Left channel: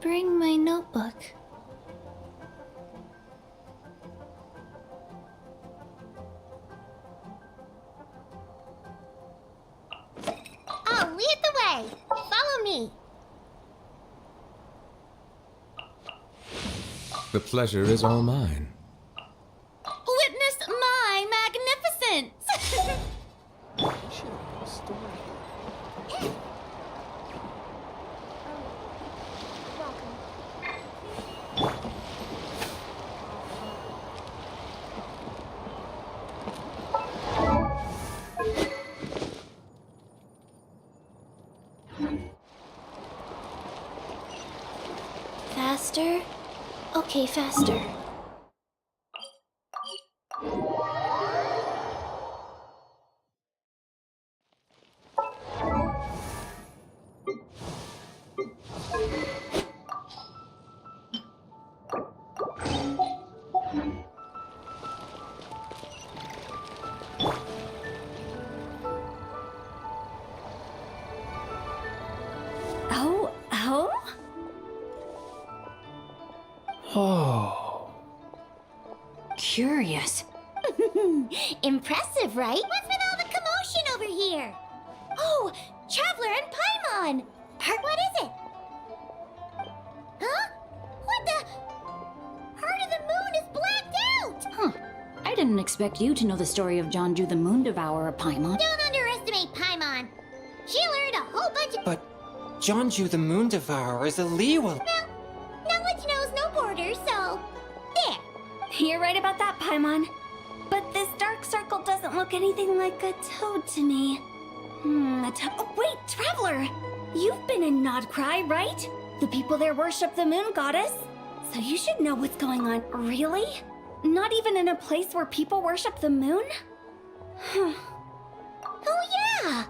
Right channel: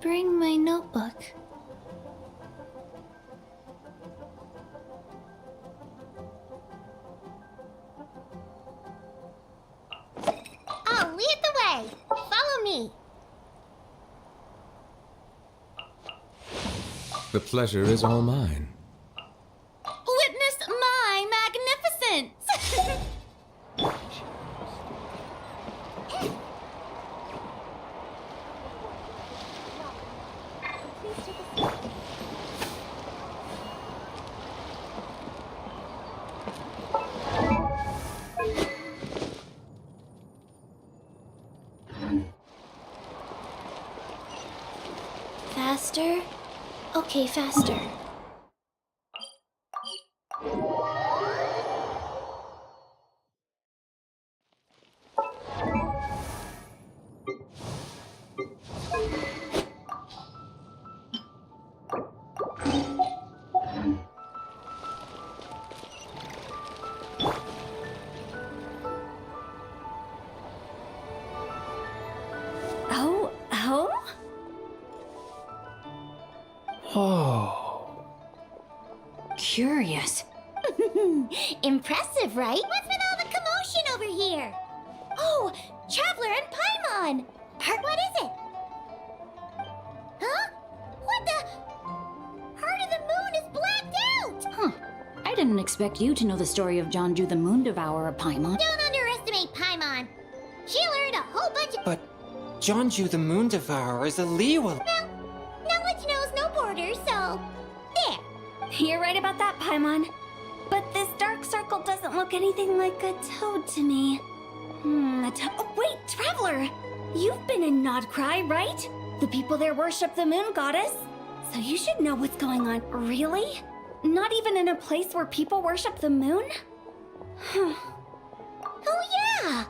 bring my notebook. I'll lead the way. Follow me. The pleasure is all mine. Witness my magnificence! Faster? Okay, faster. Oh? Oh. Curious. Impressive, right? What's with all the commotion over here? Oh, Traveler and Paimon! What is it? Huh? What the? Heart of the Moon is blacked out! Huh. I didn't expect you to know the story of Jonju the Moon Devourer, Paimon. Don't underestimate Paimon. She learned a whole bunch of... But Jonju the Moon Devourer is a Liyue. Well, knowledge knows no borders, so... There. You're right about that, Paimon. But this dark circle doesn't look anything like a toad to me. A toad... Oh, wait, Traveler! You've been in Nodcry, right? The people there worship the moon goddess. So you should know what's going on. Really? Not even in a place where people worship the moon? Oh yeah!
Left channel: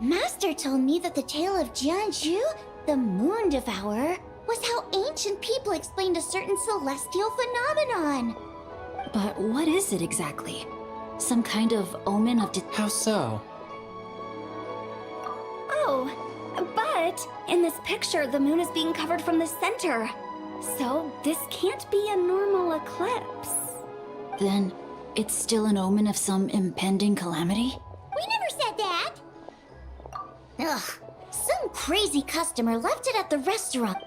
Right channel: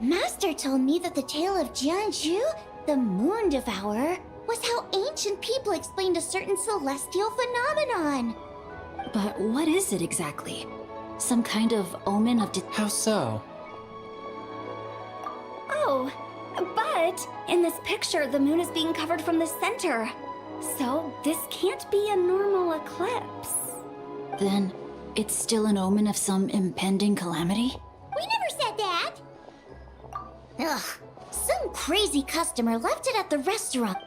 Master told me that the tale of Jianzhu, the Moon Devourer, was how ancient people explained a certain celestial phenomenon. But what is it exactly? Some kind of omen of... How so? Oh, but in this picture, the moon is being covered from the center. So this can't be a normal eclipse. Then it's still an omen of some impending calamity? We never said that! Ugh, some crazy customer left it at the restaurant.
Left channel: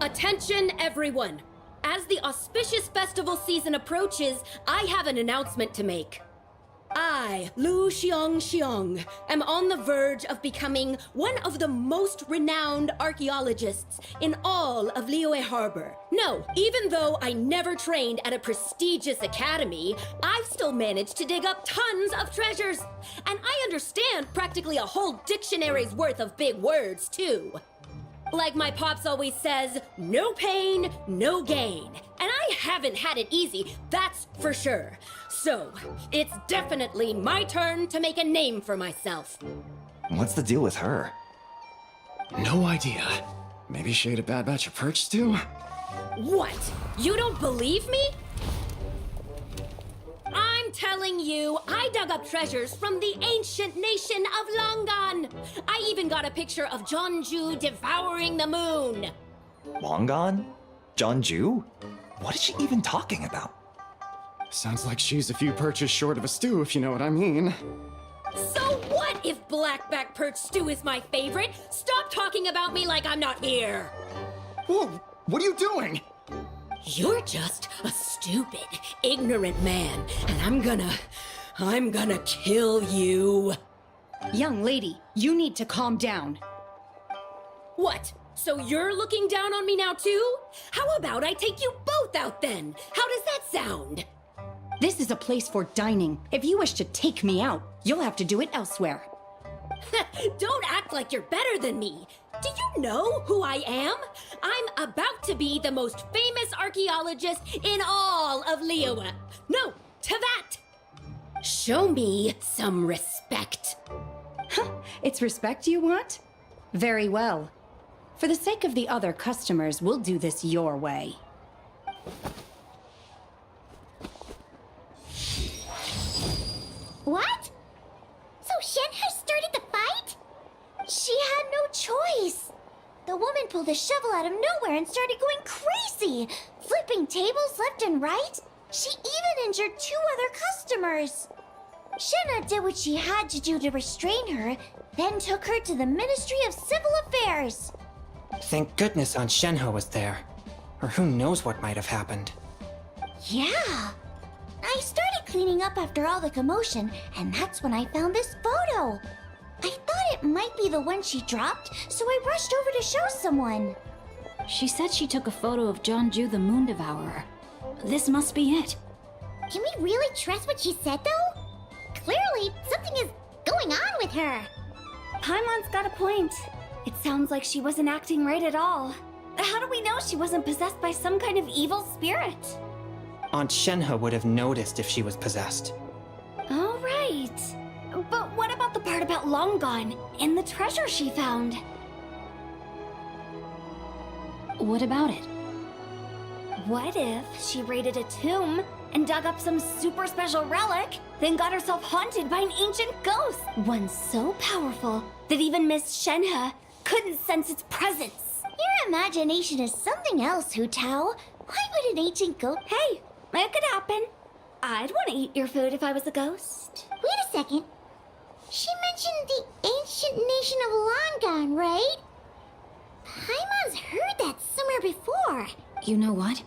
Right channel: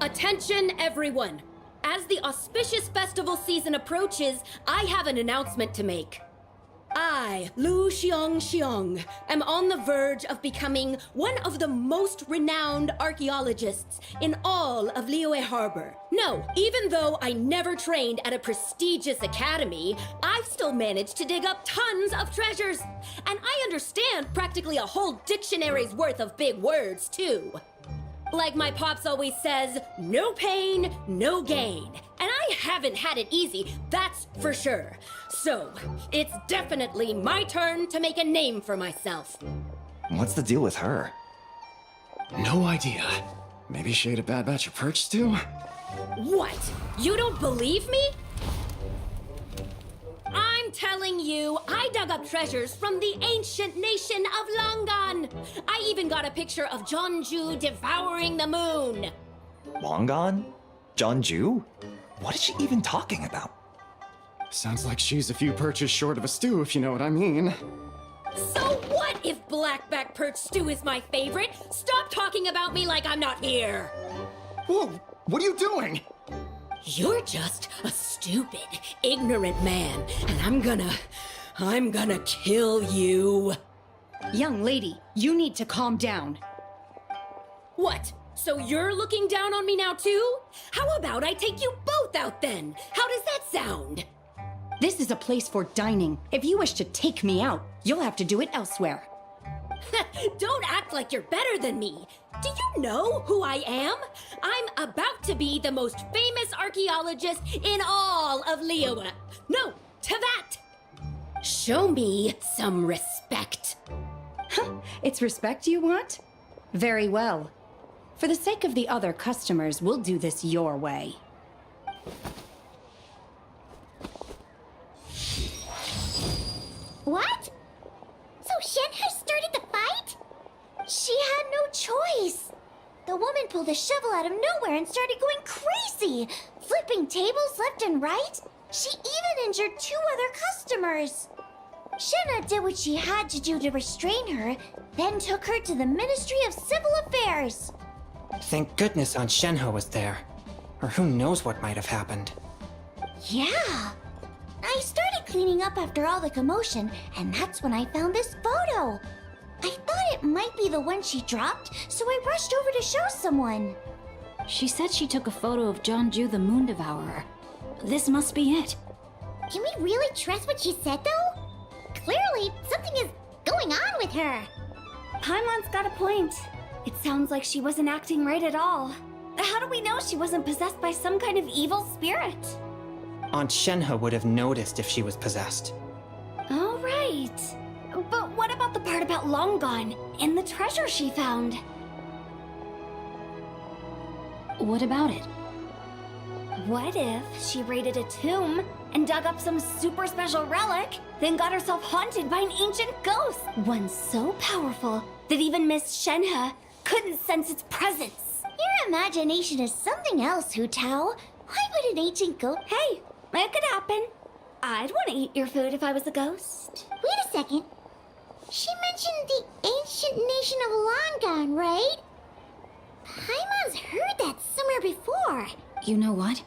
Attention, everyone! As the auspicious festival season approaches, I have an announcement to make. I, Lu Xiong, am on the verge of becoming one of the most renowned archaeologists in all of Liyue Harbor. No, even though I never trained at a prestigious academy, I've still managed to dig up tons of treasures. And I understand practically a whole dictionary's worth of big words, too. Like my pops always says, no pain, no gain. And I haven't had it easy, that's for sure. So, it's definitely my turn to make a name for myself. What's the deal with her? No idea. Maybe she ate a bad batch of perch stew? What? You don't believe me? I'm telling you, I dug up treasures from the ancient nation of Longan. I even got a picture of Jonju devouring the moon. Longan? Jonju? What is she even talking about? Sounds like she's a few perches short of a stew, if you know what I mean. So what if blackback perch stew is my favorite? Stop talking about me like I'm not here. Whoa, what are you doing? You're just a stupid, ignorant man, and I'm gonna kill you. Young lady, you need to calm down. What? So you're looking down on me now too? How about I take you both out then? How does that sound? This is a place for dining. If you wish to take me out, you'll have to do it elsewhere. Don't act like you're better than me. Do you know who I am? I'm about to be the most famous archaeologist in all of Liyue. No, to that. Show me some respect. It's respect you want? Very well. For the sake of the other customers, we'll do this your way. What? So Shen has started the fight? She had no choice. The woman pulled a shovel out of nowhere and started going crazy, flipping tables left and right. She even injured 2 other customers. Shenna did what she had to do to restrain her, then took her to the Ministry of Civil Affairs. Thank goodness Aunt Shenhe was there. Or who knows what might have happened. Yeah. I started cleaning up after all the commotion, and that's when I found this photo. I thought it might be the one she dropped, so I rushed over to show someone. She said she took a photo of Jeonju the Moon Devourer. This must be it. Can we really trust what she said, though? Clearly, something is going on with her. Paimon's got a point. It sounds like she wasn't acting right at all. How do we know she wasn't possessed by some kind of evil spirit? Aunt Shenhe would have noticed if she was possessed. Oh, right. But what about the part about Long Gone and the treasure she found? What about it? What if she raided a tomb and dug up some super special relic, then got herself haunted by an ancient ghost? One so powerful that even Miss Shenhe couldn't sense its presence. Your imagination is something else, Hu Tao. Why would an ancient goat... Hey, it could happen. I'd want to eat your food if I was a ghost. Wait a second. She mentioned the ancient nation of Longon, right? Paimon's heard that somewhere before. You know what?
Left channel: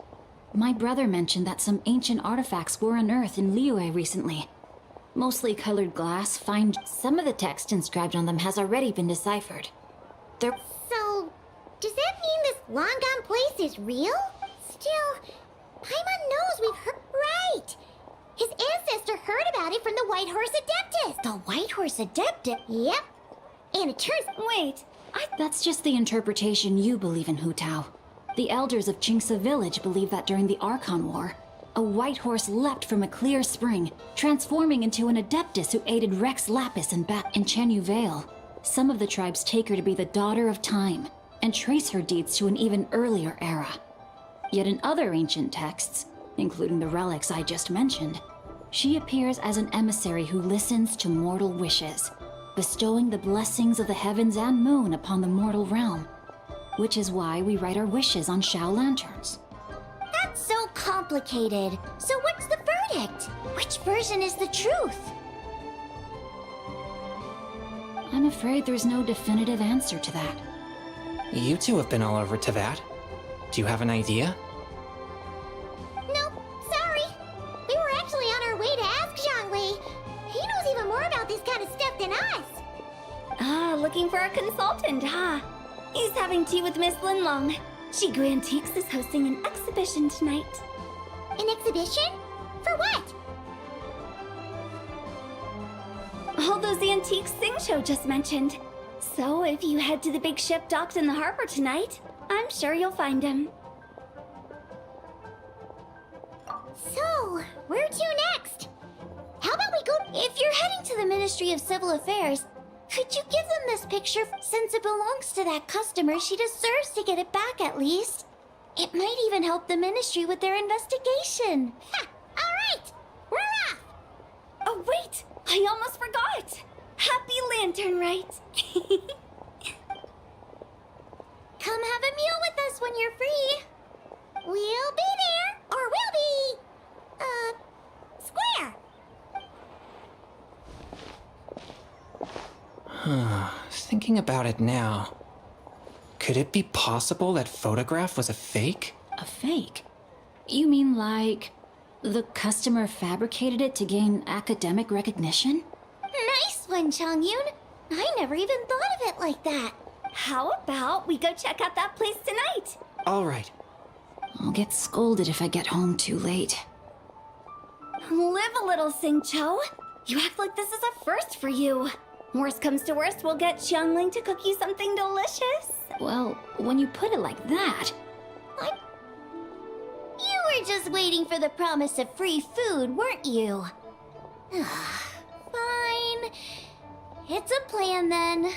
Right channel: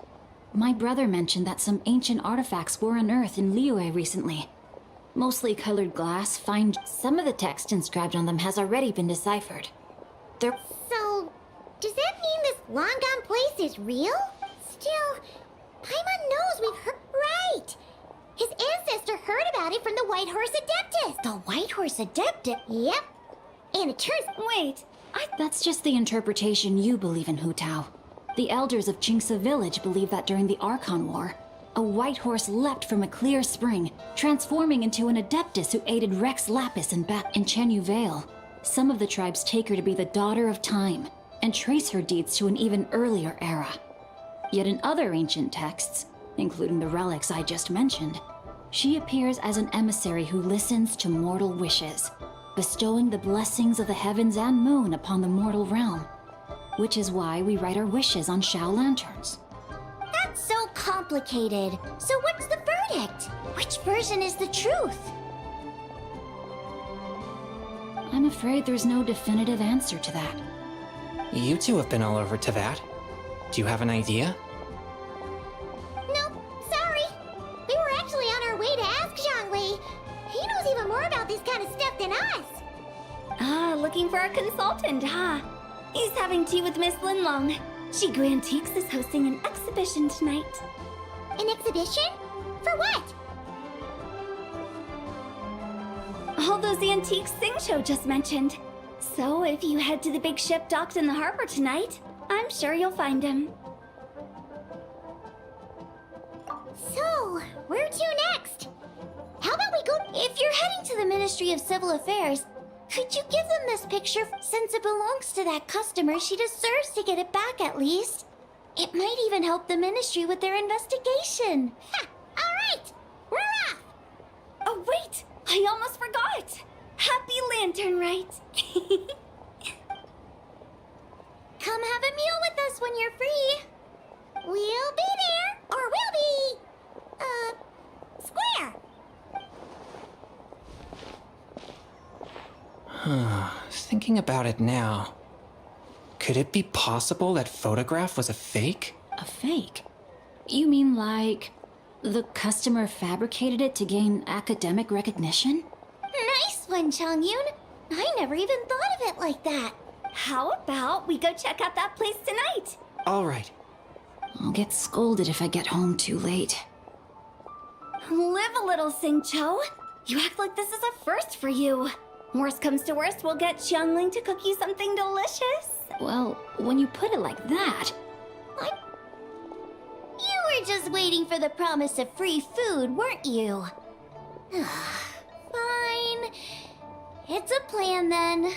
My brother mentioned that some ancient artifacts were unearthed in Liyue recently. Mostly colored glass, some of the text inscribed on them has already been deciphered. They're... So, does that mean this Longon place is real? Still, Paimon knows we've heard... Right! His ancestor heard about it from the White Horse Adeptus. The White Horse Adeptus? Yep. And it turns... Wait, that's just the interpretation you believe in, Hu Tao. The elders of Qingce village believe that during the Archon War, a white horse leapt from a clear spring, transforming into an Adeptus who aided Rex Lapis in Chenyu Vale. Some of the tribes take her to be the Daughter of Time, and trace her deeds to an even earlier era. Yet in other ancient texts, including the relics I just mentioned, she appears as an emissary who listens to mortal wishes, bestowing the blessings of the heavens and moon upon the mortal realm. Which is why we write our wishes on Shao lanterns. That's so complicated. So what's the verdict? Which version is the truth? I'm afraid there's no definitive answer to that. You two have been all over Tevat. Do you have an idea? Nope, sorry. We were actually on our way to ask Zhongli. He knows even more about this kind of stuff than us. Ah, looking for a consultant, huh? He's having tea with Miss Linlong. Shigu Antiques is hosting an exhibition tonight. An exhibition? For what? All those antiques Sing just mentioned. So if you head to the big ship docked in the harbor tonight, I'm sure you'll find him. So, where to next? How about we go... If you're heading to the Ministry of Civil Affairs, could you give them this picture since it belongs to that customer? She deserves to get it back at least. It might even help the ministry with their investigation. Ha! All right! We're off! Oh, wait! I almost forgot! Happy Lantern, right? Come have a meal with us when you're free. We'll be there, or we'll be... square. Thinking about it now, could it be possible that photograph was a fake? A fake? You mean like the customer fabricated it to gain academic recognition? Nice one, Changyun. I never even thought of it like that. How about we go check out that place tonight? All right. I'll get scolded if I get home too late. Live a little, Sing-Cho. You act like this is a first for you. Worst comes to worst, we'll get Xiangling to cook you something delicious. Well, when you put it like that... You were just waiting for the promise of free food, weren't you? Fine. It's a plan then.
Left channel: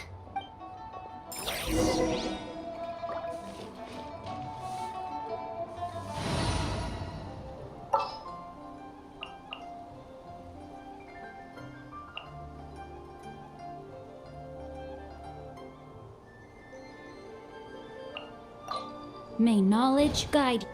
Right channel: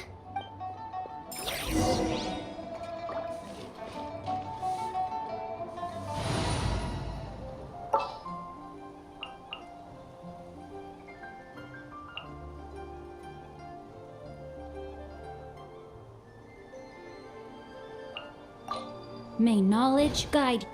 May knowledge guide.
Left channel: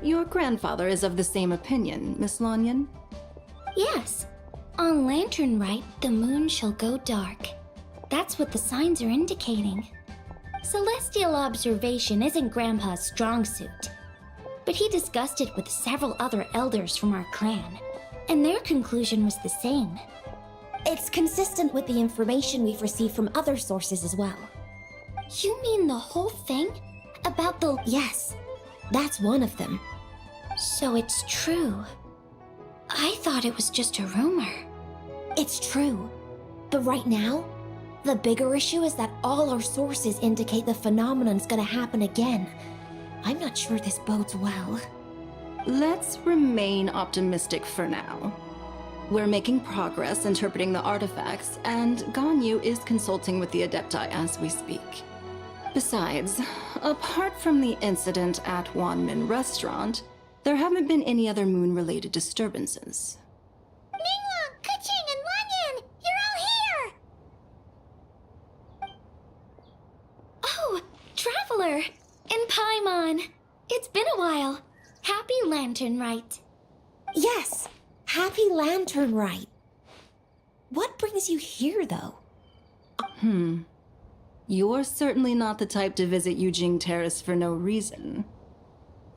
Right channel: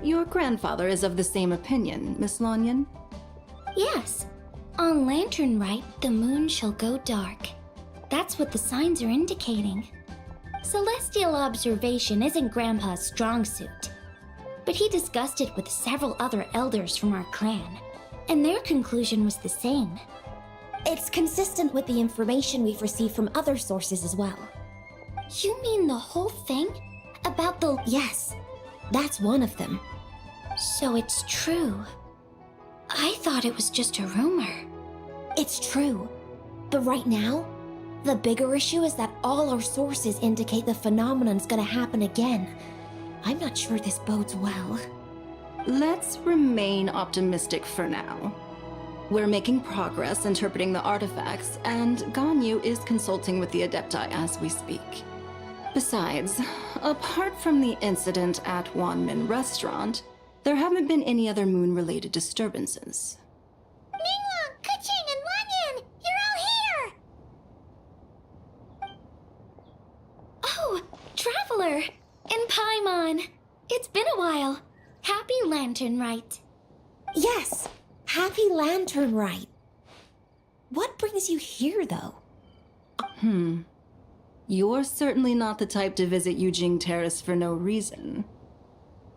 Your grandfather is of the same opinion, Miss Lanyan. Yes. On Lantern Rite, the moon shall go dark. That's what the signs are indicating. Celestial observation isn't Grandpa's strong suit. But he discussed it with several other elders from our clan, and their conclusion was the same. It's consistent with the information we've received from other sources as well. You mean the whole thing? About the... Yes, that's one of them. So it's true. I thought it was just a rumor. It's true. But right now, the bigger issue is that all our sources indicate the phenomenon's gonna happen again. I'm not sure this bodes well. Let's remain optimistic for now. We're making progress interpreting the artifacts, and Ganyu is consulting with the Adepti as we speak. Besides, apart from the incident at Wanmin Restaurant, there haven't been any other moon-related disturbances. Ningguang, Keqing, and Lanyan! You're all here! Oh, Traveler! And Paimon! It's been a while. Happy Lantern Rite. Yes, happy Lantern Rite. What brings you here, though? You're certainly not the type to visit Yujing Terrace for no reason.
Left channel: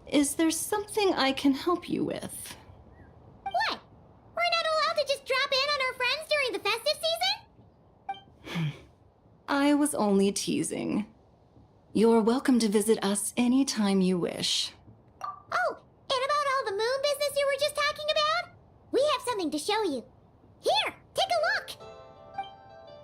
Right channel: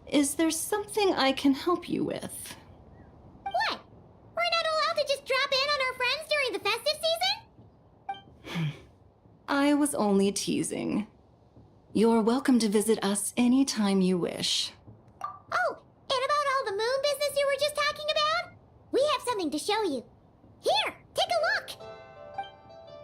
Is there something I can help you with? What? We're not allowed to just drop in on our friends during the festive season? I was only teasing. You're welcome to visit us anytime you wish. Oh, and about all the moon business you were just talking about? We have something to show you. Here, take a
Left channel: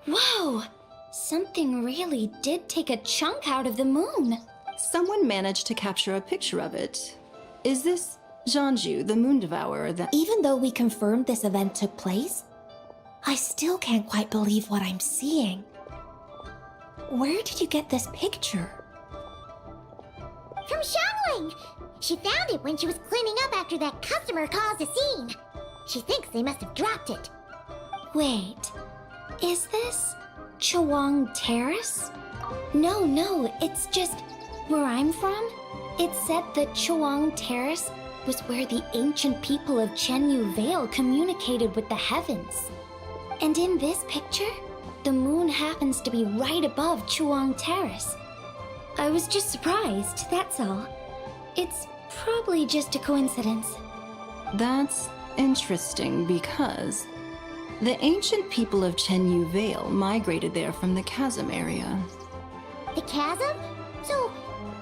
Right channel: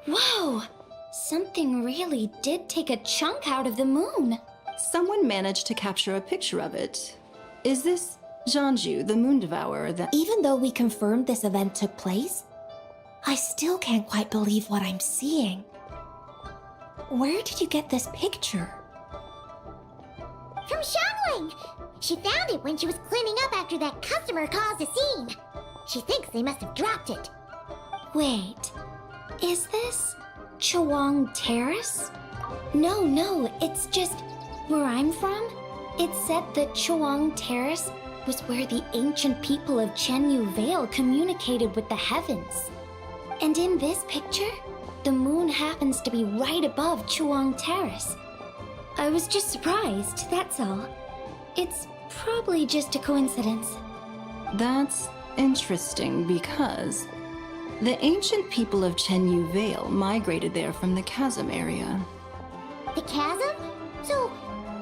look! Whoa! Something really did take a chunk out of the moon. Someone managed to capture a picture of it. Is this Jianju, the moon devourer, that... Even though we confirmed this event took place, I still can't quite believe what I'm seeing. Where did you get this picture? From Xiangling! She found it when she was cleaning up after that customer caused a scene. She thinks they must have dropped it. Wait, is this Chawang Terrace? No, it's just where I'm from. It said that Chawang Terrace was where the ancient people of Chenyu Vale communicated with the heavens. And in this picture, the moon happens to be right above Chawang Terrace. I was just surprised, that's all. It's probably just a coincidence. That's interesting because the ancient people of Chenyu Vale migrated there from the chasm area. The chasm? So,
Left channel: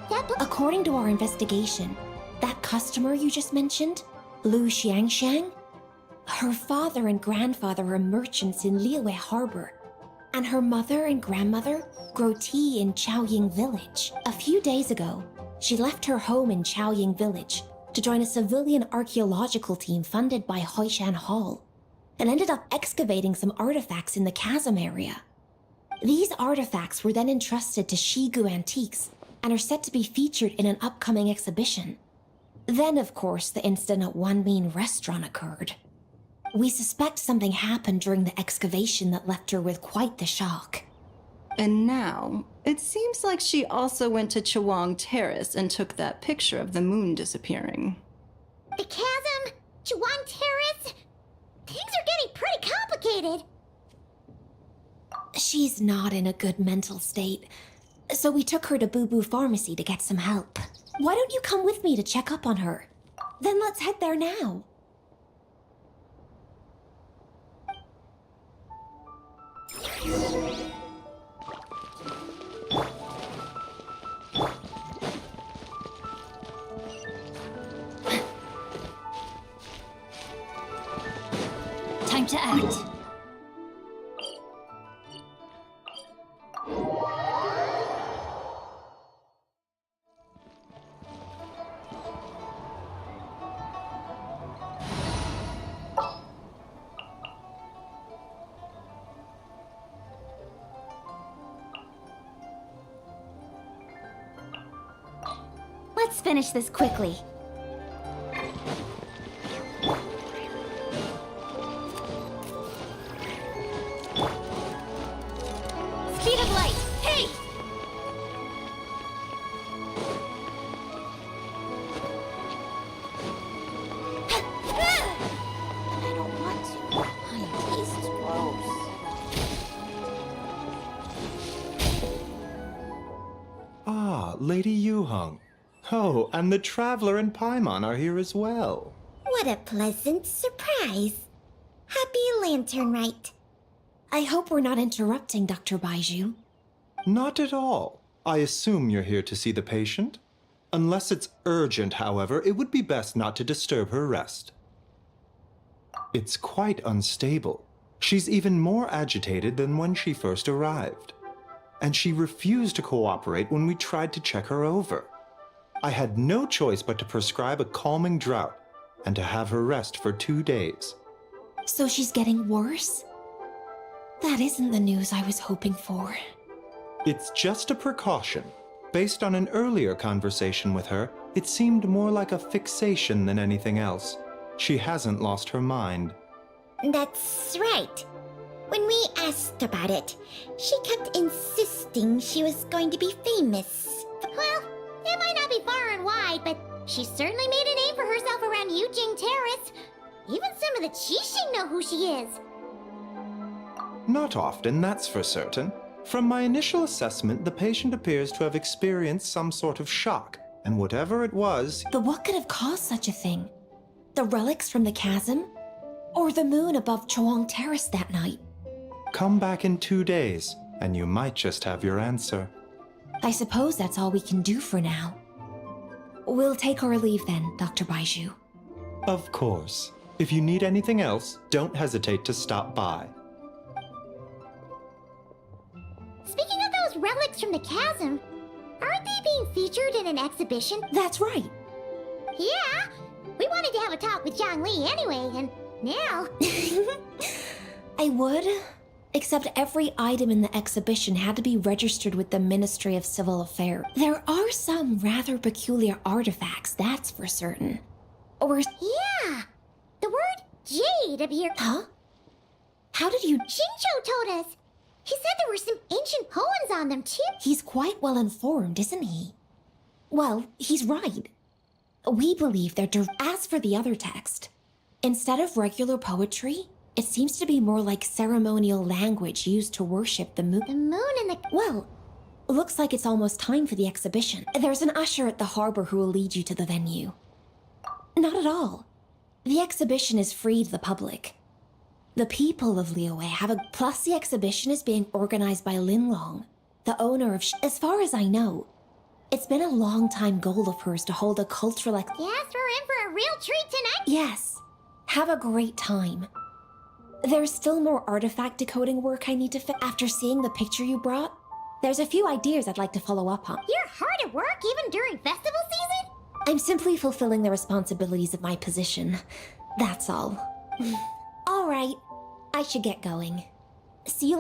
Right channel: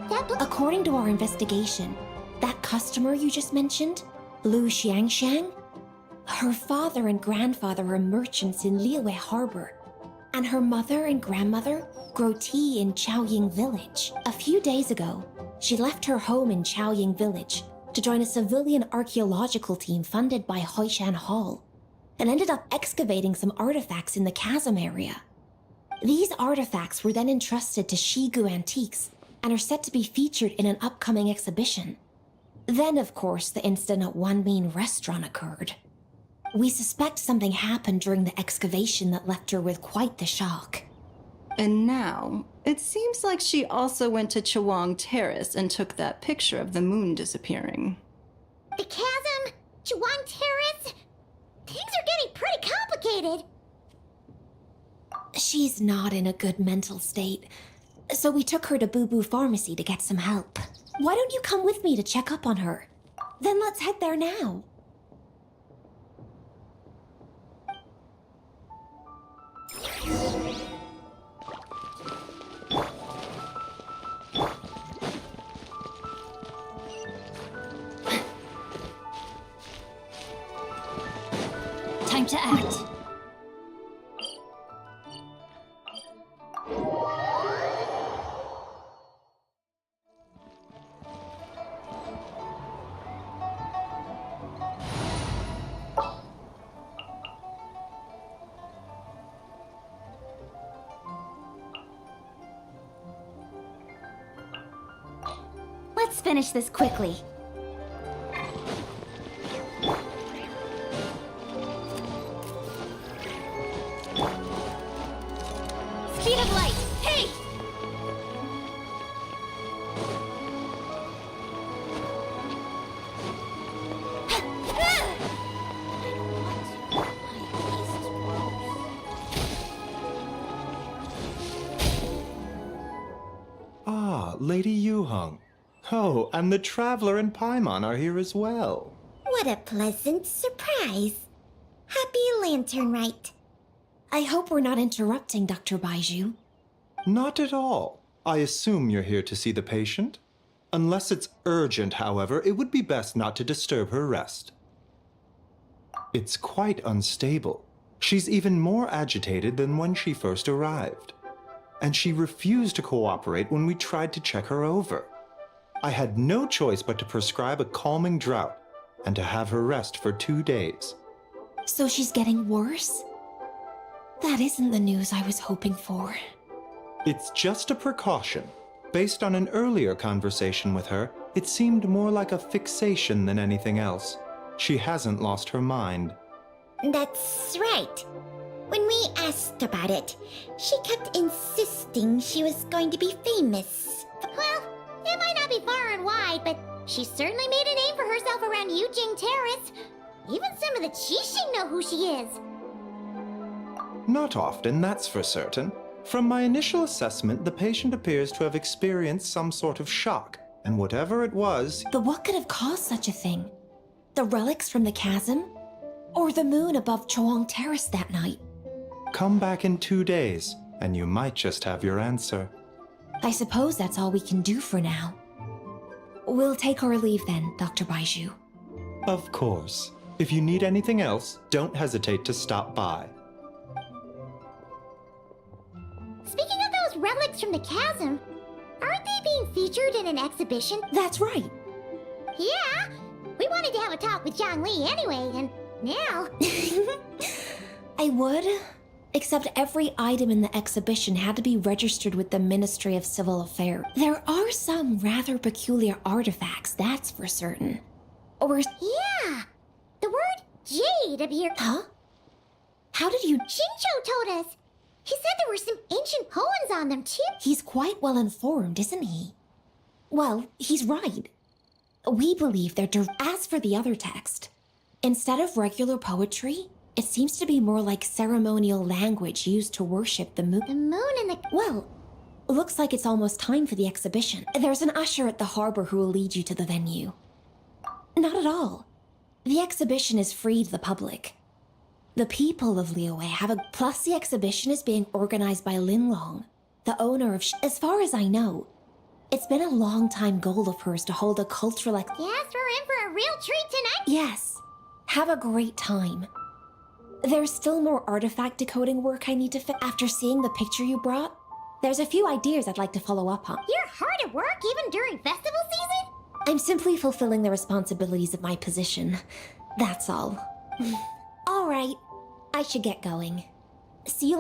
that According to our investigation, that customer you just mentioned, Lu Xiangshang, her father and grandfather are merchants in Liyue Harbor, and her mother and grandmother grow tea in Chaoying Village. A few days ago, she left her home in Chaoying Village to join a civilian archaeological team funded by Hoishan Hall, and ended up excavating some artifacts in the chasm area. These artifacts were then entrusted to Shigu Antiques and are set to be featured in an upcoming exhibition. Then, of course, the incident at Wanmin Restaurant occurred. We suspect something happened during the excavation that left her with quite the shock. And now, it seems like she also went to Chawang Terrace and took that picture of the moon disappearing. the chasm, Chawang Terrace. Things are getting pretty complicated. She's not in a good mental state, so we took her to Boo Boo Pharmacy to get some help. Why don't you come with me to check up on her? Then let's head there now. Time to act. Let's finish this quickly. Speed of light! Hey! Ah, Lady Yuheng. Oh, and the Traveler and Paimon are here as well. What a pleasant surprise. Happy Lantern Rite. I hope we're not interrupting Dr. Baiju. Not at all. I assume you're here to see the patient? Unless it's urgent, however, it would be best not to disturb her rest. It's quite unstable. She's even more agitated than when she first arrived. And she refused to cooperate when we tried to check her over. I had no choice but to prescribe a calming draught and to have her rest for 2 days. So she's getting worse? That isn't the news I was hoping for. It's just a precaution. Based on an earlier conversation with her, it seemed more like a fixation than anything else. She hasn't lost her mind. That's right. When we asked about it, she kept insisting she was going to be famous. Well, it might not be far and wide, but she certainly made a name for herself around Yujing Terrace. Even some of the Qixing know who she is. Not often, that's for certain. From my initial assessment, the patient appears to have experienced some sort of shock, and whatever it was... But what could have caused such a thing? The relics from the chasm? Or the moon above Chuang Terrace that night? Come back in 2 days, and you might just have your answer. I suppose that's all we can do for now. We'll take our leave then, Dr. Baiju. Of course. If you need anything else, don't hesitate to stop by. Speaking of those relics from the chasm, aren't they being featured in an exhibition? That's right. Yeah, we wanted to have a talk with Zhang Li anyway, and now... I would, except every item in the exhibition had to be registered with the Ministry of Civil Affairs. There are some rather peculiar artifacts, that's for certain. Or... Yeah, the word jade appeared. Huh? How did you... Shincho told us. He said there were some ancient poems on them, too. He's quite well informed, isn't he? Well, he's right. We believe they're... As for the other text, instead of regular poetry, it seems to be more like ceremonial language used to worship the moon. The moon and the... Well, looks like it's almost time for the exhibition. There's an usher at the harbor who will lead you to the venue. Not at all. The exhibition is free to the public. The people of Liyue have a... Plus, the exhibition is being organized by Linlong, the owner of... As far as I know, it's been a long-time goal of hers to hold a cultural... Yes, we're in for a real treat tonight. Yes. Have a great time. There's still more artifact decoding work I need to fit. After seeing the picture you brought, there's a few ideas I'd like to follow up on. You're hard at work even during festival season? I'm simply fulfilling the responsibilities of my position. That's all. All right. I should get going. See you...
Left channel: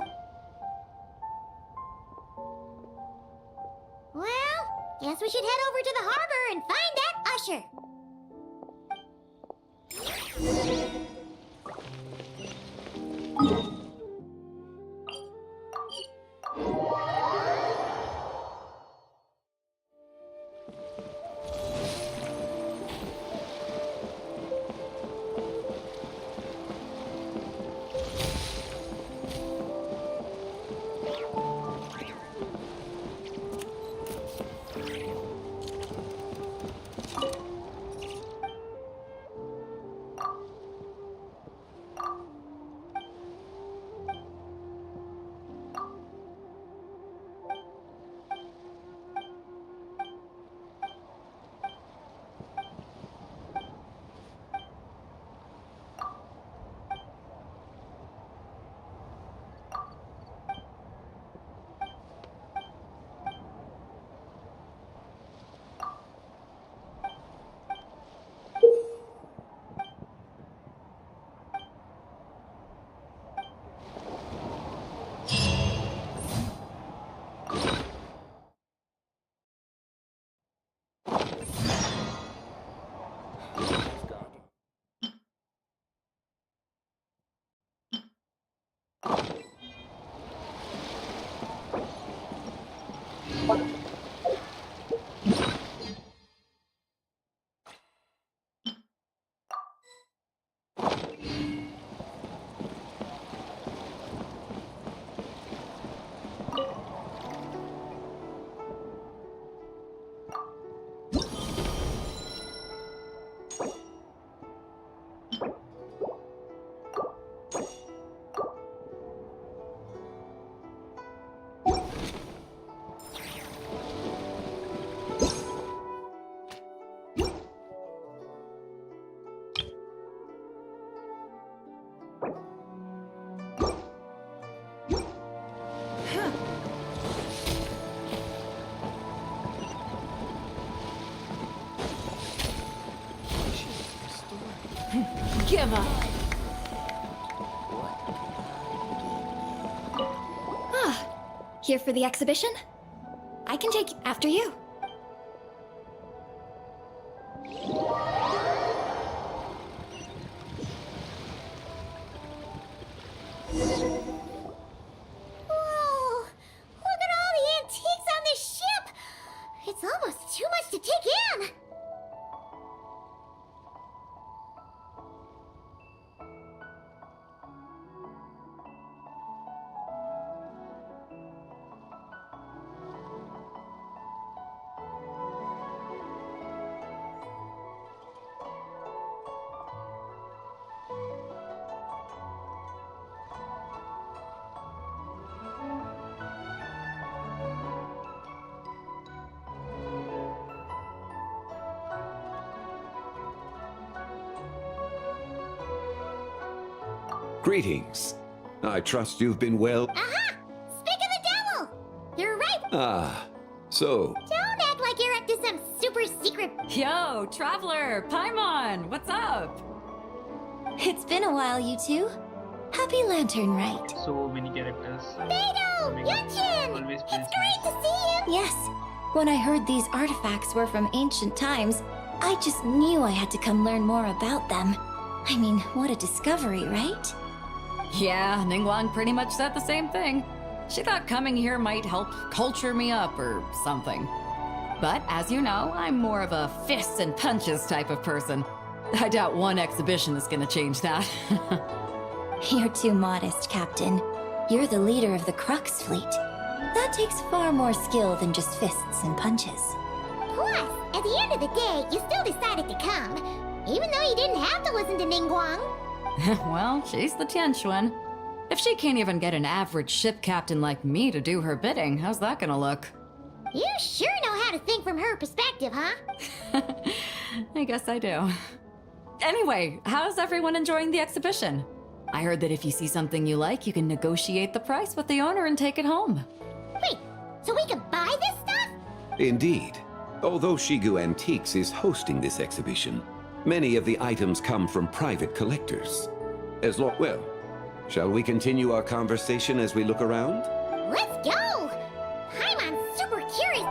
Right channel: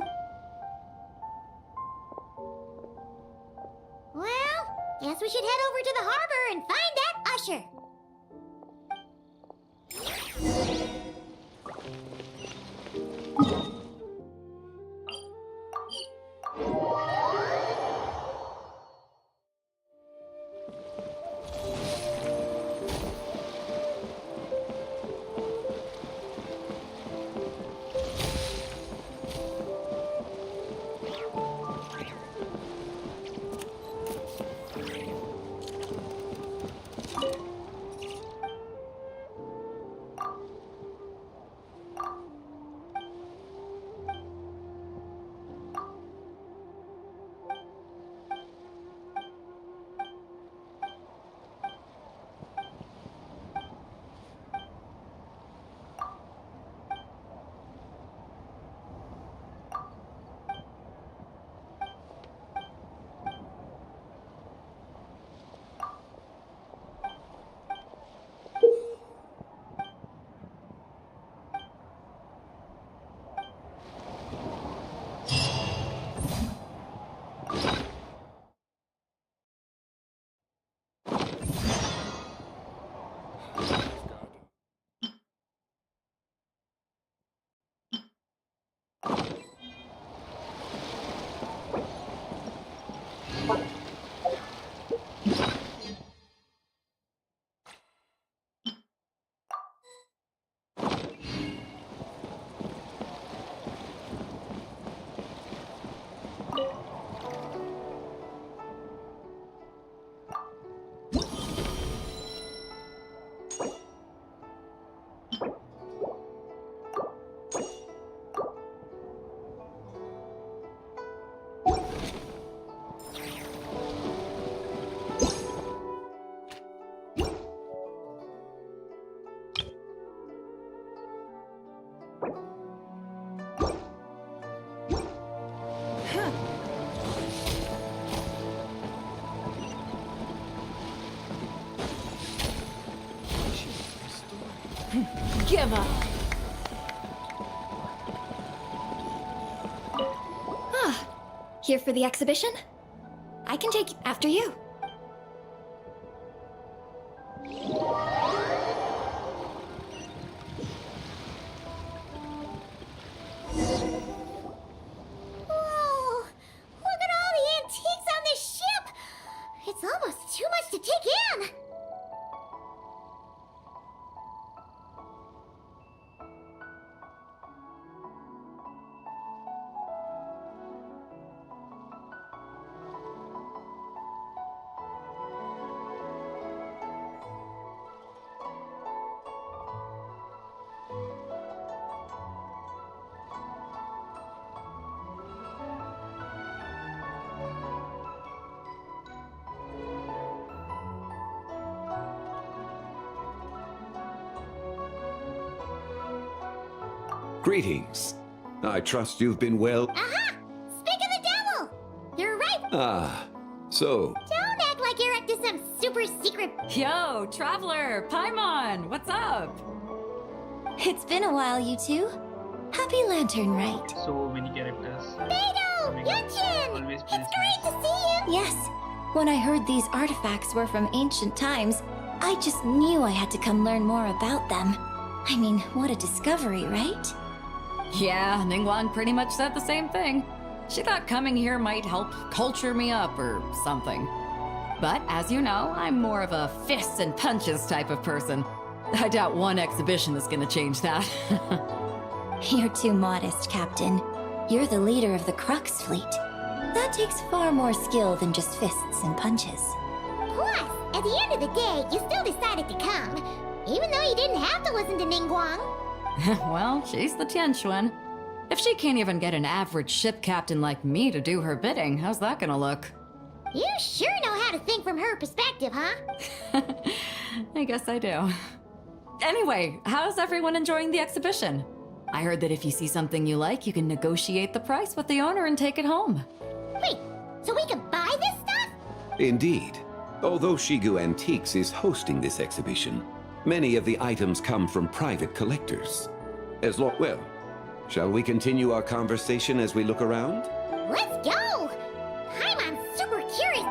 Well, guess we should head over to the harbor and find that usher. give up. Here for the exhibition? I can take after you. Whoa! Look at all the antiques on this ship! It's almost too much to take in! Greetings. I trust you've been well. Aha! Speak of the devil! You're right! Ah, so. Don't act like you're up to some super secret... Yo, Traveler, Paimon, what's up? It's been a while, you two. Happy Lantern Rite. So many characters. Beidou! Coming up. Yunjin! Always It's feels great to see you! Yes. When I heard these artifacts were from ancient times, I just knew I had to come learn more about them. I mean, what a discovery, right? Yeah, Ningguang pretty much said the same thing. She thought coming here might help culture me up or something. But as you know, I'm more of a fists and punches type of person. I doubt one exhibition is gonna change that. You're too modest, Captain. You're the leader of the Crux fleet. That takes far more skill than just fists and punches. Plus, at the end of the day, you still decided to come, even though you didn't have to listen to Ningguang. Well, she's the Tianquan. If she can't even get an average ship captain like me to do her bidding, how's that gonna look? You sure know how to think from her perspective, huh? I guess I do. Anyway, how's everyone enjoying the exhibition? I heard that if you see something you like, you can negotiate the price with the owner and take it home. Wait, so we can buy this stuff? Indeed. Although Shigu Antiques is hosting this exhibition, many of the items come from private collectors. Well, shall we continue our conversation as we look around? Let's go! Paimon's super curious.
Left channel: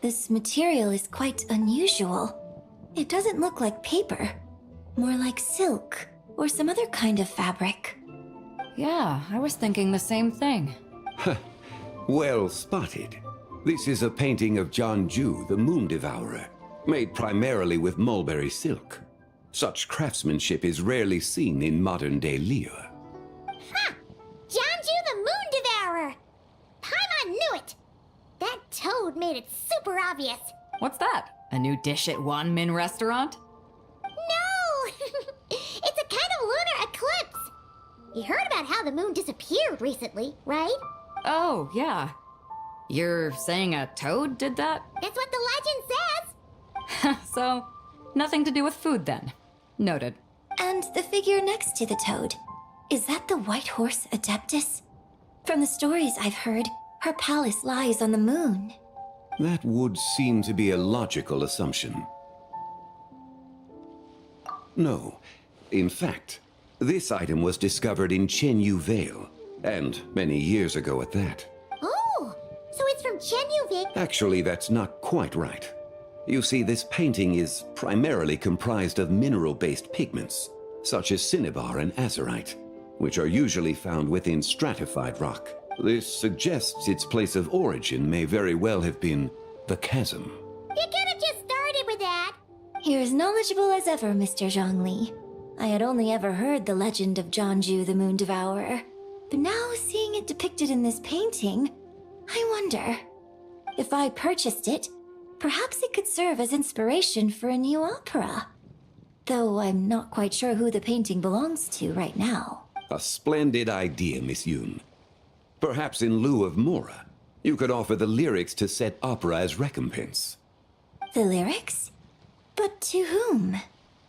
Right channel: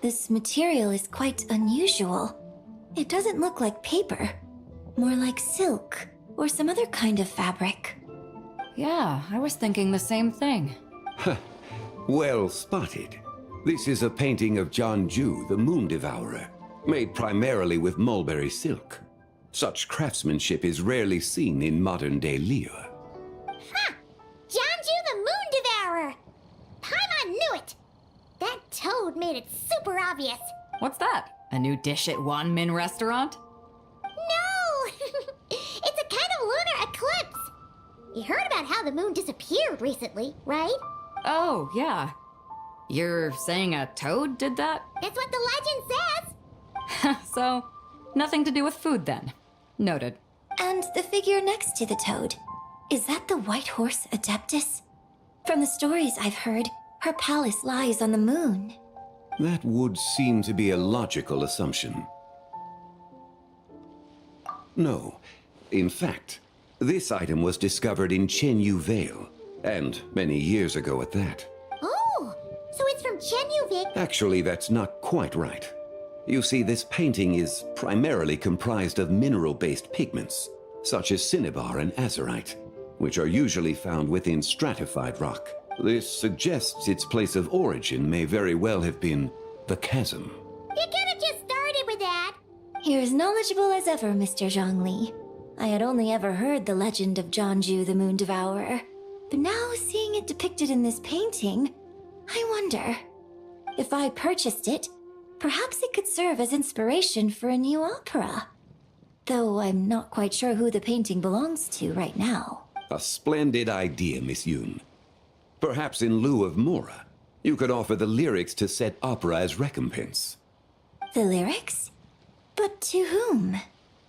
This material is quite unusual. It doesn't look like paper. More like silk, or some other kind of fabric. Yeah, I was thinking the same thing. Well spotted. This is a painting of Jianju, the Moon Devourer, made primarily with mulberry silk. Such craftsmanship is rarely seen in modern-day Liyue. Ha! Jianju the Moon Devourer! Paimon knew it! That toad made it super obvious. What's that? A new dish at Wanmin restaurant? No! It's a kind of lunar eclipse. You heard about how the moon disappeared recently, right? Oh, yeah. You're saying a toad did that? That's what the legend says. So, nothing to do with food then. Noted. And the figure next to the toad. Is that the White Horse Adeptus? From the stories I've heard, her palace lies on the moon. That would seem to be a logical assumption. No. In fact, this item was discovered in Chenyu Vale, And many years ago at that. Oh, so it's from Genuvic. Actually, that's not quite right. You see, this painting is primarily comprised of mineral-based pigments, such as cinnabar and azurite, which are usually found within stratified rock. This suggests its place of origin may very well have been the chasm. You could have just started with that. You're as knowledgeable as ever, Mr. Zhongli. I had only ever heard the legend of Jianzhu the Moon Devourer, but now seeing it depicted in this painting, I wonder, if I purchased it, perhaps it could serve as inspiration for a new opera. Though I'm not quite sure who the painting belongs to right now. A splendid idea, Miss Yoon. Perhaps in lieu of Mora, you could offer the lyrics to said opera as recompense. The lyrics? But to whom?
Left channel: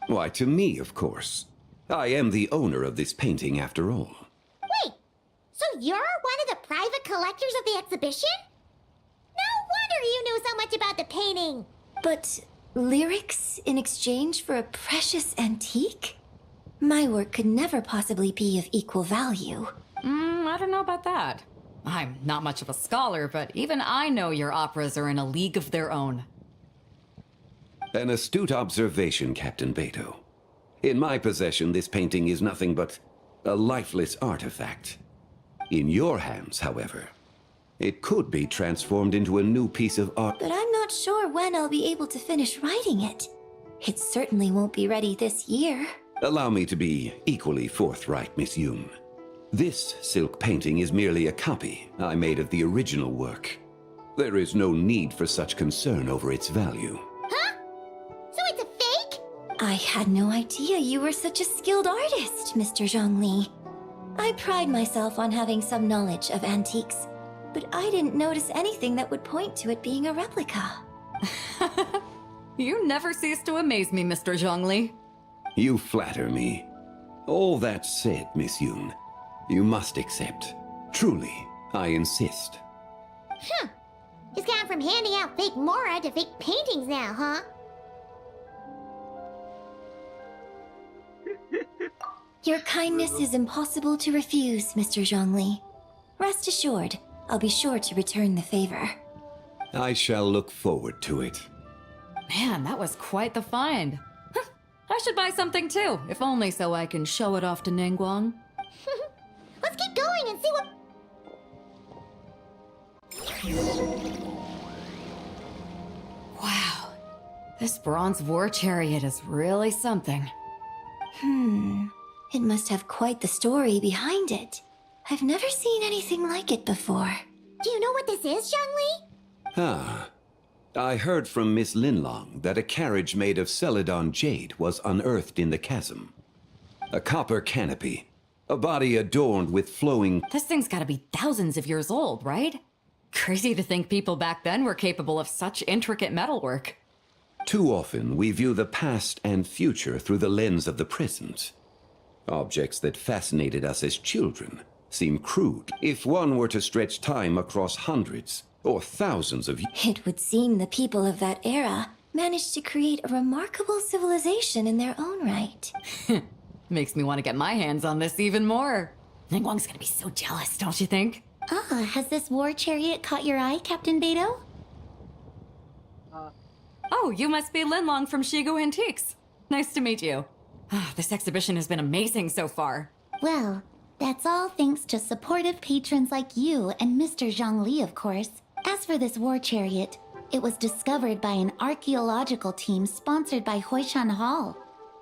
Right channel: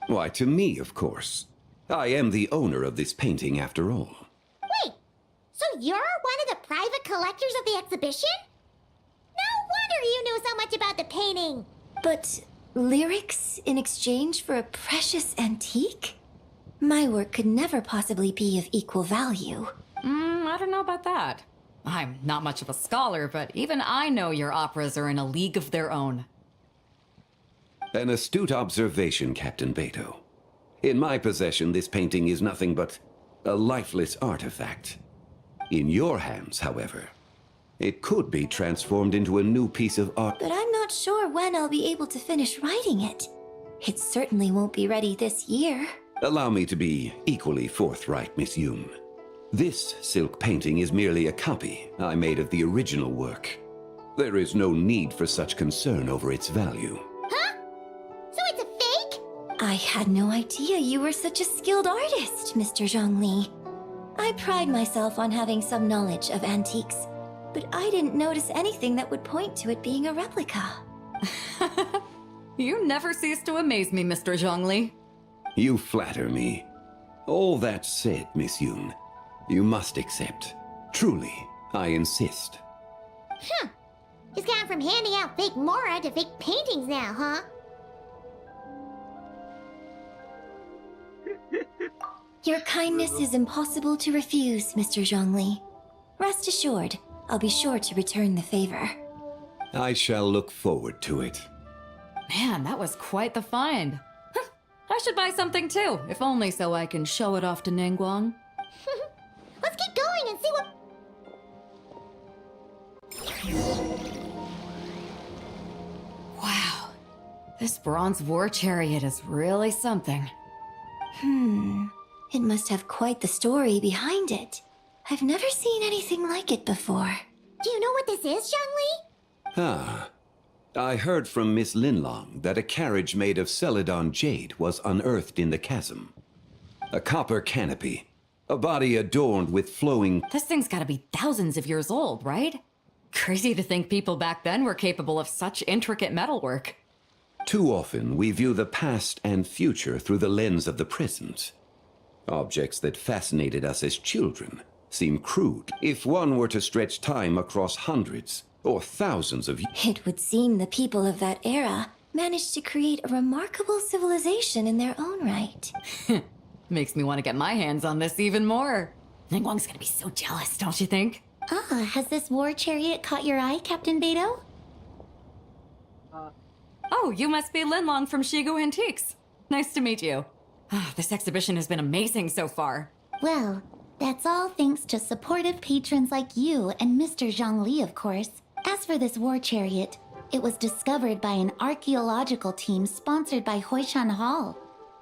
Why, to me, of course. I am the owner of this painting, after all. Wait, so you're one of the private collectors of the exhibition? No wonder you knew so much about the painting. But lyrics in exchange for a precious antique? My work could never possibly be of equal value. I don't know about that. I'm not much of a scholar, but even I know your operas are in a league of their own. An astute observation, Captain Beto. In my possession, this painting is nothing but a lifeless artifact. In your hands, however, it could be transformed into a new piece of art. But I'm not sure when I'll be able to finish writing it. It certainly won't be ready this year. Allow me to be equally forthright, Miss Yoon. This silk painting is merely a copy I made of the original work. There is no need for such concern over its value. Huh? So it's a fake? I had no idea you were such a skilled artist, Mr. Zhongli. I pride myself on having some knowledge of antiques, but I didn't notice anything that would point to it being a replica. You never cease to amaze me, Mr. Zhongli. You flatter me. All that said, Miss Yoon, you must accept. Truly, I insist. Huh. He's gone from handing out fake Mora to fake paintings now, huh? Your kindness is impossible to refuse, Mr. Zhongli. Rest assured, I'll be sure to return the favor. I shall look forward to it. Man, that was quite the find. I should buy something too, if only so I can show it off to Ningguang. Let's keep going and see what... Wow. This bronze war chariot is really something. It must have quite the story behind it. I've never seen anything like it before. Do you know what this is, Zhongli? Ah. I heard from Miss Linlong that a carriage made of Celadon jade was unearthed in the chasm. A copper canopy. A body adorned with flowing... This thing's gotta be thousands of years old, right? Crazy to think people back then were capable of such intricate metalwork. Too often, we view the past and future through the lens of the present. Objects that fascinated us as children seem crude. If one were to stretch time across hundreds or thousands of years... It would seem the people of that era managed to create a remarkable civilization in their own right. Makes me want to get my hands on this even more. Ningguang's gonna be so jealous, don't you think? Has this war chariot caught your eye, Captain Beto? Oh, you must be Linlong from Shigu Antiques. Nice to meet you. This exhibition has been amazing so far. Well, that's all thanks to supportive patrons like you and Mr. Zhongli, of course. As for this war chariot, it was discovered by an archaeological team sponsored by Hoishan Hall.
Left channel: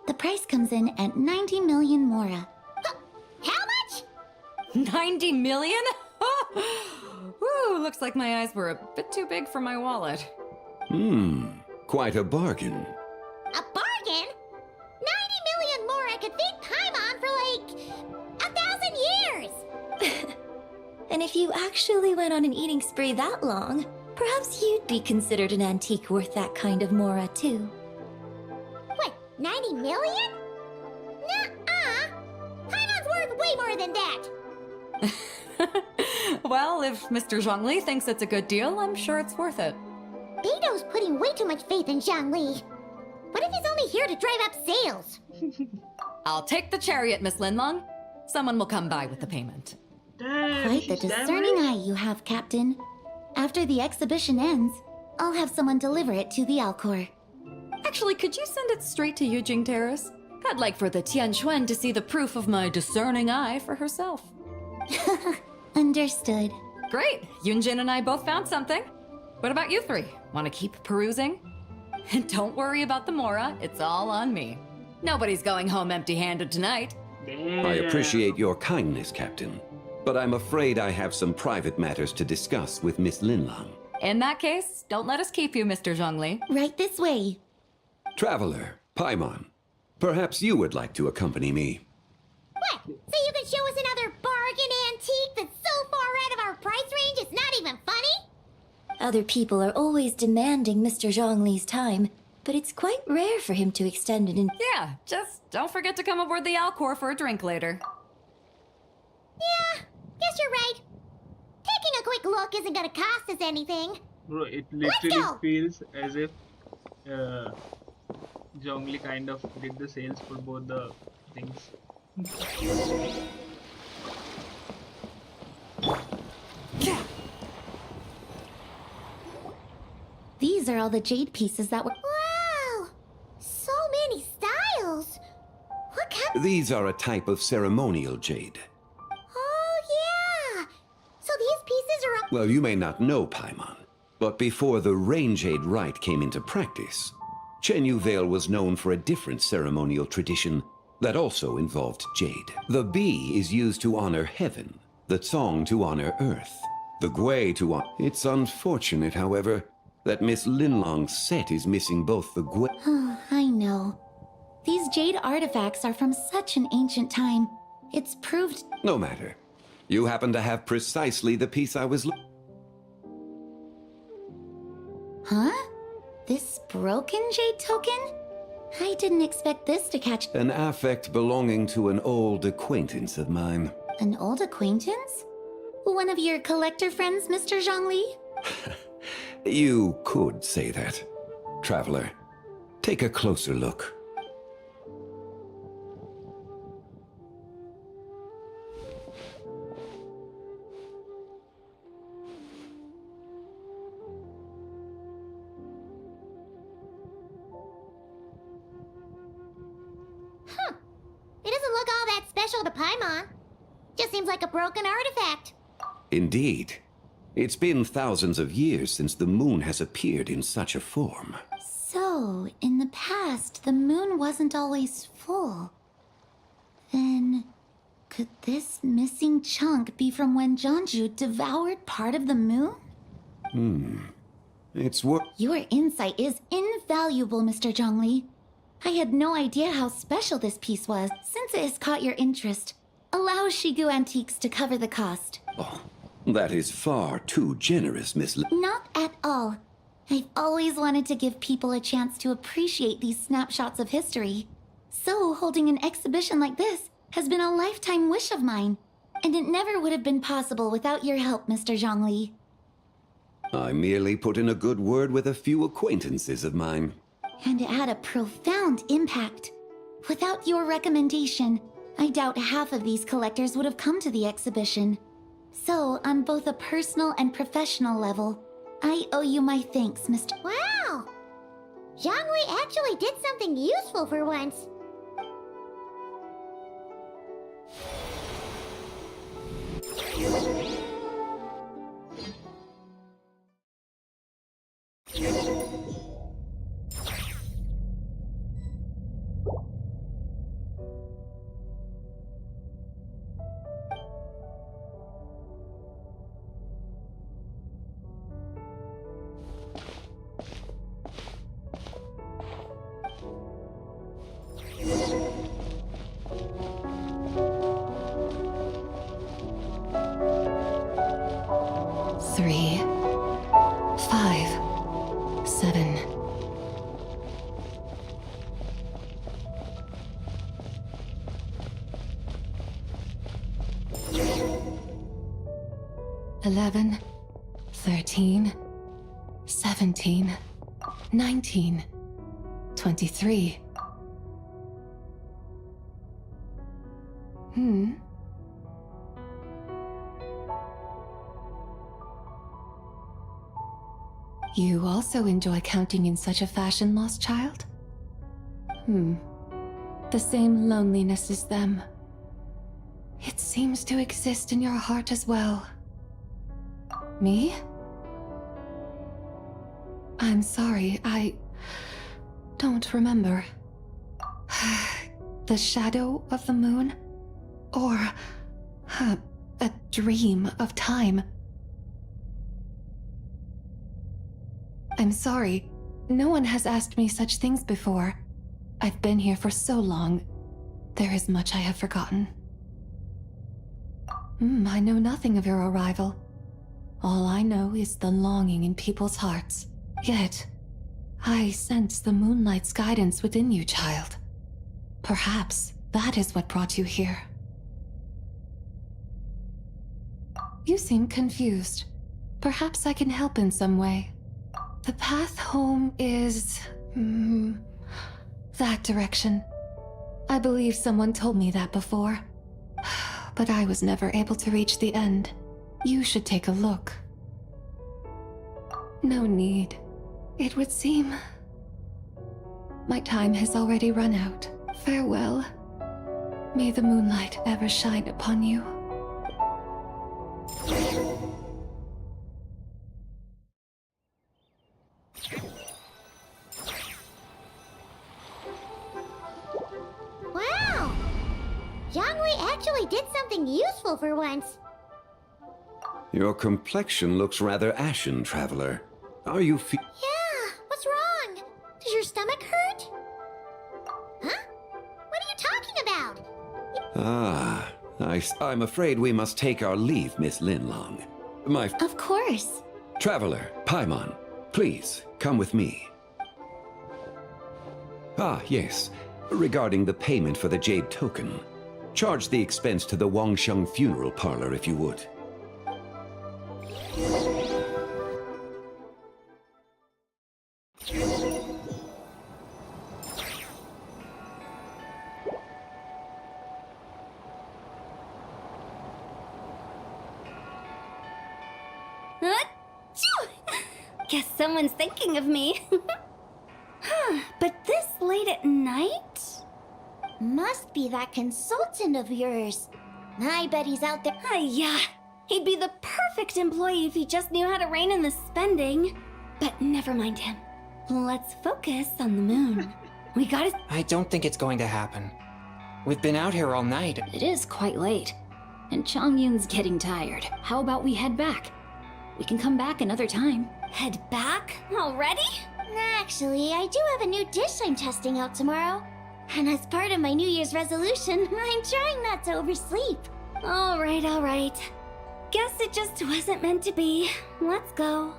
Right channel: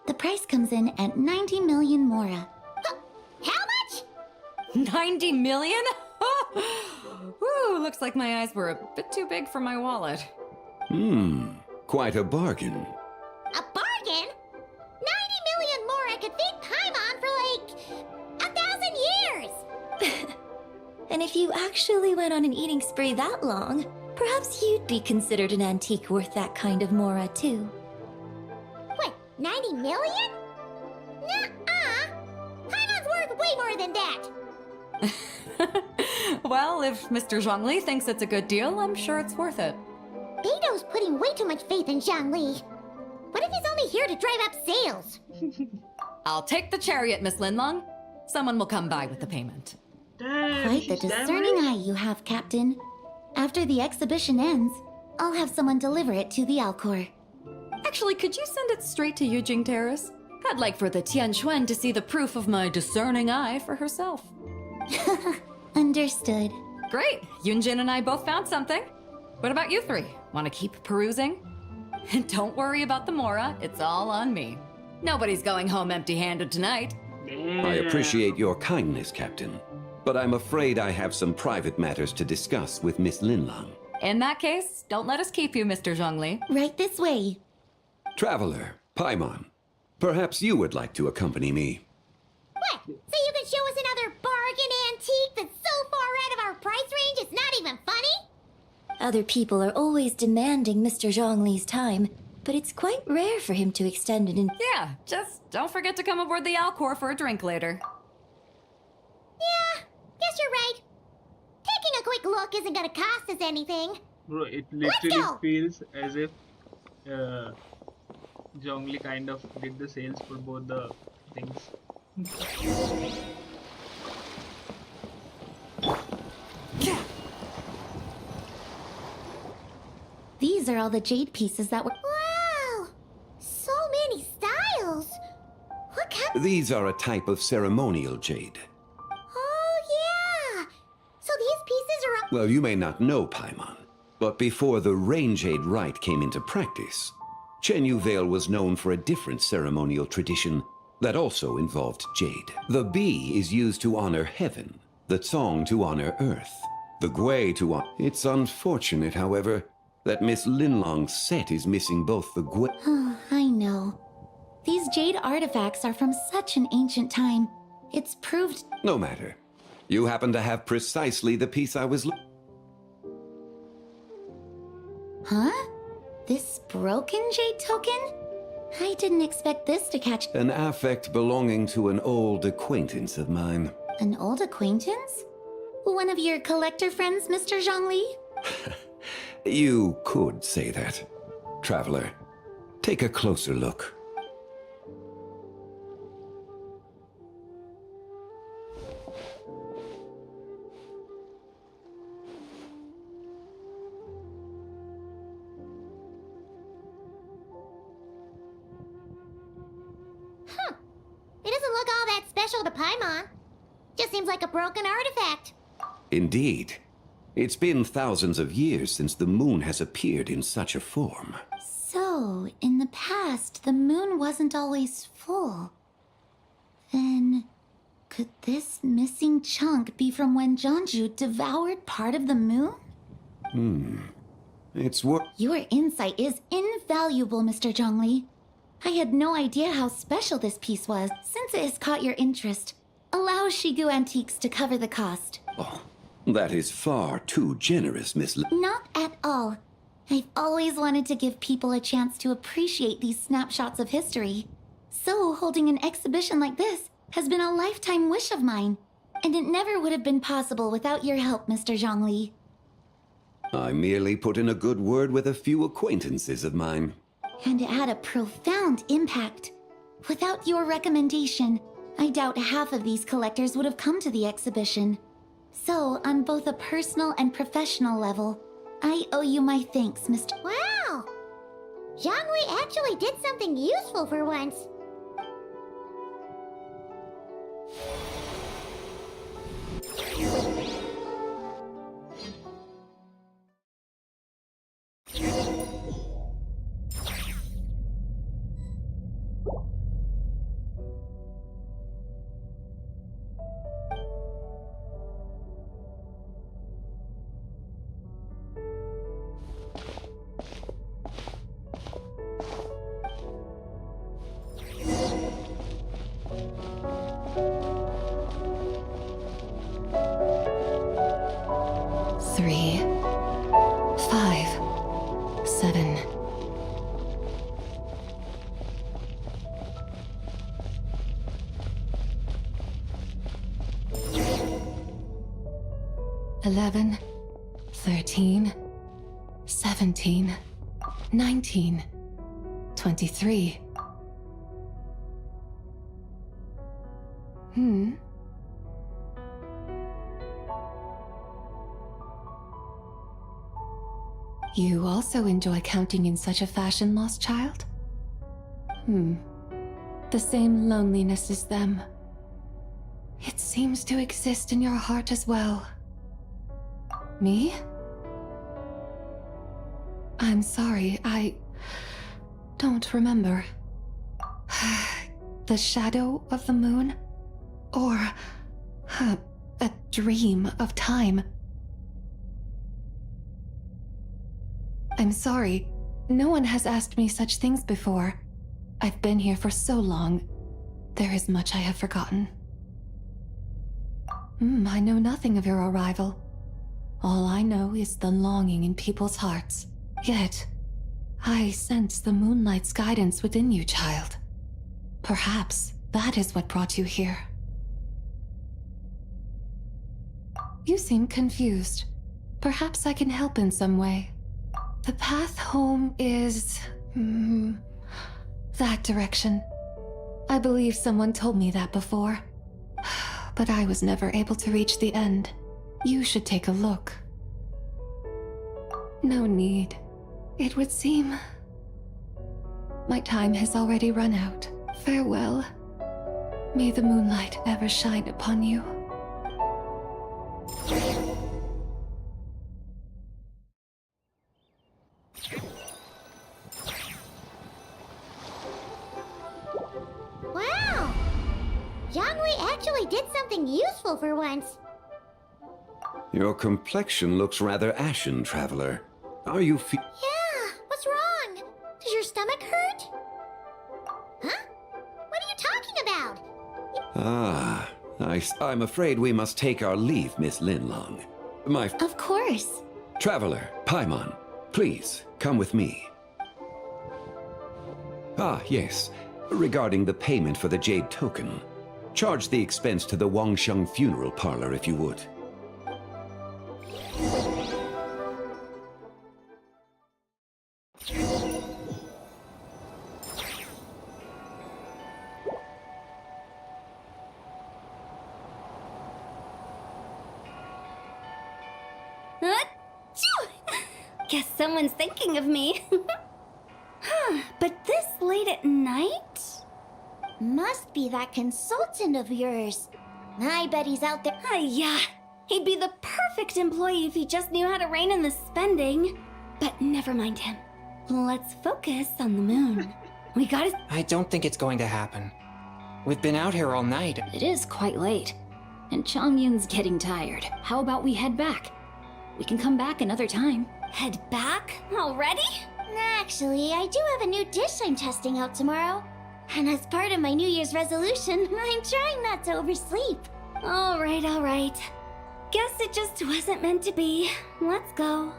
The price comes in at 90 million Mora. How much? 90 million? Woo, looks like my eyes were a bit too big for my wallet. Quite a bargain. A bargain? 90 million Mora could feed Paimon for like 1,000 years! And if you actually went on an eating spree that long, perhaps you'd be considered an antique worth that kind of Mora, too. What, 90 million? Nuh-uh! Paimon's worth way more than that! Well, if Mr. Zhongli thinks it's a good deal, I'm sure it's worth it. Beto's putting way too much faith in Zhongli. What if he's only here to drive up sales? I'll take the chariot, Miss Linlong. Someone will come by with the payment. Damn, Quite the she's discerning damaged. eye you have, Captain. After the exhibition ends, I'll have someone deliver it to the Alcor. Actually, could you send it straight to Yujing Terrace? I'd like for the Tianquan to see the proof of my discerning eye for herself. Understood. Great! Yunjin and I both found something. What about you three? Want to keep perusing? And don't worry about the Mora, it's all on me. Nobody's going home empty-handed tonight. Damn. I appreciate your kindness, Captain, but I'm afraid I have some private matters to discuss with Miss Linlang. In that case, don't let us keep you, Mr. Zhongli. Right this way. Traveler, Paimon, perhaps you would like to accompany me. What? So you can show us another bargain antique that's so far out of our price range it's not even funny? Other people are always demanding Mr. Zhongli's time, but it's quite rare for him to extend it in. Yeah, just don't forget to come aboard the Alcor for a drink later. Yeah, guess you're right. Taking a quick look isn't gonna cost us anything. Bro, it Let's literally go. feels as if Zhongli kind of did the sales for both the things. These are all the jade pieces that were. Wow! So many styles! What kind? These are a type of ceremonial jade. Oh, yeah! So these pieces are. Well, you may not know, Paimon, but before the rain jade rite came into practice, Chenyu Vale was known for a different ceremonial tradition that also involved jade. The bee is used to honor heaven, the Tsong to honor earth, the Gui to honor... It's unfortunate, however, that Miss Linlong's set is missing both the Gui... Oh, I know. These jade artifacts are from such an ancient time. It's proved. No matter. You happen to have precisely the piece I was... Huh? This broken jade token? I didn't expect this to catch. An affect belonging to an old acquaintance of mine. An old acquaintance? One of your collector friends, Mr. Zhongli? You could say that. Traveler, take a closer look. Huh. It doesn't look all that special to Paimon. Just seems like a broken artifact. Indeed. It's been thousands of years since the moon has appeared in such a form. So, in the past, the moon wasn't always full. Then, could this missing chunk be from when Jianzhu devoured part of the moon? It's worth... Your insight is invaluable, Mr. Zhongli. I had no idea how special this piece was. Since it has caught your interest, allow Shigu Antiques to cover the cost. Oh, that is far too generous, Miss Not at all. I've always wanted to give people a chance to appreciate these snapshots of history. So, holding an exhibition like this has been a lifetime wish of mine. And it never would have been possible without your help, Mr. Zhongli. I merely put in a good word with a few acquaintances of mine. And it had a profound impact. Without your recommendation, I doubt half of these collectors would have come to the exhibition. So, on both a personal and professional level, I owe you my thanks, Mr. Wow! Zhongli actually did something useful for once. Three, 5, 7. $11, 13, 17, 19, 23. You also enjoy counting in such a fashion, lost child? The same loneliness as them. It seems to exist in your heart as well. Me? I'm sorry, I don't remember. The shadow of the moon? Or a dream of time? I'm sorry. No one has asked me such things before. I've been here for so long. There is much I have forgotten. I know nothing of your arrival. All I know is the longing in people's hearts. Yet, I sense the moonlight's guidance within you, child. Perhaps that is what brought you here. You seem confused. Perhaps I can help in some way. The path home is... that direction. I believe someone told me that before. But I was never able to reach the end. You should take a look. No need. It would seem... my time has already run out. Farewell. May the moonlight ever shine upon you. Wow! Jianghui actually did something useful for once. Your complexion looks rather ashen, traveler. Are you Yeah, what's wrong? Does your stomach hurt? Huh? What are you talking about? I'm afraid we must take our leave, Miss Linlong. Of course. Traveler, Paimon, please, come with me. Yes. Regarding the payment for the jade token. Charge the expense to the Wangsheng funeral parlor if you would. Guess someone's thinking of me. But this late at night? Must be that consultant of yours. I bet he's out there. Yeah, he'd be the perfect employee if he just knew how to rein in the spending. But never mind him. Let's focus on the moon. We gotta... I don't think it's going to happen. We've been out here all night. It is quite late. And Chongyun's getting tired. How about we head back? We can come back another time. Head back? Already? Actually, I do have a new dish I'm testing out tomorrow. And as part of my New Year's resolution, I'm trying not to oversleep. All right. Guess it just wasn't meant to be. Let's go.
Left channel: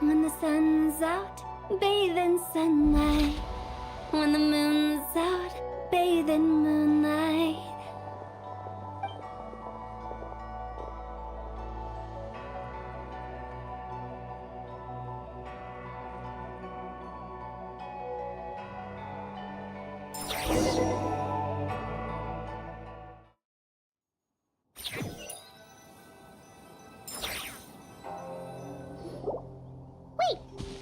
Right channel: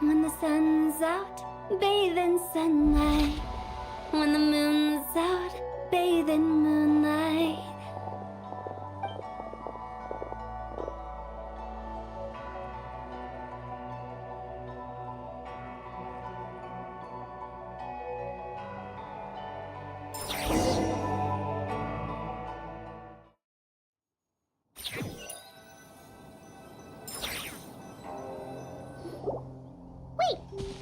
When the sun's out, bathe in sunlight. When the moon's out, bathe in moonlight.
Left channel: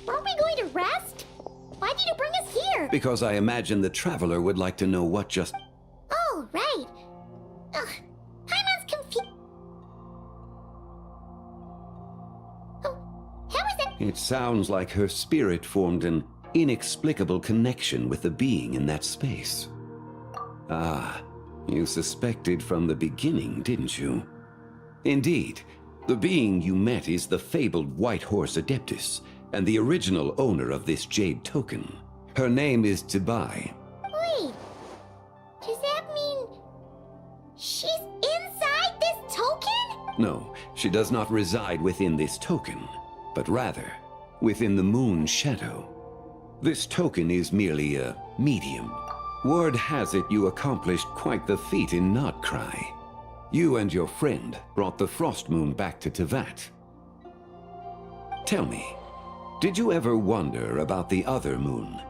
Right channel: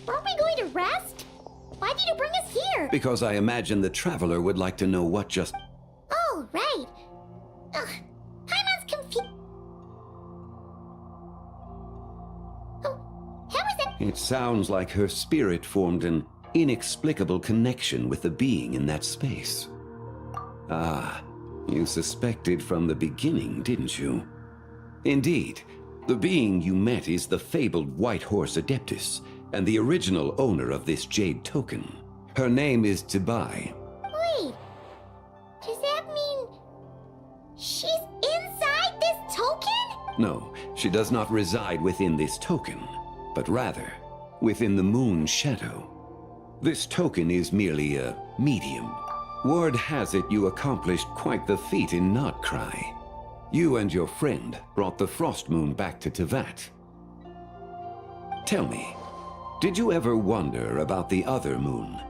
Aren't we going to rest? Why did you bring us here? Because I imagine the traveler would like to know what just... Oh, right. Ugh, Paimon's confused. Oh, how is that? It sounds like her spirit formed an inexplicable connection with the being in that space. You suspected from the beginning, didn't you? Indeed, the being you met is the fabled White Horse Adeptus, and the original owner of this jade token. Her name is Tibai. Wait, does that mean she's inside this token? No, she does not reside within this token, but rather within the moon's shadow. This token is merely a medium. Word has it you accomplished quite the feat in Nodcry. You and your friend brought the Frost Moon back to Tevat. Tell me, did you ever wonder about the other moon?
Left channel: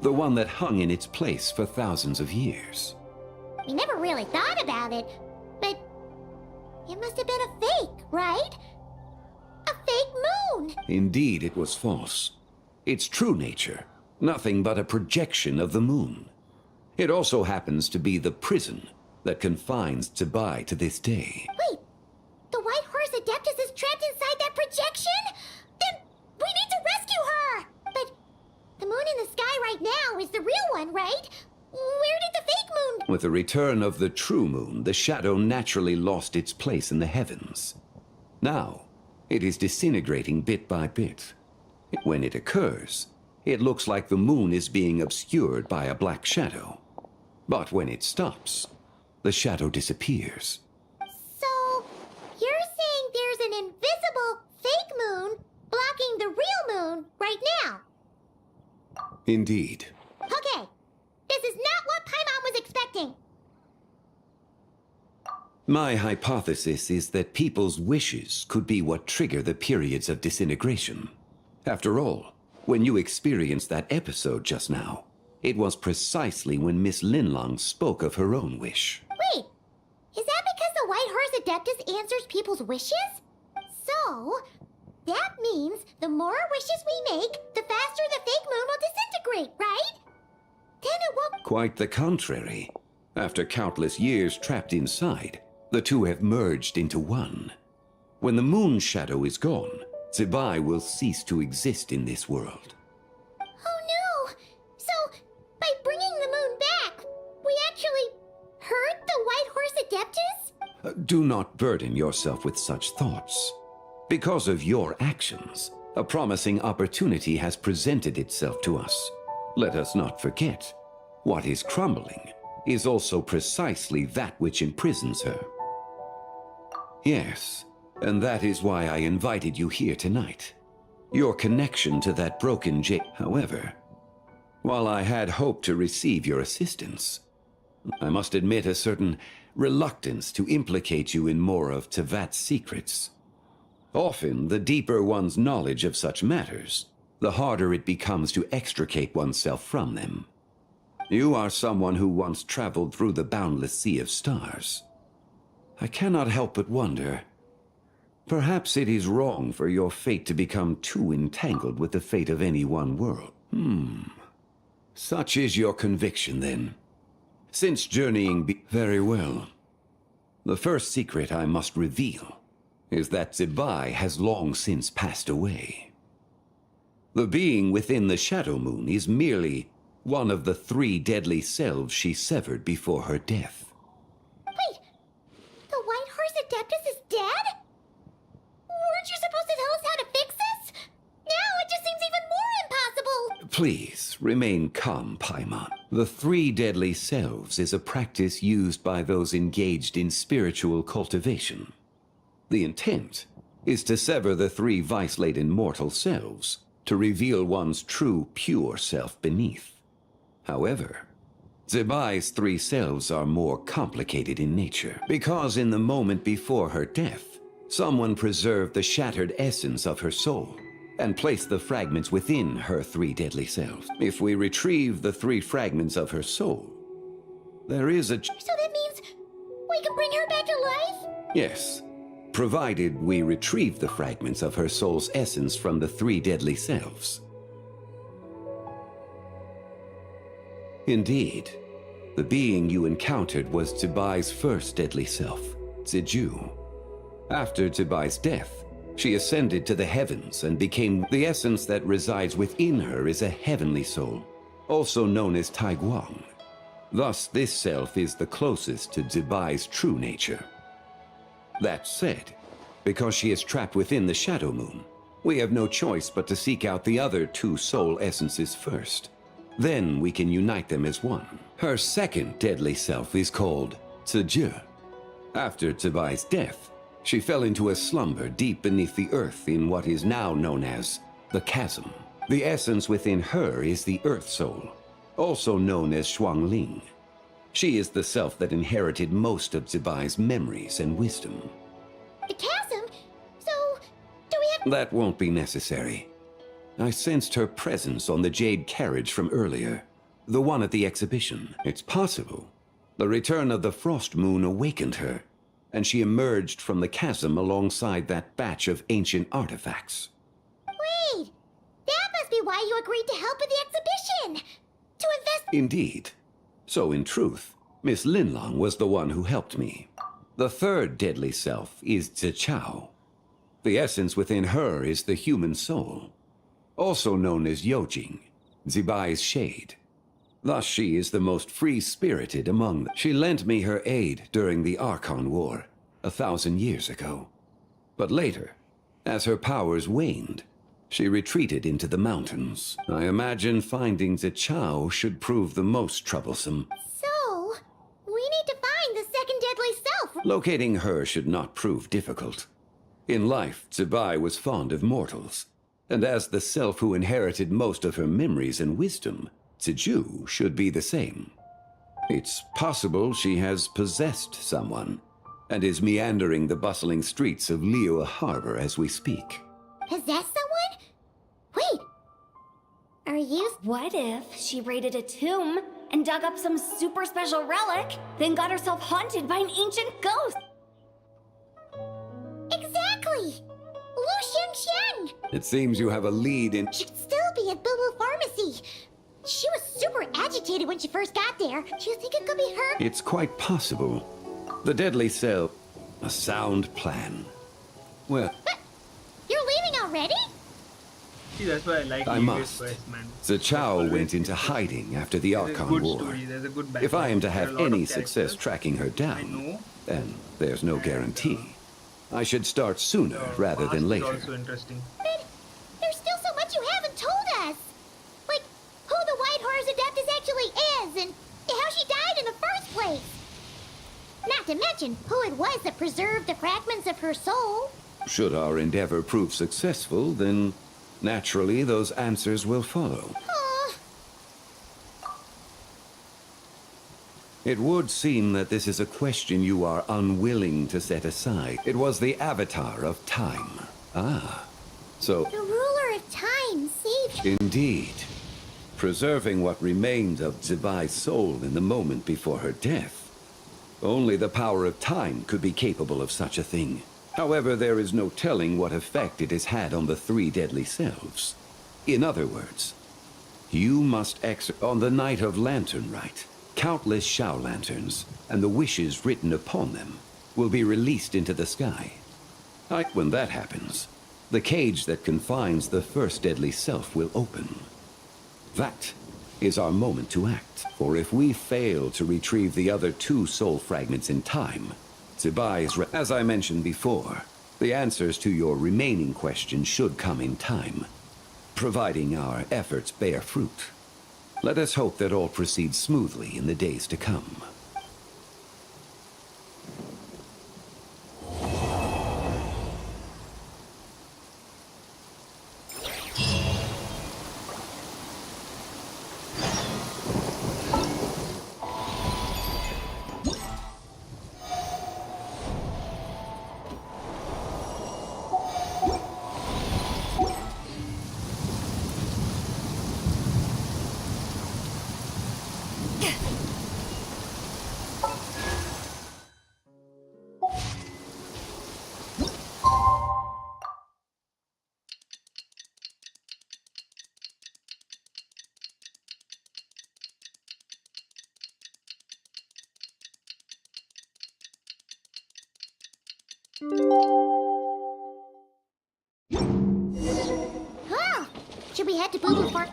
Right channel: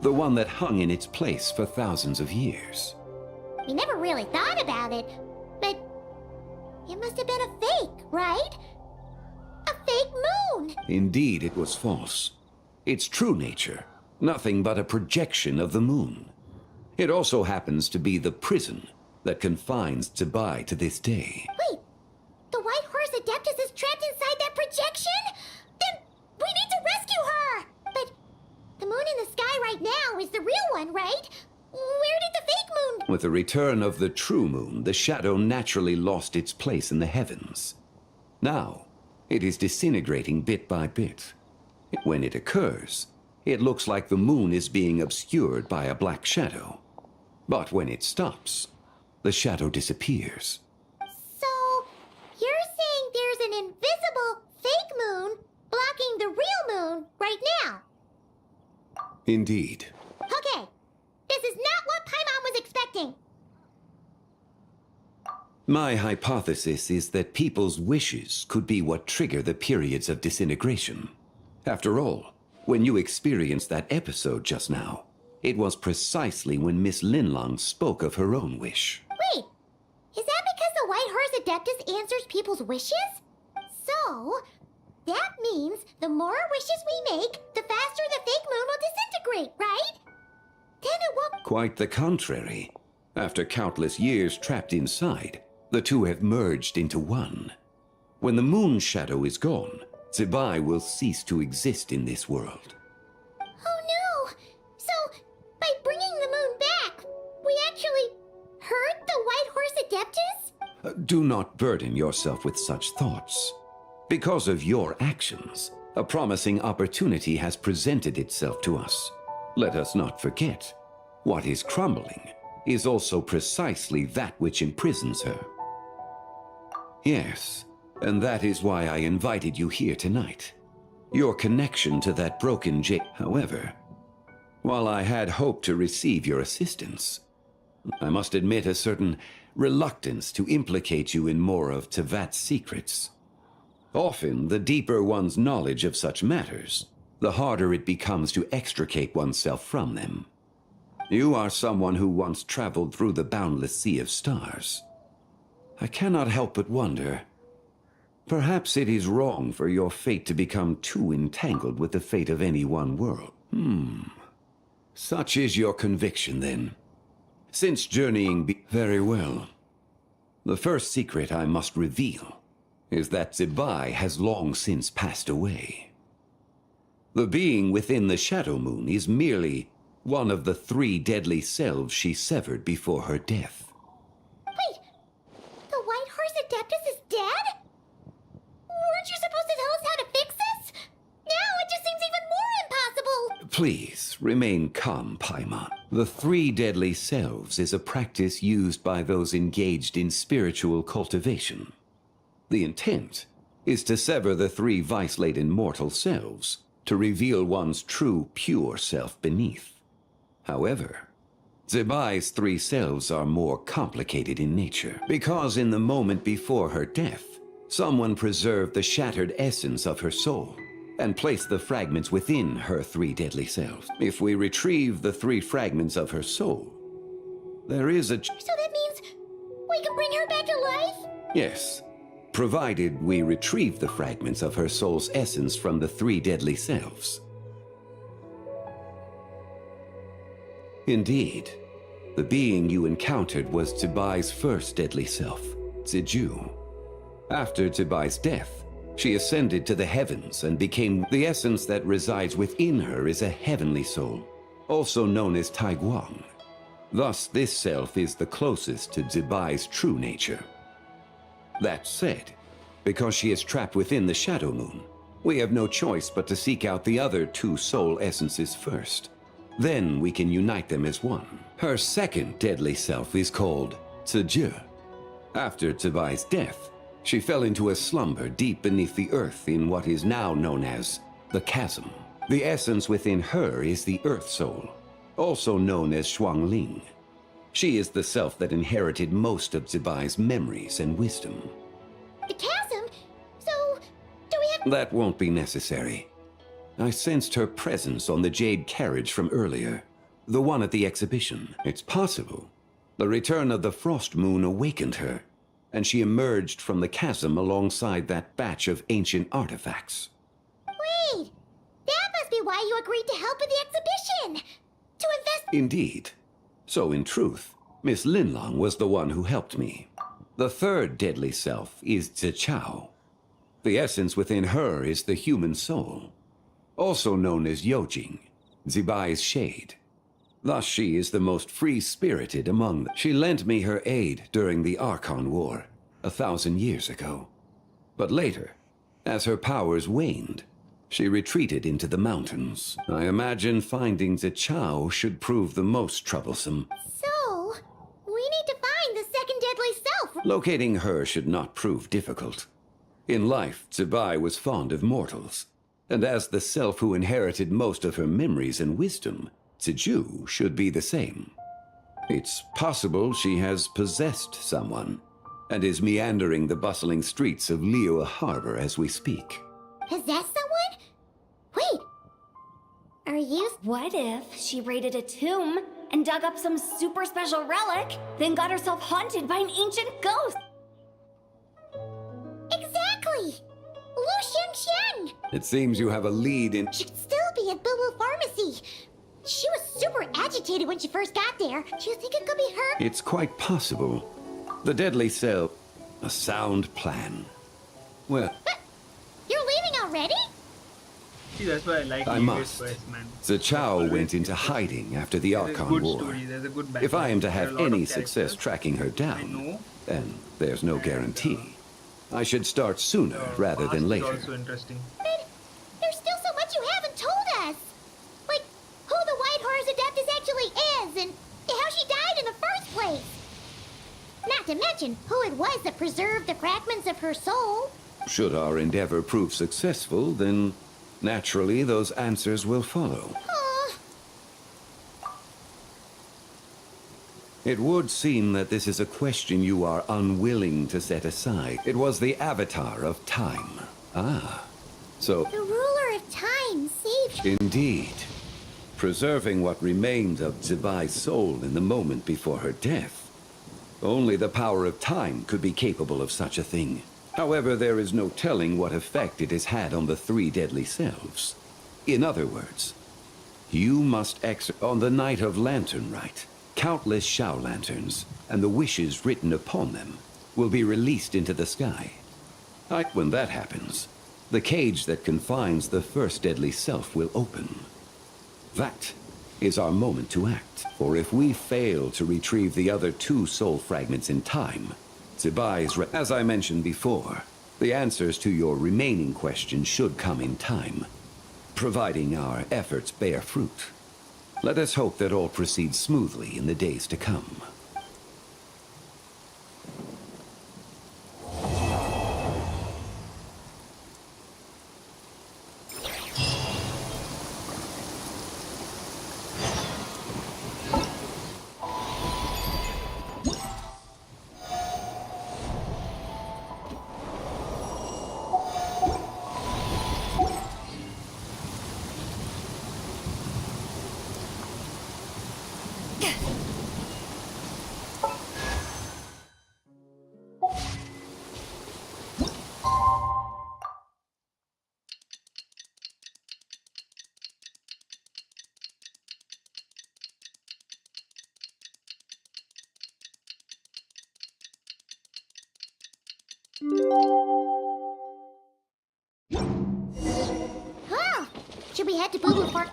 The one that hung in its place for thousands of years? We never really thought about it, but it must have been a fake, right? A fake moon! Indeed, it was false. Its true nature, nothing but a projection of the moon. It also happens to be the prison that confines Zibai to this day. Wait, the White Horse Adeptus is trapped inside that projection? Then we need to rescue her! But the moon in the sky right now is the real one, right? Where did the fake moon... With the return of the true moon, the shadow naturally lost its place in the heavens. Now, it is disintegrating bit by bit. When it occurs, it looks like the moon is being obscured by a black shadow. But when it stops, the shadow disappears. So, you're saying there's an invisible fake moon blocking the real moon right now? Indeed. Okay, this is not what Paimon was expecting. My hypothesis is that people's wishes could be what trigger the periods of disintegration. After all, when you experienced that episode just now, it was precisely when Miss Linlong spoke of her own wish. Wait, is that because the White Horse Adeptus answers people's wishes? So, that means the more wishes we make, the faster the fake moon will disintegrate, right? Then it won't... Quite the contrary. After countless years trapped inside, the two have merged into one. When the moon shadow is gone, Zibai will cease to exist in this world. Oh no! So, by bringing the moon back, we actually hurt the White Horse Adeptus? Do not burden yourself with such thoughts. Because of your actions, a promising opportunity has presented itself to us. Let us not forget, what is crumbling is also precisely that which imprisons her. Yes, and that is why I invited you here tonight. Your connection to that broken jade. However, while I had hoped to receive your assistance, I must admit a certain reluctance to implicate you in more of Tevat's secrets. Often, the deeper one's knowledge of such matters, the harder it becomes to extricate oneself from them. You are someone who once traveled through the boundless sea of stars. I cannot help but wonder, perhaps it is wrong for your fate to become too entangled with the fate of any one world. Such is your conviction, then. Since journeying very well. The first secret I must reveal is that Zibai has long since passed away. The being within the Shadow Moon is merely one of the 3 deadly selves she severed before her death. Wait, the White Horse Adeptus is dead? Weren't you supposed to tell us how to fix this? Now it just seems even more impossible! Please, remain calm, Paimon. The 3 deadly selves is a practice used by those engaged in spiritual cultivation. The intent is to sever the 3 vice-laden mortal selves to reveal one's true, pure self beneath. However, Zibai's 3 selves are more complicated in nature, because in the moment before her death, someone preserved the shattered essence of her soul and placed the fragments within her 3 deadly selves. If we retrieve the 3 fragments of her soul, there is a... So that means we can bring her back to life? Yes, provided we retrieve the fragments of her soul's essence from the 3 deadly selves. Indeed, the being you encountered was Zibai's first deadly self, Ziju. After Zibai's death, she ascended to the heavens and became the essence that resides within her is a heavenly soul, also known as Taiguang. Thus, this self is the closest to Zibai's true nature. That said, because she is trapped within the Shadow Moon, we have no choice but to seek out the other 2 soul essences first. Then we can unite them as one. Her second deadly self is called Ziju. After Zibai's death, she fell into a slumber deep beneath the earth in what is now known as the Chasm. The essence within her is the Earth Soul, also known as Shuangling. She is the self that inherited most of Zibai's memories and wisdom. The chasm? So, do we have... That won't be necessary. I sensed her presence on the jade carriage from earlier, the one at the exhibition. It's possible The return of the frost moon awakened her, and she emerged from the chasm alongside that batch of ancient artifacts. Wait! That must be why you agreed to help with the exhibition! To invest— Indeed. So in truth, Miss Linlong was the one who helped me. The third deadly self is Zichao. The essence within her is the human soul, also known as Yojing, Zibai's shade. Thus she is the most free-spirited among them. She lent me her aid during the Archon War, 1,000 years ago. But later, as her powers waned, she retreated into the mountains. I imagine finding Zichao should prove the most troublesome. So, we need to find the second deadly self. Locating her should not prove difficult. In life, Zibai was fond of mortals, and as the self who inherited most of her memories and wisdom, Ziju should be the same. It's possible she has possessed someone, and is meandering the bustling streets of Liyue Harbor as we speak. Possess someone? Wait! Are you— What if she raided a tomb and dug up some super special relic, then got herself haunted by an ancient ghost? Exactly! Lu Xiangxiang! It seems you have a lead in— Should still be at Boo Boo Pharmacy. She was super agitated when she first got there. Do you think it could be her? It's quite possible. The deadly cell— a sound plan. Well— But you're leaving already? See, that's why I like I must. Quest, man. Zichao went into hiding after the There's a Archon good War. story, there's a good If I am to background, have there are a lot any of success characters. tracking her I down, know. then there's no guarantee. I should start sooner rather Past than is later. also interesting. But there's still so much you haven't told us. Like, who the White Horror's Adeptus actually is, and how she died in the first place. Not to mention who it was that preserved the fragments of her soul. Should our endeavor prove successful, then naturally those answers will follow. It would seem that this is a question you are unwilling to set aside. It was the Avatar of Time. Ah, so The ruler of time saved her. indeed. Preserving what remained of Zibai's soul in the moment before her death. Only the power of time could be capable of such a thing. However, there is no telling what effect it has had on the three deadly selves. In other words, you must on the night of Lantern Rite, countless Shao lanterns, and the wishes written upon them, will be released into the sky. When that happens, the cage that confines the first deadly self will open. That is our moment to act, for if we fail to retrieve the other two soul fragments in time, Zibai's as I mentioned before, the answers to your remaining questions should come in time, providing our efforts bear fruit. Let us hope that all proceeds smoothly in the days to come. Well, should we head to Boo Boo Farm?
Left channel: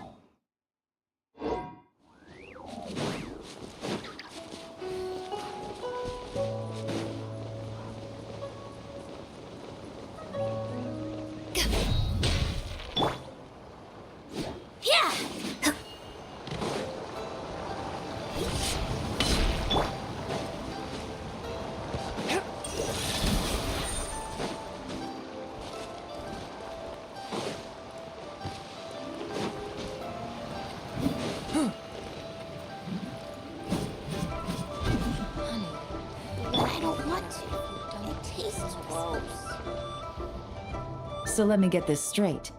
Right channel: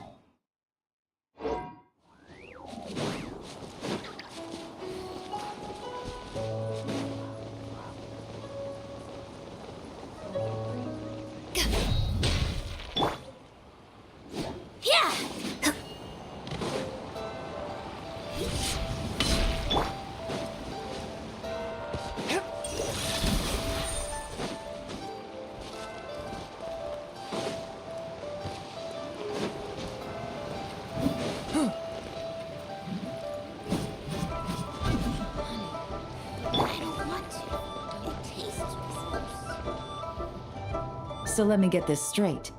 So let me get this straight.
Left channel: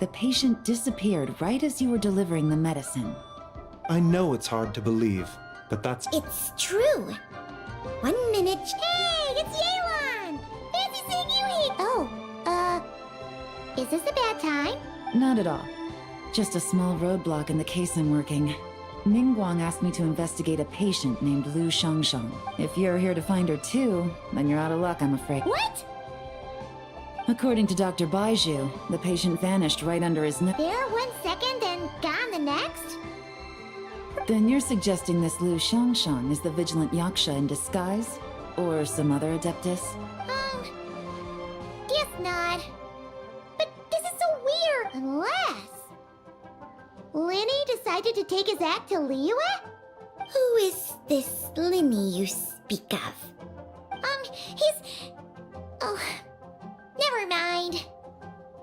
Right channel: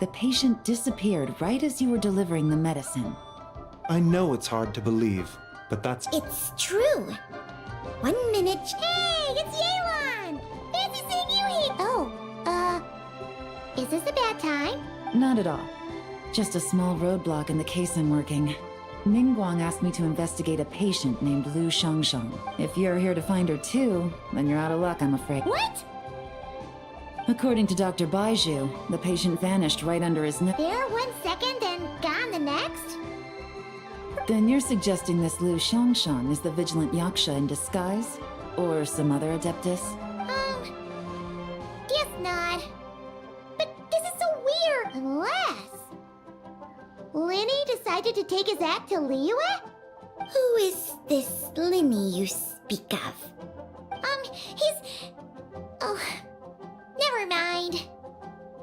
The patient disappeared right as you were delivering the medicine. I know it's hard to believe, but that's... It's true. 1 minute. Hey, it's Yelan! Fancy seeing you here! Oh, is this a bad time? Not at all. Just a small roadblock in the case I'm working. Ningguang asked me to investigate a patient named Lu Shangshang. If you're here to find her too, then you're out of luck, I'm afraid. What? According to Dr. Baiju, the patient vanished right under his nose. There 1 second and gone the next? Then you're suggesting this Lu Shangshang is the vigilant Yaksha in disguise? Or some other adeptus? Guess not. But this is so weird. Unless... Linny decided to take his act to Liyue? Who is this Linny you speak of? He's... Oh... Never mind.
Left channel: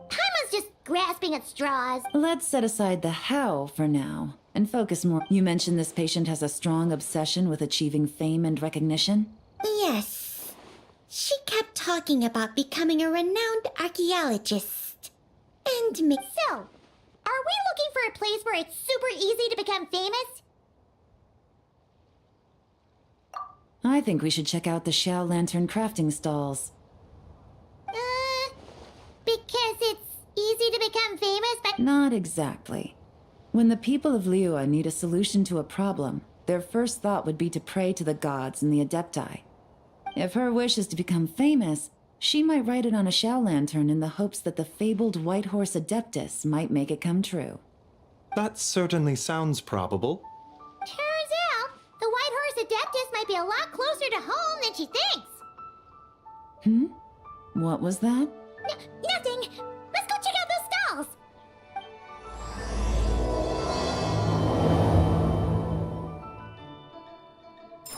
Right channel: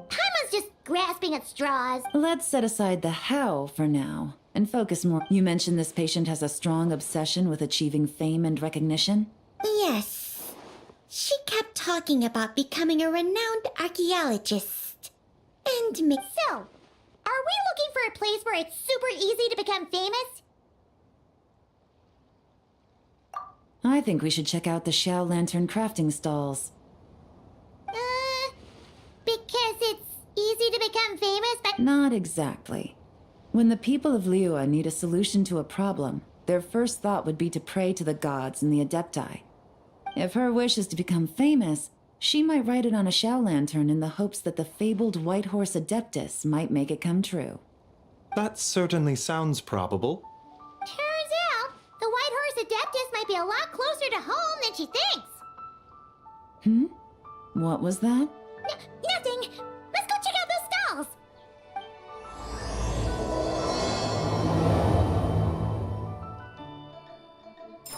Paimon's just grasping at straws. Let's set aside the how for now, and focus more. You mentioned this patient has a strong obsession with achieving fame and recognition? Yes. She kept talking about becoming a renowned archaeologist. And me. So, are we looking for a place where it's super easy to become famous? I think we should check out the Xiao Lantern crafting stalls. Because it's easy to become famous, but... Not exactly. When the people of Liyue need a solution to a problem, their first thought would be to pray to the gods and the Adepti. If her wish is to become famous, she might write it on a Xiao Lantern in the hopes that the fabled White Horse Adeptus might make it come true. That certainly sounds probable. Turns out, the White Horse Adeptus might be a lot closer to home than she thinks. What was that? Nothing! Let's go check out those stalls!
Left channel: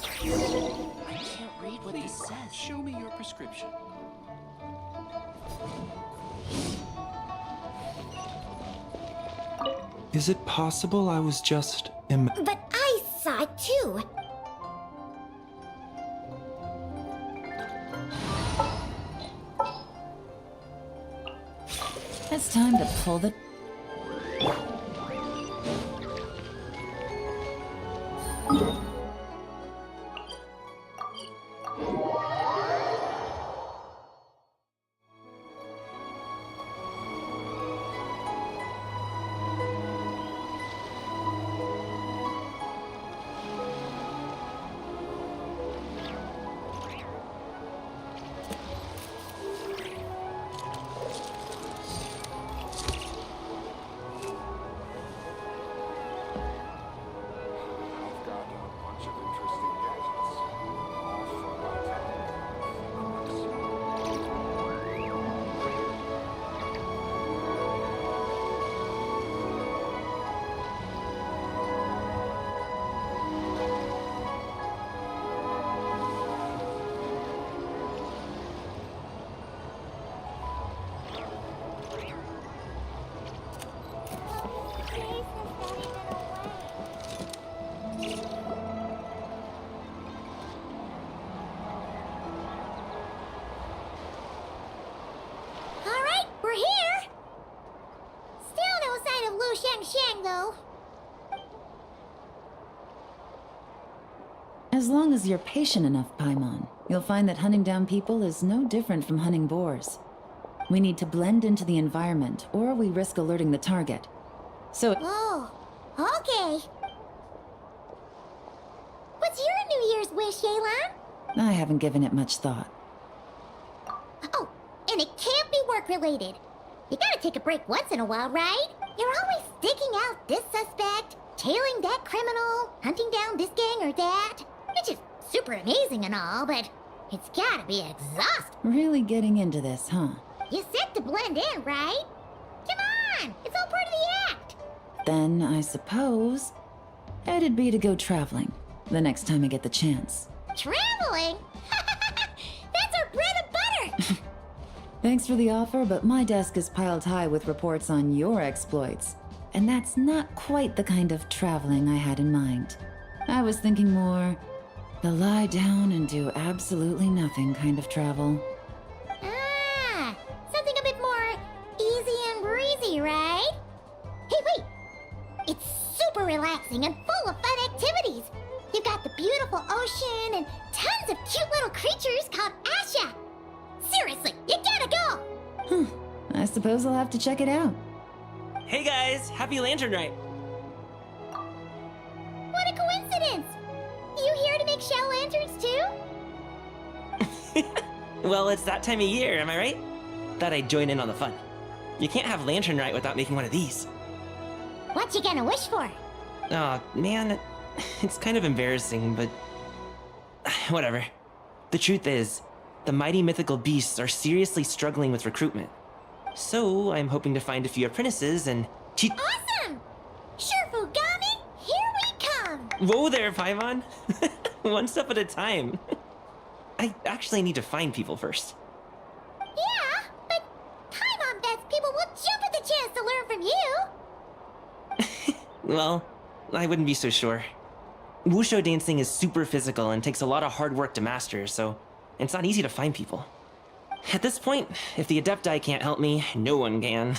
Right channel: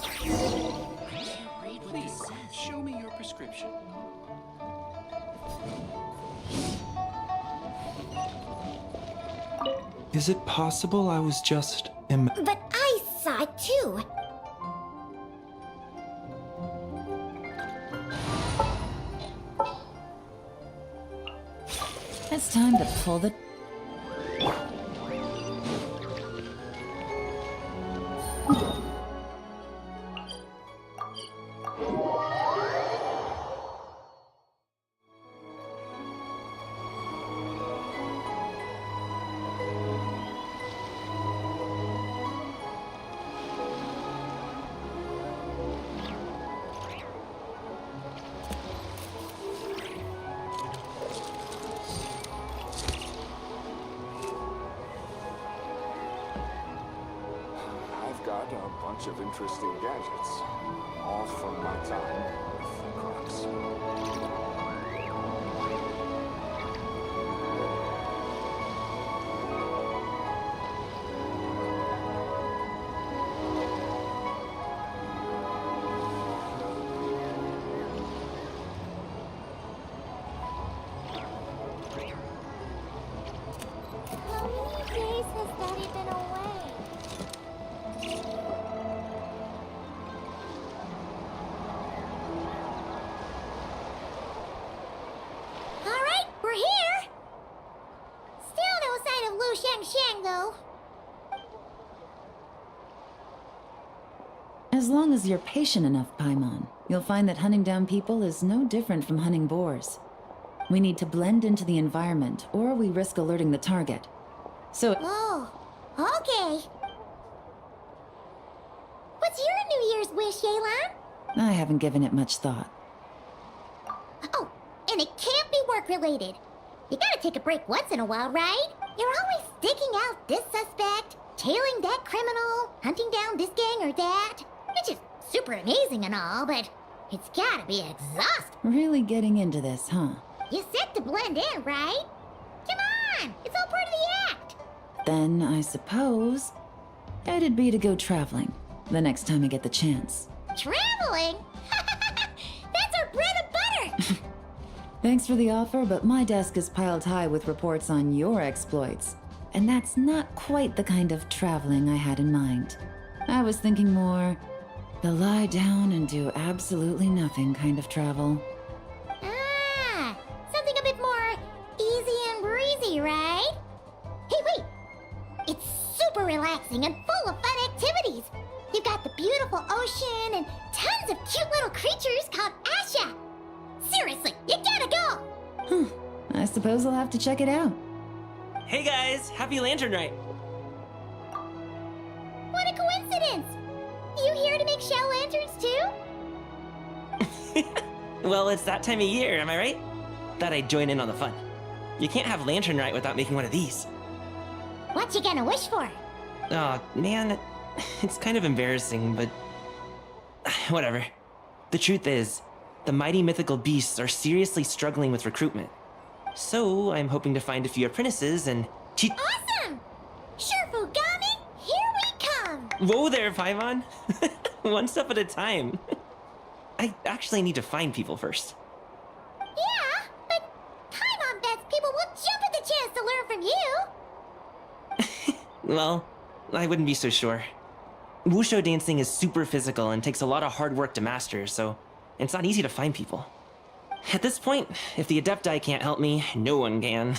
I can't read what this says. Show me your prescription. Is it possible I was just... But I saw it too! It's time to pull the... Interesting gadgets, all from my time. Shang, though. As long as you're patient enough, Paimon, you'll find that hunting down people is no different from hunting boars. We need to blend into the environment, or we risk alerting the target. So... Oh, okay. What's your New Year's wish, Yelan? I haven't given it much thought. Oh, and it can't be work-related. You gotta take a break once in a while, right? You're always digging out this suspect, tailing that criminal, hunting down this gang or that. Which is super amazing and all, but it's gotta be exhausting. Really getting into this, huh? You said to blend in, right? Come on, it's all part of the act. Then, I suppose, it'd be to go traveling, the next time I get the chance. Traveling? That's our bread and butter! Thanks for the offer, but my desk is piled high with reports on your exploits. And that's not quite the kind of traveling I had in mind. I was thinking more, the lie down and do absolutely nothing kind of travel. Ah, something a bit more easy and breezy, right? Hey, wait! It's super relaxing and full of fun activities. You've got the beautiful ocean and tons of cute little creatures called Asha. Seriously, you gotta go! I suppose I'll have to check it out. Hey guys, happy Lantern Rite! What a coincidence! You here to make shell lanterns too? Well, it's that time of year, am I right? Thought I'd join in on the fun. You can't have Lantern Rite without making one of these. What you gonna wish for? Aw, man, it's kind of embarrassing, but whatever. The truth is, the mighty mythical beasts are seriously struggling with recruitment. So I'm hoping to find a few apprentices and teach. Awesome! Shurfugami, here we come! Whoa there, Paimon! One step at a time. I actually need to find people first. Yeah, but Paimon bets people will jump at the chance to learn from you! Well, I wouldn't be so sure. Wushu dancing is super physical and takes a lot of hard work to master, so it's not easy to find people. At this point, if the Adepti can't help me, no one can.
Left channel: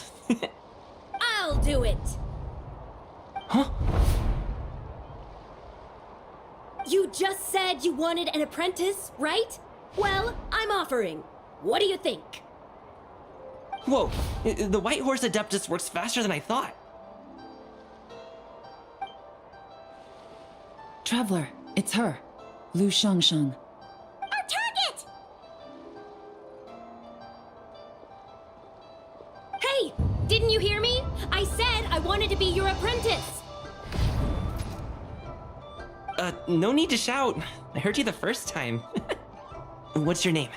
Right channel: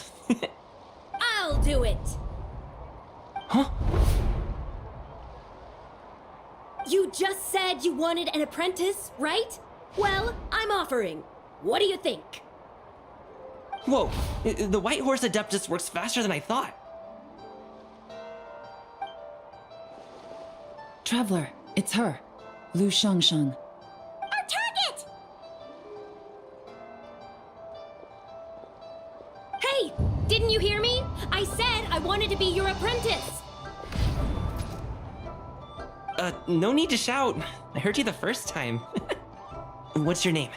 I'll do it! Huh? You just said you wanted an apprentice, right? Well, I'm offering. What do you think? Whoa, the White Horse Adeptus works faster than I thought. Traveler, it's her. Lu Shangsheng. Our target! Hey, didn't you hear me? I said I wanted to be your apprentice. No need to shout. I heard you the first time. What's your name?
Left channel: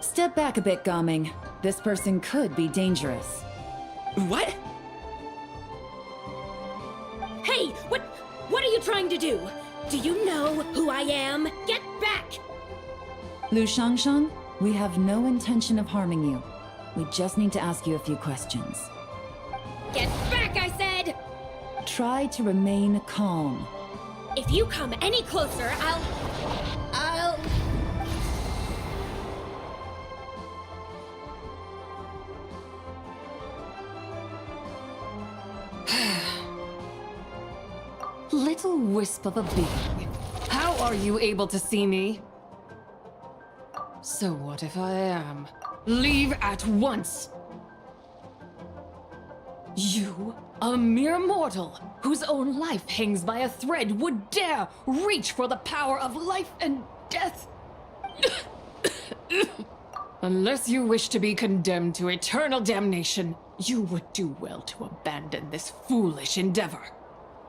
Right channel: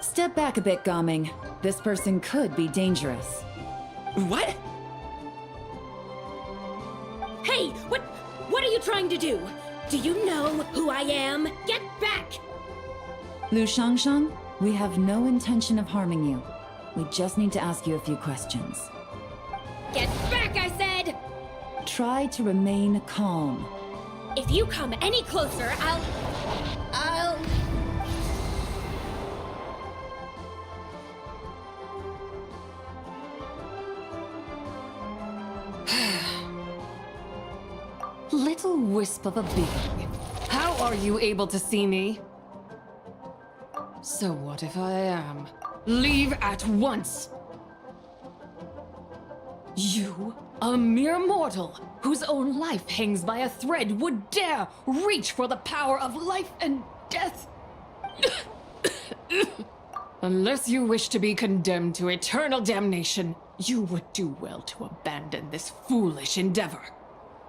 Step back a bit, Gaming. This person could be dangerous. What? Hey, what are you trying to do? Do you know who I am? Get back! Lu Shangsheng, we have no intention of harming you. We just need to ask you a few questions. Get back, I said! Try to remain calm. If you come any closer, I'll... Little wisp of a being. How are you able to see me? So what if I am? Leave at once! You, a mere mortal, whose own life hangs by a thread, would dare reach for the power of life and death? Unless you wish to be condemned to eternal damnation, you would do well to abandon this foolish endeavor.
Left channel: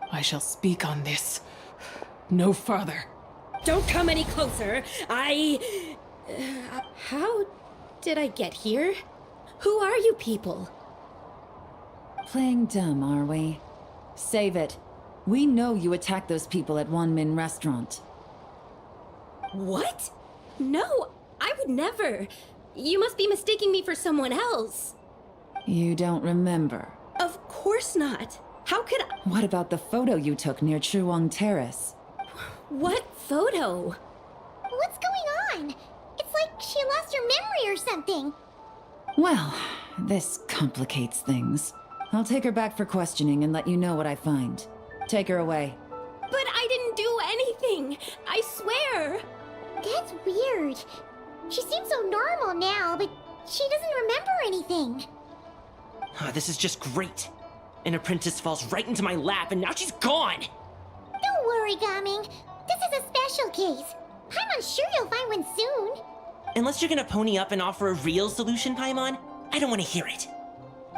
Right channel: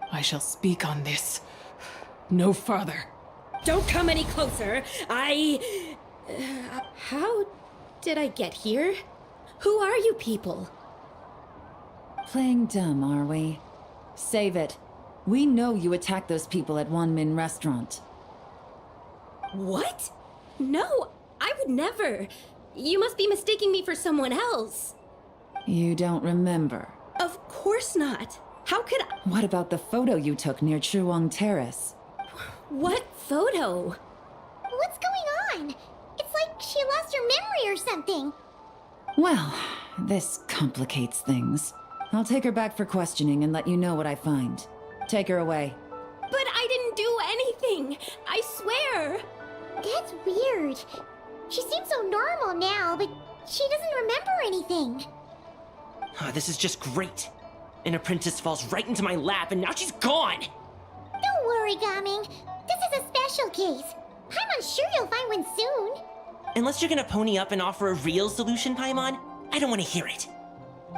I shall speak on this. No further. Don't come any closer. How did I get here? Who are you people? Playing dumb, are we? Save it. We know you attacked those people at Wanmin Restaurant. What? No, I would never. You must be mistaking me for someone else. You don't remember? Of course not. How could I? What about the photo you took near Chuang Terrace? What photo? What's going on? It's like she lost her memory or something. Well, this complicates things. I'll take her back for questioning and let you know what I find. Take her away. But I didn't do anything. I swear. That's weird. She seems so normal now, but she doesn't remember anything. This is just great. An apprentice falls right into my lap and now she's gone! Don't worry, Gaming. This is a special case. I'm sure you'll find one soon. Unless you're gonna pony up and offer a real solution, Paimon, I don't want to hear it.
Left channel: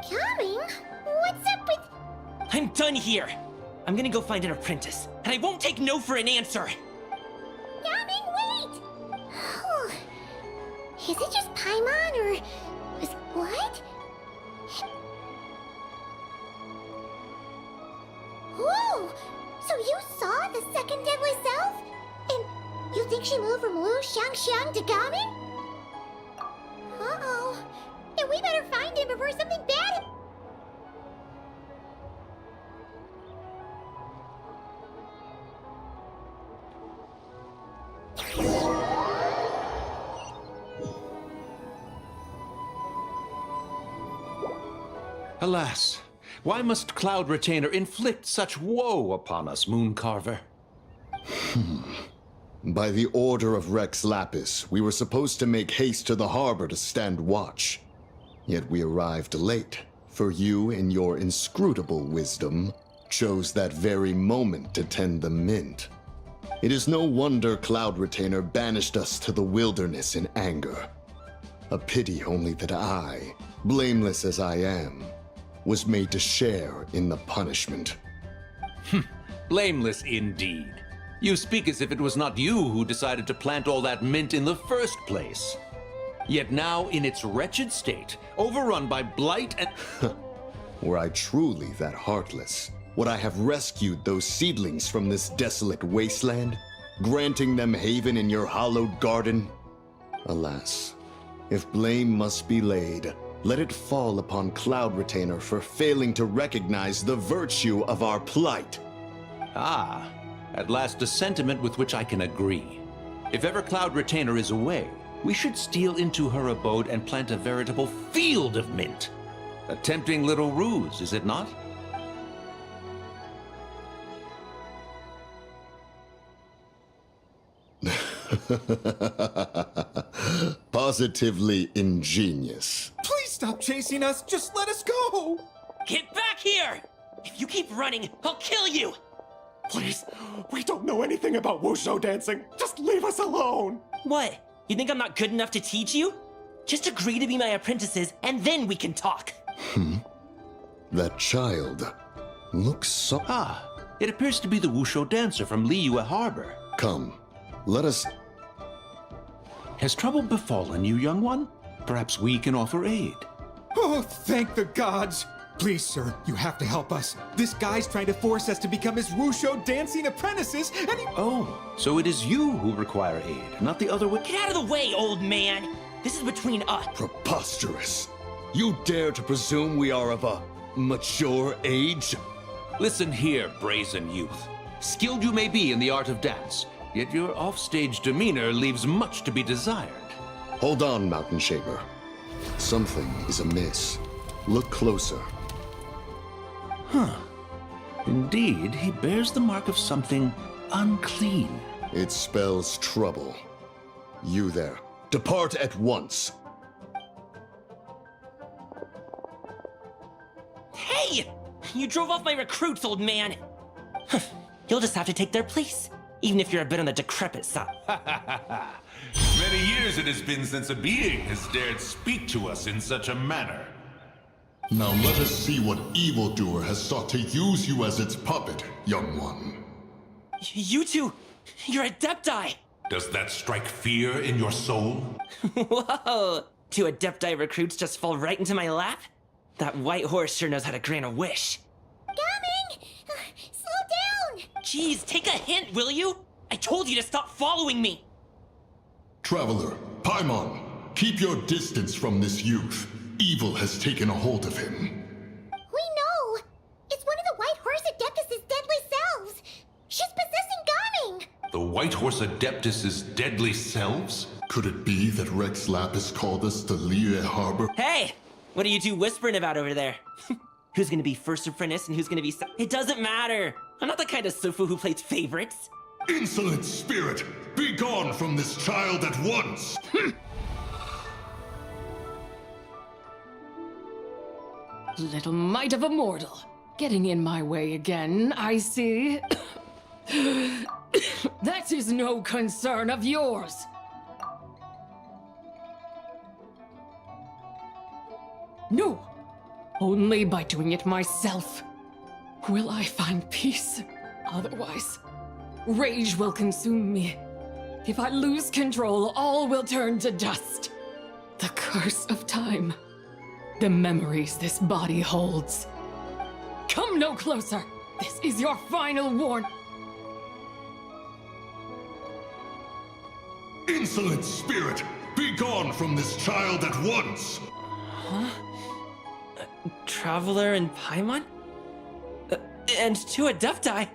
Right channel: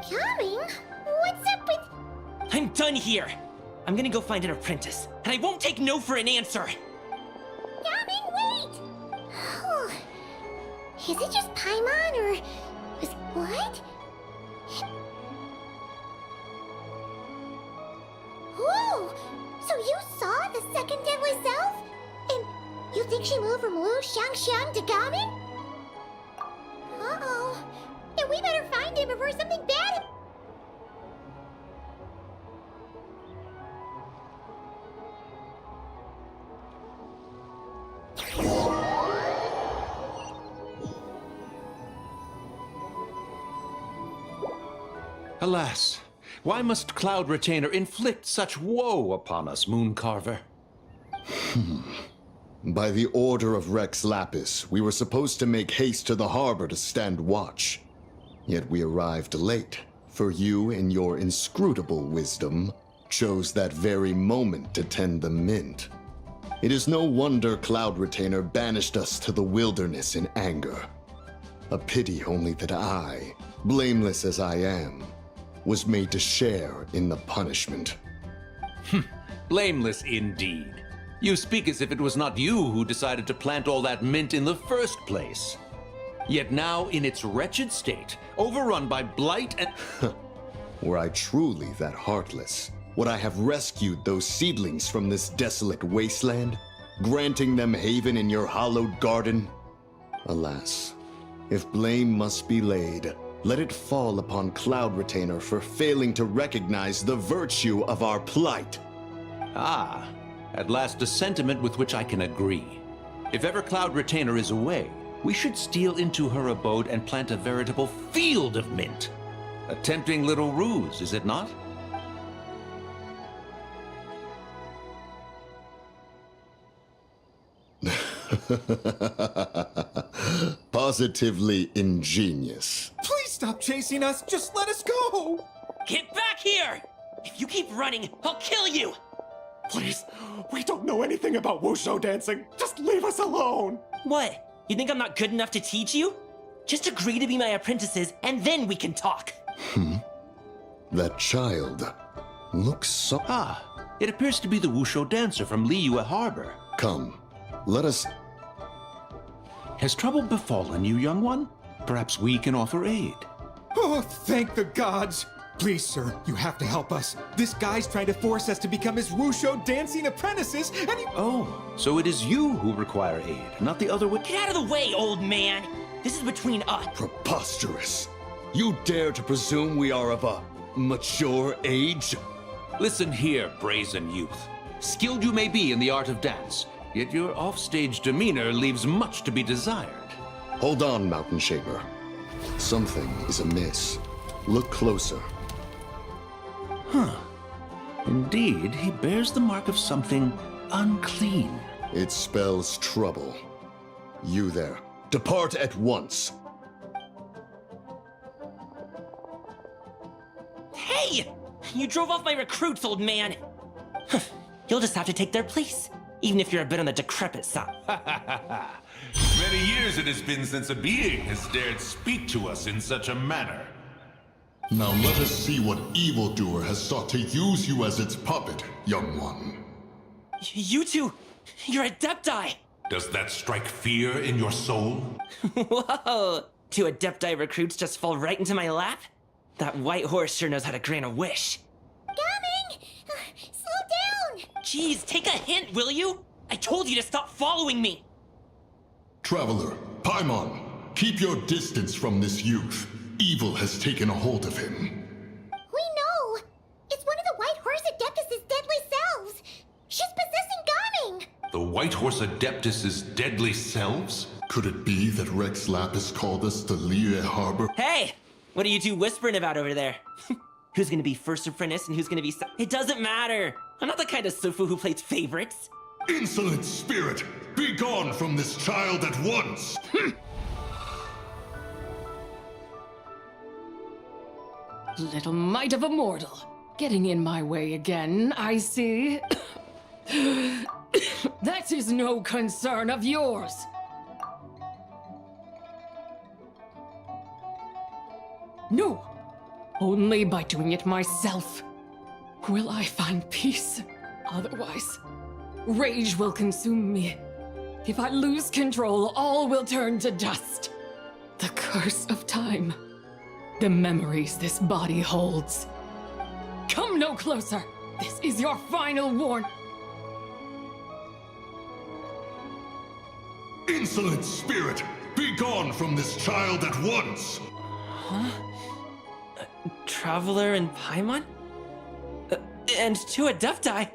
Gaming? What's up with... I'm done here! I'm gonna go find an apprentice, and I won't take no for an answer! Gaming, wait! Is it just Paimon, or... what? Whoa! So you saw the second deadly self? And you think she moved from Lu Shangxiang to Gaming? Uh-oh. Then we better find him before something bad... Alas, Why must Cloud Retainer inflict such woe upon us, Mooncarver? By the order of Rex Lapis, we were supposed to make haste to the harbor to stand watch. Yet we arrived late, for you, in your inscrutable wisdom, chose that very moment to tend the mint. It is no wonder Cloud Retainer banished us to the wilderness in anger. A pity only that I, blameless as I am, was made to share in the punishment. Blameless indeed. You speak as if it was not you who decided to plant all that mint in the first place. Yet now, in its wretched state, overrun by blight and... Were I truly that heartless, would I have rescued those seedlings from this desolate wasteland, granting them haven in your hallowed garden? Alas, if blame must be laid, let it fall upon Cloud Retainer for failing to recognize the virtue of our plight. Ah, at last a sentiment with which I can agree. If ever Cloud Retainer is away, we should steal into her abode and plant a veritable field of mint. A tempting little ruse, is it not? Positively ingenious. Please stop chasing us. Just let us go. Get back here! If you keep running, I'll kill you! Please, we don't know anything about wushu dancing. Just leave us alone. What? You think I'm not good enough to teach you? Just agree to be my apprentices, and then we can talk. That child looks so... Ah, it appears to be the wushu dancer from Liyue Harbor. Come, let us... Has trouble befallen you, young one? Perhaps we can offer aid. Oh, thank the gods. Please, sir, you have to help us. This guy's trying to force us to become his wushu dancing apprentices, and he... Oh, so it is you who require aid, not the other way. Get out of the way, old man! This is between us. Preposterous. You dare to presume we are of a mature age? Listen here, brazen youth. Skilled you may be in the art of dance, yet your offstage demeanor leaves much to be desired. Hold on, Mountain Shaper. Something is amiss. Look closer. Huh. Indeed, he bears the mark of something unclean. It spells trouble. You there, depart at once. Hey! You drove off my recruits, old man! You'll just have to take their place, even if you're a bit on the decrepit side. Many years it has been since a being has dared speak to us in such a manner. Now let us see what evildoer has sought to use you as its puppet, young one. You two, you're Adepti! Does that strike fear in your soul? Whoa! Two Adepti recruits just fall right into my lap? That white horse sure knows how to grant a wish. Coming! Slow down! Jeez, take a hint, will you? I told you to stop following me! Traveler, Paimon, keep your distance from this youth. Evil has taken a hold of him. We know! It's one of the White Horse Adeptus' deadly selves! She's possessing Gaming! The White Horse Adeptus' deadly selves? Could it be that Rex Lapis called us to Liyue Harbor? Hey! What are you two whispering about over there? Who's gonna be first apprentice and who's gonna be It doesn't matter! I'm not the kind of Sufu who plays favorites. Insolent spirit! Be gone from this child at once! Little mite of a mortal. Getting in my way again, I see. That is no concern of yours. No, only by doing it myself will I find peace. Otherwise, rage will consume me. If I lose control, all will turn to dust. The curse of time. The memories this body holds. Come no closer! This is your final warning. Insolent spirit! Be gone from this child at once! Huh? Traveler and Paimon? And two Adepti?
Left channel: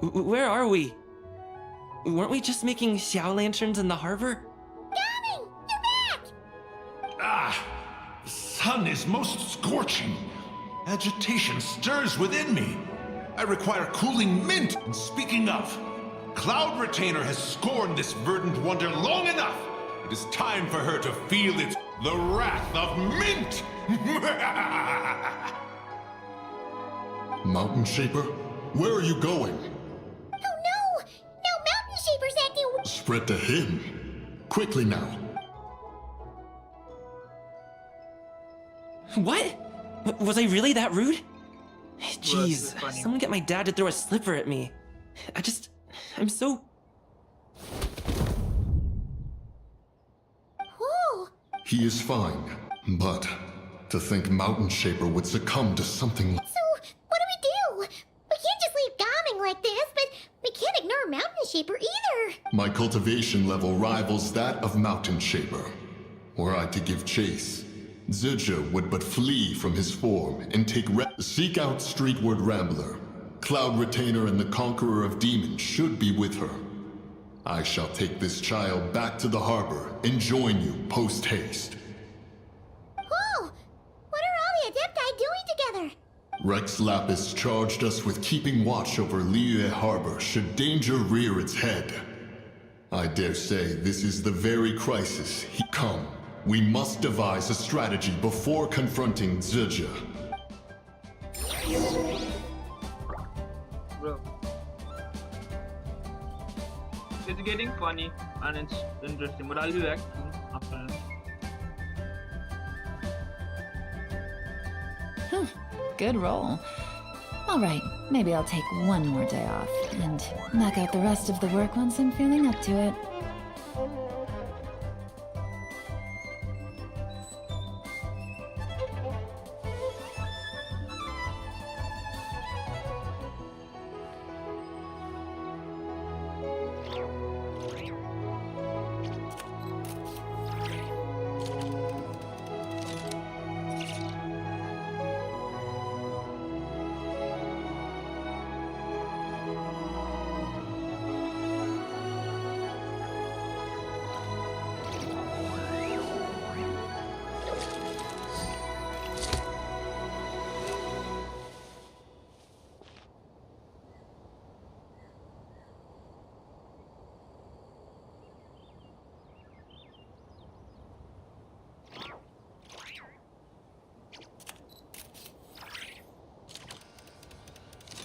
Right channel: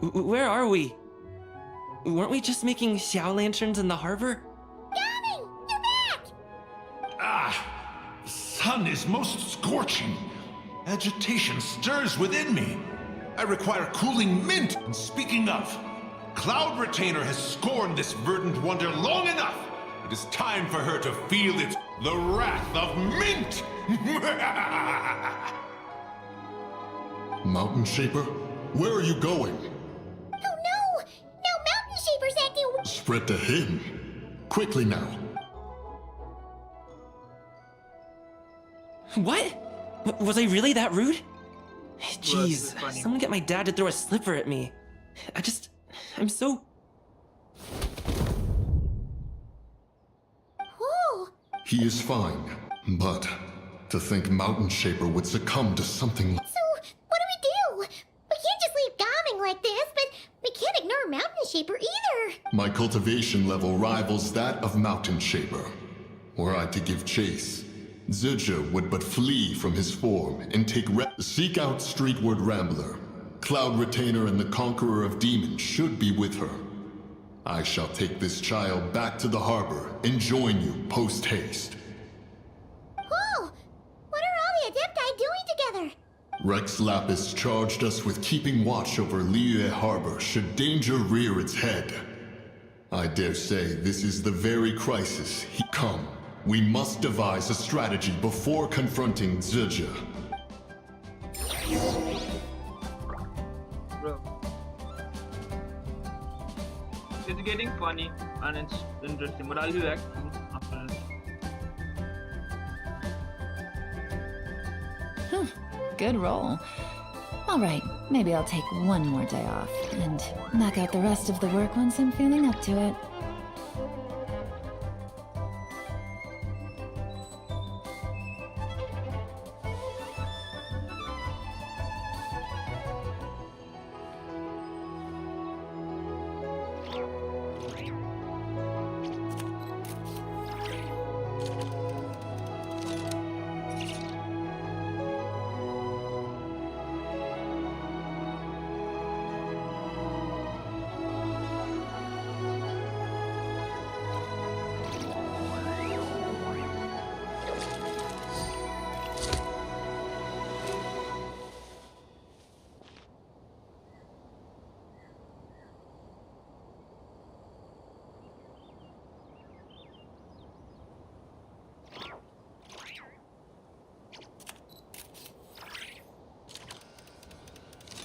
Where are we? Weren't we just making Xiao lanterns in the harbor? Gaming! You're back! Ah! The sun is most scorching. Agitation stirs within me. I require cooling mint. And speaking of, Cloud Retainer has scorned this verdant wonder long enough. It is time for her to feel the wrath of mint. Mountain Shaper, where are you going? Oh no! Now Mountain Shaper's acting. Spread to him. Quickly now. What? Was I really that rude? Jeez, someone get my dad to throw a slipper at me. I'm so... Oh! He is fine, but to think Mountain Shaper would succumb to something like... So, what do? We can't just leave Gaming like this, but we can't ignore Mountain Shaper either. My cultivation level rivals that of Mountain Shaper. Were I to give chase, Zidja would but flee from his form and seek out Streetward Rambler. Cloud Retainer and the Conqueror of Demons should be with her. I shall take this child back to the harbor and join you post-haste. Oh! What are all the Adepti doing together? Rex Lapis charged us with keeping watch over Liyue Harbor should danger rear its head. I dare say this is the very crisis he come. We must devise a strategy before confronting Zidja. Bro. It's getting funny and it's interesting, but I'll be back soon after this. Good roll. Alright, maybe I'll take one more day off and knock out the rest of the work once I'm feeling up to it.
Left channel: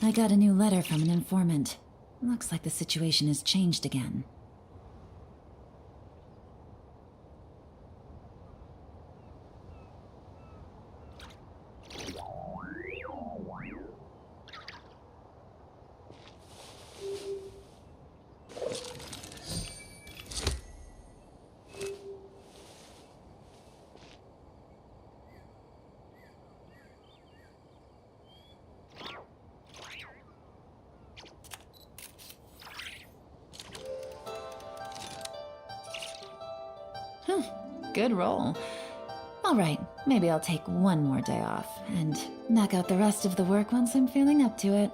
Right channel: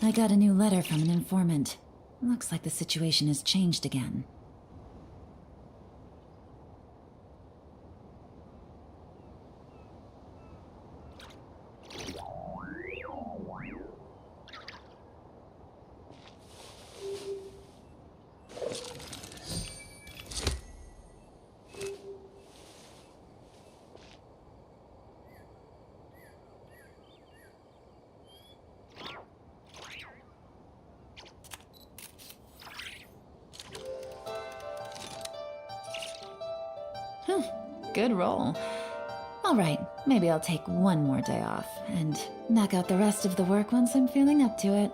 I got a new letter from an informant. Looks like the situation has changed again. Good roll. Alright, maybe I'll take one more day off and knock out the rest of the work once I'm feeling up to it.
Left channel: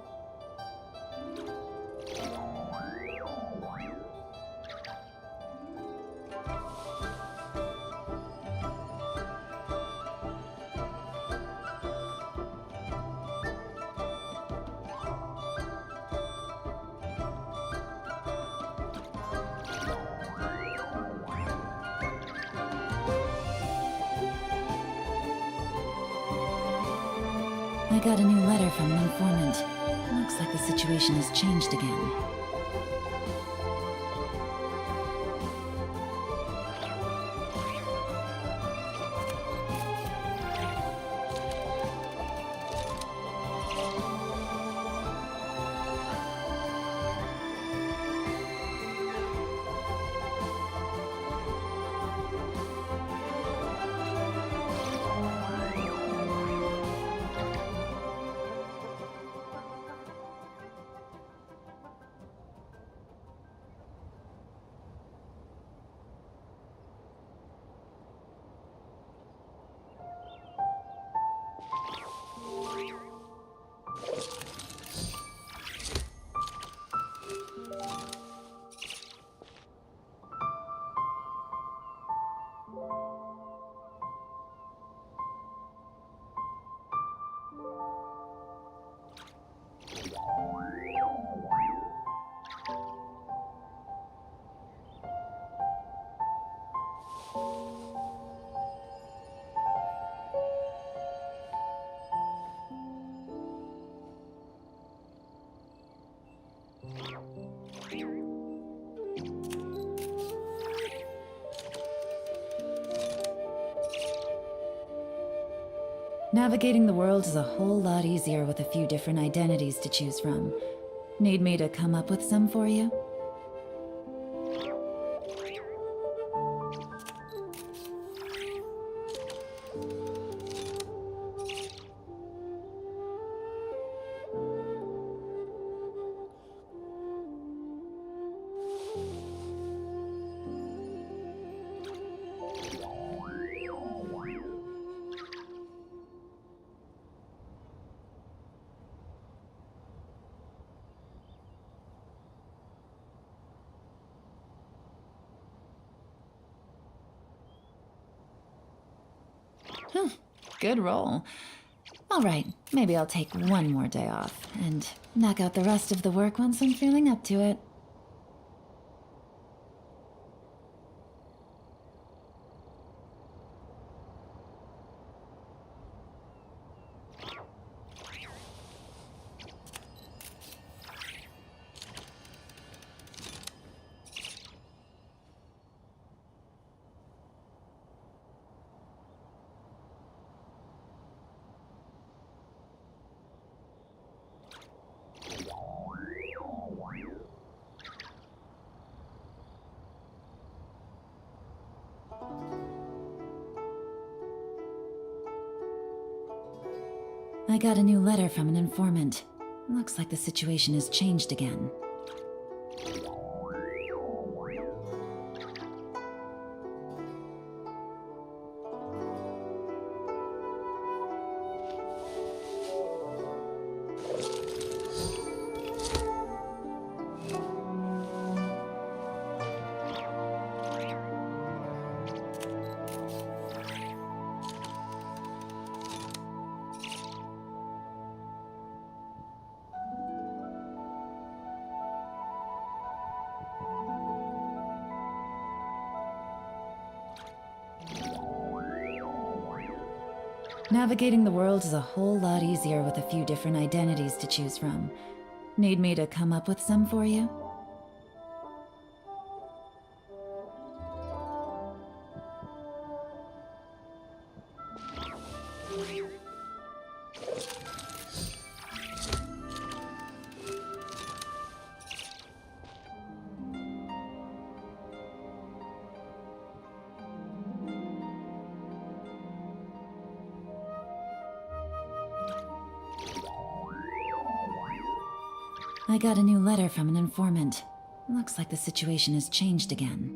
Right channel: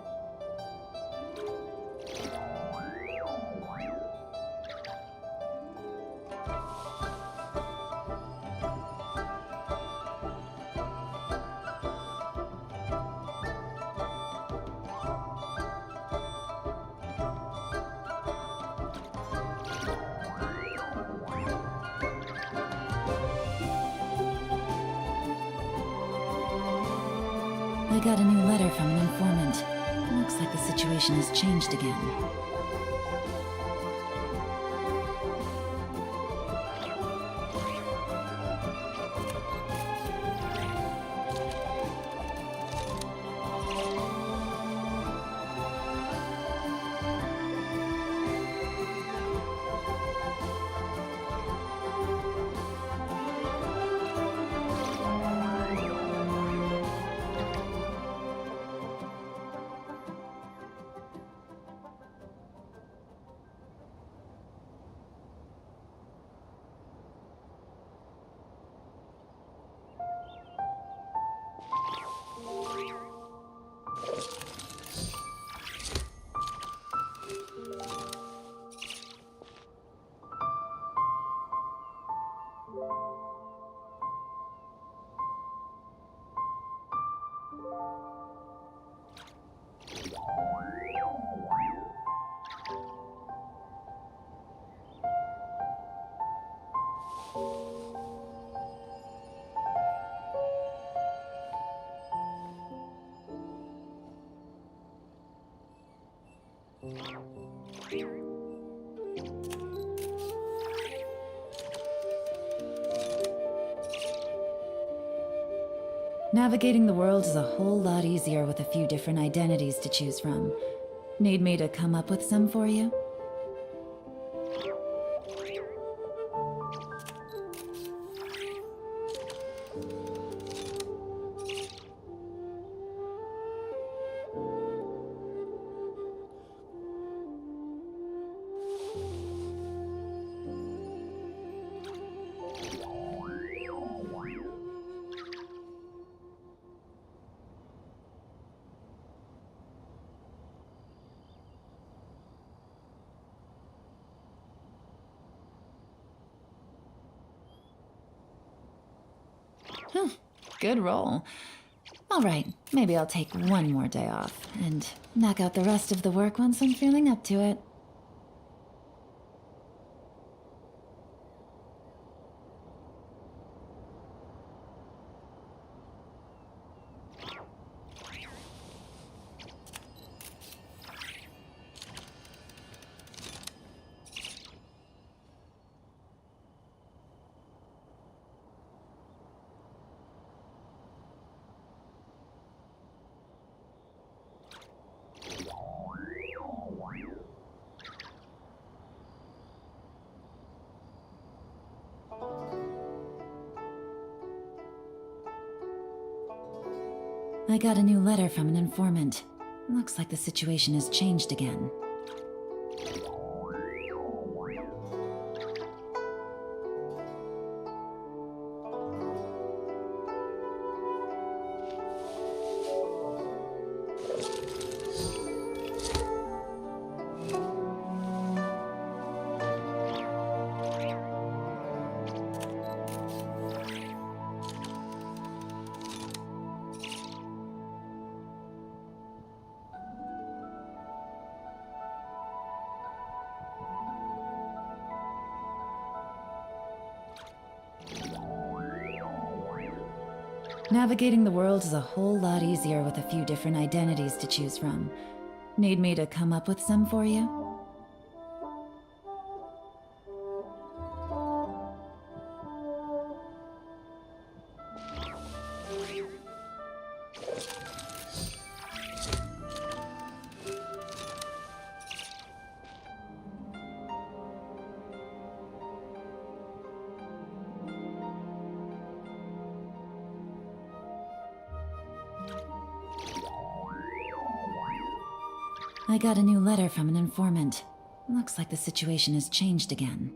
I got a new letter from an informant. Looks like the situation has changed again. Navigating the world is a whole lot easier with a few different identities to choose from. Need me to come up with some for you? Good roll. All right, maybe I'll take one more day off and knock out the rest of the work once I'm feeling up to it. I got a new letter from an informant. Looks like the situation has changed again. Navigating the world is a whole lot easier with a few different identities to choose from. Need me to come up with some for you? I got a new letter from an informant. Looks like the situation has changed again.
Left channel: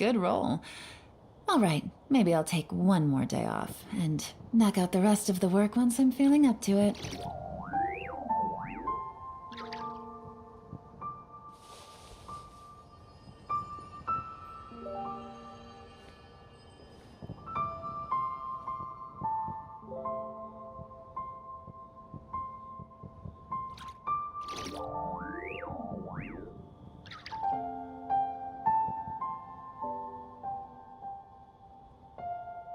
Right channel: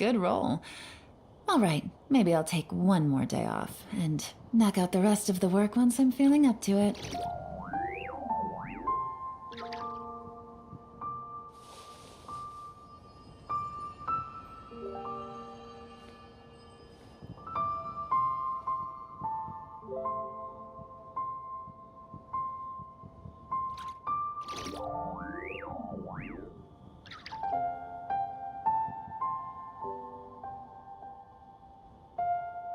Good roll. All right, maybe I'll take one more day off and knock out the rest of the work once I'm feeling up to it.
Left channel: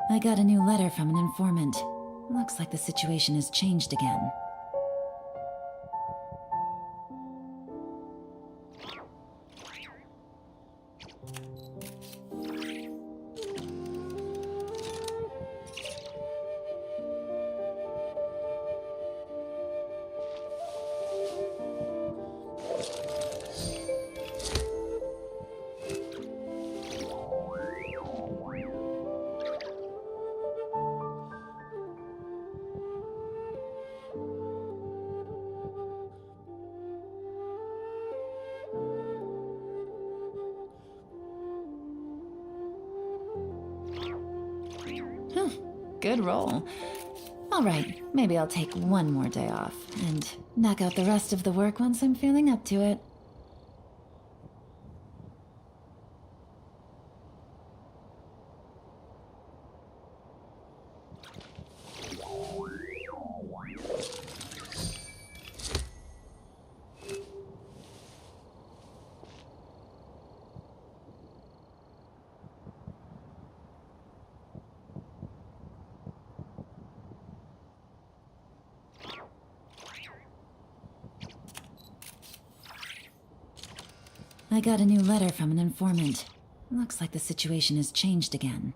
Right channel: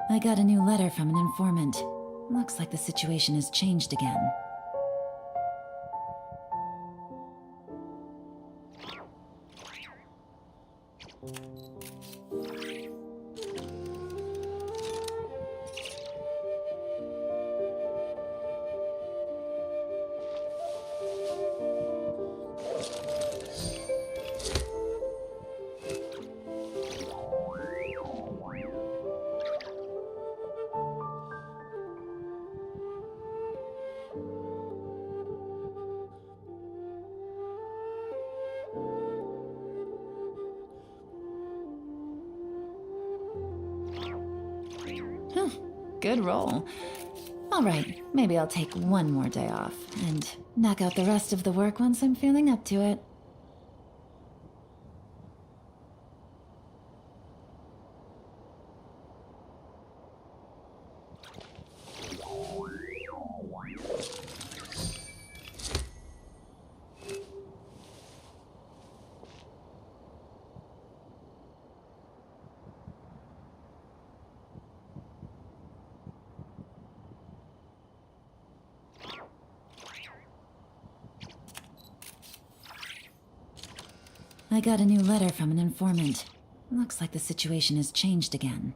I got a new letter from an informant. Looks like the situation has changed again. Good roll. All right, maybe I'll take one more day off and knock out the rest of the work once I'm feeling up to it. I got a new letter from an informant. Looks like the situation has changed again.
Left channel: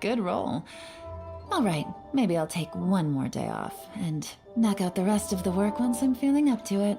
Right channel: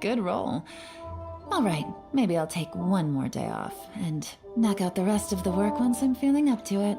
Good roll. All right, maybe I'll take one more day off and knock out the rest of the work once I'm feeling up to it.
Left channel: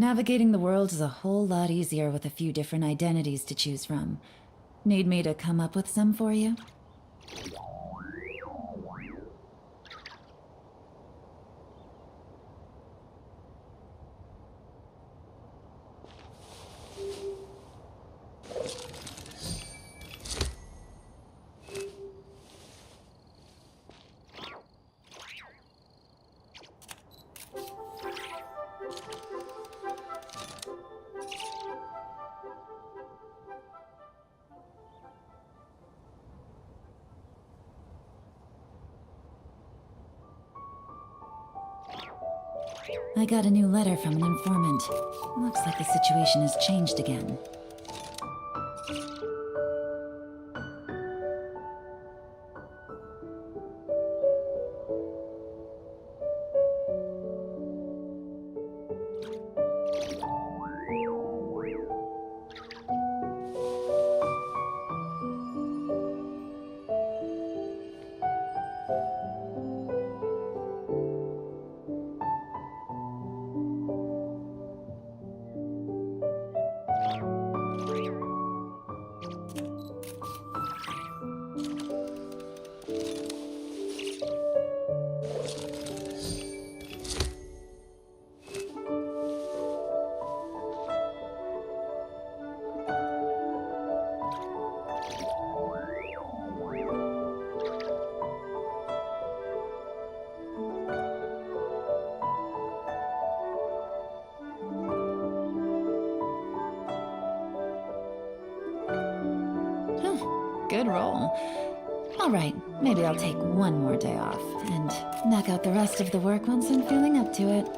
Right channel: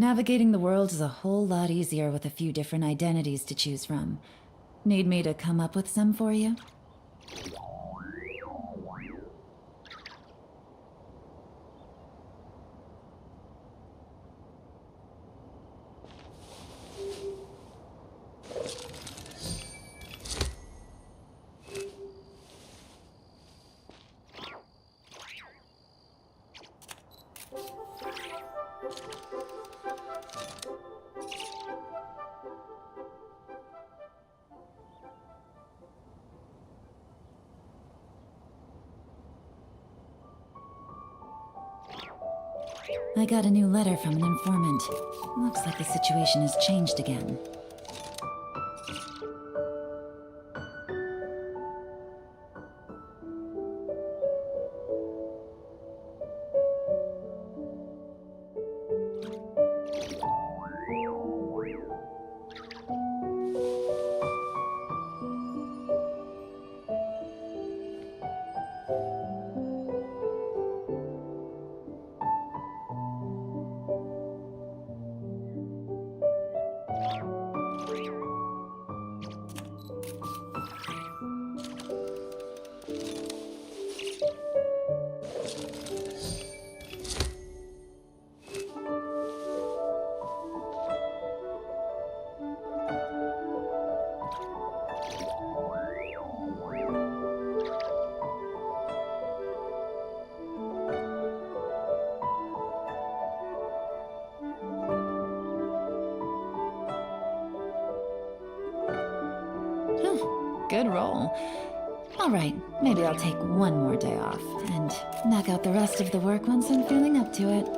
Navigating the world is a whole lot easier with a few different identities to choose from. Need me to come up with some for you? I got a new letter from an informant. Looks like the situation has changed again. Good roll. All right, maybe I'll take one more day off and knock out the rest of the work once I'm feeling up to it.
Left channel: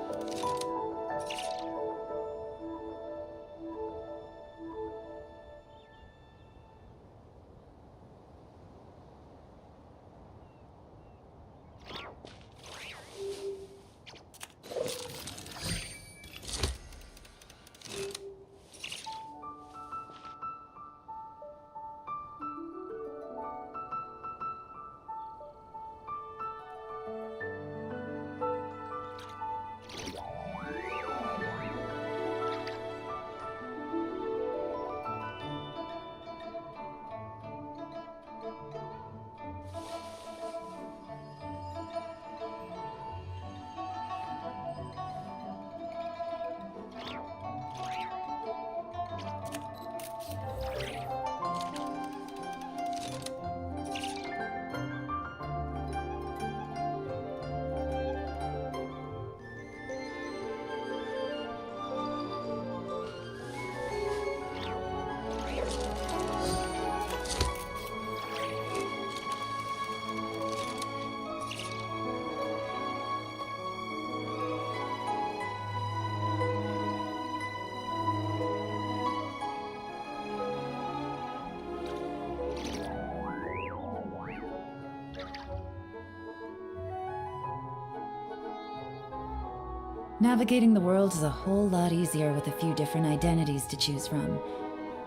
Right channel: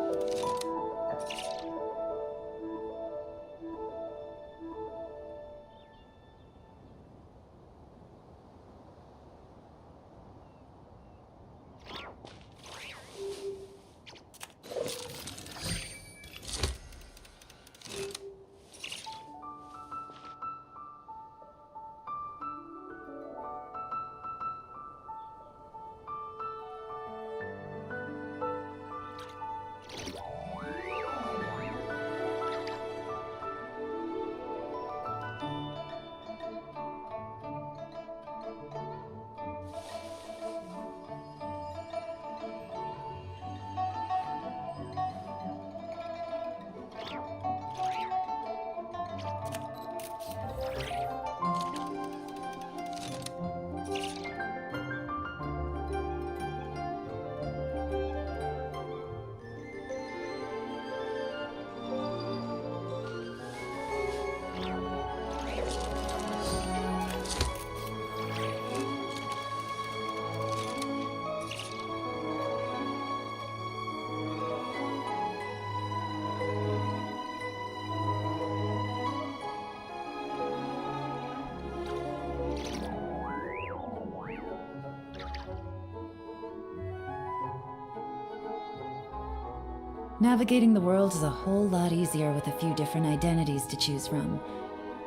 Navigating the world is a whole lot easier with a few different identities to choose from.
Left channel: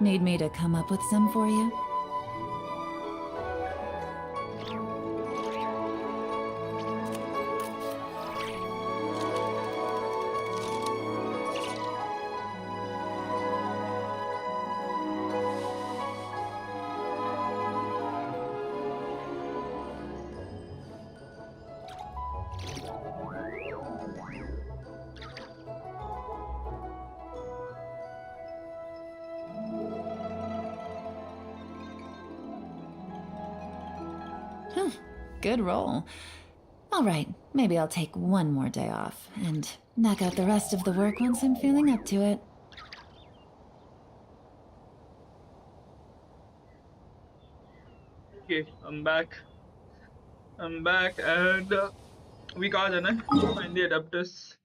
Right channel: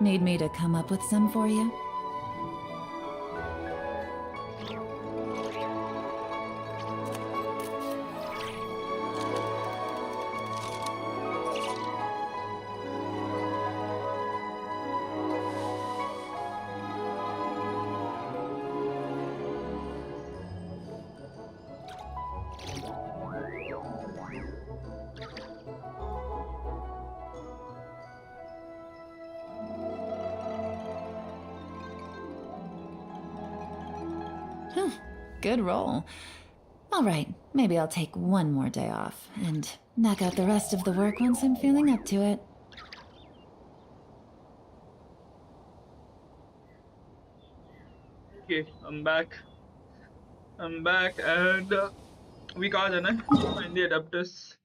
Need me to come up with some for you? Good roll. All right, maybe I'll take one more day off and knock out the rest of the work once I'm feeling up to it. Okay, I'm back. I'm back, and we got find the adapters.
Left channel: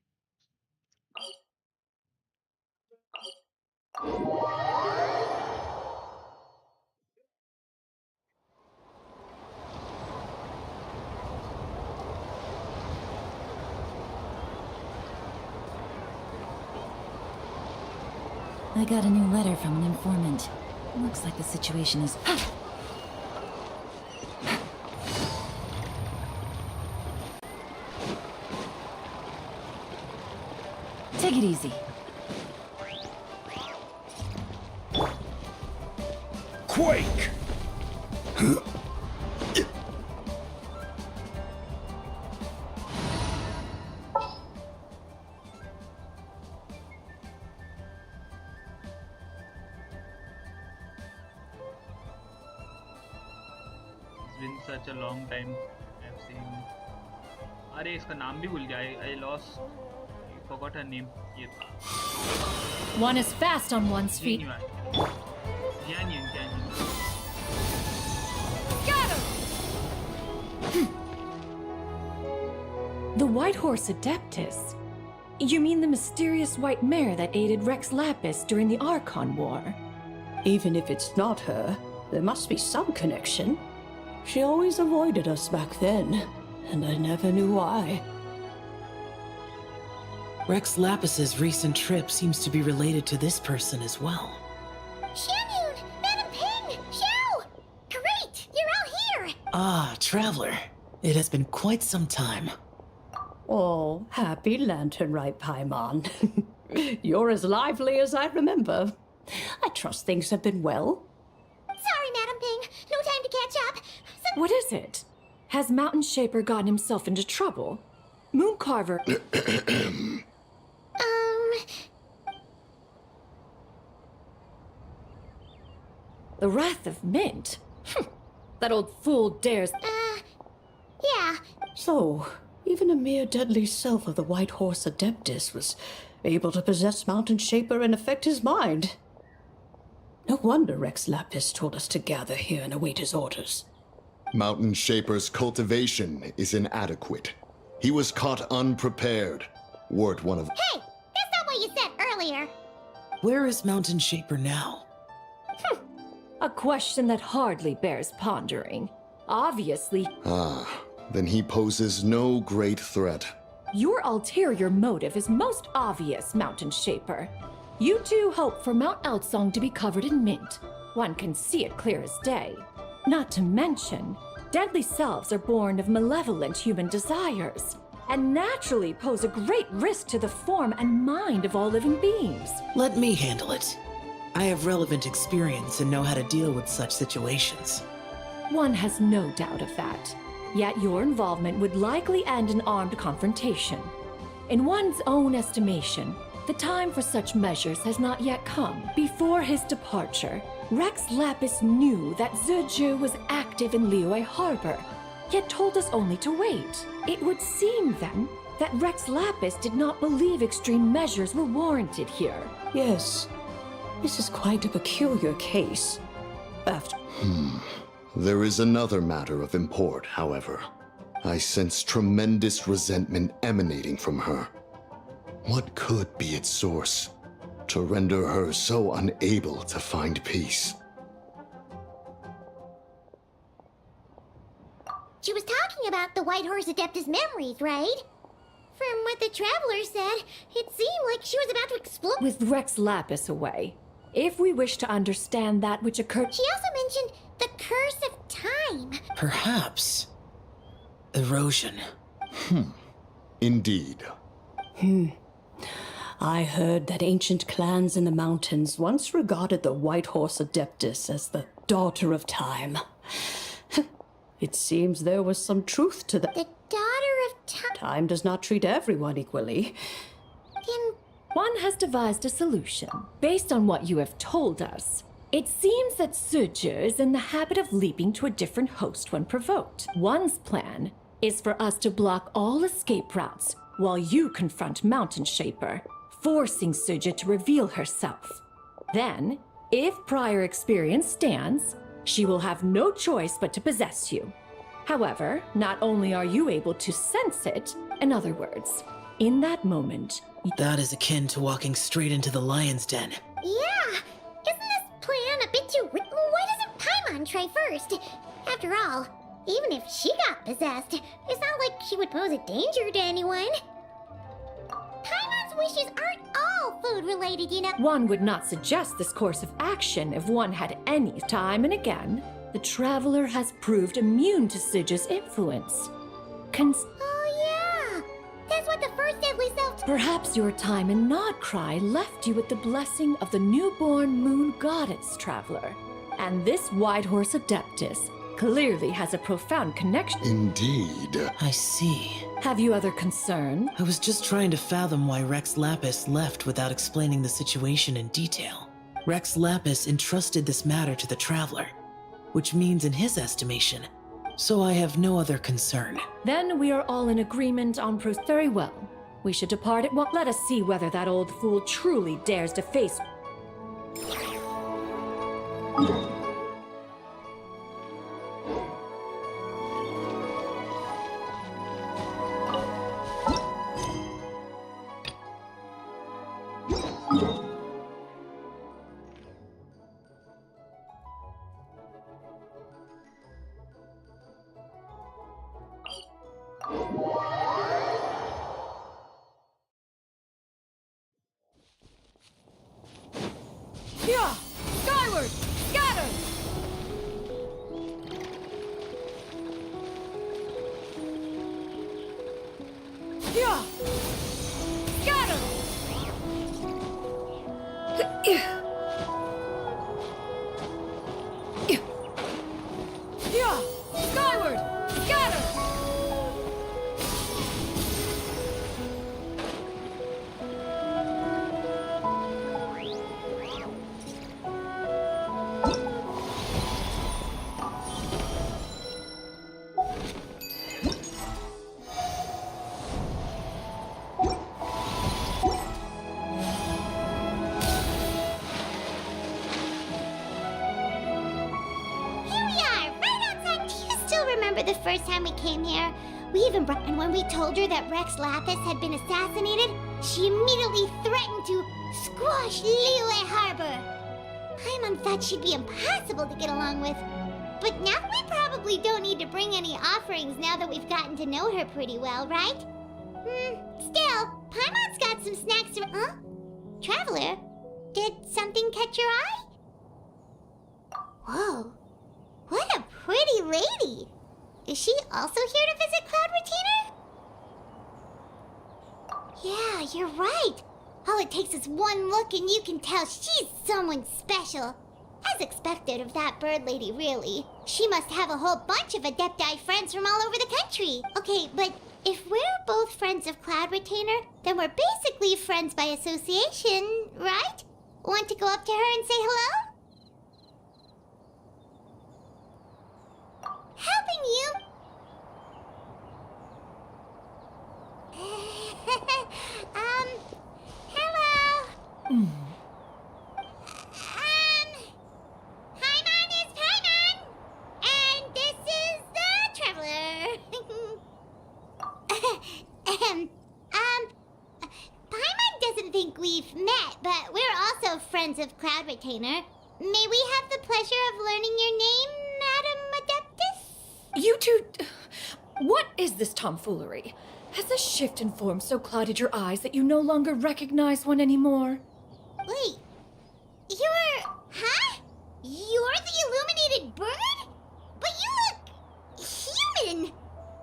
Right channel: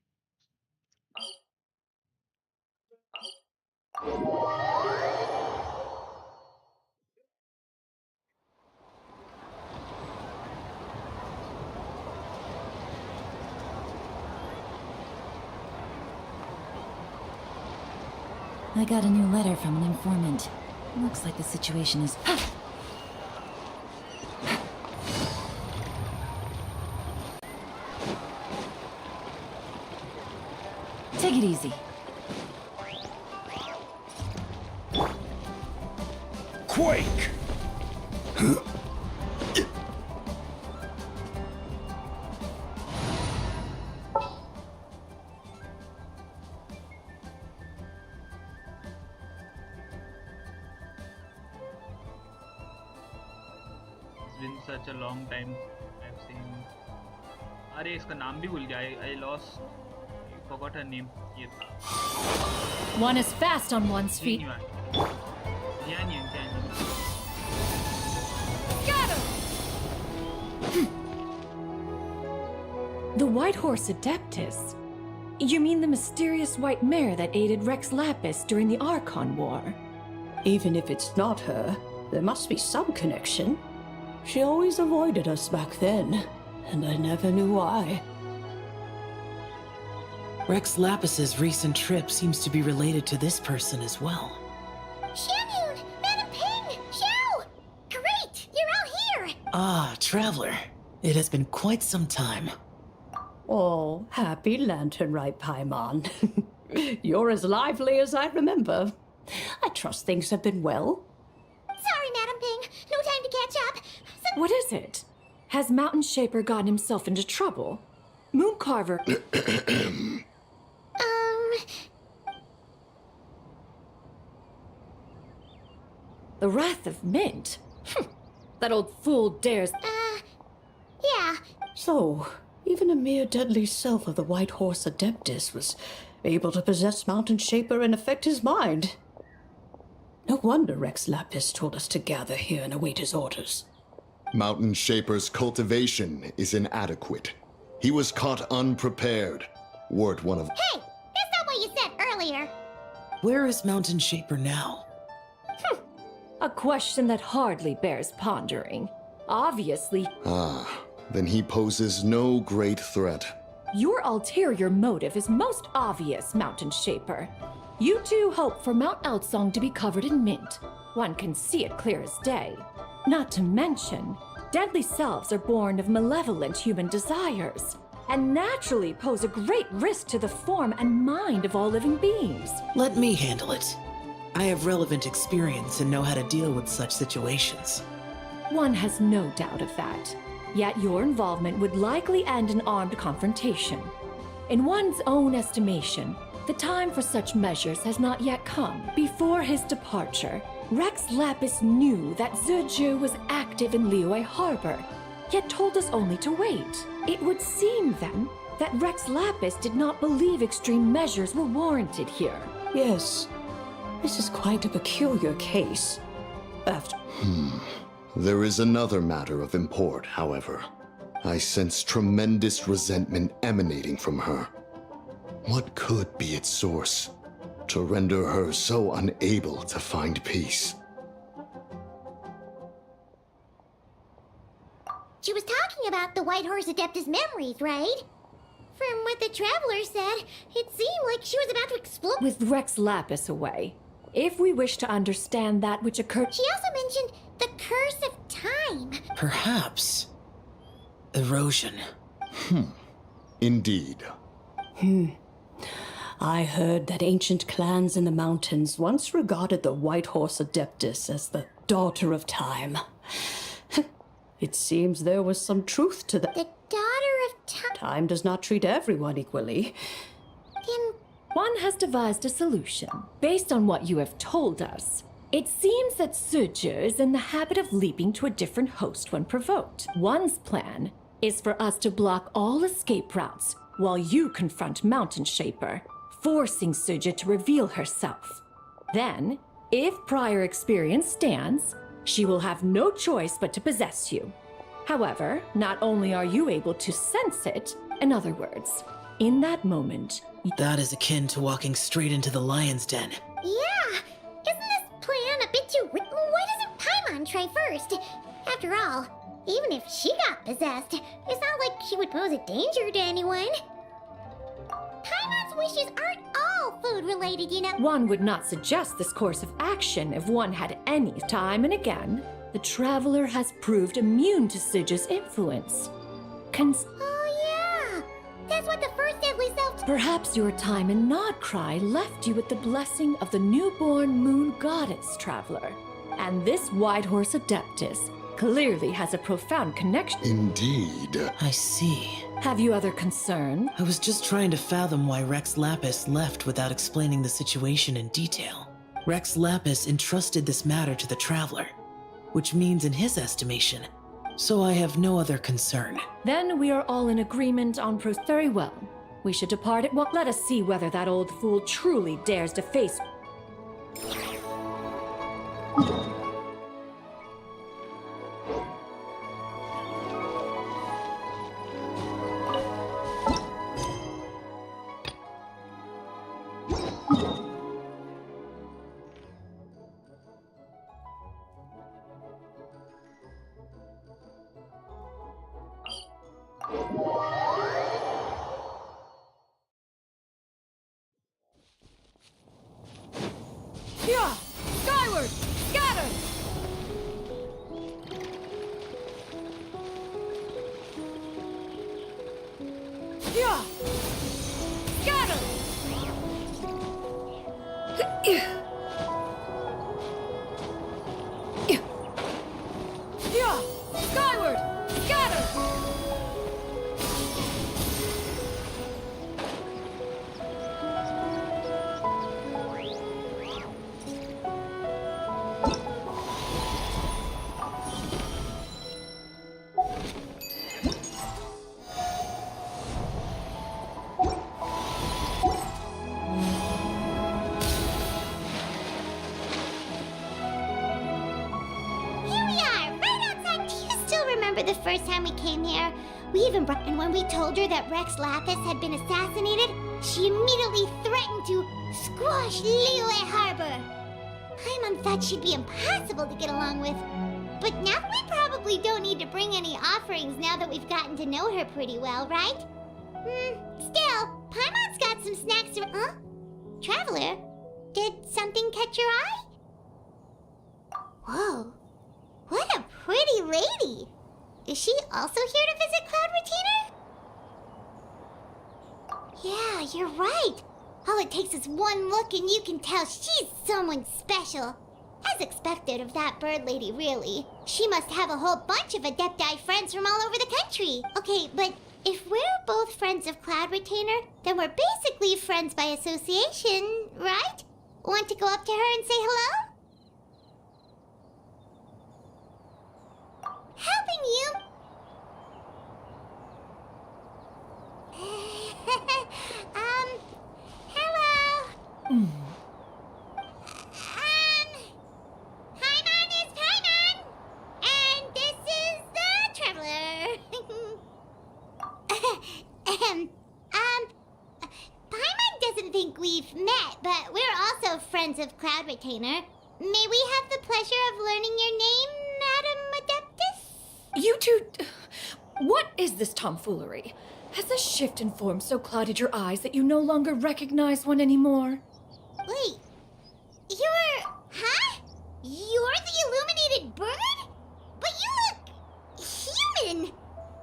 I got a new letter from an informant. Looks like the situation is... Take it easy. quake! It's been such a long time I've seen. अरे इसका नाम भी भूल गया. I lost. I forgot her name. ये था. One is fast on one's feet. Jianyun. Got him! The White Horse Adeptus? You mean the mysterious white mare that aided Rex Lapis during the Archon War? Even if it's not her, there must be some connection. She always avoided us back then, and I never knew why. Rex Lapis's recent trip seems to be related to this person as well. Xianyun! Madam Ping! Xiao! Great! You're all here! Ah, Traveler. It has been quite some time. Oh, happy Lantern Rite, Paimon. You're as lively as I remember. I trust things have been well. Sorry, Madam Ping. No time to catch up. What is it? Has Mountain Shaper gotten himself into trouble? Mooncarver... The Wrath of Mint? That old fool dares... Yeah. So, even a mere deadly self of the White Horse Adeptus was able to possess Mountain Shaper and affect his mind. No wonder Rex Lapis told us to gather here and await his orders. Mountain Shaper's cultivation is inadequate. He was caught unprepared. Word one of... Hey! That's not what you said earlier! Where is Mountain Shaper now? A question that hardly bears pondering. Obviously... Ah, then he poses no great threat. Your ulterior motive is most obvious, Mountain Shaper. You two hope for Mount Outsong to be covered in mint. One can see it clear as day. Not to mention, deadly selves are born of malevolent human desires, and naturally pose a great risk to the form and mind of all living beings. Let me handle it. I have relevant experience and know how to deal with such situations. One has no doubt of that. Yet your involvement would likely end in armed confrontation. In one's own estimation, the time for such measures has not yet come. Before his departure, Rex Lapis knew that Zizhu was active in Liyue Harbor, yet told us only to wait. It would seem, then, that Rex Lapis did not believe extreme measures were warranted here. Yes, this is quite a peculiar case. There is another matter of import, however. I sense tremendous resentment emanating from her. What could be its source to render her so unable to find peace? She was talking about the White Horse Adeptus memories, right? From what the Traveler said, it seemed like she was about to explode. With Rex Lapis away, if we wish to understand that which occurred... She also mentioned the curse of time. Perhaps. Erosion. Indeed. I heard that ancient clans in the mountains once regarded the White Horse Adeptus as the daughter of time. It seems there was some truth to that. The daughter of time. Time does not treat everyone equally. Then one has devised a solution. Based on what you have told us, it seems that Zizhu is in the habit of leaping to a different host when provoked. One's plan is for us to block all escape routes while you confront Mountain Shaper, forcing Zizhu to reveal herself. Then, if prior experience stands, she will have no choice but to possess you. However, not only are you able to sense it, in other words, in that moment... That is akin to walking straight into the lion's den. Yeah! Isn't this plan a bit too... Why doesn't Paimon try first? After all, even if she got possessed, it's not like she would pose a danger to anyone. Paimon's wishes aren't all food-related, you know. One would not suggest this course of action if one had any. Time and again, the Traveler has proved immune to Zizhu's influence. Oh yeah! That's what the first deadly self... Perhaps your time in Nodcry left you with the blessing of the newborn moon goddess, Traveler. And this Whitehorse Adeptus clearly has a profound connection. Indeed. I see. Have you other concerns? I was just trying to fathom why Rex Lapis left without explaining the situation in detail. Rex Lapis entrusted this matter to the Traveler, which means in his estimation, so I have no other concern. Then we are all in agreement on very well. We should depart at once. Let us see whether that old fool truly dares to face... Yeah! Skyward! Scatter! Yeah! Scatter! Yeah! Skyward! Scatter! The first time we came here, we even brought... And when we told her that Rex Lapis had been assassinated, she immediately threatened to squash Liyue Harbor. Paimon thought she'd be impossible to get along with. But now we probably don't need to bring any offerings now that we've gotten to know her pretty well, right? Still, Paimon's got some snacks to... Huh? Traveler, did something catch your eye? Whoa, what a pretty lady! Is she also here to visit Cloud Retainer? Yeah, you're right. All it takes is one look and you can tell she's someone special. As expected of that bird lady, really. She must have a whole bunch of Adepti friends from all over the country. Okay, but if we're both friends of Cloud Retainer, then we're basically friends by association, right? Want to go up to her and say hello? Helping you. Hello. Paimon is Paimon, and this is the Traveler. Paimon doesn't think we've met, but we're also friends of Cloud Retainer. May we have the pleasure of learning your name, Madam Adeptus? You two... What is this tomfoolery? Has this shift in form so clouded your eyes that you no longer recognize one anymore? Wait, you're... Huh? You're the illuminated bird? But you look... human!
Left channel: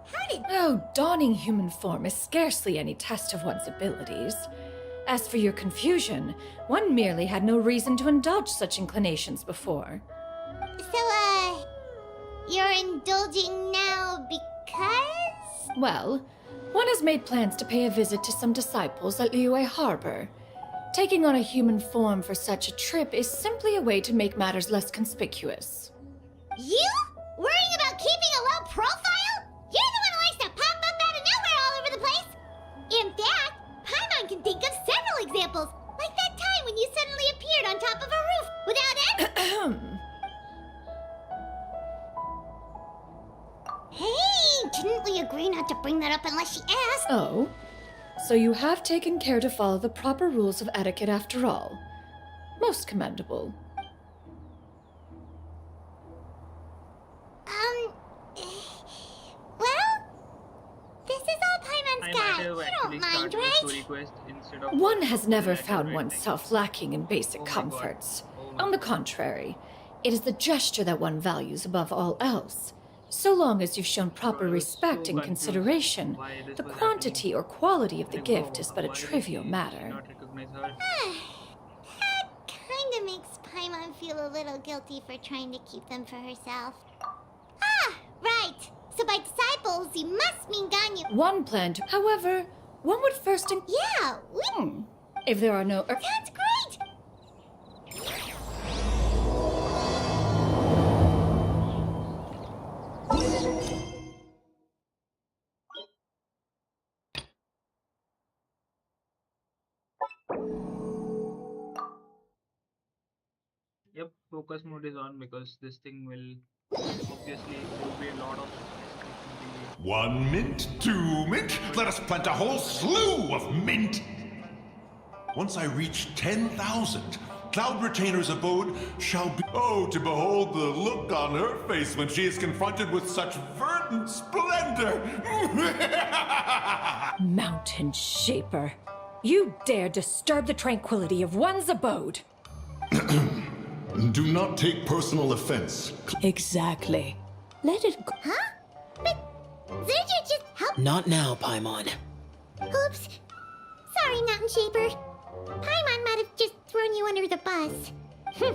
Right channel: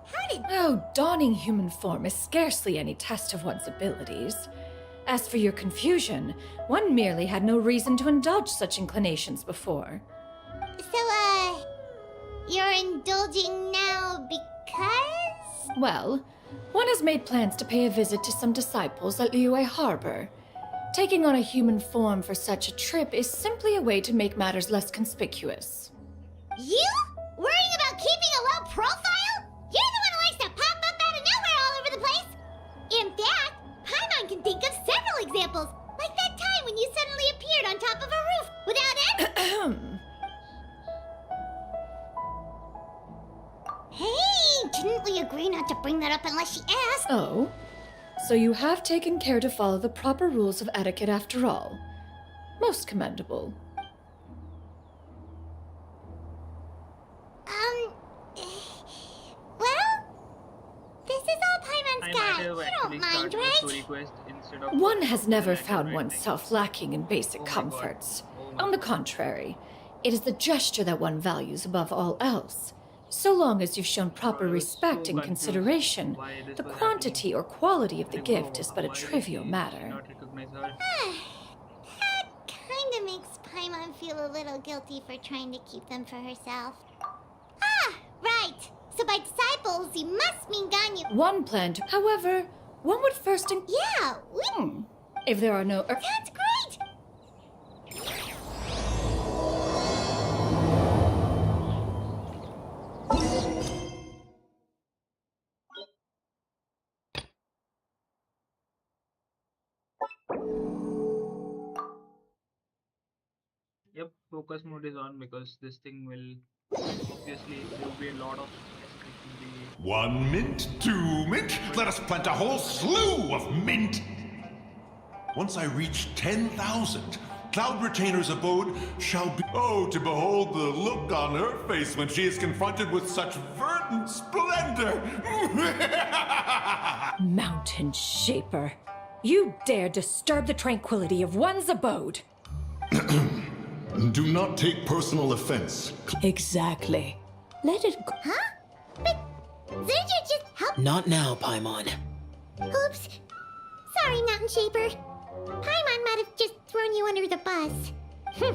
How did... Oh, donning human form is scarcely any test of one's abilities. As for your confusion, one merely had no reason to indulge such inclinations before. So, you're indulging now because? Well, one has made plans to pay a visit to some disciples at Liyue Harbor. Taking on a human form for such a trip is simply a way to make matters less conspicuous. You? Worrying about keeping a low profile? You're the one who likes to pop up out of nowhere all over the place! In fact, Paimon can think of several examples, like that time when you suddenly appeared on top of a roof without any... Hey, didn't we agree not to bring that up unless she asked? Oh? So you have taken care to follow the proper rules of etiquette after all. Most commendable. Well, this is all Paimon's got. You don't mind, right? One has never found oneself lacking in basic comforts. On the contrary, it is the gesture that one values above all else. So long as you've shown proper respect and consideration, the quantity or quality of the gift is but a trivial matter. That kinda makes Paimon feel a little guilty for trying to keep them for herself. Ah, right. So by disciples, you must mean Ganyu. One planned. However, one would first. Yeah, If there are no. That's great. Yep, focus mode is on because this thing will obviously there will be a lot of escalation. 1 mint, 2 mint, let us plant a whole slew of mint! Once I reach 10,000, Cloud Retainer's abode shall be... Oh, to behold the look on her face when she is confronted with such verdant splendor! Mountain Shaper, you dare disturb the tranquility of one's abode. Do not take personal offense. Exactly. Let it go. Huh? But Zerja just helped. Not now, Paimon. Oops. Sorry, Mountain Shaper. Paimon might have just thrown you under the bus.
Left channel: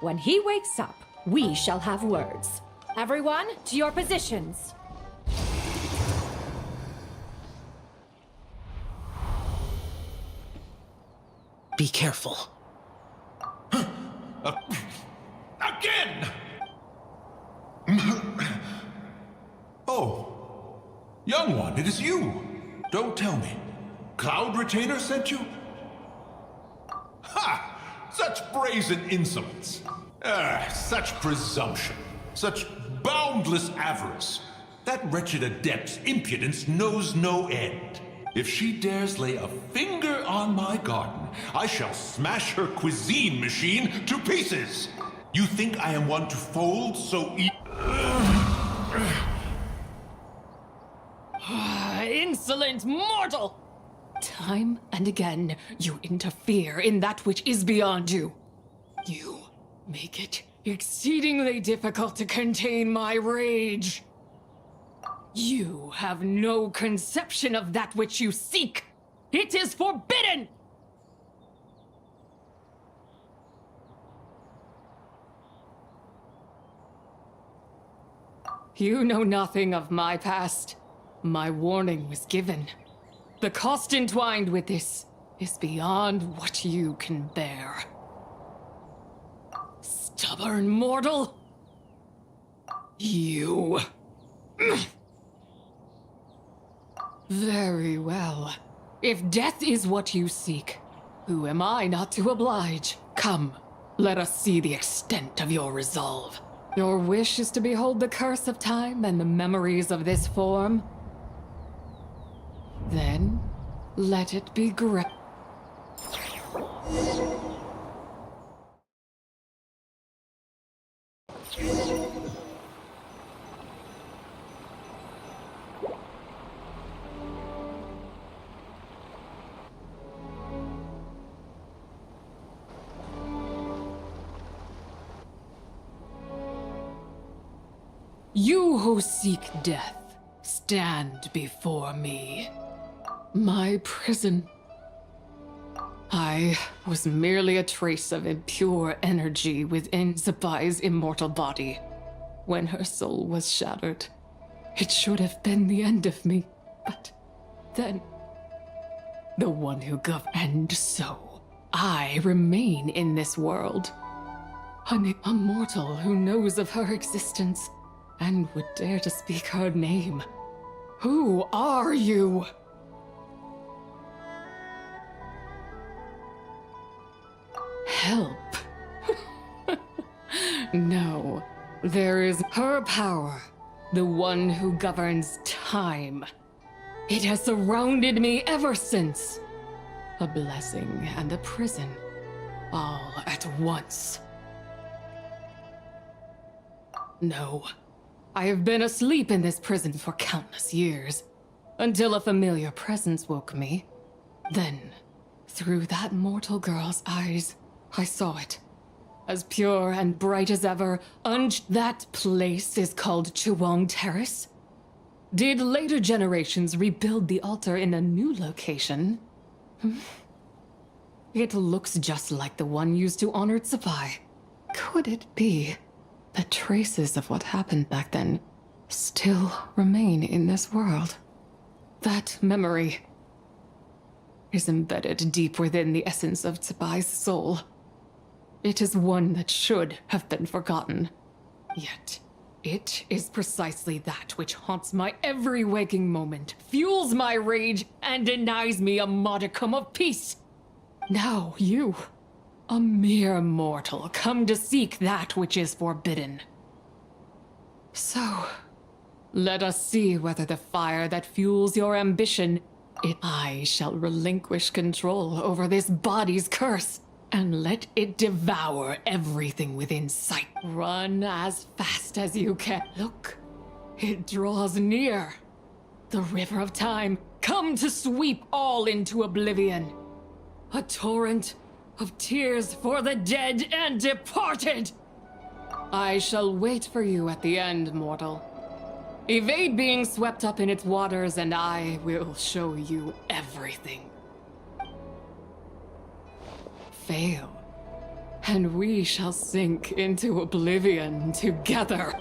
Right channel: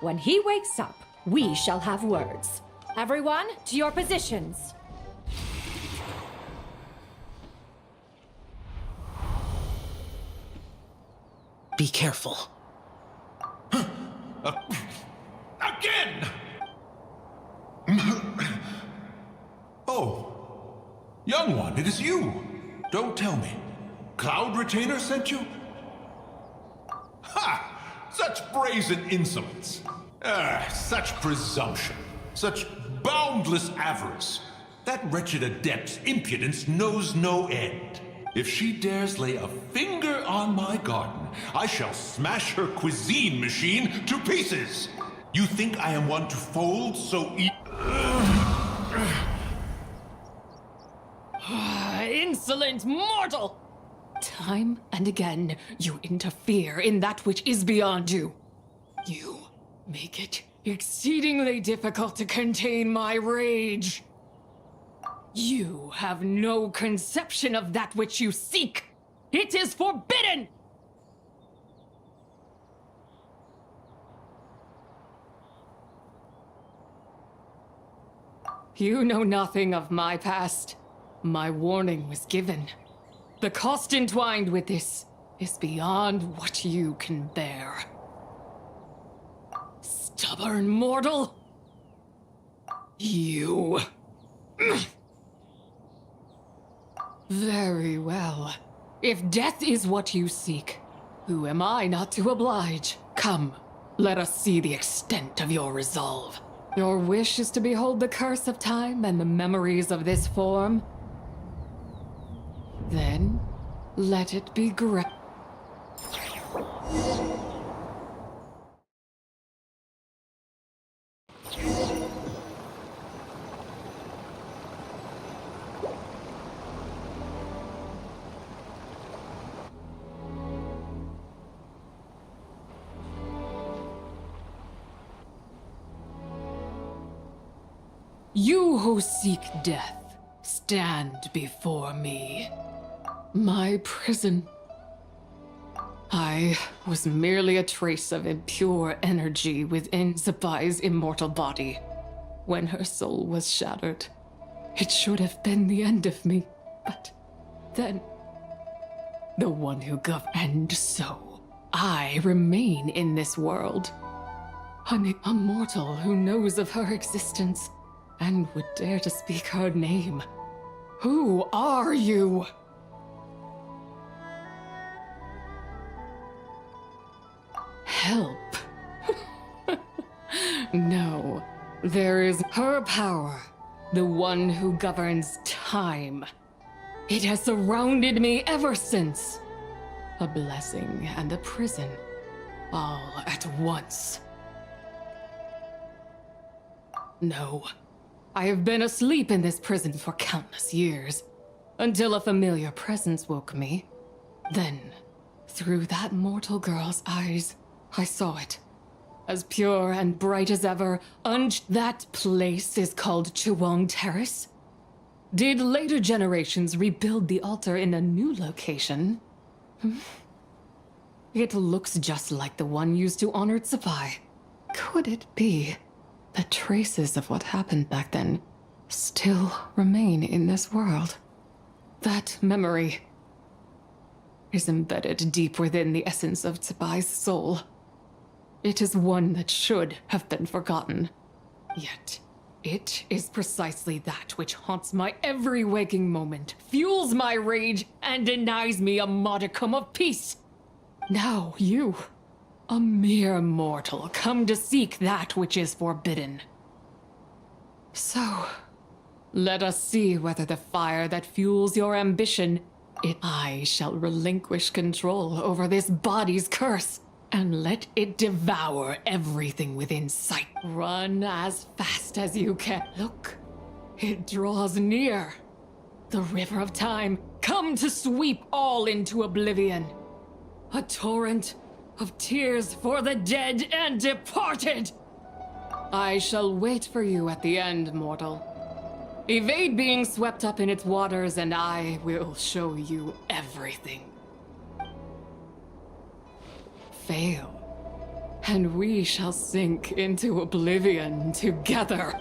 When he wakes up, we shall have words. Everyone, to your positions. Be careful. Again! Oh, young one, it is you. Don't tell me. Cloud Retainer sent you? Ha! Such brazen insolence. Such presumption. Such boundless avarice. That wretched adept's impudence knows no end. If she dares lay a finger on my garden, I shall smash her cuisine machine to pieces. You think I am one to fold so Insolent mortal! Time and again, you interfere in that which is beyond you. You make it exceedingly difficult to contain my rage. You have no conception of that which you seek. It is forbidden! You know nothing of my past. My warning was given. The cost entwined with this is beyond what you can bear. Stubborn mortal! You... Very well. If death is what you seek, who am I not to oblige? Come, let us see the extent of your resolve. Your wish is to behold the curse of time and the memories of this form? Then, let it be granted. You who seek death, stand before me. My prison. I was merely a trace of impure energy within Zapai's immortal body. When her soul was shattered, it should have been the end of me. But then, the one who and so, I remain in this world. A mortal who knows of her existence and would dare to speak her name. Who are you? Help. No, there is her power, the one who governs time. It has surrounded me ever since. A blessing and a prison, all at once. No, I have been asleep in this prison for countless years, until a familiar presence woke me. Then, through that mortal girl's eyes, I saw it. As pure and bright as ever, that place is called Chuang Terrace. Did later generations rebuild the altar in a new location? It looks just like the one used to honor Tsupai. Could it be that traces of what happened back then still remain in this world? That memory is embedded deep within the essence of Tsubai's soul. It is one that should have been forgotten. Yet, it is precisely that which haunts my every waking moment, fuels my rage, and denies me a modicum of peace. Now you, a mere mortal, come to seek that which is forbidden. So, let us see whether the fire that fuels your ambition, I shall relinquish control over this body's curse, and let it devour everything within sight. Run as fast as you can. Look, it draws near. The river of time, come to sweep all into oblivion. A torrent of tears for the dead and departed. I shall wait for you at the end, mortal. Evade being swept up in its waters, and I will show you everything. Fail, and we shall sink into oblivion together.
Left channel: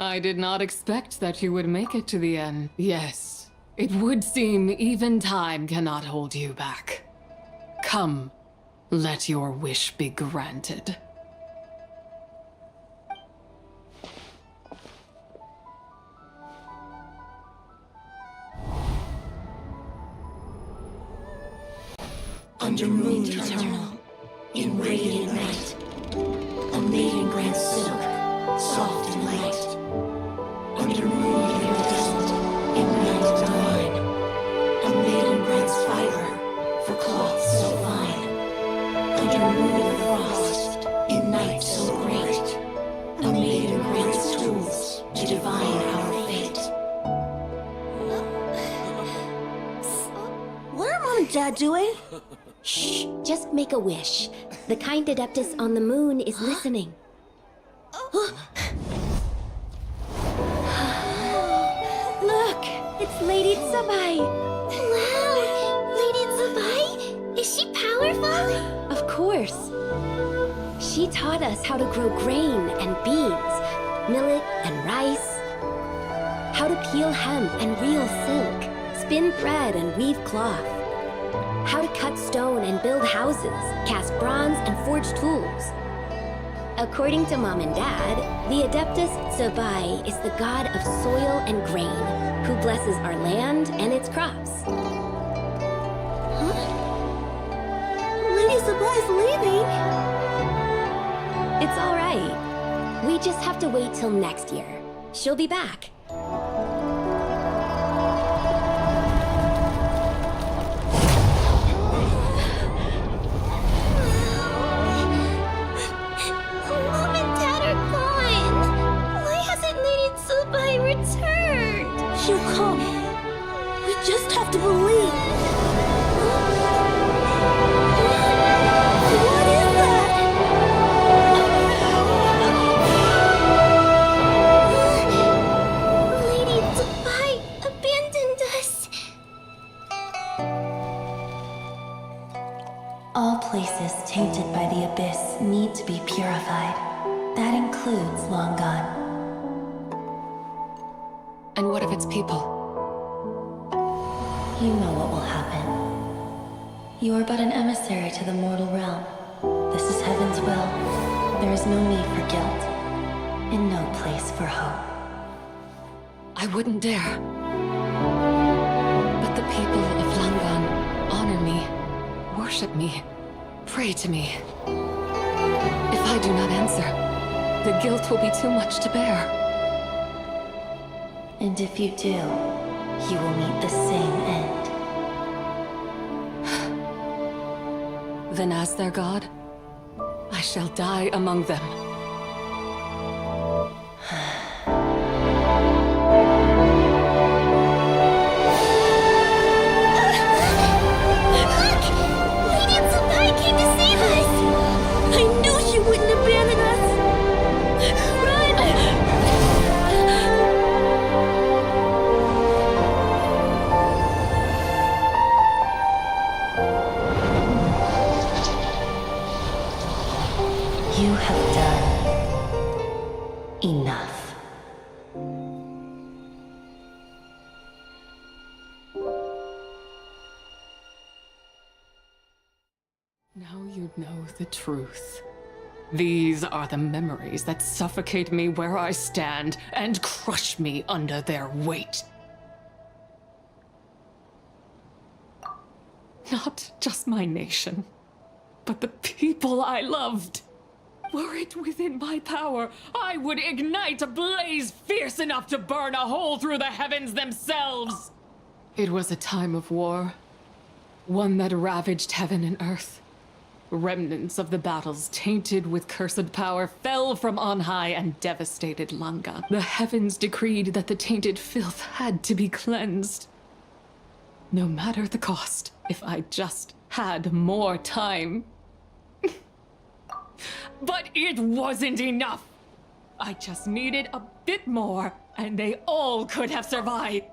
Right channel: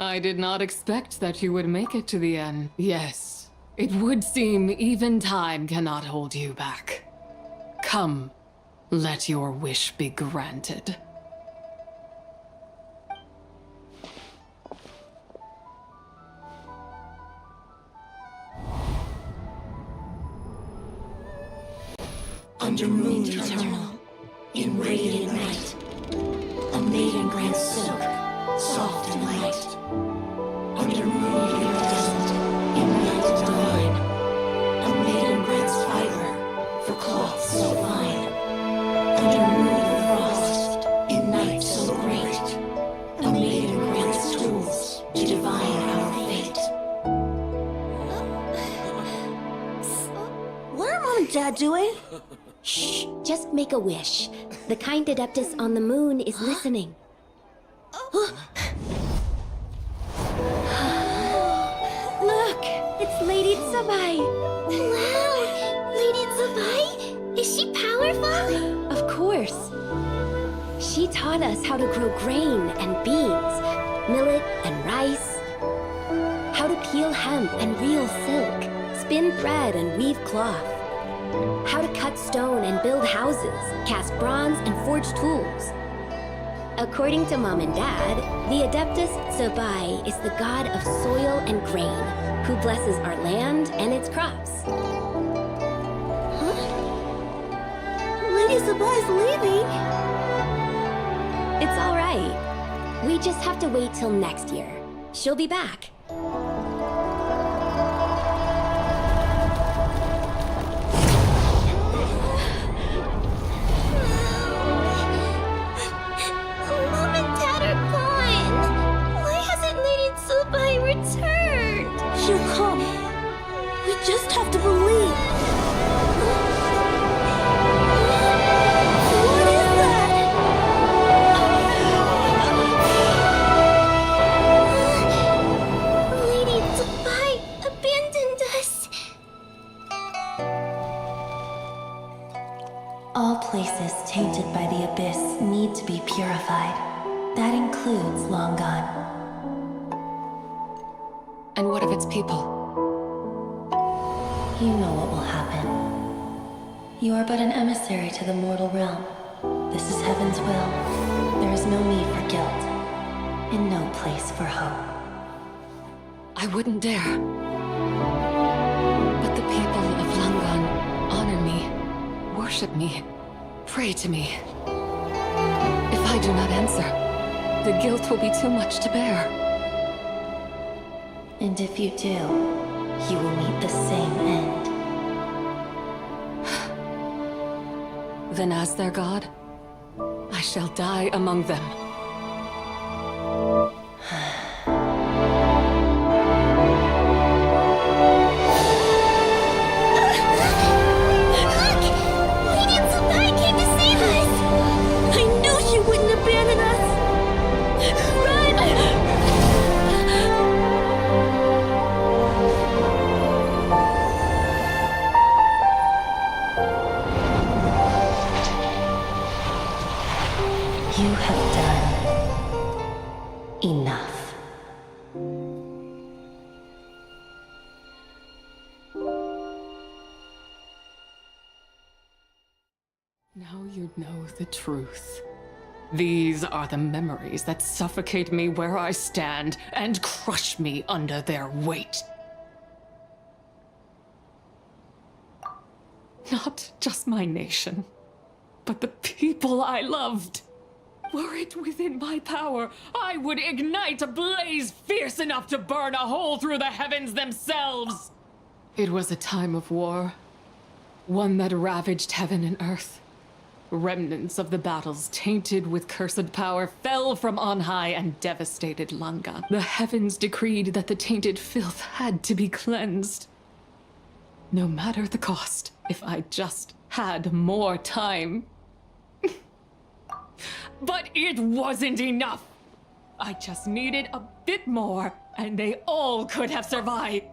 I did not expect that you would make it to the end. Yes, it would seem even time cannot hold you back. Come, let your wish be granted. Under moon eternal, in radiant night, a maiden grants silk, soft and light. Under moon iridescent, in night divine, a maiden grants fiber for cloth so fine. Under moon of frost, in night so great, a maiden grants tools to divine our fate. What are Mom and Dad doing? Shh, just make a wish. The kind Adeptus on the moon is listening. Look, it's Lady Tsubai. Wow! Lady Tsubai? Is she powerful? Of course. She taught us how to grow grain and beans, millet and rice, how to peel hemp and reel silk, spin thread and weave cloth, how to cut stone and build houses, cast bronze and forge tools. According to Mom and Dad, the Adeptus Tsubai is the god of soil and grain, who blesses our land and its crops. Huh? Lady Tsubai's leaving. It's all right. We just have to wait till next year. She'll be back. Mom and Dad are gone. Why hasn't Lady Tsubai returned? She'll come. We just have to believe. What is that? All places tainted by the abyss need to be purified. That includes Long Gone. And what of its people? You know what will happen. You are but an emissary to the mortal realm. This is Heaven's will. There is no need for guilt, and no place for hope. I wouldn't dare. But the people of Langan honor me, worship me, pray to me. If I do not answer, the guilt will be too much to bear. And if you do, you will meet the same end. Then as their god, I shall die among them. I knew she wouldn't abandon us! Run! You have done enough. Now you know the truth. These are the memories that suffocate me where I stand and crush me under their weight. Not just my nation, but the people I loved. Were it within my power, I would ignite a blaze fierce enough to burn a hole through the heavens themselves. It was a time of war, one that ravaged heaven and earth. Remnants of the battles, tainted with cursed power, fell from on high and devastated Langan. The heavens decreed that the tainted filth had to be cleansed. No matter the cost, if I just had more time. But it wasn't enough! I just needed a bit more, and they all could have survived.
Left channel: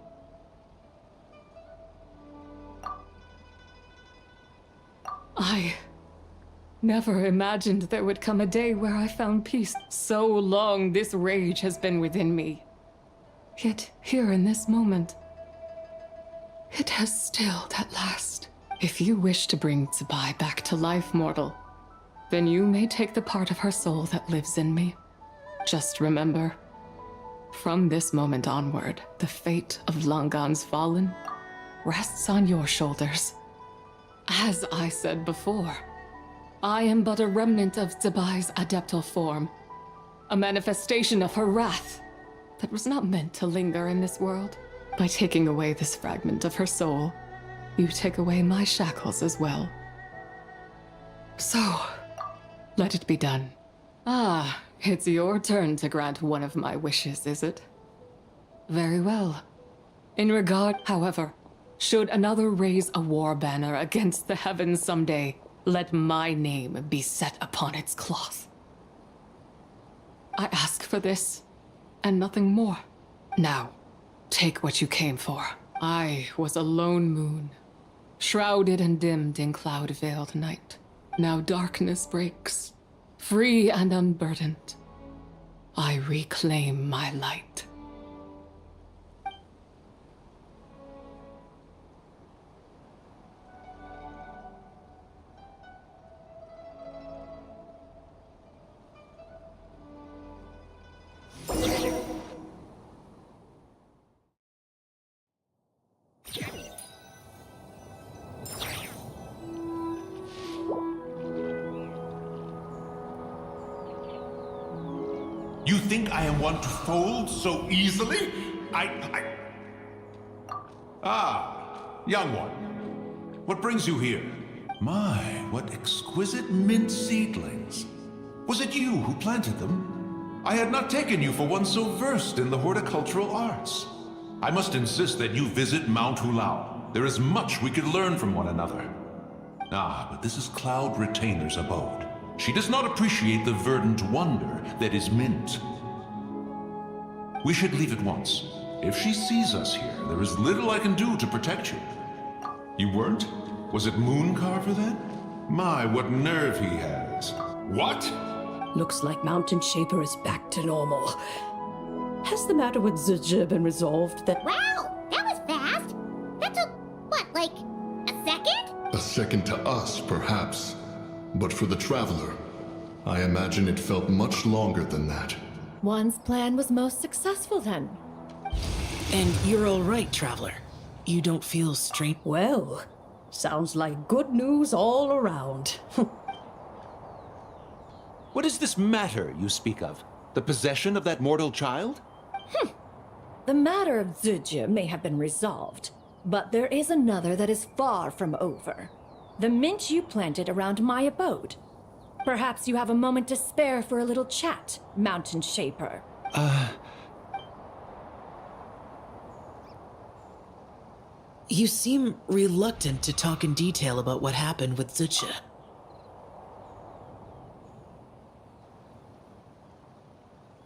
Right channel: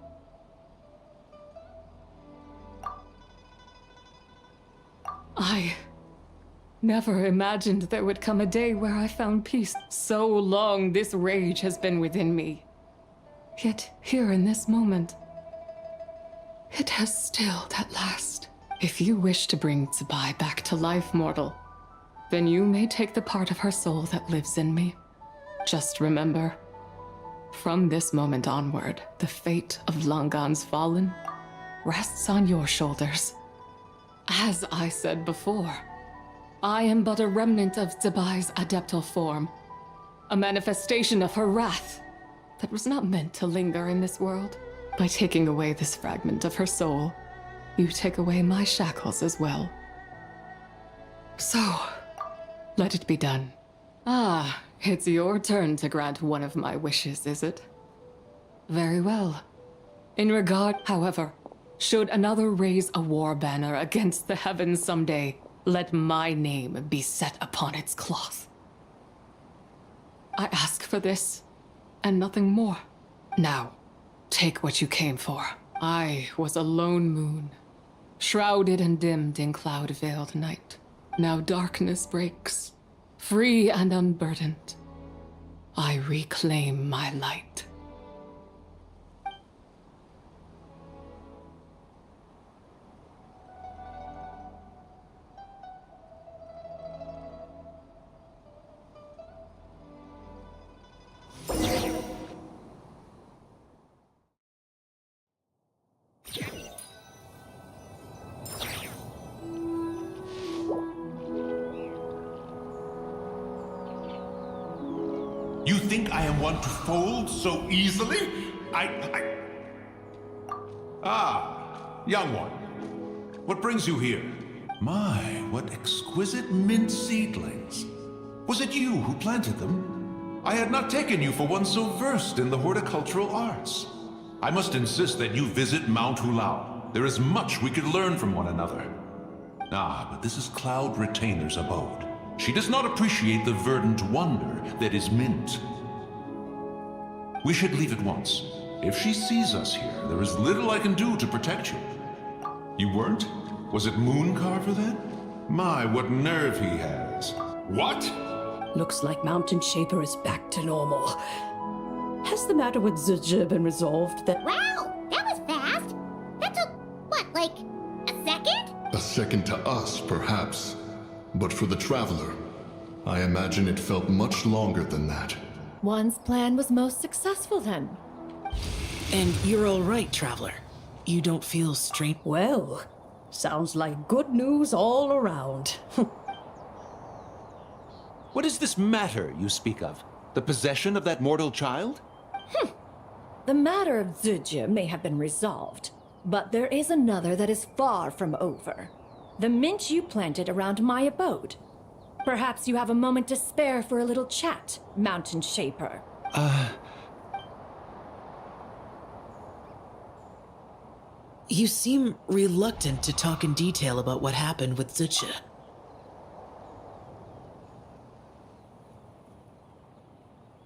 I never imagined there would come a day where I found peace. So long this rage has been within me. Yet here in this moment, it has stilled at last. If you wish to bring Tsubai back to life, mortal, then you may take the part of her soul that lives in me. Just remember, from this moment onward, the fate of Langan's fallen rests on your shoulders. As I said before, I am but a remnant of Tsubai's adeptal form, a manifestation of her wrath that was not meant to linger in this world. By taking away this fragment of her soul, you take away my shackles as well. So, let it be done. Ah, it's your turn to grant one of my wishes, is it? Very well. In regard, however, should another raise a war banner against the heavens someday, let my name be set upon its cloth. I ask for this, and nothing more. Now, take what you came for. I was a lone moon, shrouded and dimmed in cloud-veiled night. Now darkness breaks, free and unburdened. I reclaim my light. You think I am one to fold so easily? Ah, young one. What brings you here? My, what exquisite mint seedlings. Was it you who planted them? I had not taken you for one so versed in the horticultural arts. I must insist that you visit Mount Hulao. There is much we could learn from one another. Ah, but this is Cloud Retainer's abode. She does not appreciate the verdant wonder that is mint. We should leave at once. If she sees us here, there is little I can do to protect you. You weren't? Was it Mooncarver then? My, what nerve he has. What? Looks like Mountain Shaper is back to normal. Has the matter with Zizha been resolved then? Wow, that was fast. That took, what, like a second? A second to us, perhaps. But for the Traveler, I imagine it felt much longer than that. One's plan was most successful then. And you're all right, Traveler. You don't feel strange. Well, sounds like good news all around. What is this matter you speak of? The possession of that mortal child? The matter of Zizha may have been resolved, but there is another that is far from over. The mint you planted around my abode. Perhaps you have a moment to spare for a little chat, Mountain Shaper. You seem reluctant to talk in detail about what happened with Zizha.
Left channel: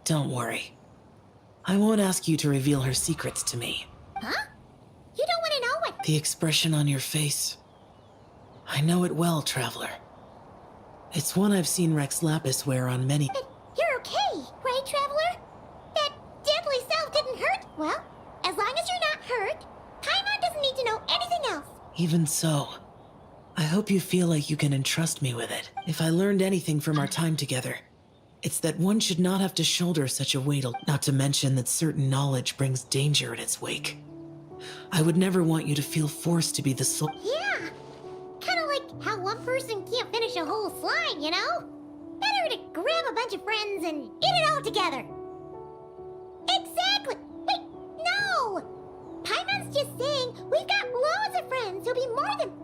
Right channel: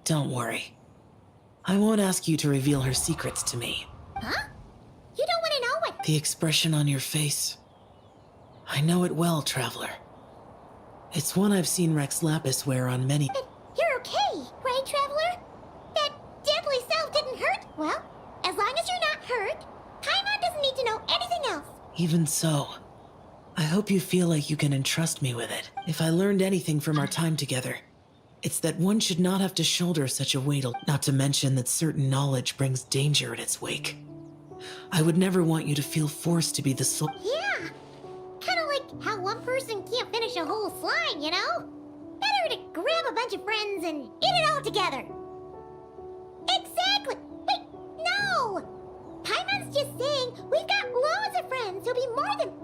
Don't worry. I won't ask you to reveal her secrets to me. Huh? You don't want to know what... The expression on your face. I know it well, Traveler. It's one I've seen Rex Lapis wear on many... But you're okay, right, Traveler? That deadly self didn't hurt? Well, as long as you're not hurt, Paimon doesn't need to know anything else. Even so, I hope you feel like you can entrust me with it. If I learned anything from our time together, it's that one should not have to shoulder such a weight, not to mention that certain knowledge brings danger in its wake. I would never want you to feel forced to be the soul. Yeah, kind of like how one person can't finish a whole slime, you know? Better to grab a bunch of friends and eat it all together. Exactly! Wait, no! Paimon's just saying we've got loads of friends who'll be more than...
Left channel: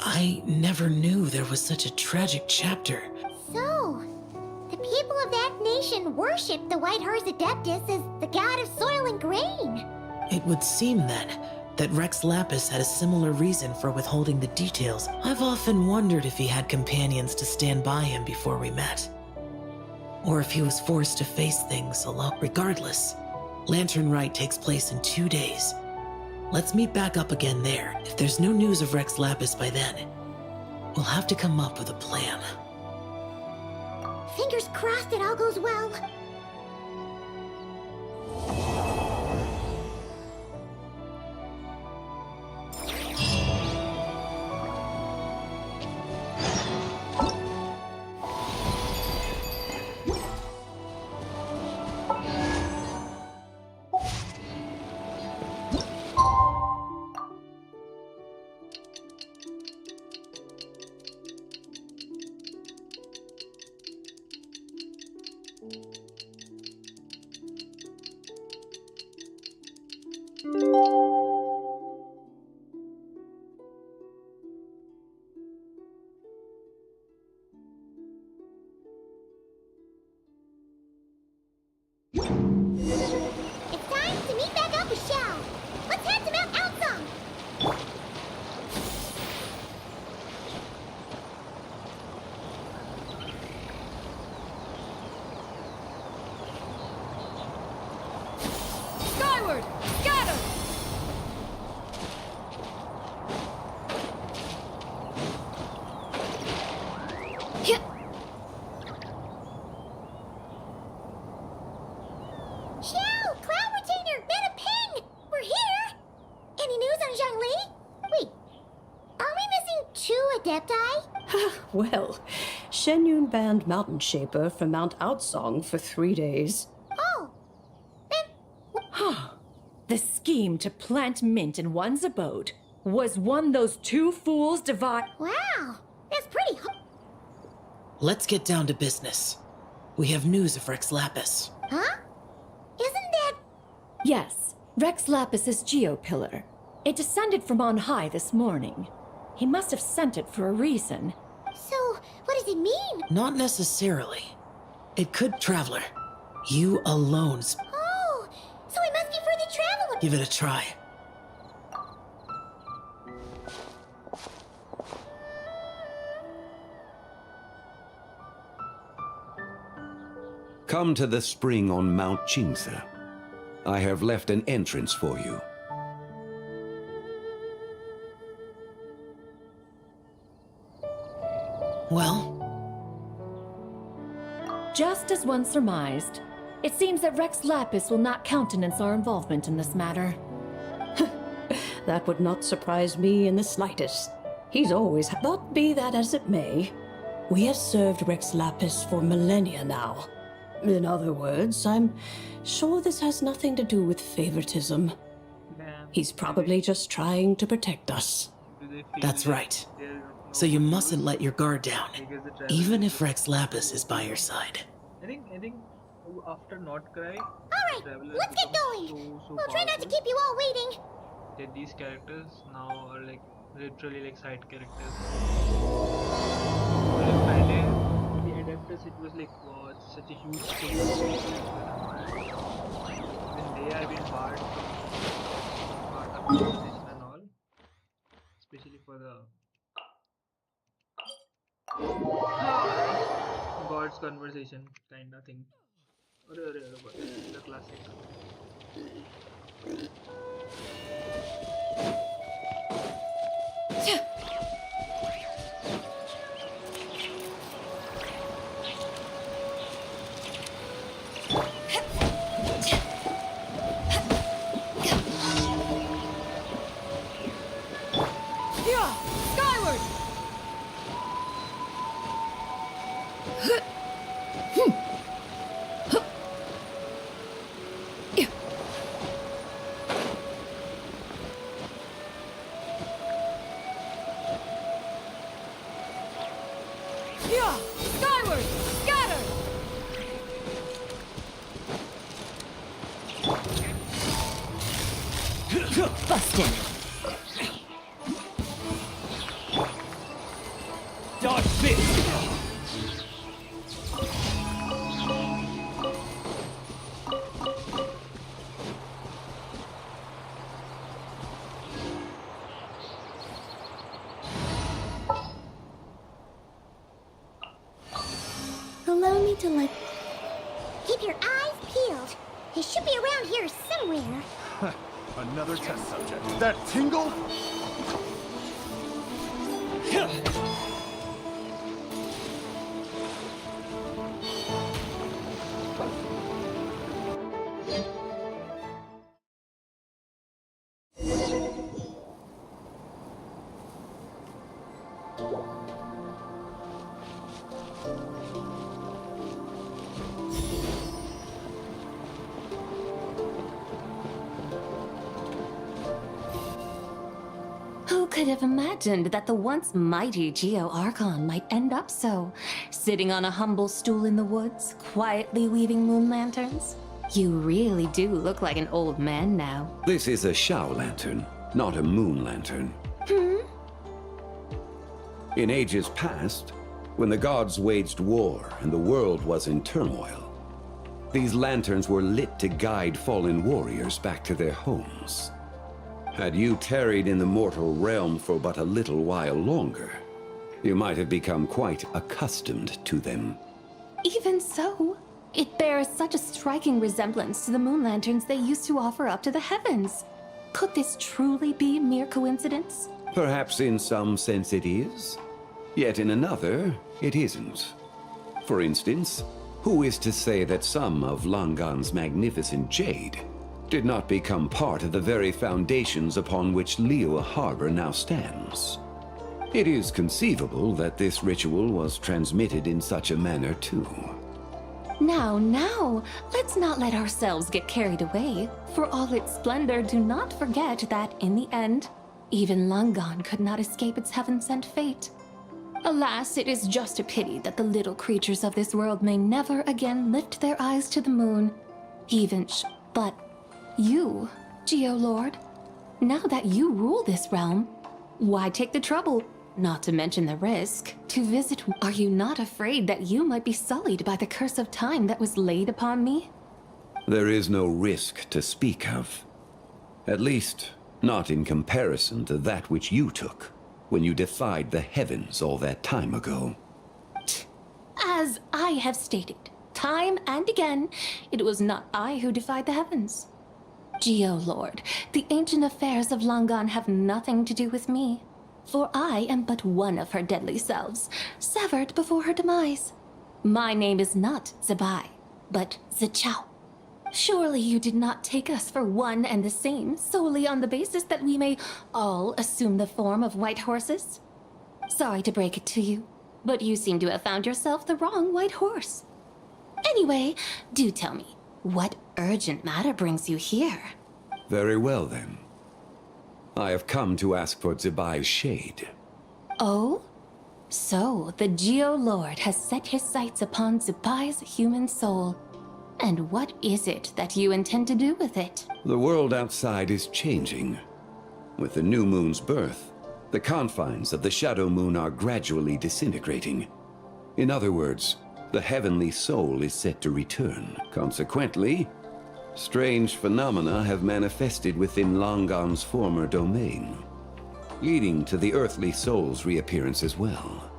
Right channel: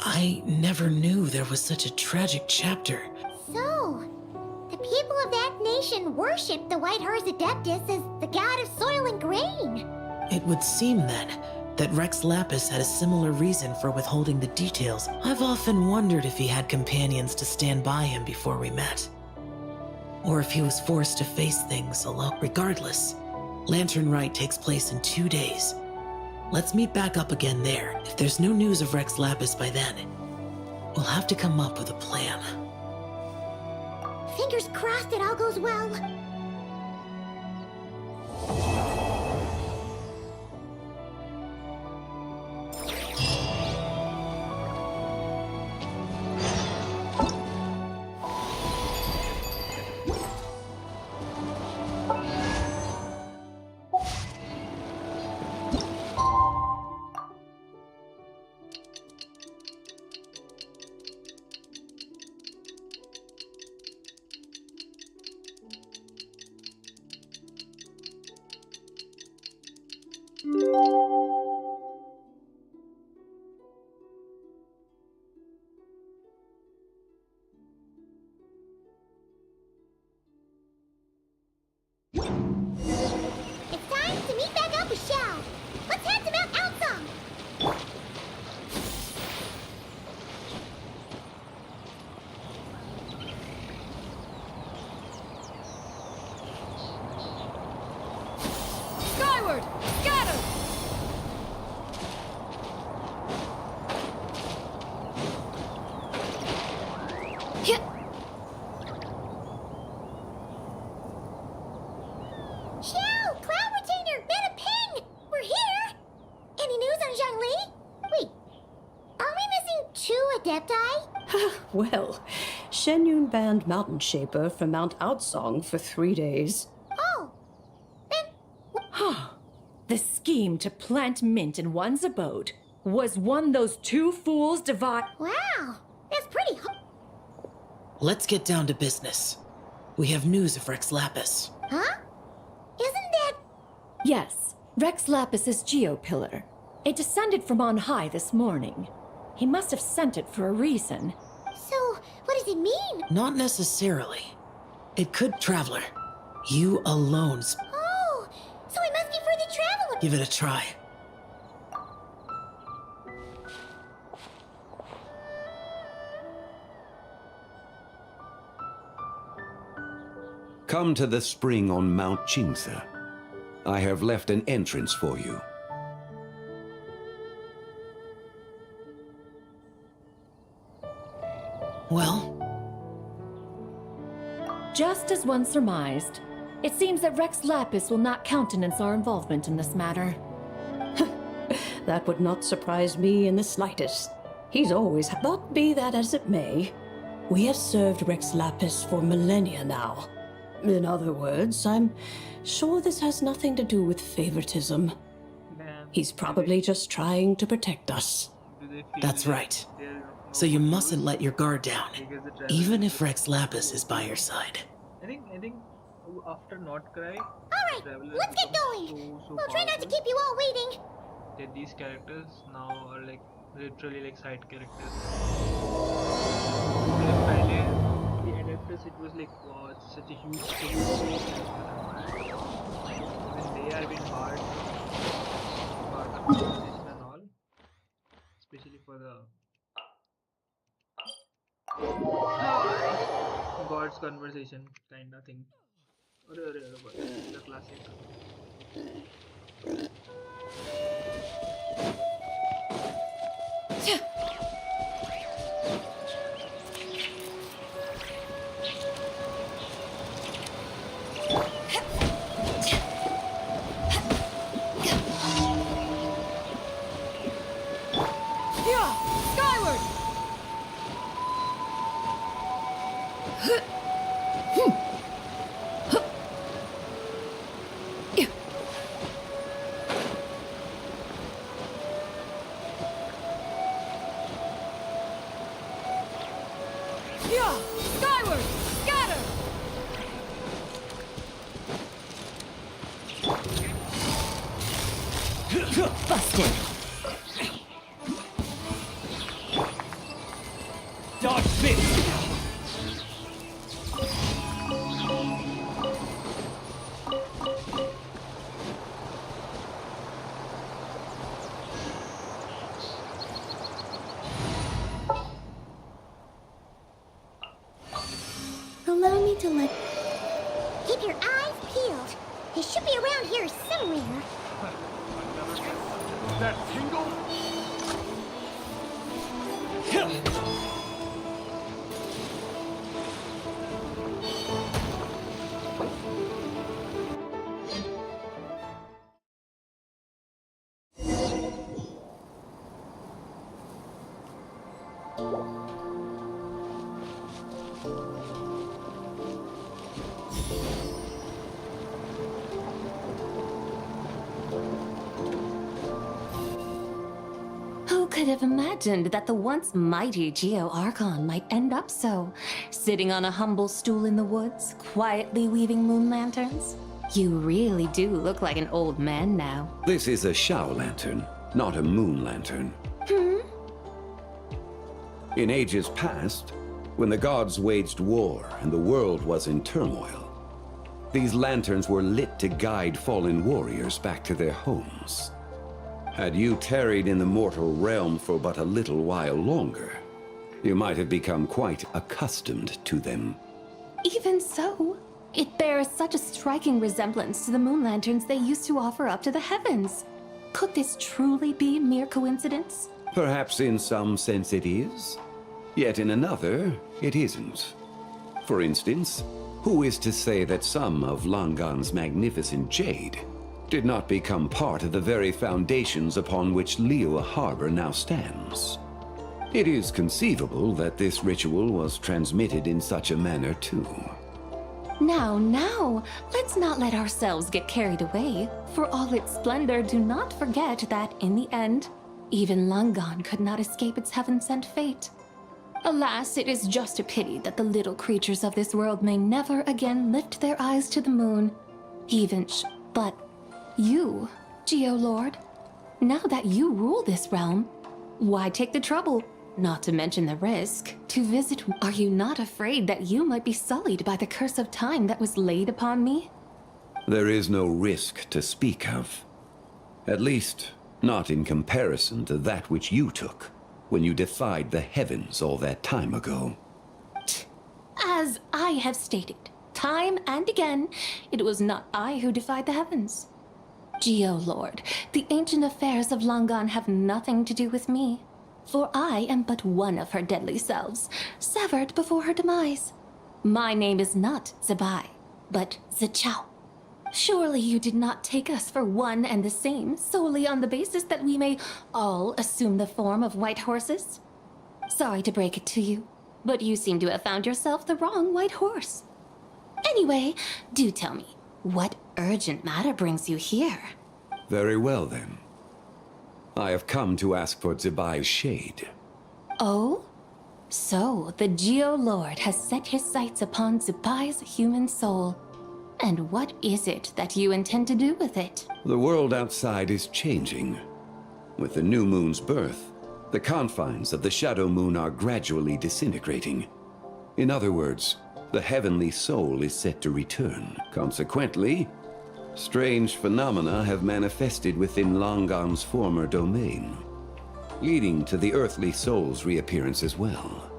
I never knew there was such a tragic chapter. So, the people of that nation worship the White Horse Adeptus as the god of soil and grain. It would seem, then, that Rex Lapis had a similar reason for withholding the details. I've often wondered if he had companions to stand by him before we met. Or if he was forced to face things alone. Regardless, Lantern Rite takes place in 2 days. Let's meet back up again there. If there's no news of Rex Lapis by then, we'll have to come up with a plan. Fingers crossed it all goes well. It's time to meet back up with Xiao. Let's head to Mount Outsong. Skyward! Scatter! Xiao! Cloud Retainer! Mana Ping! We're here! Any news on Zhongli? Wait, are we missing 2 Adepti? Well, Shenyun banned Mountain Shaper from Mount Outsong for 3 days. Oh, The scheme to plant mint in one's abode was one those two fools divide. wow! That's pretty Let's get down to business. We have news of Rex Lapis. Huh? Isn't that... Yes, Rex Lapis's geopillar. It descended from on high this morning. He must have sent it for a reason. So, what does it mean? Not necessarily. It could, Traveler. You alone. Oh, so it must be for the Traveler. Give it a try. Come to the spring on Mount Qingse. I have left an entrance for you. Well? Just as one surmised, it seems that Rex Lapis will not countenance our involvement in this matter. That would not surprise me in the slightest. He's always... But be that as it may, we have served Rex Lapis for millennia now. In other words, I'm sure this has nothing to do with favoritism. He's probably just trying to protect us. That's right. So you mustn't let your guard down, even if Rex Lapis is by your side. I think after Not Cry, Alright, let's get going. We'll try not to keep you all waiting. That these characters now are like literally like side characters. मतलब पहले the Adeptus it was like wow, it's such a huge thing. Even they are being barred from part of conversation and all, especially for the God's conversation kind of thing. The classic. Yeah, skyward. Yeah, skyward. Scatter. Busted. Dodge this! Allow me to let... Keep your eyes peeled. He should be around here somewhere. Another test subject. That tingle? Who could have imagined that the once mighty Geo Archon might end up so, sitting on a humble stool in the woods, quietly weaving moon lanterns? You really do look like an old man now. This is a Shao lantern, not a moon lantern. In ages past, when the gods waged war and the world was in turmoil, these lanterns were lit to guide fallen warriors back to their homes. Had you tarried in the mortal realm for but a little while longer, you might have become quite accustomed to them. Even so, it bears such a striking resemblance to the moon lanterns they used to offer up to the heavens. Could this truly be mere coincidence? Perhaps in some sense it is, yet in another, it isn't. For instance, who is to say that some of Langan's magnificent jade did not become part of the very foundations upon which Liyue Harbor now stands? It is conceivable that this ritual was transmitted in such a manner too. Now, let's not let ourselves get carried away. For all its splendor, do not forget that, in the end, even Langan could not escape its heaven-sent fate. Alas, it is just a pity that the little creatures of this world may never again lift their eyes to the moon. But you, Geo-Lord, now that you rule this realm, why take the trouble, not to mention the risk, to visit? Are you not afraid that you might be sullied by the curse of time that was laid upon me? There is no risk to speak of. At least, not in comparison to that which you took when you defied the heavens all that time ago. As I have stated, time and again, it was not I who defied the heavens. Geo-Lord, the ancient affairs of Langan have nothing to do with me. For I am but one of her deadly selves, severed before her demise. My name is not Zibai, but Zichao. Surely you did not take us for one and the same, solely on the basis that we may all assume the form of white horses? Sorry to break it to you, but you seem to have found yourself the wrong white horse. Anyway, do tell me, what urgent matter brings you here? Very well, then. I have come to ask for Zibai's shade. Oh? So, the Geo-Lord has set his sights upon Zibai's human soul. And what is it that you intend to do with it? The world outside is changing. With the new moon's birth, the confines of the Shadow Moon are gradually disintegrating. In other words, the heavenly soul is set to return. Consequently, strange phenomena have manifested within Longan's former domain, leading to the earthly soul's reappearance as well.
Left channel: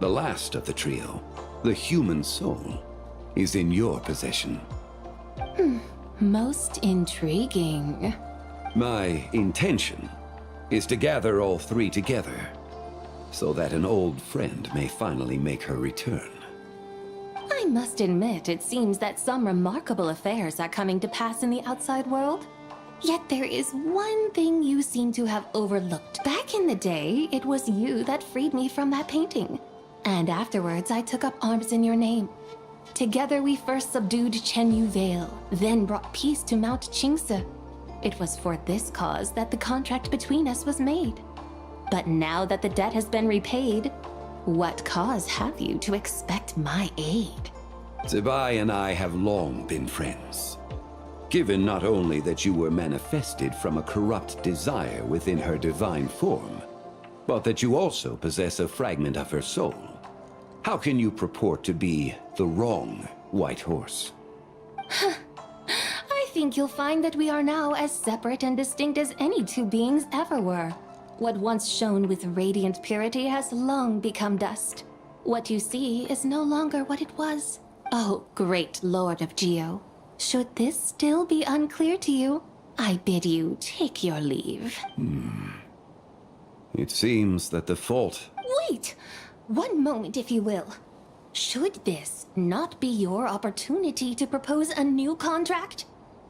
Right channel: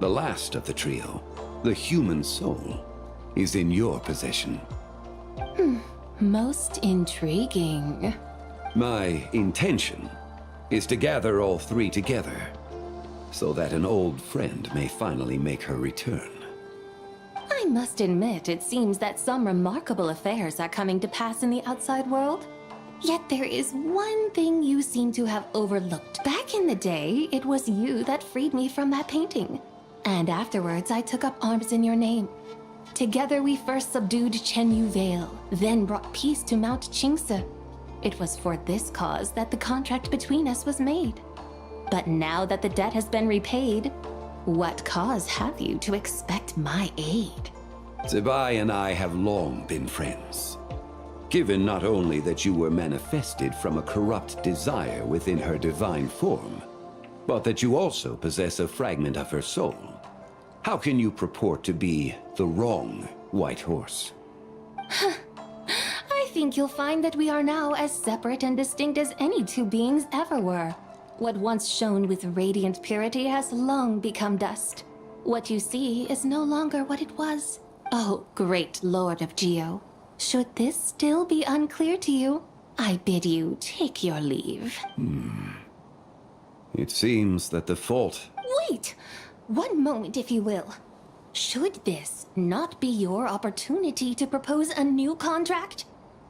The last of the trio, the human soul, is in your possession. Most intriguing. My intention is to gather all three together, so that an old friend may finally make her return. I must admit, it seems that some remarkable affairs are coming to pass in the outside world. Yet there is one thing you seem to have overlooked. Back in the day, it was you that freed me from that painting. And afterwards, I took up arms in your name. Together we first subdued Chenyu Vale, then brought peace to Mount Qingse. It was for this cause that the contract between us was made. But now that the debt has been repaid, what cause have you to expect my aid? Zibai and I have long been friends. Given not only that you were manifested from a corrupt desire within her divine form, but that you also possess a fragment of her soul, how can you purport to be the wrong white horse? I think you'll find that we are now as separate and distinct as any two beings ever were. What once shone with radiant purity has long become dust. What you see is no longer what it was. Oh, great Lord of Geo. Should this still be unclear to you, I bid you take your leave. It seems that the fault... Wait! One moment, if you will. Should this not be your opportunity to propose a new contract?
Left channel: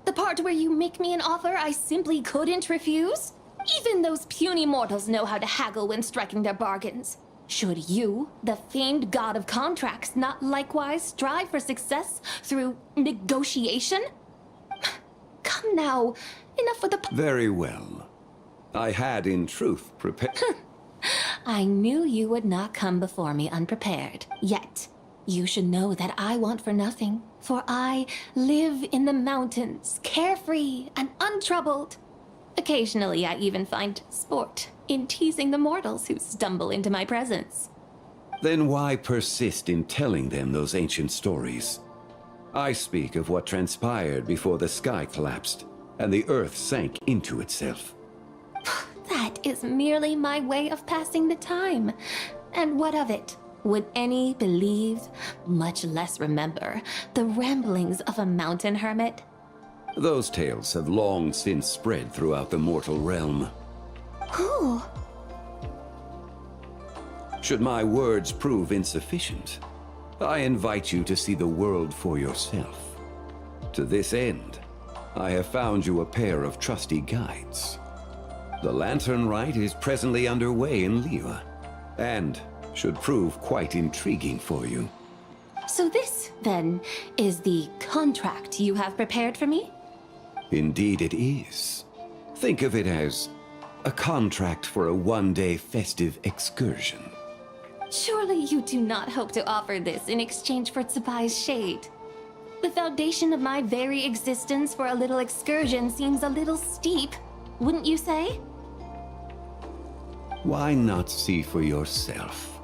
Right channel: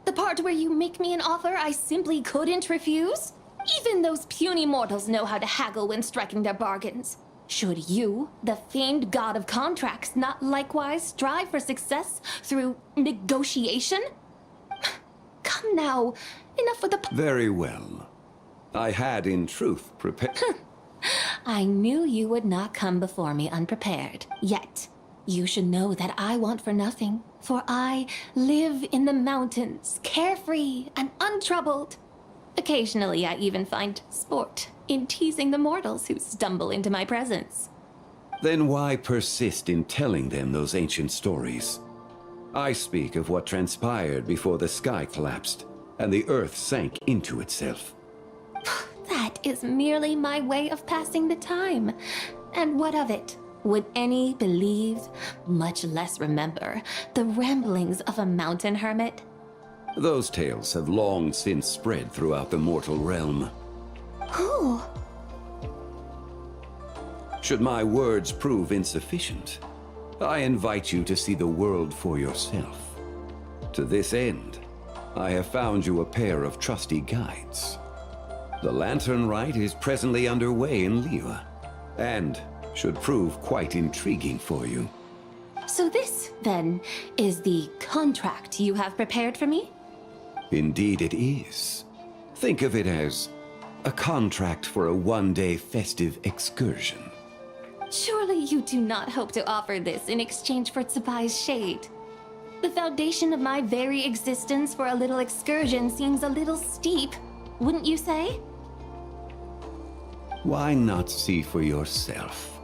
The part where you make me an offer I simply couldn't refuse? Even those puny mortals know how to haggle when striking their bargains. Should you, the famed god of contracts, not likewise strive for success through negotiation? Come now, enough with the... Very well. I had, in truth, prepared... I knew you would not come before me unprepared. Yet, you should know that I want for nothing, for I live in the mountains, carefree and untroubled. Occasionally, I even find sport in teasing the mortals who stumble into my presence. Then why persist in telling them those ancient stories? I speak of what transpired before the sky collapsed and the earth sank into itself. That is merely my way of passing the time. And what of it? Would any believe, much less remember, the ramblings of a mountain hermit? Those tales have long since spread throughout the mortal realm. Who? Should my words prove insufficient, I invite you to see the world for yourself. To this end, I have found you a pair of trusty guides. The Lantern Rite is presently underway in Liyue, and should prove quite intriguing for you. So this, then, is the contract you have prepared for me? Indeed it is. Think of it as a contract for a one-day festive excursion. Surely you do not hope to offer this in exchange for Tsubai's shade. The foundation of my very existence for a little excursion seems a little steep, wouldn't you say? Why not see for yourself?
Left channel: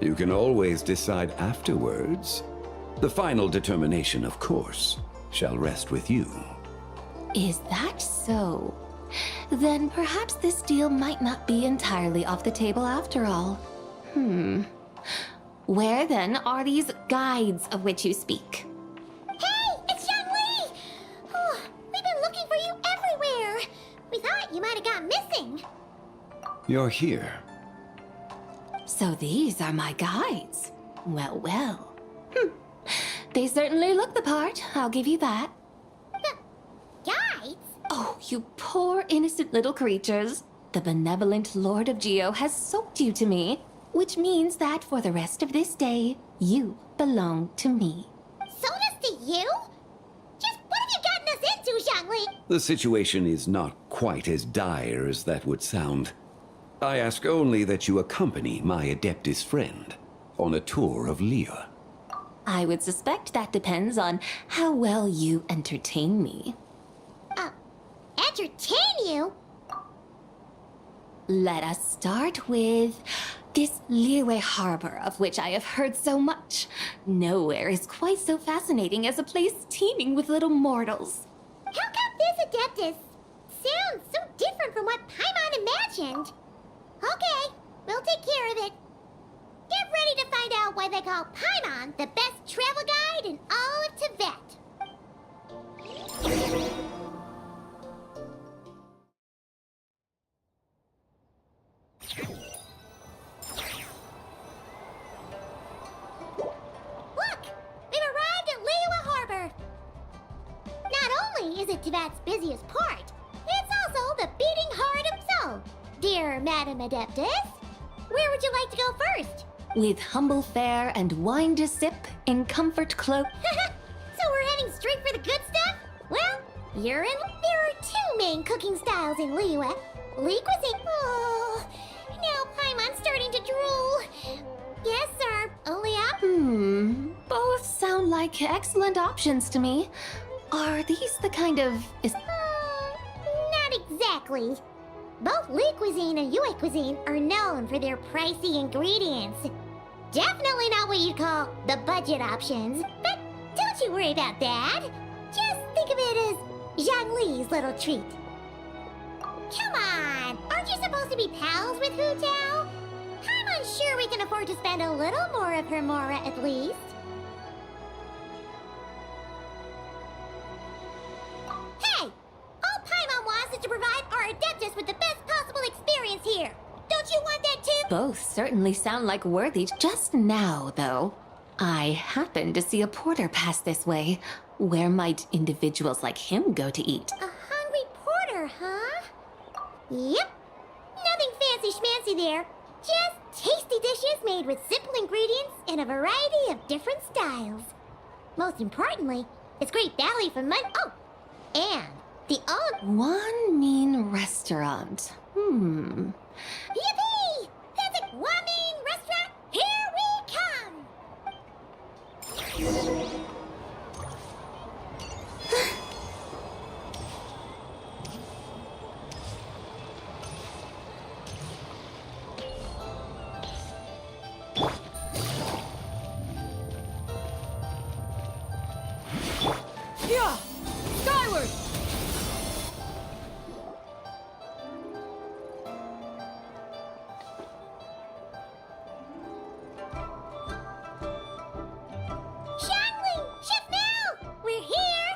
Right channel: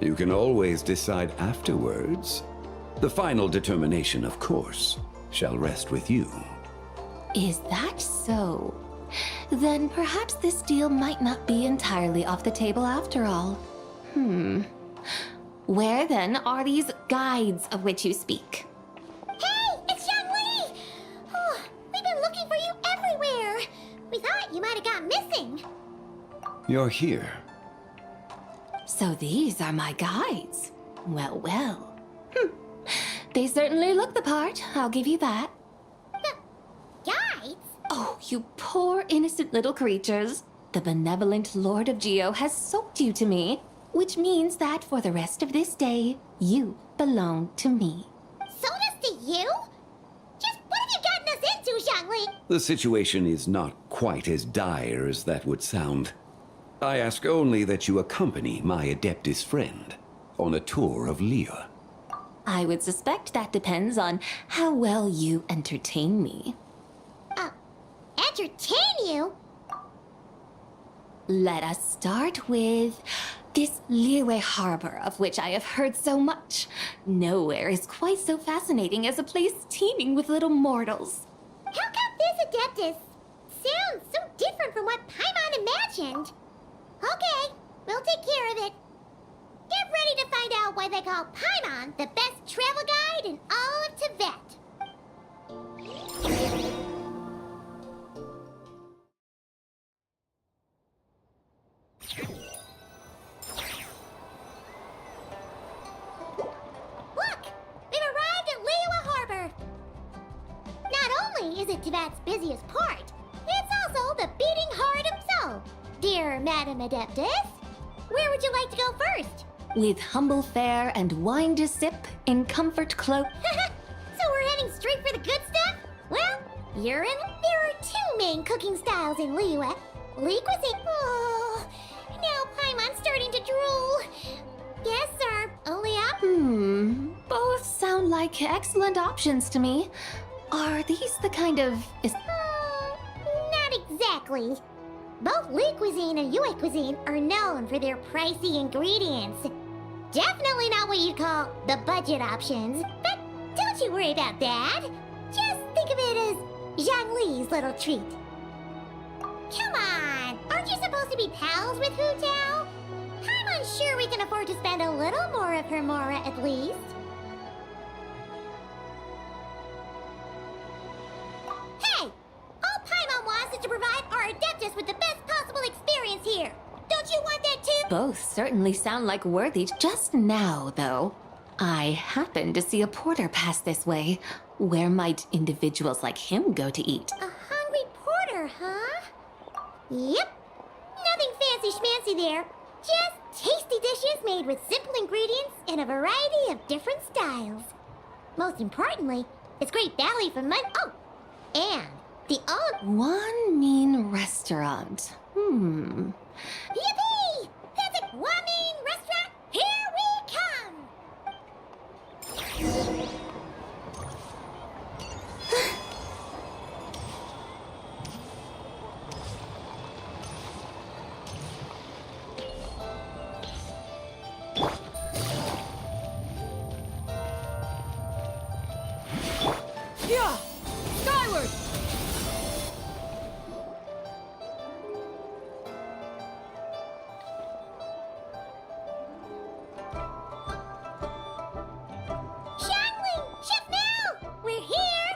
You can always decide afterwards. The final determination, of course, shall rest with you. Is that so? Then perhaps this deal might not be entirely off the table after all. Where then are these guides of which you speak? Hey, it's Young Lee! Oh, we've been looking for you everywhere. We thought you might have gone missing. You're here. So these are my guides. Well, well. They certainly look the part, I'll give you that. Guides? Oh, you poor innocent little creatures. The benevolent Lord of Geo has soaked you to me, which means that for the rest of this day, you belong to me. Sold us to you? Just what have you gotten us into, Zhongli? The situation is not quite as dire as that would sound. I ask only that you accompany my Adeptus friend on a tour of Liyue. I would suspect that depends on how well you entertain me. Entertain you? Let us start with this Liyue harbor of which I have heard so much. Nowhere is quite so fascinating as a place teeming with little mortals. How come this Adeptus sounds so different from what Paimon imagined? Okay, we'll take care of it. Get ready to find out why they call Paimon the best travel guide in all of Tibet. Look! We've arrived at Liyue Harbor! Not only is it Tibet's busiest port, it's also the beating heart himself. Dear Madam Adeptus, where would you like to go first? With humble fare and wine to sip in comfort cloak. So we're heading straight for the good stuff? Well, you're in. There are two main cooking styles in Liyue. Lee cuisine. Oh, now Paimon's starting to drool. Yes, sir. Only up. Both sound like excellent options to me. Are these the kind of... Not exactly. Both Lee cuisine and Yue cuisine are known for their pricey ingredients. Definitely not what you'd call the budget options. But don't you worry about that. Just think of it as Zhongli's little treat. Come on! Aren't you supposed to be pals with Hu Tao? I'm unsure we can afford to spend a little more of her mora at least. Hey! All Paimon wants is to provide our Adeptus with the best possible experience here. Don't you want that too? Both certainly sound like worthy. Just now, though, I happened to see a porter pass this way. Where might individuals like him go to eat? A hungry porter, huh? Yep. Nothing fancy schmancy there. Just tasty dishes made with simple ingredients in a variety of different styles. Most importantly, it's great value for money. Oh, and the own... One mean restaurant. Yippee! That's a Guamin restaurant. Here we come! Yeah! Skyward! Shangling! Chef Mel! We're here!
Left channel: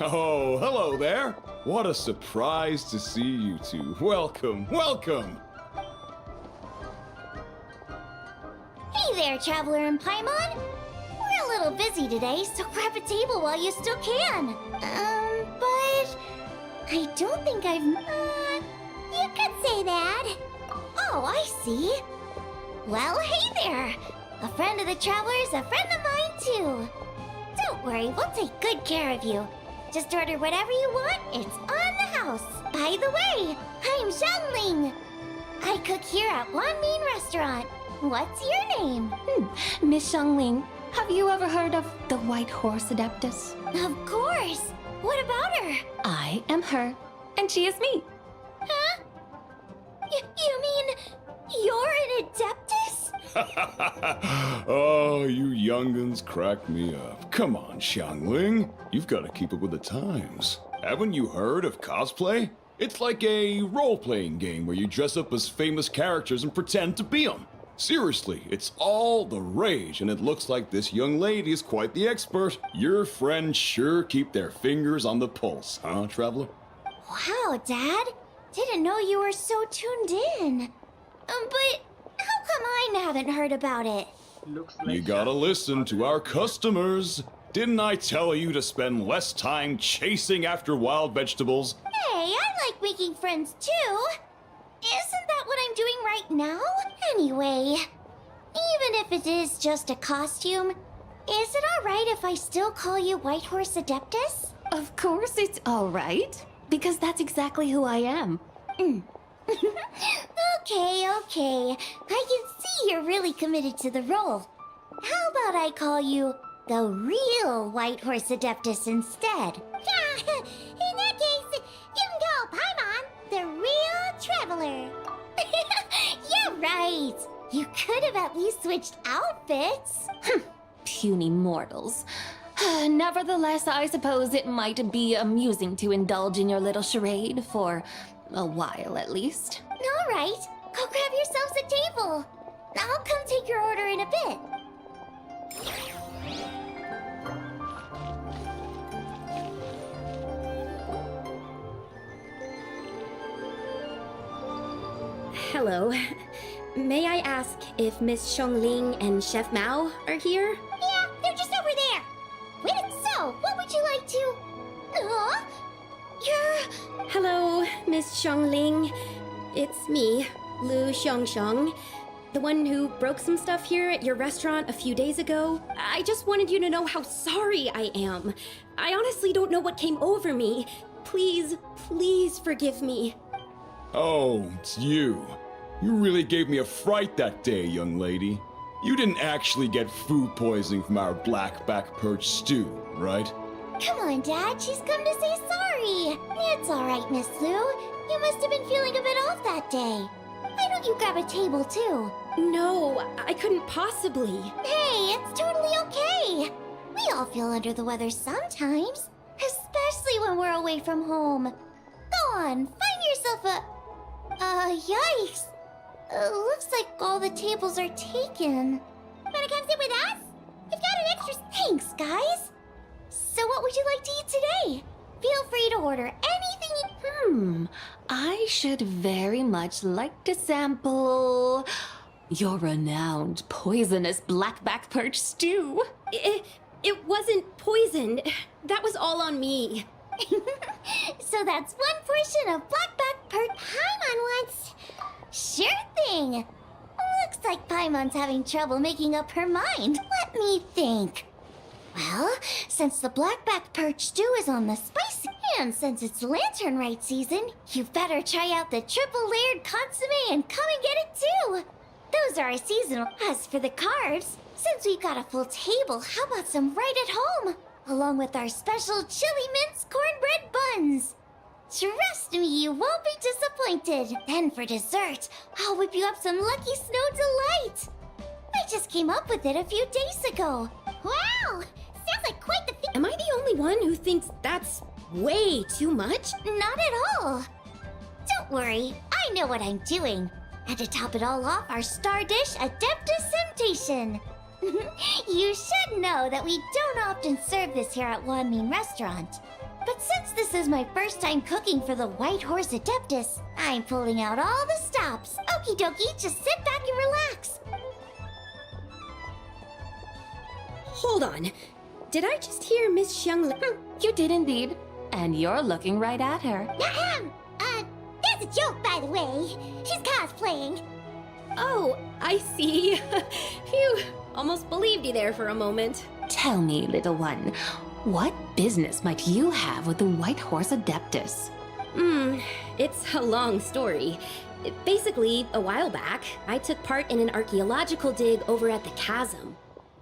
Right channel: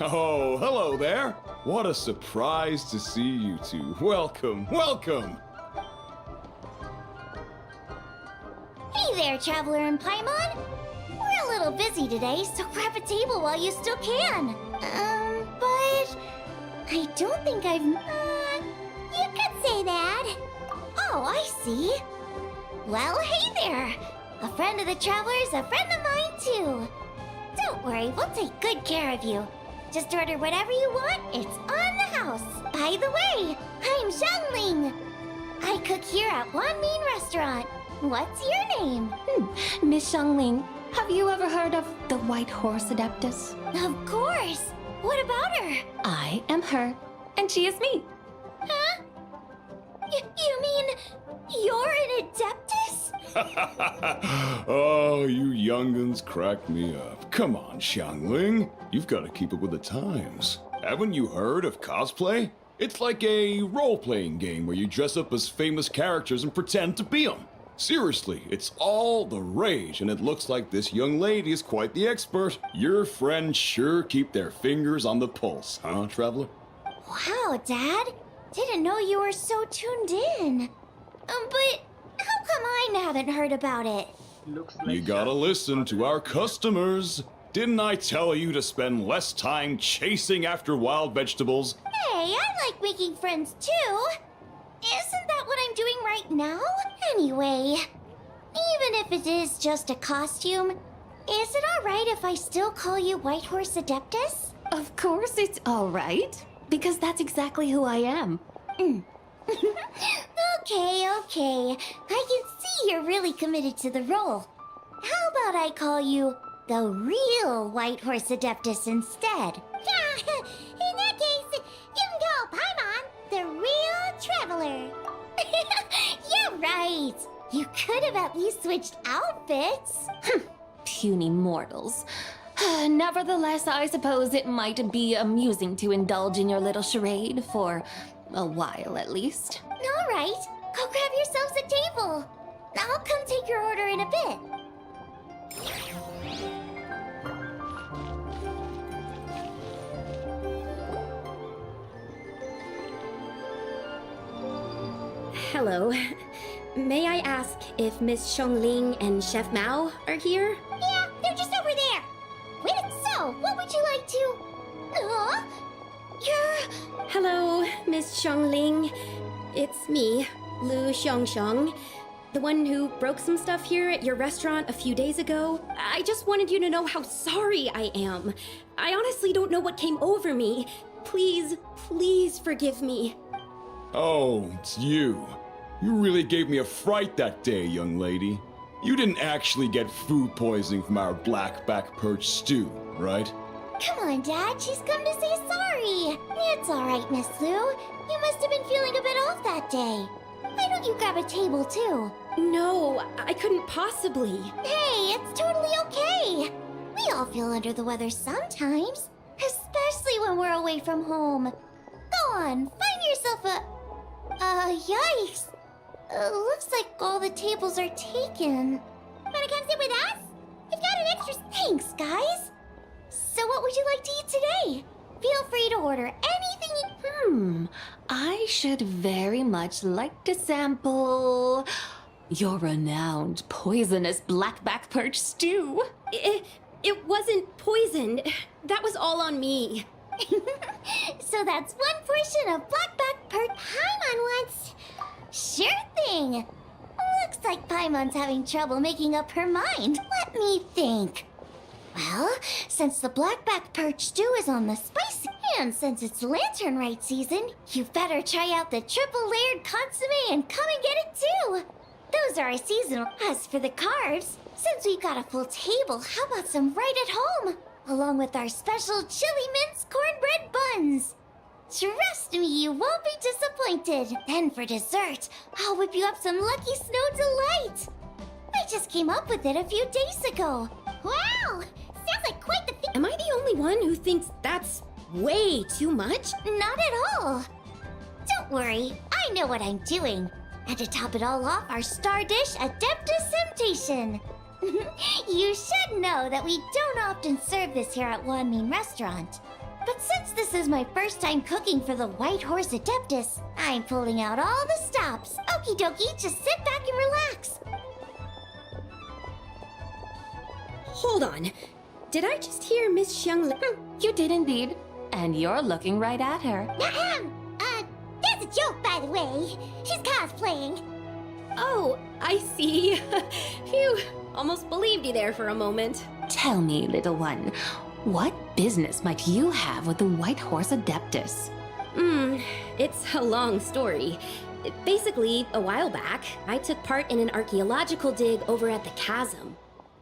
Oh, hello there. What a surprise to see you two. Welcome, welcome. Hey there, Traveler and Paimon. We're a little busy today, so grab a table while you still can. But I don't think I've... you could say that. Oh, I see. Well, hey there. A friend of the Traveler's a friend of mine, too. Don't worry, we'll take good care of you. Just order whatever you want, it's on the house. By the way, I'm Zhongling. I cook here at Guamin Restaurant. What's your name? Miss Shangling, have you ever heard of the White Horse Adeptus? Of course. What about her? I am her, and she is me. Huh? You mean you're an Adeptus? Oh, you young'uns crack me up. Come on, Xiangling. You've got to keep up with the times. Haven't you heard of cosplay? It's like a role-playing game where you dress up as famous characters and pretend to be them. Seriously, it's all the rage, and it looks like this young lady is quite the expert. Your friends sure keep their fingers on the pulse, huh, Traveler? Wow, Dad. Didn't know you were so tuned in. But how come I haven't heard about it? Looks like You gotta listen to our customers. Didn't I tell you to spend less time chasing after wild vegetables? Hey, I like making friends too. Isn't that what I'm doing right now? Anyway, even if it is just a costume, is it alright if I still call you Whitehorse Adeptus? Of course it's all right, because that's exactly who I am. Okay. I can see you're really committed to the role. How about I call you the real Whitehorse Adeptus instead? In that case, you can call Paimon the real traveler. Yeah, right. You could have at least switched outfits. Puny mortals. Nevertheless, I suppose it might be amusing to indulge in your little charade for a while at least. All right, go grab yourselves a table. I'll come take your order in a bit. Hello. May I ask if Miss Xiongling and Chef Mao are here? Yeah, they're just over there. Wait, so, what would you like to... You're... Hello, Miss Xiongling. It's me, Lu Xiongxiong, the one who broke some stuff here at your restaurant a few days ago. I just wanted you to know how sorry I am. I honestly don't know what came over me. Please forgive me. Oh, it's you. You really gave me a fright that day, young lady. You didn't actually get food poisoning from our blackback perch stew, right? Come on, Dad, she's come to say sorry. It's all right, Miss Lu. You must have been feeling a bit off that day. Why don't you grab a table, too? No, I couldn't possibly. Hey, it's totally okay. We all feel under the weather sometimes, especially when we're away from home. Go on, find yourself a... yikes. Looks like all the tables are taken. Wanna come sit with us? We've got an extra... Thanks, guys. So what would you like to eat today? Feel free to order anything you... I should very much like to sample your renowned poisonous blackback perch stew. It wasn't poisoned. That was all on me. So that's one portion of blackback perch Paimon wants. Sure thing. Looks like Paimon's having trouble making up her mind. Let me think. Well, since the blackback perch stew is on the spicy, and since it's lantern rite season, you better try out the triple layered consomme and come and get it too. Those are our seasonal. As for the carbs, since we've got a full table, how about some right at home? Along with our special chili mince cornbread buns. Trust me, you won't be disappointed. Then for dessert, I'll whip you up some Lucky Snow Delight. I just came up with it a few days ago. Wow! Sounds like quite the thing. Am I the only one who thinks that's way too much? Not at all. Don't worry, I know what I'm doing. And to top it all off, our star dish, Adeptus Temptation. You should know that we don't often serve this here at Wanmin Restaurant. But since this is my first time cooking for the Whitehorse Adeptus, I'm pulling out all the stops. Okie dokie, just sit back and relax. Hold on. Did I just hear Miss Xiangling? You did indeed. And you're looking right at her. That's a joke, by the way. She's cosplaying. Oh, I see. Phew. Almost believed you there for a moment. Tell me, little one, what business might you have with the Whitehorse Adeptus? It's a long story. Basically, a while back, I took part in an archaeological dig over at the chasm.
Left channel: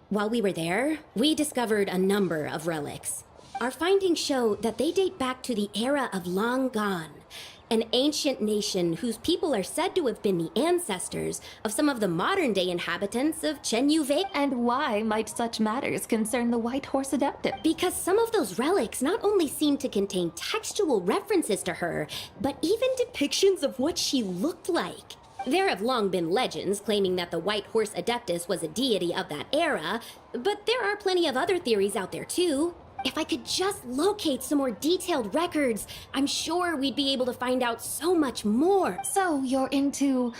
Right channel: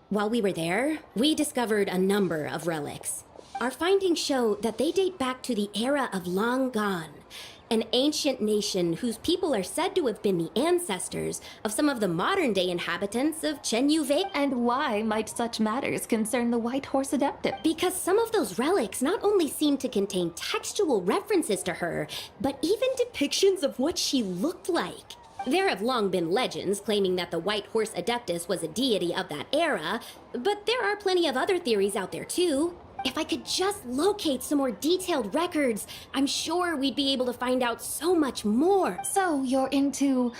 While we were there, we discovered a number of relics. Our findings show that they date back to the era of Long Gone, an ancient nation whose people are said to have been the ancestors of some of the modern-day inhabitants of Chenyu Vale. And why might such matters concern the Whitehorse Adeptus? Because some of those relics not only seem to contain textual references to her, but even depictions of what she looked like. There have long been legends claiming that the Whitehorse Adeptus was a deity of that era, but there are plenty of other theories out there too. If I could just locate some more detailed records, I'm sure we'd be able to find out so much more. So you're into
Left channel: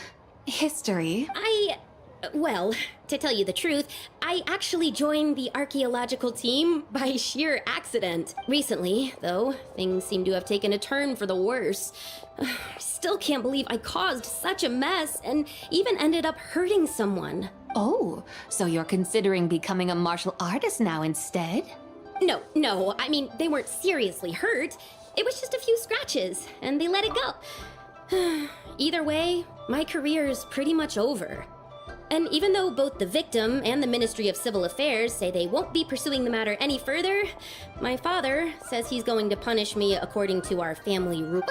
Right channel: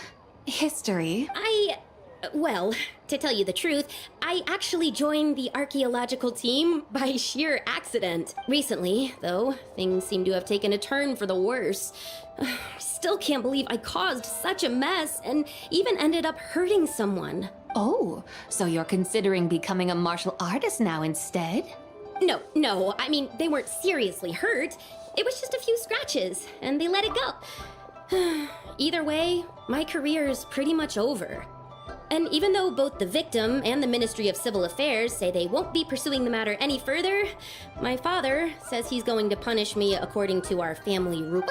history? Well, to tell you the truth, I actually joined the archaeological team by sheer accident. Recently, though, things seem to have taken a turn for the worse. Still can't believe I caused such a mess and even ended up hurting someone. Oh, so you're considering becoming a martial artist now instead? No, I mean, they weren't seriously hurt. It was just a few scratches, and they let it go. Either way, my career is pretty much over. And even though both the victim and the Ministry of Civil Affairs say they won't be pursuing the matter any further, my father says he's going to punish me according to our family rule.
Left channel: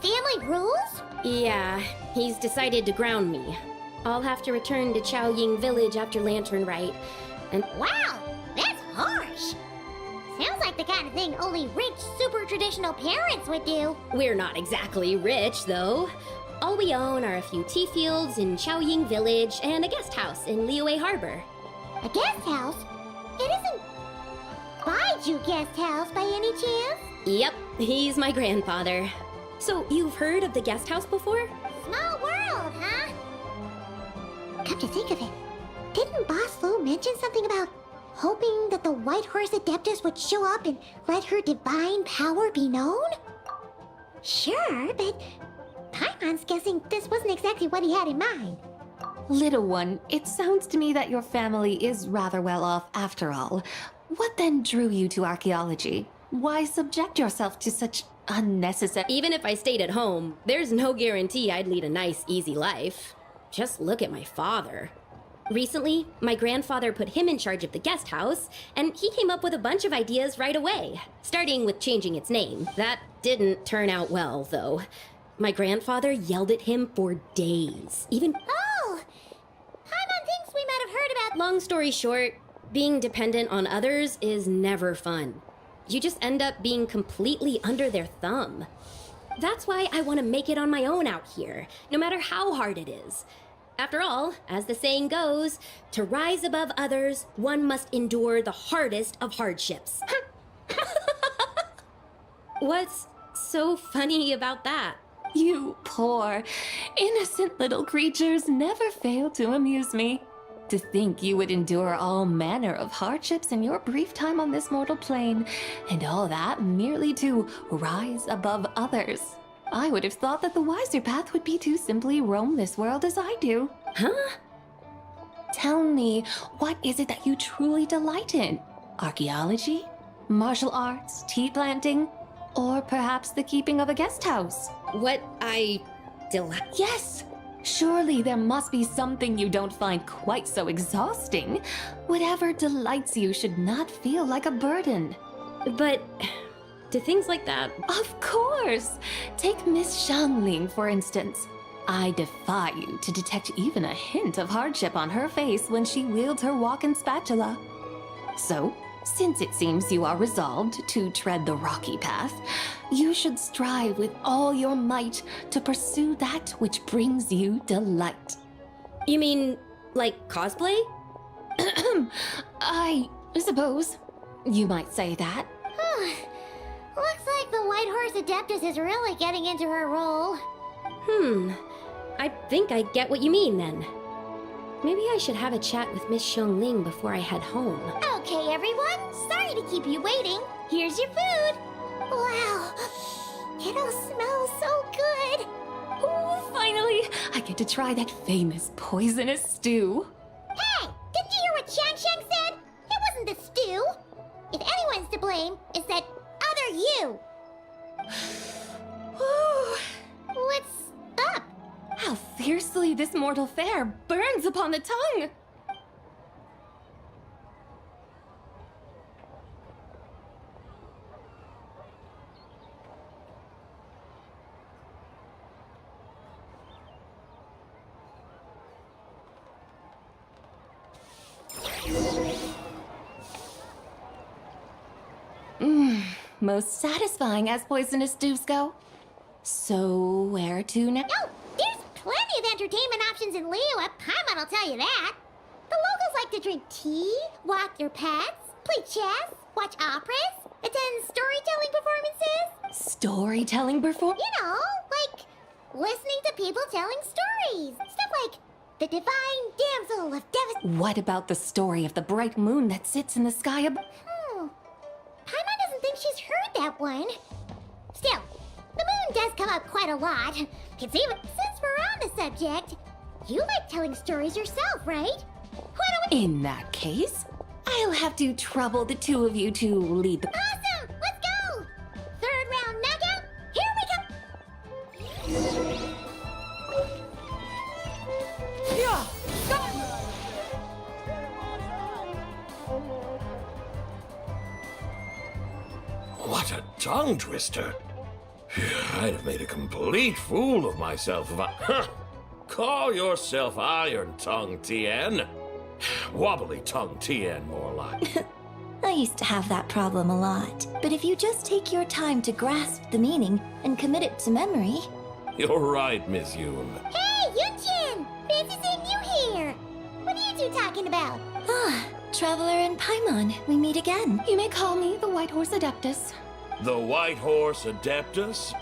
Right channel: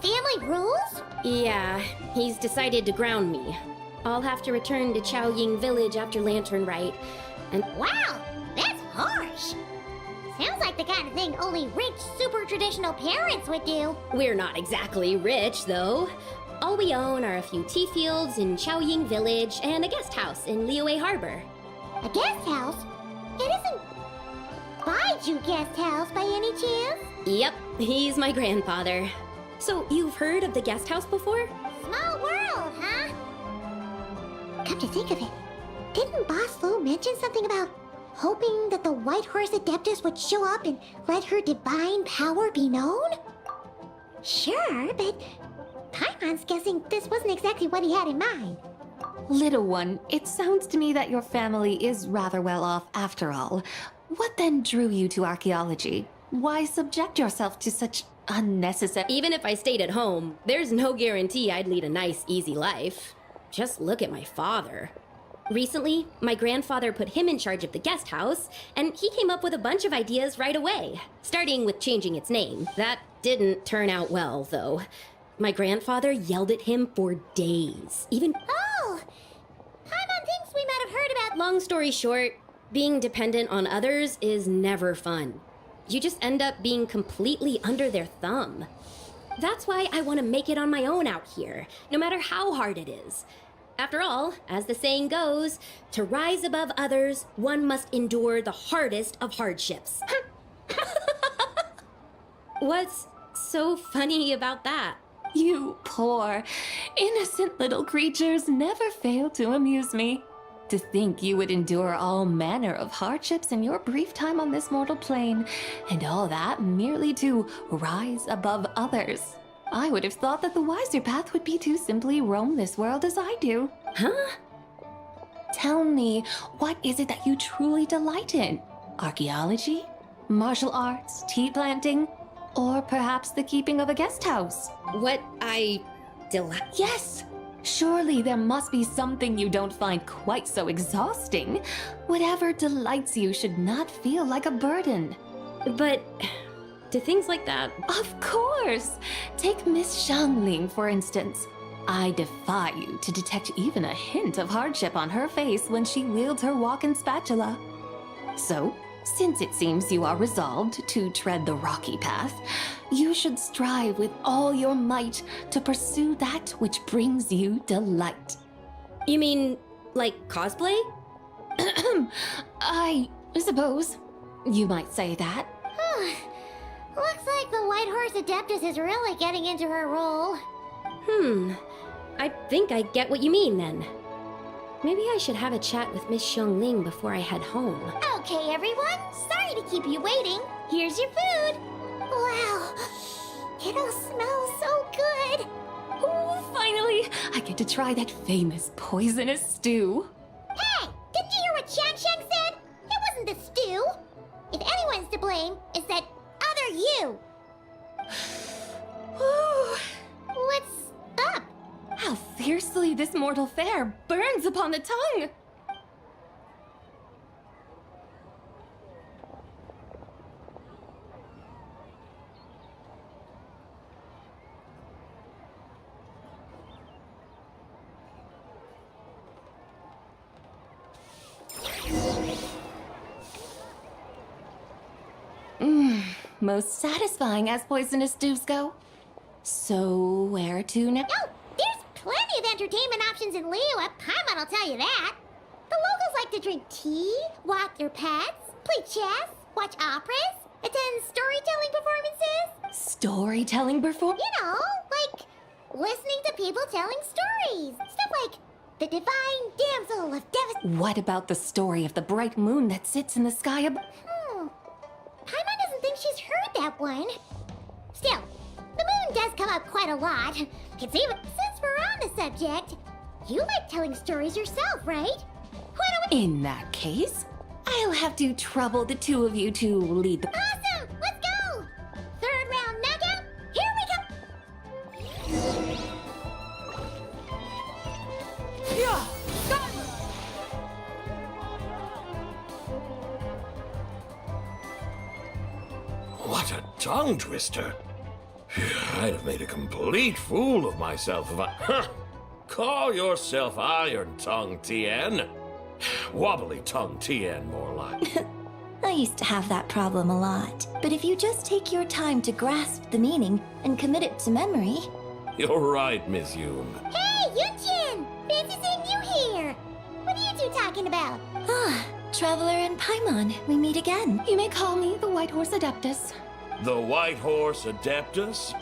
Family rules? Yeah, he's decided to ground me. I'll have to return to Chaoying Village after Lantern Rite, and Wow, that's harsh. Sounds like the kind of thing only rich, super traditional parents would do. we're not exactly rich, though. All we own are a few tea fields in Chaoying Village and a guest house in Liyue Harbor. A guest house? It isn't Baiju guest house by any chance? Yep, he's my grandfather. So, you've heard of the guest house before? Small world, huh? Come to think of it, didn't Boss Lu mention something about hoping that the White Horse Adeptus would show up and let her divine power be known? Sure, but Paimon's guessing this wasn't exactly what he had in mind. Little one, it sounds to me that your family is rather well off after all. What then drew you to archaeology? Why subject yourself to such unnecessary— Even if I stayed at home, there's no guarantee I'd lead a nice, easy life. Just look at my father. Recently, my grandfather put him in charge of the guest house, and he came up with a bunch of ideas right away, starting with changing its name. That didn't turn out well, though. My grandfather yelled at him for days, even— Oh! Paimon thinks we might have heard about— Long story short, being dependent on others is never fun. You just end up being completely under their thumb. That's why I want to make it on my own out here, no matter how hard it is. After all, as the saying goes, to rise above others, one must endure the hardest of hardships. What's so funny about that? You poor, innocent little creatures never fail to amuse me. To think you would endure all manner of hardships in your brief time on this mortal plane, and all that merely to rise above others. I would have thought that the wiser path would be to simply roam this world as I do. Huh? Tell me, what is it that you truly delight in? Archaeology? Martial arts? Tea planting? Or perhaps the keeping of a guest house? What I delight? Yes! Surely there must be something you don't find quite so exhausting. Whatever delights you should not feel like a burden. But do things like that— Of course! Take Miss Xiangling, for instance. I defy you to detect even a hint of hardship on her face when she wields her walking spatula. So, since it seems you are resolved to tread the rocky path, you should strive with all your might to pursue that which brings you delight. You mean, like cosplay? I suppose you might say that. Looks like the White Horse Adeptus is really getting into her role. I think I get what you mean then. Maybe I should have a chat with Miss Xiangling before I head home. Okay, everyone. Sorry to keep you waiting. Here's your food. Wow. It all smells so good. Oh, finally! I get to try that famous poisonous stew. Hey! Didn't you hear what Shang Shang said? It wasn't the stew. If anyone's to blame, it's that other you. What's up? How fiercely this mortal fare burns upon the tongue! Most satisfying as poisonous stews go. So, where to now? Oh, there's plenty of entertainment options in Liyue. Paimon will tell you that. The locals like to drink tea, walk their pets, play chess, watch operas, attend storytelling performances. Storytelling perform? You know, like listening to people telling stories. Stuff like The Divine Damsel of Devastation. What about the story of the bright moon that sits in the sky above? Paimon doesn't think she's heard that one. Still, the moon does come up quite a lot. Since we're on the subject, you like telling stories yourself, right? Why don't we... In that case, I'll have to trouble the two of you to lead the... Awesome! Let's go! Third round knockout, here we go! Yeah! Skyward! What a tongue twister. I'd have made a complete fool of myself if I... Call yourself Iron Tongue, Tien. Wobbly Tongue, Tien, more like. I used to have that problem a lot. But if you just take your time to grasp the meaning and commit it to memory... You're right, Miss Yoon. Hey, Yunchin! Fancy seeing you here! What are you two talking about? Ah, Traveler and Paimon, we meet again. You may call me the White Horse Adeptus. The White Horse Adeptus?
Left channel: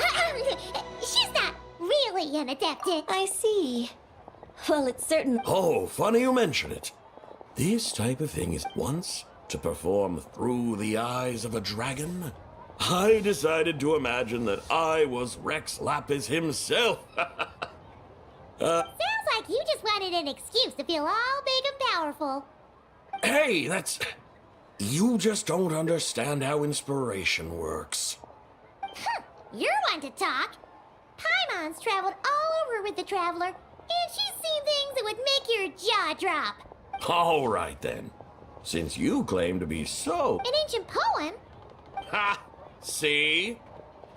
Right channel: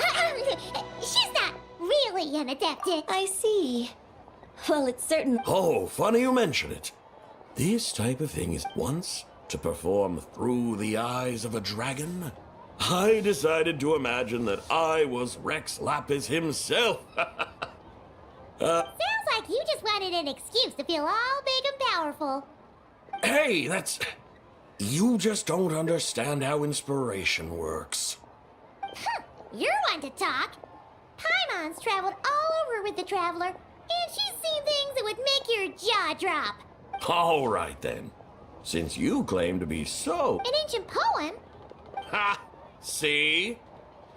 She's not really an adeptus. I see. Well, it's certain... Oh, funny you mention it. This type of thing is once to perform through the eyes of a dragon. I decided to imagine that I was Rex Lapis himself. Sounds like you just wanted an excuse to feel all big and powerful. Hey, that's... You just don't understand how inspiration works. You're one to talk. Paimon's traveled all over with the Traveler, and she's seen things that would make your jaw drop. All right, then. Since you claim to be so... An ancient poem? Ha! See?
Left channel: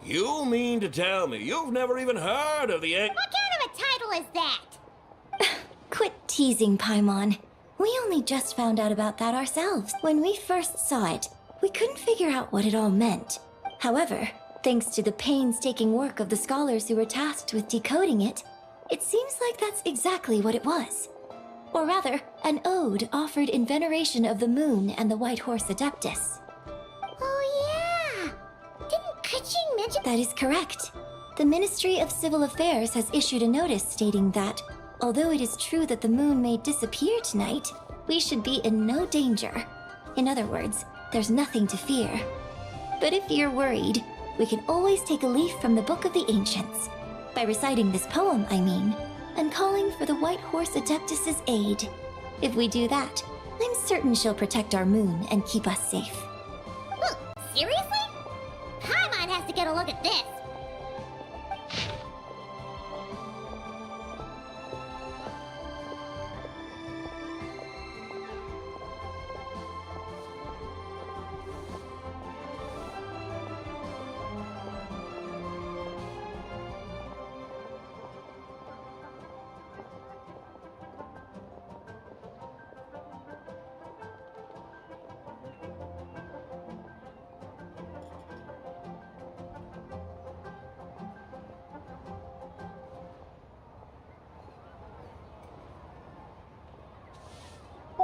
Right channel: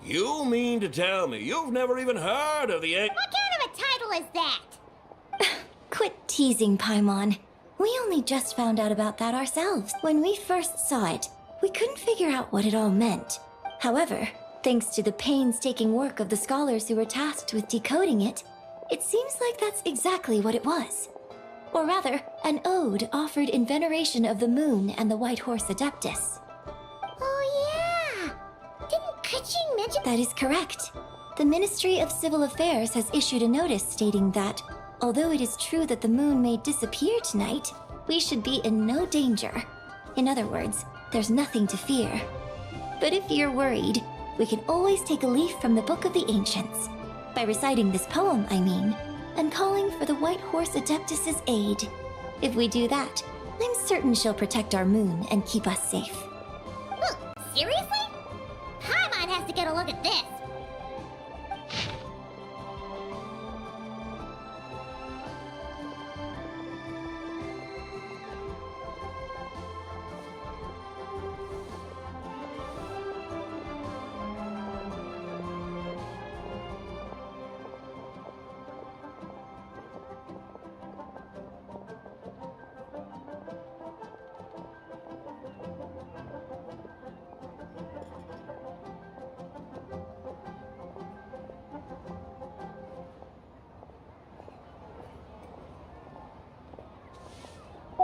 You mean to tell me you've never even heard of the... What kind of a title is that? Quit teasing, Paimon. We only just found out about that ourselves. When we first saw it, we couldn't figure out what it all meant. However, thanks to the painstaking work of the scholars who were tasked with decoding it, it seems like that's exactly what it was. Or rather, an ode offered in veneration of the moon and the White Horse Adeptus. Oh yeah! Didn't Kuching mention... That is correct. The Ministry of Civil Affairs has issued a notice stating that, although it is true that the moon may disappear tonight, we should be in no danger. In other words, there's nothing to fear. But if you're worried, we can always take a leaf from the Book of the Ancients. By reciting this poem, I mean, and calling for the White Horse Adeptus' aid. If we do that, I'm certain she'll protect our moon and keep us safe. Ooh, seriously? Paimon has to get a look at this.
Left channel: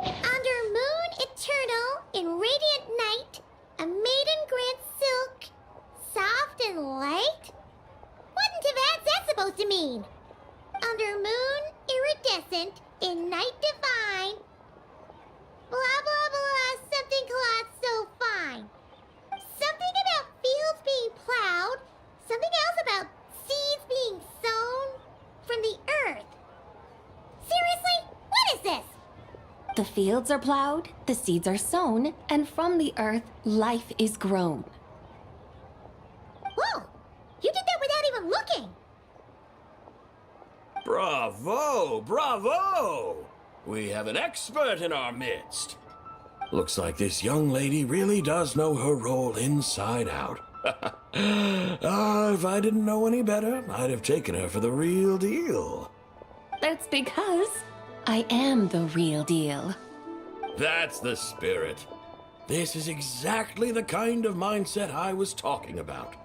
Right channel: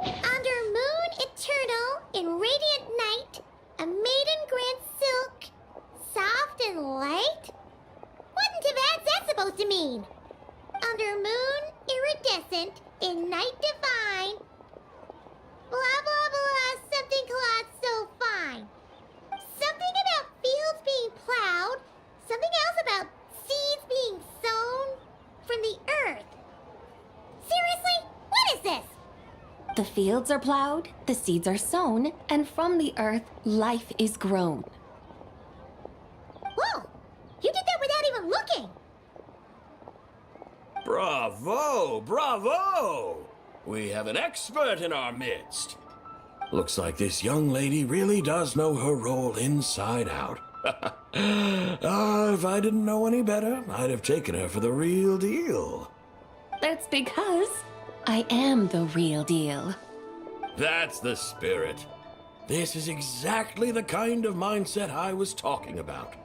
Under moon eternal, in radiant night, a maiden grants silk, soft and light? What in Tibet's that supposed to mean? Under moon iridescent, in night divine, blah blah blah, something cloth so fine. Something about fields being plowed, something else about seeds being sown from the earth. Seriously? What is this? The fields are plowed, the seeds are sown, and from the earth, life is grown. Whoa! You did that without even looking! Bravo! Bravo! We have an expert in our midst. Looks like this young lady really does know her role inside out. If I didn't know any better, I'd have taken her for the real deal. That's because I am the real deal. That's the spirit. This is exactly the kind of mindset I was talking about.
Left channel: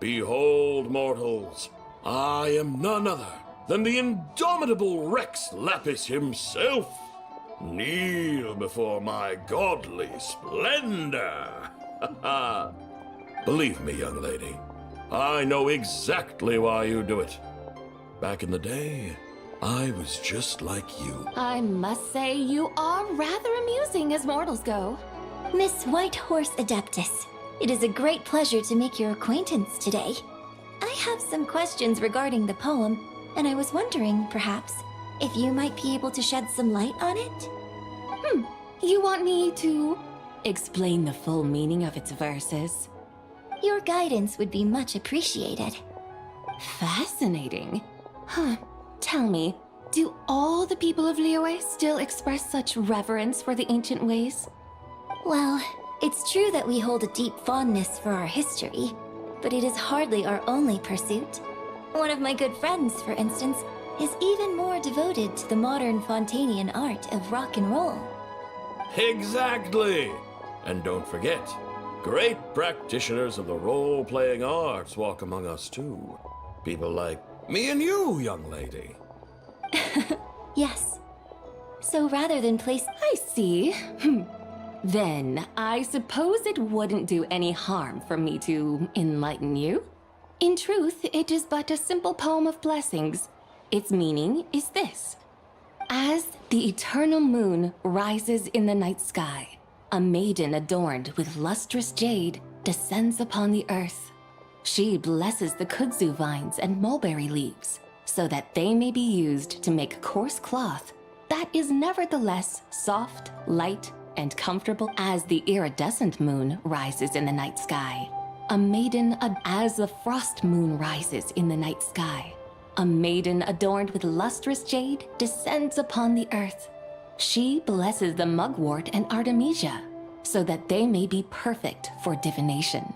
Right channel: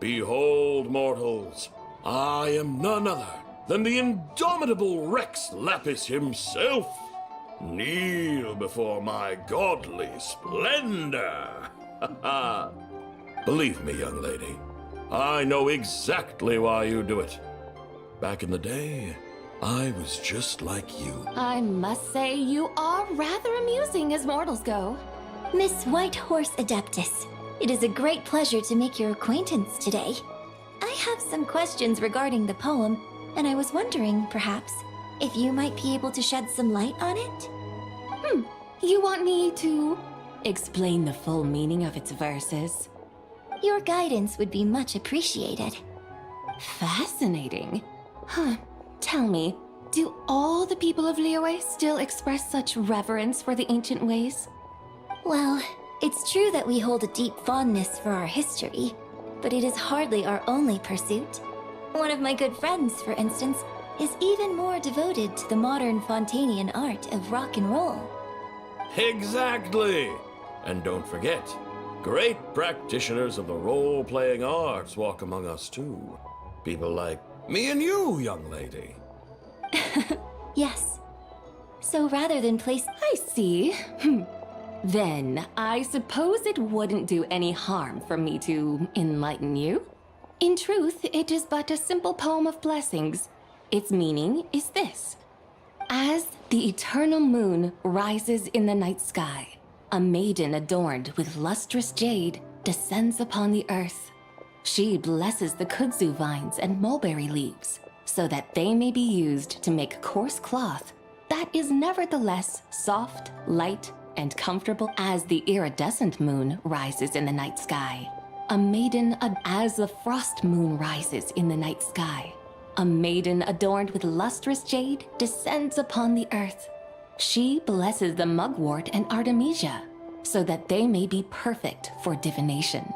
Behold, mortals, I am none other than the indomitable Rex Lapis himself. Kneel before my godly splendor. Believe me, young lady, I know exactly why you do it. Back in the day, I was just like you. I must say, you are rather amusing as mortals go. Miss White Horse Adeptus, it is a great pleasure to make your acquaintance today. I have some questions regarding the poem, and I was wondering, perhaps, if you might be able to shed some light on it? You want me to explain the full meaning of its verses? Your guidance would be much appreciated. Fascinating. Tell me, do all the people of Liyue still express such reverence for the ancient ways? Well, it's true that we hold a deep fondness for our history, but it is hardly our only pursuit. One of my good friends, for instance, is even more devoted to the modern Fontanian art of rock and roll. Exactly! And don't forget, great practitioners of the role-playing arts walk among us too. People like me and you, young lady. Yes. So rather than place... I see. Then, I suppose it wouldn't do any harm for me to enlighten you. In truth, it is but a simple poem of blessings. Its meaning is this. As the eternal moon rises in the night sky, a maiden adorned with lustrous jade descends upon the earth. She blesses the kudzu vines and mulberry leaves, so that they may be used to make coarse cloth that is nevertheless soft, light, and comfortable. As the iridescent moon rises in the night sky, as the frost moon rises in the night sky, a maiden adorned with lustrous jade descends upon the earth. She blesses the mugwort and artemisia, so that they may be perfect for divination.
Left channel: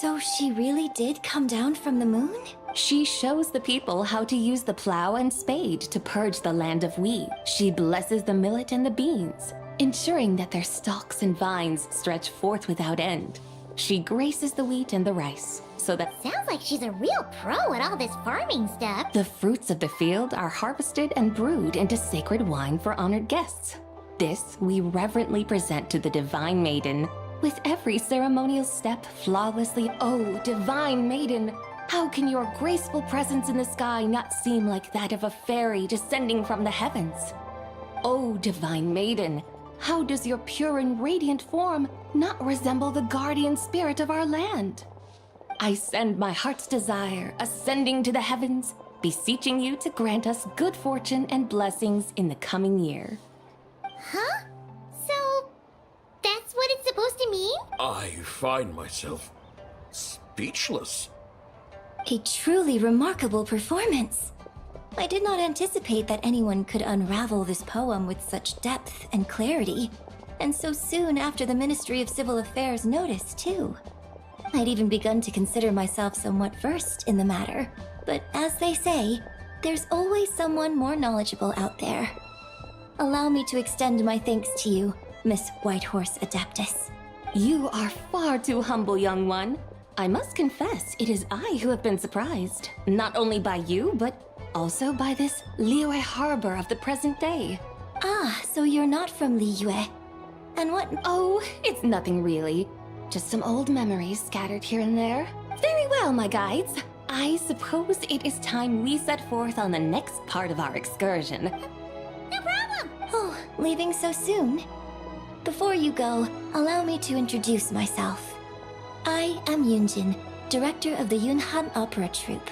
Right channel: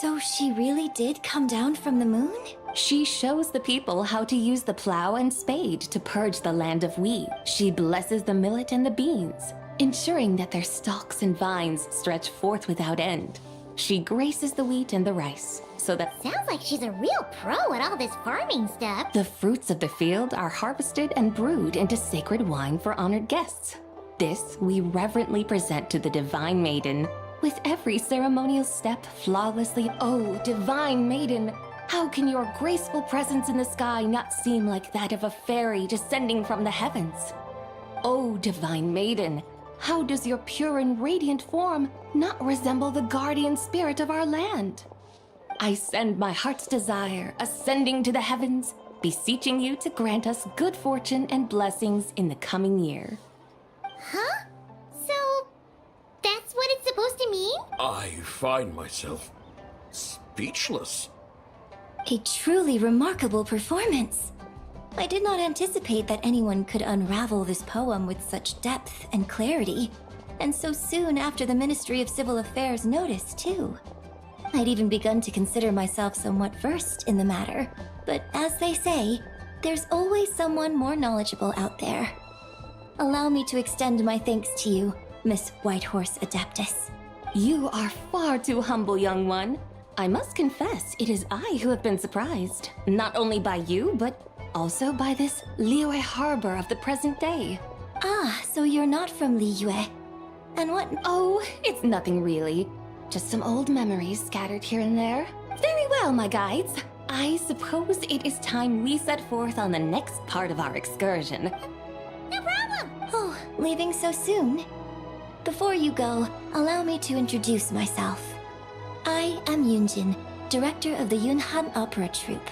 So she really did come down from the moon? She shows the people how to use the plow and spade to purge the land of weed. She blesses the millet and the beans, ensuring that their stalks and vines stretch forth without end. She graces the wheat and the rice, so that... Sounds like she's a real pro at all this farming stuff. The fruits of the field are harvested and brewed into sacred wine for honored guests. This we reverently present to the Divine Maiden, with every ceremonial step flawlessly. Oh, Divine Maiden, how can your graceful presence in the sky not seem like that of a fairy descending from the heavens? Oh, Divine Maiden, how does your pure and radiant form not resemble the guardian spirit of our land? I send my heart's desire, ascending to the heavens, beseeching you to grant us good fortune and blessings in the coming year. Huh? So, that's what it's supposed to mean? I find myself speechless. A truly remarkable performance. I did not anticipate that anyone could unravel this poem with such depth and clarity, and so soon after the Ministry of Civil Affairs noticed, too. I'd even begun to consider myself somewhat versed in the matter, but as they say, there's always someone more knowledgeable out there. Allow me to extend my thanks to you, Miss Whitehorse Adeptus. You are far too humble, young one. I must confess, it is I who have been surprised, not only by you, but also by this Liyue harbor of the present day. Ah, so you're not from Liyue. And what? Oh, it's nothing really. Just some old memories scattered here and there. Very well, my guides. I suppose it is time we set forth on the next part of our excursion. No problem! Oh, leaving so soon? Before you go, allow me to introduce myself. I am Yunjin, director of the Yunhan Opera Troupe.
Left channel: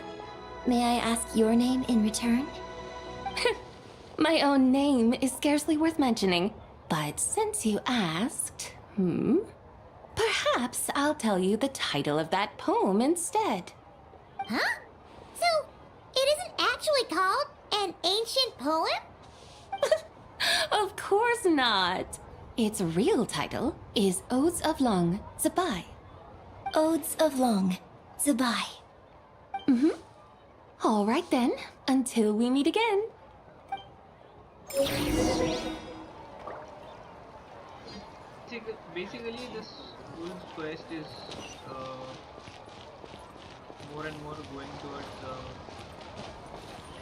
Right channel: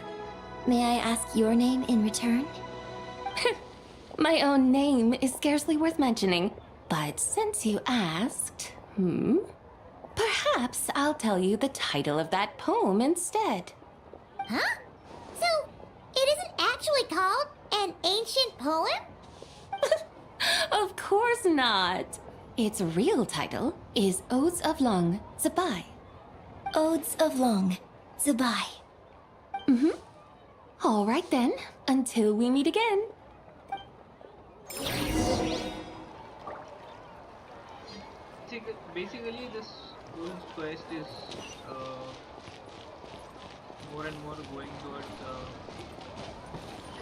May I ask your name in return? My own name is scarcely worth mentioning, but since you asked, perhaps I'll tell you the title of that poem instead. Huh? So, it isn't actually called an ancient poem? Of course not. Its real title is Odes of Long Zabai. Odes of Long Zabai. All right then, until we meet again. Basically, this whole quest is more and more going towards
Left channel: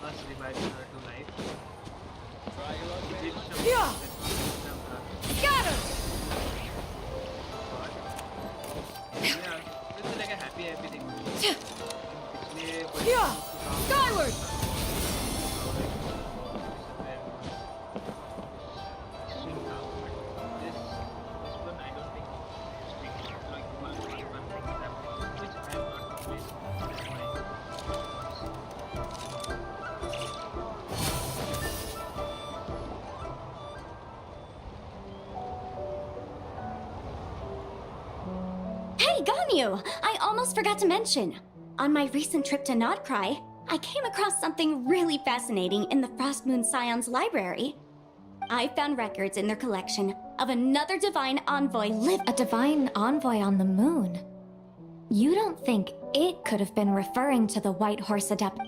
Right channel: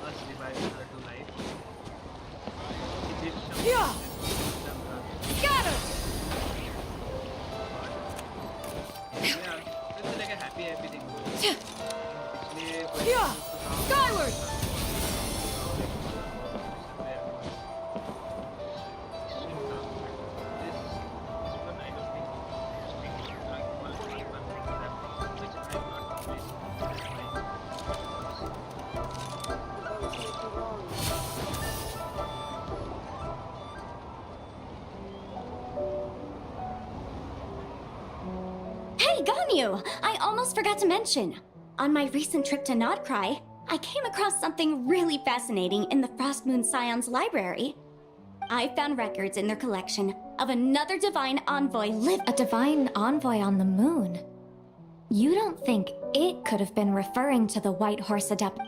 us reviving her to life. She did some Yeah! Skyward! This one I don't think it's like all three fun things happening, which I have not completed. Just my thoughts. Hey, Ganyu! I almost forgot to mention. On my recent trip to Nodcry, I came across something really fascinating in the Frost Moon Scion's library. I found records in their collection of another divine envoy A divine envoy on the moon? You don't think it could have been referring to the White Horse Adept?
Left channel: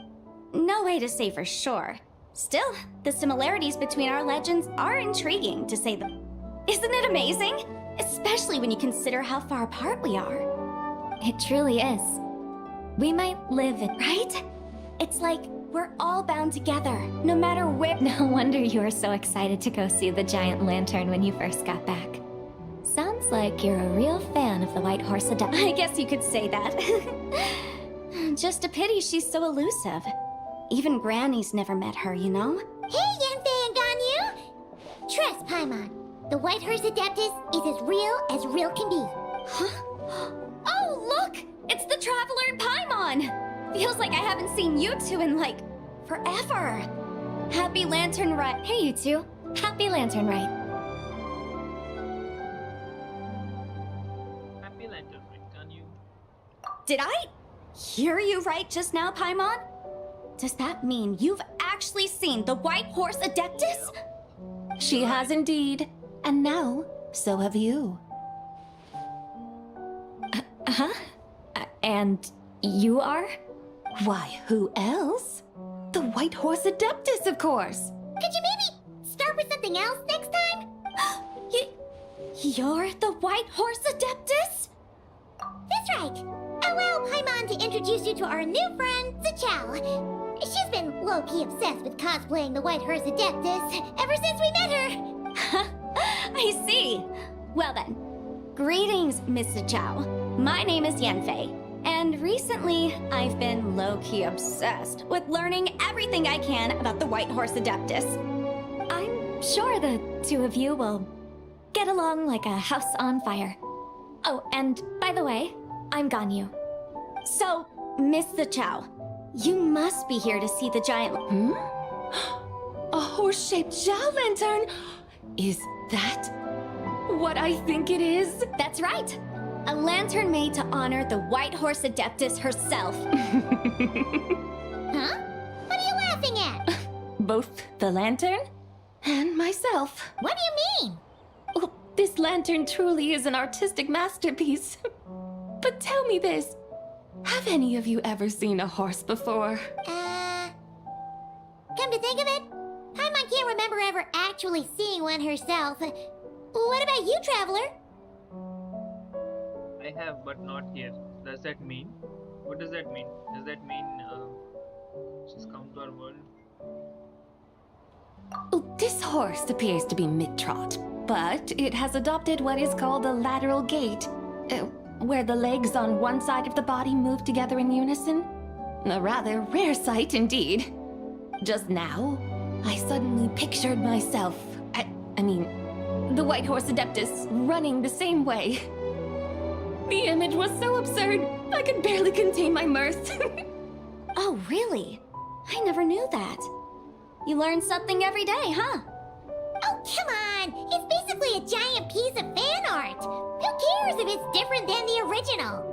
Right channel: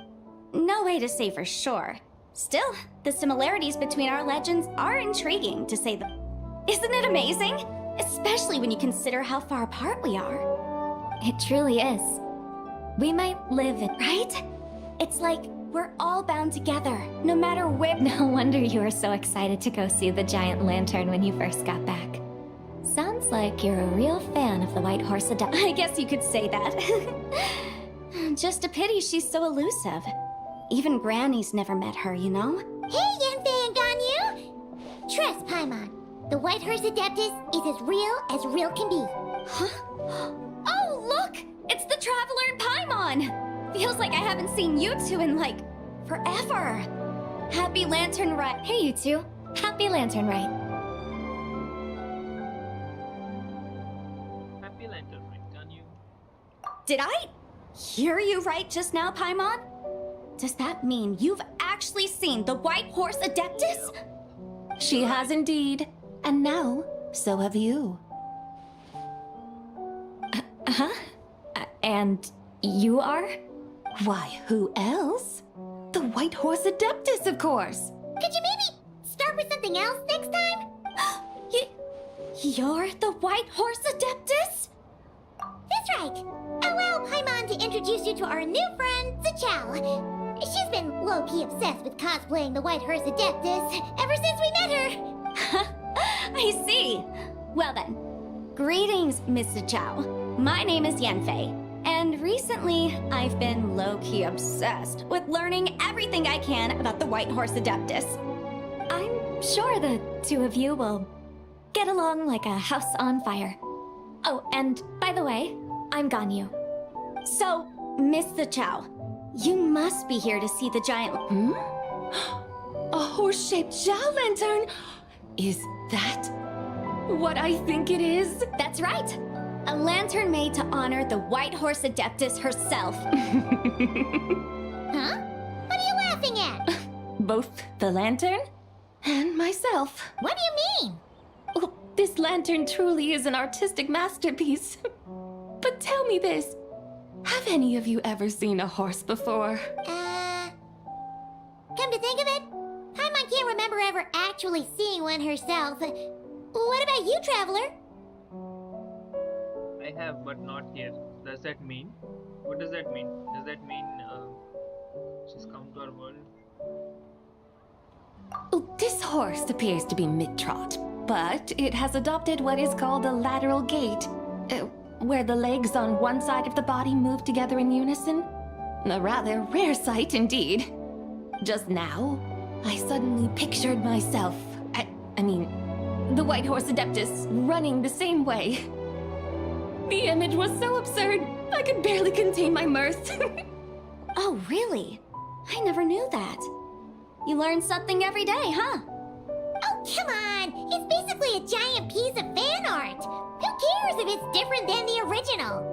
No way to say for sure. Still, the similarities between our legends are intriguing, to say the... Isn't it amazing? Especially when you consider how far apart we are. It truly is. We might live in... Right? It's like we're all bound together, no matter where... No wonder you were so excited to go see the giant lantern when you first got back. Sounds like you're a real fan of the White Horse Adept. I guess you could say that. Just a pity she's so elusive. Even Granny's never met her, you know? Hey, Yanfei and Ganyu! Trust, Paimon. The White Horse Adeptus is as real can be. Huh? Oh, look! It's the Traveler and Paimon! Feels like I haven't seen you two in, like, forever. Happy Lantern Rite. Hey, you two. Happy Lantern Rite. Happy Lantern Rite, Ganyu. Did I hear you right just now, Paimon? Does that mean you've actually seen the White Horse Adeptus? She has indeed. And now, so have you. Huh? And you are? Why, who else? The White Horse Adeptus, of course. Could you maybe start with something else next time? You're the White Horse Adeptus? That's right. Allow Paimon to introduce you to our new friend, Zichao. She's been low-key obsessed with cosplaying the White Horse Adeptus ever since we met her. I see. Well then, greetings, Miss Zichao. My name is Yanfei. And recently, I've been low-key obsessed with learning everything I can about the White Horse Adeptus. I'm sure the two of you will get along like a house on fire. Oh, and by the way, I'm Ganyu. So, Miss Zichao, you must be here to see the giant... A horse-shaped Zhao lantern? Is that what I think it is? That's right. A lantern made to honor the White Horse Adeptus herself. Huh? What are you laughing at? Both the lantern and myself. What do you mean? Oh, this lantern truly is an artistic masterpiece. But tell me this. Have any of you ever seen a horse before? Come to think of it, Paimon can't remember ever actually seeing one herself. What about you, Traveler? I have, but not here. Does that mean? What does that mean? Does that mean she's come to our world? Oh, this horse appears to be mid-trot, but it has adopted what is called a lateral gait, where the legs on one side of the body move together in unison. A rather rare sight indeed. Just now, I suddenly pictured myself, I mean, the White Horse Adeptus running the same way. The image was so absurd, I could barely contain my mirth. Oh, really? I never knew that. You learn something every day, huh? Oh, come on! It's basically a giant piece of fan art! Who cares if it's different than the original?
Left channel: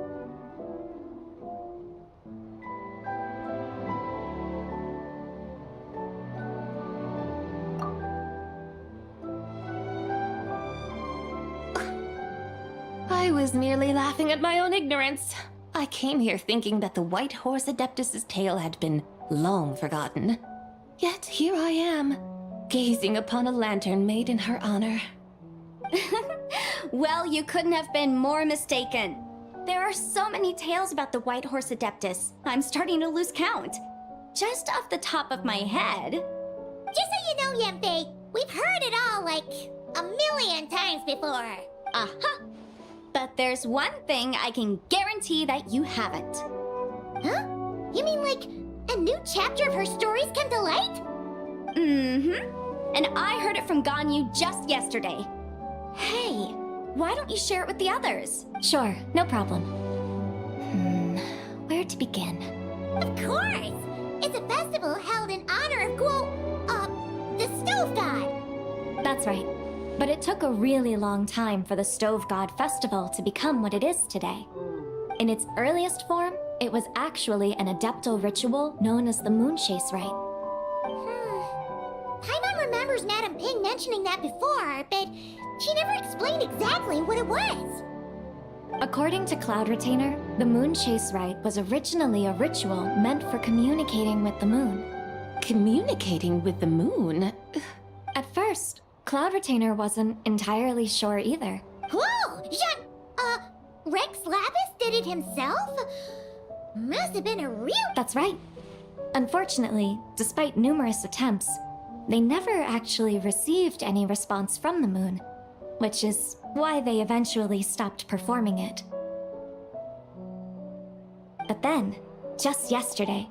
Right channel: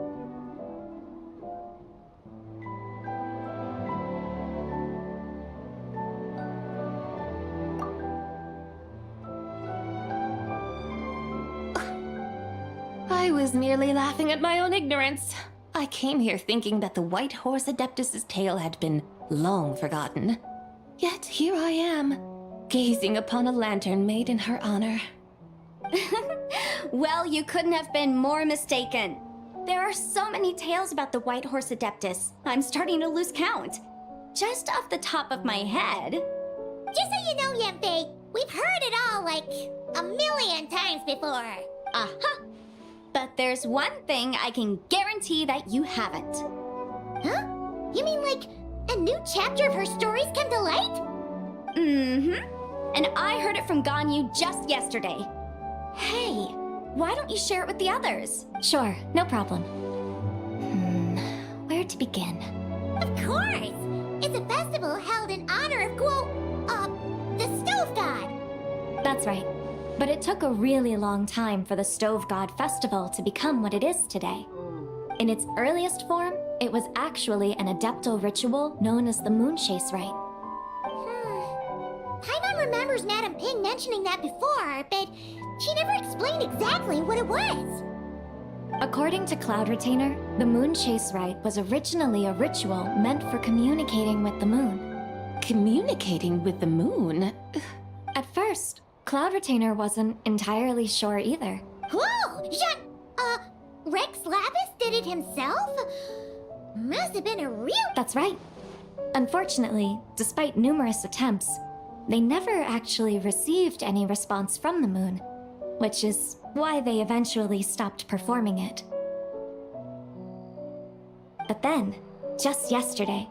I was merely laughing at my own ignorance. I came here thinking that the White Horse Adeptus's tale had been long forgotten. Yet here I am, gazing upon a lantern made in her honor. Well, you couldn't have been more mistaken. There are so many tales about the White Horse Adeptus, I'm starting to lose count. Just off the top of my head... Just so you know, Yanfei, we've heard it all like a million times before. Aha! But there's one thing I can guarantee that you haven't. Huh? You mean like a new chapter of her stories come to light? Mm-hmm. And I heard it from Ganyu just yesterday. Hey, why don't you share it with the others? Sure, no problem. Where to begin? Of course! It's a festival held in honor of the Stove God. That's right. But it took a really long time for the Stove God Festival to become what it is today. In its earliest form, it was actually an adeptal ritual known as the Moonchase Rite. Paimon remembers Madame Ping mentioning that before, but she never explained exactly what it was. According to Cloud Retainer, the Moonchase Rite was originally a ritual meant for communicating with the moon. Communicating with the moon? At first, Cloud Retainer wasn't entirely sure either. Whoa! Rex Lapis did it himself? Must have been a real... That's right. Unfortunately, despite numerous attempts, they never actually received any response from the moon, which is why they eventually stopped performing it. But then, just yesterday,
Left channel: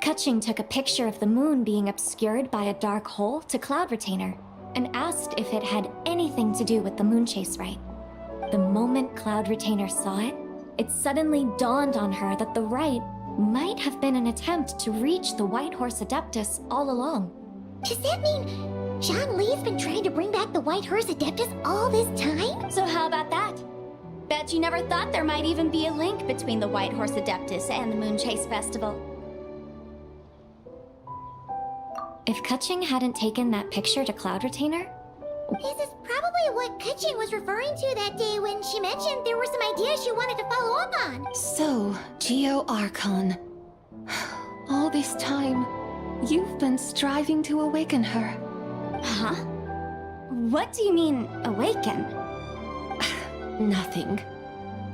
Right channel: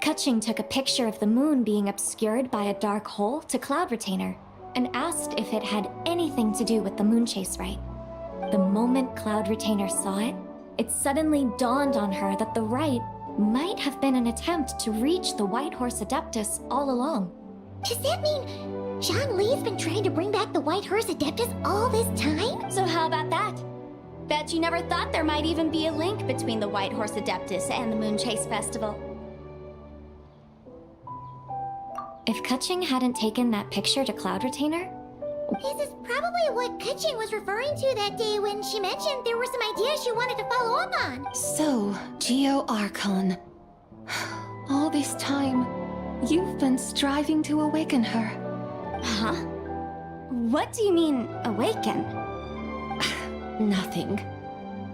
Kaching took a picture of the moon being obscured by a dark hole to Cloud Retainer and asked if it had anything to do with the Moonchase Rite. The moment Cloud Retainer saw it, it suddenly dawned on her that the rite might have been an attempt to reach the White Horse Adeptus all along. Does that mean Zhang Li's been trying to bring back the White Horse Adeptus all this time? So how about that? Bet you never thought there might even be a link between the White Horse Adeptus and the Moonchase Festival. If Kaching hadn't taken that picture to Cloud Retainer... This is probably what Kaching was referring to that day when she mentioned there were some ideas she wanted to follow up on. So, Geo Archon. All this time, you've been striving to awaken her. Huh? What do you mean, awaken? Nothing.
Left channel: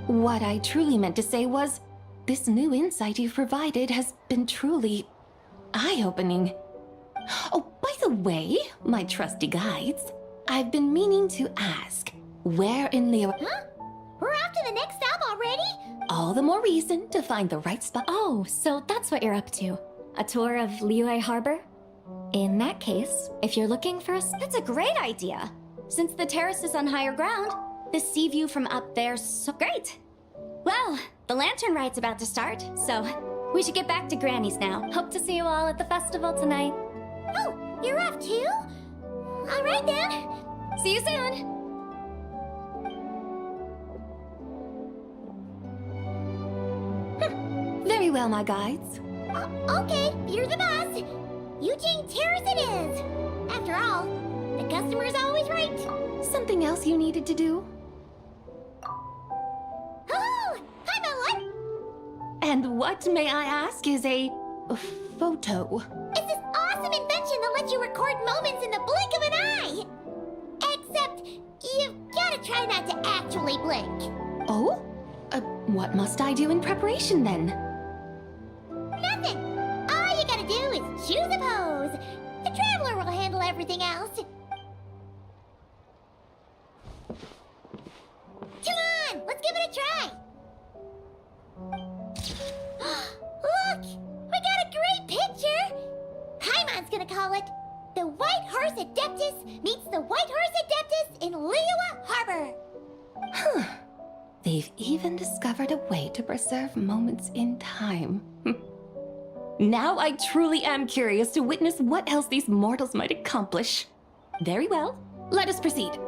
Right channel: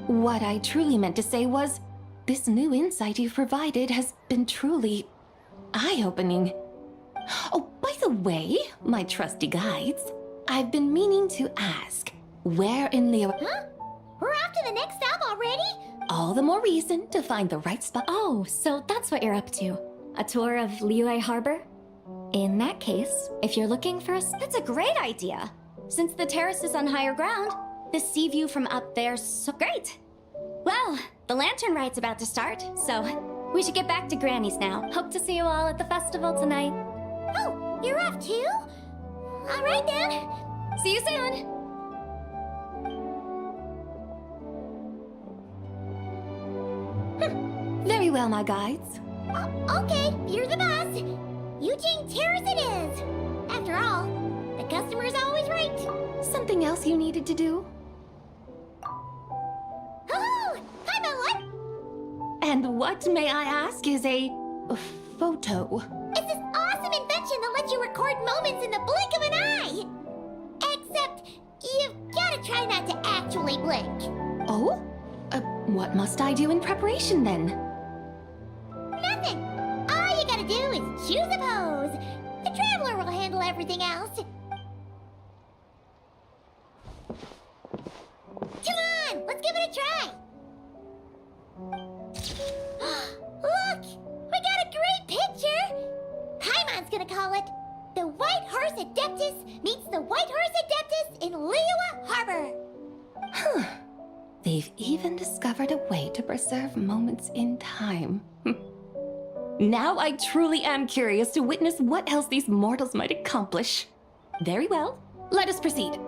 What I truly meant to say was, this new insight you've provided has been truly eye-opening. Oh, by the way, my trusty guides, I've been meaning to ask, where in Liyue... Huh? We're off to the next stop already? All the more reason to find the right spot. Oh, so that's what you're up to. A tour of Liyue Harbor? In that case, if you're looking for us, that's a great idea. Since the terrace is on higher ground, the sea view from up there's so great. Well, the lantern rite's about to start, so we should get back to Granny's now. Hope to see you all at the festival tonight. Oh, you're off too? All right then. See you soon. Very well, my guides. Okay, you're the boss. Eugene Terrace it is. After all, the customer's always right. Something else you needed to do? Oh, I'm a what? And what, may I ask, is a photo? It's this awesome invention that lets you record moments in the blink of an eye. Except, you've gotta try not to actually blink. Oh? What must I do in preparation then? Nothing. All you gotta do is choose a pose. The Traveler will handle everything else. Come on, let's give it a try. Look, we got a great picture. Paimon's gonna call it The White Horse Adeptus Meets the White Horse Adeptus in Liyue Harbor. Huh. They've even discovered a way to preserve moments in time. Now I truly am curious to witness what else these mortals might accomplish. Very well, let us proceed.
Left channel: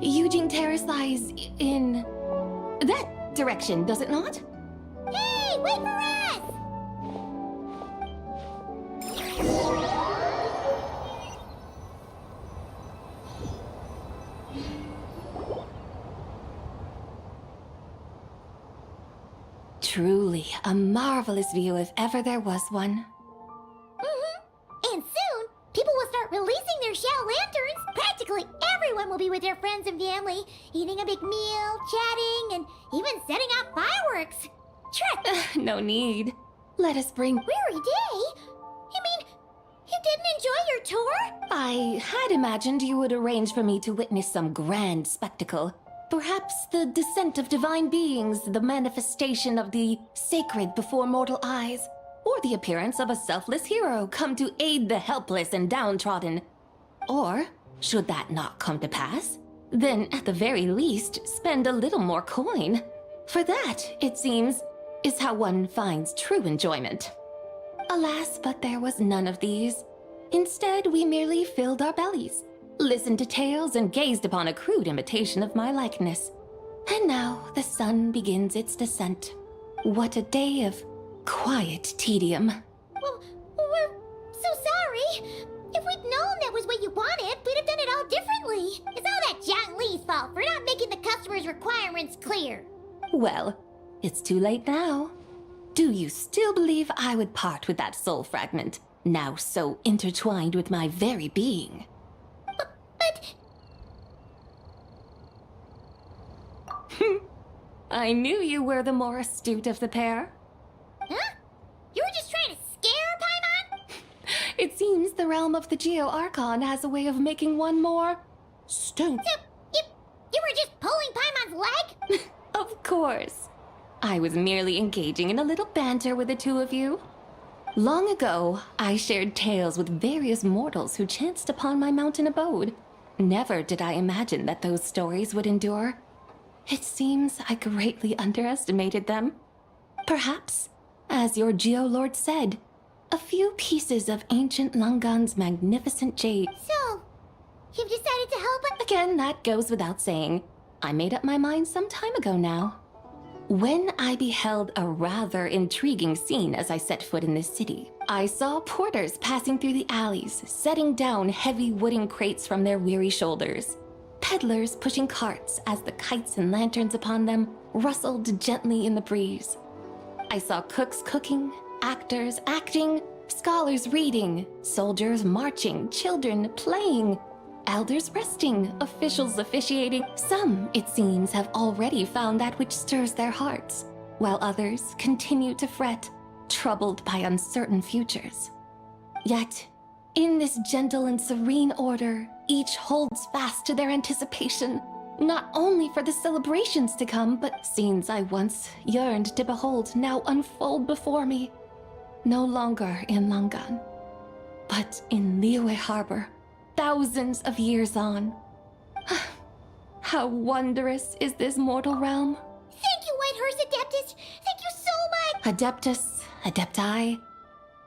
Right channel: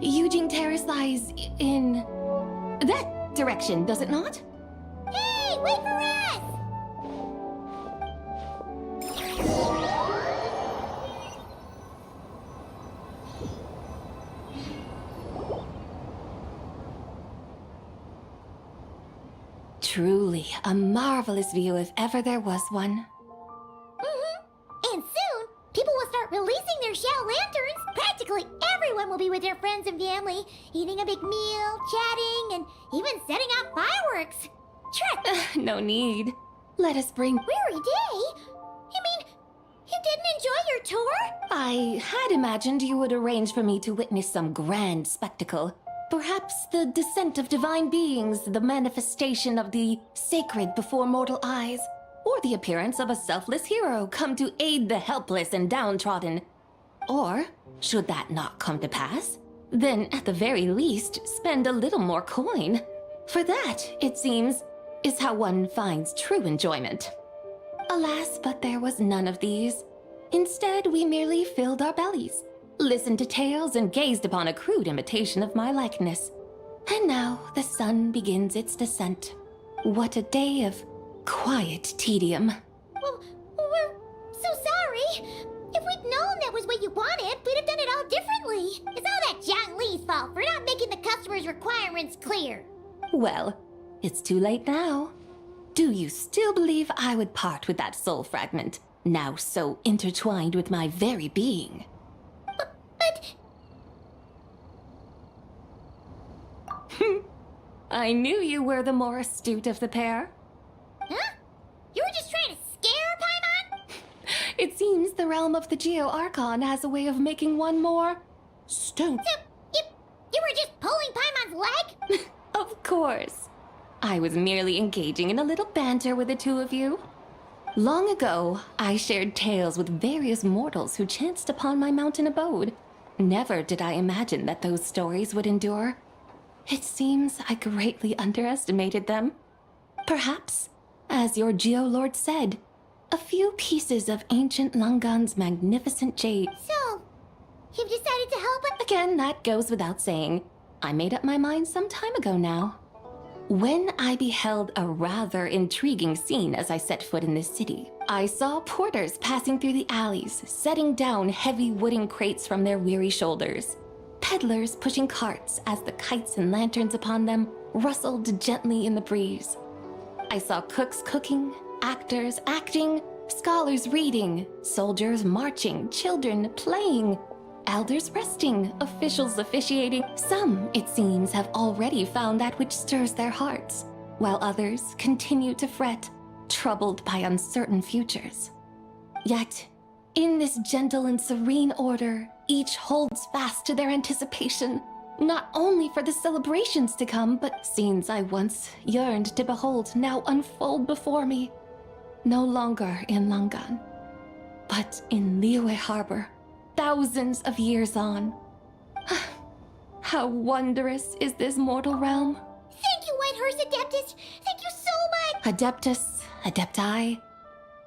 Eugene Terrace lies in that direction, does it not? Hey, wait for us! Truly a marvelous view if ever there was one. And soon, people will start releasing their shell lanterns. Practically everyone will be with their friends and family, eating a big meal, chatting, and even setting off fireworks. Trek! No need. Let us bring... Weary day? You mean, you didn't enjoy your tour? I had imagined you would arrange for me to witness some grand spectacle. Perhaps the descent of divine beings, the manifestation of the sacred before mortal eyes. or the appearance of a selfless hero come to aid the helpless and downtrodden. Or, should that not come to pass, then at the very least spend a little more coin. For that, it seems, is how one finds true enjoyment. Alas, but there was none of these. Instead, we merely filled our bellies, listened to tales, and gazed upon a crude imitation of my likeness. And now the sun begins its descent. What a day of quiet tedium. Well, we're so sorry. If we'd known that was what you wanted, we'd have done it all differently. It's all that Zhang Li's fault for not making the customer's requirements clear. Well, it's too late now. Do you still believe I would part with that soul fragment, now so intertwined with my very being? But... I knew you were the more astute of the pair. Huh? You were just trying to scare Paimon? It seems the realm of the Geo Archon has a way of making one more stone. So, you were just pulling Paimon's leg? Of course. I was merely engaging in a little banter with the two of you. Long ago, I shared tales with various mortals who chanced upon my mountain abode. Never did I imagine that those stories would endure. It seems I greatly underestimated them. Perhaps, as your Geolord said, a few pieces of ancient Langan's magnificent jade. So, you've decided to help us? Again, that goes without saying. I made up my mind some time ago now. When I beheld a rather intriguing scene as I set foot in this city, I saw porters passing through the alleys, setting down heavy wooden crates from their weary shoulders. Peddlers pushing carts as the kites and lanterns upon them rustled gently in the breeze. I saw cooks cooking, actors acting, scholars reading, soldiers marching, children playing, elders resting, officials officiating. Some, it seems, have already found that which stirs their hearts, while others continue to fret, troubled by uncertain futures. Yet, in this gentle and serene order, each holds fast to their anticipation, not only for the celebrations to come, but scenes I once yearned to behold now unfold before me. No longer in Langan, but in Liyue Harbor, thousands of years on. How wondrous is this mortal realm. Thank you, Whitehurst Adeptus! Thank you so much! Adeptus, Adepti.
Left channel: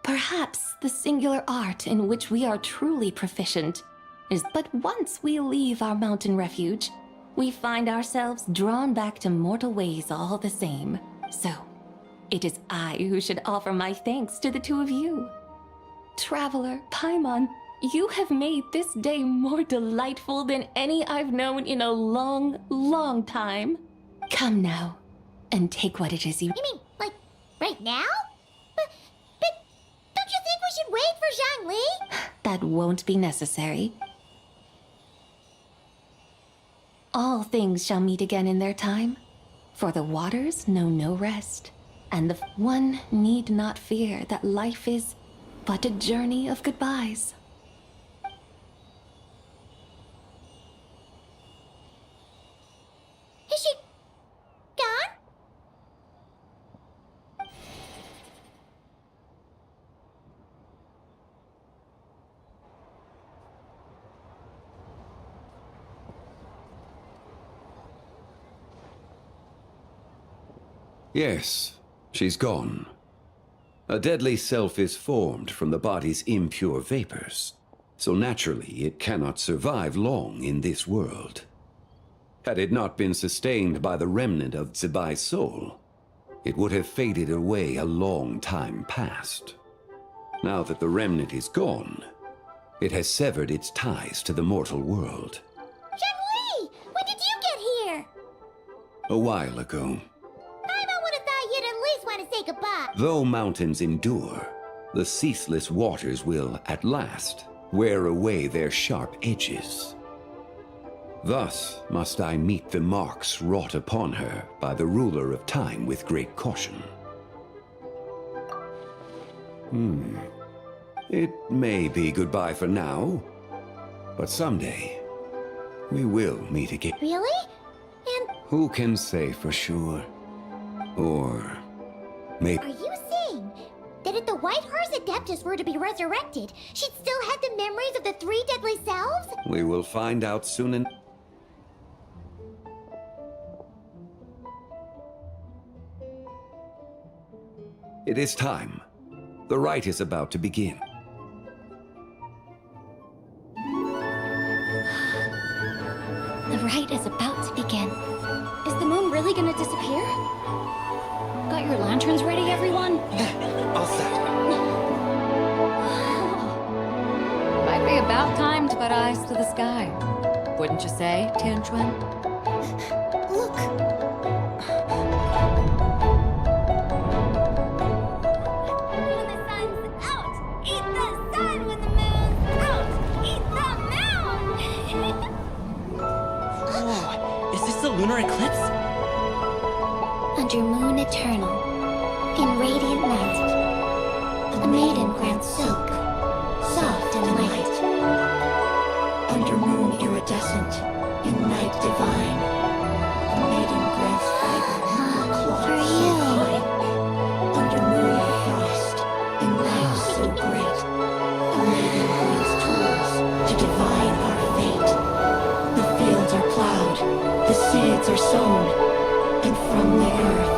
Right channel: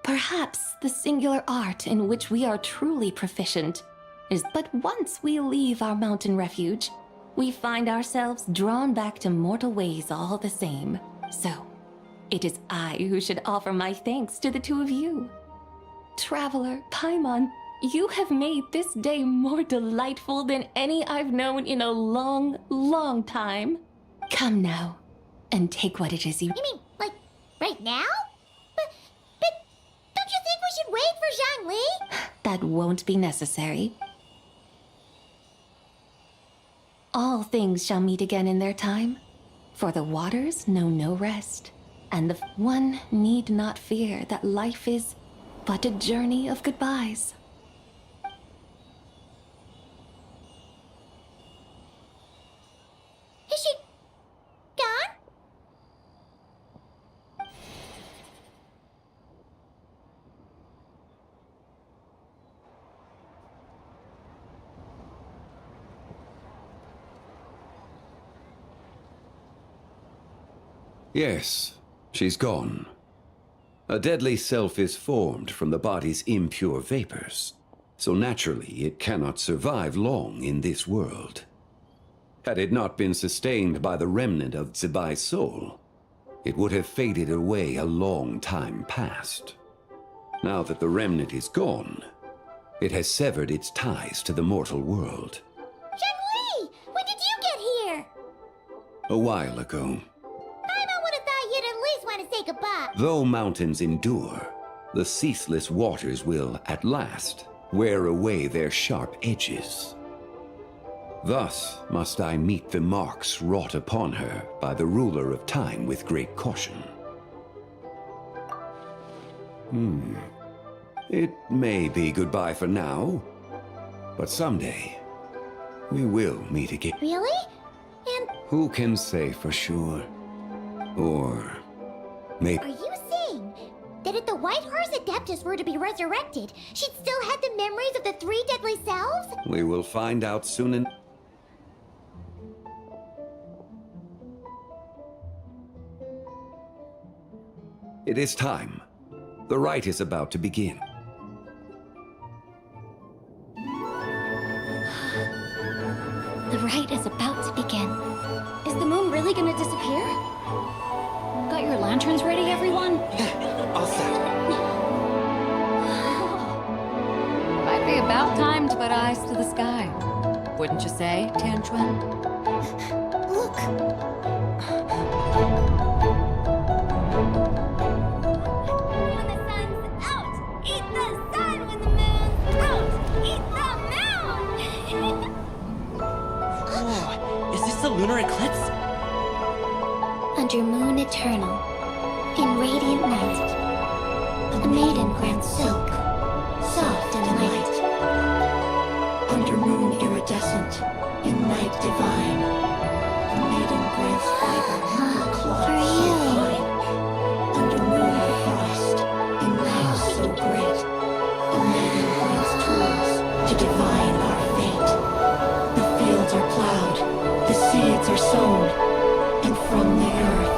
Perhaps the singular art in which we are truly proficient is but once we leave our mountain refuge, we find ourselves drawn back to mortal ways all the same. So, it is I who should offer my thanks to the two of you. Traveler, Paimon, you have made this day more delightful than any I've known in a long, long time. Come now, and take what it is you... You mean, like, right now? But don't you think we should wait for Zhang Li? That won't be necessary. All things shall meet again in their time, for the waters know no rest, and the one need not fear that life is but a journey of goodbyes. Is she gone? Yes, she's gone. A deadly self is formed from the body's impure vapors, so naturally it cannot survive long in this world. Had it not been sustained by the remnant of Zibai's soul, it would have faded away a long time past. Now that the remnant is gone, it has severed its ties to the mortal world. Zhang Li! When did you get here? A while ago. I would have thought you'd at least want to say goodbye. Though mountains endure, the ceaseless waters will, at last, wear away their sharp edges. Thus must I meet the marks wrought upon her by the ruler of time with great caution. It may be goodbye for now, but someday we will meet again. Really? And Who can say for sure? Or maybe... are you saying that at the White Horse Adeptus were to be resurrected, she'd still have the memories of the three deadly selves? We will find out soon enough. It is time. The rite is about to begin. The rite is about to begin. Is the moon really gonna disappear? Got your lanterns ready, everyone? All set. Might be about time to put eyes to the sky. Wouldn't you say, Tianchuan? Look! When the sun's out, eat the sun. When the moon's out, eat the moon. Whoa, is this the lunar eclipse? Under moon eternal, in radiant night, a maiden grants silk, soft and light. Under moon iridescent, in night divine, a maiden grants fiber, cloth so fine. Under moon of frost, in night so great, a maiden grants tools to divine our fate. The fields are plowed, the seeds are sown, and from the earth,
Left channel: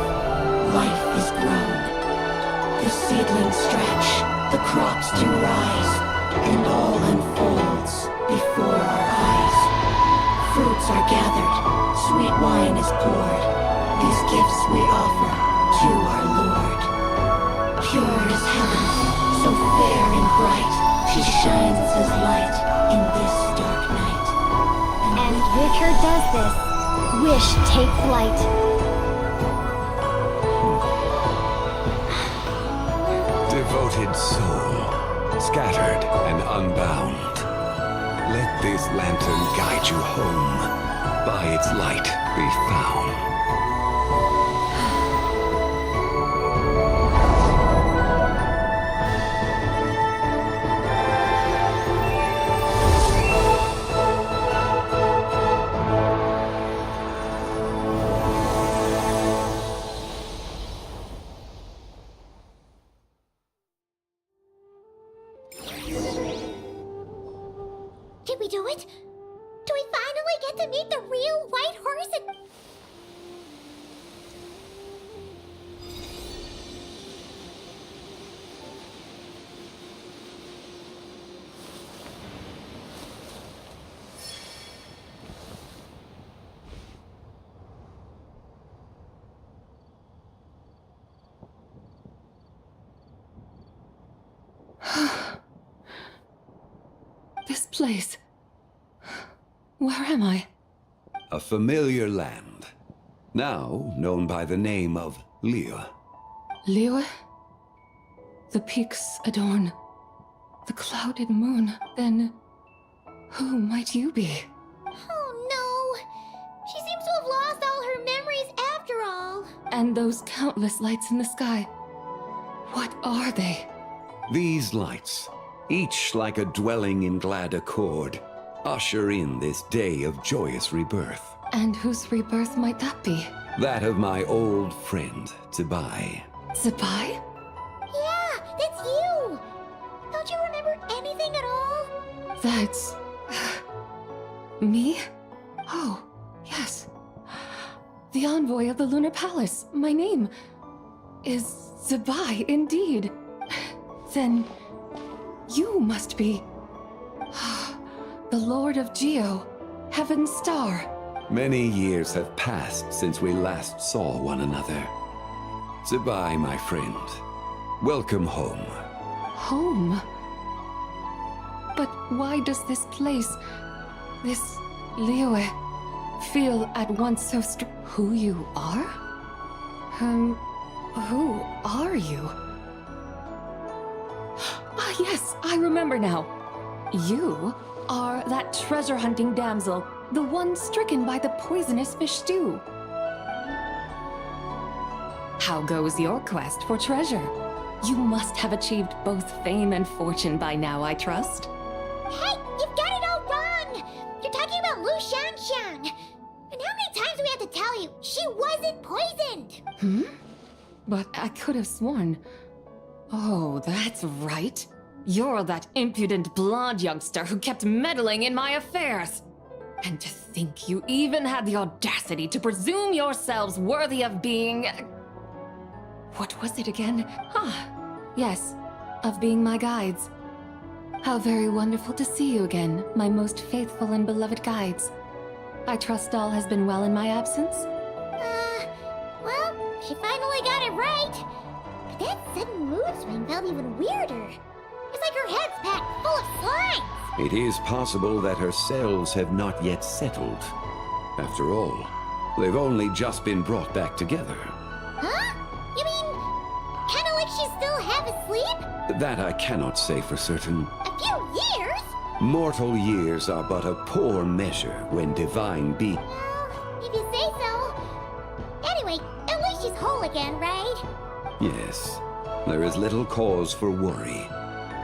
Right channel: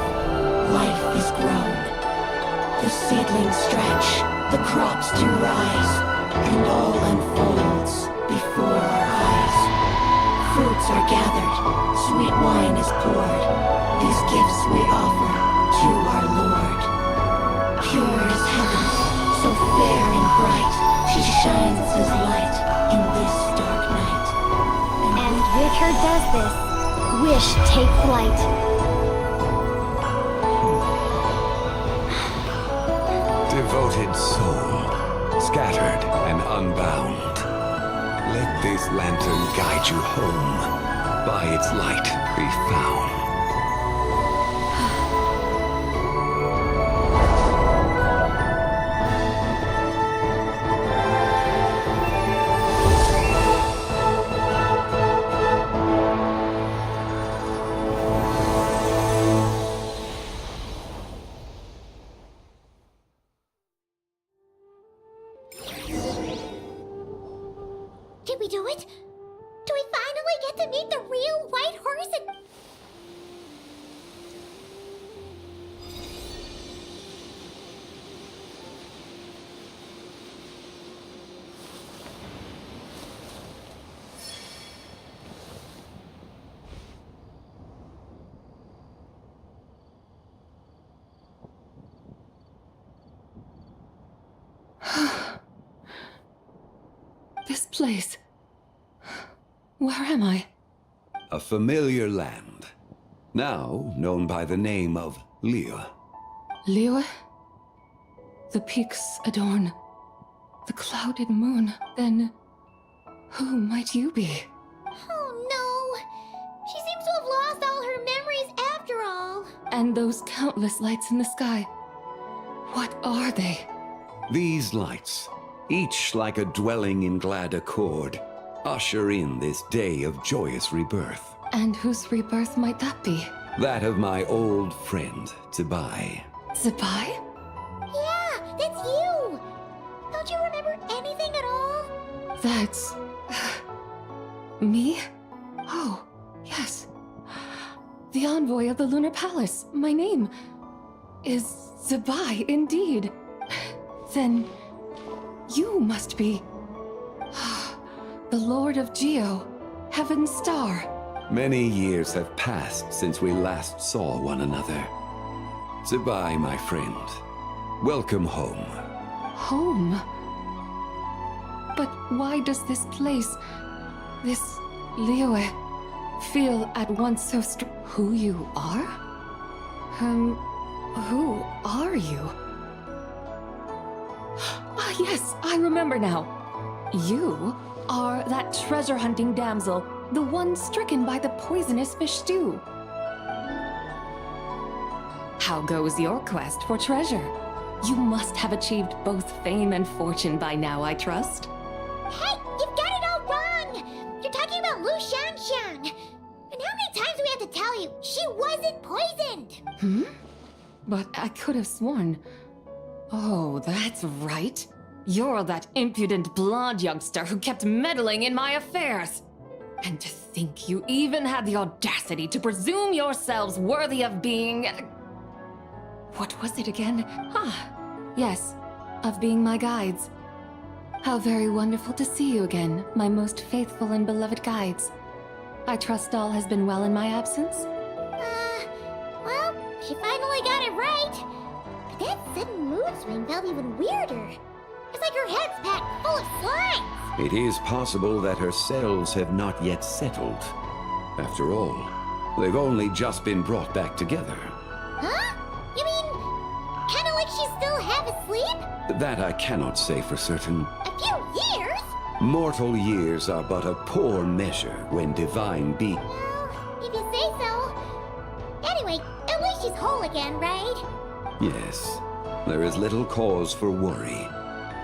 life is grown. The seedlings stretch, the crops do rise, and all unfolds before our eyes. Fruits are gathered, sweet wine is poured. These gifts we offer to our Lord. Pure is heaven, so fair and bright, she shines as light in this dark night. And with her does this, wish take flight. Devoted soul, scattered and unbound. Let this lantern guide you home. By its light be found. Did we do it? Do we finally get to meet the real White Horse and... This place. Where am I? A familiar land, now known by the name of Liyue. Liyue? The peaks adorn the clouded moon. Then, who might you be? Oh no! She seems to have lost all her memories after all. And those countless lights in the sky. What are they? These lights, each like a dwelling in glad accord, usher in this day of joyous rebirth. And whose rebirth might that be? That of my old friend, Zibai. Zibai? Yeah, that's you! Don't you remember anything at all? That's... me? Oh, yes. The envoy of the Lunar Palace. My name is Zibai, indeed. Then you must be the Lord of Geo, Heaven's Star. Many years have passed since we last saw one another. Zibai, my friend. Welcome home. Home? But why does this place, this Liyue, feel at once so Who you are? Who are you? Ah, yes, I remember now. You are that treasure-hunting damsel, the one stricken by the poisonous fish stew. How goes your quest for treasure? You must have achieved both fame and fortune by now, I trust. Hey, you've got it all wrong! You're talking about Lu Xiangxiang. And how many times do we have to tell you? She wasn't poisoned! But I could have sworn... Oh, that's right. You're that impudent blonde youngster who kept meddling in my affairs. And to think you even had the audacity to presume yourselves worthy of being... What was it again? Ah, yes, of being my guides. How very wonderful to see you again, my most faithful and beloved guides. I trust all has been well in my absence? Well, she finally got it right. But that sudden mood swing felt even weirder. It's like her head's packed full of slimes. It is possible that her cells have not yet settled. After all, they've only just been brought back together. Huh? You mean, kinda like she's still half asleep? That I cannot say for certain. A few years? Mortal years are but a poor measure when divine be. Well, if you say so. Anyway, at least she's whole again, right? Yes, there is little cause for worry.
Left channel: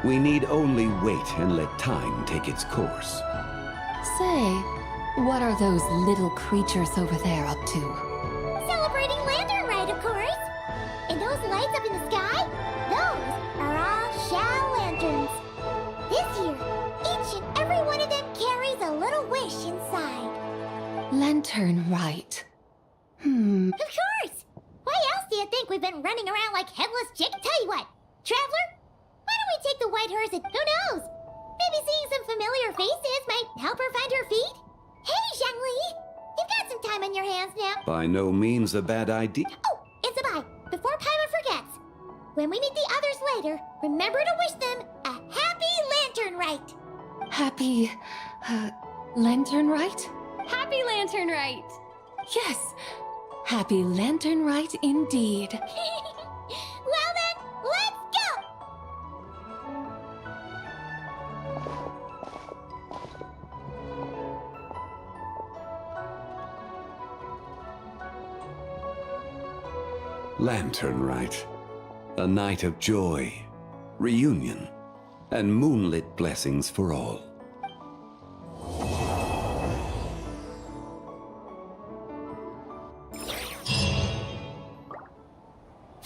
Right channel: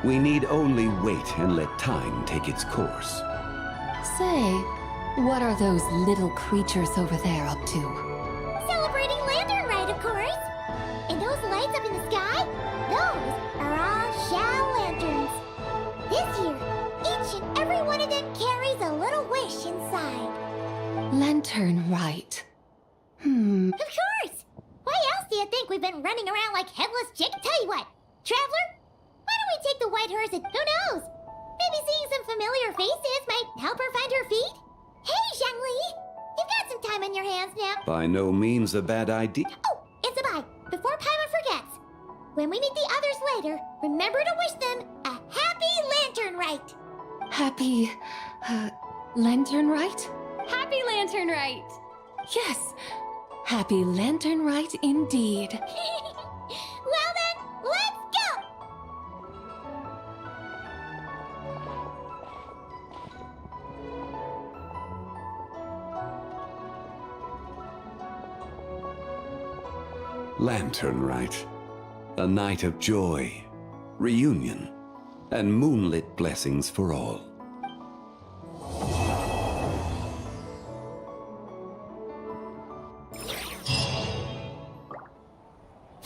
We need only wait and let time take its course. Say, what are those little creatures over there up to? Celebrating Lantern Rite, of course. And those lights up in the sky? Those are all Shao lanterns. This year, each and every one of them carries a little wish inside. Lantern Rite. Of course! Why else do you think we've been running around like headless chick? Tell you what, Traveler, why don't we take the white horse and who knows? Maybe seeing some familiar faces might help her find her feet? Hey, Zhangli! You've got some time on your hands now. By no means a bad idea. Oh, and Sabai, before Paimon forgets, when we meet the others later, remember to wish them a happy Lantern Rite. Happy... Lantern Rite? Happy Lantern Rite! Yes! Happy Lantern Rite indeed. Well then, let's go! Lantern Rite. A night of joy, reunion, and moonlit blessings for all.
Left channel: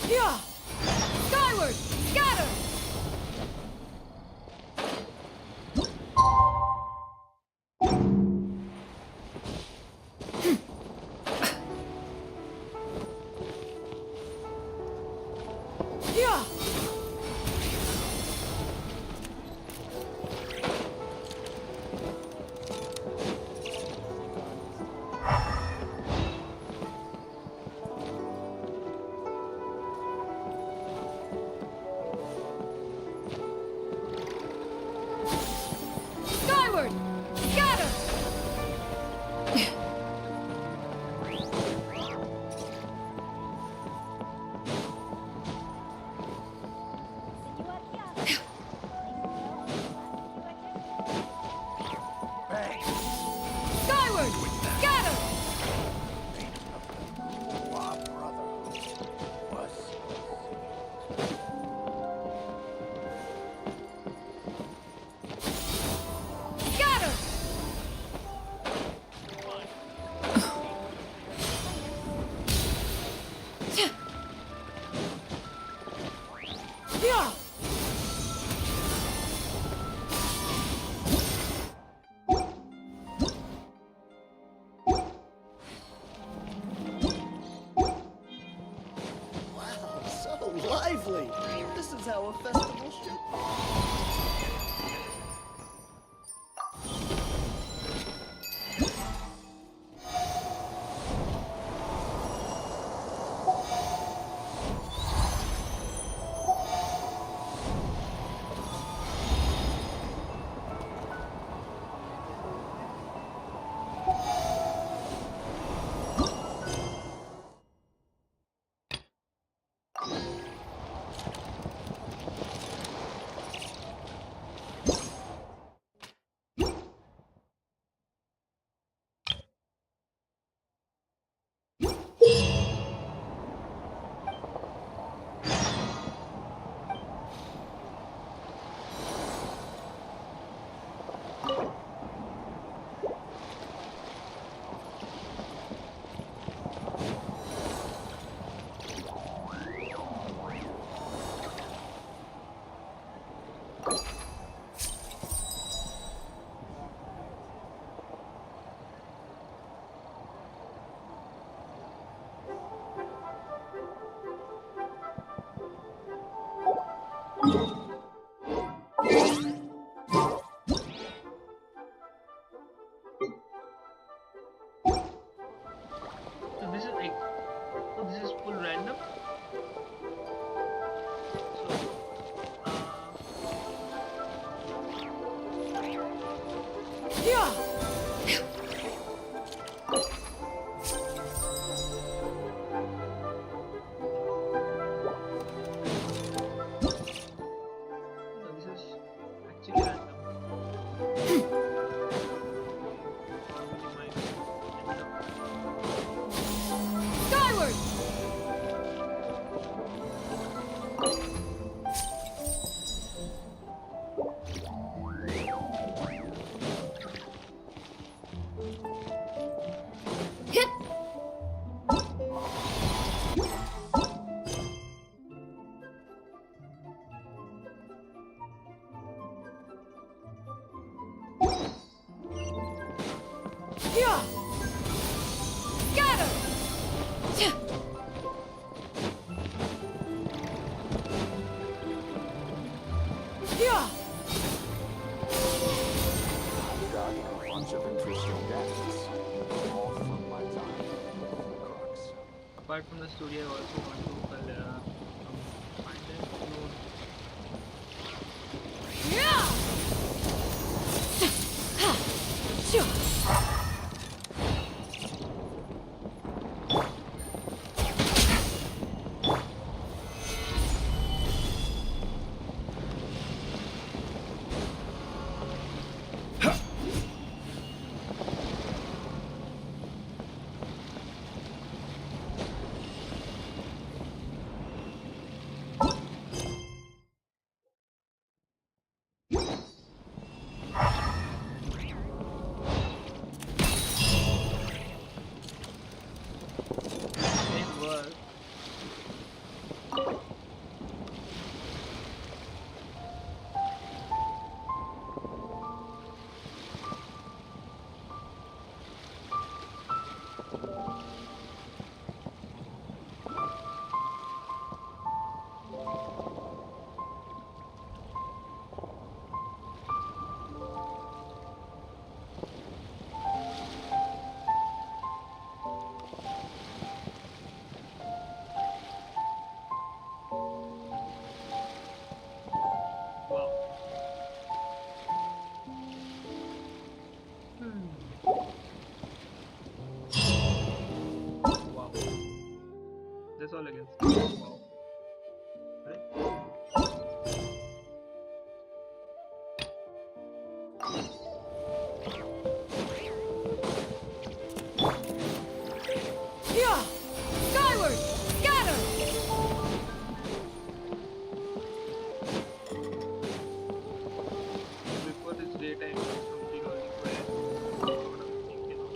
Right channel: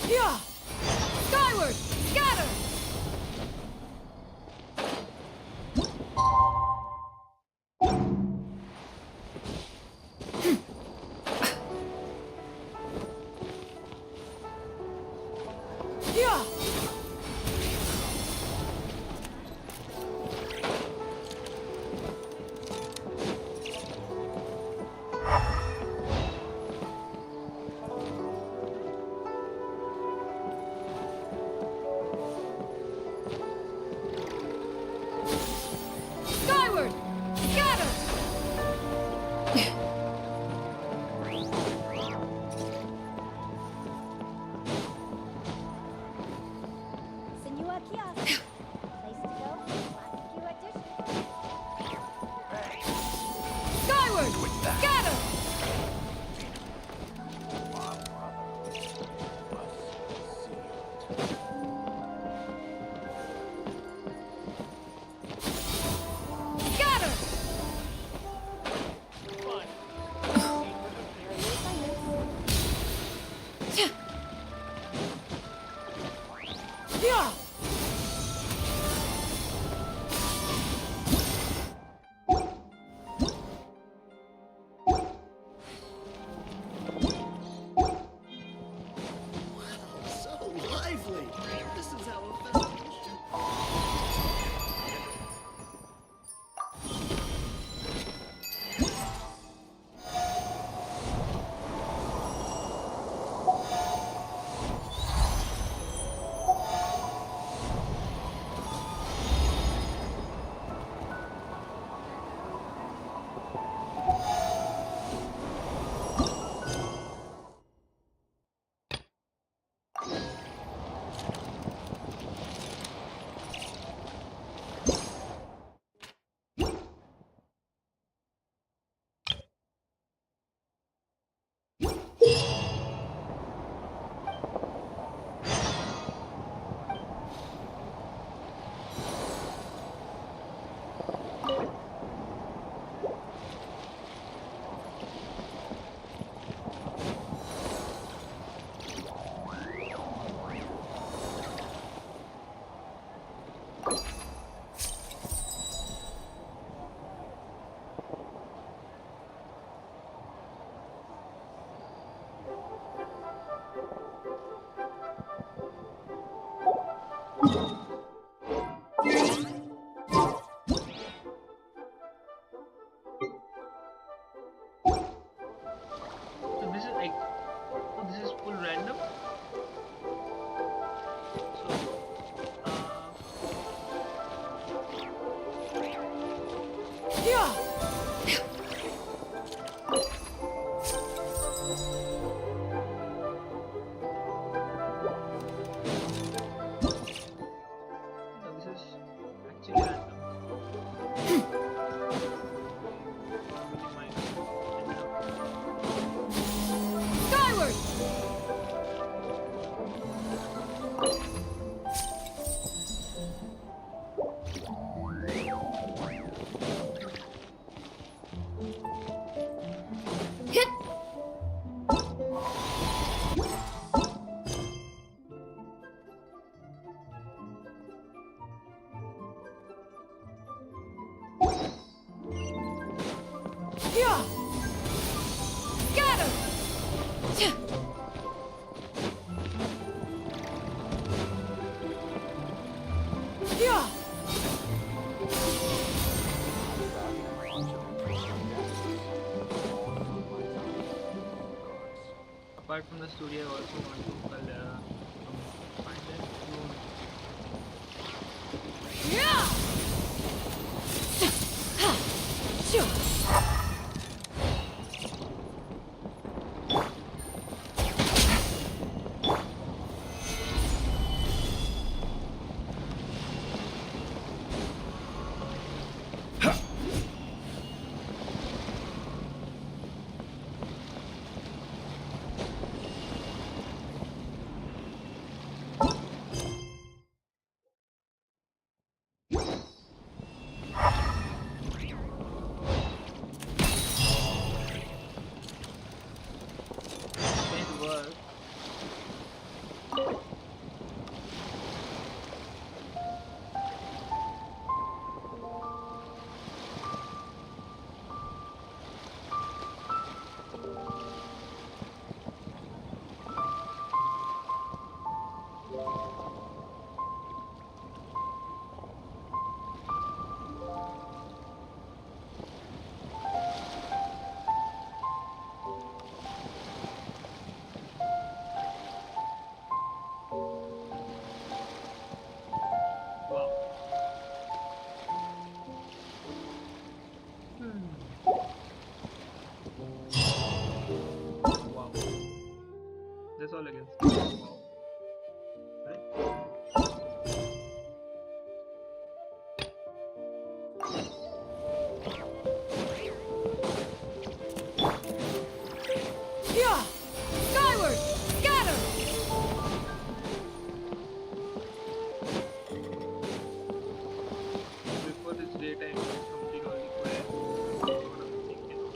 Yeah! Skyward! Scatter! Yeah! Skyward! Scatter! Skyward! Scatter! Scatter! Yeah! Wow, so lively! This is how a festival should... So this is like, oh, this is full random. So, Yeah. no, this is actually random. Probably might end up. Skyward. Hit. Yeah. Scatter. Yeah. Apart from the studio, I also want to find a new. Yeah. Sure. It works. Wow. Wow. That's all against. Wow. Right? Yeah. Skyward. Scatter. Before this daytime, something was required. What I'm thinking of.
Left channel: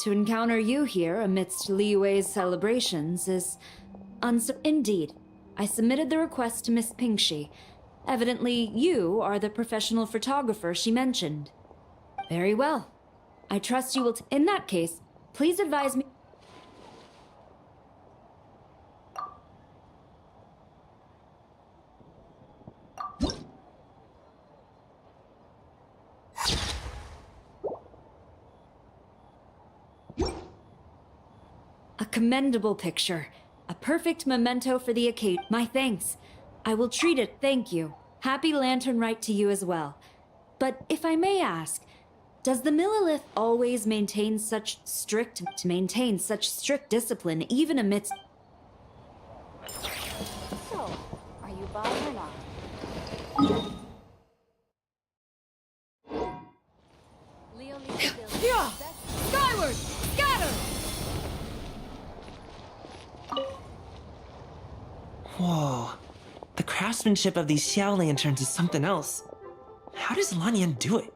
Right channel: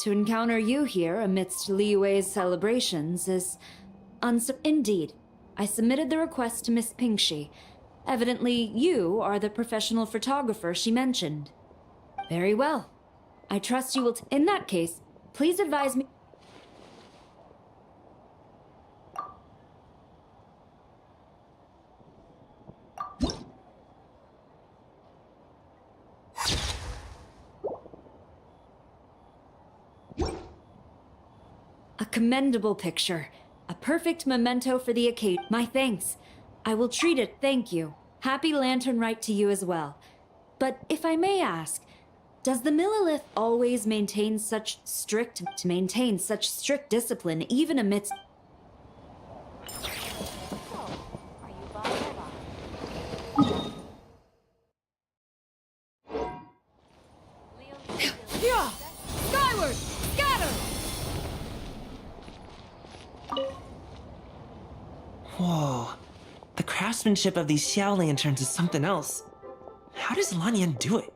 to encounter you here amidst Liyue's celebrations is Indeed, I submitted the request to Miss Pingxi. Evidently, you are the professional photographer she mentioned. Very well. I trust you will in that case, please advise me. A commendable picture. A perfect memento for the occasion. My thanks. I will treat it, thank you. Happy Lantern Rite to you as well. But if I may ask, does the Millilith always maintain such strict discipline even amidst... Yeah! Skyward! Scatter! Whoa. The craftsmanship of these Xiao lanterns is something else. How does Lanyan do it?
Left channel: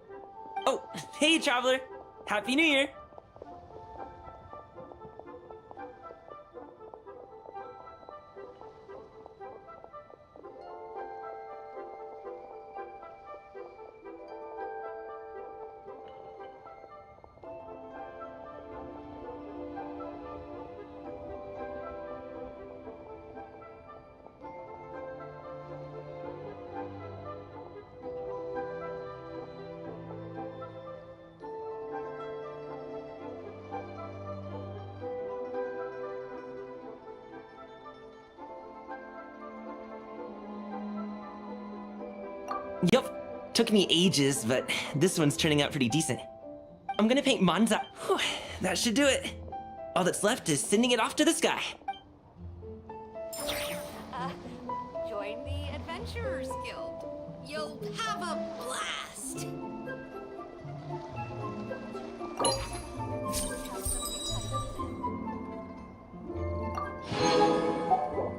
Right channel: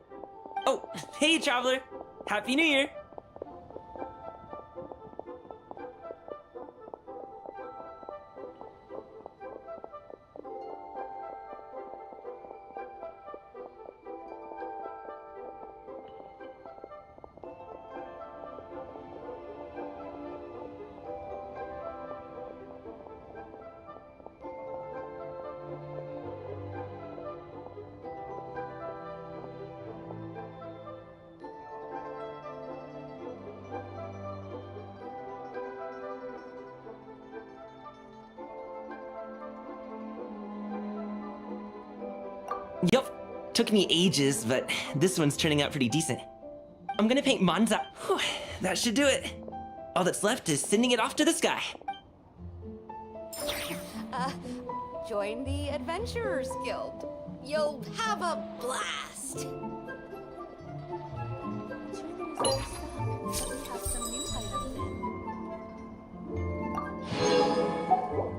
Oh, hey, Traveler! Happy New Year! Yup. Took me ages, but this one's turning out pretty decent. I'm gonna paint Manza. Whew, that should do it. All that's left is sending it off to the sky. Join the Adventurers Guild. You'll have a blast.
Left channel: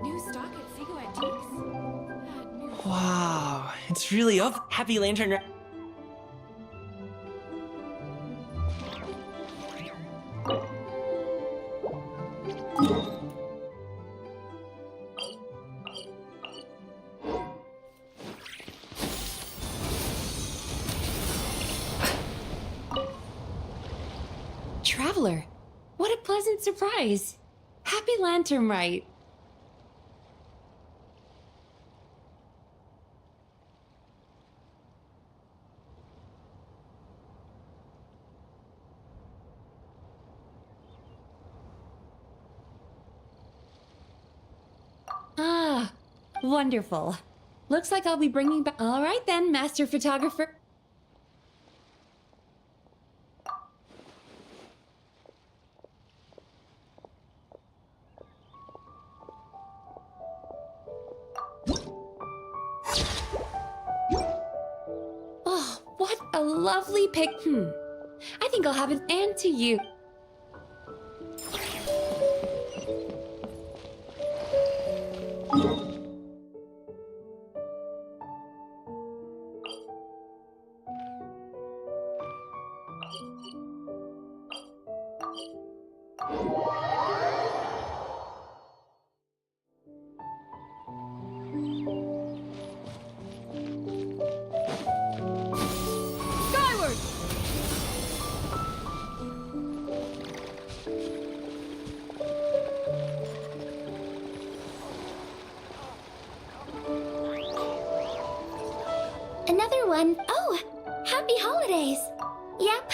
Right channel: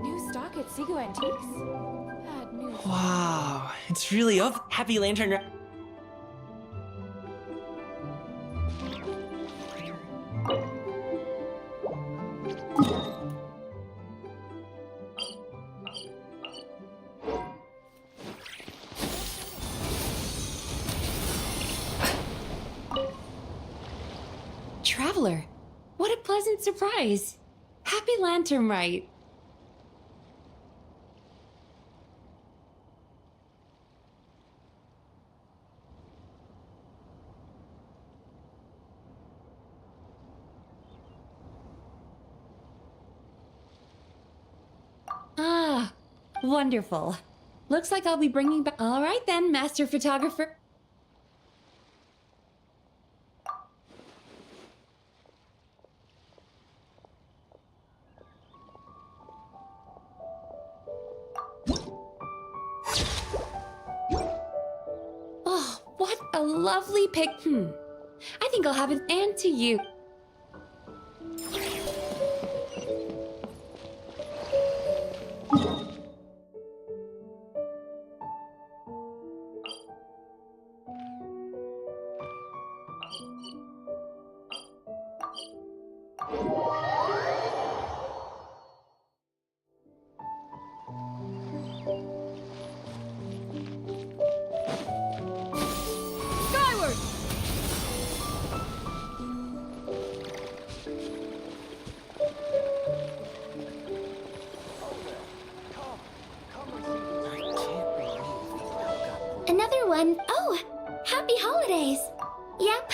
New stock at Sigu Antiques? Bad news. Wow, it's really up. Happy Lantern. Traveler, what a pleasant surprise. Happy Lantern Rite. Ah, wonderful. Looks like I'll be bringing back... All right then, Master Photographer. Oh, what a lovely pic... I think I'll have an and to you. Skyward! Another one. Oh, happy holidays. Yep.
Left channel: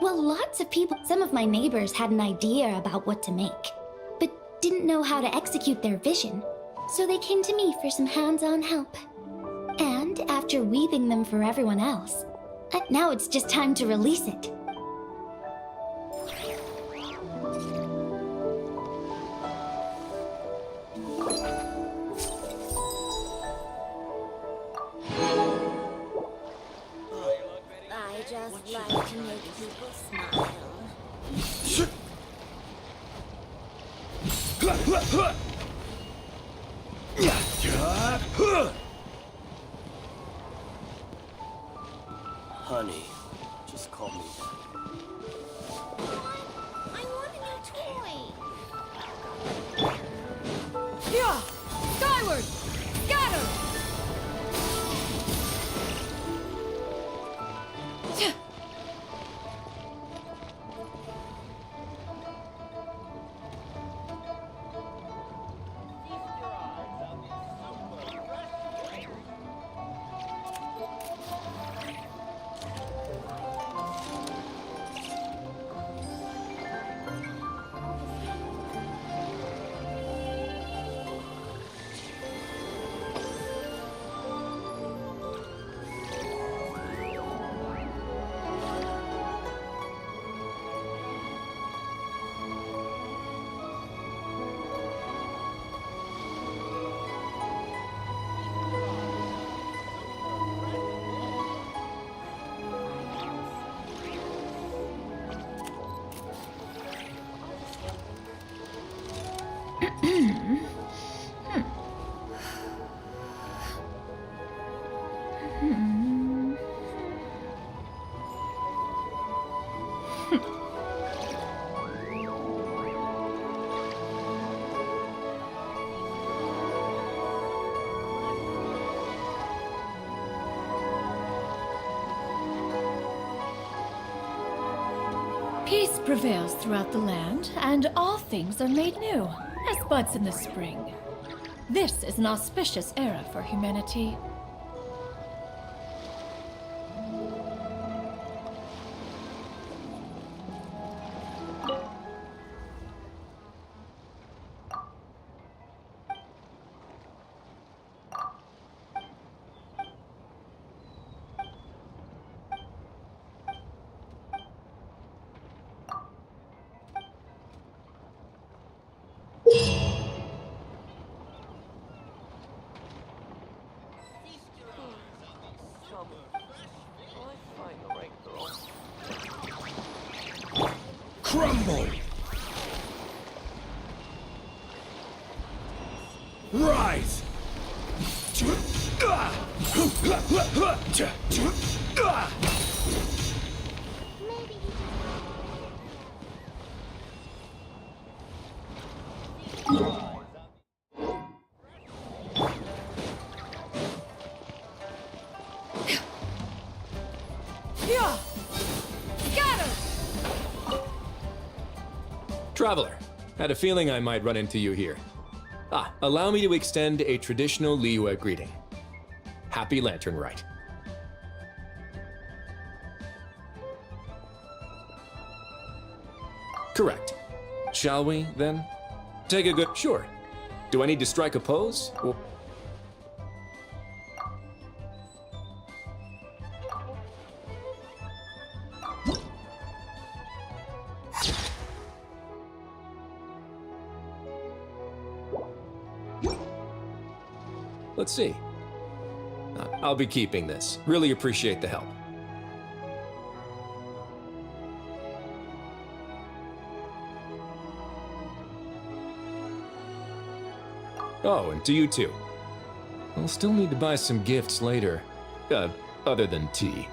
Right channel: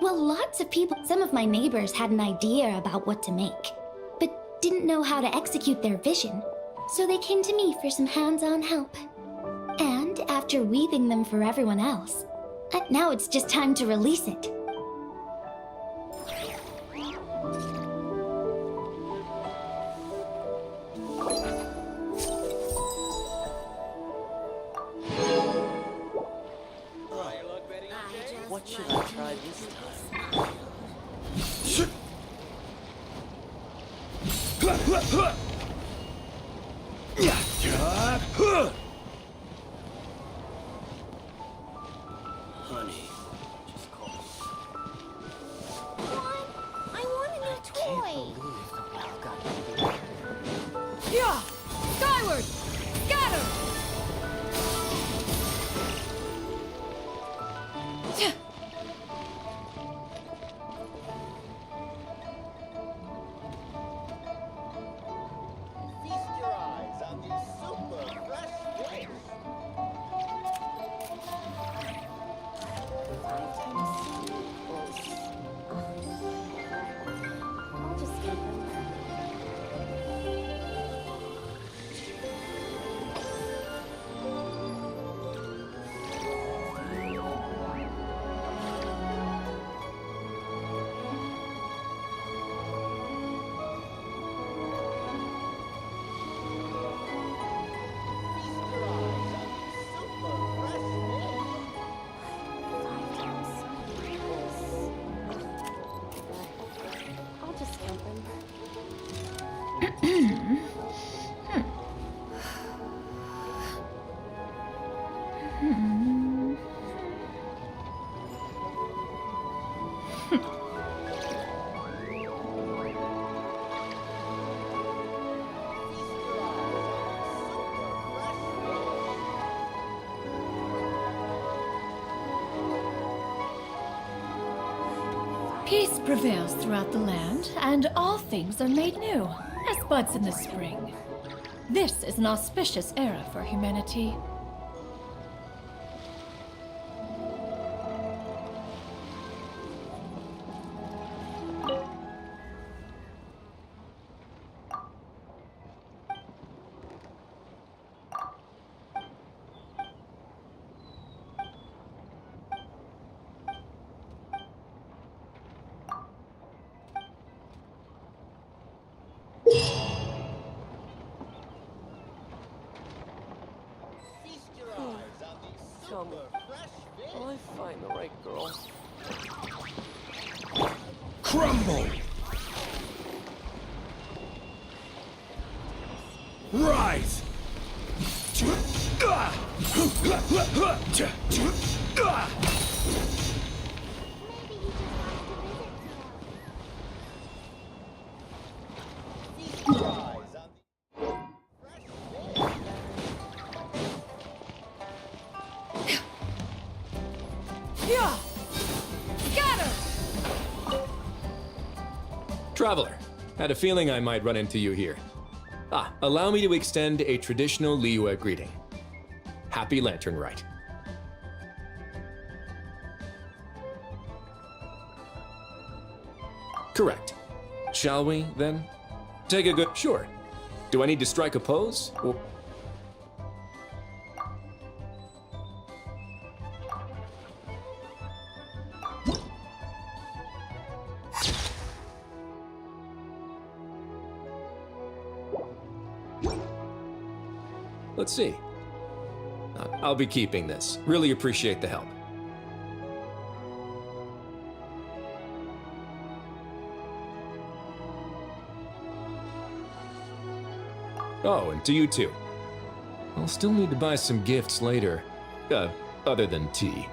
Well, lots of people. Some of my neighbors had an idea about what to make, but didn't know how to execute their vision. So they came to me for some hands-on help. And after weaving them for everyone else, now it's just time to release it. I just like to make people smile. Honey, just call me. Come on. Peace prevails throughout the land, and all things are made new, as buds in the spring. This is an auspicious era for humanity. Crumble! Rise! Traveler, had a feeling I might run into you here. Allow me to extend a traditional Liyue greeting. Happy Lantern Rite. Correct. Shall we, then? Take a good... Sure. Do I need to strike a pose? Or... Let's see. I'll be keeping this. Really appreciate the help. Oh, and to you too. I'll still need to buy some gifts later. Other than tea.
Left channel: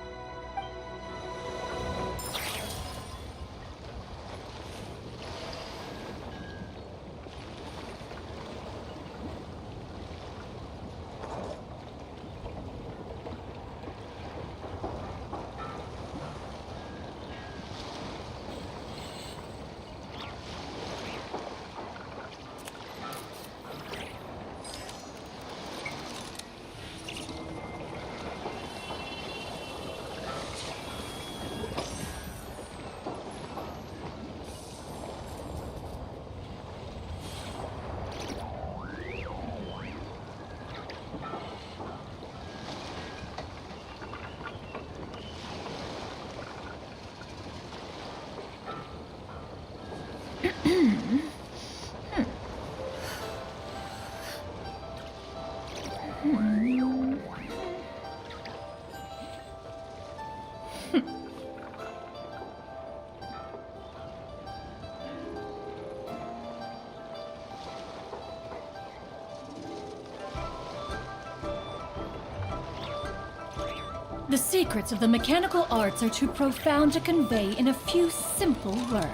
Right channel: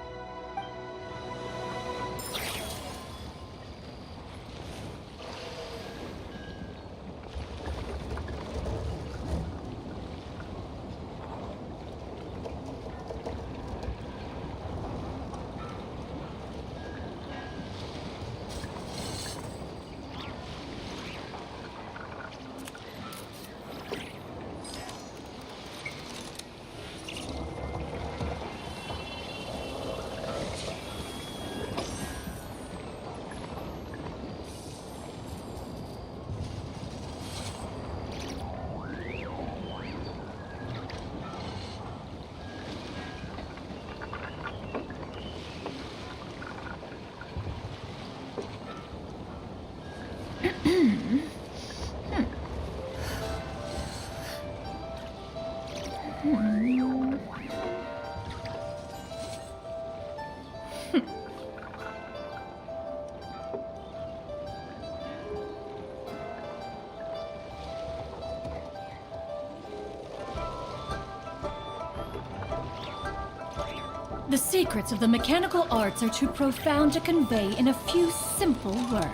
The secrets of the mechanical arts are too profound to convey in a few simple words.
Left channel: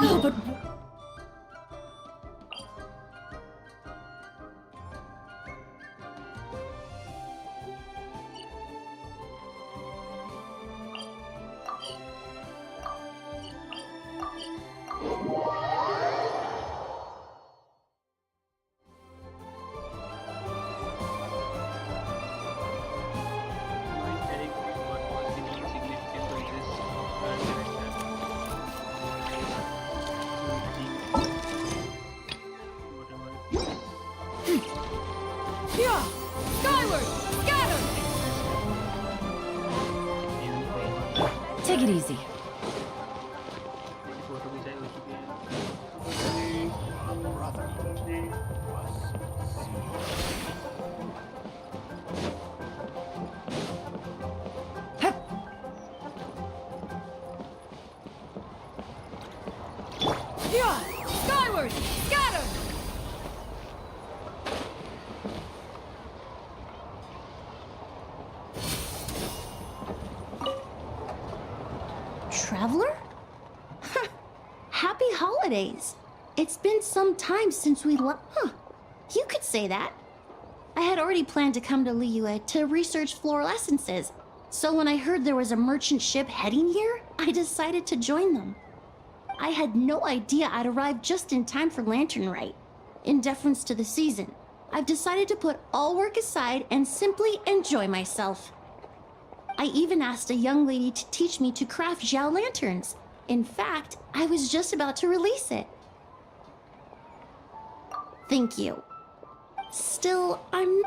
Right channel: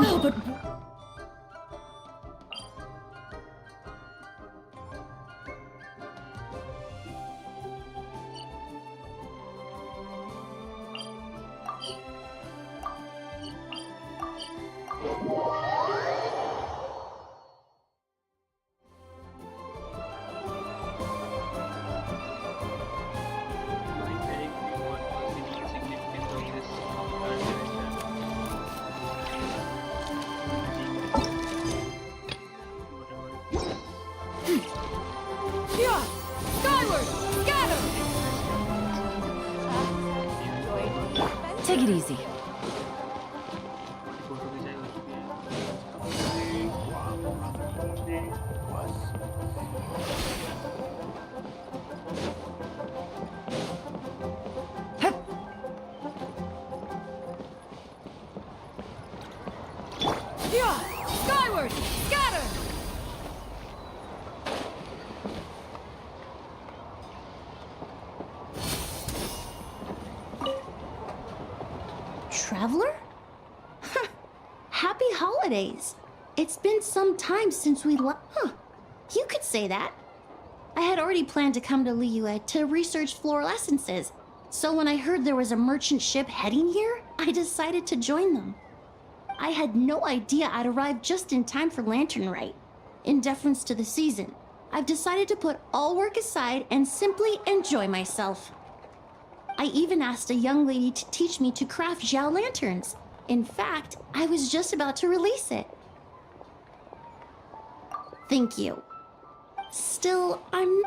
Oh, but... What was the main significance of this resurrection? Whatever. Yeah! Skyward! Scatter! Even forward. Take it easy. हमारी photo खिंचाई हो चुकी है. Yeah! Skyward! Scatter! traveler? Happy holidays. It's been some time since we left. Huh. You could say that. I had already planned to come to Liyue to research floral essences. So when I heard there was a merchant ship heading here, I decided to join them. I had no idea I'd arrive just in time for Lantern Rite. In deference to the season, I've decided to put all work aside and simply enjoy myself. I even asked a young lady to teach me to craft Xiao lanterns. In fact, I was just about to release it. Thank you. Still, I'm...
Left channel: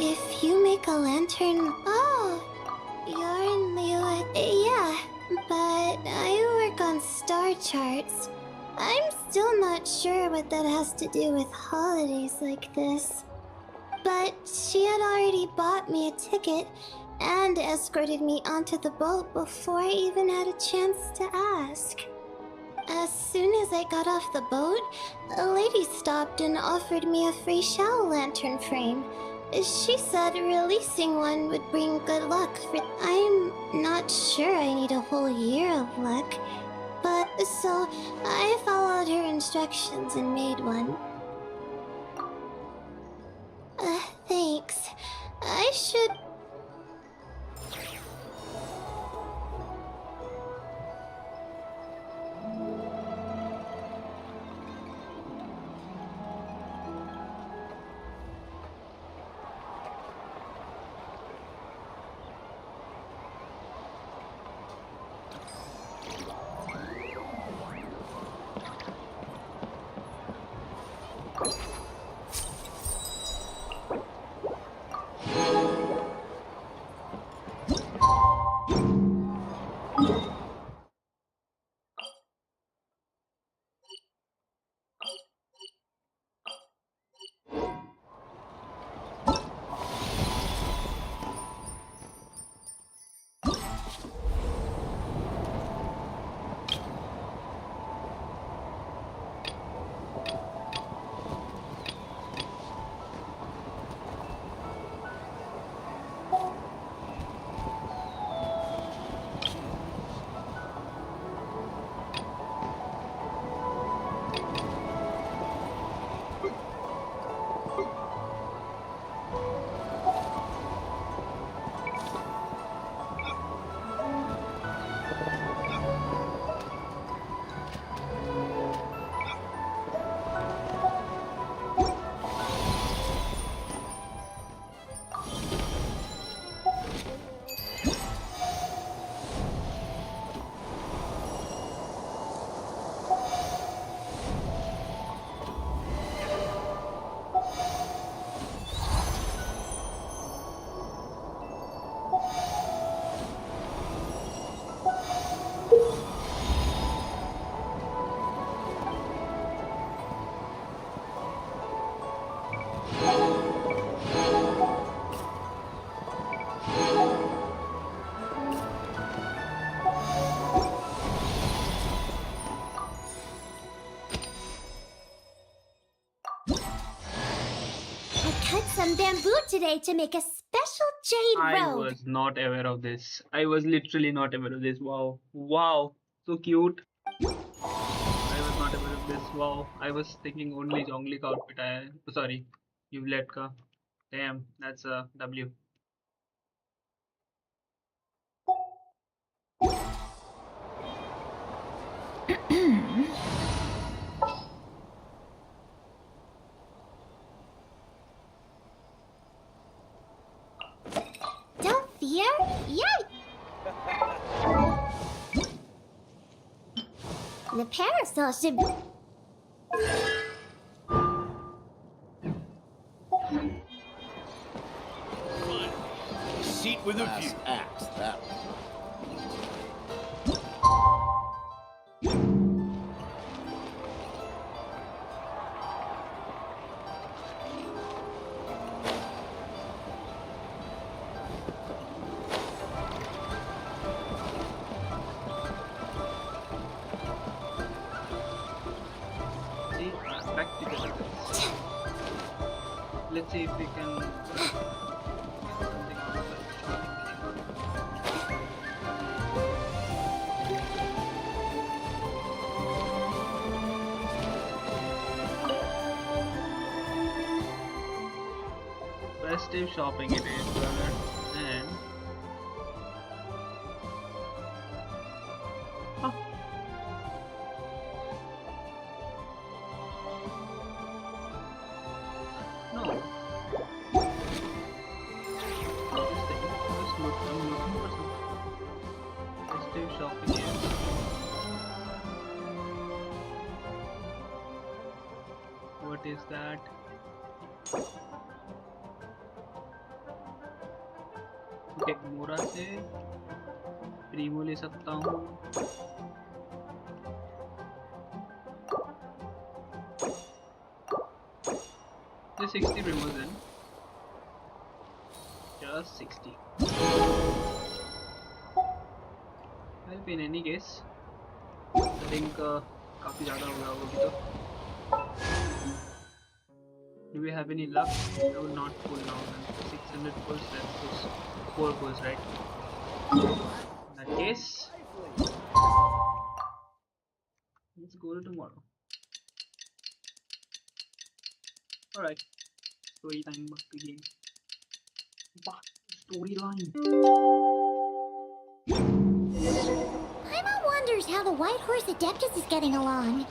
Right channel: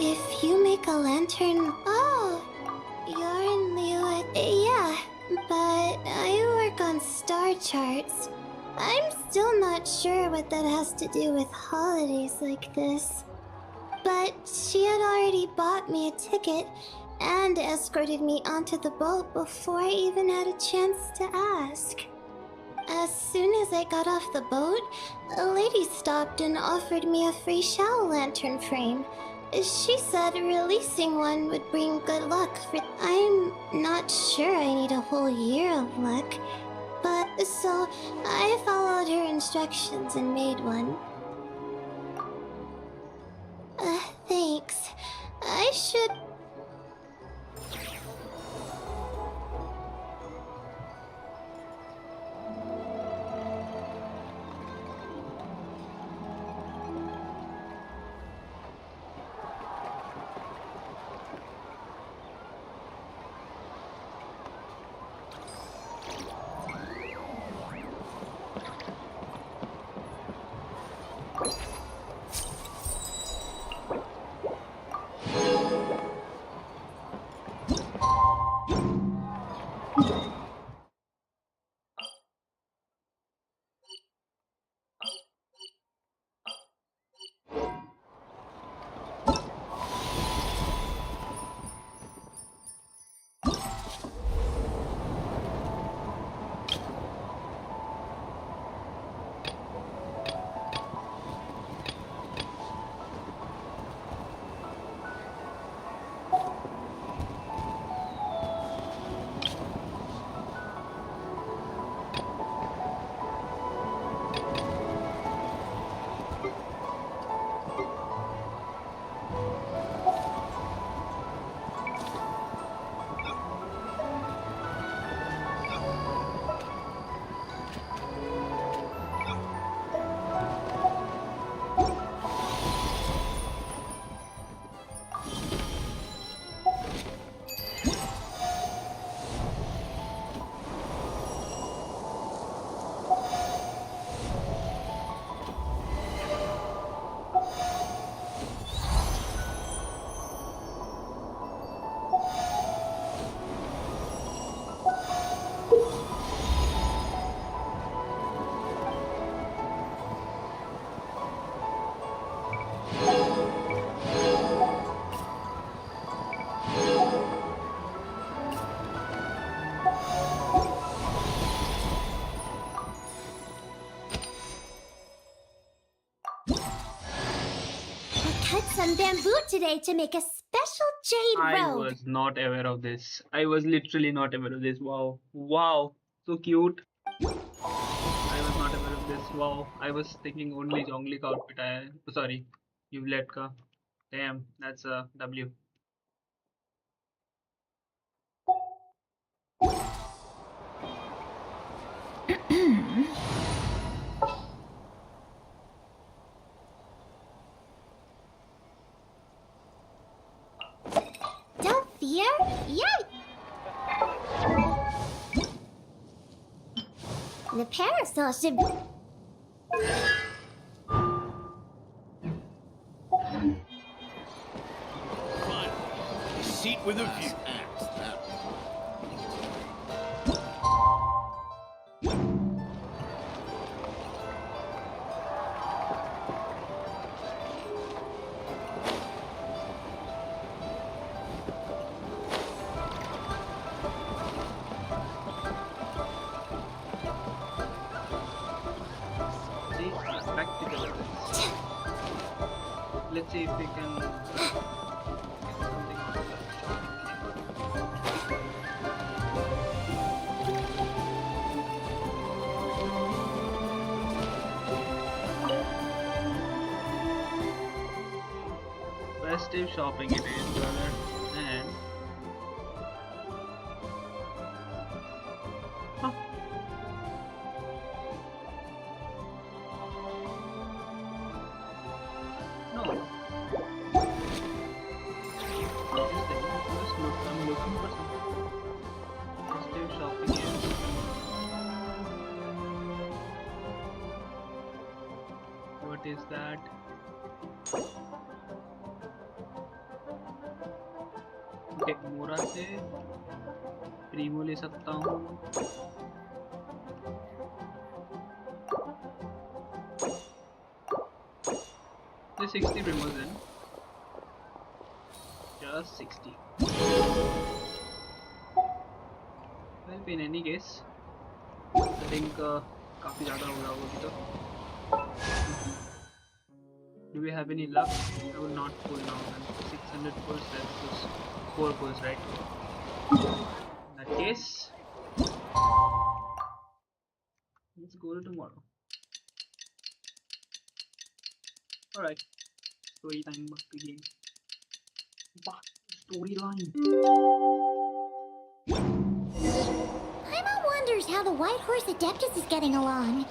If you make a lantern... Oh, you're in Liyue. Yeah, but I work on star charts. I'm still not sure what that has to do with holidays like this. But she had already bought me a ticket and escorted me onto the boat before I even had a chance to ask. As soon as I got off the boat, a lady stopped and offered me a free Xiao lantern frame. She said releasing one would bring good luck. I'm not sure I need a whole year of luck. But so I followed her instructions and made one. Thanks. I should... cut some bamboo today to make a special jade I robe. was not aware of this. I was literally not aware of this. Wow. Wow. So cute. I was not aware of this. Wow. I was thinking only Zhongli ka outfit. Sorry. Yvette ka. Damn. That's a W. Don't Yeah. The parasol should. Fun. A seat with a view. Act that. See, practical items. Let's see if we can get something out of the shopping thing. Festive shopping it is, brother. And huh. No. Interesting. I'm looking for some festive shopping here. What is that? Okay मोरा से Primo ले सकता हूँ. The 60 primos then. Just 60. Well, in any case, I think काफी ज़्यादा हो गया होगा अभी तो. Do we have any luck? I will not pull now. And 600 pulls, that's just 4 pulls, right? In that case, let's go to tomorrow. Alright. Story time back to game. Back to storyline. Paimon wonders how the White Horse Adeptus is getting along.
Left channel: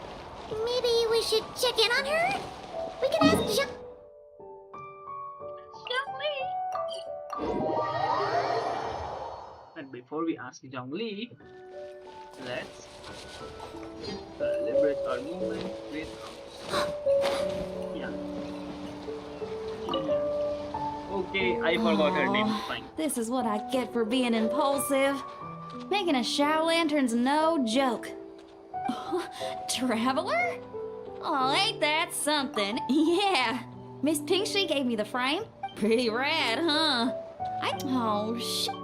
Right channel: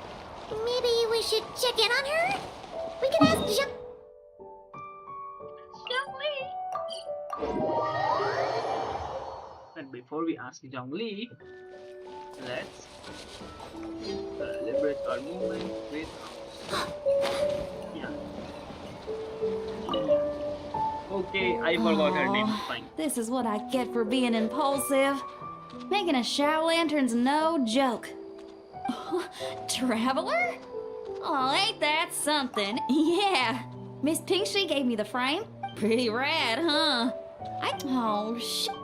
Maybe we should check in on her? We can ask Zhongli. And before we ask Zhongli, let's celebrate our moment with yeah. Okay, I forgot her name. Fine. This is what I get for being impulsive. Making a shower lantern's no joke. Traveler? Oh, ain't that something? Yeah. Miss Pinkshi gave me the frame. Pretty rad, huh? Oh, shit.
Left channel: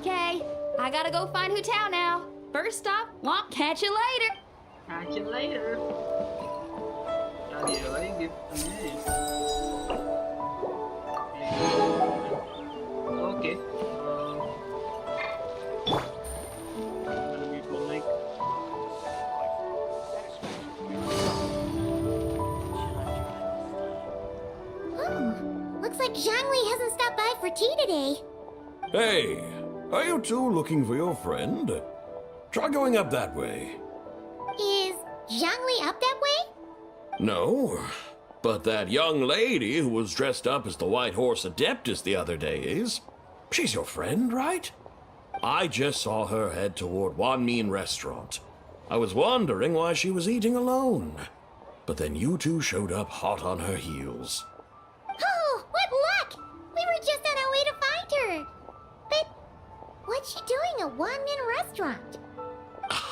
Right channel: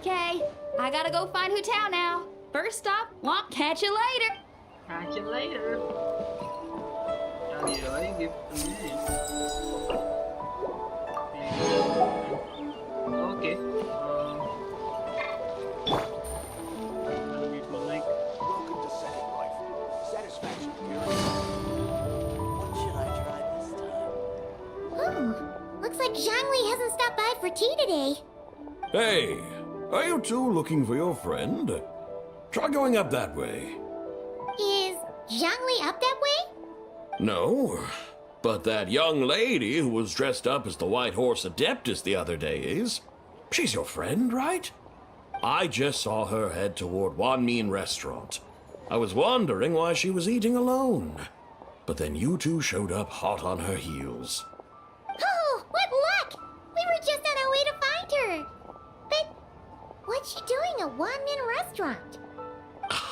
Okay, I gotta go find Hu Tao now. First stop, won't catch you later. Catch you later. यार ये भाई gift में. Okay. Gonna meet my mic. Oh, looks like Zhongli hasn't stopped by for tea today. Hey, are you two looking for your friend? Try going up that way. Is Zhongli up that way? No, but that young lady who was dressed up as the White Horse Adeptus the other day is. She's your friend, right? I just saw her head toward Wan Min restaurant. I was wondering why she was eating alone. But then you two showed up hot on her heels. Oh, what luck! We were just on our way to find her. But what's she doing at Wan Min restaurant?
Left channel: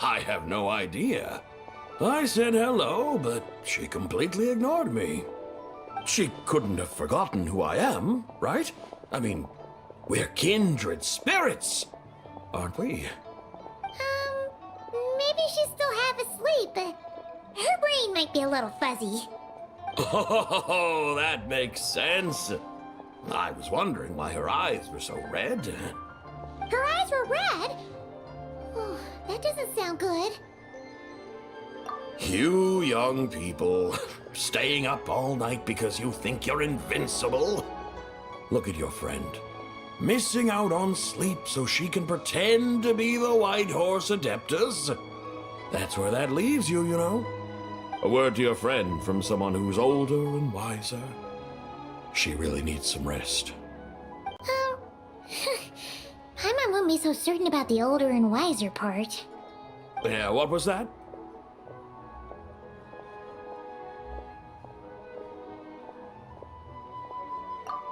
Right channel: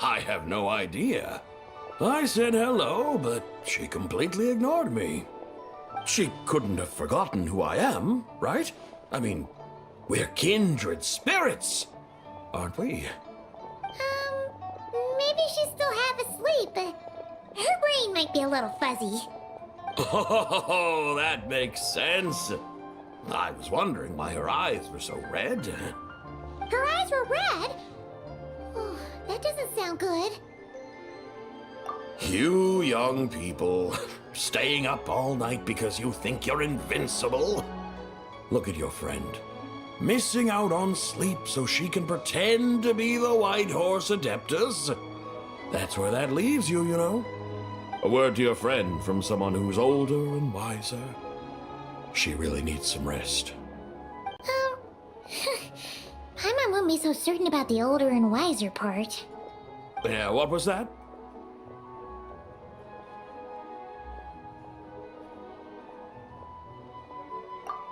I have no idea. I said hello, but she completely ignored me. She couldn't have forgotten who I am, right? I mean, we're kindred spirits, aren't we? Maybe she's still half asleep. Her brain might be a little fuzzy. Oh, that makes sense. I was wondering why her eyes were so red. Her eyes were red? Oh, that doesn't sound good. You young people, staying up all night because you think you're invincible. Look at your friend. Missing out on sleep so she can pretend to be the White Horse Adeptus. That's where that leaves you, you know. A word to your friend from someone who's older and wiser. She really needs some rest. Oh. Paimon won't be so certain about the older and wiser part. Yeah, what was that?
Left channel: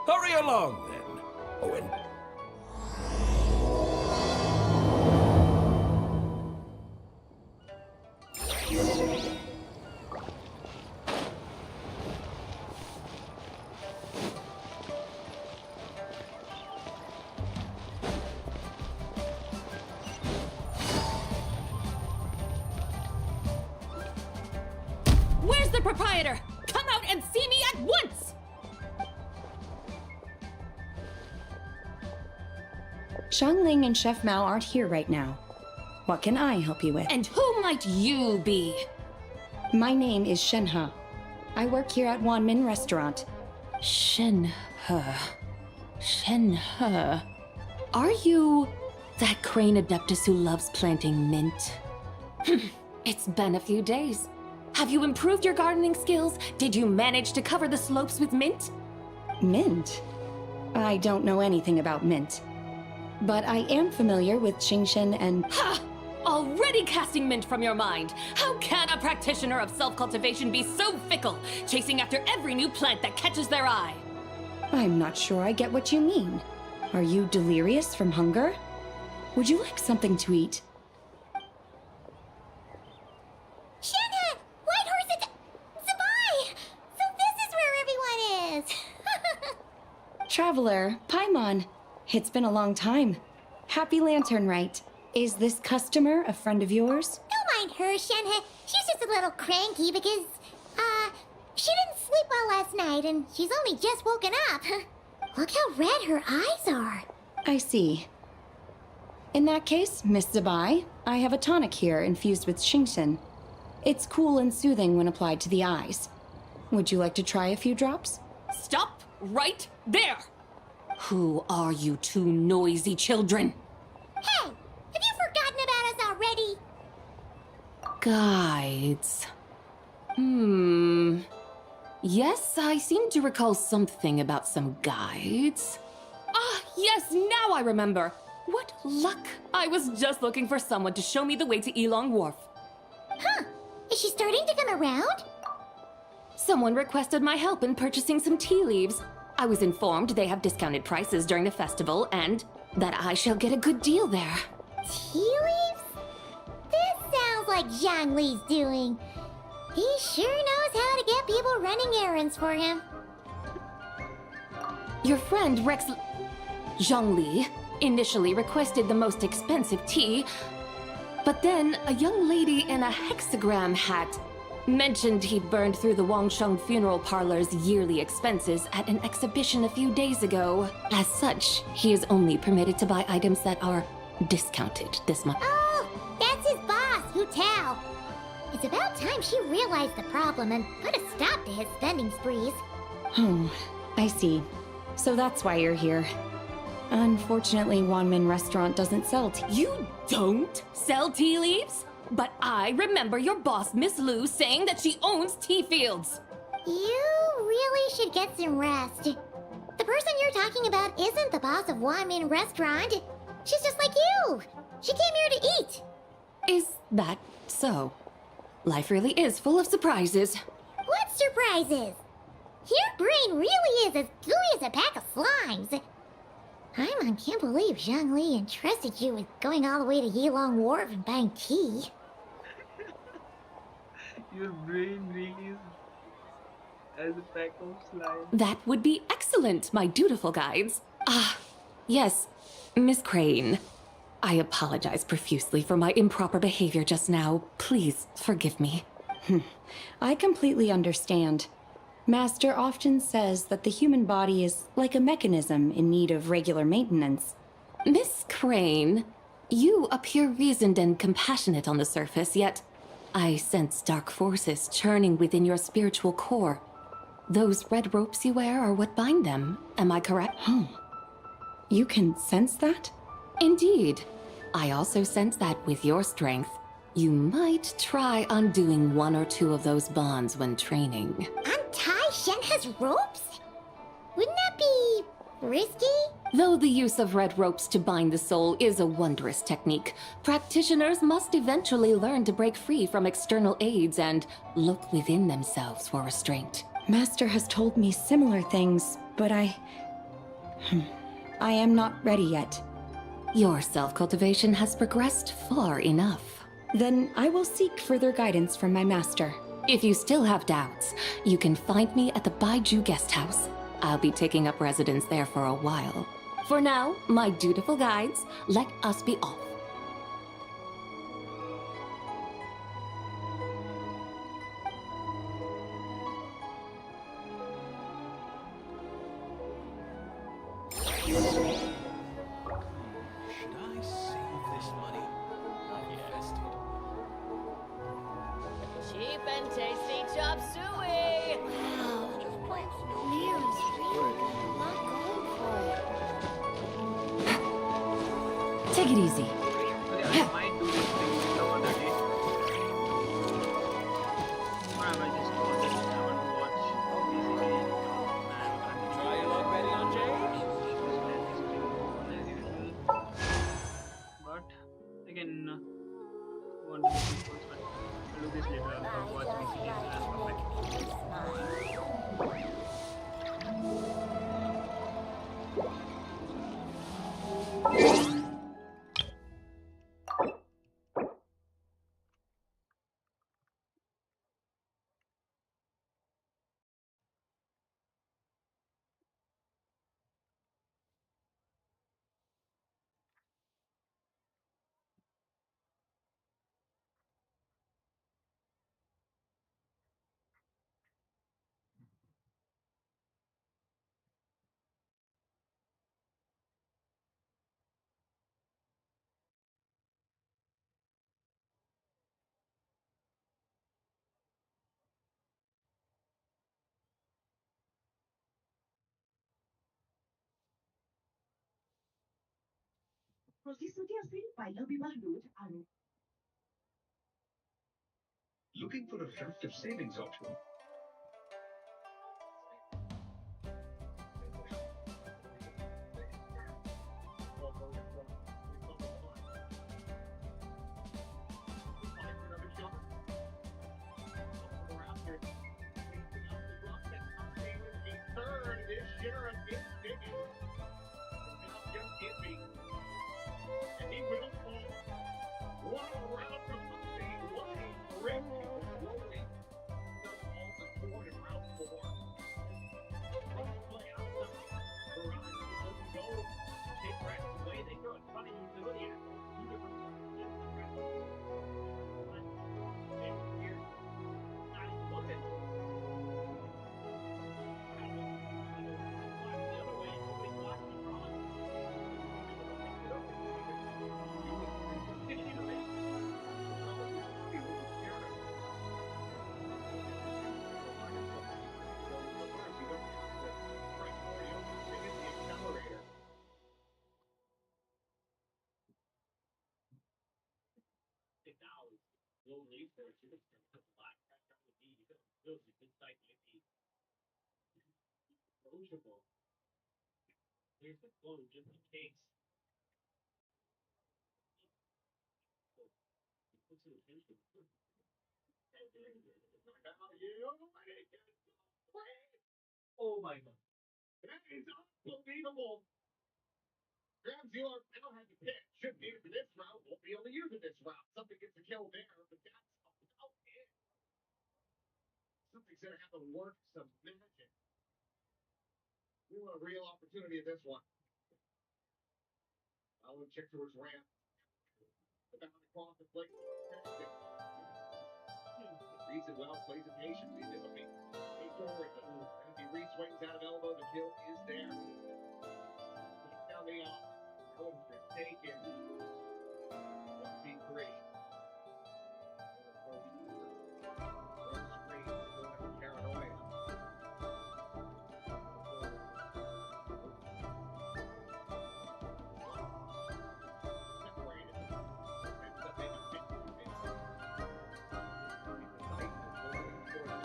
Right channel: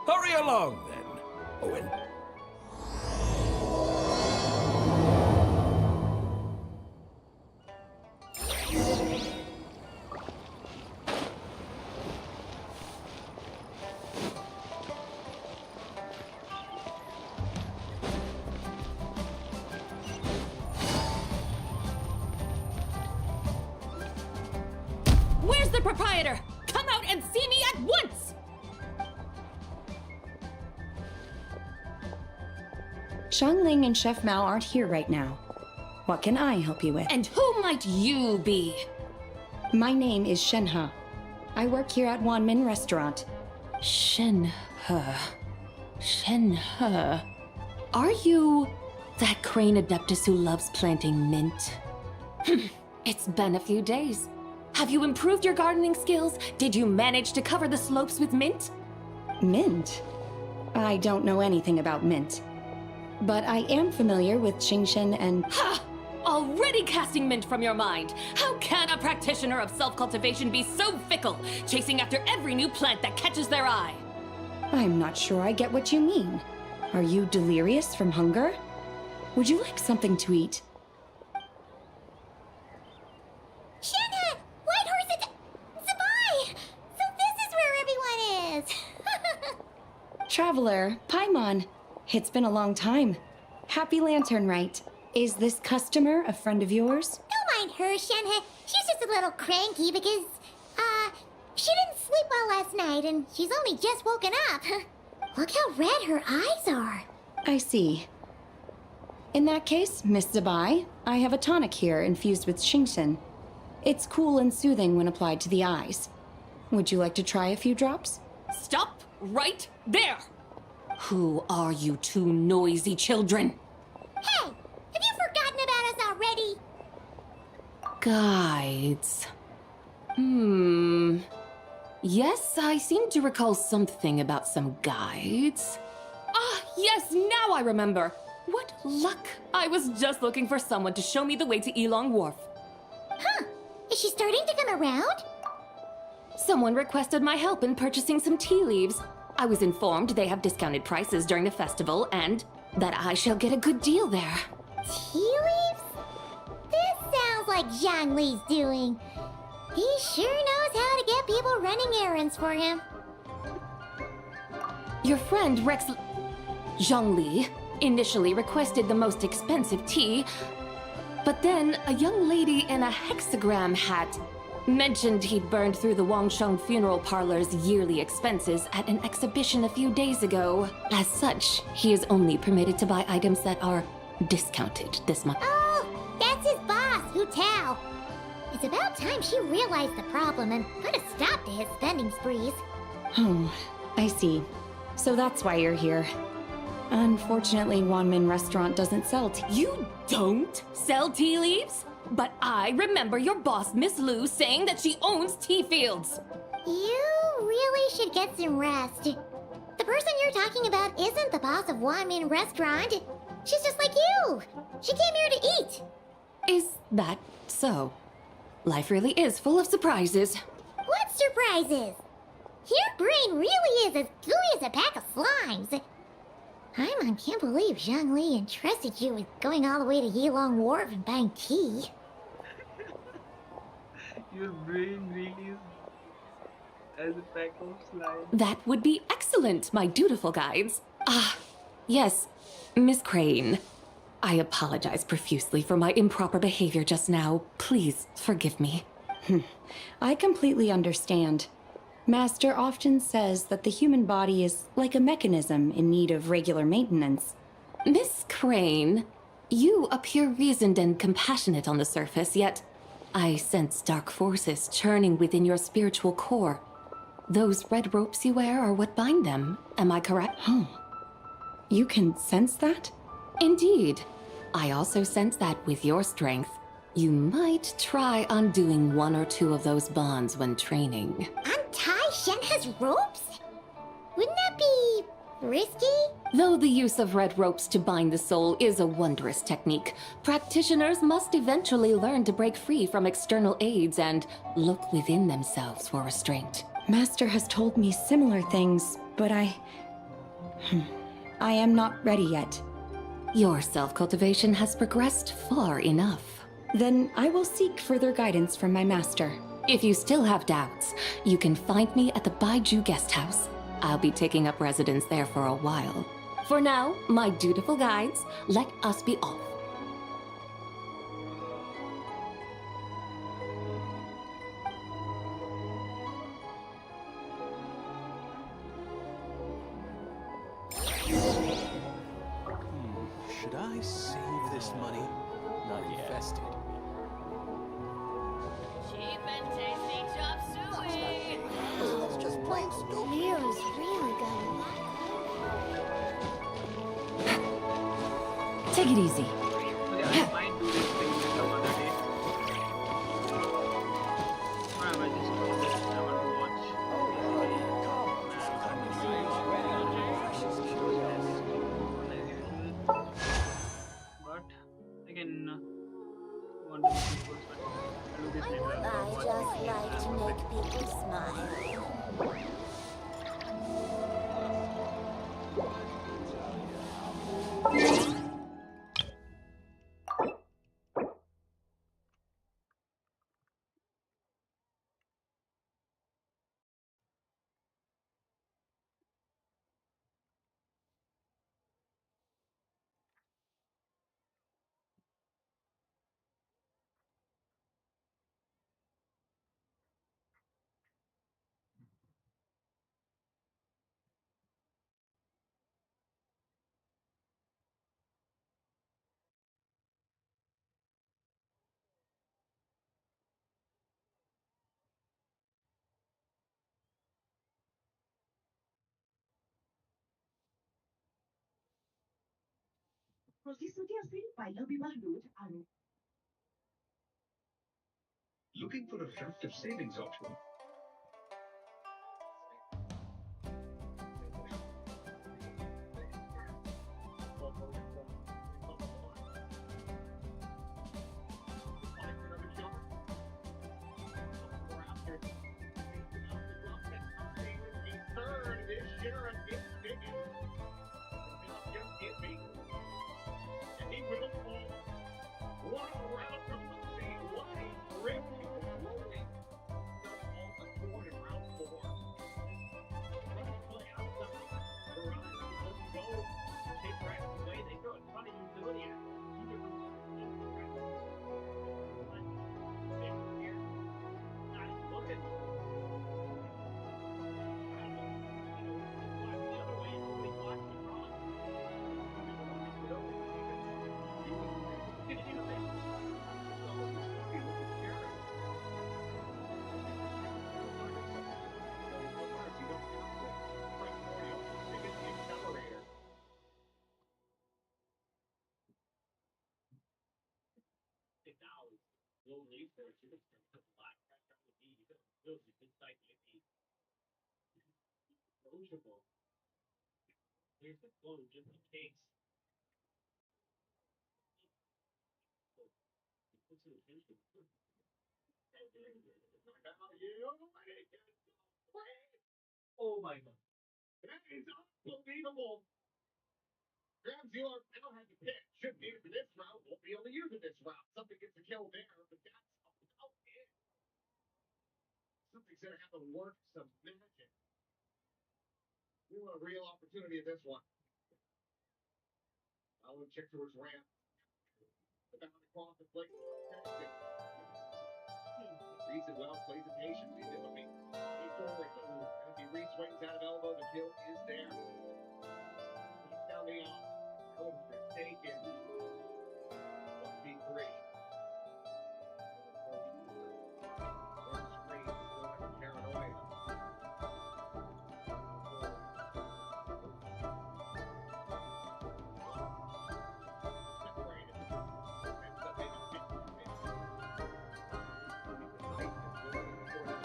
Hurry along, then, Owen. Where's the proprietor? Come out and see me at once! Xiangling and Chef Mao aren't here right now. What can I help you with? And who might you be? My name is Shenhe. I work here at Wanmin Restaurant. Shenhe. Shenhe. Are you that crane adeptus who loves planting mint? It's been a few days. Have you improved your gardening skills? Did you manage to cover the slopes with mint? Mint? I don't know anything about mint. But I am familiar with Genshin and... Ha! Already casting mint from your mind. How can a practitioner of self-cultivation be so fickle, chasing after every new plant that catches their eye? I'm not sure I get what you mean. Are you delirious from hunger? Would you like something to eat? Shenhe! Whitehorse Zabai! So this is where everyone is! Traveler, Paimon. It's been a long time. Happy Lantern, Rite. Is this customer a friend of yours? Don't mind her, Shenhe. She's just a little cranky because, she didn't sleep well last night and she's only just woken up. Look how red her eyes are. I see. In that case, Miss Zabai, I have a tonic here infused with Genshin. It's cool and soothing when applied to the eyes. Would you like to try a few drops? Stop right there! Who are you two noisy children? Hey! Have you forgotten about us already? Guides. Yes, I seem to recall something about some guides. Ah, yes, now I remember. What luck! I was just looking for someone to show me the way to Elong Wharf. Huh. Is she starting to come around? Someone requested my help in purchasing some tea leaves. I was informed they have discounted prices during the festival and that I shall get a good deal there. Tea leaves? This sounds like Zhongli's doing. He sure knows how to get people running errands for him. Your friend Rex Zhongli initially requested the most expensive tea, but then a young lady in a hexagram hat mentioned he burned through the Wangsheng funeral parlor's yearly expenses at an exhibition a few days ago. As such, he is only permitted to buy items that are discounted this month. Oh, that's his boss, Hu Tao. It's about time she realized the problem and put a stop to his spending sprees. Oh, I see. So that's why you're here. Unfortunately, Wanmin Restaurant doesn't sell tea. You don't sell tea leaves? But I remember your boss, Miss Lu, saying that she owns tea fields. You really should get some rest. The person you're talking about isn't the boss of Wanmin Restaurant. She's just like you. She came here to eat. Is that so? Life really is full of surprises. What surprises? Your brain really is as gooey as a pack of slimes. Paimon can't believe Zhongli entrusted you with going all the way to Yilong Wharf and buying tea. Your brain really is as a pack of slime. That would be excellent, my dutiful guides. Ah, yes, Miss Crane. I apologize profusely for my improper behavior just now. Please forgive me. I completely understand. Master often says that the human body is like a mechanism in need of regular maintenance. Miss Crane, you appear reasoned and compassionate on the surface, yet I sense dark forces churning within your spiritual core. Those red ropes you wear are what bind them, am I correct? Oh, you can sense that? Indeed. I also sense that with your strength, you might try undoing one or two of those bonds when training. Untie Shenhe's ropes? Wouldn't that be risky? Though the use of red ropes to bind the soul is a wondrous technique, practitioners must eventually learn to break free from external aids and look within themselves for restraint. Master has told me similar things, but I am not ready yet. Your self-cultivation has progressed far enough. Then I will seek further guidance from my master. If you still have doubts, you can find me at the Baiju Guest House. I'll be taking up residence there for a while. For now, my dutiful guides, let us be off. Should I save this money? Not invested. Cheap and tasty chop suey! Wow. Mira's really gonna knock Take it easy. Okay, I might do this thing some other day. Or I might just watch it. I want to watch basically and continue but I can want to do this first, but I'll do this later. I'll watch VCD and come back. Looking for a attractive savings option? Oh my god. That is unbelievable! Ground zero, I don't have to pick. Shouldn't need it for this route. Won't be able to use it this route. Something gets a kill there, but that's about it. Something's gonna have to work some magic. We want a real opportunity at this one. I want to check towards ramp. About across the plate. Reads it well, plays it patiently. He's looking forward. As he re-swings out of elbow, the kill is there. Takes down the off. Holmes is taken. One feet creation. One screen, still having paranoia. Separated. Ends up in a 52 minutes. Decisive, going for it.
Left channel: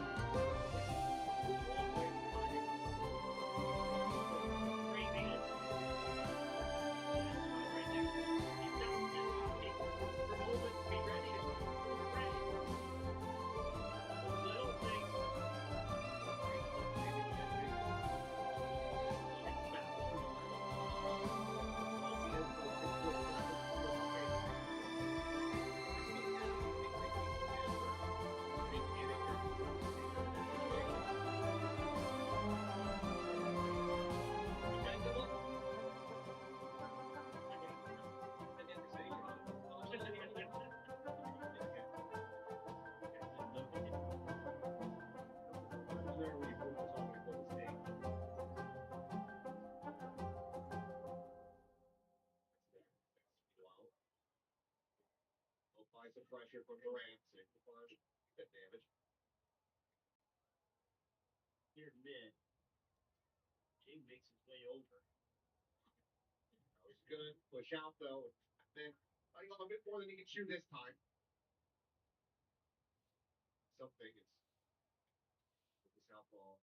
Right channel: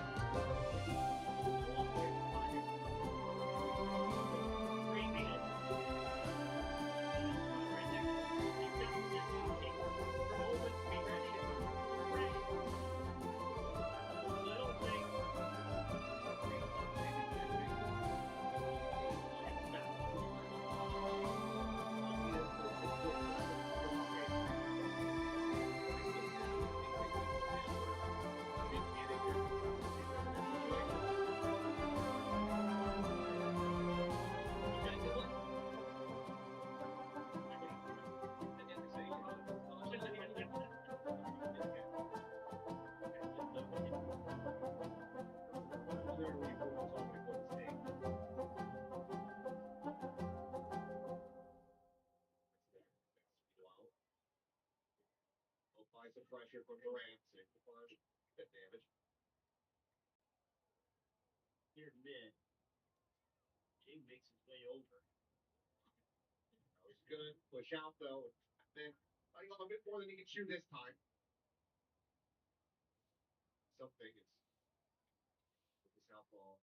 Long way from finding some pressure from Durant. Save the punch. Hit damage. Here mid. Jing makes his way over. That was good. Push out though. Then I got a bit more than he can chew this time. Something is with the southpaw.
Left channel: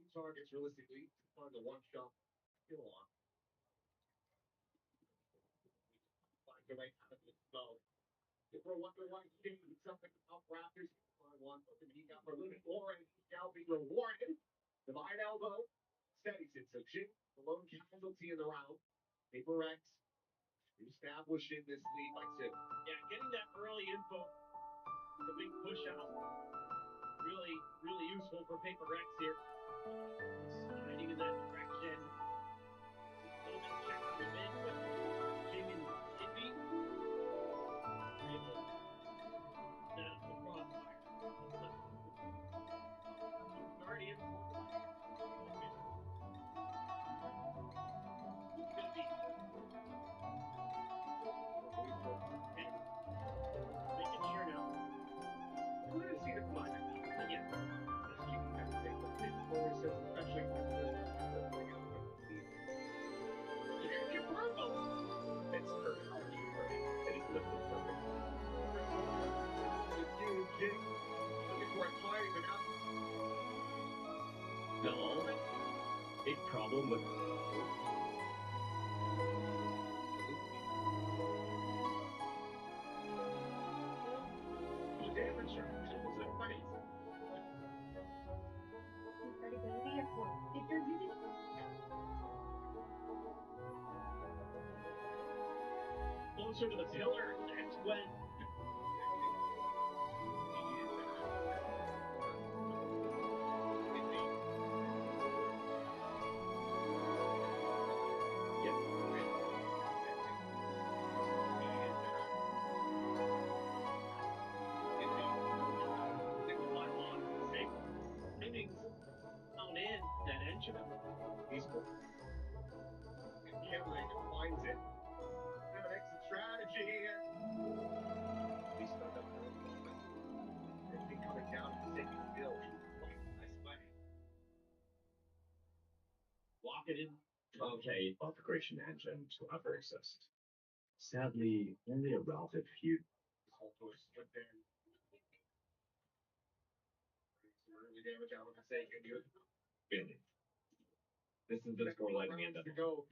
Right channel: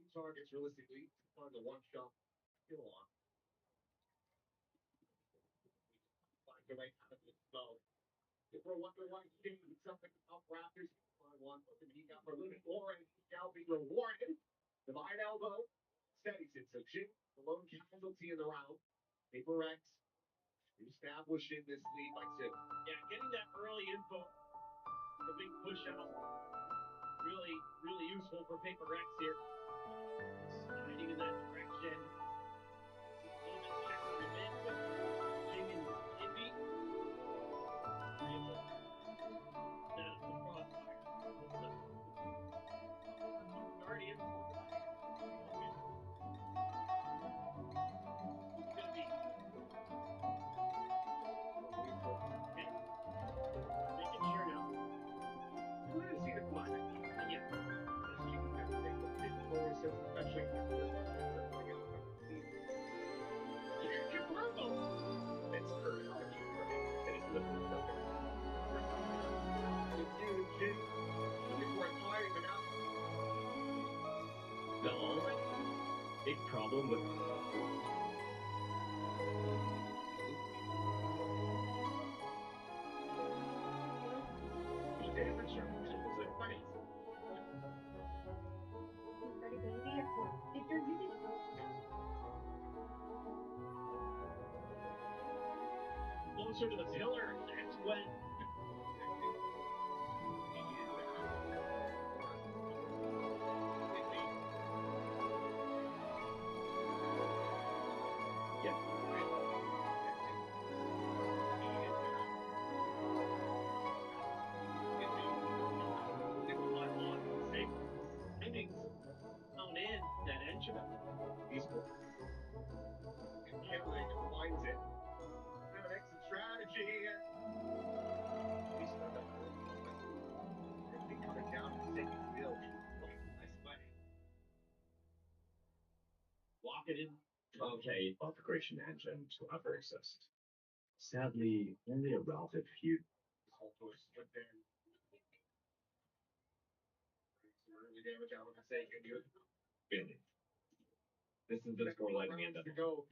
Two targets realistically on the one shot kill on. Find the right out of this bow. For what the right game, something up Raptors. Find one, but he got for limit or and he shall be rewarded. Divide elbow. Steadies it. So Jing, the lone casualty in the round. Paper X establishing this lead by 2. Yeah, getting that early info, the big push out, really, really useful for Paper Rex here. Sliding in that direction. Just a little bit of check on the mid, but Jing and Envy are able to set up the crossfire. Already in for the fight. It's gonna be okay. Making sure now. You would have seen it from my side. Yeah. Yes, you can have to take the big forward steps, especially after the something else. Your purple. It's hurt. It is lifted something. It's you, Jing. Looking for a time, but now. No, big problem with. The damage structure is like funny. Closer to the pillar, that's when. Yep. Timing's down in that engine. He's cool. Killing finds it. Have an exit strategy here. He's not up for a moment. Everything coming down and taking still. Nice play. Lock it in. Okay, configuration engine to ever exist. Sadly, only a relative few. Alto split there. Some early damage out of the sake and you. Really. This is just more like the end of to go.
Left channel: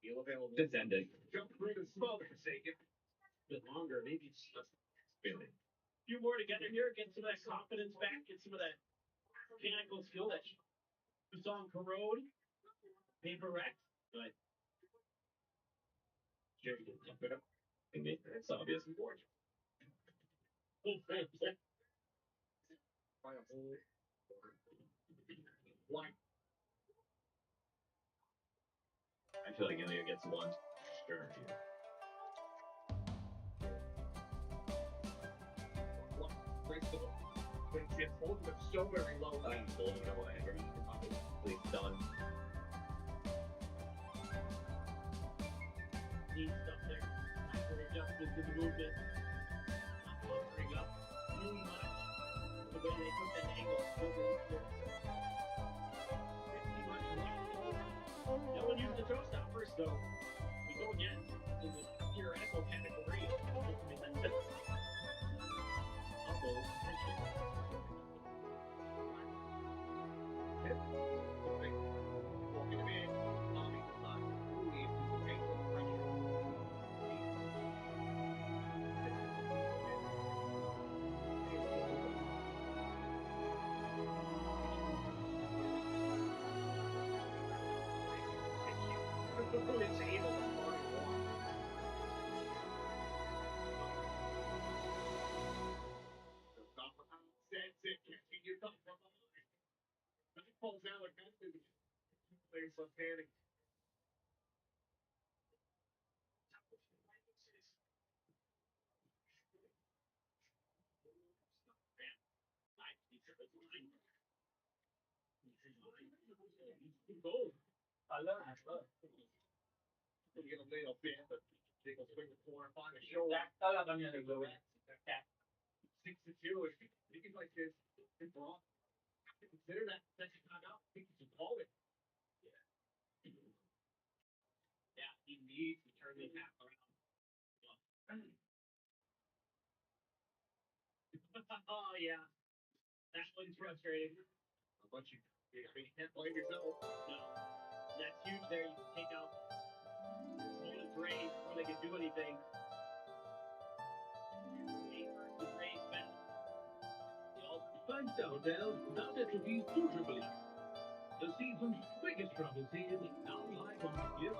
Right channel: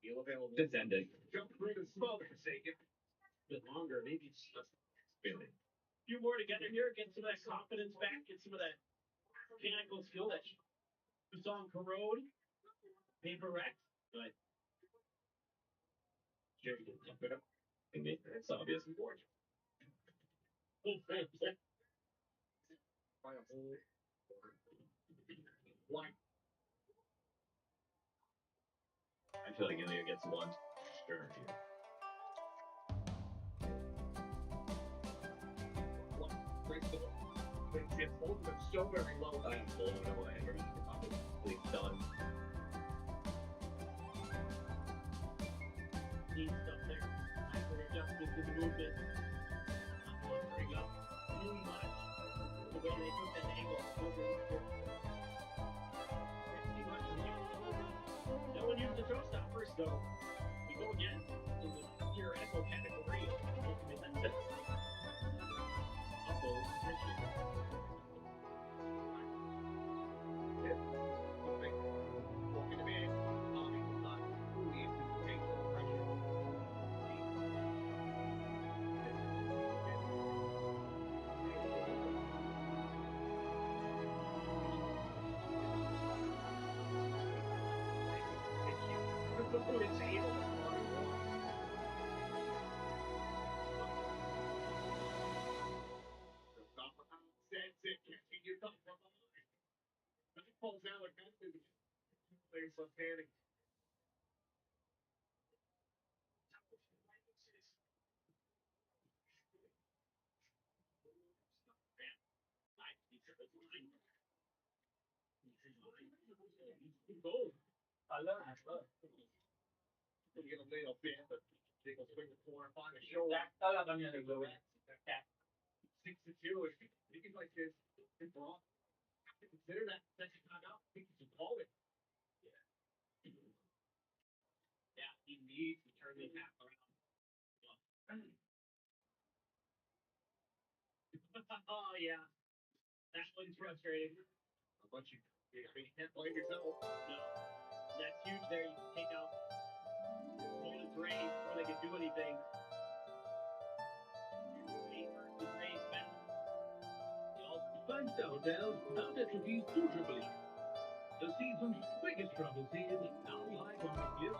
Feel available. this ended. Jump through the smoke for sake. A bit longer, maybe it's just Really. a few more together here, get some of that confidence back, get some of that mechanical skill that you saw in Corrode, Paper Rex, but Jerry can keep it up. And it's obvious. Find a hole. One. I feel like Ilya gets one. Sure. One. Breaks the hook. It's holding them so very low. I'm blown away. Please done. neat stuff there. After adjustment to the movement, not buffering up too much. The way they took that angle, so pretty much right over. No one used the toe stoppers, so we go again in the theoretical category of ultimate elbow position. Hit. Something. Walking him in. Tommy does not fully anticipate the pressure. It's able to find one. The top of the sets it, catching you top from behind. That falls out like that. Players left handing. Gold. I love it. Get a little bit, but They go swing the corner, find a show. That's 6-2. If you can like this, it's wrong. Consider that second timeout. I think you should call it. Yeah, he needs to turn this half around. Oh yeah, that one's frustrating. How about you? You can't blame yourself. No, that's huge. There, you can take out opponent's raise before they can do anything. Raise versus raise battle. Thanks, Downtown. Now that will be two Triple E. The season's biggest trouble scene now live on the Clear.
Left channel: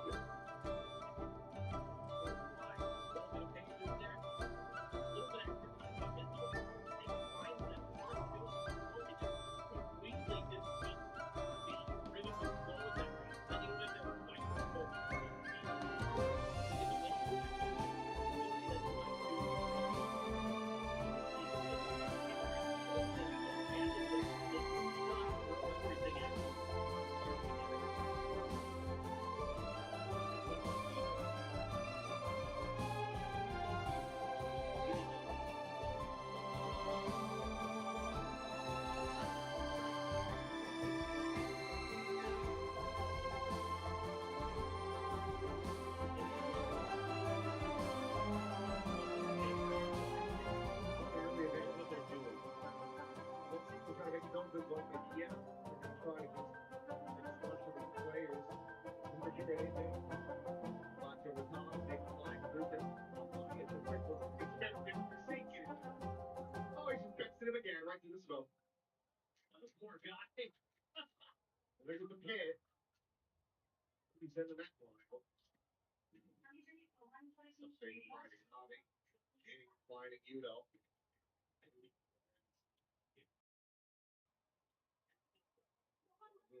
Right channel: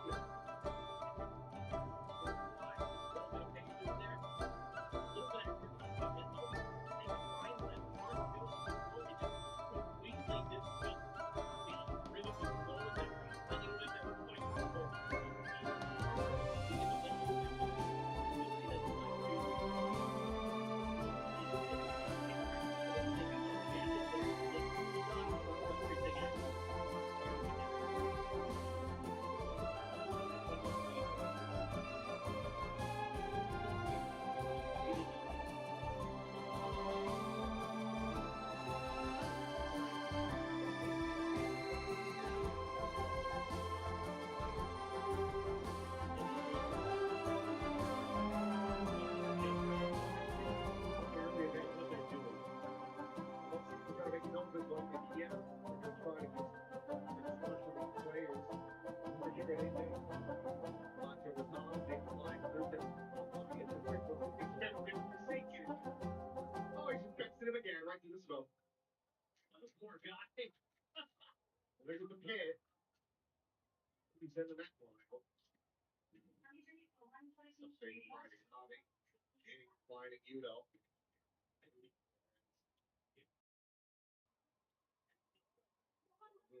What they're doing. They're trying to make numbers like they can. They're going to try to just explode for these players. Never hear anything. Lots over the top, big flying through them. It's a quick one. It's never been forsaken. Oh, he's just texting him again, right through the smoke. This poor guy. There's the pit. He's in the neck line. Flying at you, though.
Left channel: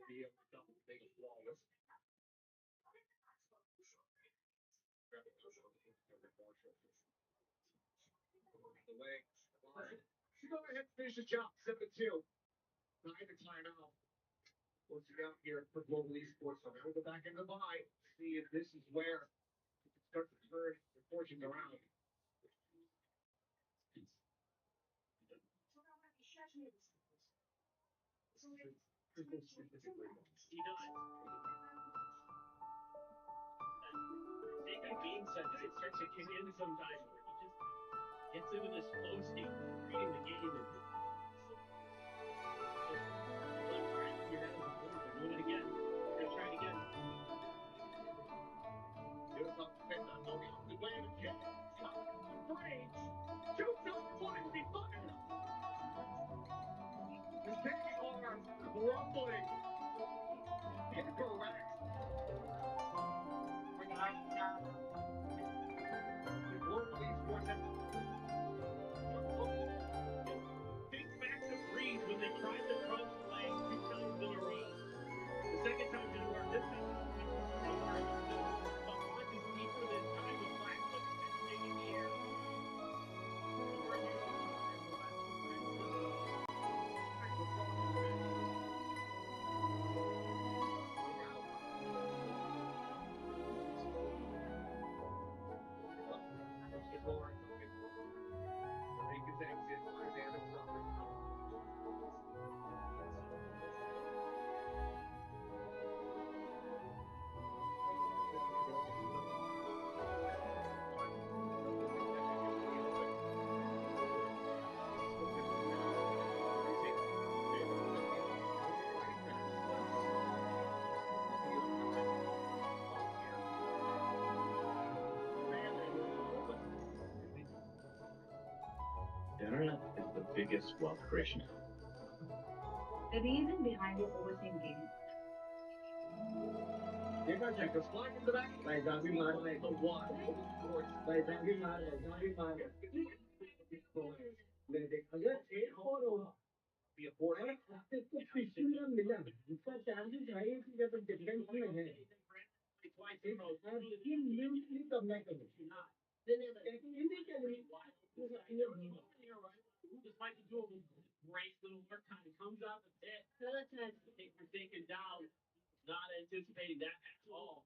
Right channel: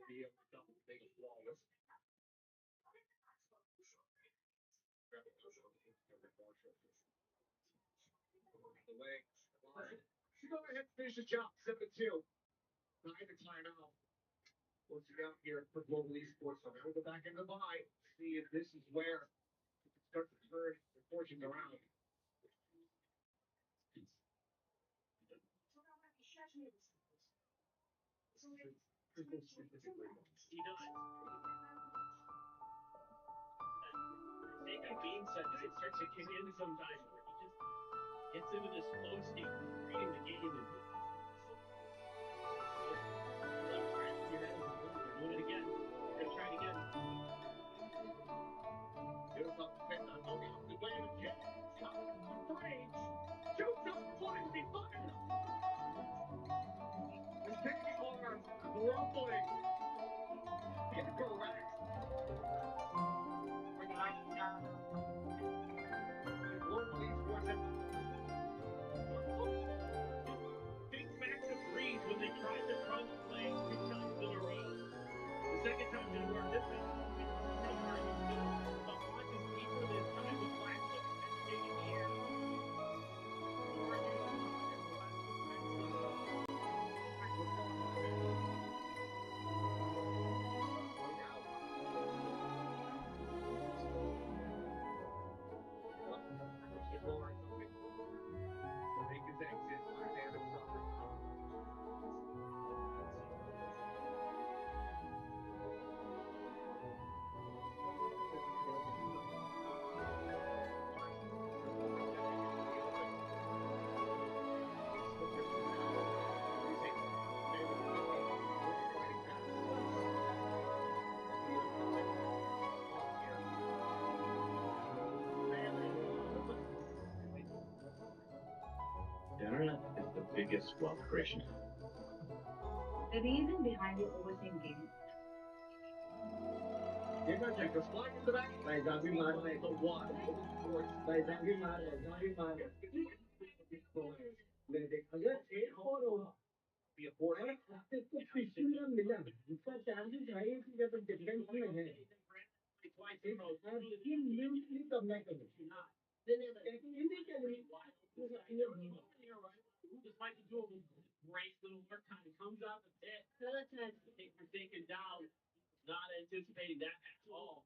Be able to double things flawless. The legs. She's going ahead and finish the job. 7-2. 9 to timeout. Once you out here for Global Esports, so now we'll go back into the buy. See if this is where you can start to turn the fortunes around. He does. That game sense, it starts to kick in sometimes where he just gets into this flow state, reading the game, and left right in your head as a goal. They're doing it again. They're gonna try it again. Beautiful fit on the opposite way of the kick. Shot from range. Shoots up point to be fired. The kicking arm rumbling. Incorrect. The Global Esports at Think back to Breeze when they tried the crunch play 2 times in a row. The second time didn't work. This time, the haunt is deeper than time. The black foot is big in the air. Over here, and the left defense we're going to win. Lawrence open. We'll make his exit. Fire damage suffered. The internet is the biggest wealth creation. The reason behind your overseeing game. Here comes Jacob. Flying in the back. By Zavi Mara. The one. By Zavi Mara. Zavi Mara. अगर एक और होगा ये फोड़ है तो पिछले में मिला इसका चांसेस है कि जब डिफरेंस में है ये म्यूचुअली करना करें इन्हीं के लिए Despite the dual race, little work kind of comes up a bit. We're taken down, not anticipating that at all.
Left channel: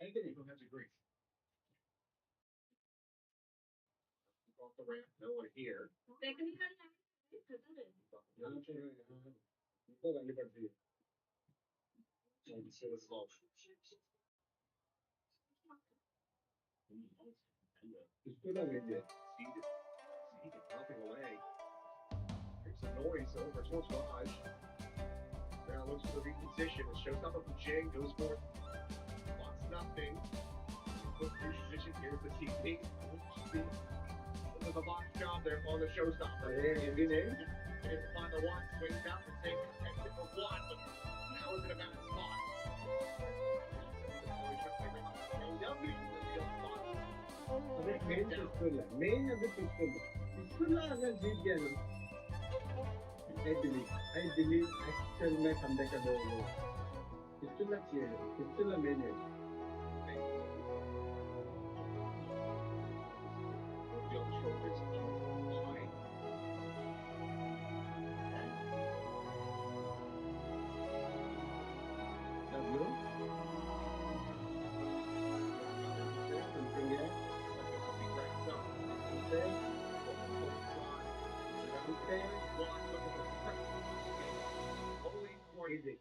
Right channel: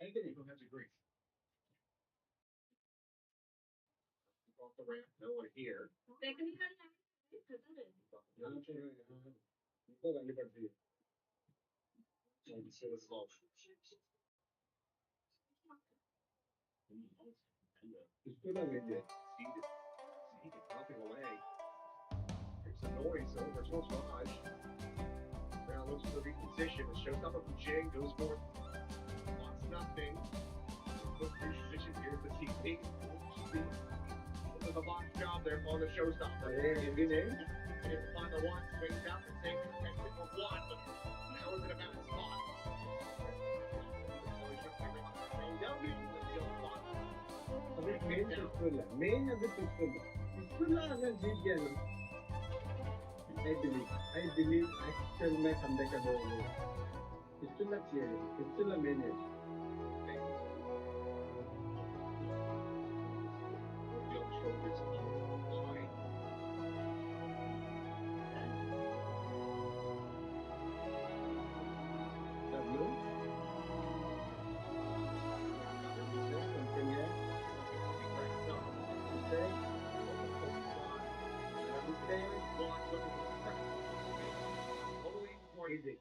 Anthony, who has a grief. Off the ramp, no one here. Dropping away. There's a noise over towards Raj. Now looks for the reposition. It shows up from Jay, goes for wants nothing. Quick reposition. Here's the TP. This is a box job there on the showstopper. He didn't find the one, swings out and takes it for one, but now it's in a bad spot. अभी main पिस्तौल है main अभी पिस्तौल अगर जीत गया ना I believe actual में comeback कर दोगे पिस्तौल चाहिए पिस्तौल मेन है On the shoulders of line. W something here Something to be wrapped up. say Open focus line. One looking for the press. Only for easy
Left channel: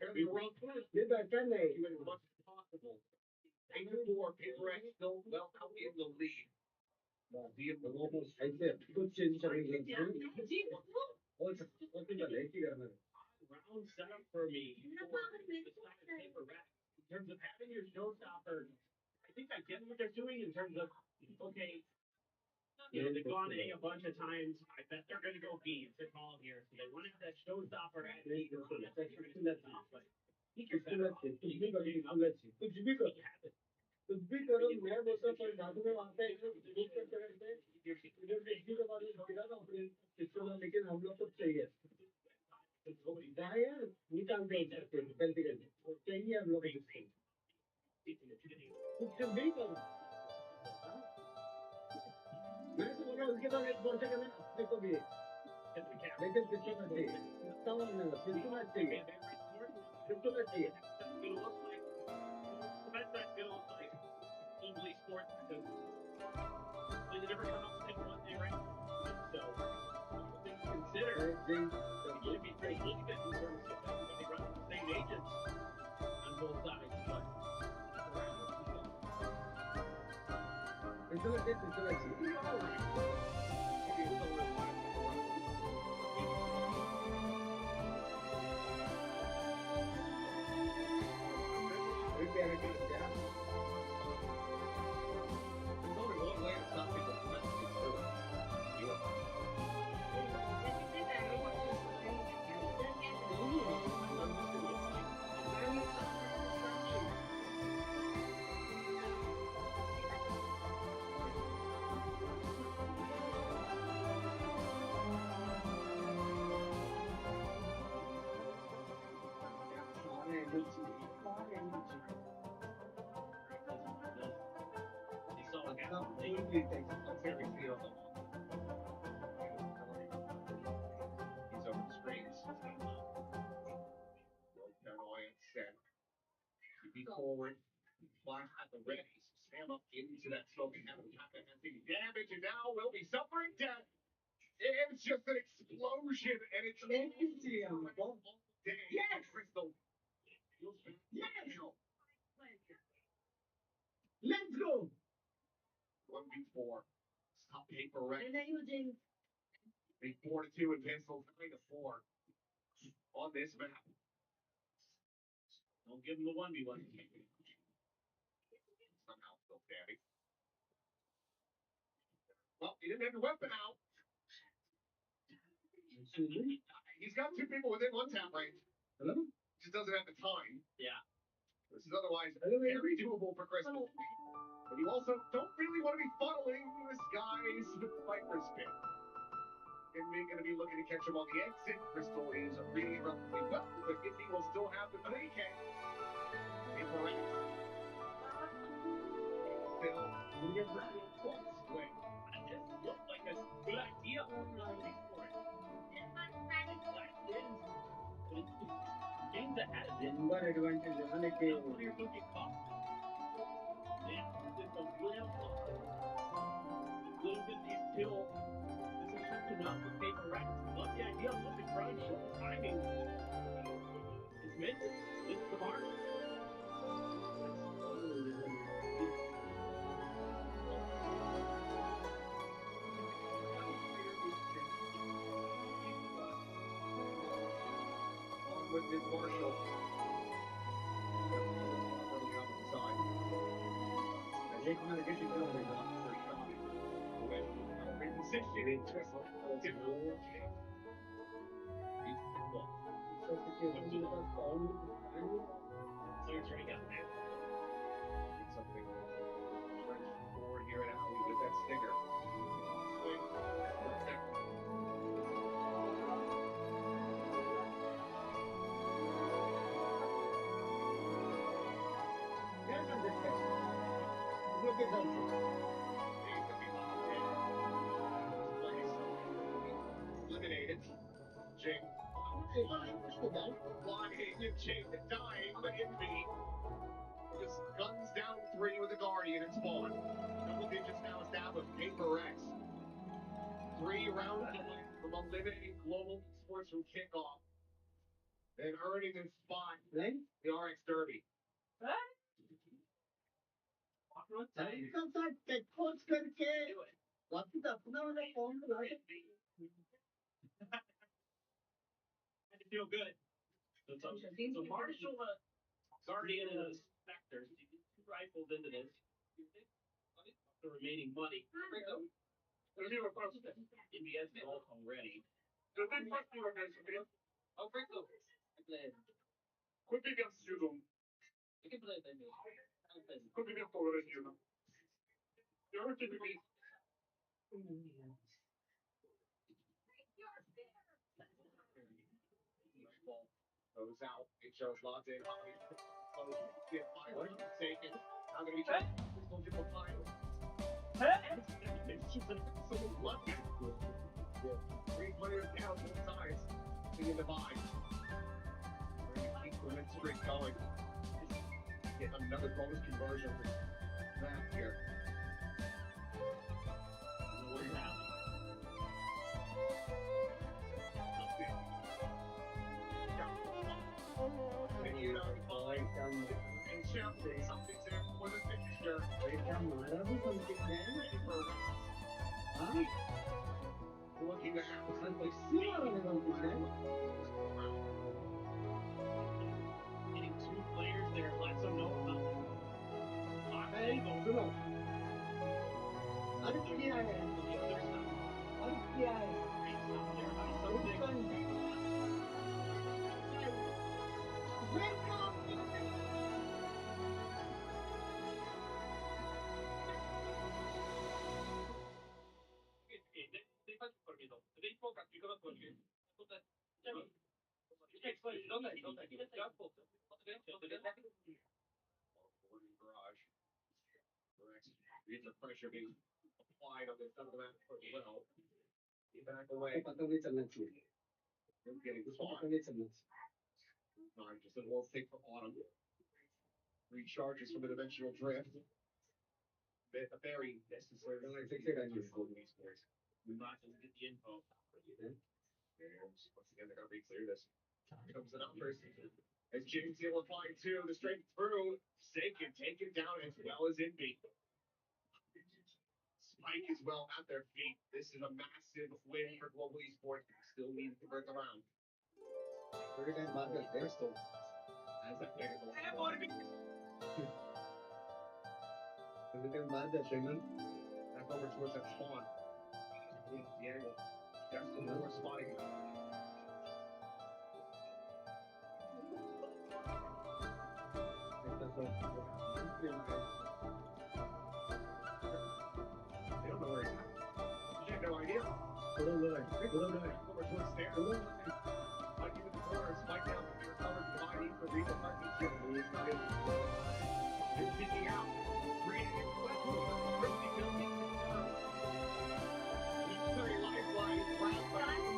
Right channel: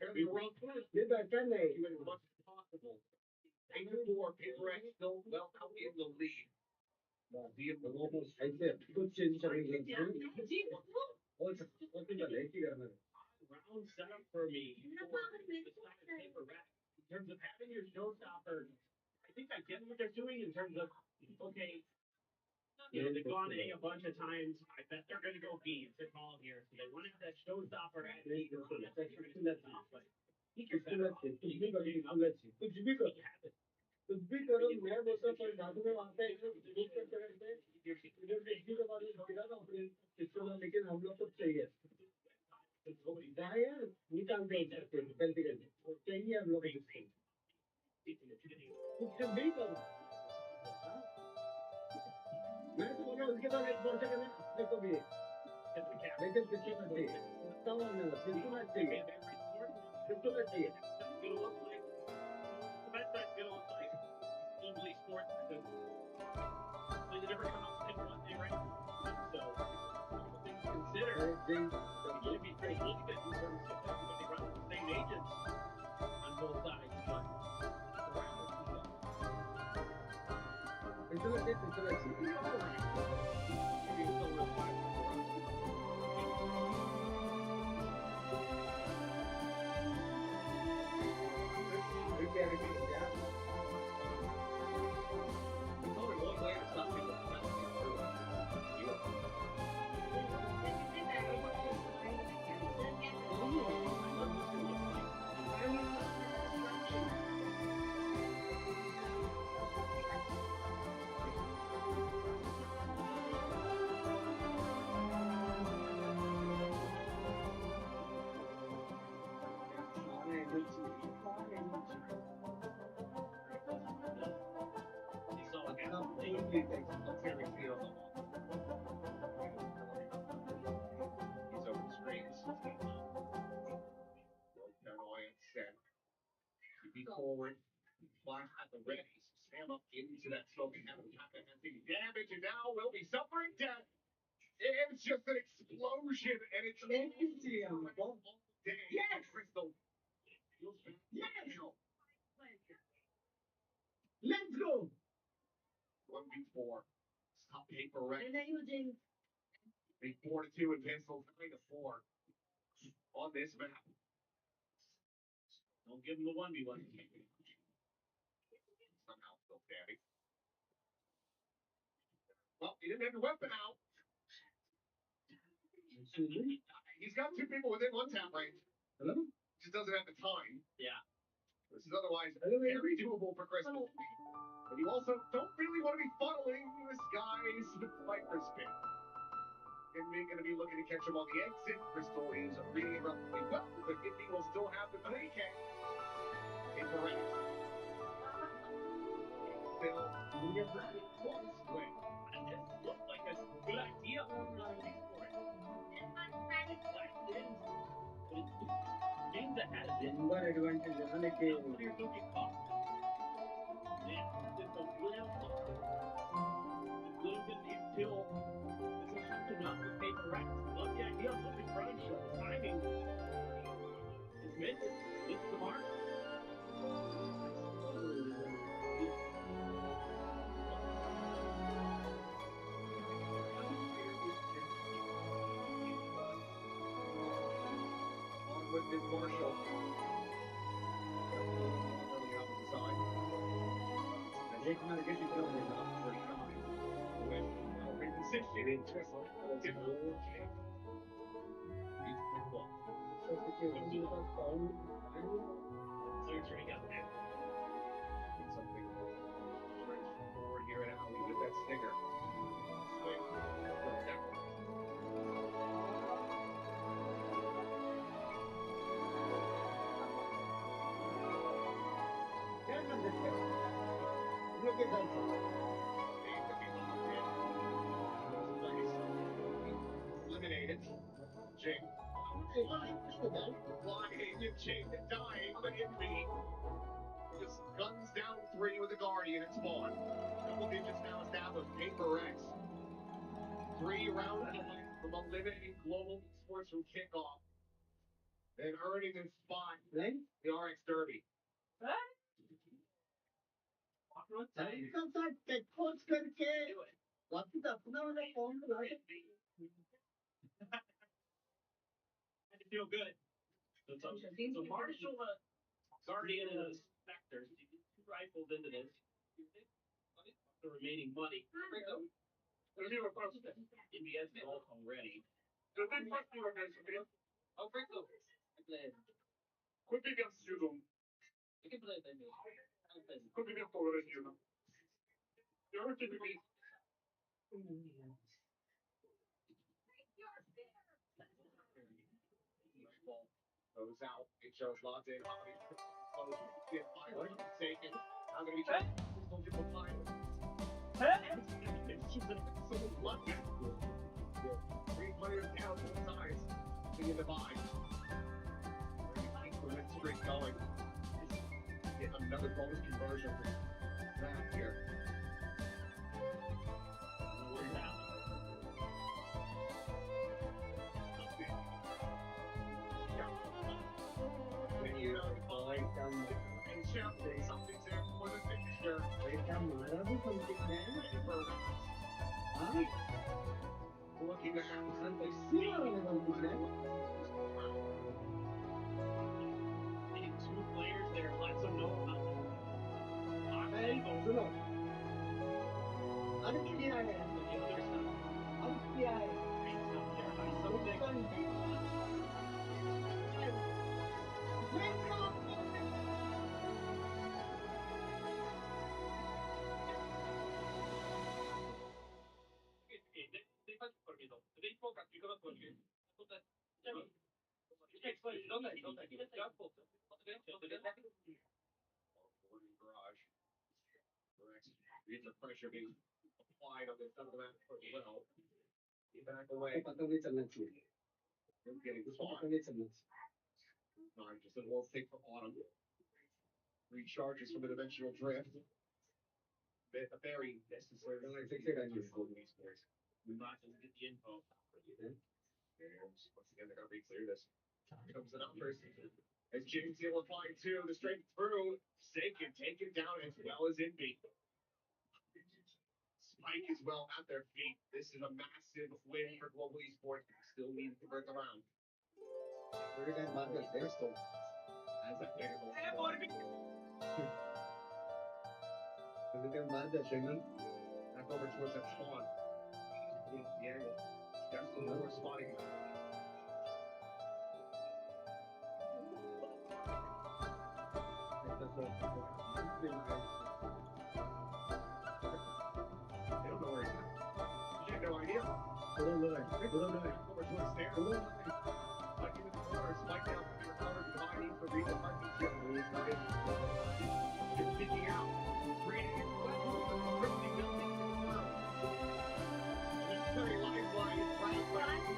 Fairly well first. ये बैठा नहीं You as much as possible. 8-4, Paper X still well out in the lead. ऐसे कुछ change करेंगे और क्या लेके करना है Round setup for me. Paper X. In terms of having your showstopper, I think I get what they're doing in terms of, okay, they've gone A a bunch of times. I bet they're going to go B. It's a call here. So they want to have that showstopper at B. But he can better off. कुछ भी करो मैं बोलता पर दादू में वहाँ पे एक करते इधर देखने के बाद गिरा ना अपने सिस्टम में लेकिन हम लोग को चाहिए यार ये काम कर सकते हैं गलती करके चाहिए हम लोग कुछ भी करो मैं तो बोला उसके बाद एक वर्ष करना अपने को भी लेकिन सिस्टम में चाहिए इतना वाला सिस्टम में चाहिए सिस्टम में चाहिए That's not going to look like globally sports because completely different competition one day, right? So, things to consider. It should be pretty even in terms of everybody running the same agents on both sides, but it's all right. Maybe it's still worth five for the run. There's only one way to stop people from messing with it. Do it. He's over the screens. Paranoia set. Be forward. Flash at the ready. Stand up into that smoking heaven. Damage and now will be suffering death. It's just an explosion and it's empty on the ball. Yes! Crystal. Yes! Let's go! 1v4. Stop paper right. Make 4-2 and pencil 9-4 on this map. don't give them the 1v1. Somehow still standing. Well, he didn't have your weapon out. He's got two people within one tap range. Hello? Just doesn't have the time. Yeah. This is otherwise very doable for Crystal. But you also don't really want to be funneling this guy's Viper's pit. And we're going to be looking to catch him on the exit. Crystal is reading it relatively well, but Indy will still have the 3K. Paper X. Still, one swing. That just looked like a good idea for it. But it's games ahead of it. Number advantage है ना लेके Players don't get caught. Rex. Love the idea, love the crunch, love the timing. It's meant to miss the mark. Along with Miss Marshall. Got a little more early on the side. And they come out of Genshin building up for shine. With position into a different game. Surgery got that. It's something strange forward here in Alley with that stinger. Swing. Left down. Look at that. They could be locked in. Place. Eliminated. Jing. Flying and Jing dying, but envy. Just guns down 3 with the Guardian at spawn. Double digits now established. Paper X. 3 rounds away from eliminating global sports from kickoff. And earning a spot in the RX Derby. Had to feel good. So Marshall, Guardian, and Spectre, you get 2 rifles into this. The remaining money. NBS vault already. Goes out. It shows lots in. Close. Get 500 taken. I'm going to be trying to hold you for final. So lucky. 3 players down both sides. Singing the vibe. We're going to keep the win streak going. Get another bonus conversion. Back here. Where's Alley? You know, and shout something's there for the fixture. Looking to have something Getting 2 players there lets them know about the other stuff. Great stuff there by something. Garage. Correct. The pressure being applied on the front of that foot well. Get back away. Getting caught. Time just a little thick for Autumn. Recharges from an eventual drift. A very necessary. We might as well get the info. Once again, they're going to re-clear this. Here comes the numbers. As James Hill applying 2, the straight through. Saken taken down as well as Envy. Spike as well at their feet. This is a massive win for Global Esports. Still need to convert the round. They're still as that big of a back over towards that spawn. The angle. Got some more spotting. They don't know where he's at. You have no idea. Over towards stairs. Mike into the corner. Spike down to be recovered. Behind needs to read the partnership. It's picking out. Reading it well. Drifting building confirmed. A necessary lifeline. Bradley.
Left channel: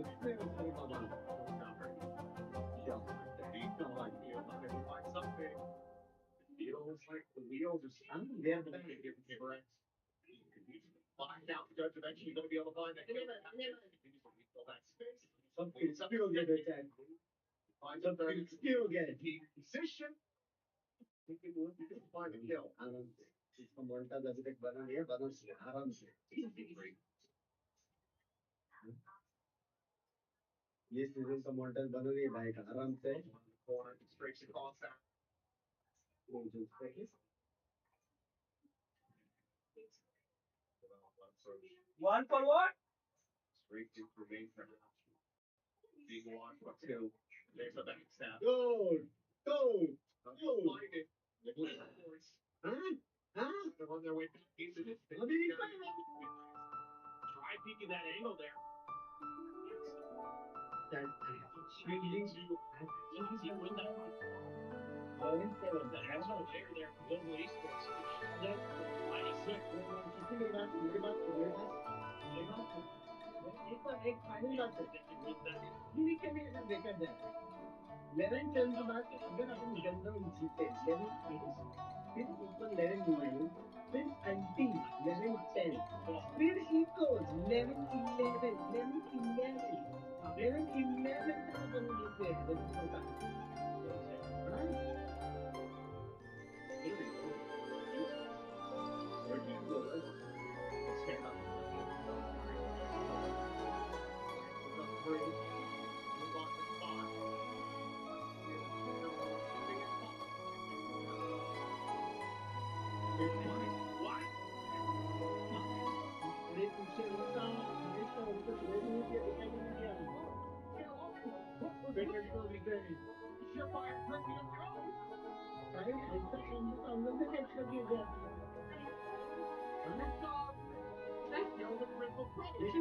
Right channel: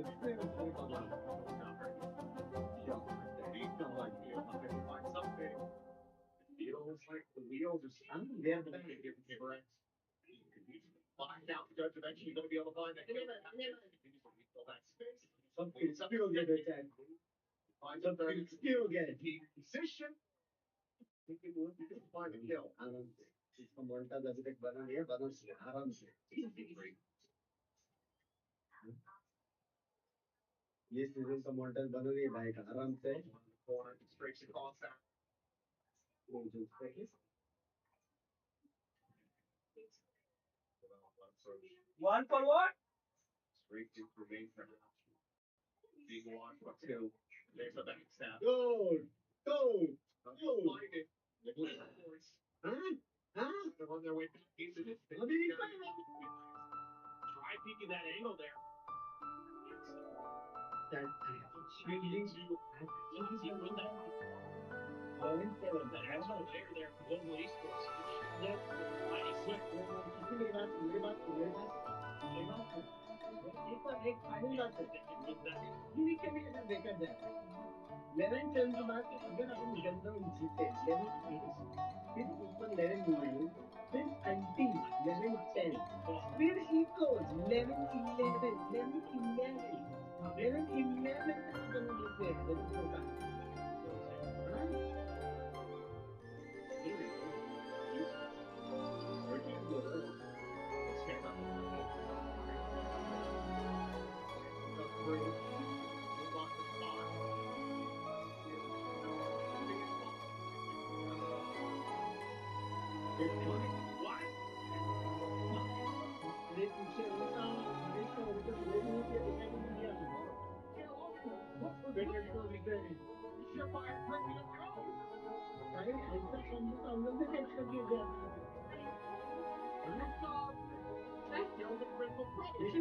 Find something. Feels like the wheels are spinning. Yeah, but then give paper X. Find out the judge eventually going to be able to find that killer. Fill that space. Some people get their tag. Find some skill get it. Position. Thinking we'll find a kill. इसको मोल्टा जब तक बना लिया बना से आराम से ये सीजन का मोल्टा बना लिया भाई आराम से corner straight across that One for what? straight into main center being one for two there's a backstab go find it they're on their way back into this thing. Try peeking that angle there. That shooting you with that 11-7. The extra layer there for global esports. Mighty Swift. एक final बात है unique communication देखा जाए 11 turn के बाद अगर अपन general जीते 11 फिर ऊपर 11 9 फिर anti 11 10 फिर equals 11 11 11 11 11 11 तक अपन जीते हैं जब होता है हाँ stand up and go through, move on the spot. What? अरे पीछे होता हमें तो अभी तो ब्रेक नहीं किया दिखाई नहीं दिया बेटर को दिखाई Surefire breaking the road. अरे ऐसा हम लोग ने कैच कर दिया गया That's the only critical problem. There's no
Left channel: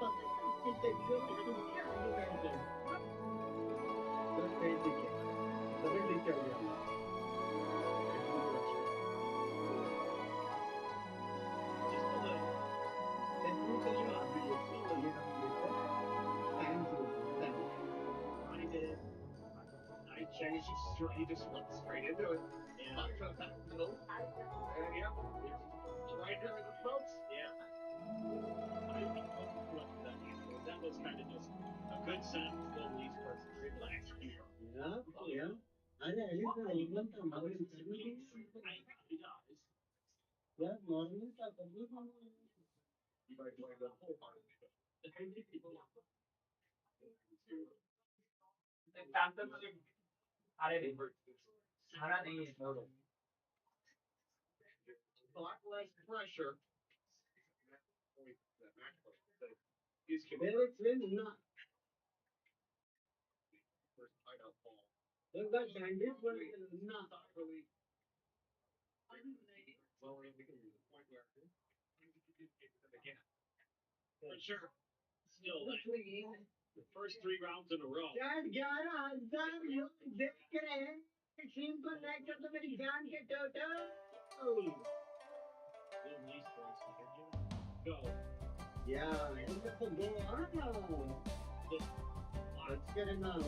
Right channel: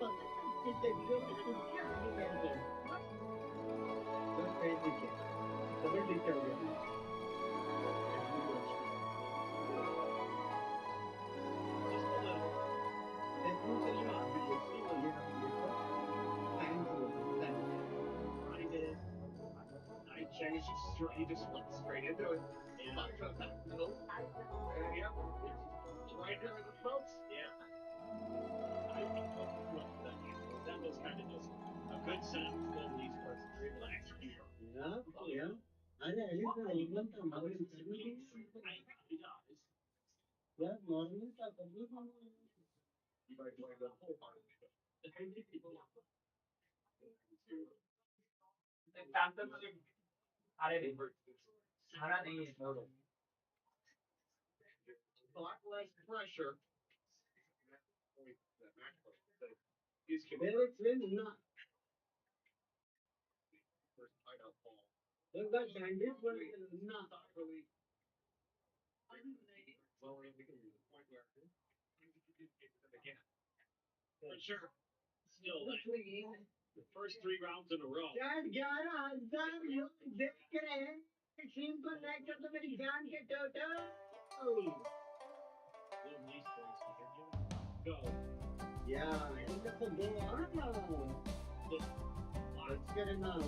fun. It's a good thing. That's very good. Double detail. Just a little. Then you say you are really still a little bit. Thank you. I did. I changed straight. You just went straight into it. Yeah. No. Yeah. Right here in the folks. Yeah. That was kind of just a good sound for the esports to be able to execute. Yeah. I even the mother is yeah, normally the complete you might play the whole part of it. A lot less pressure. Not. First hideout ball. Look that bandit, but not really. Well, we can use the point where again. For sure. Still, the first 3 rounds in a row. Dad, 11,000 लोग देख रहे हैं stream को like कर दो मेरी जान के total Go. Yeah, look at the goal. Let's get it now.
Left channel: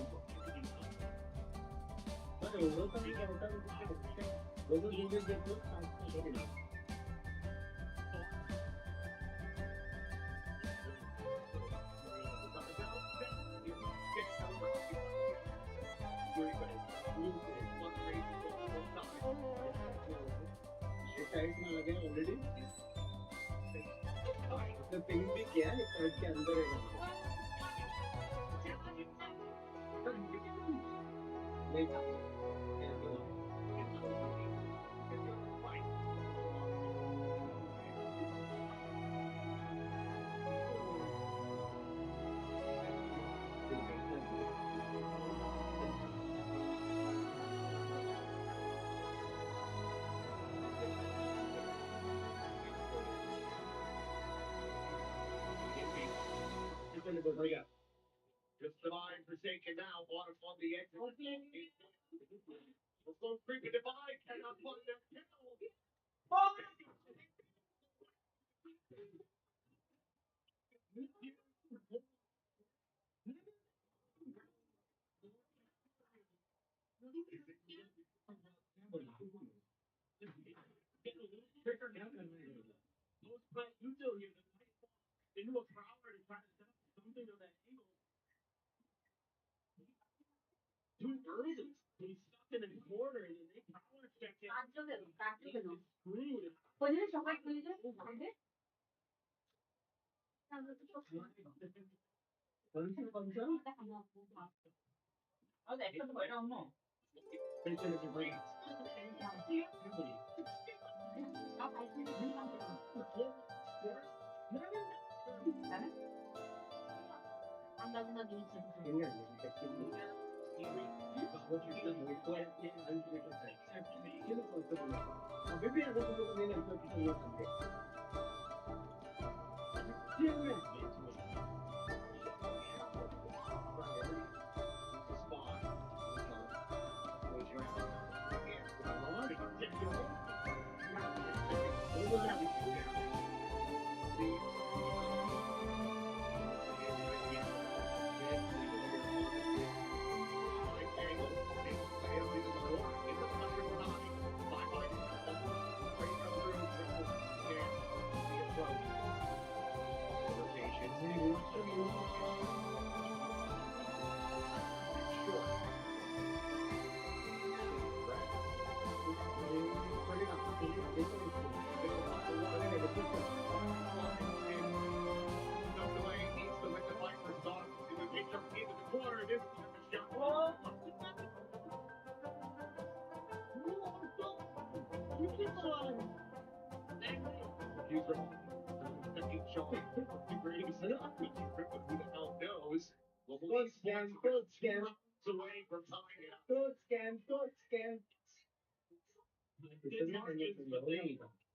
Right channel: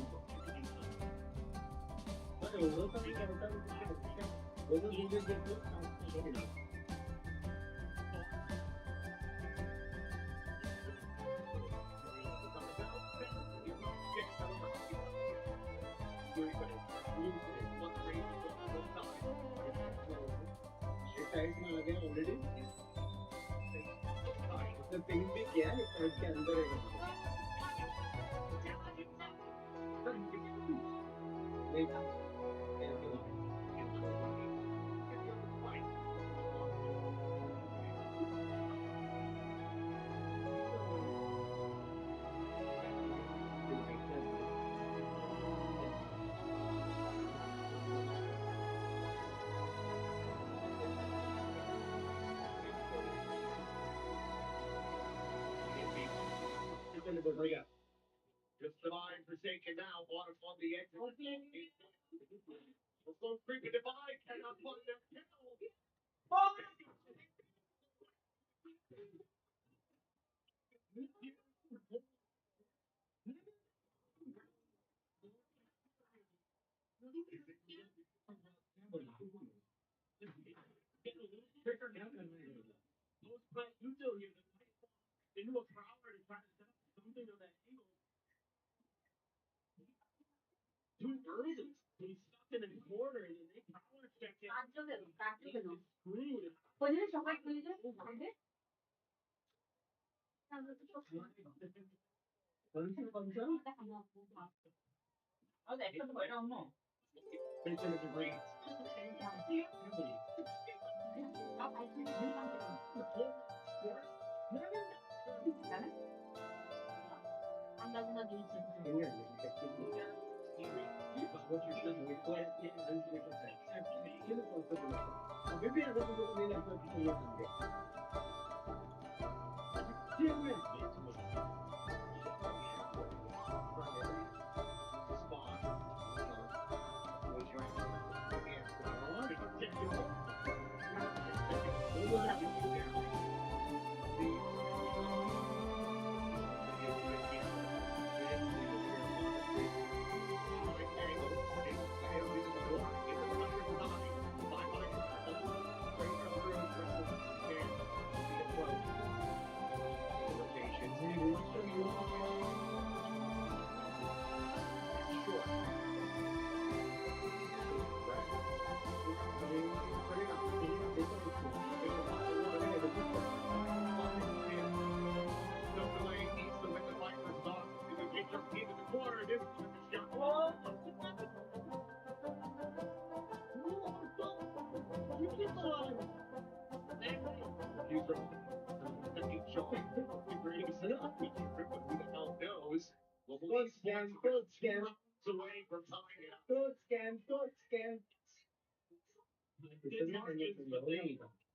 But overall, I already. The thing भी क्या है कार्ड के अंदर है देखा Just divine forsaken now, water on the edge. Let's go creepy divine, cannot find their kill. Most plant util here into a prowler to try to set up something of that angle. Too early. He's stuck in a corner and then they prowler check it. He's screwed.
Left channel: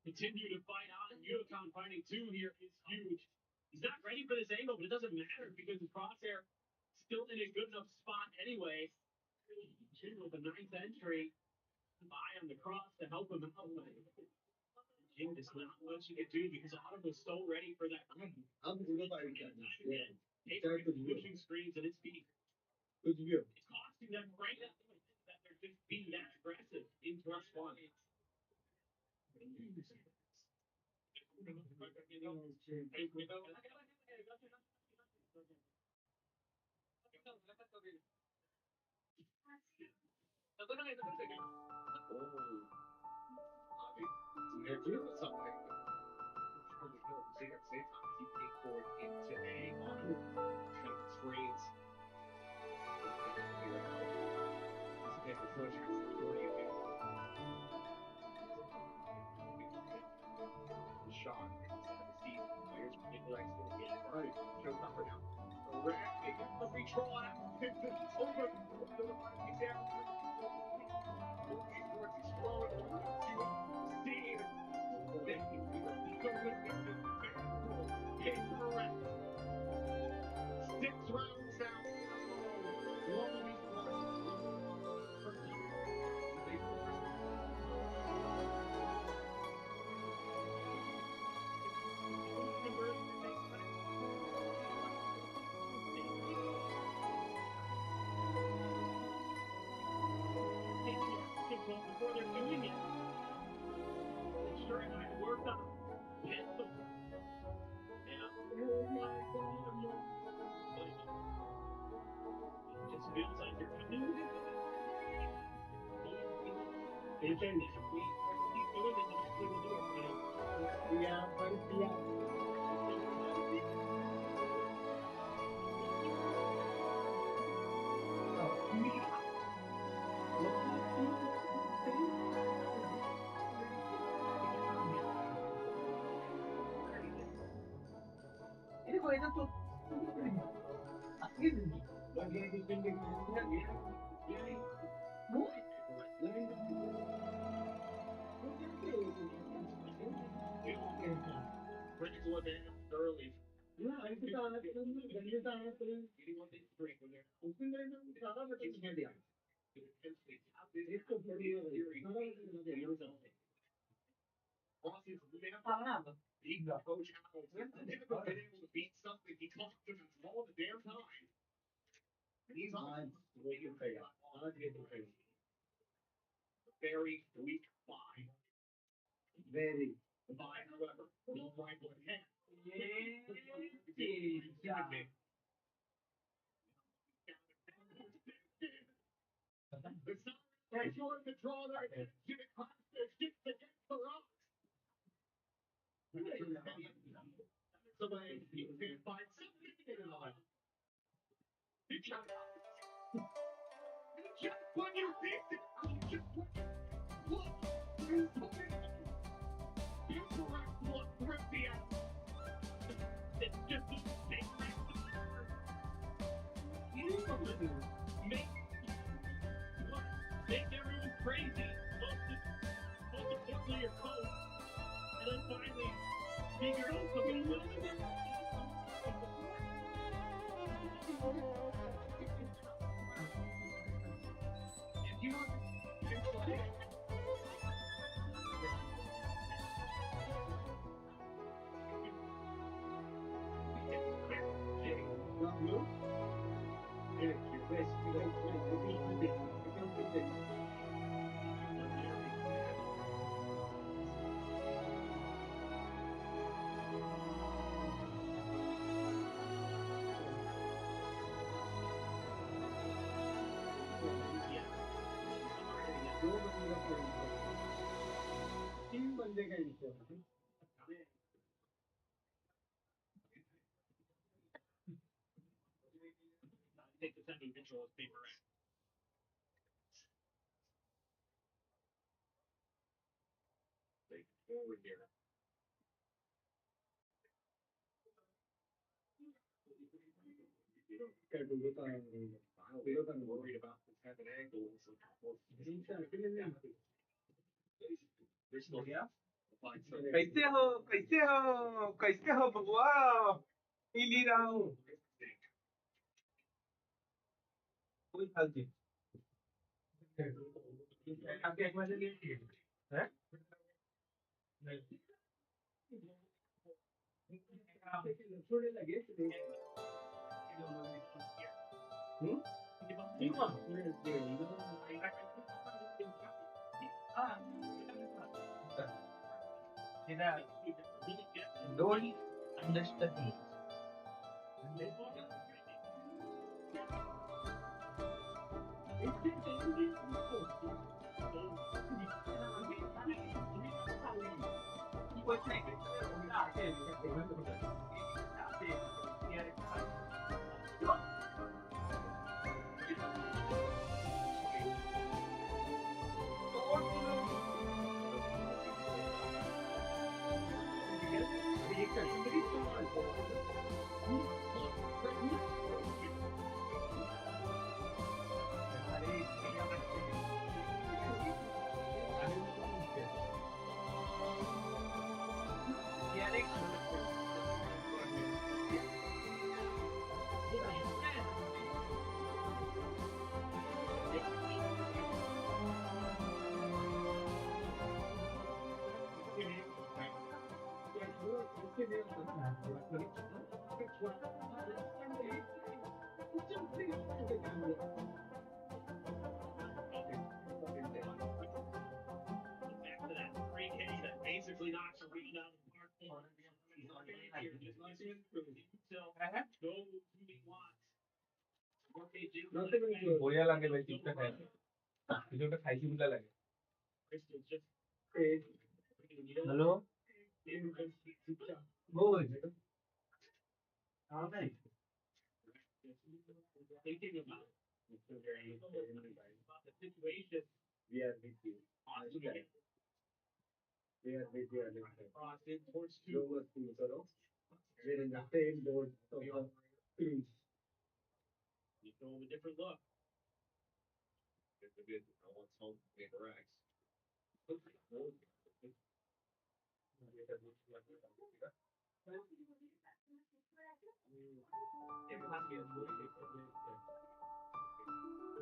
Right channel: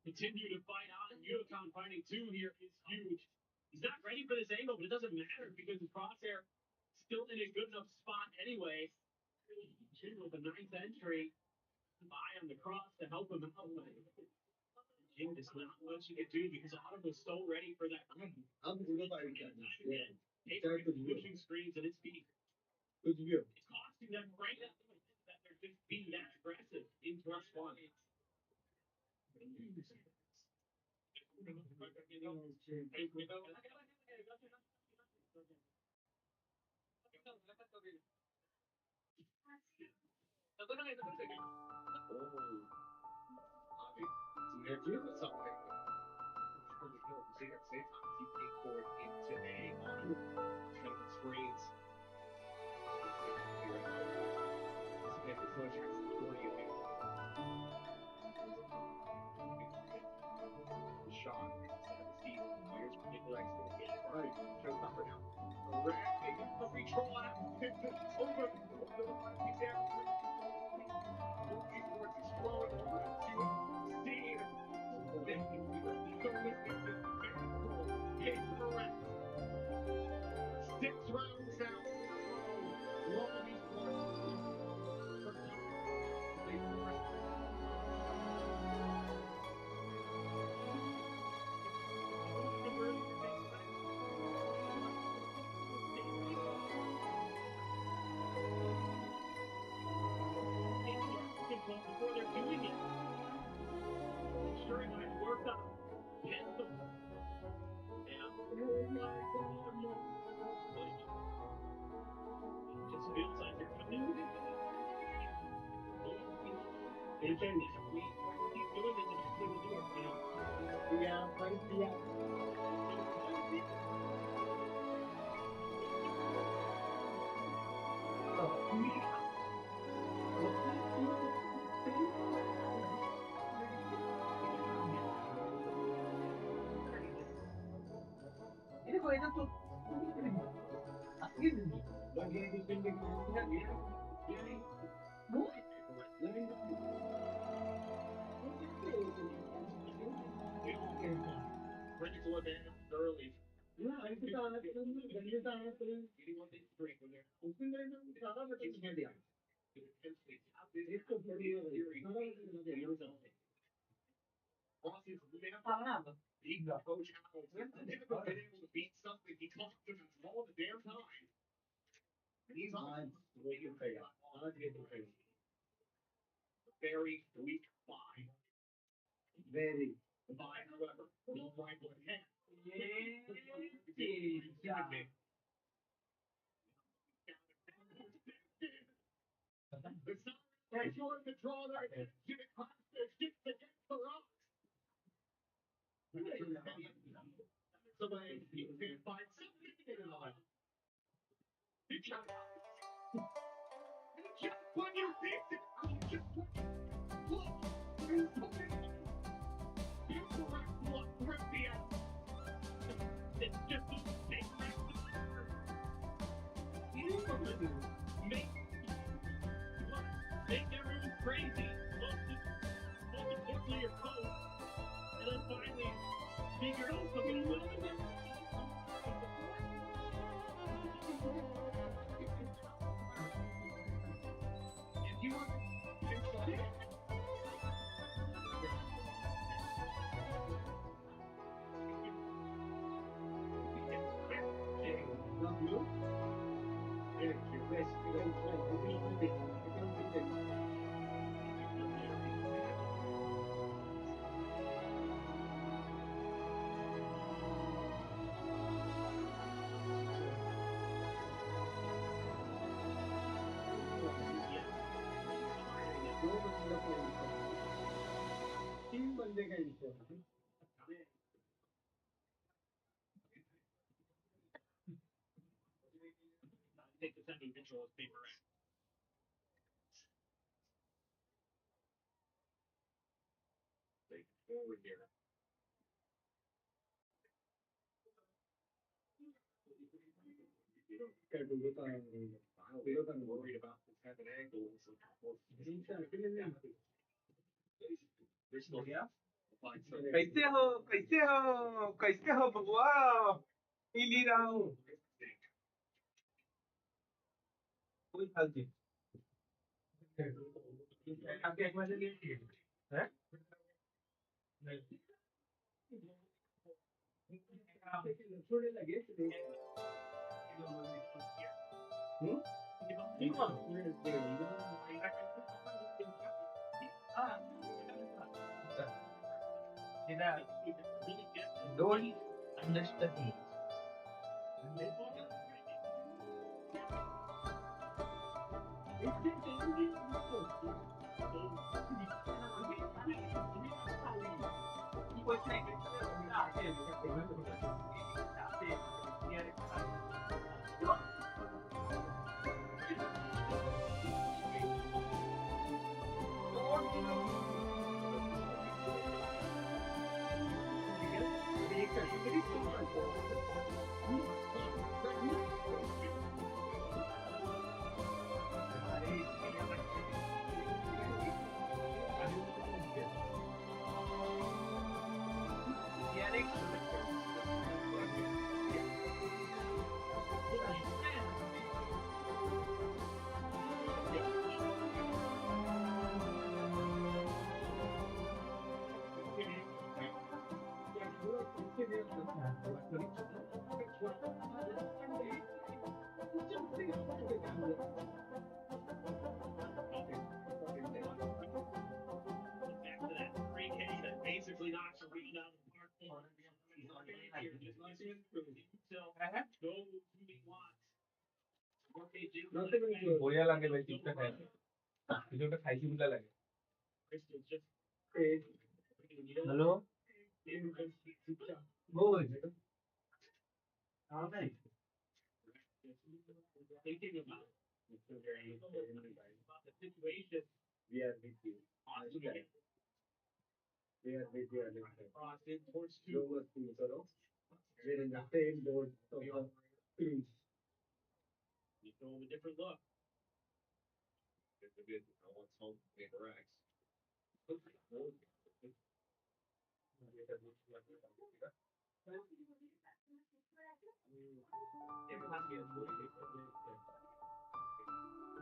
Continue to fight on. Unicon fighting 2 here is huge. He's not ready for this angle, but it doesn't matter because his crosshair still in a good enough spot anyway. With the 9th entry, by on the cross to help him out. Jim does not much you can do because Autumn was so ready for that. Pushing screens at its feet. It's costing them right now that they're just being that aggressive into rush 1. Before they're doing it. Sure, it might work on it just feels like you're coming. He's doing this and eventually we'll do it. Critical advantage early. Beat Coach Howell. Never been able to beat something he talked about all the damn time. And he's on. very weak buy. Very. The buy, however, will rival ahead. The Sire ensuring the draw there. Jimmy Clapster gets against the rocks. Somebody you can find something in it all. Just when you think that just when look, look, rip the out. It's just a big make everyone crazy. Most importantly, your coach. And then finally, figure out something a little bit different. If you want to try it, take the semi-visual as paper route. Take it forward here. I'm worried about this having angles. कैसे हो कैसे हो बबुआ P ली रहा हूँ कोई फालतू आपके एक बार हैं थोड़े लगे Don't understand. Back to that 3K that basically knocks a read out of the park. So, go who he wants. बढ़िया लगे भाई चिप्स खाए जो तो खाई बुला लगे हेलो बोल हाँ भाई Thinking about the situation. We are with you. We are with you. Crossing towards two. We're in the same boat of cruise. You throw him a different look. It's a good. I want some paper X.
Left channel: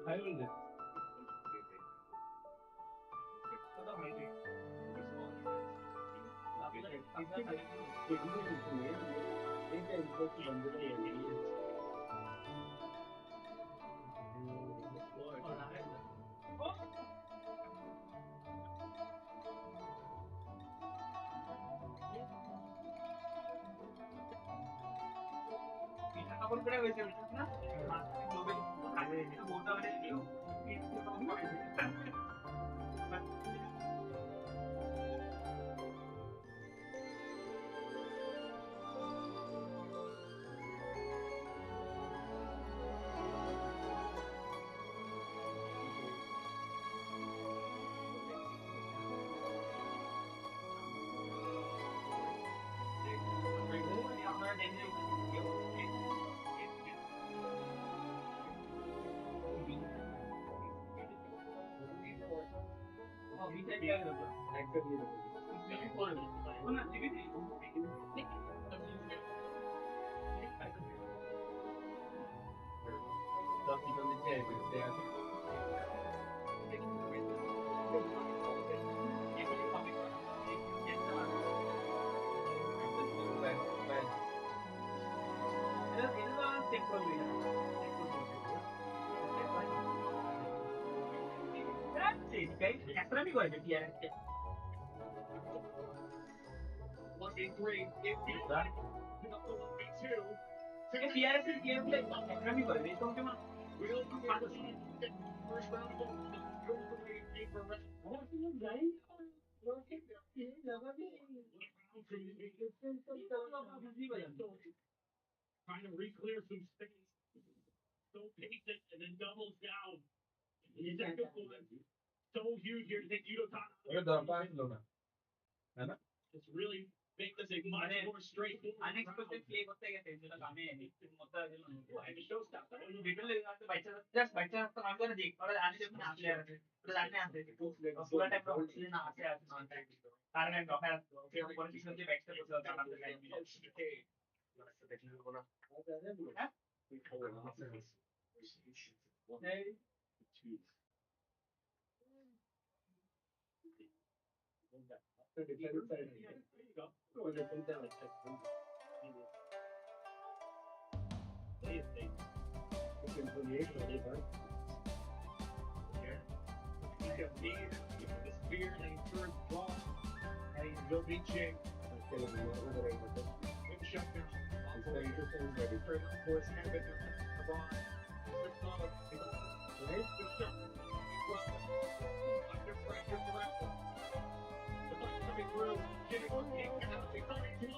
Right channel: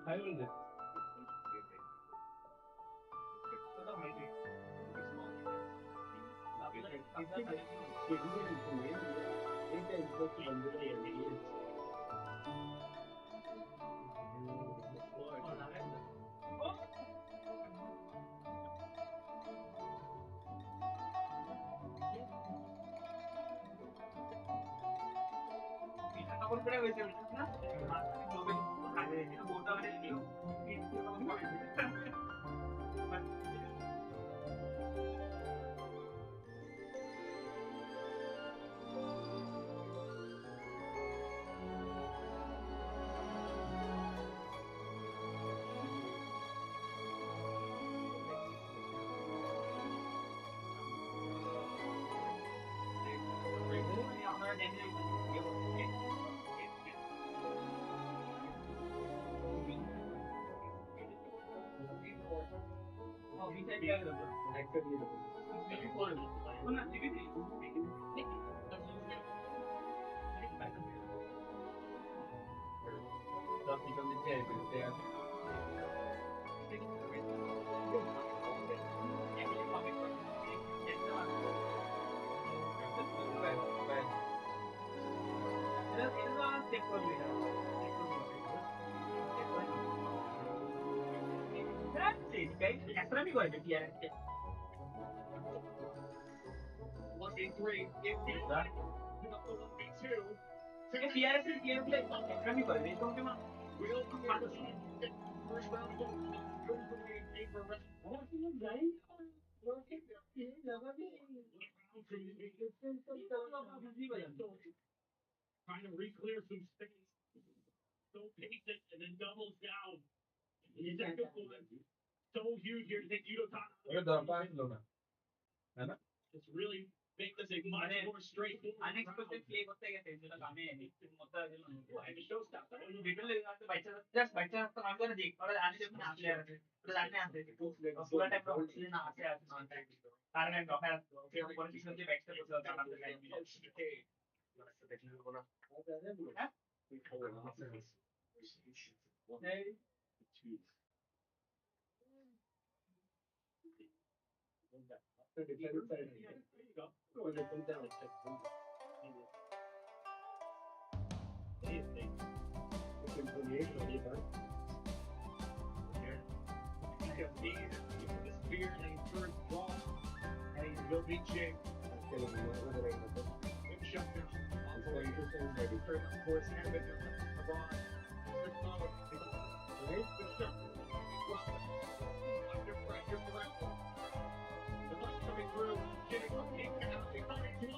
I will do. Trying to re-clear some space. So patient and then doubles down. The second one, so huge here to take Yudo. It's really make this a much more straightforward. Unexpected play করতে গেছে যেটা কামে মতো আমি show start detail লাগতে বাইচা just বাইচা তো আমি করে দেখ আর আজ যখন আসলে আছে তো জানতে আছে পুরো টাইম তো হচ্ছে না আছে আছে না কারণ আমি ডকার ওকে পরে পিছন দিয়ে ব্যাকস্টেপ করতে হবে আমাদের line Spear and third draw, and he will be Jing. Shutdown. Also interesting. Third, of course, Habit Abon. Right? The shot. Under pressure forever. The ball coming through. Getting up. Coming through.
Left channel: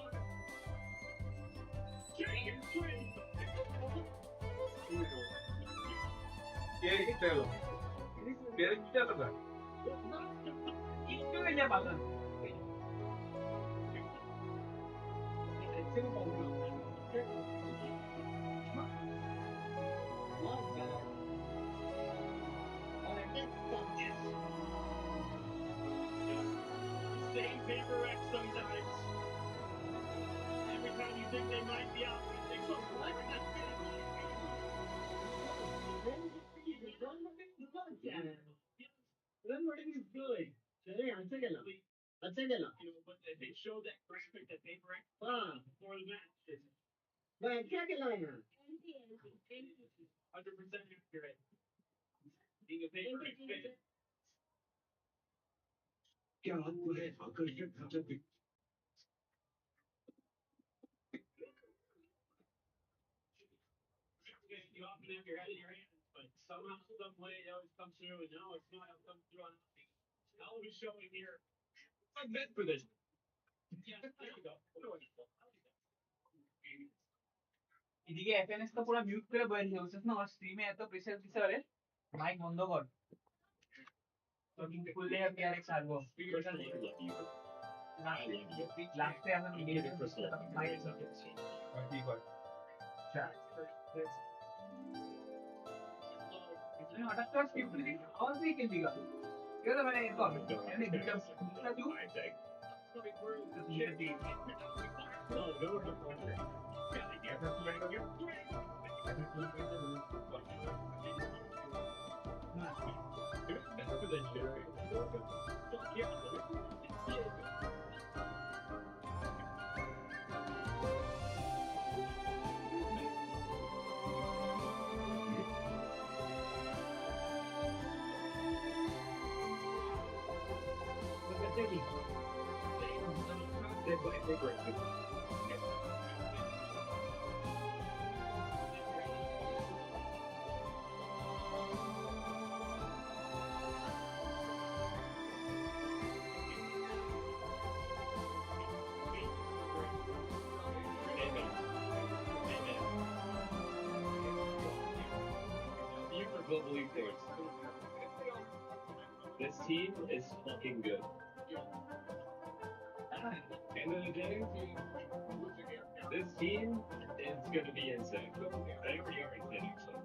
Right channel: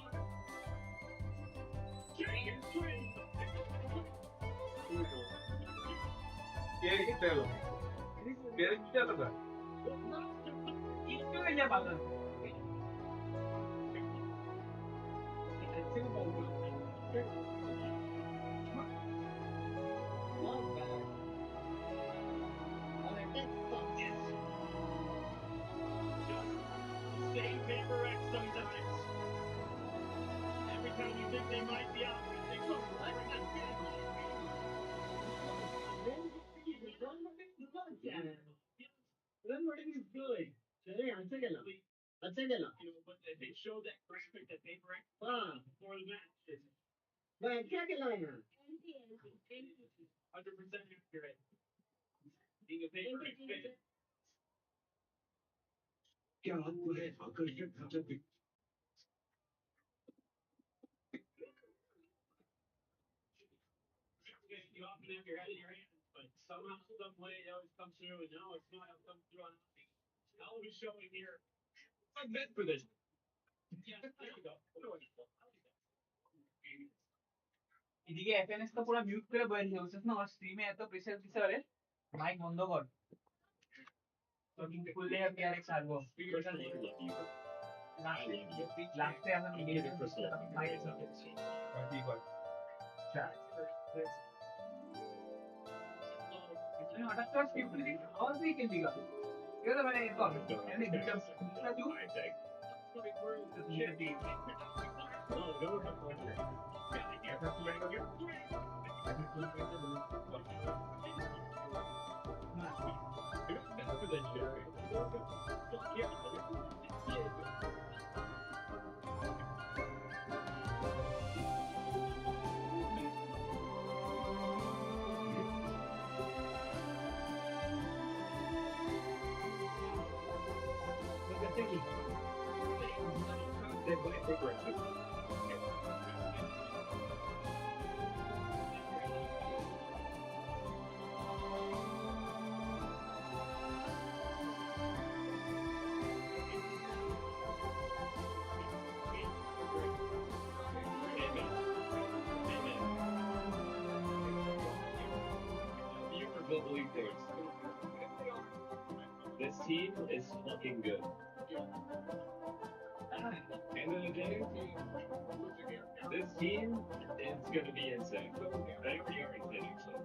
Jing is free. Love that. Just the same paper X sometimes. Every time you think they might be out, they come right back in. Then what is good? I'll take it. But they showed that graphic that paper X before the match. Man, check it out. 100% accurate. Being a paper X fan. क्या आपको है आकर्षक घटक you often have your head in your hands, but somehow, some way, it always comes through, and no, it's not how it comes through on television showing here. I'm meant for this. Yeah, there you go. এদিকে এফএনএস তো পুরো mute করে বসে বলছিস না, স্ট্রিমে এত pressure দিছে আরে মাইক বন্ধ কর তো কিন্তু খুললে আমি আরেক ছাড়বো লাস্টে আমরা মিডিয়ে মাইক কি কর इसमें हटात कर स्क्रिप्ट की आवाज नहीं के दिया ये तो मैंने इसको मैंने गिटार ना जो global esports. This team is fucking good. End of the day, this team is gonna be insane. They already are insane, actually.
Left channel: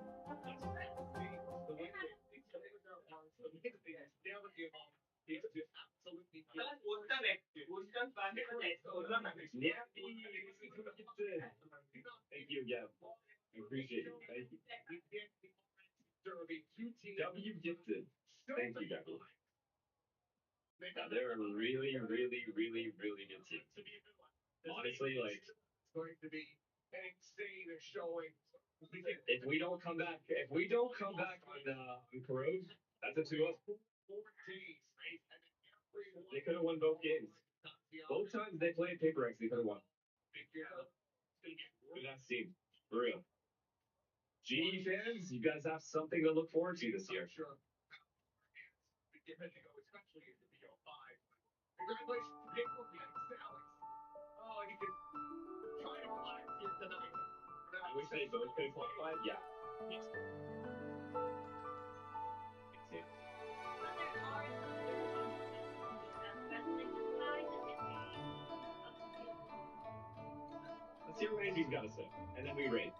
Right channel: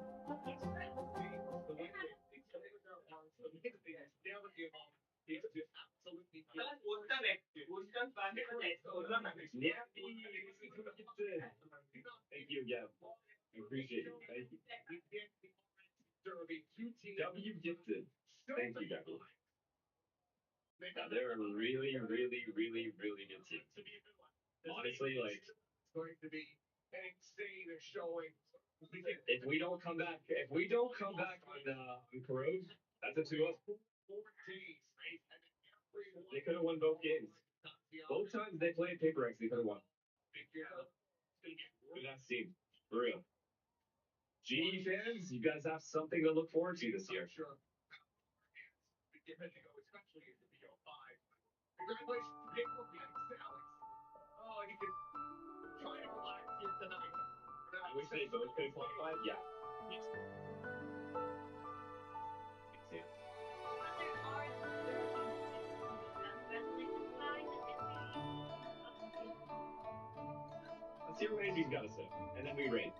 Thank you again. I appreciate it. Thank you. W gifted. Thank you, guys. They're a really, really, really, really good team. Honestly, like, it's going to be an insane showing. If we don't come back on Corrode, that's a 2-0. They could have won both games. Both times they played Paper X, they could have won. Good ass team, for real. GE fans, you guys have something to look forward to this year. Congratulations to Paper X, Alex. Oh, you can try to relax here tonight. I wish they both could qualify. Yeah. Yes. Let's hear what Andy's got to say, and then we rate.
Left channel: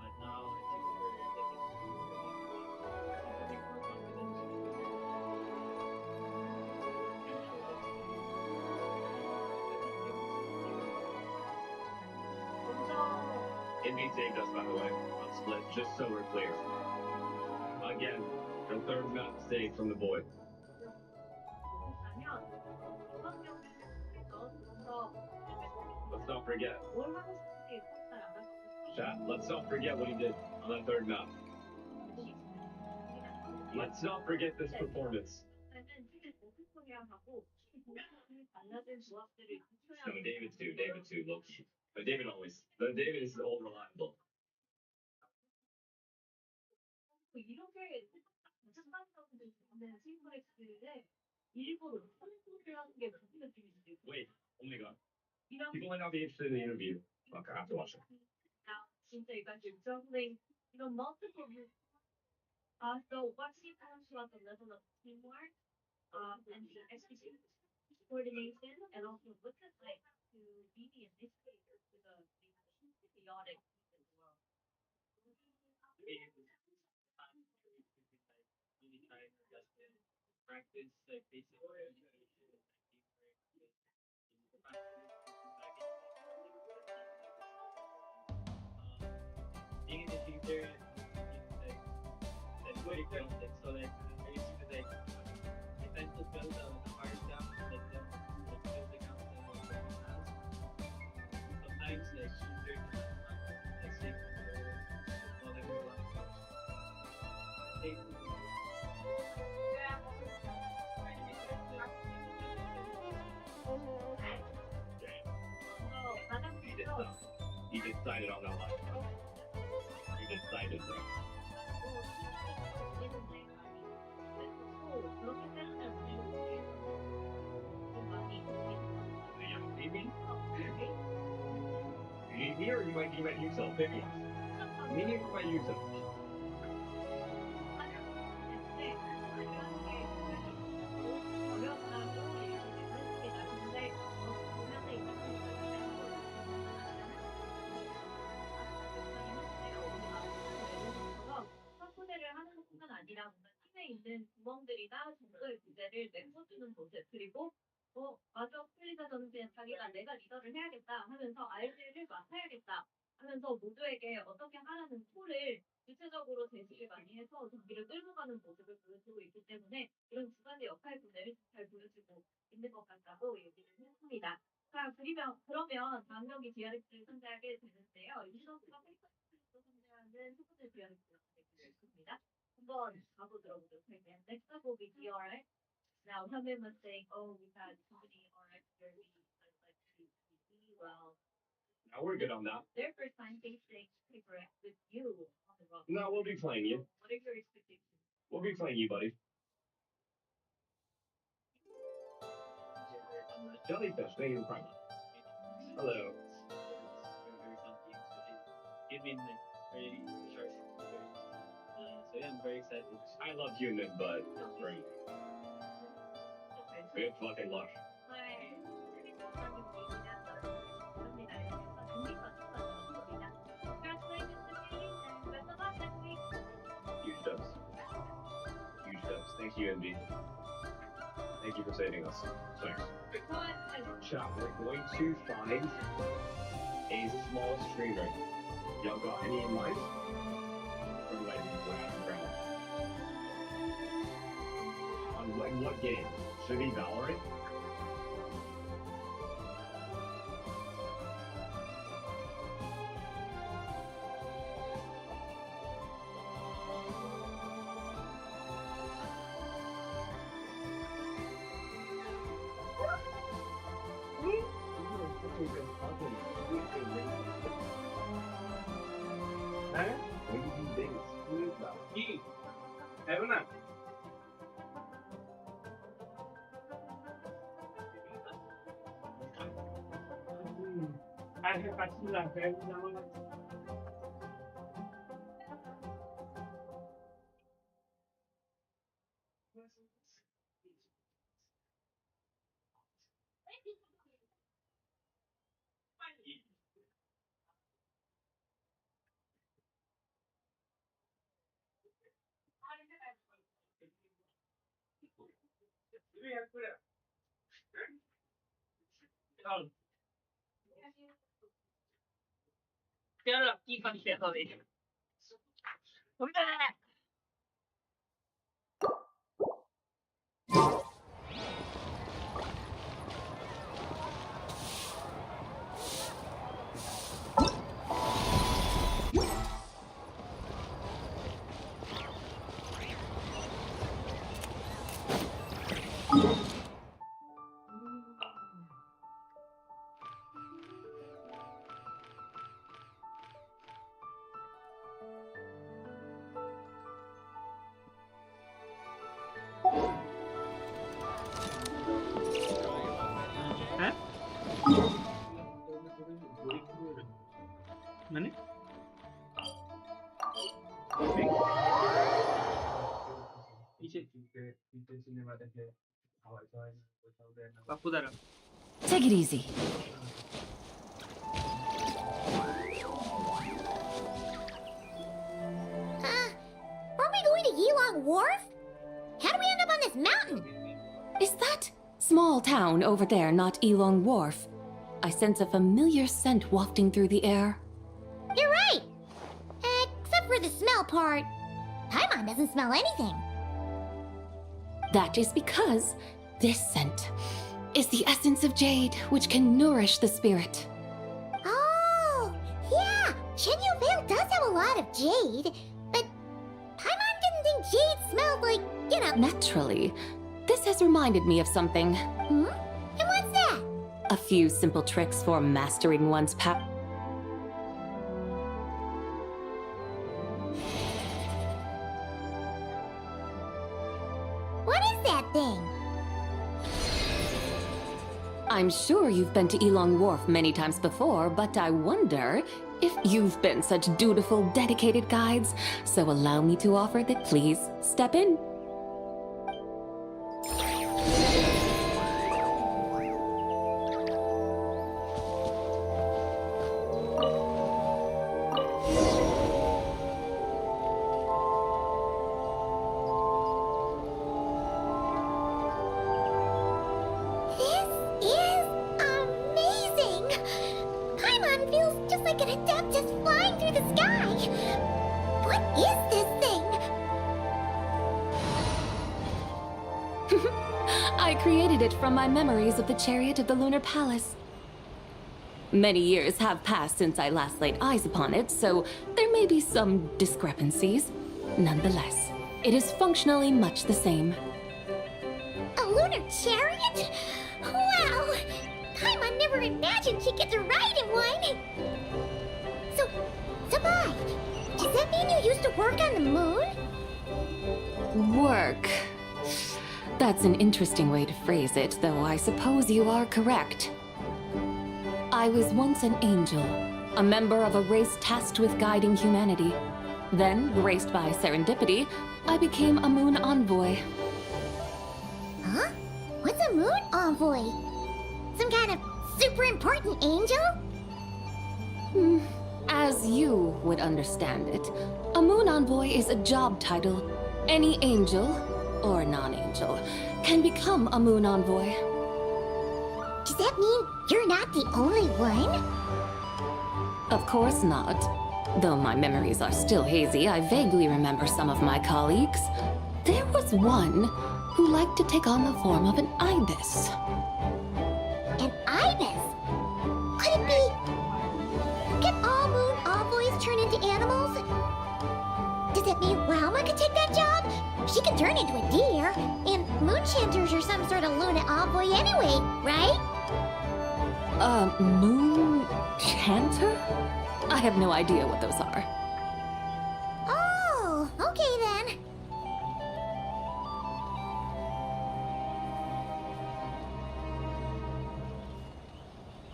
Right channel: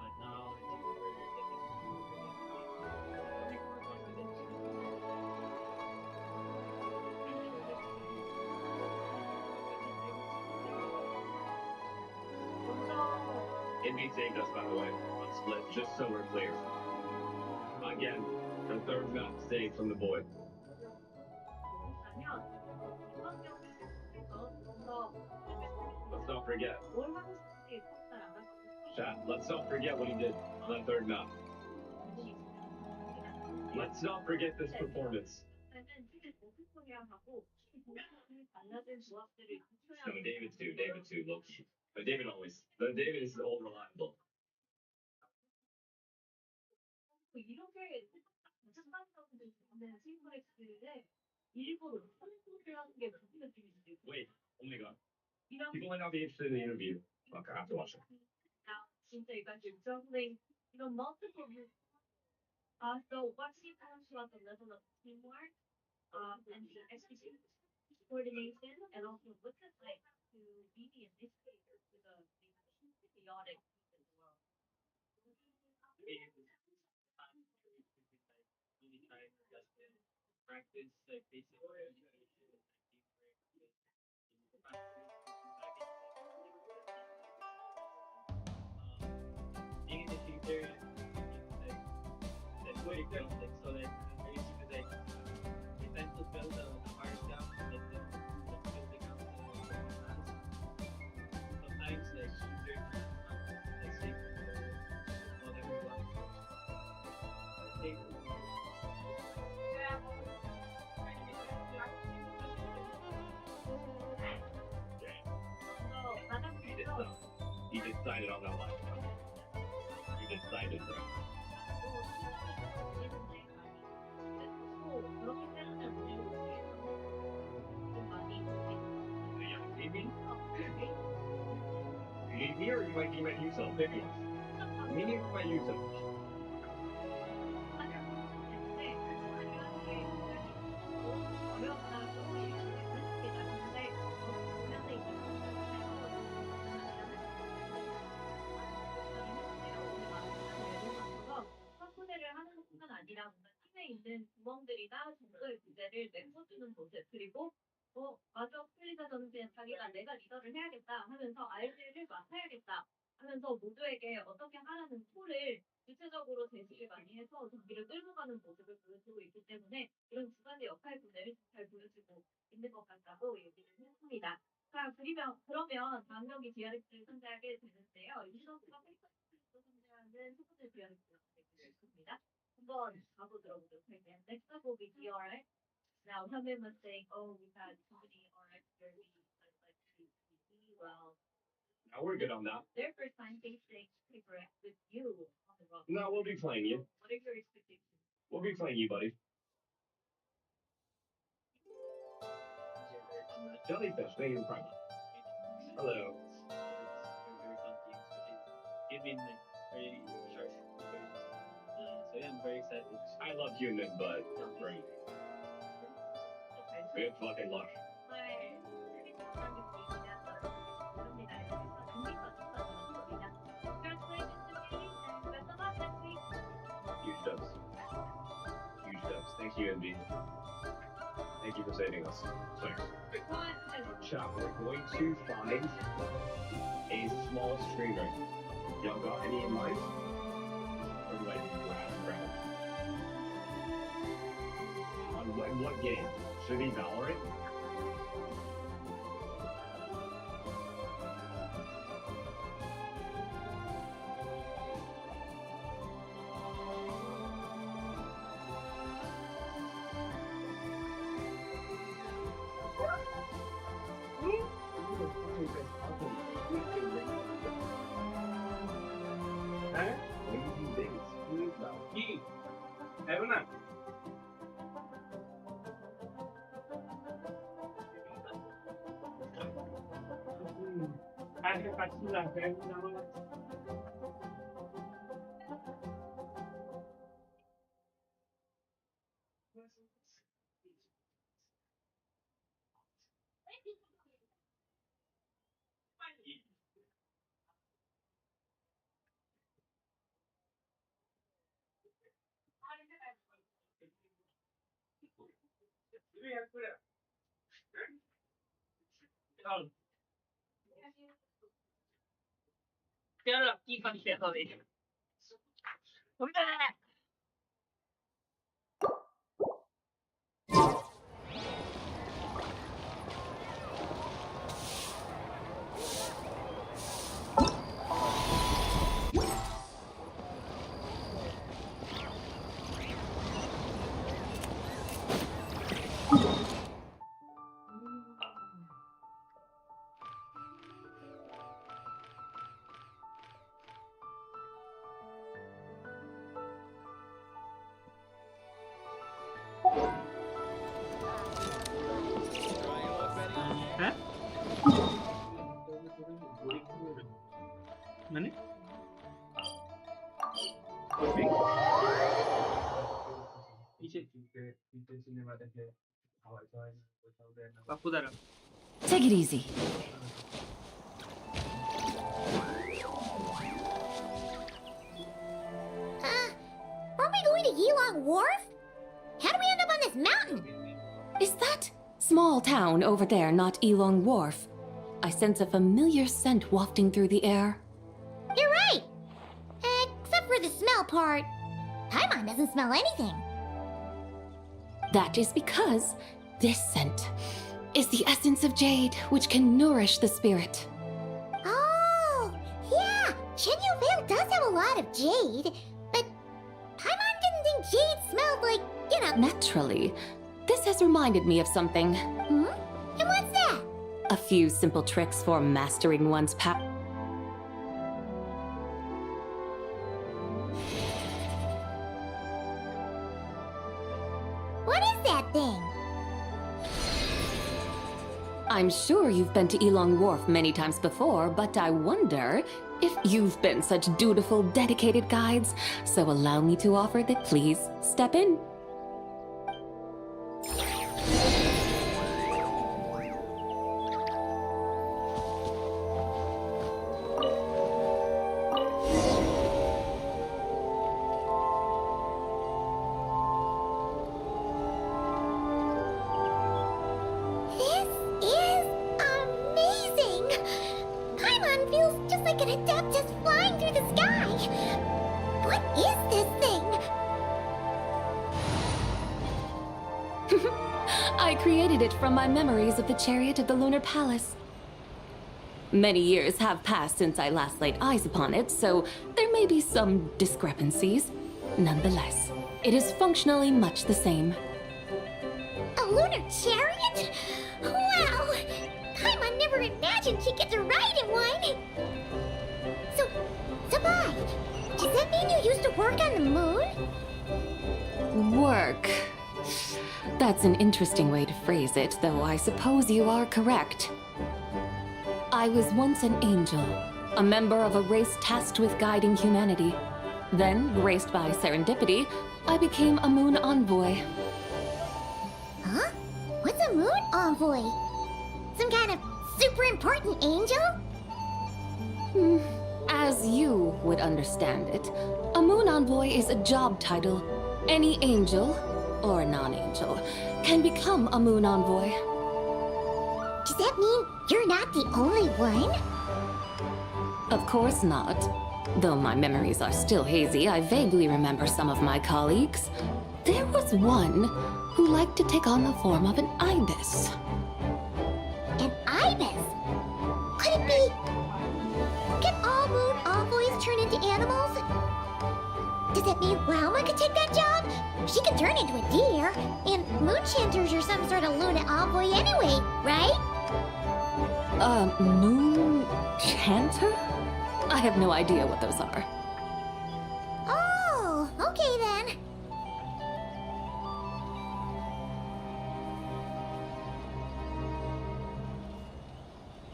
But now I think we're becoming more confident in each other. And so that's Indy saved us, by the way, on split, just so we're clear. Again, the third map saved from the void. Let's not forget. Chat, let's not forget what he did on that third map. Let's not forget this performance. No, David's too, look. But David is all reliable. Wait, oh my god. People might not be interested in the interview. Fuck, I have to watch it. Practice like basic being in the future, like that's very chaotic. So like I used to like I tend to fill the hard gap, like fill the gap the class. Sometimes like easier to like say not everyone. I think he decided on that last time. He decided, bro. Maybe? You need me or you might need yourself? Pick one. Me or might use it? 맞아. 풀리자전은 그냥 자기가 내가 리더를 해야겠다 하면서 RG를 맡아야겠다 하면서 모두에게 어떻게 하라는 툴을 구체적으로 제시를 많이 해서 경기를 끌고 가는 모습을 보여주고 있기 때문에 이런 주관의 역할 분배를 잘 보여주고 있는 것 같다고 얘기를 했습니다. 자, 그러면 다음 경기 DRX를 상대하게 되는데요. 이 선수가 페이커스를 상대하는 첫 번째 DRX가 되겠습니다. 한번 가보 들어보도록 할게요. Next up will be DRX. Now, some people must say, oh, we've had so many RX derbies, I'd like to see well. Now we're good on that. Their first time facing Paper X with you on the roster. No, we'll be playing you. What are your expectations? We'll be playing you, buddy. Jellyfish, thank you for coming. Hello. Very something. It's been very sharp. So yeah, I'm very excited. I love human, but great. Good fucking luck. Huge dubs. Huge dubs. Thank you, NB. Thank you for saving us. Thanks. Chat, we're going to find a small streamer. Y'all got any in mind? Or like, we're having round. On what game? Should it be Valorant? Huh? Evan, I have actually like very now. মানে বাপু দ্বারা Take it easy. Aren't we going to Yilong Wharf? How do we end up on this mountain? Is that small town over there not Elong Wharf? I sense a familiar scent wafting through the air. You're right! Except for the smell part. Paimon doesn't smell anything. That is because this scent is the essence of jade, which can nourish the spirit. Oh, yeah! Shenyu Vale does have a lot of jade, but Paimon didn't think jade smelled like, you know... Naturally, this has reminded me of something. Hmm? And what's that? A few simple tricks for mastering one's power. What is that thing? I'm sure you've been to Elong Wharf many times before, but I wonder if you've been such dutiful, dedicated guides. So allow me to offer that. Please step in. This Paimon feels just like an Adeptus flying through the sky. What is this thing? I created it from my memories of the chariot of the Lunar Palace. Many years have passed since I last laid eyes upon it, so there may be some discrepancies. Nonetheless, it is functionally much the same. A lunar chariot? Wow! Paimon never imagined she'd get to ride in one! So, Sabai, does that mean you used to work on the moon? Work. That's an interesting way to phrase it, though I suppose you are correct. I was once an angel, a member of a race tasked with guiding humanity. Then, graced by serendipity, I became a moon envoy. Huh? What's a moon envoy? Some kind of super important angel? As you would understand it, a moon envoy is a job title. Any angel, or non-angel, can become a moon envoy. Does that mean you're not the only one? Of course not. Though my memories are still hazy, I vaguely remember some of my colleagues. There was one who liked to take on the form of an ibis. An ibis? Could it be... Can all moon envoys turn into animals? Does that mean Lauma could take that job? She can turn into a deer, and moonchanters are some sort of Luna envoy anyway, right? Moon chanter? I have no idea what those are. Oh, okay then.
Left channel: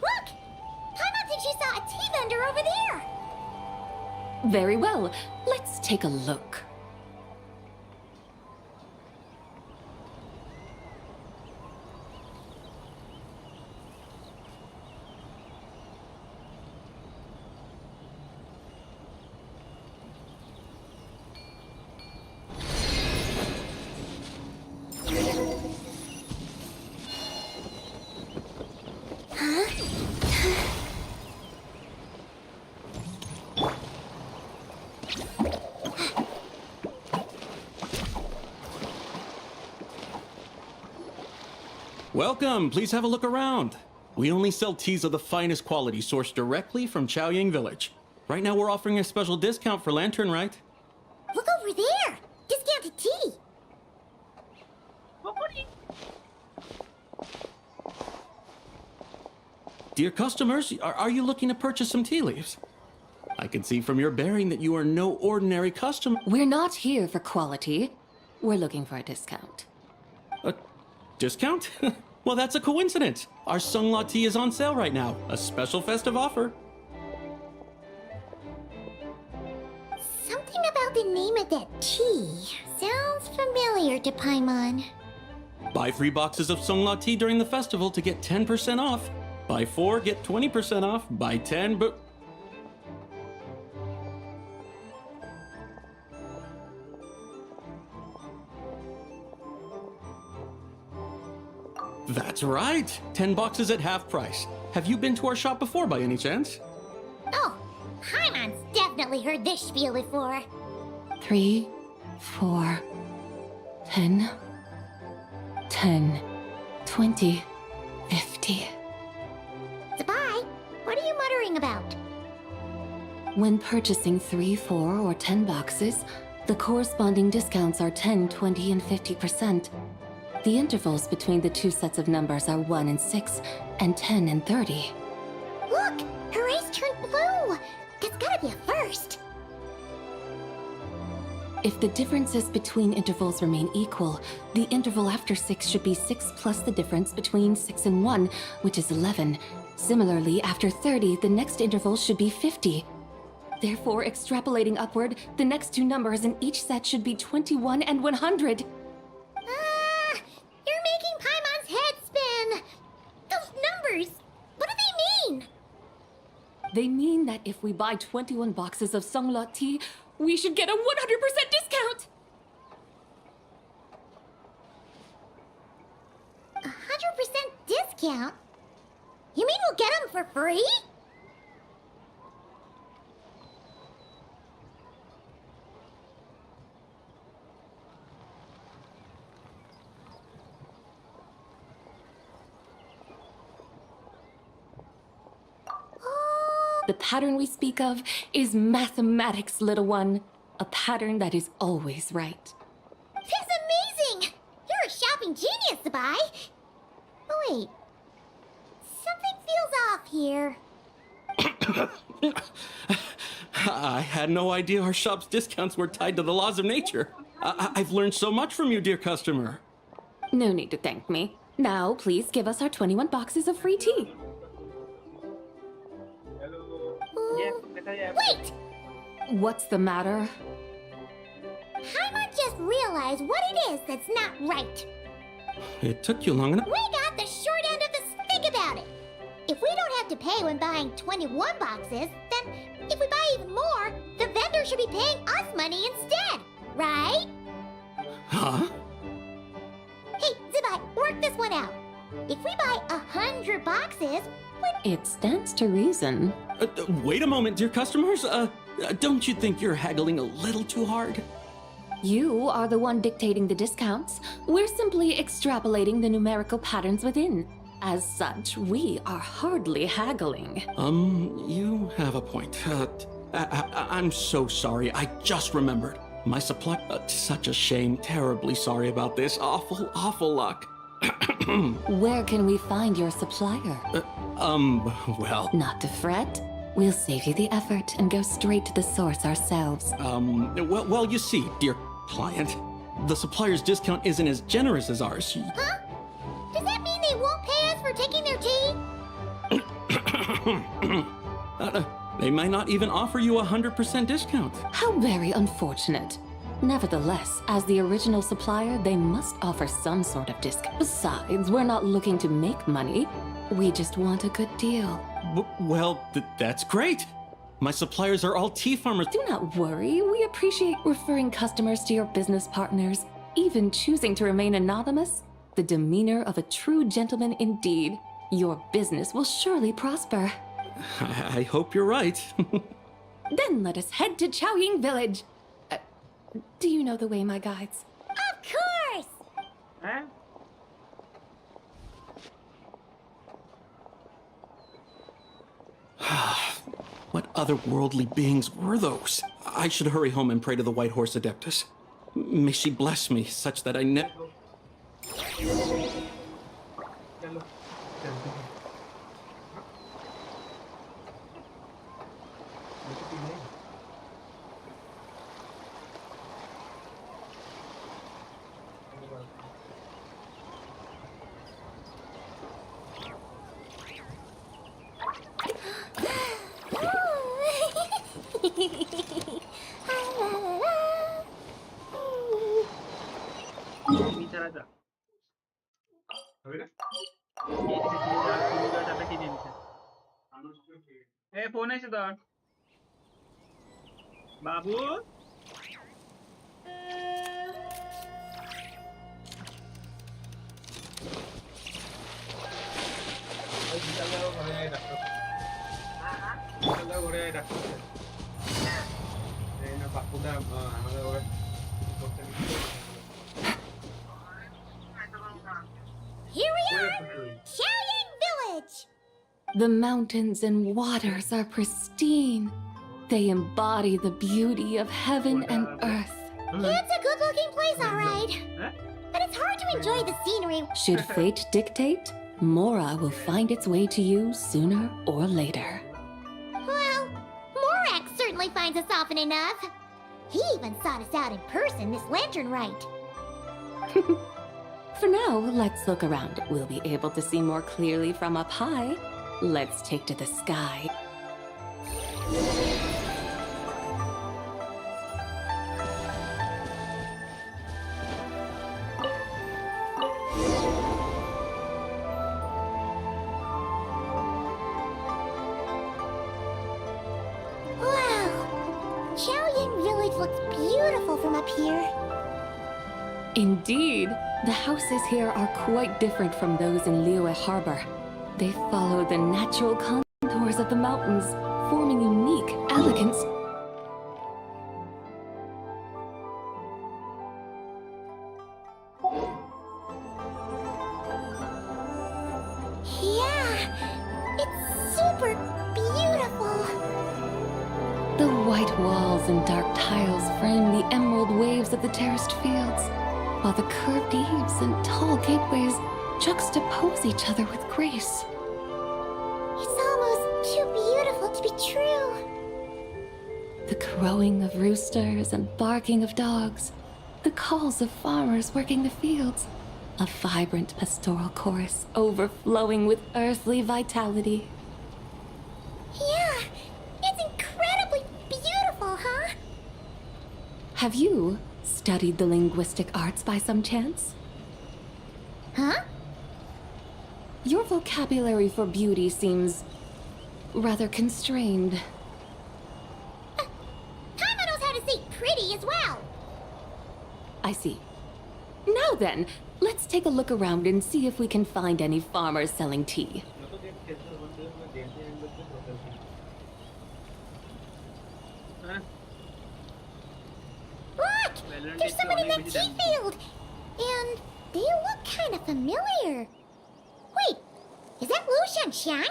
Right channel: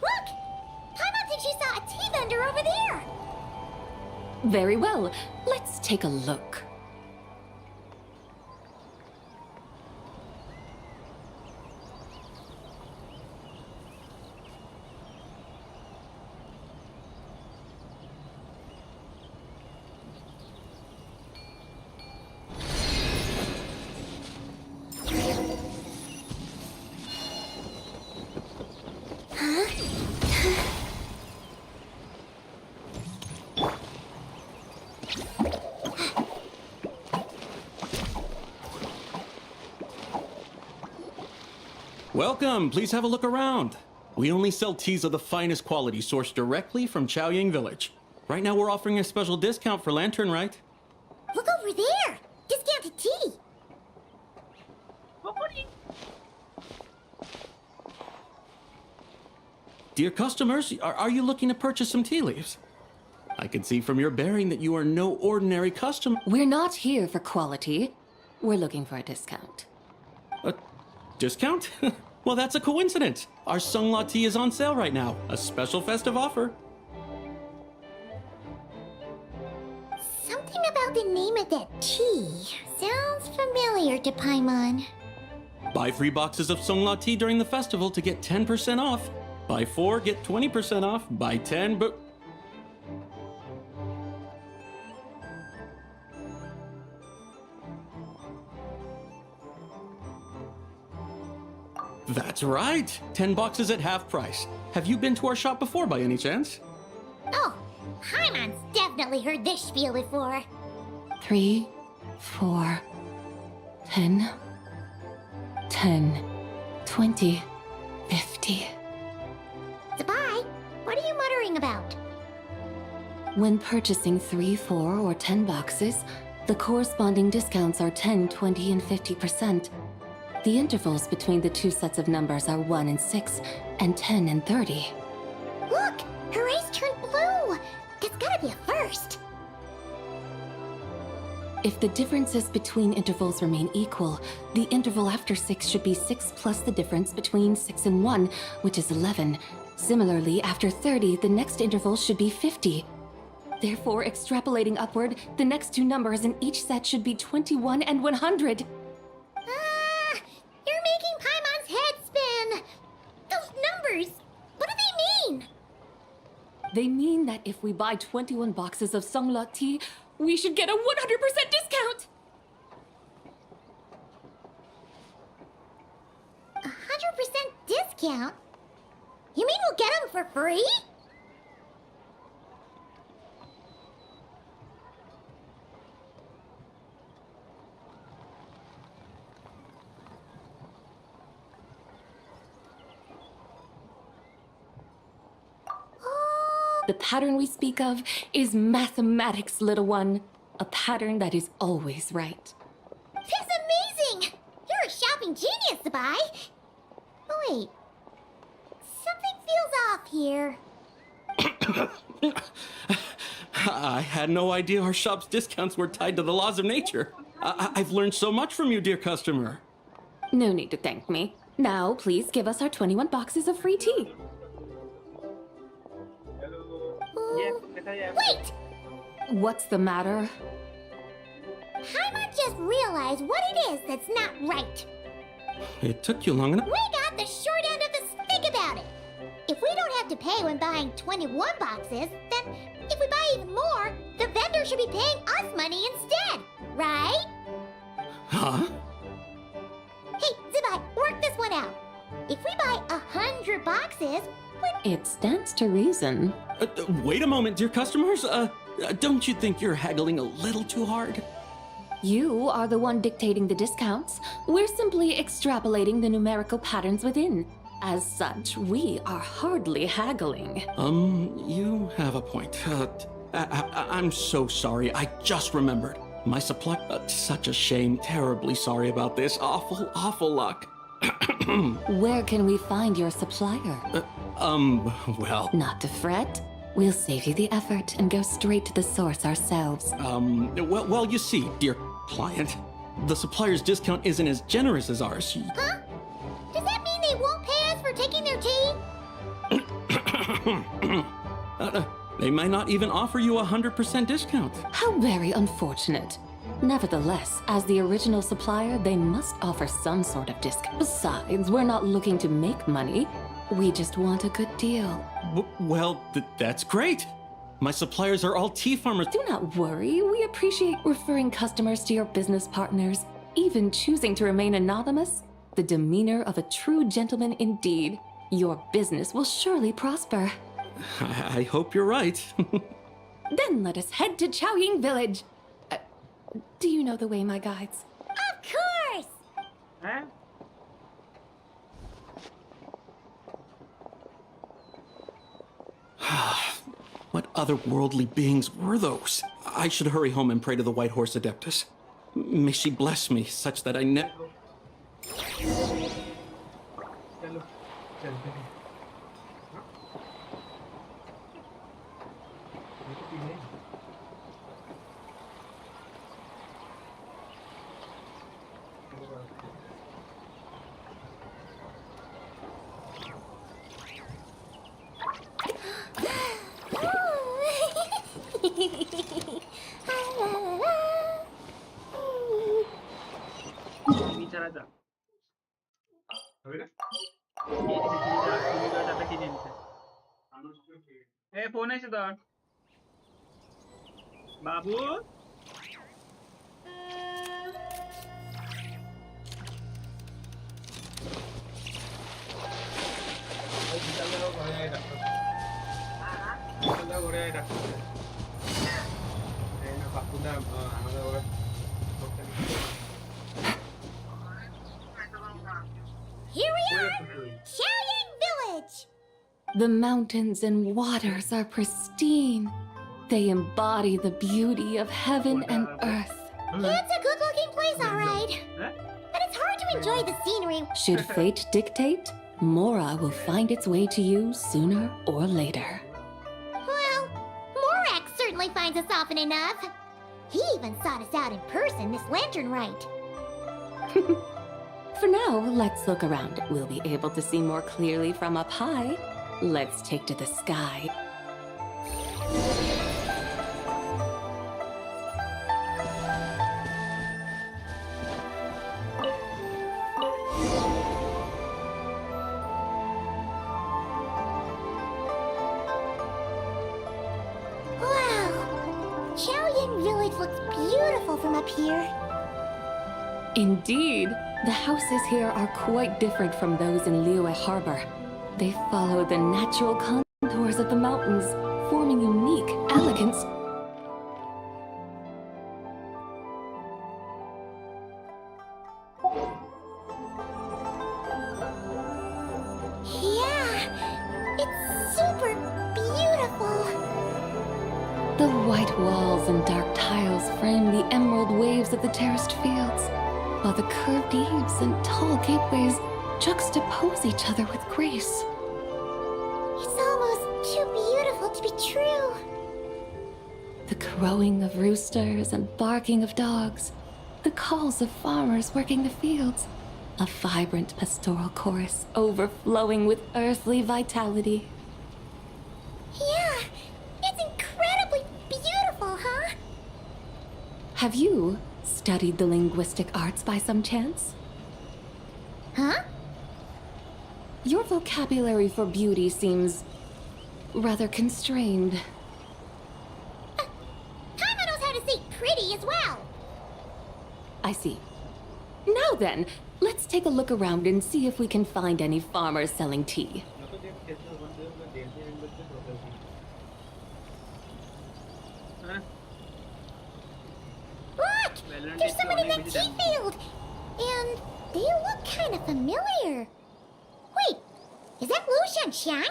Look! Paimon thinks she saw a tea vendor over there! Very well. Let's take a look. Welcome, please have a look around. We only sell teas of the finest quality sourced directly from Chaoying Village. Right now we're offering a special discount for Lantern Rite. Look over there! Discounted tea! Dear customers, are you looking to purchase some tea leaves? I can see from your bearing that you are no ordinary customer. We're not here for quality. We're looking for a discount. A discount? Well, that's a coincidence. Our Sunglaw tea is on sale right now. A special festive offer. Something about the name of that tea sounds familiar to Paimon. Buy 3 boxes of Sunglaw tea during the festival to get 10% off. Buy 4, get 20% off. Buy 10, but... That's right! 10 boxes at half price. Have you been to our shop before by any chance? Oh, Paimon's definitely heard this spiel before. 3, 4, 10, 10, 20, 50. Sabai, what are you muttering about? When purchasing 3, 4, or 10 boxes, the corresponding discounts are 10, 20, and 50%. The intervals between the two sets of numbers are 1 and 6, and 10 and 30. Look! Her eyes turned blue! That's gotta be a first! If the differences between intervals remain equal, the interval after 6 should be 6 plus the difference between 6 and 1, which is 11. Similarly, after 30, the next interval should be 50. Therefore, extrapolating upward, the next two numbers in each set should be 21 and 100. You're making Paimon's head spin! Those numbers, what do they mean? They mean that if we buy 21 boxes of Sunglaw tea, we should get a 100% discount! 100% discount? You mean we'll get them for free? The pattern we speak of is mathematics, little one. A pattern that is always right. That's amazing! You're a shopping genius, Sabai. Oh, wait. Something feels off here. I had no idea our shop's discounts were tied to the laws of nature. I've learned so much from you, dear customer. No need to thank me. Now, please give us our 21 boxes of free tea. Wait! What's the matter? Paimon just realized what it is that's not right. It took you long enough. We got the short end of the stick about it. If we don't have to pay when buying 21 boxes, then if we buy even more, the vendor should be paying us money instead, right? Huh? Hey, Zibai, work this one out. If we buy 100 boxes, It stands to reason. Wait a moment, dear customers. Don't you think you're haggling a little too hard? You are the one dictating the discounts. We're simply extrapolating the numerical patterns within. As such, we are hardly haggling. You have a point. I'm so sorry. I just remembered. My supply... such a shame. Terribly sorry about this. Awful luck. Where can we find your supplier? Well... Not to fret. We'll save you the effort and go straight to the source ourselves. Well, you see, dear client, the supplier's discount isn't as generous as ours. Huh? Does that mean they won't pay us for taking their tea? They might not even offer you a 100% discount. How very unfortunate. Nevertheless, as the original supplier, they must offer some sort of discount. Besides, we're not looking to make money. We just want a good deal. Well, that's great. My suppliers are all tea farmers. Do not worry. We appreciate referring customers to your business partners, even choosing to remain anonymous. The demeanor of a true gentleman indeed. Your business will surely prosper. I hope you're right. Then let us head to Chaoying Village. Do you know the way, my guides? Of course! Huh? What otherworldly beings were those? I should hurry home and pray to the White Horse Adeptus. May she bless me such that I never... चलो चलते हैं हाँ? ये तो P लें चीनी चला जा अबे ना ये चीनी चला की नींद से ए फोन है सिद्धार्थ बाबू Here we are! Chaoying Village! The mountains and waters are pristine. They embody the beauty of heaven and earth. It's a good-looking place, all right. But it's hard to enjoy the scenery. Should fate dictate, Mora will find its way to you sooner or later. Well, Morak certainly finds us often enough. He even sought us out in person this lantern rite. For now, let's look around. We'll be able to see more clearly from up high. Let's take to the sky. Wow! Chaoying Village looks beautiful from up here. Indeed, the houses here are quite different from those in Liyue Harbor. They follow the natural contours of the mountains, forming unique, elegant... Yeah, it's super beautiful. The white walls and dark tiles frame the emerald waves of the terraced fields, while the curved eaves and tall gateways juxtapose each other with grace. It's almost too beautiful to be true. The crowing of roosters and barking of dogs, the calls of farmers working the fields, a vibrant pastoral chorus overflowing with earthly vitality. Yeah, it's incredibly beautiful, huh? Have you studied the linguistic arts by some chance? Huh? Your vocabulary for beauty seems rather constrained. Paimon knows how to say pretty as well. I see. Now then, let's take a look around and see if we can find any farmers selling tea. Look! There's someone in that tea field! And they look kind of familiar. Wait, is that Lu Shanxiang?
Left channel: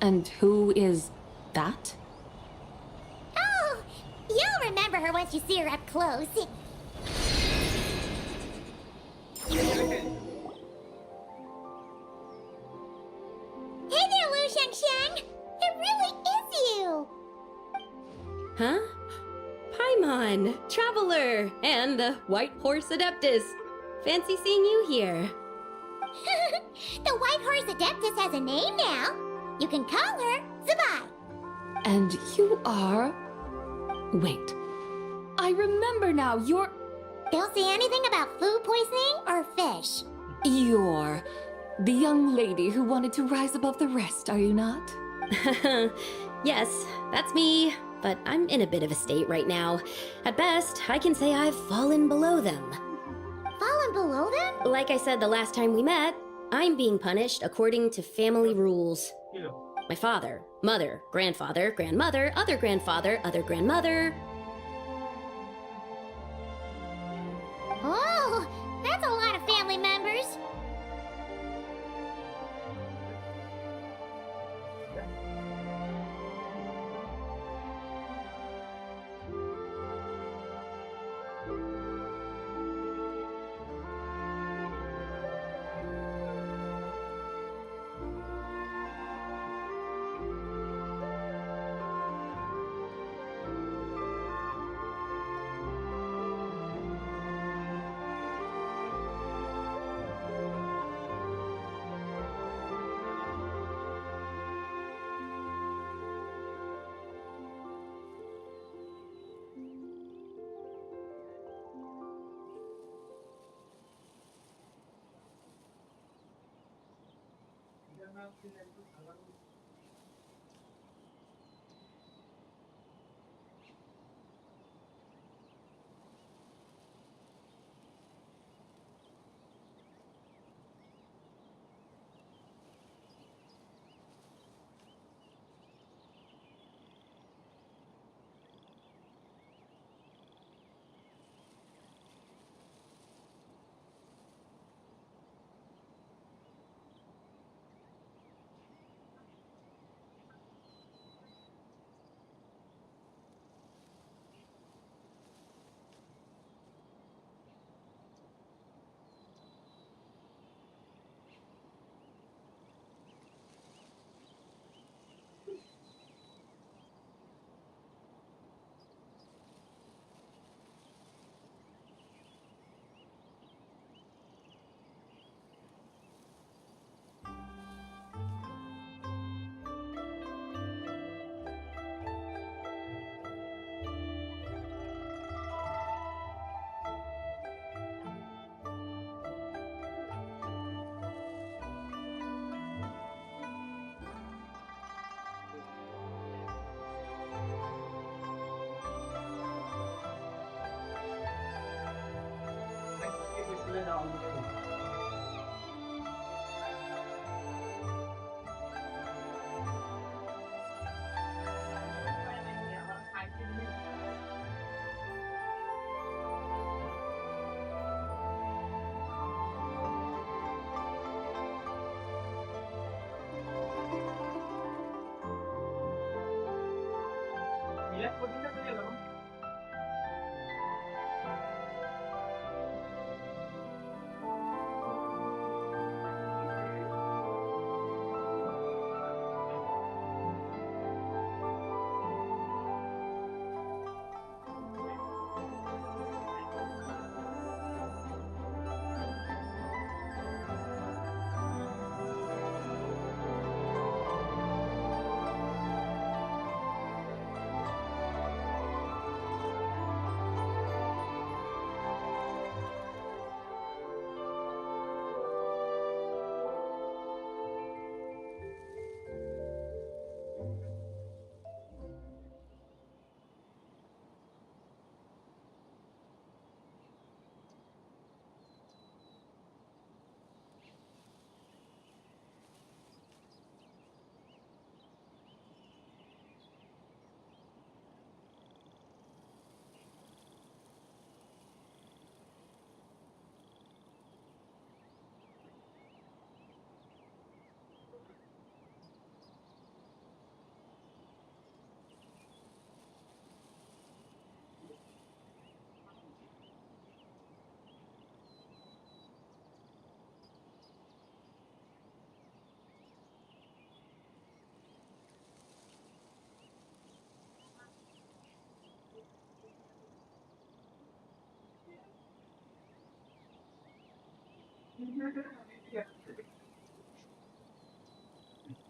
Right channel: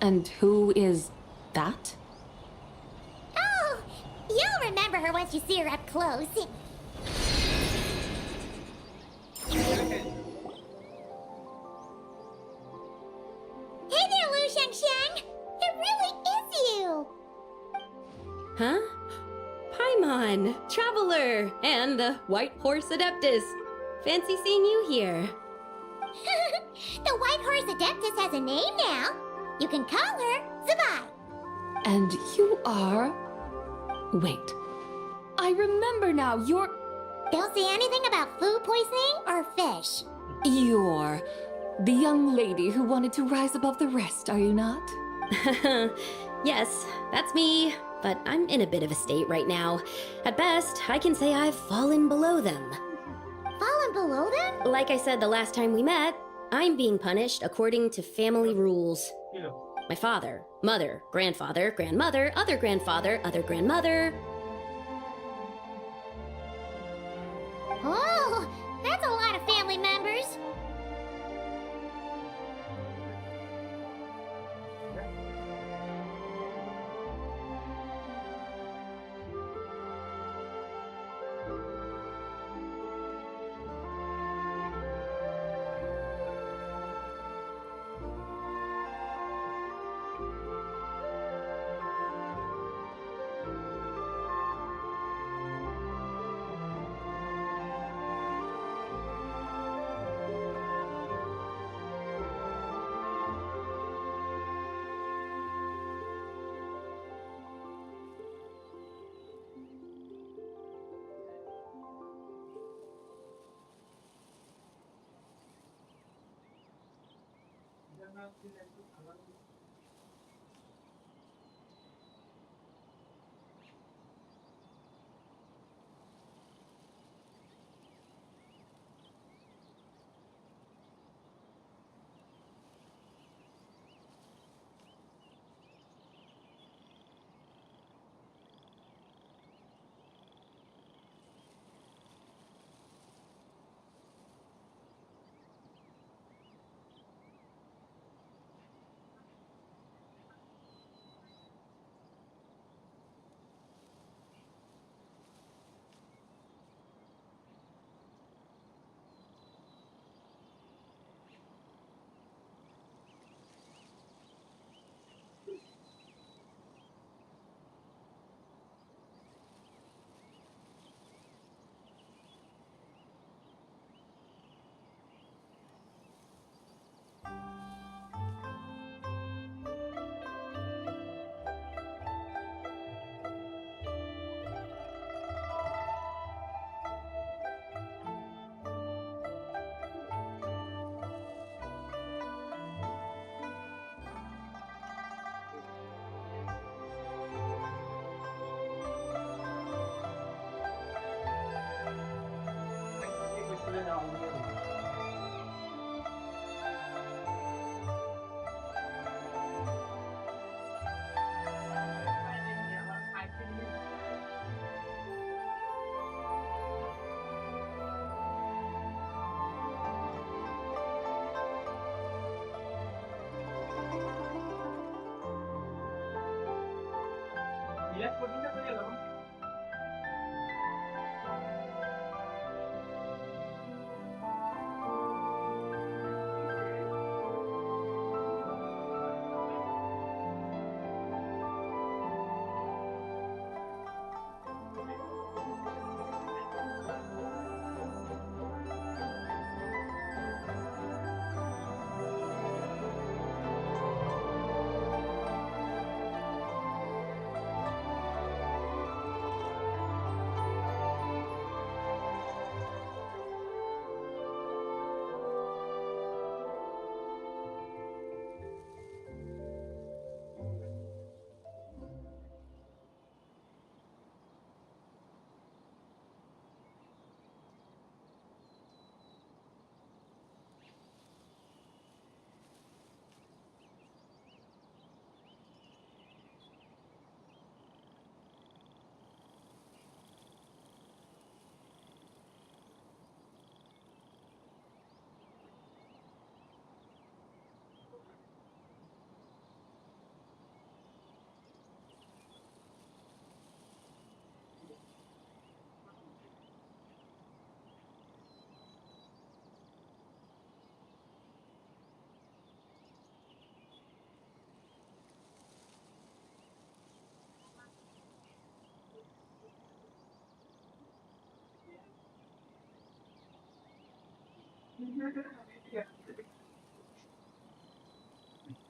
And who is that? Oh, you'll remember her once you see her up close. Hey there, Lu Shanxiang! It really is you! Huh? Paimon, Traveler, and the White Horse Adeptus. Fancy seeing you here. The White Horse Adeptus has a name now. You can call her Zabai. And you are... Wait. I remember now, you're... Don't say anything about food poisoning or fish. You're the young lady who wanted to rise above the rest, are you not? Yes, that's me. But I'm in a bit of a state right now. At best, I can say I've fallen below them. Fallen below them? Like I said the last time we met, I'm being punished according to family rules. My father, mother, grandfather, grandmother, other grandfather, other grandmother. Oh, that's a lot of family members.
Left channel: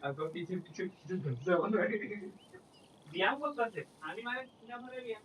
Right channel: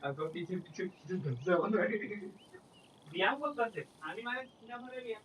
Agora fiz canção, né? Biar fazer. Ani mana tidak boleh biar.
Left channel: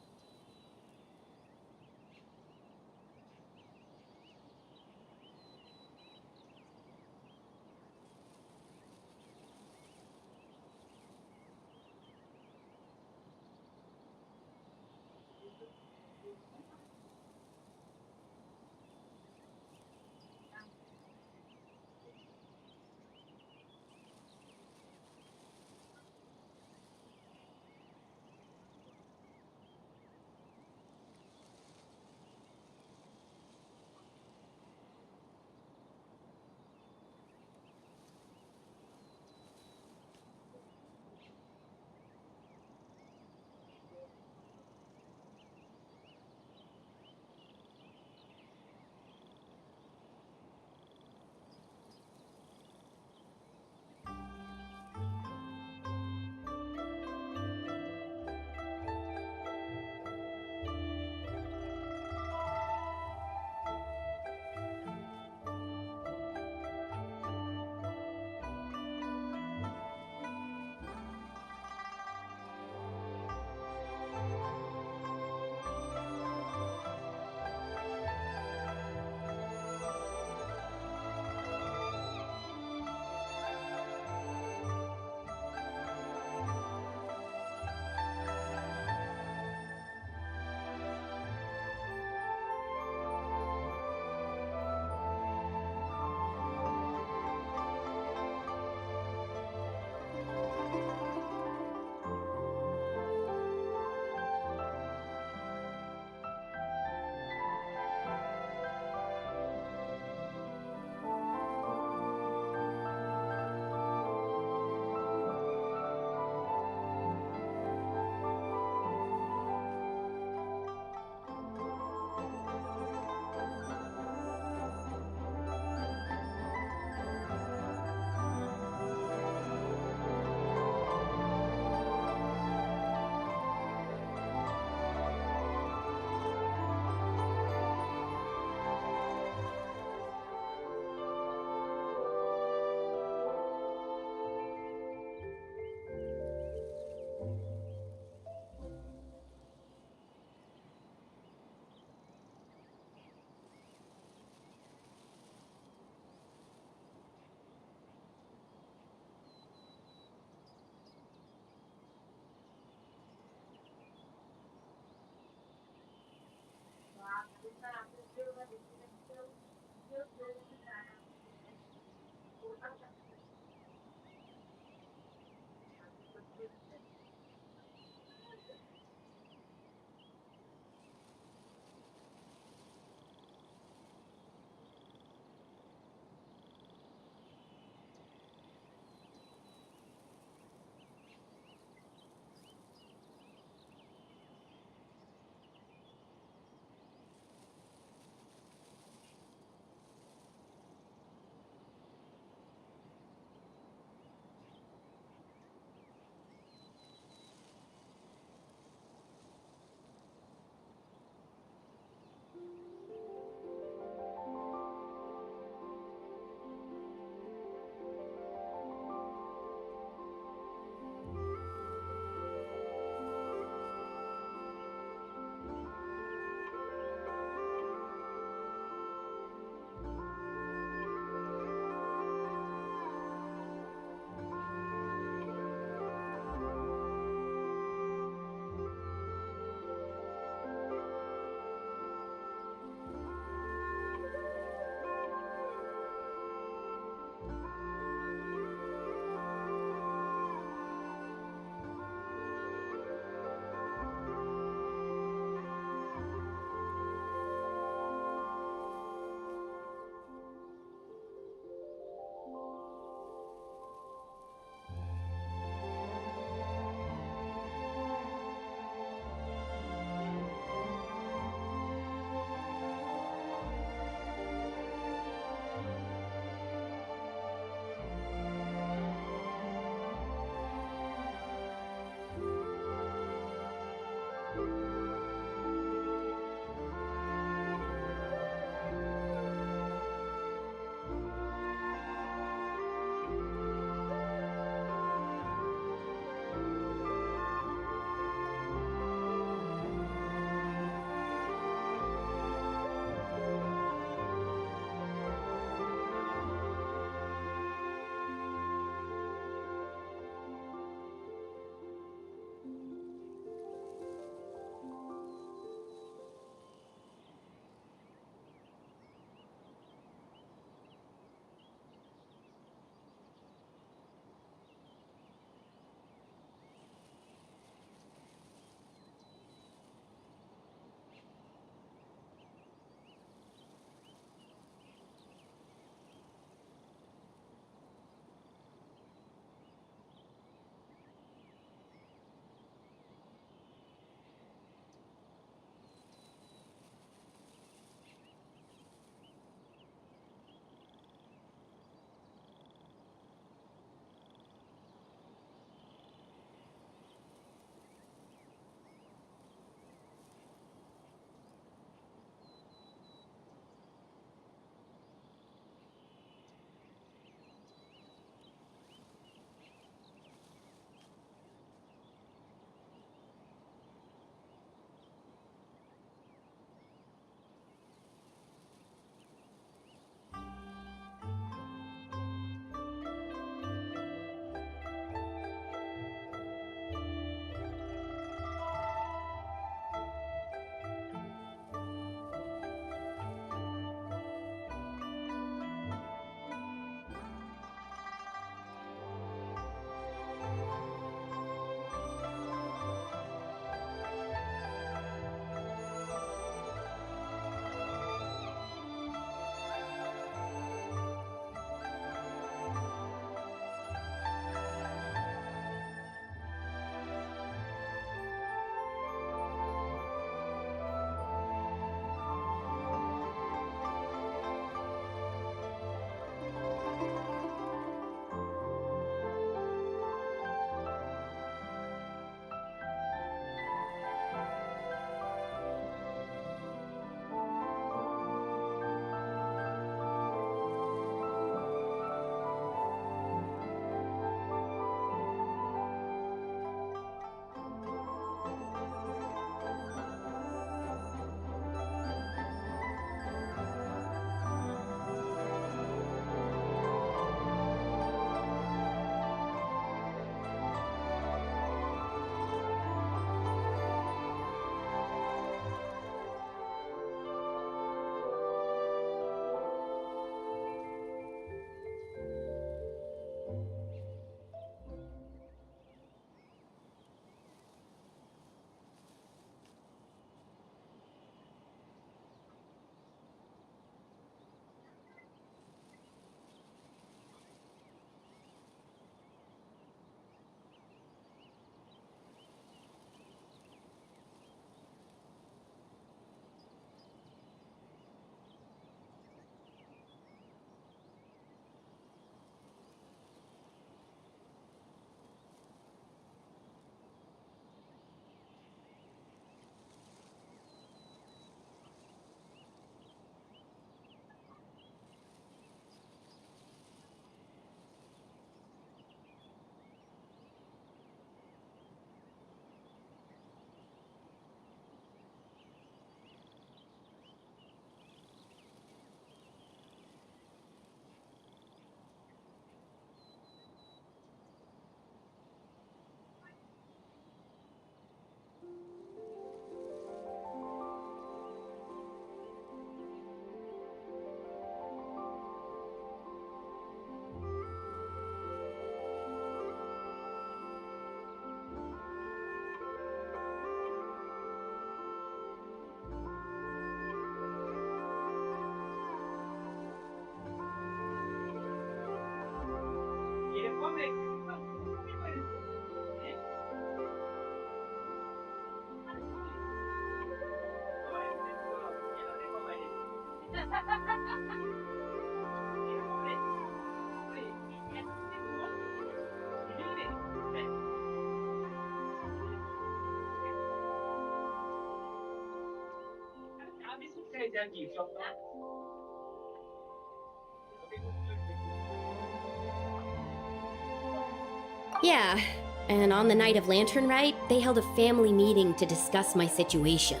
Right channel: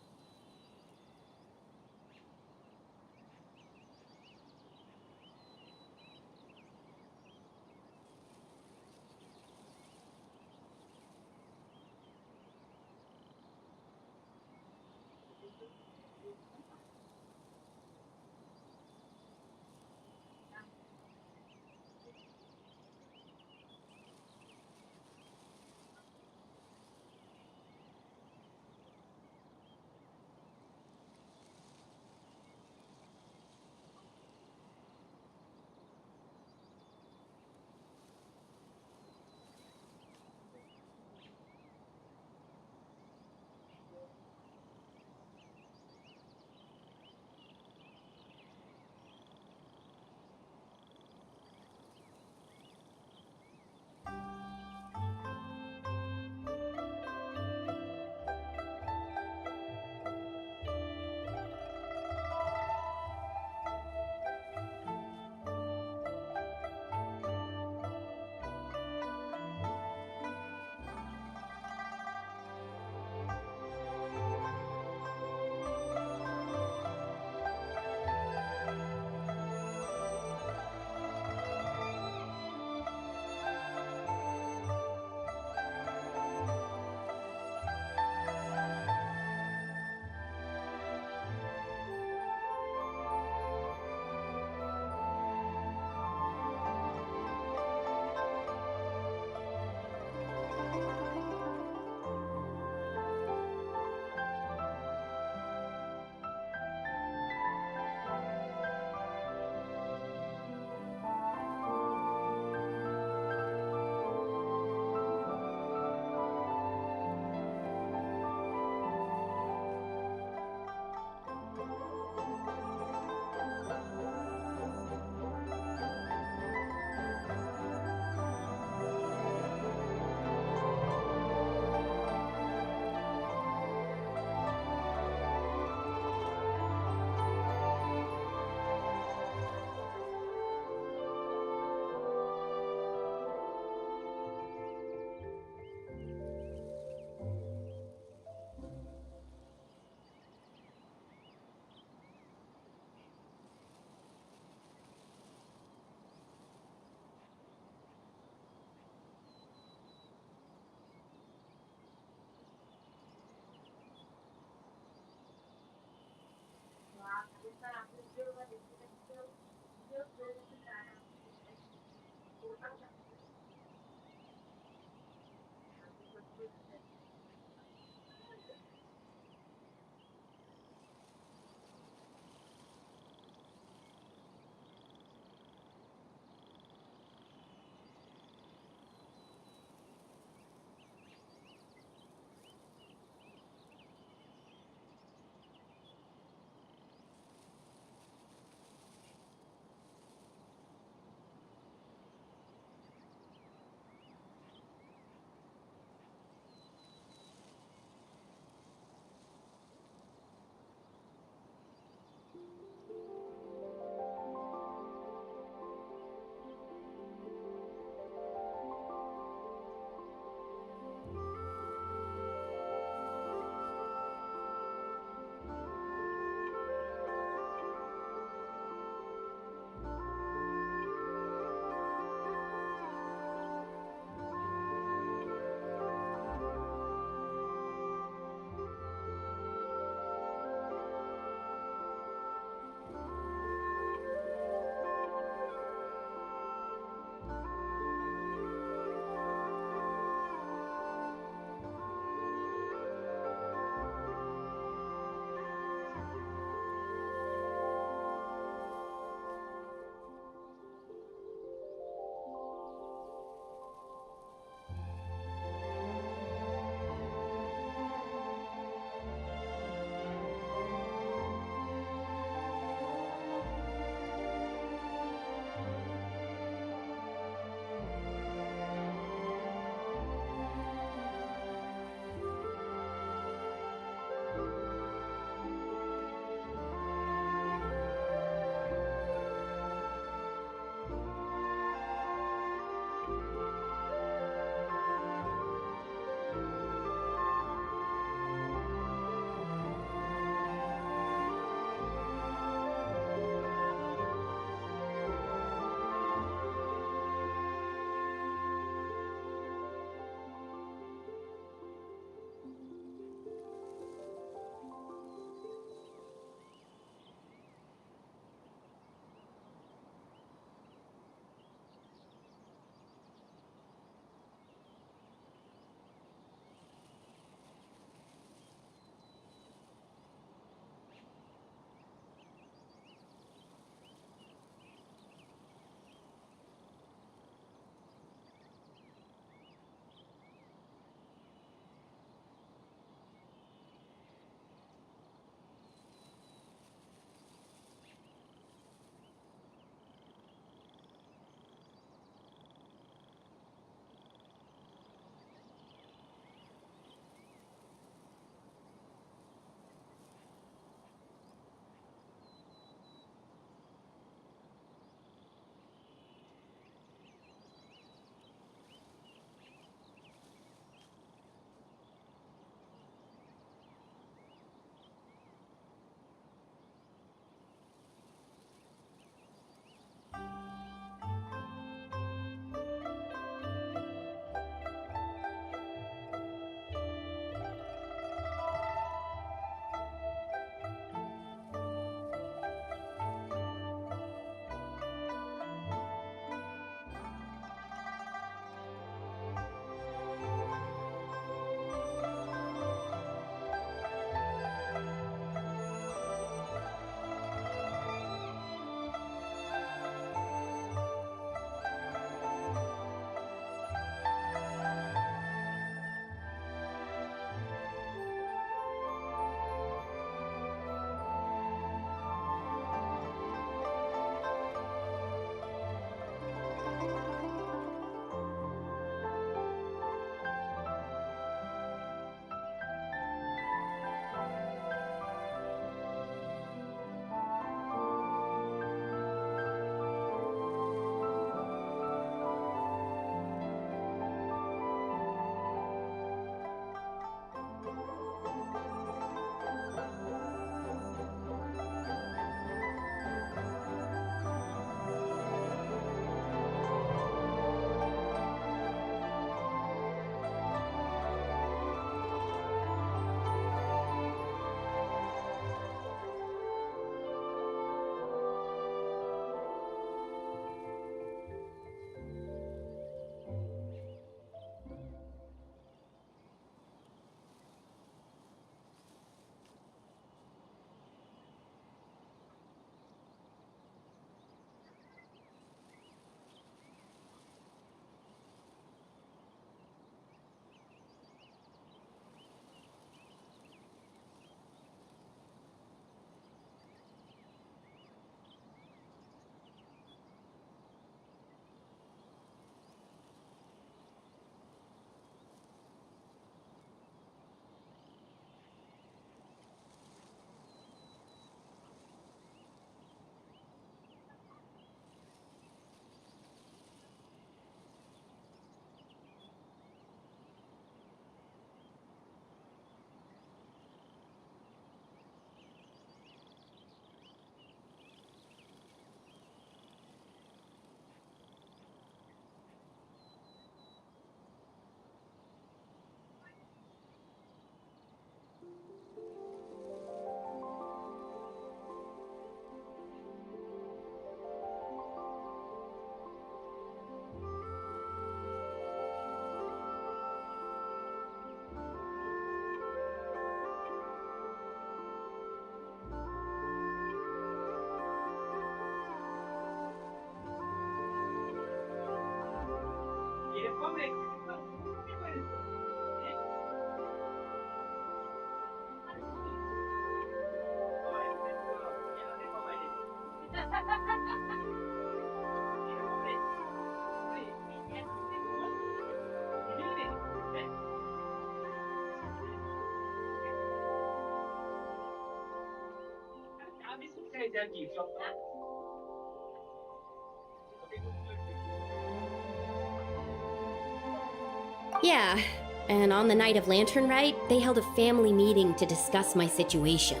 Yeah, and on the night of Lantern Rite, they held a family meeting to discuss my situation.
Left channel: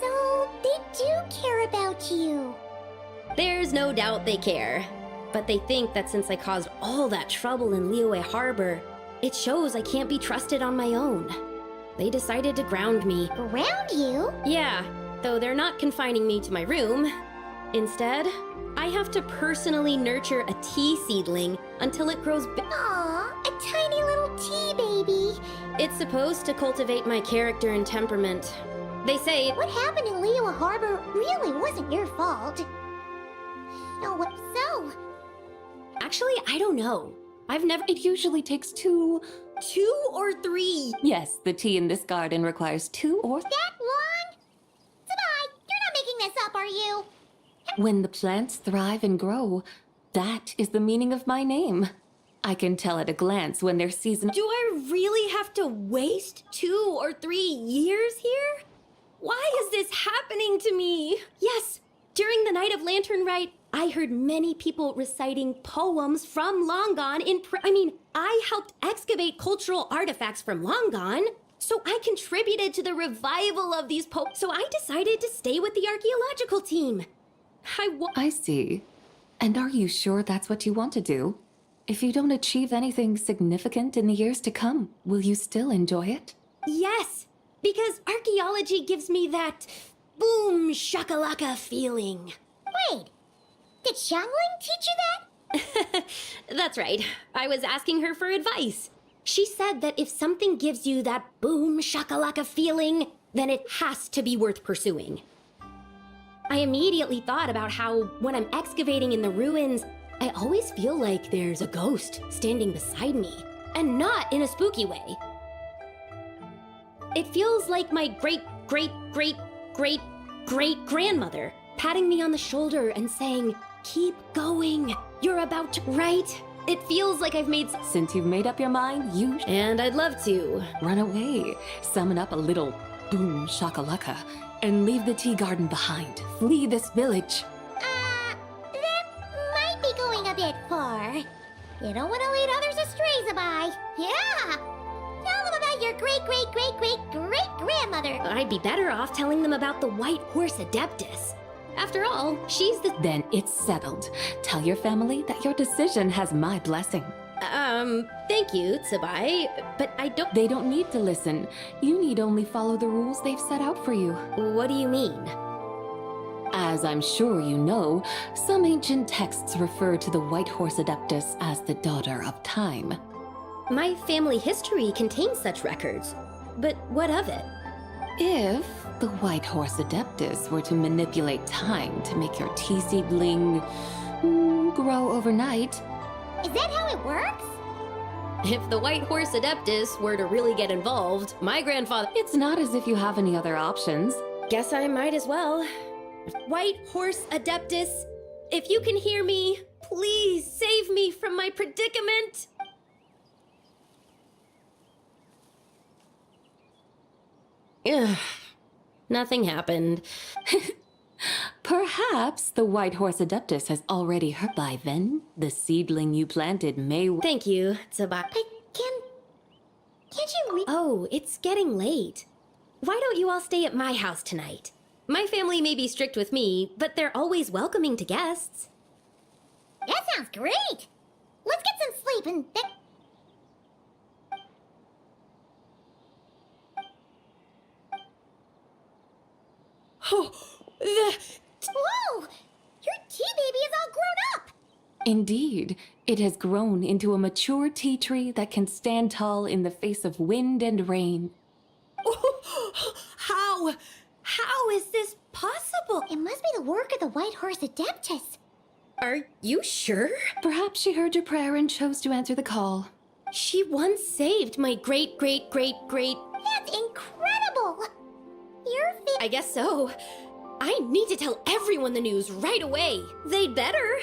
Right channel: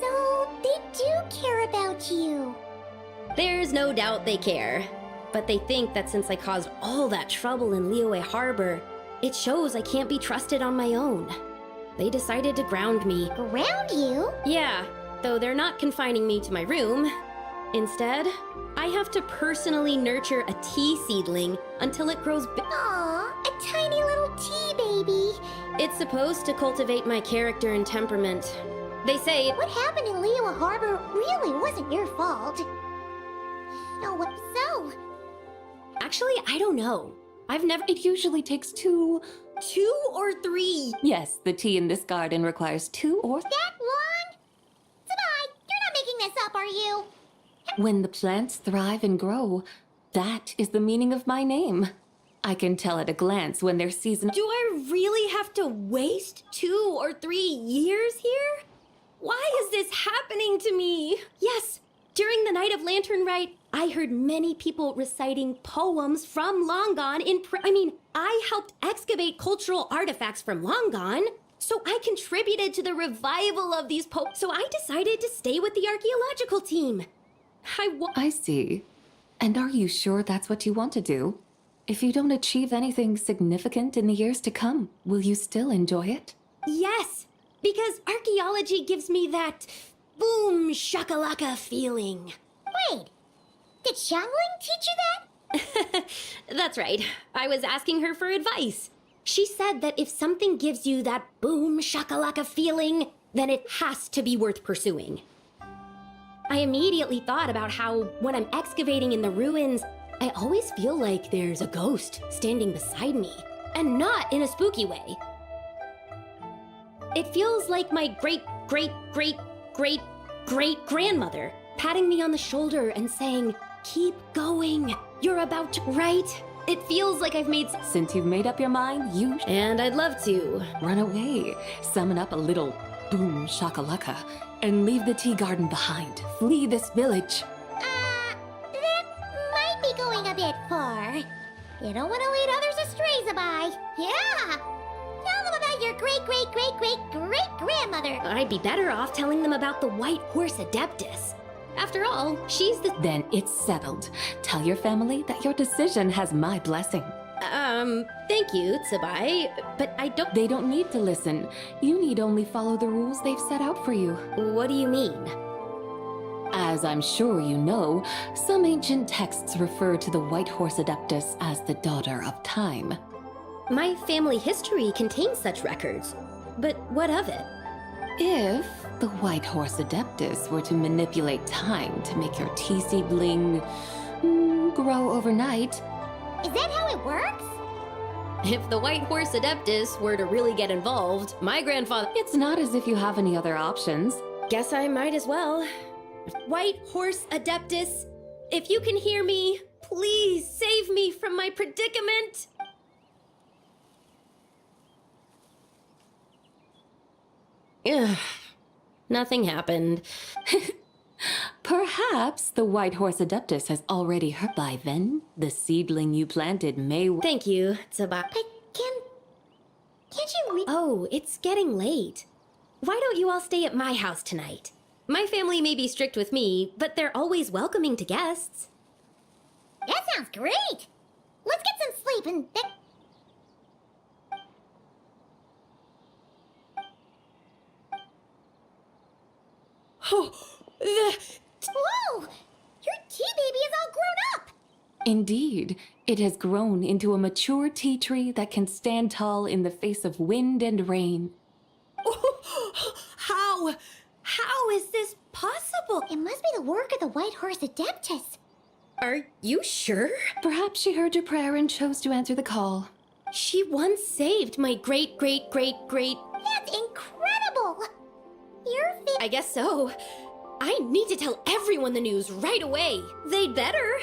So, they do care about you. There's no doubt they care, but they think that since I caused all that trouble in Liyue Harbor, it shows I can't be trusted on my own. They decided to ground me. Ground you? Yeah, though they're not confining me to my room. Instead, I have to personally nurture a tea seedling until it grows big. Aw, a tiny little tea baby. It's supposed to cultivate my character and temperament. They say What happened in Liyue Harbor really wasn't your fault. Oh, what so? Actually, I don't know. I've never. It usually takes 2 or 3. Yes, the tea in this garden requires 2 or That long? Sabai, you're not making this up, are you? When the plants thrive and grow, that is the meaning of my name. I can tell at a glance when their season. Do I really have to waste 2 or 3 years here? Why is this happening to me? Yes, during the night of Lantern Rite, I heard many people reciting poems from Long Gone I helped excavate cultural artifacts from Long Gone, so I contributed to the revival of these poems. So I decided to stay with the archaeological team. I see. And are you sure that's what you want to do? If you don't achieve anything significant in the years to come, will you still enjoy it? Yes, because archaeology gives me that boom shakalaka feeling. Wait, did Xiangling teach you that? That's right. I was asking her for advice. She said that if something gives you that boom shakalaka feeling, then it has to be worth pursuing. I immediately thought about how, when I'm excavating in the ruins, I always feel like there's a ghost standing beside me, and not in a spooky way. It feels like my great-great-great-great-great-grandmother patting me on the shoulder and saying, "Keep going, you're about to," right? It feels like I've made. Since you've made up your mind, And I'd love to. Run away, summon up a little boom shakalaka, and leave the tea garden behind. Flee this village. That might be going a bit far. You don't want to lead others astray, Sabai. Yeah! Tell them about your great-great-great-great-great-grandmother. I'd be better off telling them about the White Horse Adeptus. After all, she's the. Then it's settled. Tell your family that your decision has my blessing. Thank you, Tsubai, but I don't. They don't need to listen. You need only follow the rules they've set out for you. What do you mean? As I'm sure you know, some ancient texts refer to the White Horse Adeptus as the Daughter of Time. My family history contains such records, but what of it? If the White Horse Adeptus were to manipulate time to make your tea seedling grow overnight. Is that how it works? If the White Horse Adeptus were to really get involved, my grandfather. It's not as if you have any other options. Guess I might as well. White Horse Adeptus, if you can hear me, please save me from my predicament. Ugh. Nothing happened. Perhaps the White Horse Adeptus has already heard. By then, the seedling you planted may. Thank you, Tsubai. But can't you Oh, it's getting late. Why don't you all stay at my house tonight? My family may be strict with me, but they're always welcoming to guests. That sounds great! Let's get some sleep and then. Whoa! Your tea baby is all grown up! Indeed, it has grown into a mature tea tree that can stand tall in the face of wind and rain. How is this possible? It must be the work of the White Horse Adeptus. Are you sure? Perhaps she heard your prayer and chose to answer the call. She once saved my great. That's incredible! You're I guess so. I need to tell everyone the news right away. They'd better.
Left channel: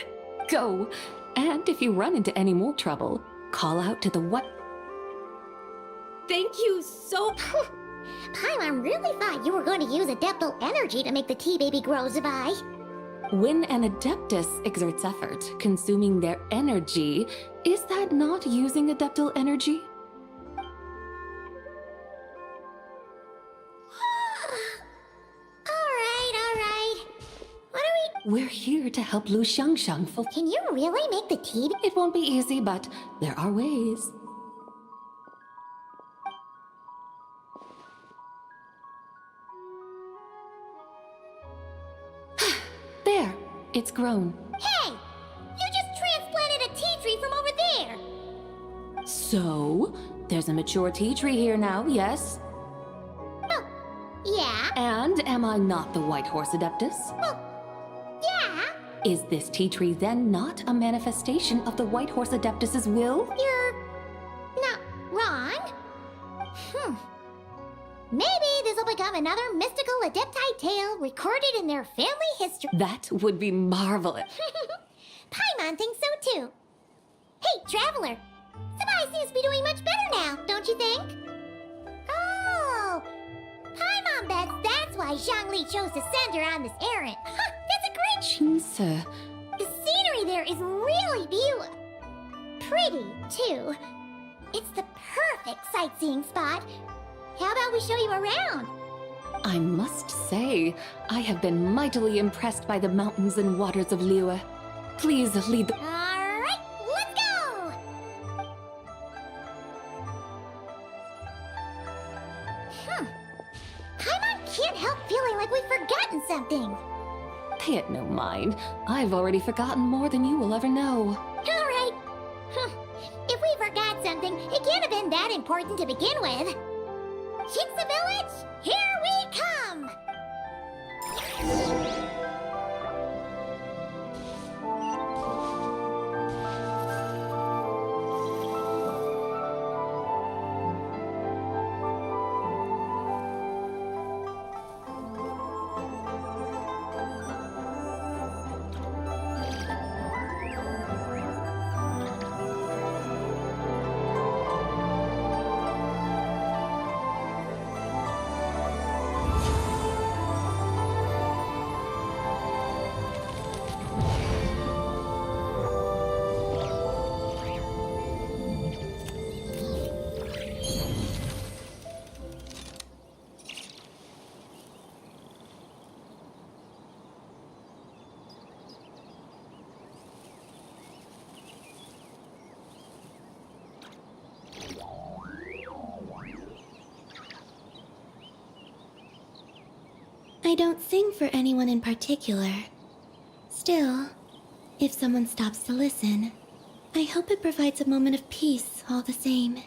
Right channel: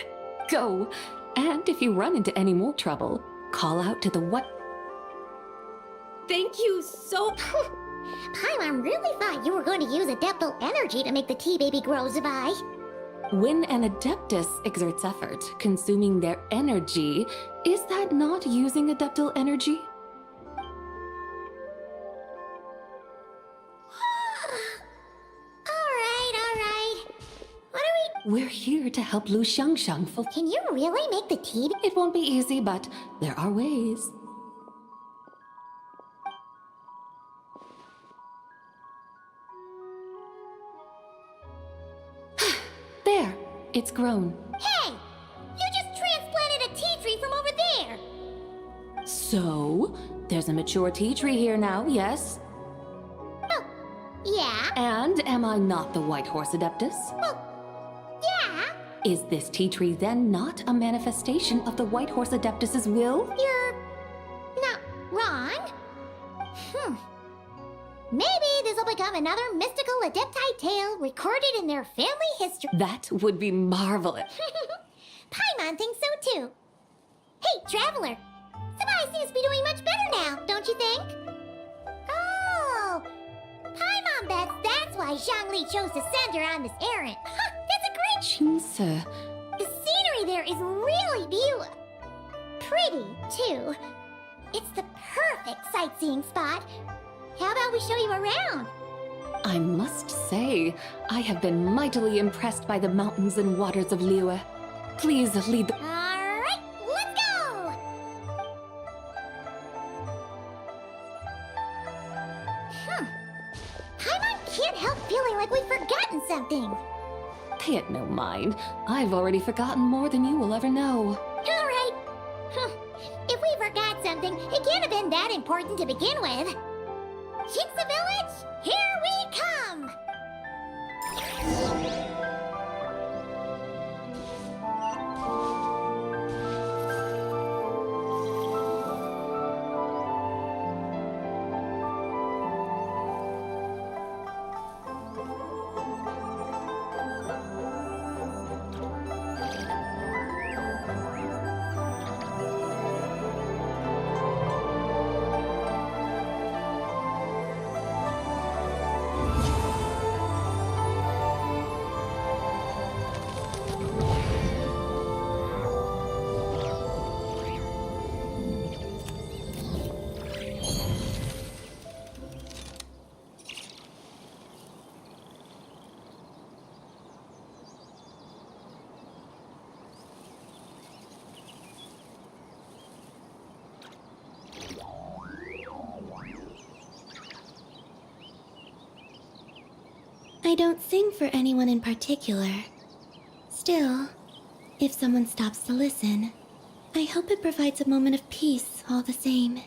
Go. And if you run into any more trouble, call out to the what? Thank you so... Paimon really thought you were going to use Adeptal energy to make the tea baby grow, Zabai. When an Adeptus exerts effort, consuming their energy, is that not using Adeptal energy? Alright. What are We're here to help Lu Xiangxiang Can you really make the tea? It won't be easy, but there are ways. There, it's grown. Hey! You just transplanted a tea tree from over there! So, there's a mature tea tree here now, yes? Oh, yeah? And am I not the White Horse Adeptus? Well, yeah? Is this tea tree then not a manifestation of the White Horse Adeptus's will? You're not wrong. Maybe this will become another mystical Adepti tale recorded in their family history. That would be marvelous. Paimon thinks so too. Hey, Traveler! Zabai seems to be doing much better now, don't you think? Oh! Paimon bets that's why Zhongli chose to send her on this errand. That's a great... Shinsa. The scenery there is really beautiful. Pretty, too. It's the perfect sightseeing spot. How about we show you around? I must say, I have been mightily impressed by the mountains and waters of Liyue. Please lead the... Alright, let's go! Paimon can't help feeling like we've forgotten something. Pay it no mind. I've already forgotten more than you will ever know. Alright. If we forgot something, it can't have been that important to begin with. Shinsa Village, here we come! I don't sing for anyone in particular. Still, if someone stops to listen, I hope it provides a moment of peace all the same.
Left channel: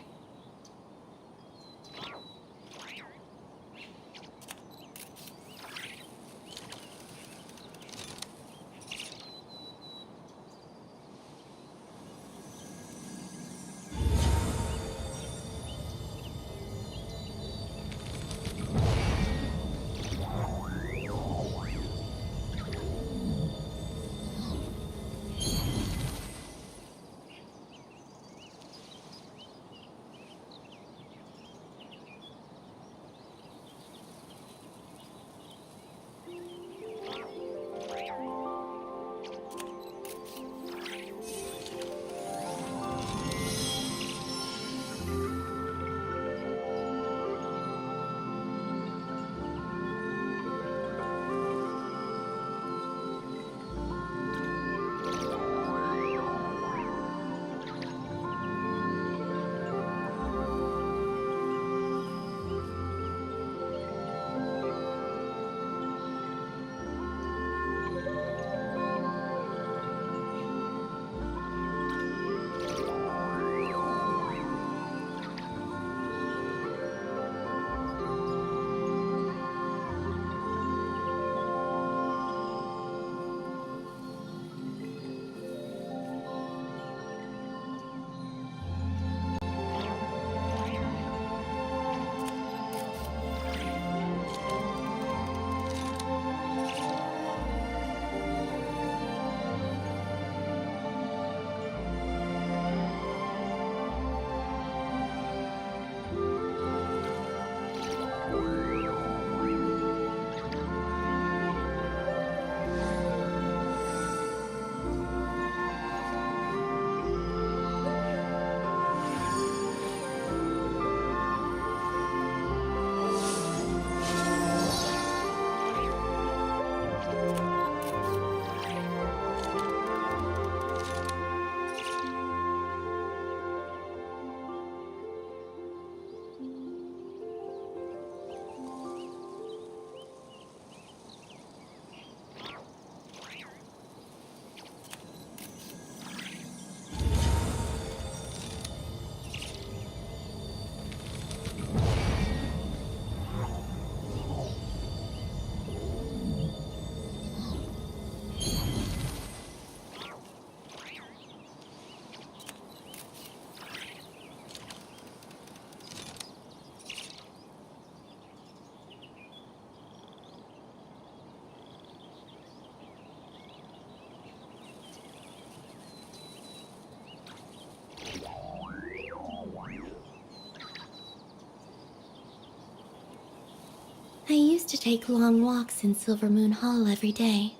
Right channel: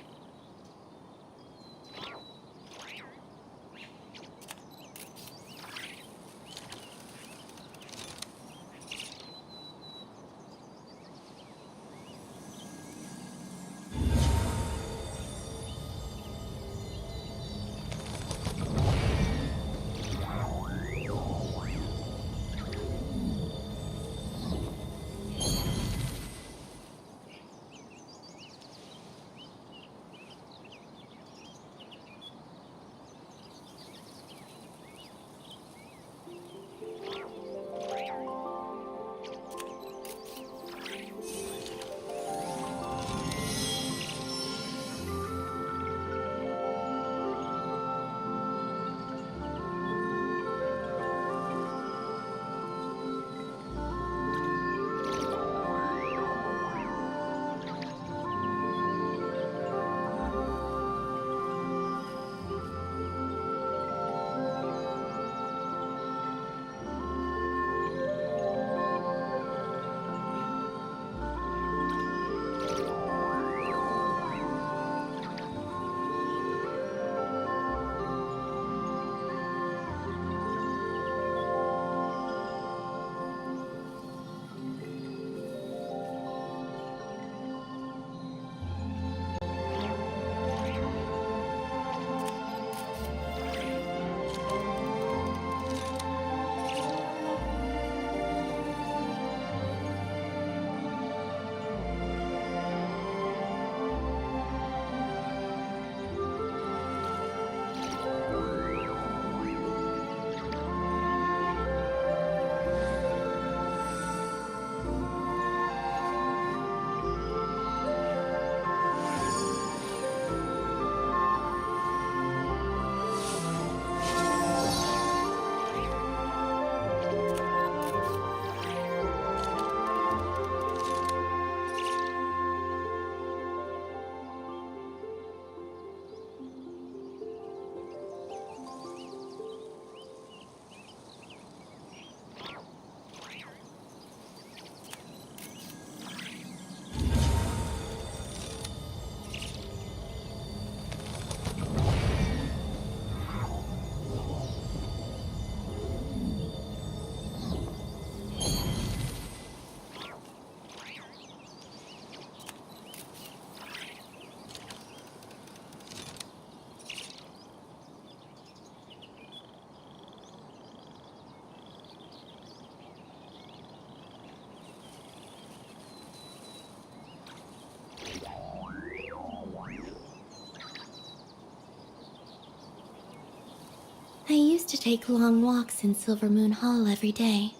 to take long walks in Silver Moon Hall every day.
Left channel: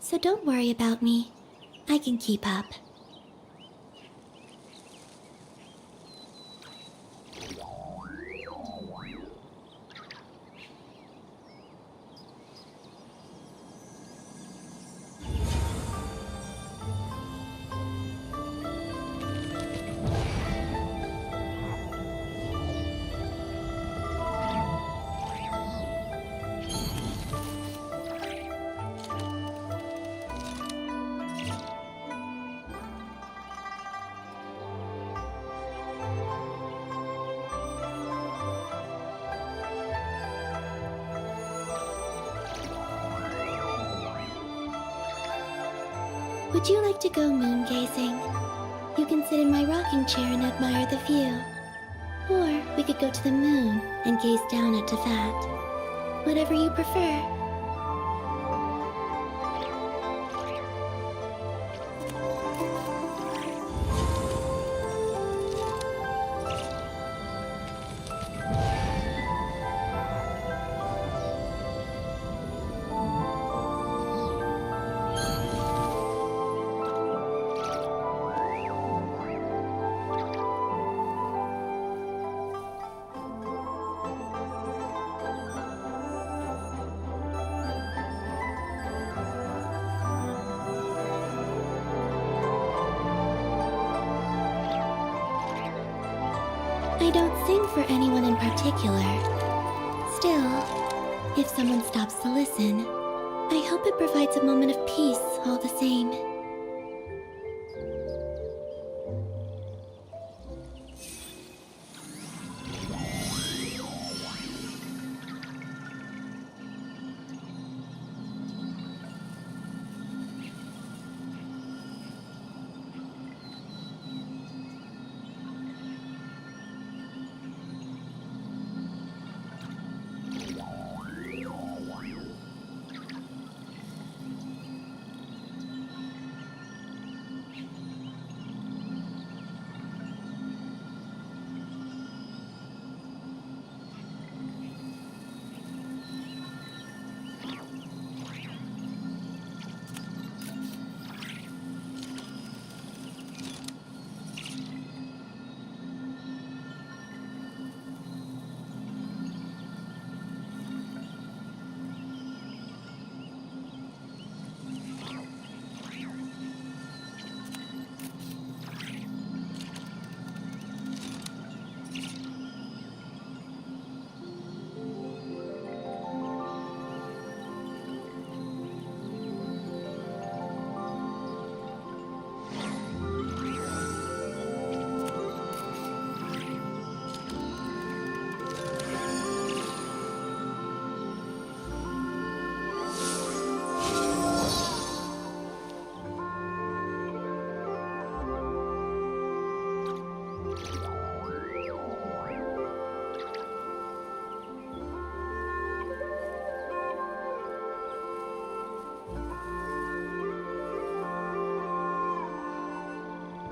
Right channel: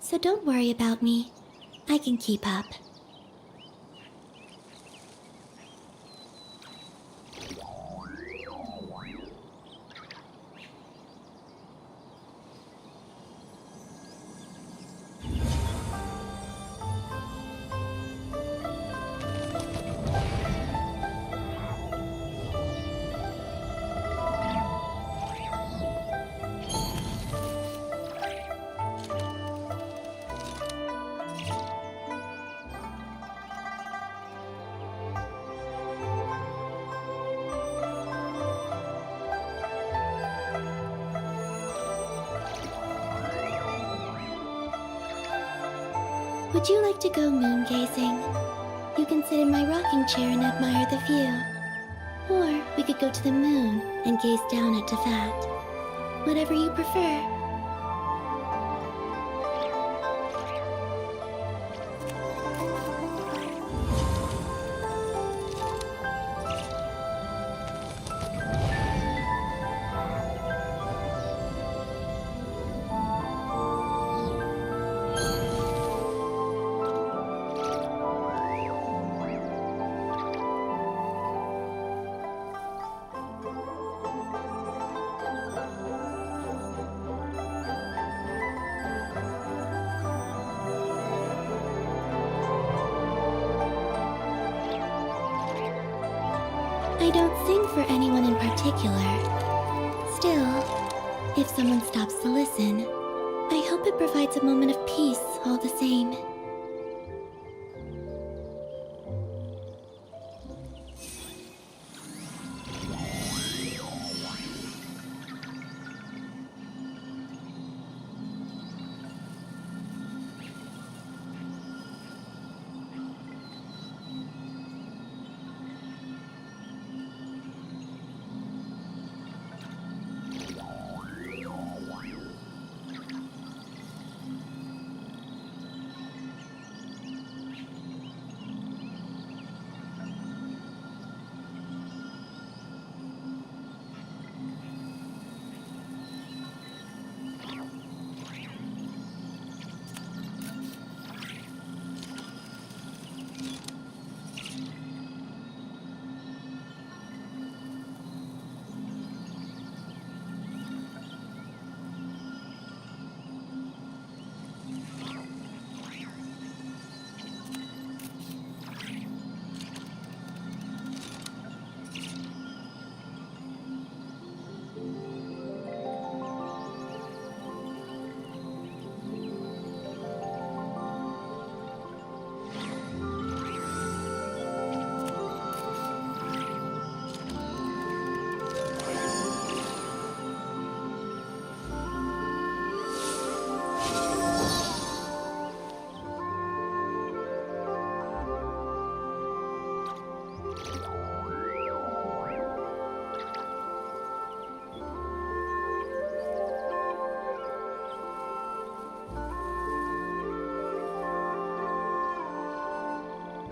So don't worry about me. I can keep up. Would you like to go moon gazing? You can sit in my rocking chair and admire the view. Or we could go to the moon and gaze down at Tefat. Whatever you prefer. I don't sing for anyone in particular. Still, if someone stops to listen, I hope it provides a moment of peace all the same.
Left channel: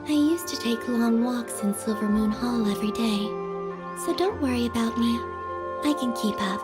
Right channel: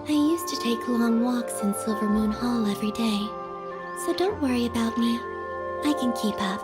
I used to take long walks in Silver Moon Hall every day, so don't worry about me. I can keep up.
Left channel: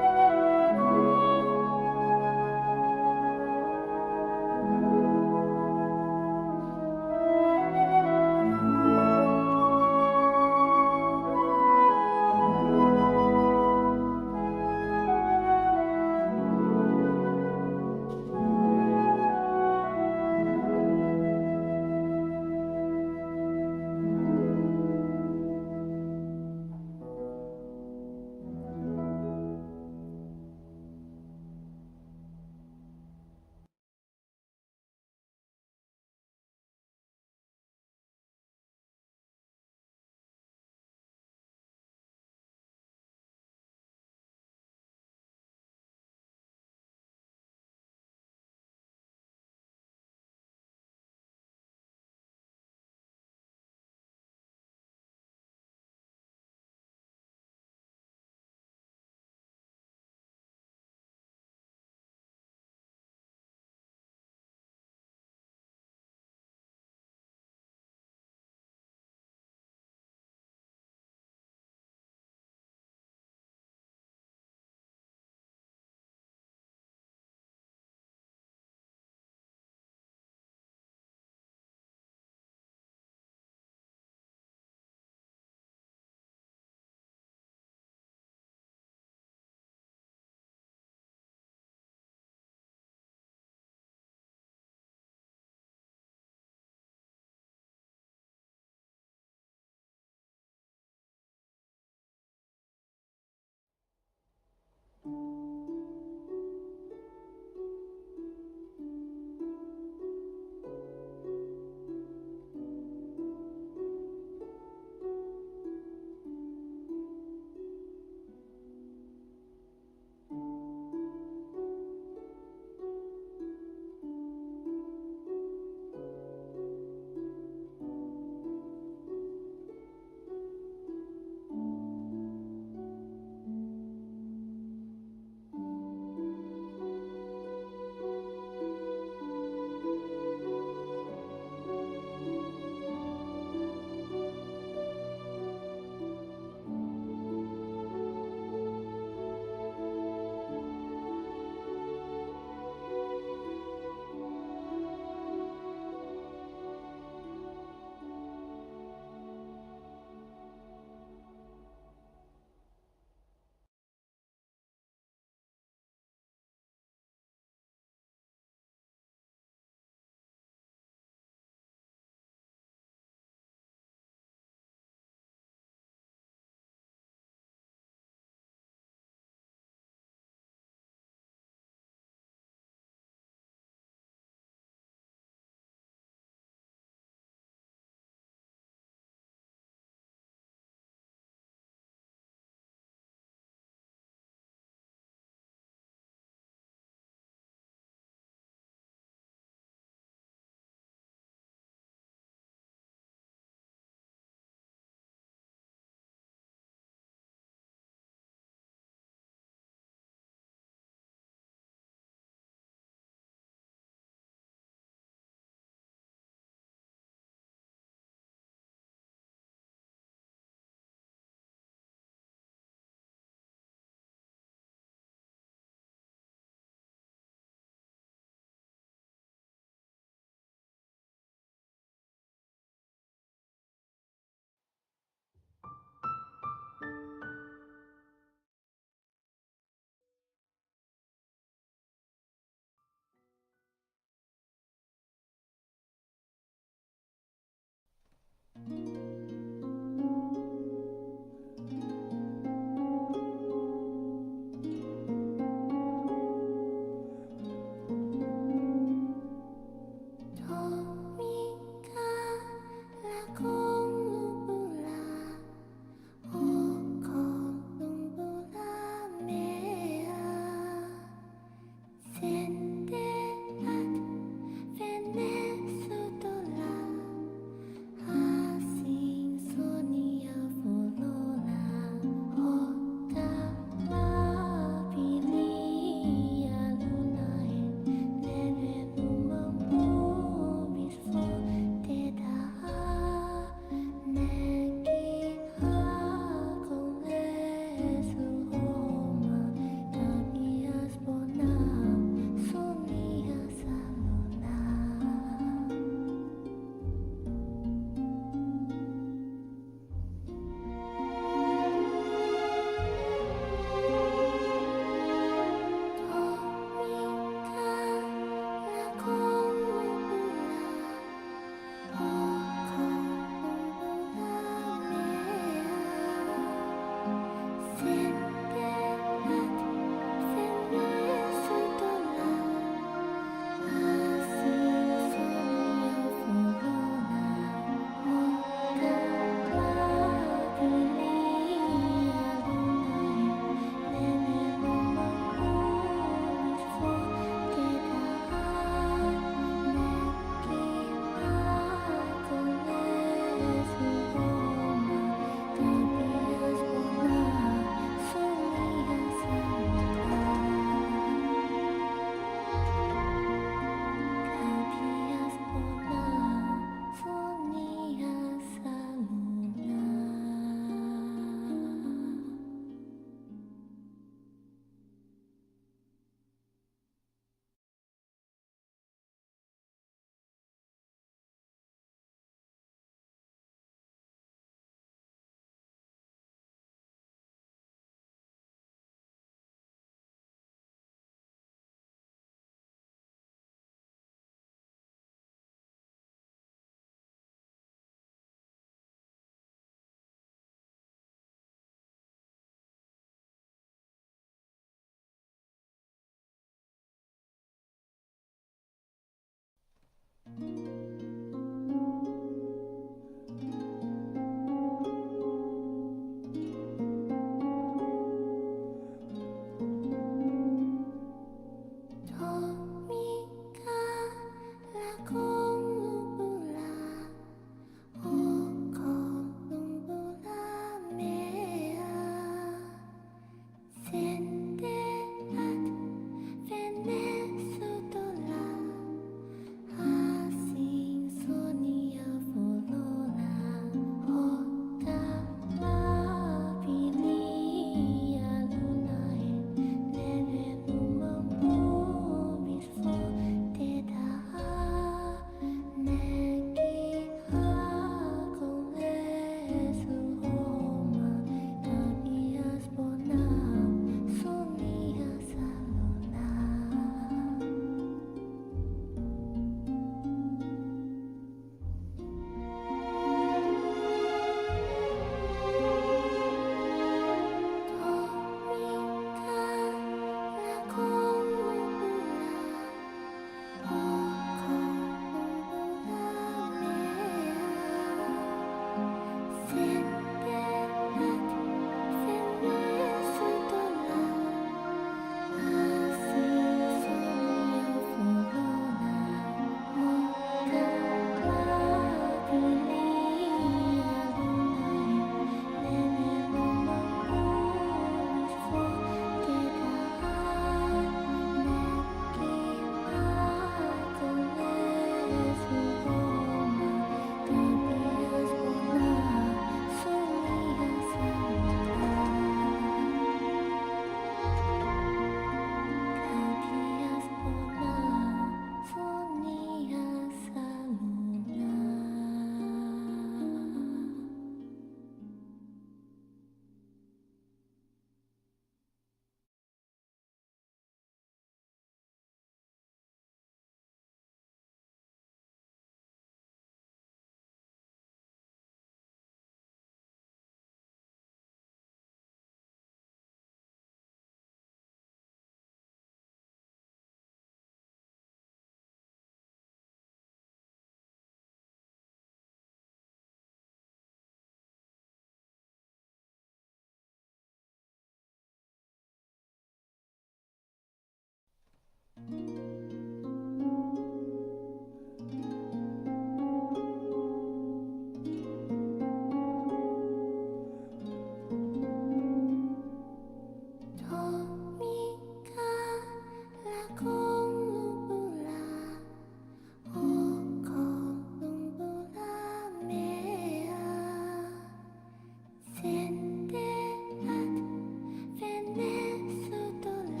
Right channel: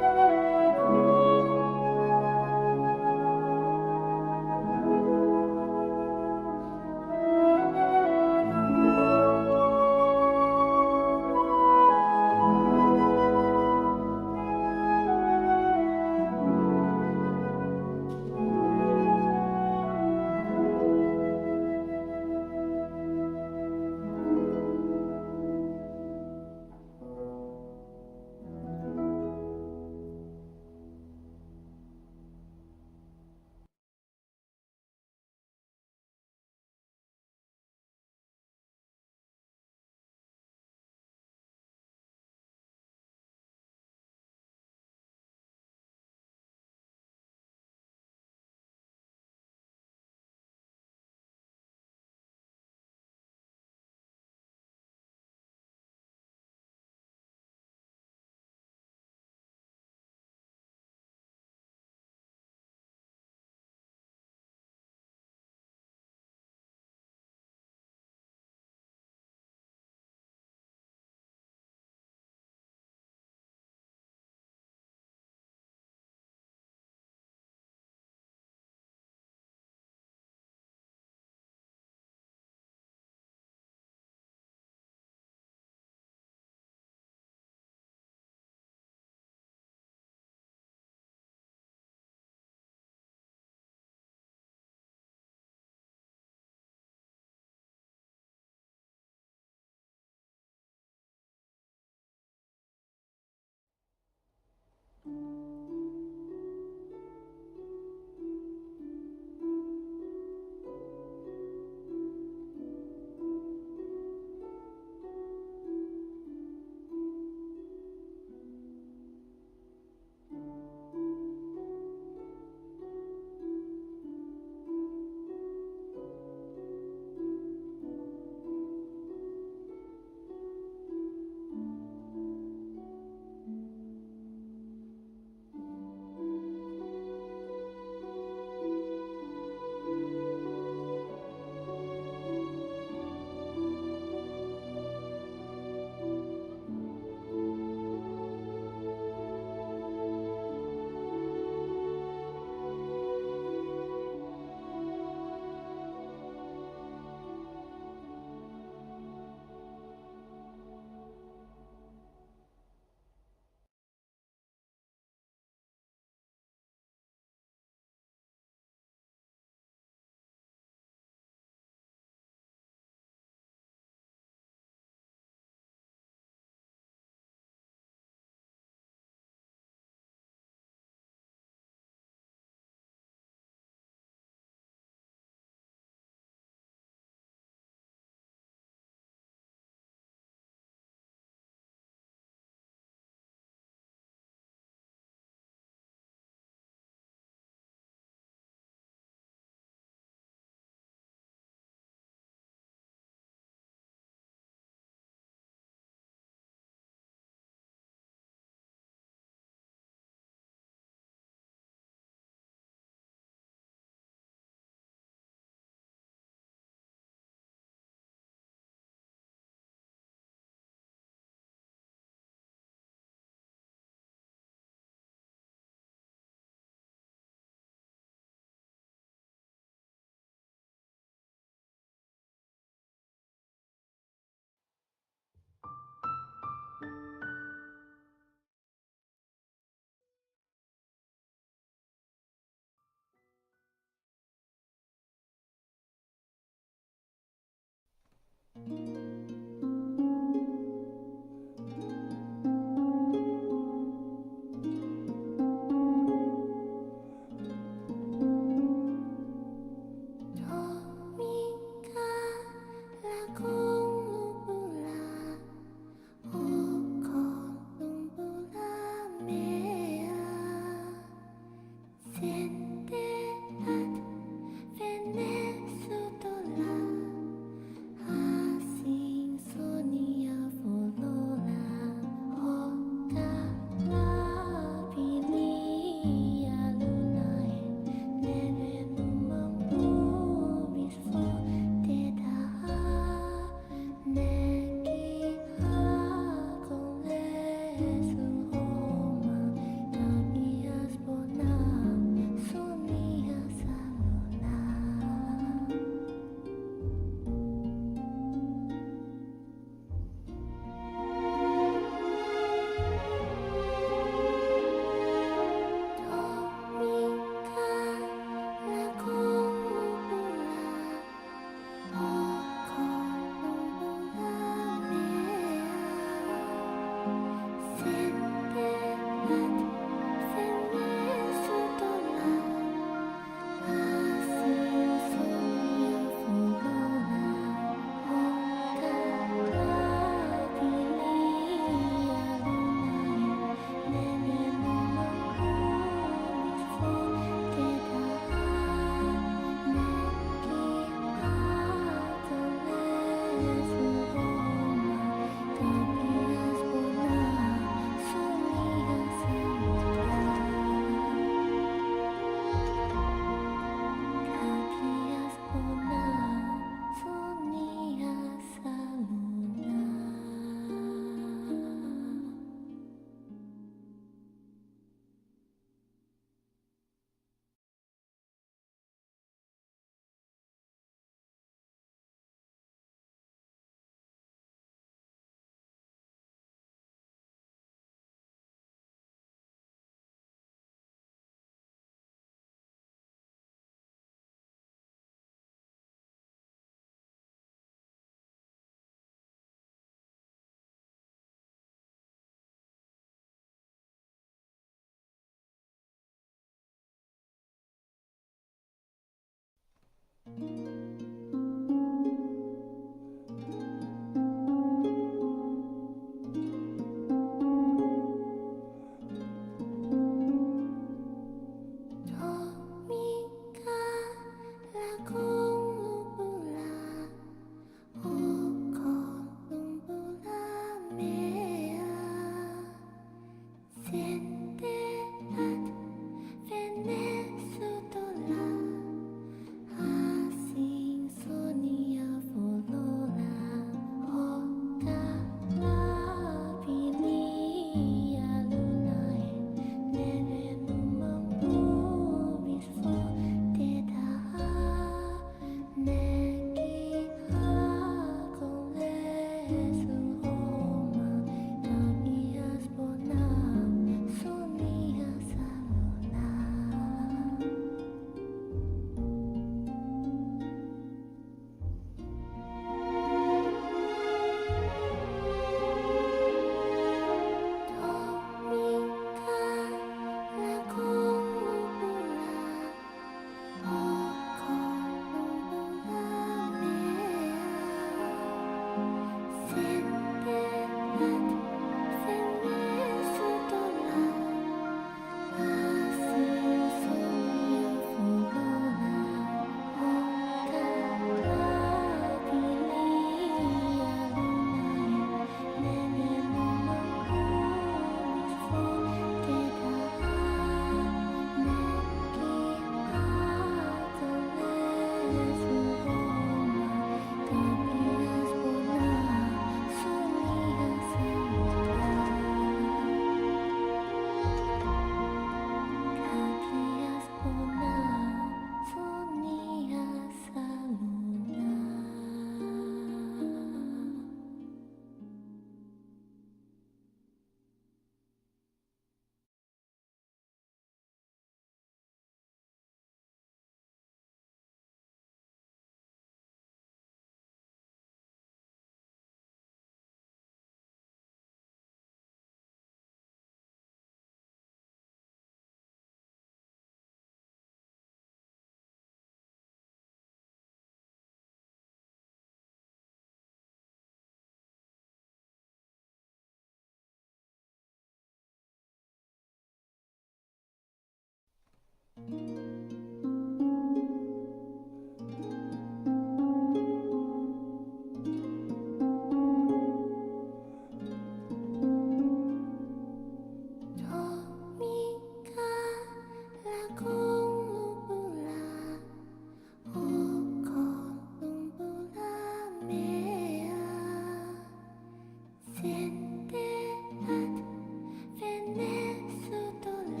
Venezuela,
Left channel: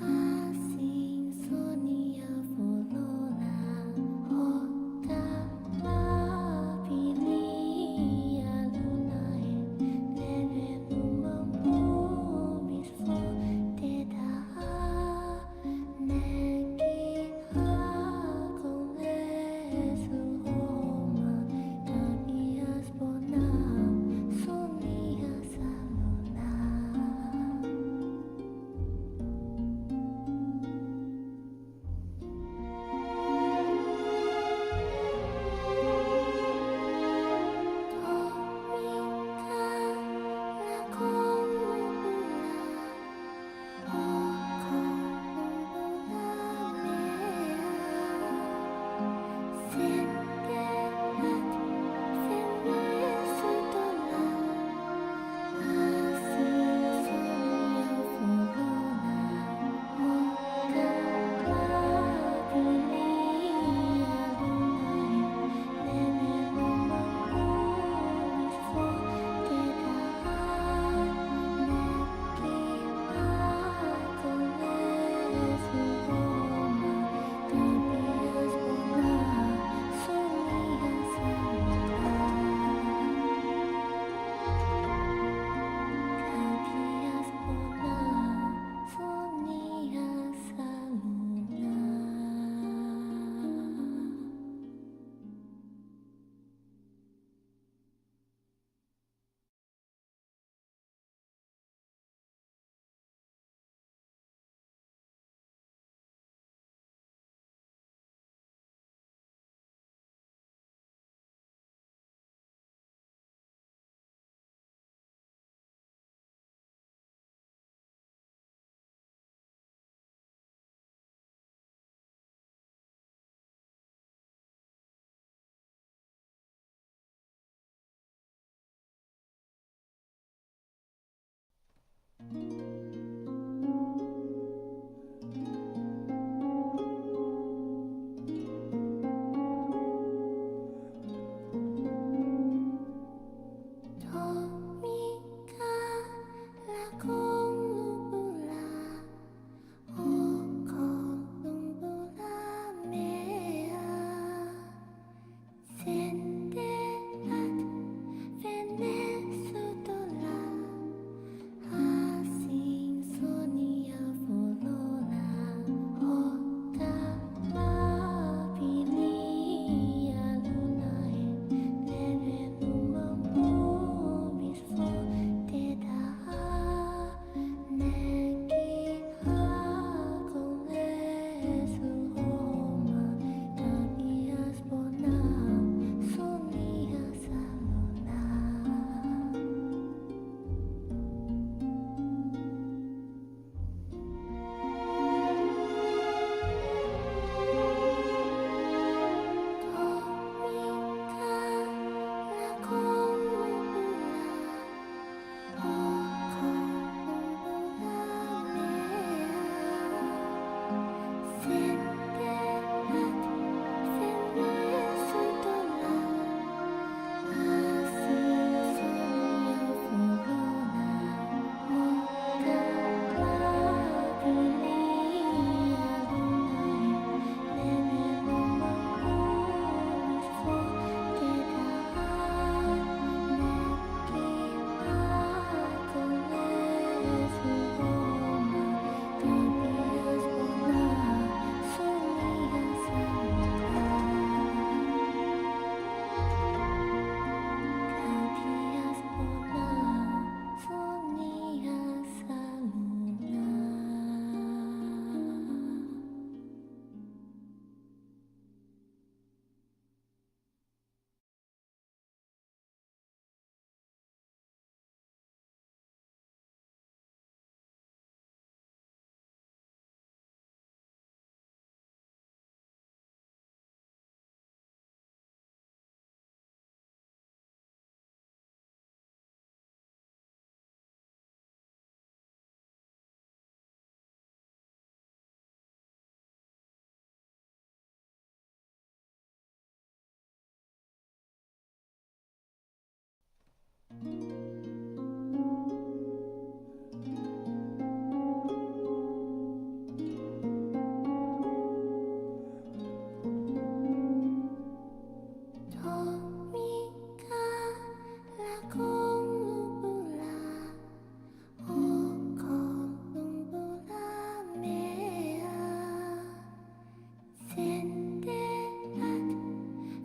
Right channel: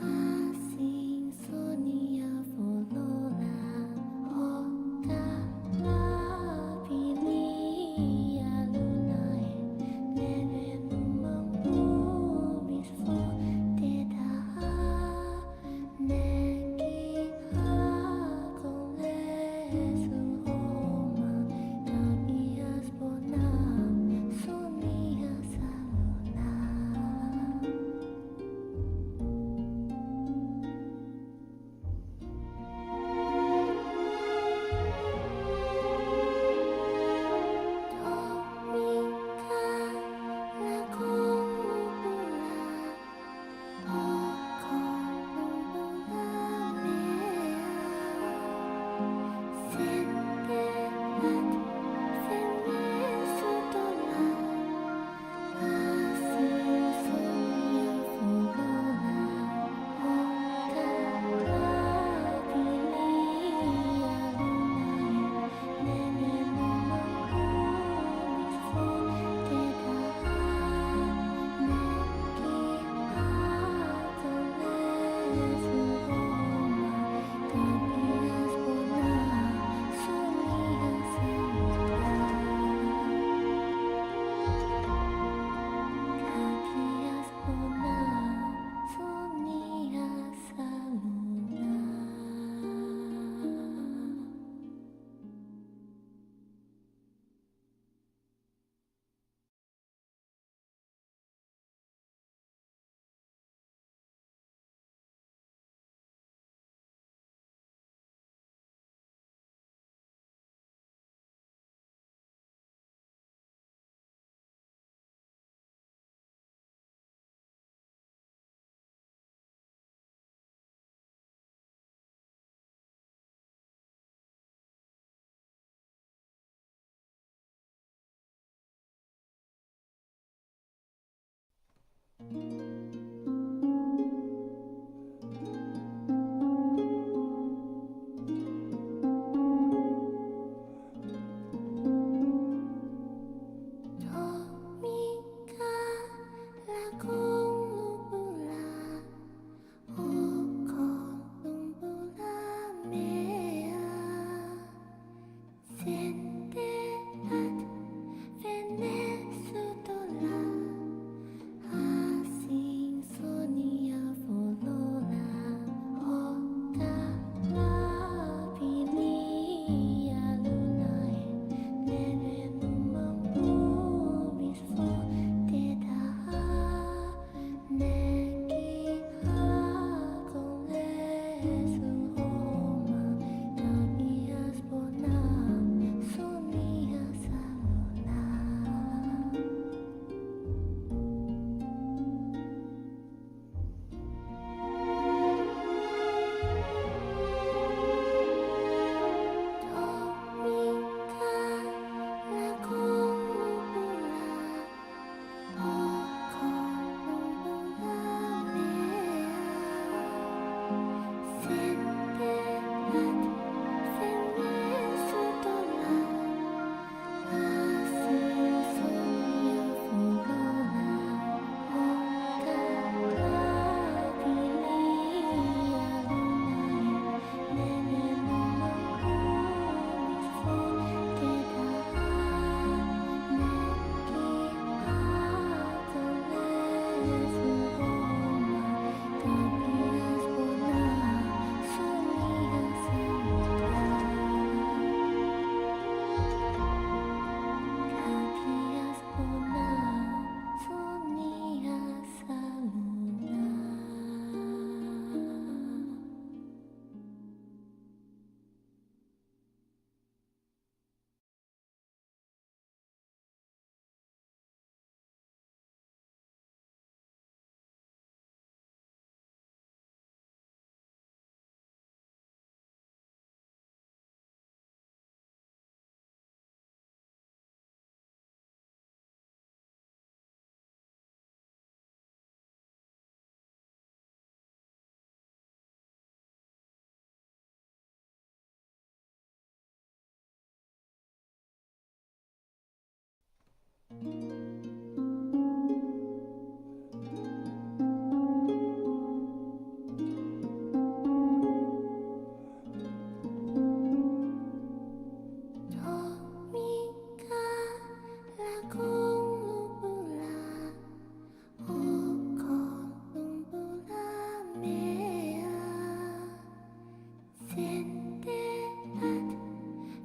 así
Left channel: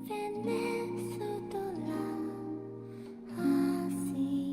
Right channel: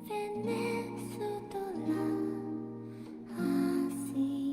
Venezuela, así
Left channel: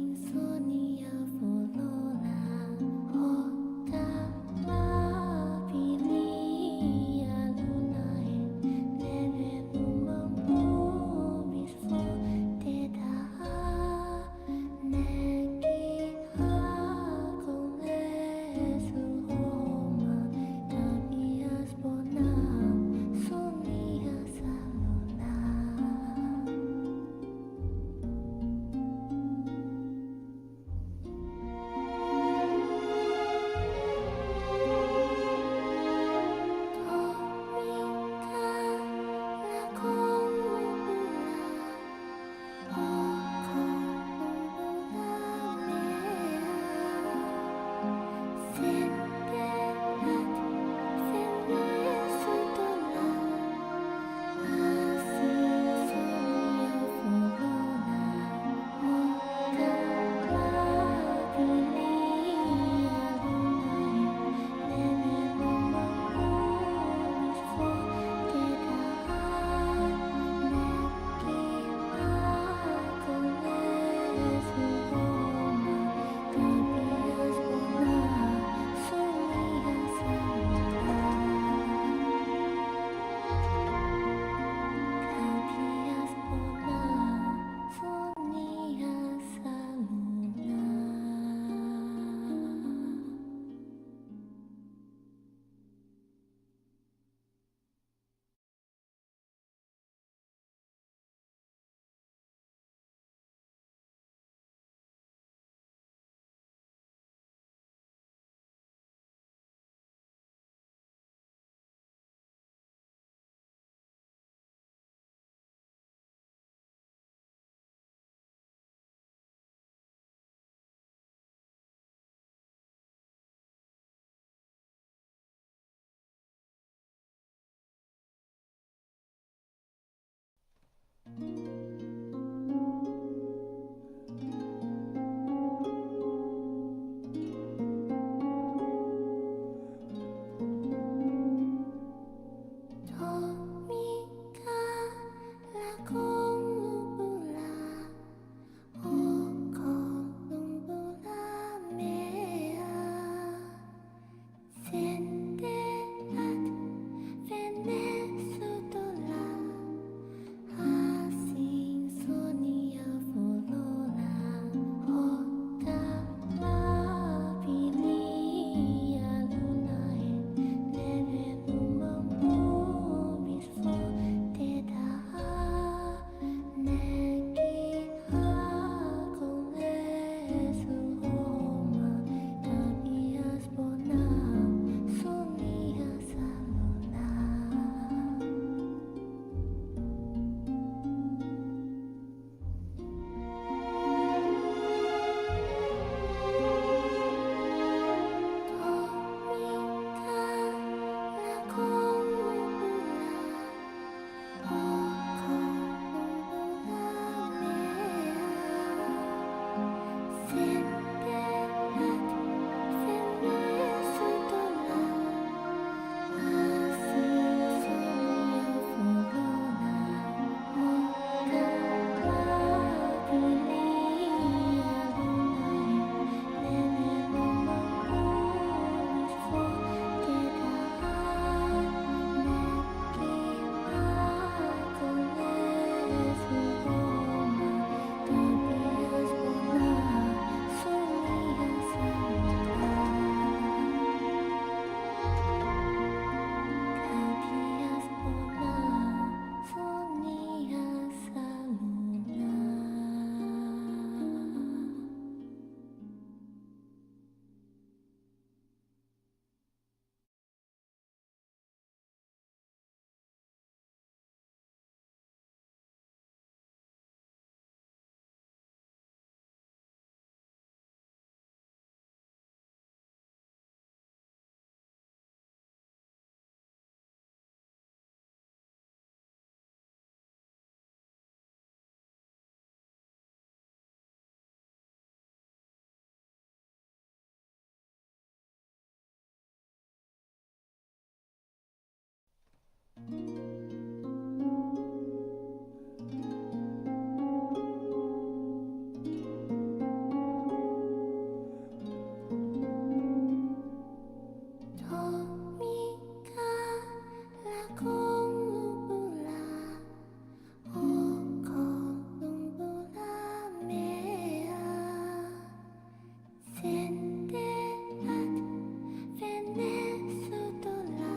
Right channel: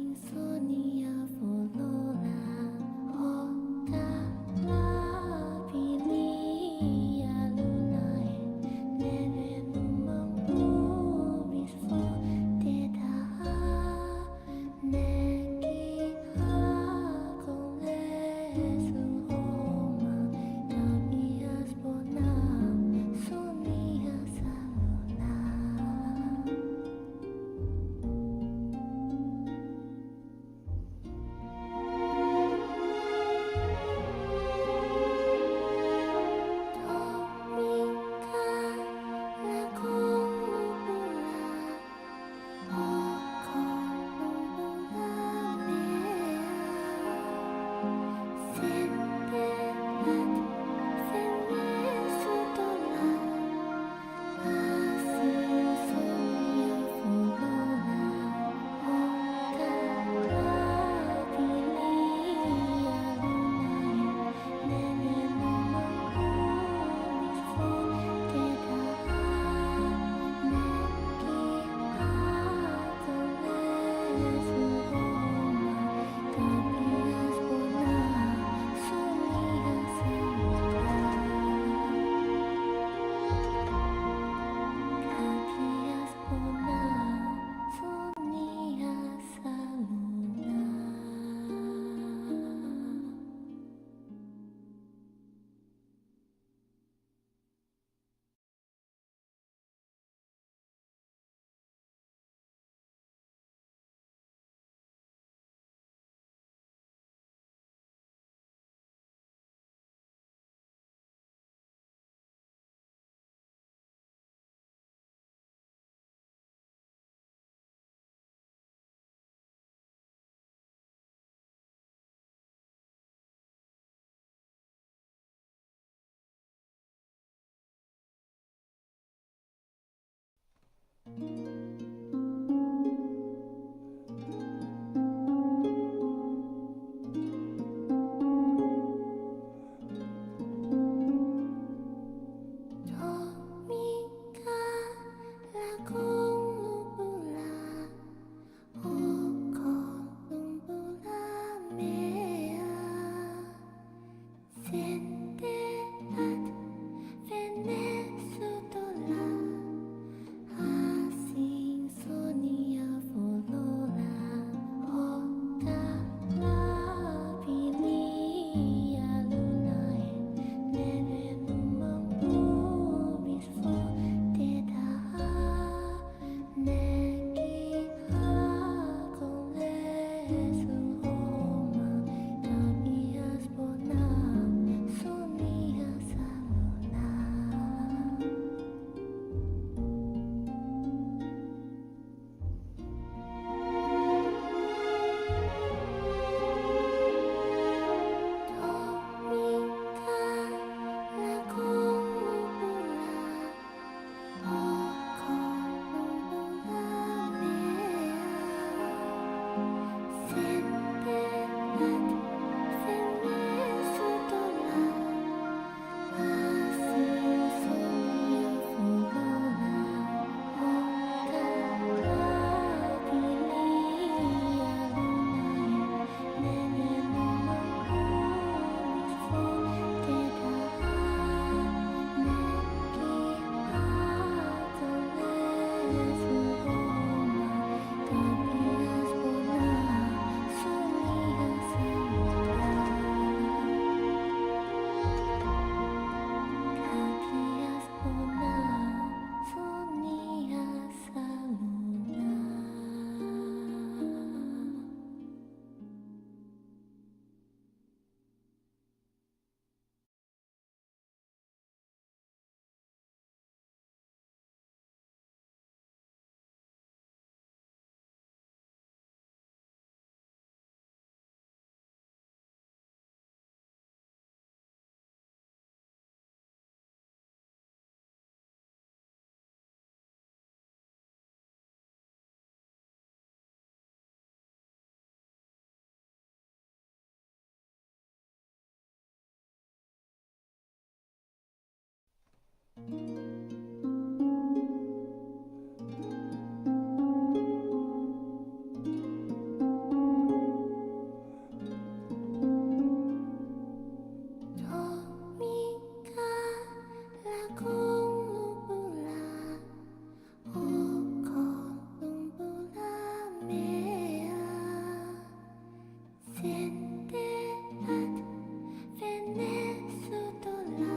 Venezuela,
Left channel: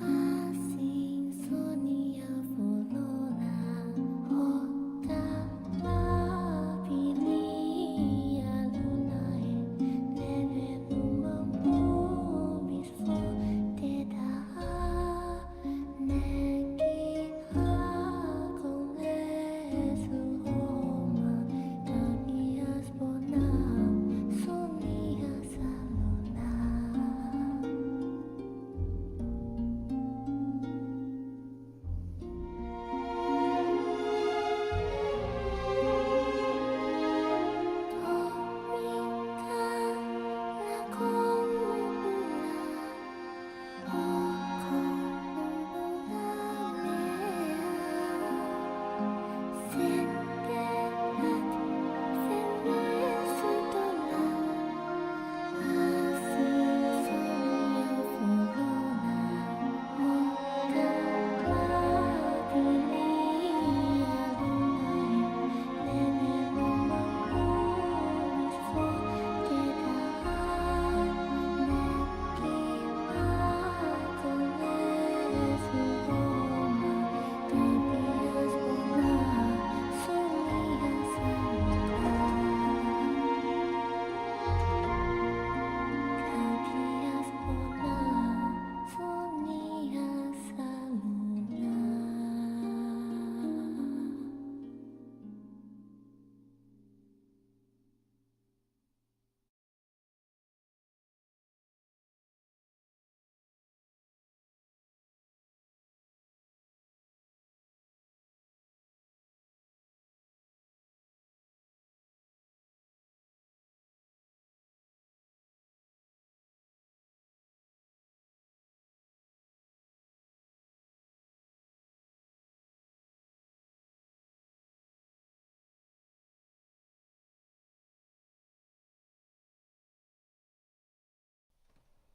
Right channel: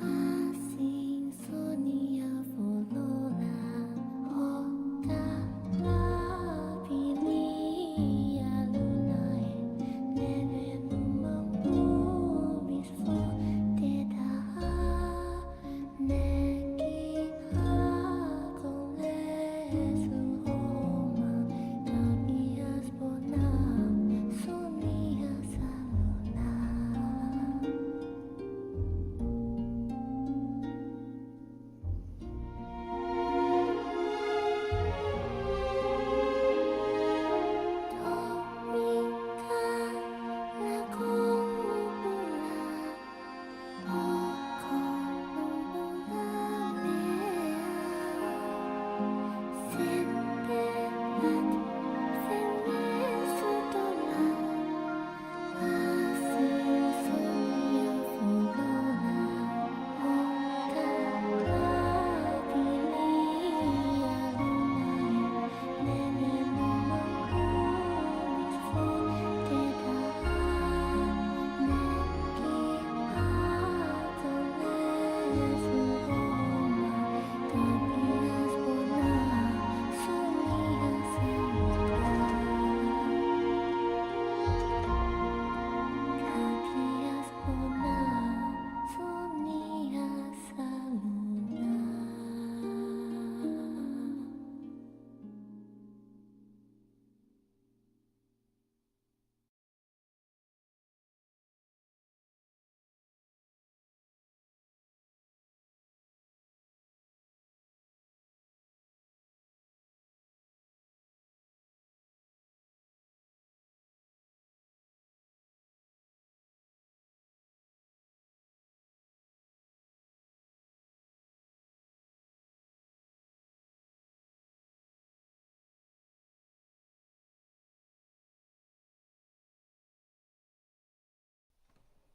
así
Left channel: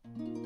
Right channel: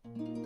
Venezuela,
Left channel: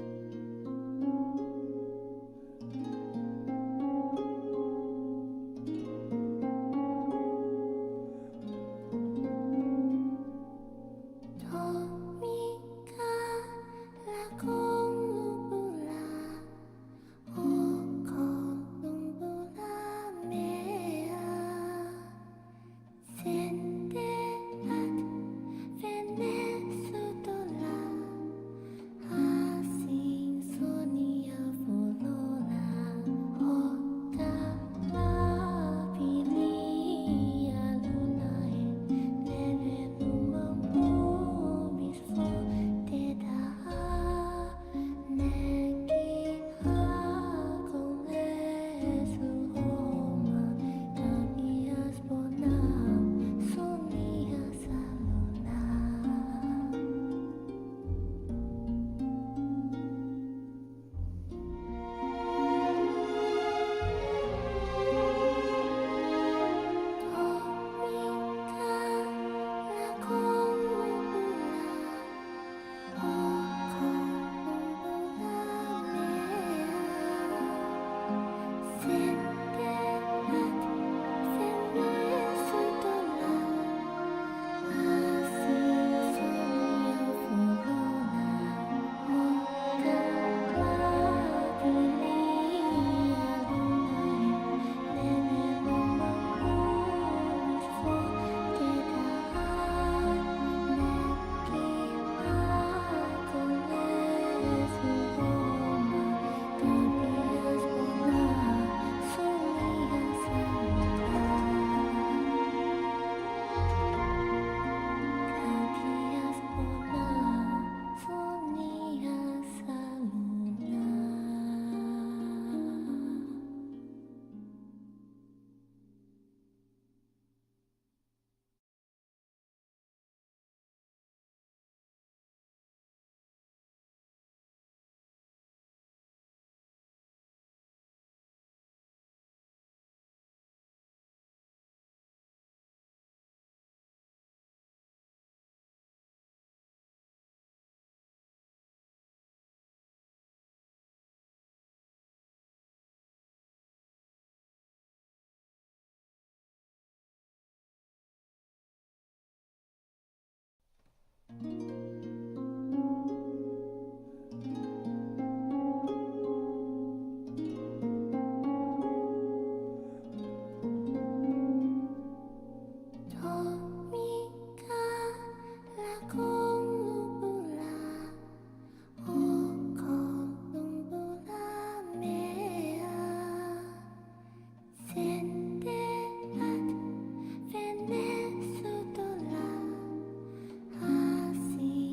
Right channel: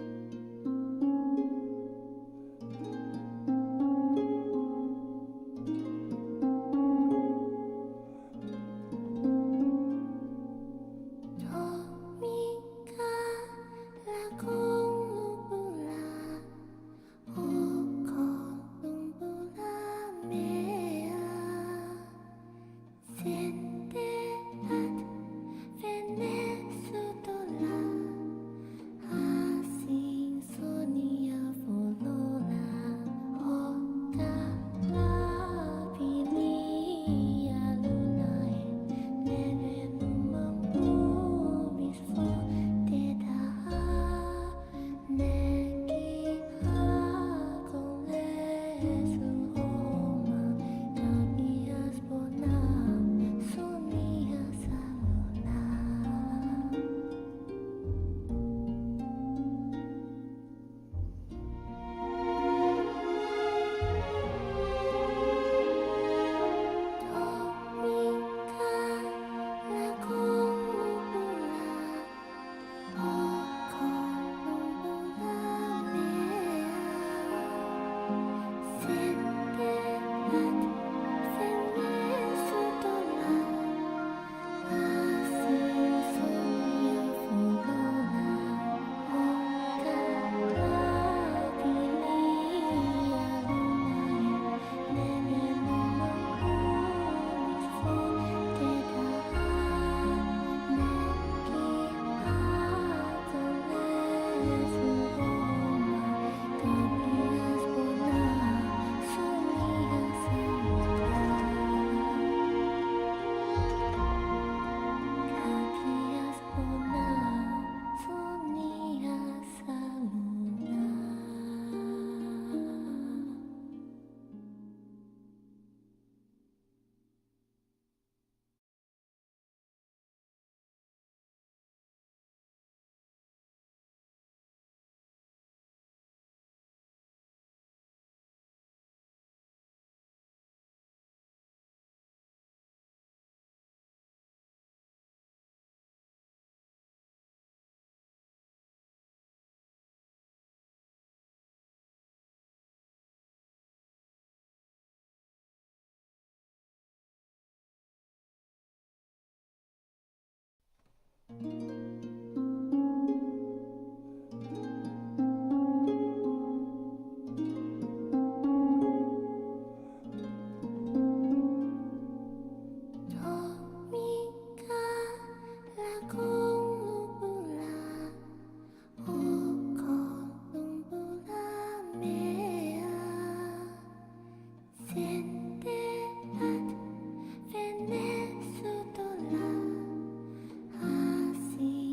así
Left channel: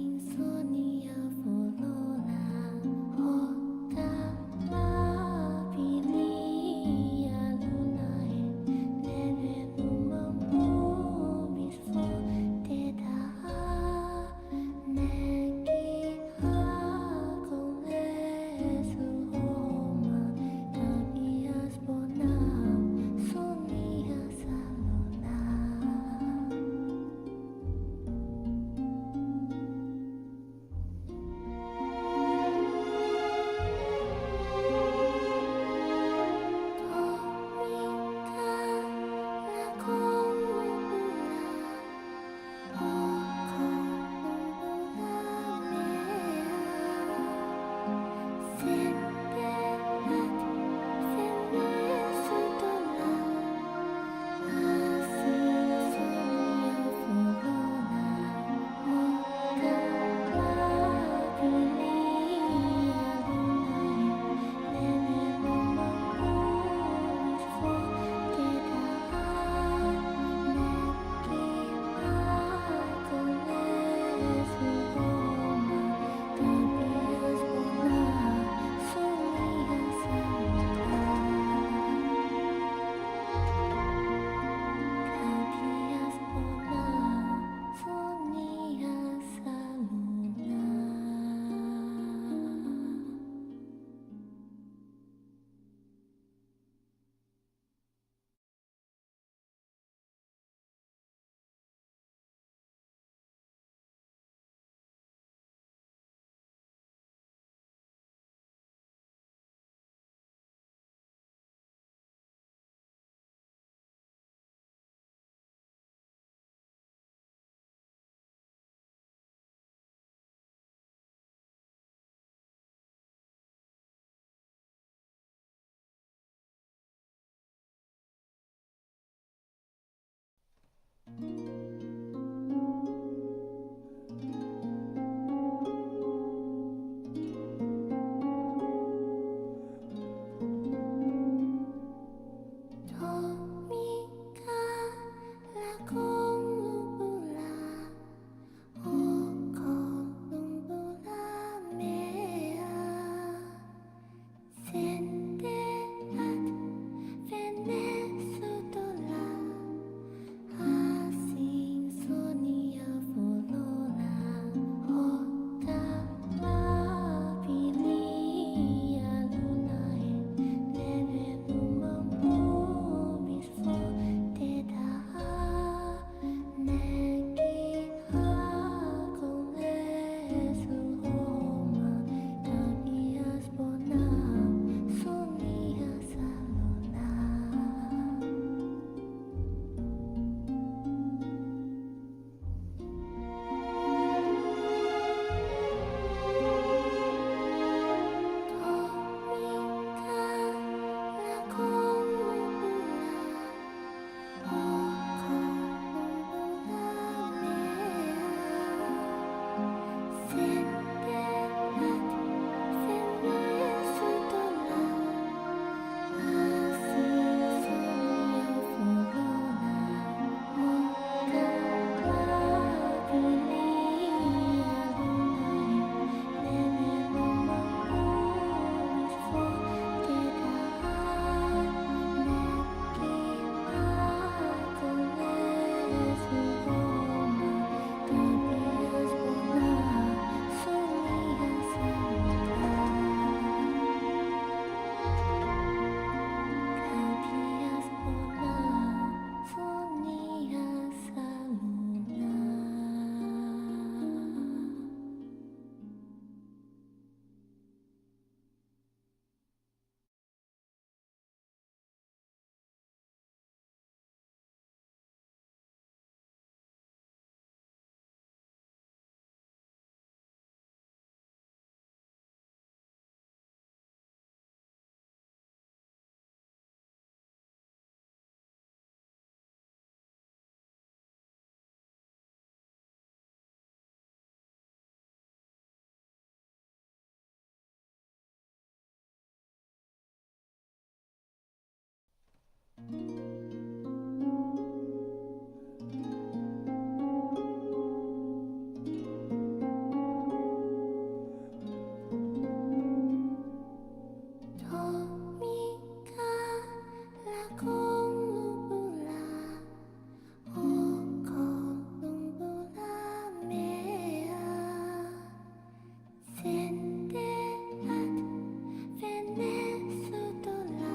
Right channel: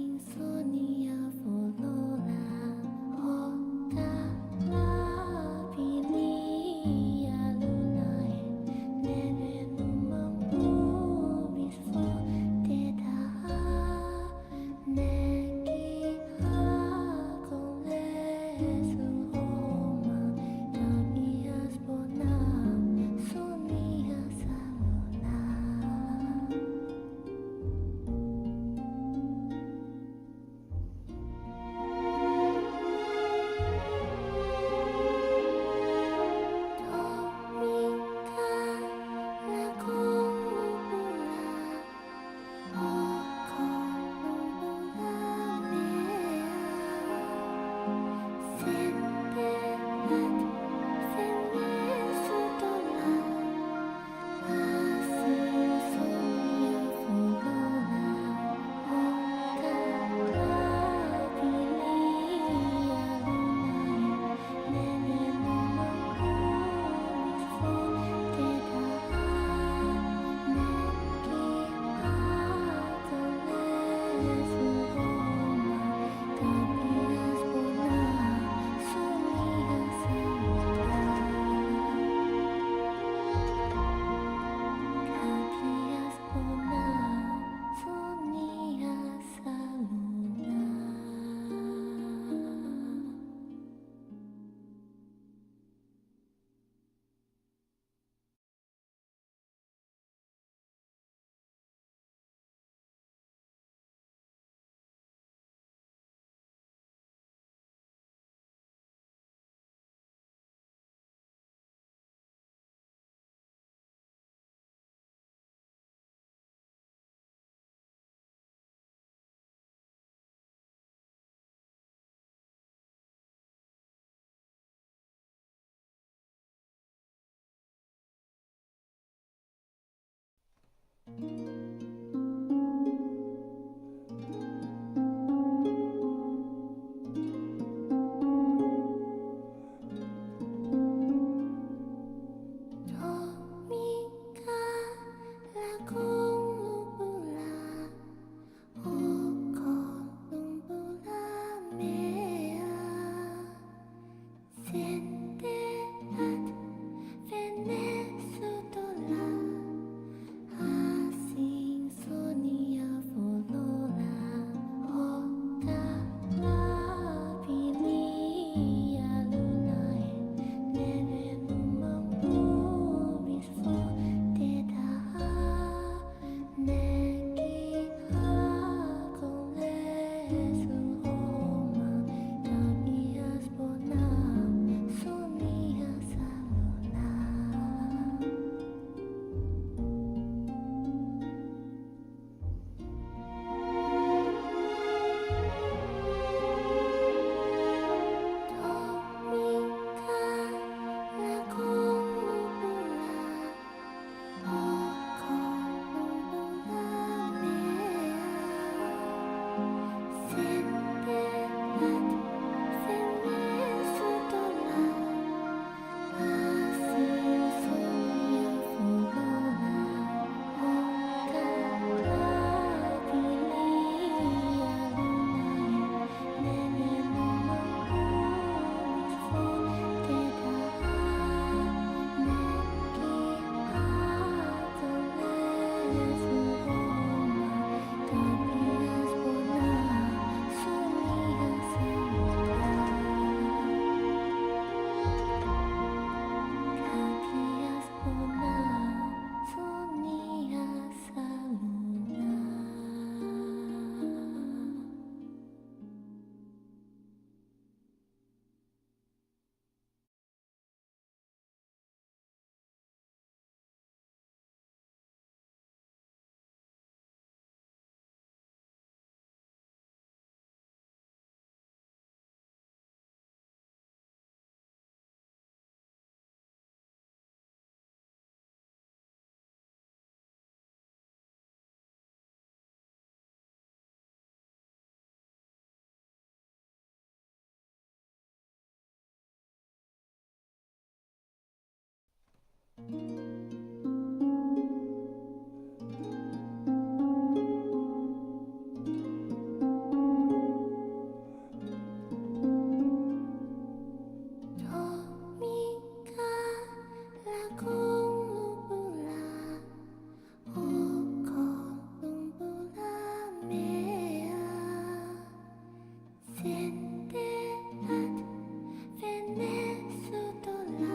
Venezuela,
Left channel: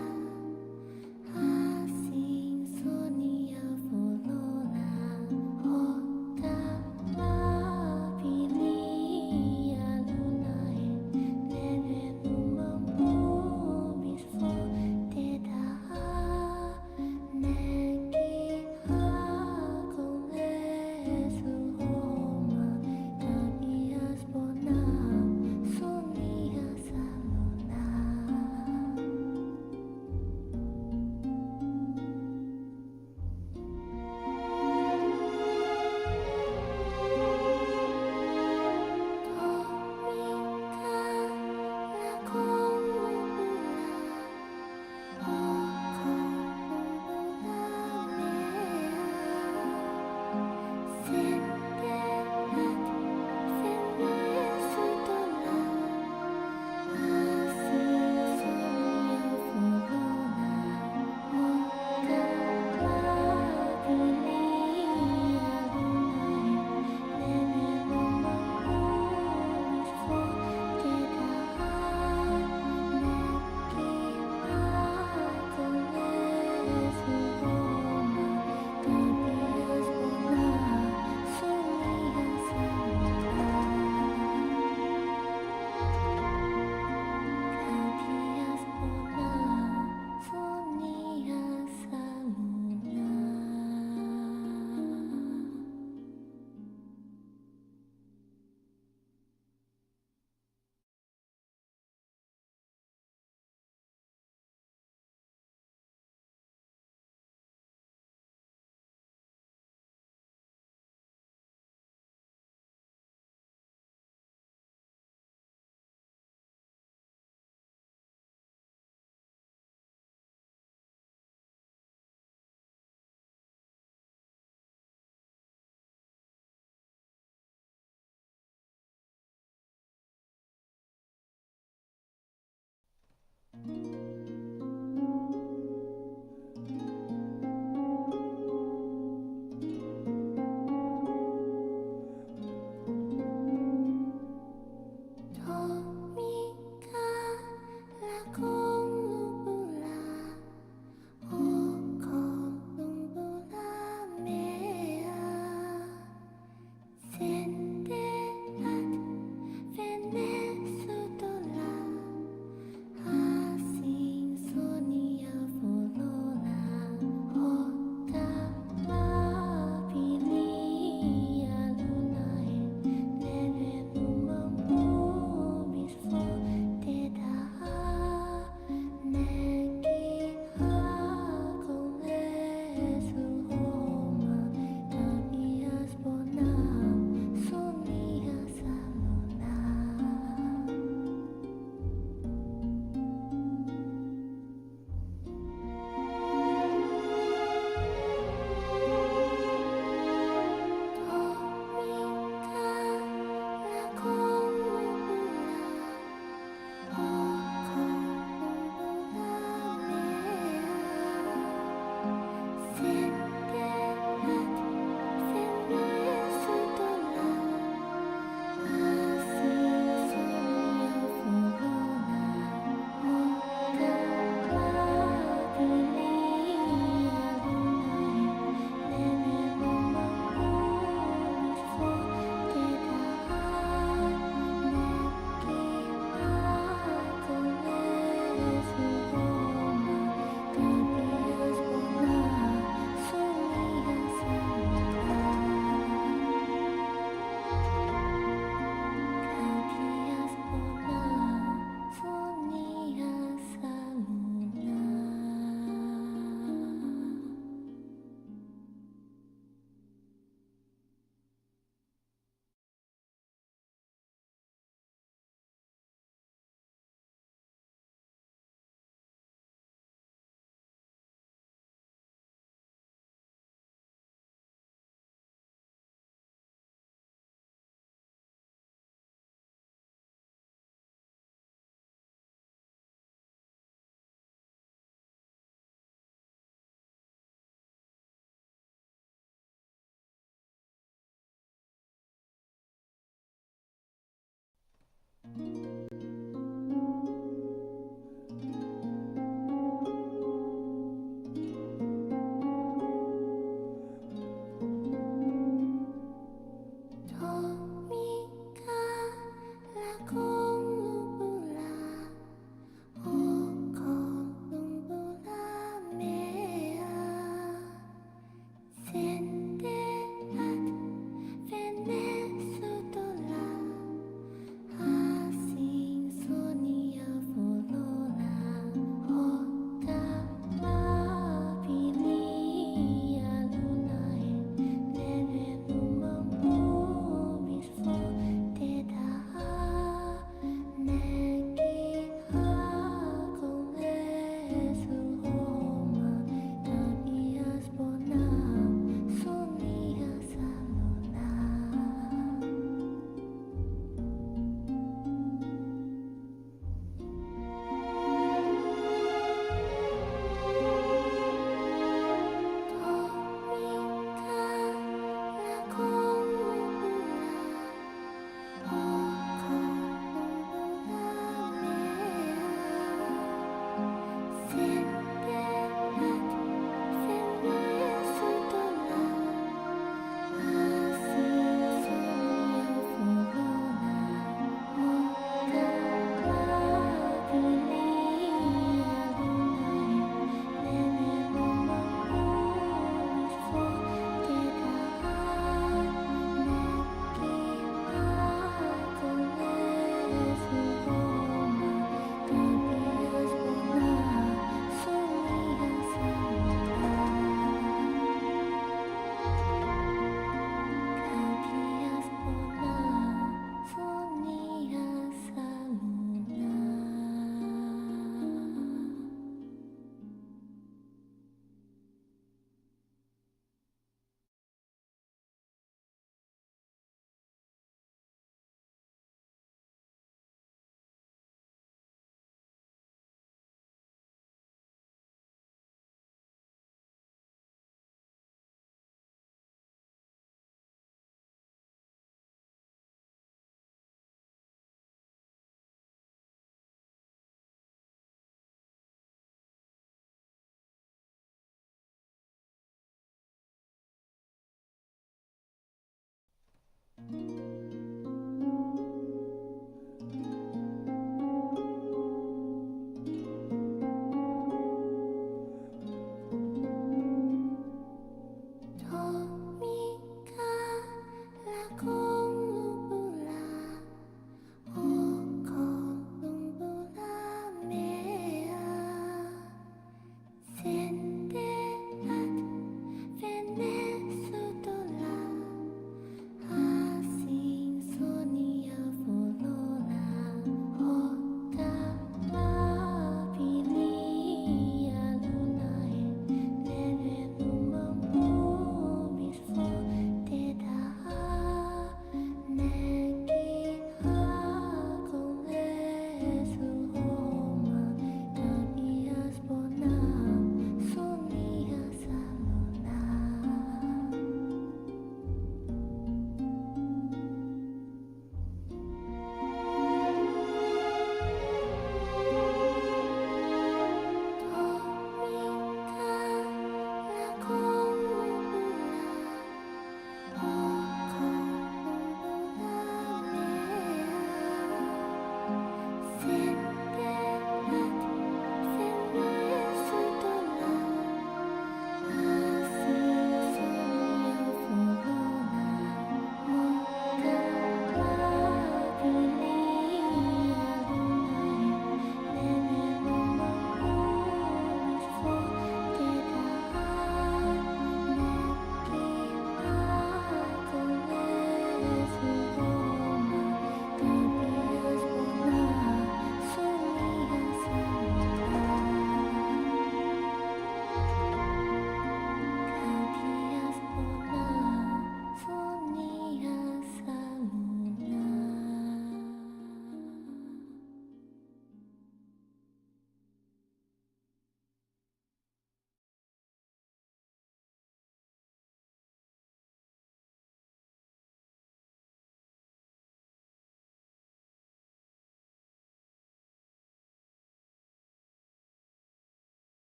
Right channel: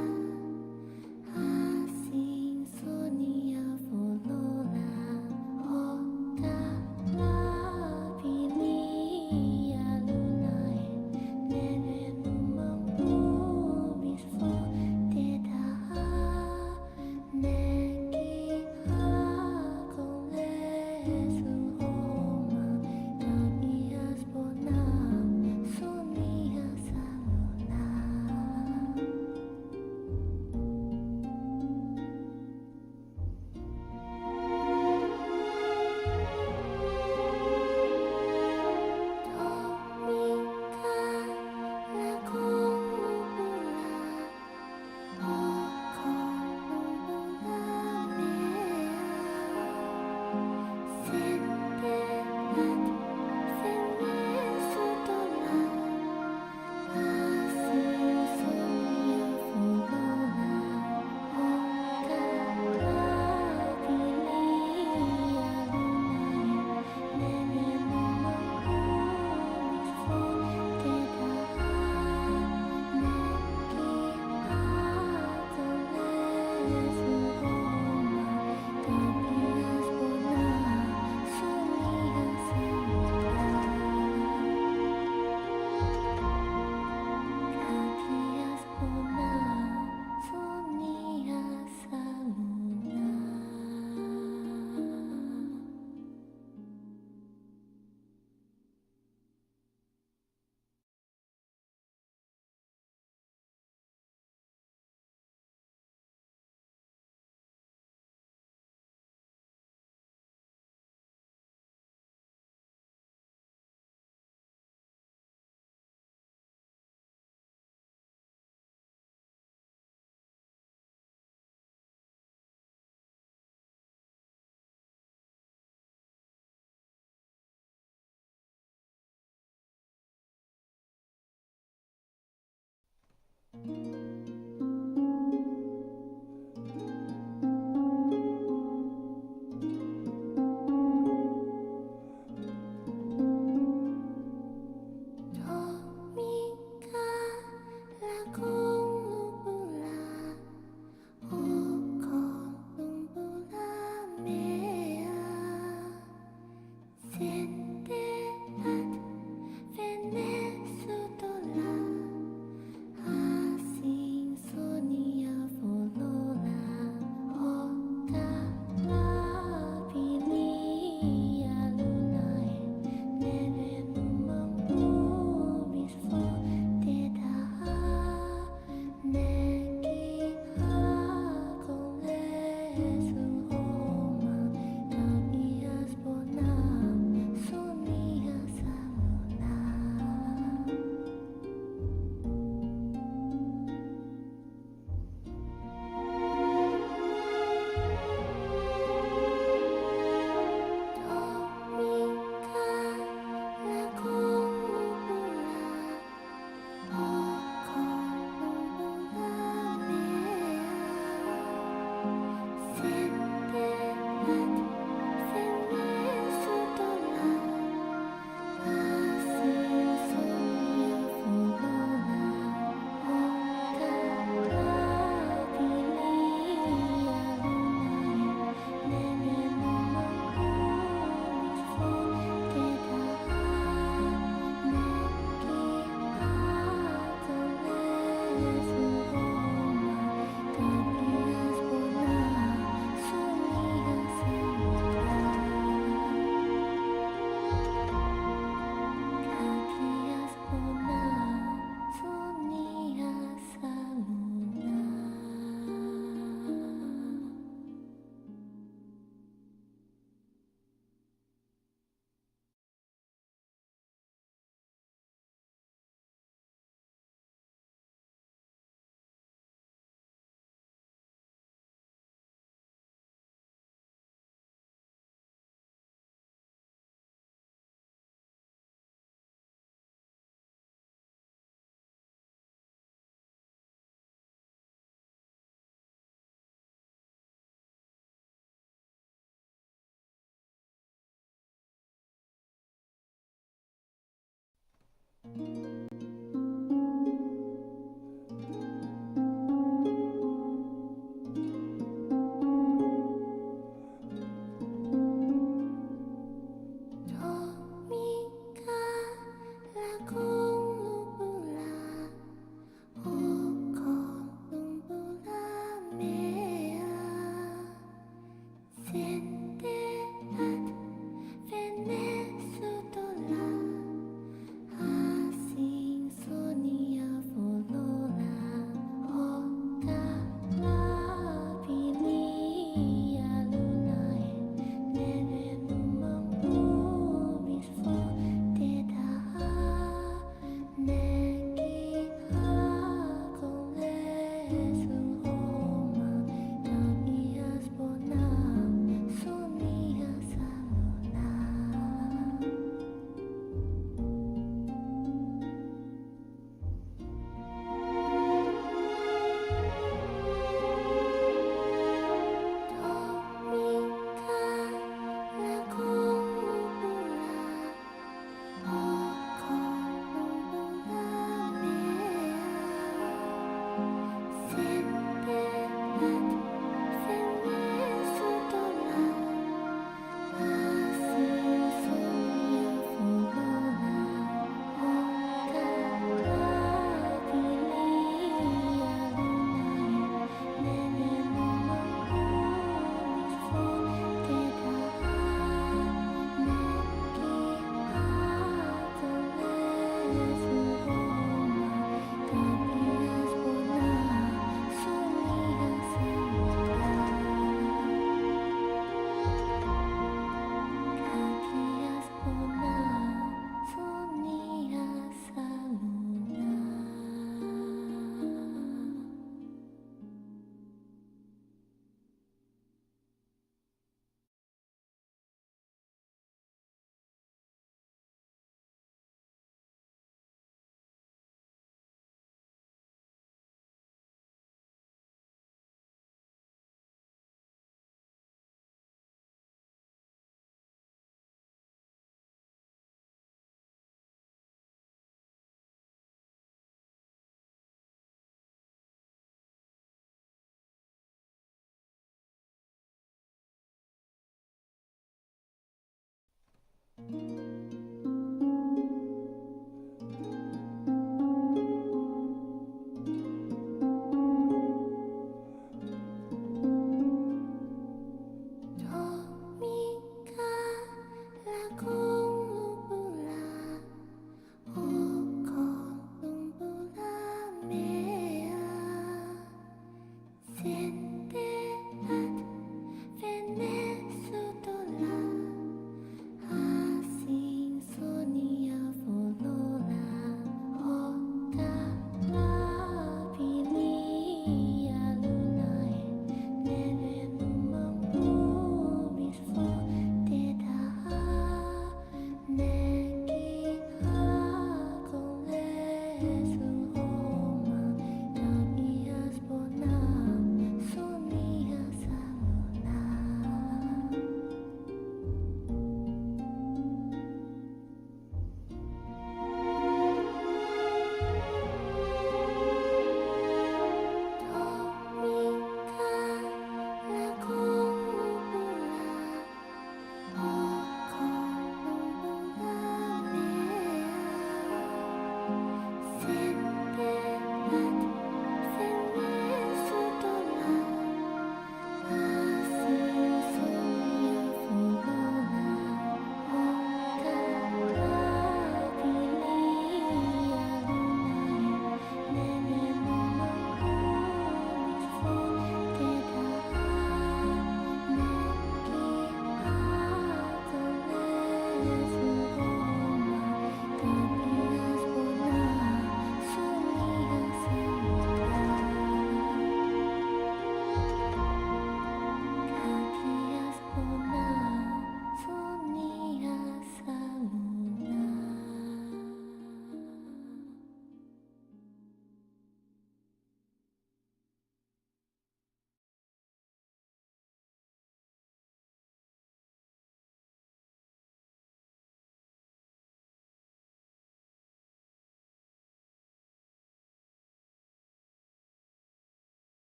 así Venezuela, así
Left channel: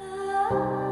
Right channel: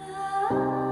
Ah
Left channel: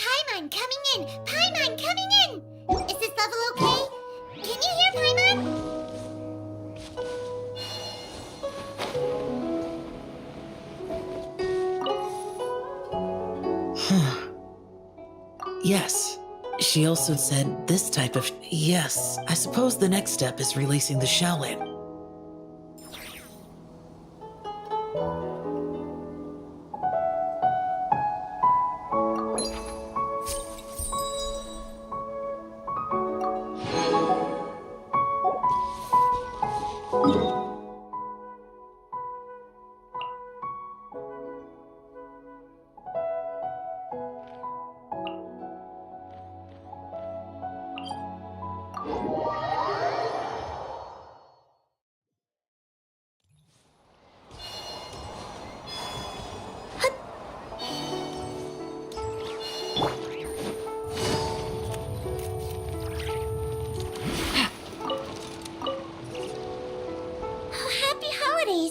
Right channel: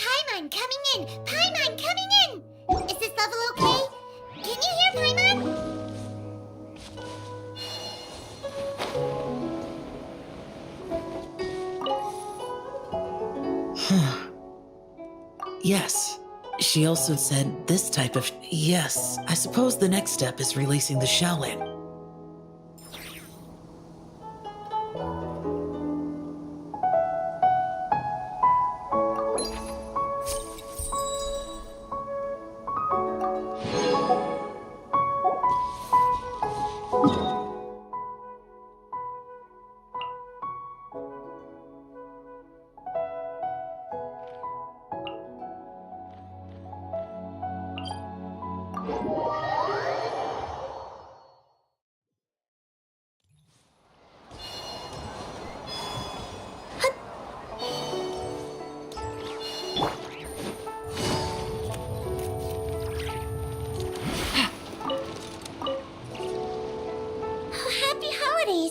Paimon coming in! Paimon coming in! Is this level okay? Can you hear Paimon? Yes. She also said this type of... Yes, I suppose the next step is releasing the Shaolin.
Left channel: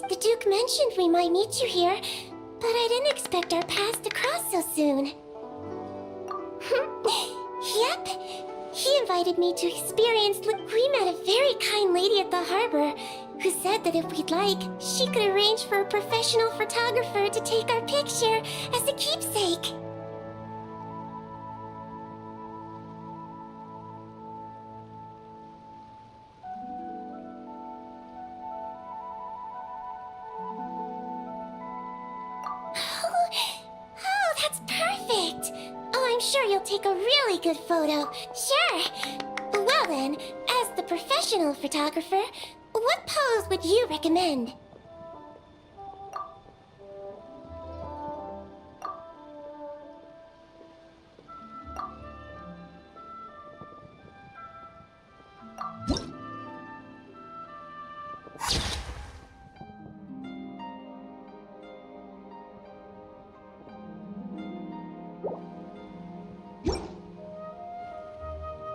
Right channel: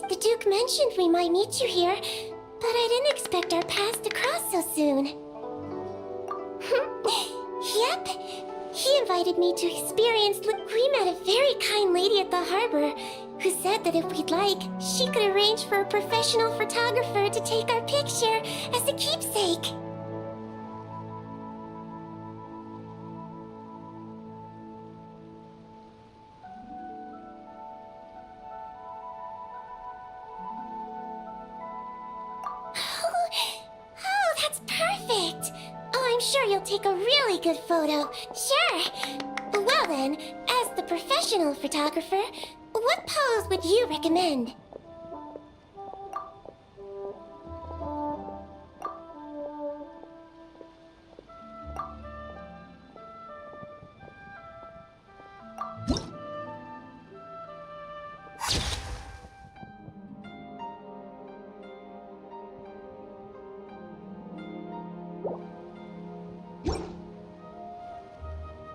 The Duke mentioned we might meet you here, but I didn't expect our paths to cross so soon. Yep. He invited me to experience... We met a very kind lady at the harbor who said that if we'd like, she could arrange for a professional photographer to take our picture as a keepsake. Oh, that's perfect! Oh, I'm sure you'll take a really good photo. Sure! Well then, as the professional photographer, what pose would you recommend?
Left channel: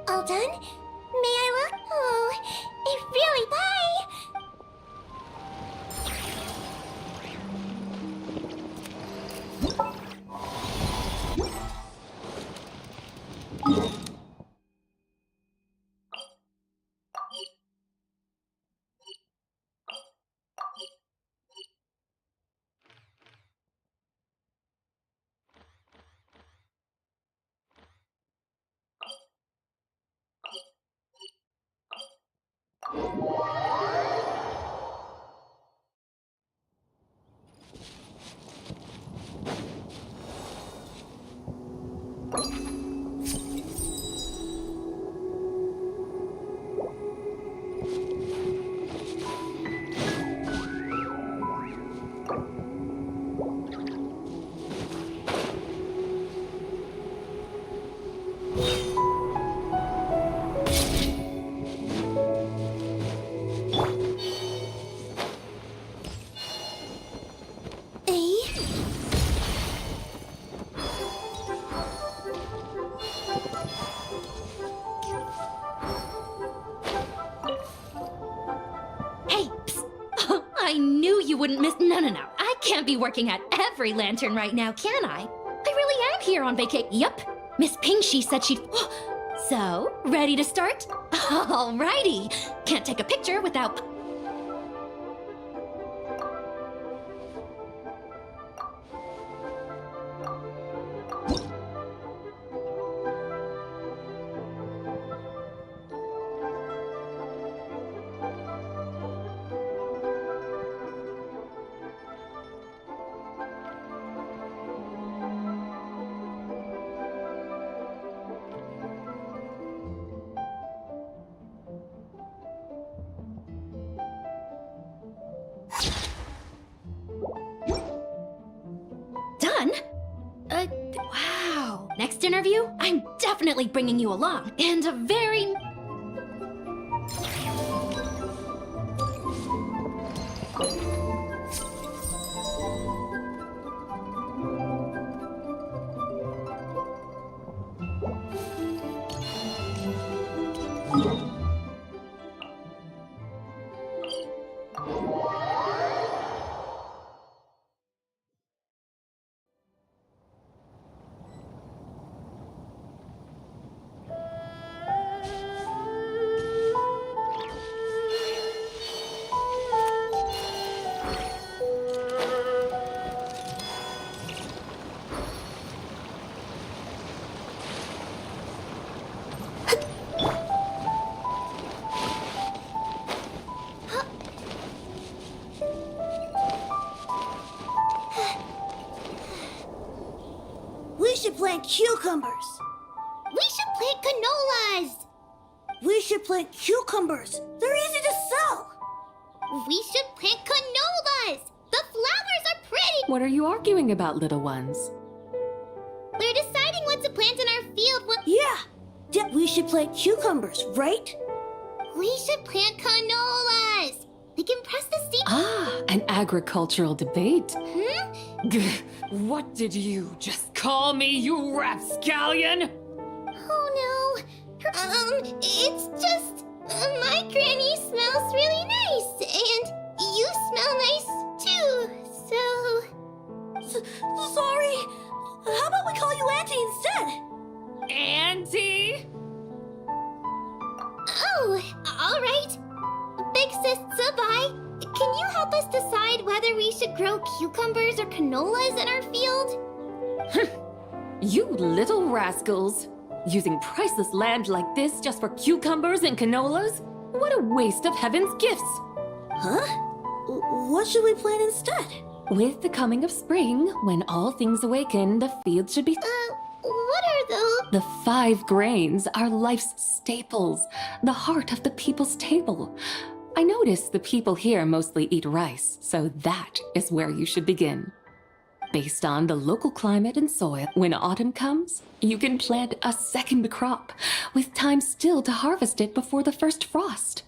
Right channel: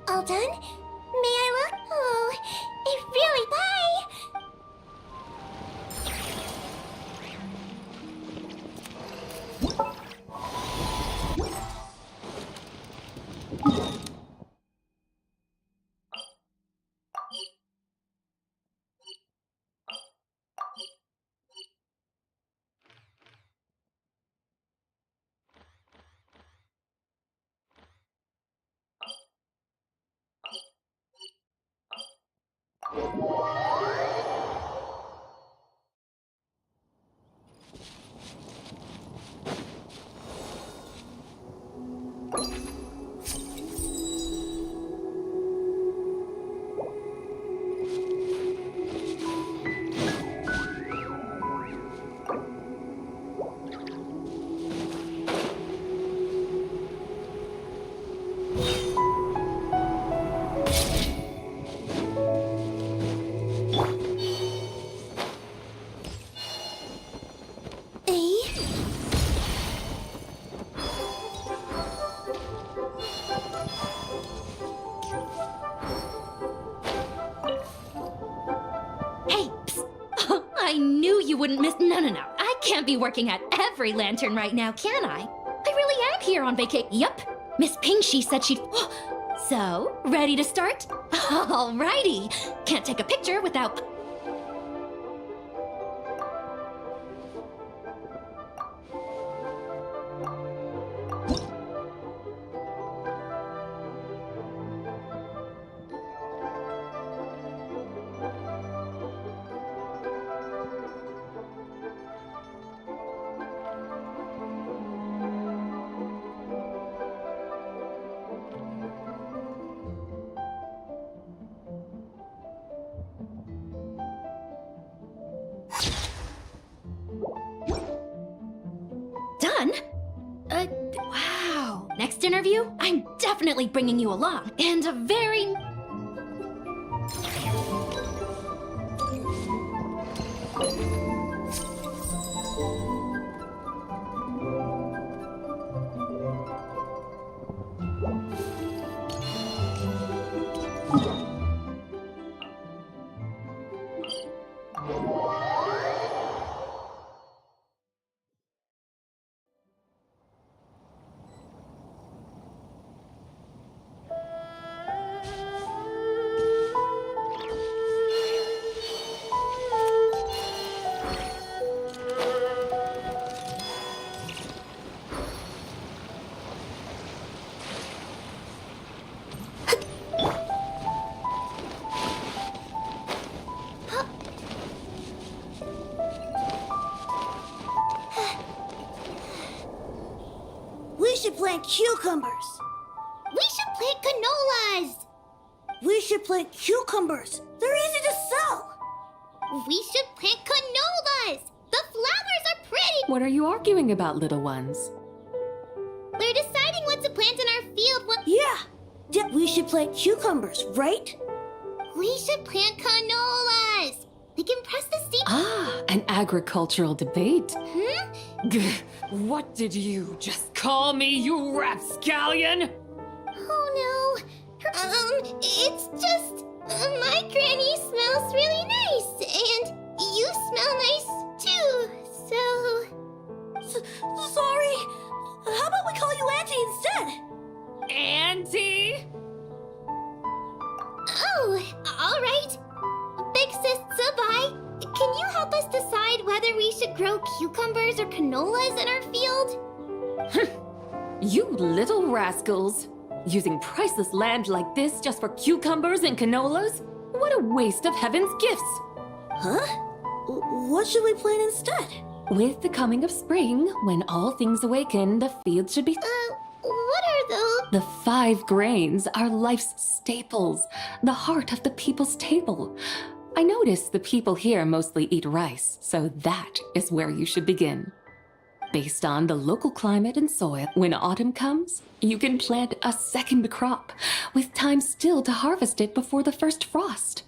All done? May I look? Oh, it really... Bye! wouldn't miss. No. I can't be working at every lantern right now, can I? I really am here on vacation. Yup. Miss Ping, she said she'd. So, ready to start? Alrighty. Can't take a picture without. Done? Wow. Next interview, I'm definitely bringing you along. And a very... We should plant cucumbers. We should plant canolas. We should plant cucumbers. They're easy to sell. We should plant canolas. The flowers are pretty. What are you arguing about, little ones? We're deciding what to plant in our field. Yeah. We should plant cucumbers, right? We should plant canolas. We can press the seed. Ah, an agricultural debate. Hmm? What did you just call me, you rapscallion? Oh no. It's just my granny smells really nice, and you smell nice too. So sorry. How about we call you Auntie instead? Auntie? Oh, all right. Big Sis Sabai, can you help us decide whether we should grow cucumbers or canolas in our field? You little rascals. Using priceless land like this just for cucumbers and canolas? What a waste of heaven's gifts! Huh? What should we plant instead? With the coming of spring, when all things awaken, the field should be... What are those? The 5 grains are life's staples, the heart of the people's table. I notice the people here mostly eat rice, so that is where you should begin. Based on the local climate and soil, when autumn comes, you can plant a second crop, with time still to harvest it before the first frost.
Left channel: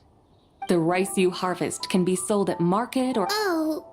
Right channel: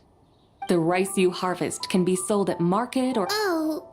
The rice you harvest can be sold at market or... Oh,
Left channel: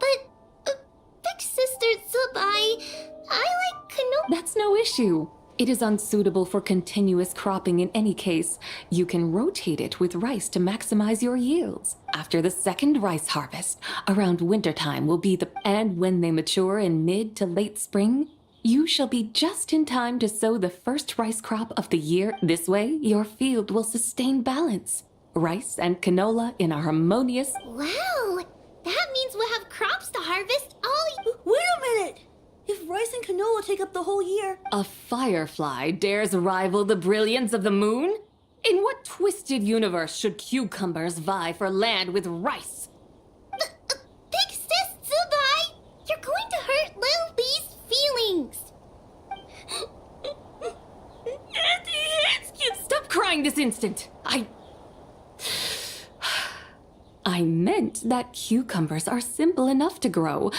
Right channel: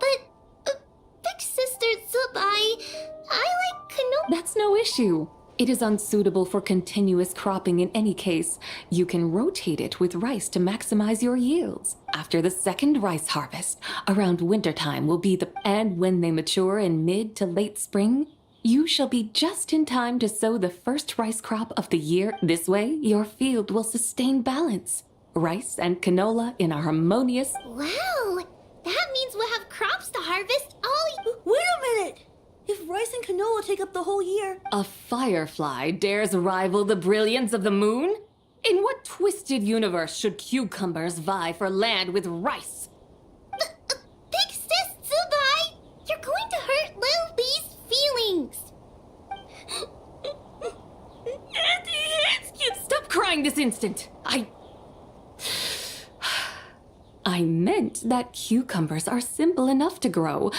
but Big Sister Sabai, I like canola. That's no issue. It is unsuitable for continuous cropping in any case. You can rotate it with rice to maximize your yields. After the second rice harvest, around wintertime will be the... And when they mature in mid to late spring, you shall be just in time to sow the first rice crop of the year. This way, your field will sustain balance. Rice and canola in a harmonious... Wow, that means we'll have crops to harvest all... Wait a minute! If rice and canola take up the whole year... A firefly dares rival the brilliance of the moon? In what twisted universe should cucumbers vie for land with rice? Big Sis Sabai, you're going to hurt Lil Lee's feelings. Auntie Hanskin! Stop crying this instant! I meant that cucumbers are simple enough to grow.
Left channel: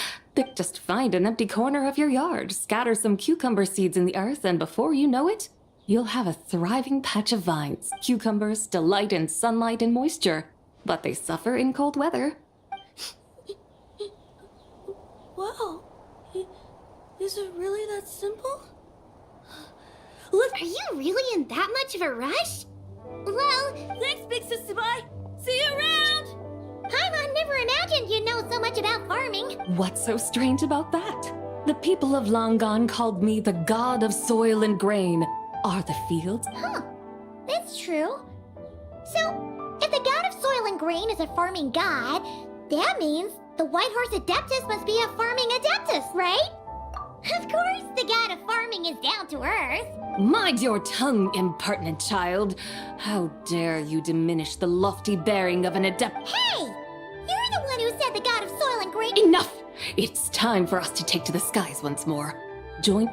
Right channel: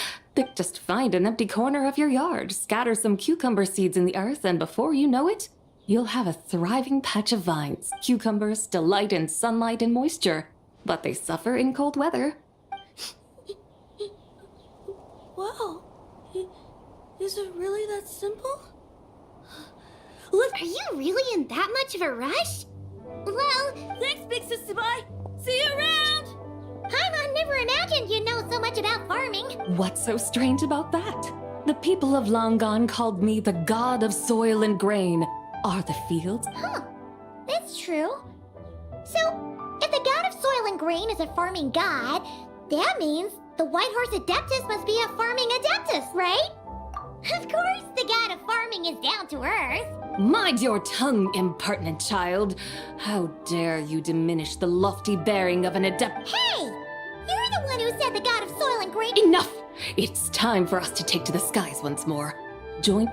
Just find an empty corner of your yard, scatter some cucumber seeds in the earth, and before you know it, you'll have a thriving patch of vines. Cucumbers delight in sunlight and moisture, but they suffer in cold weather. Wow. Is it really that simple? Are you really in that much of a rush? Well, thanks, Big Sis Sabai. See you around! Paimon never imagined you'd know so much about farming. What's so strange about that? The people of long gone called me the god of soil and grain. Are the fields? Huh. That's true. So, if the god of soil and grain is a farming god, that means the White Horse Adeptus must be a farming adeptus, right? Of course, the god of farming is down to earth. Mind your tongue, impertinent child. How dare you diminish the lofty bearing of an adept— Hey! You're the one who said the god of soil and grain— Enough! It's time for us to take to the skies once more. Join—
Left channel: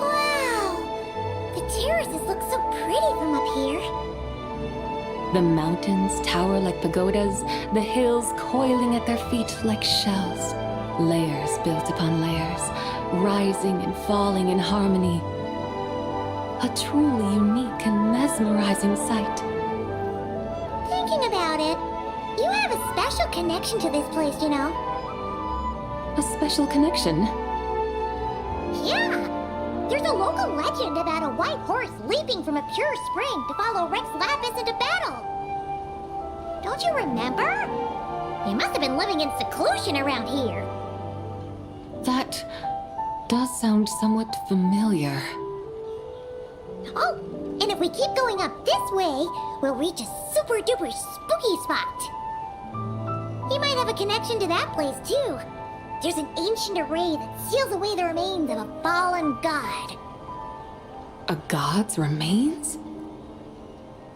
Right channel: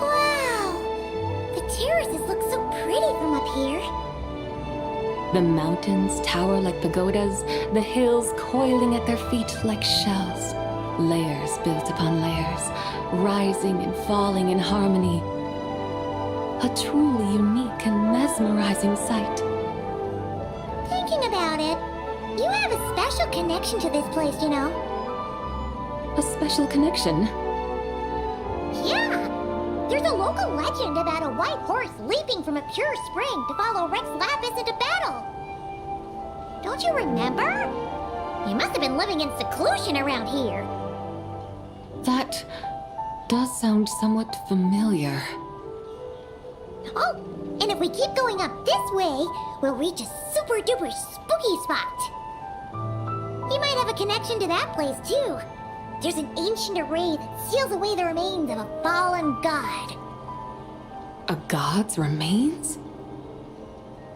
Wow! The terraces look so pretty from up here. The mountains tower like pagodas, the hills coiling at their feet like shells. Layers built upon layers, rising and falling in harmony. A truly unique and mesmerizing sight. Thinking about it, you have a special connection to this place, you know. A special connection? Yeah! There's a local legend about a white horse leaping from a pure spring to follow Rex Lapis into battle. Don't you remember? He must have been living in seclusion around here. That does sound somewhat familiar. Oh, and if we keep going up this way, we'll reach a super duper spooky spot. He might have a connection to that place too. There's an ancient array that seals away the remains of a fallen god. A god's remains?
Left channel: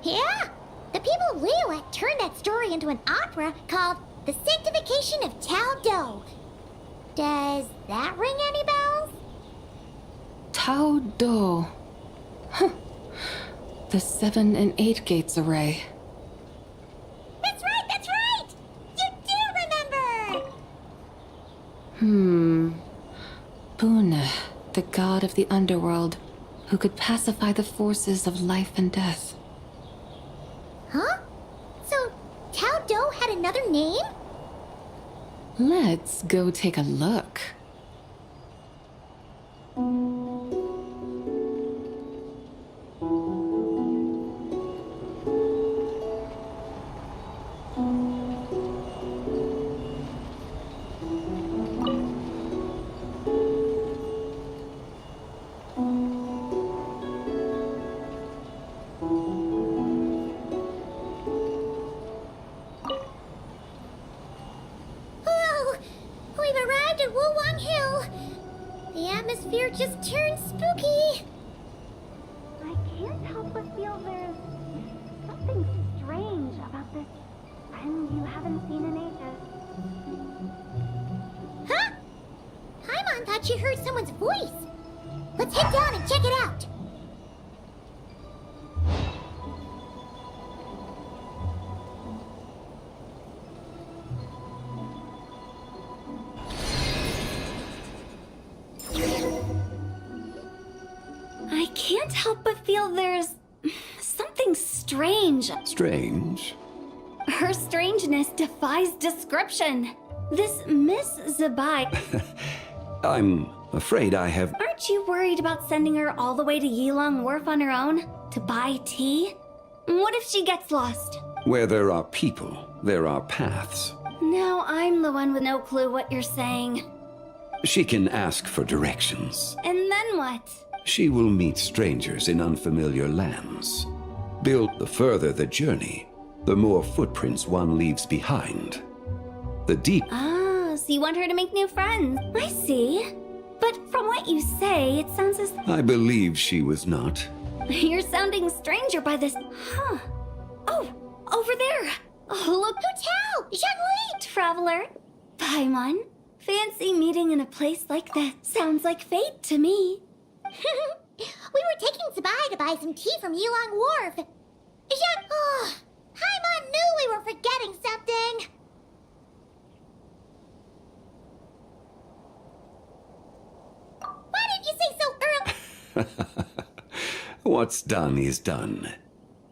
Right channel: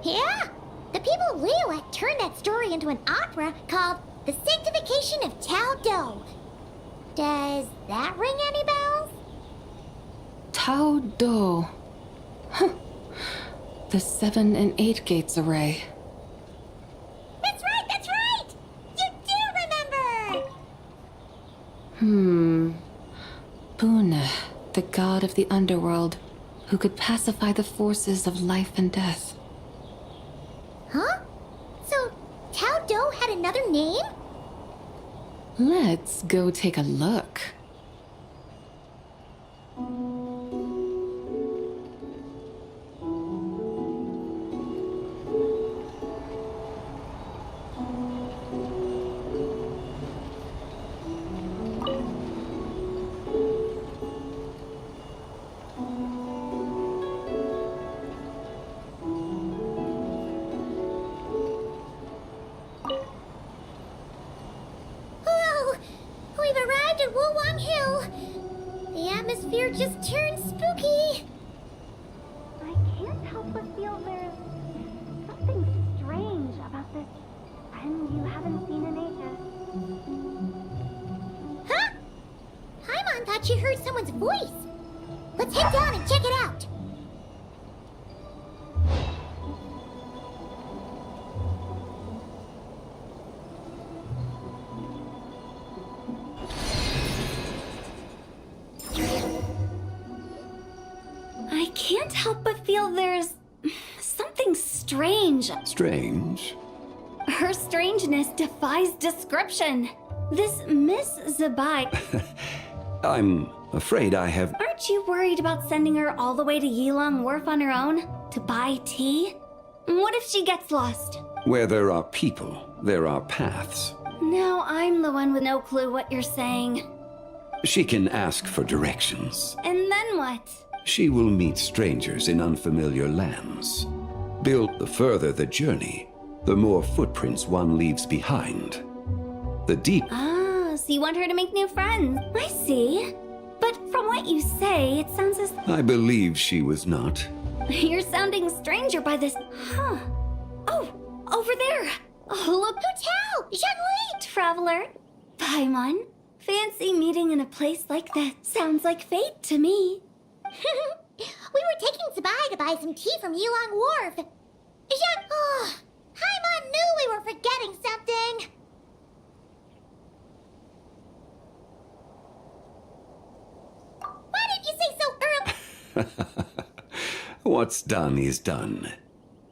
Yeah! The people of Liyue turned that story into an opera called The Sanctification of Tao Do. Does that ring any bells? Tao Do. Huh. The 7 and 8 gates array. That's right, that's right! You do remember! Buna, the god of the underworld, who could pacify the forces of life and death. Huh? So, Tao Do had another name? Let's go take a look. Whoa! We've arrived at Wulwang Hill. The atmosphere just turned spooky. I can't help but feel there's something strange about this friend you haven't seen in ages. Huh? Paimon thought she heard someone's voice. Let's head down and check it out. I can't help but feel there's something strange. Strange? Her strangeness defies description. This Miss Zabai, I'm afraid I have... aren't you worried about sending her all the way to Yilong Wharf on her own? To buy tea? What if she gets lost? Where there are people, there are paths. Now I'm the one with no clue what you're saying. She can ask for directions. And then what? She will meet strangers in unfamiliar lands. The further the journey, the more footprints one leaves behind. The deep... Ah, so you want her to make new friends. I see. But from what you say, it sounds as... I believe she was not. You're sounding stranger by this... Huh. Oh, over there. Oh, look. Hotel! Zhongli! Traveler. Paimon. Fancy meeting in a place like that. Sounds like fate to me. We were taking Zabai to buy some tea from Yilong Wharf. Oh, Paimon knew we were forgetting something. Why didn't you say so early? What's done is done.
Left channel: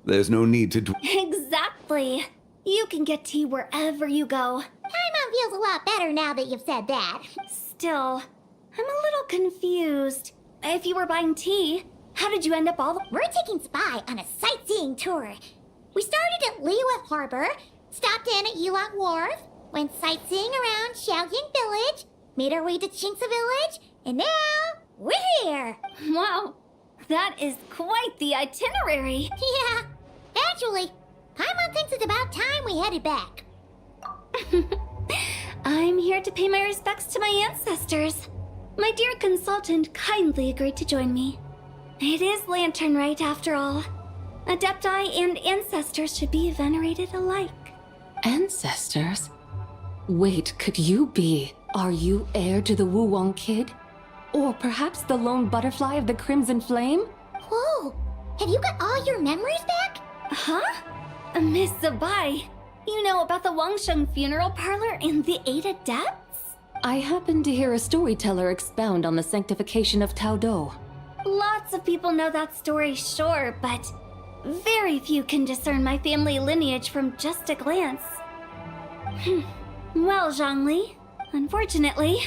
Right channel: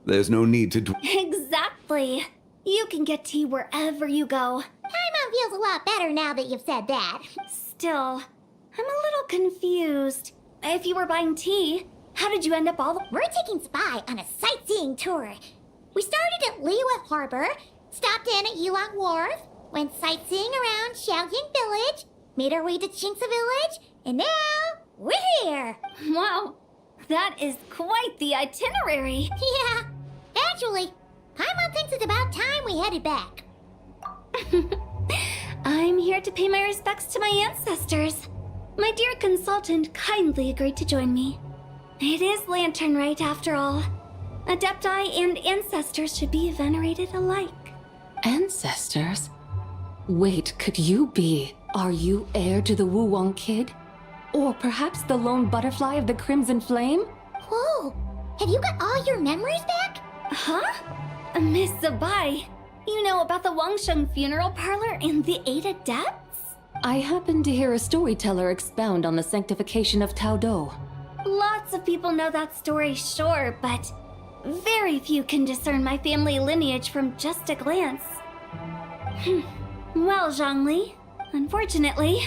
There's no need to... Exactly. You can get tea wherever you go. Paimon feels a lot better now that you've said that. Still, I'm a little confused. If you were buying tea, how did you end up all the... We're taking Spy on a sightseeing tour. We started at Liyue Harbor, stopped in at Yulong Wharf, went sightseeing around Xiaoying Village, made our way to Qingce Village, and now we're here. Wow, that is quite the itinerary. Yeah, actually, Paimon thinks it's about time we headed back. I'm here to pay my respects to my ancestors. My dear consultant kindly agreed to join me. It is Lantern Rite, after all. Adepti and ancestors should be venerated alike. Ancestors? Wait, could you be? Are you heir to the Wuwang kid? Or perhaps the lone butterfly of the Crimson Flame? Whoa, have you got all your memories back? Huh? Miss Zabai, you know about the Wangsheng funeral parlor and the 8 adepts? I happened to hear a storyteller expound on the sanctification of Taodo. Lots of people know that story, sure, but very few can discern my family lineage from just a glance. Well, Zhongli, unfortunately,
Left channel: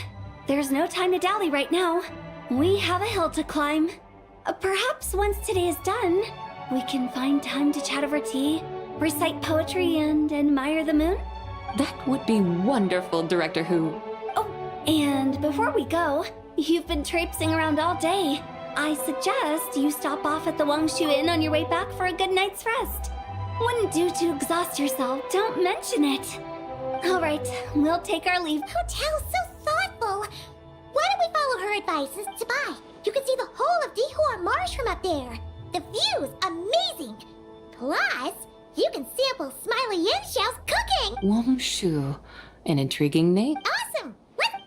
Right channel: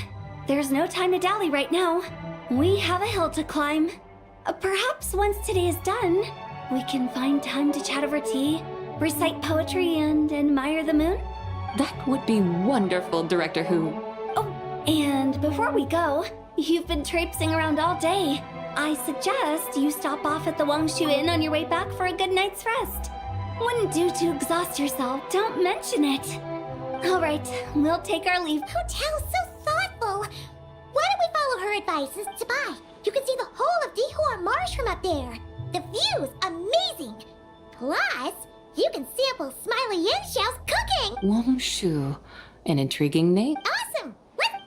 there's no time to dally right now. We have a hill to climb. Perhaps once today is done, we can find time to chat over tea, recite poetry, and admire the moon? That would be wonderful, Director Hu. Oh, and before we go, you've been traipsing around all day. I suggest you stop off at the Wangshu Inn on your way back for a good night's rest. Wouldn't do to exhaust yourself, don't mention it. All right, we'll take our leave. Hotel's so thoughtful. Why don't we follow her advice and Zabai? You can see the whole of Dihua Marsh from up there. The view's amazing. Plus, you can sample Smiley Yanxiao's cooking. Wangshu, an intriguing name. Awesome. Let's...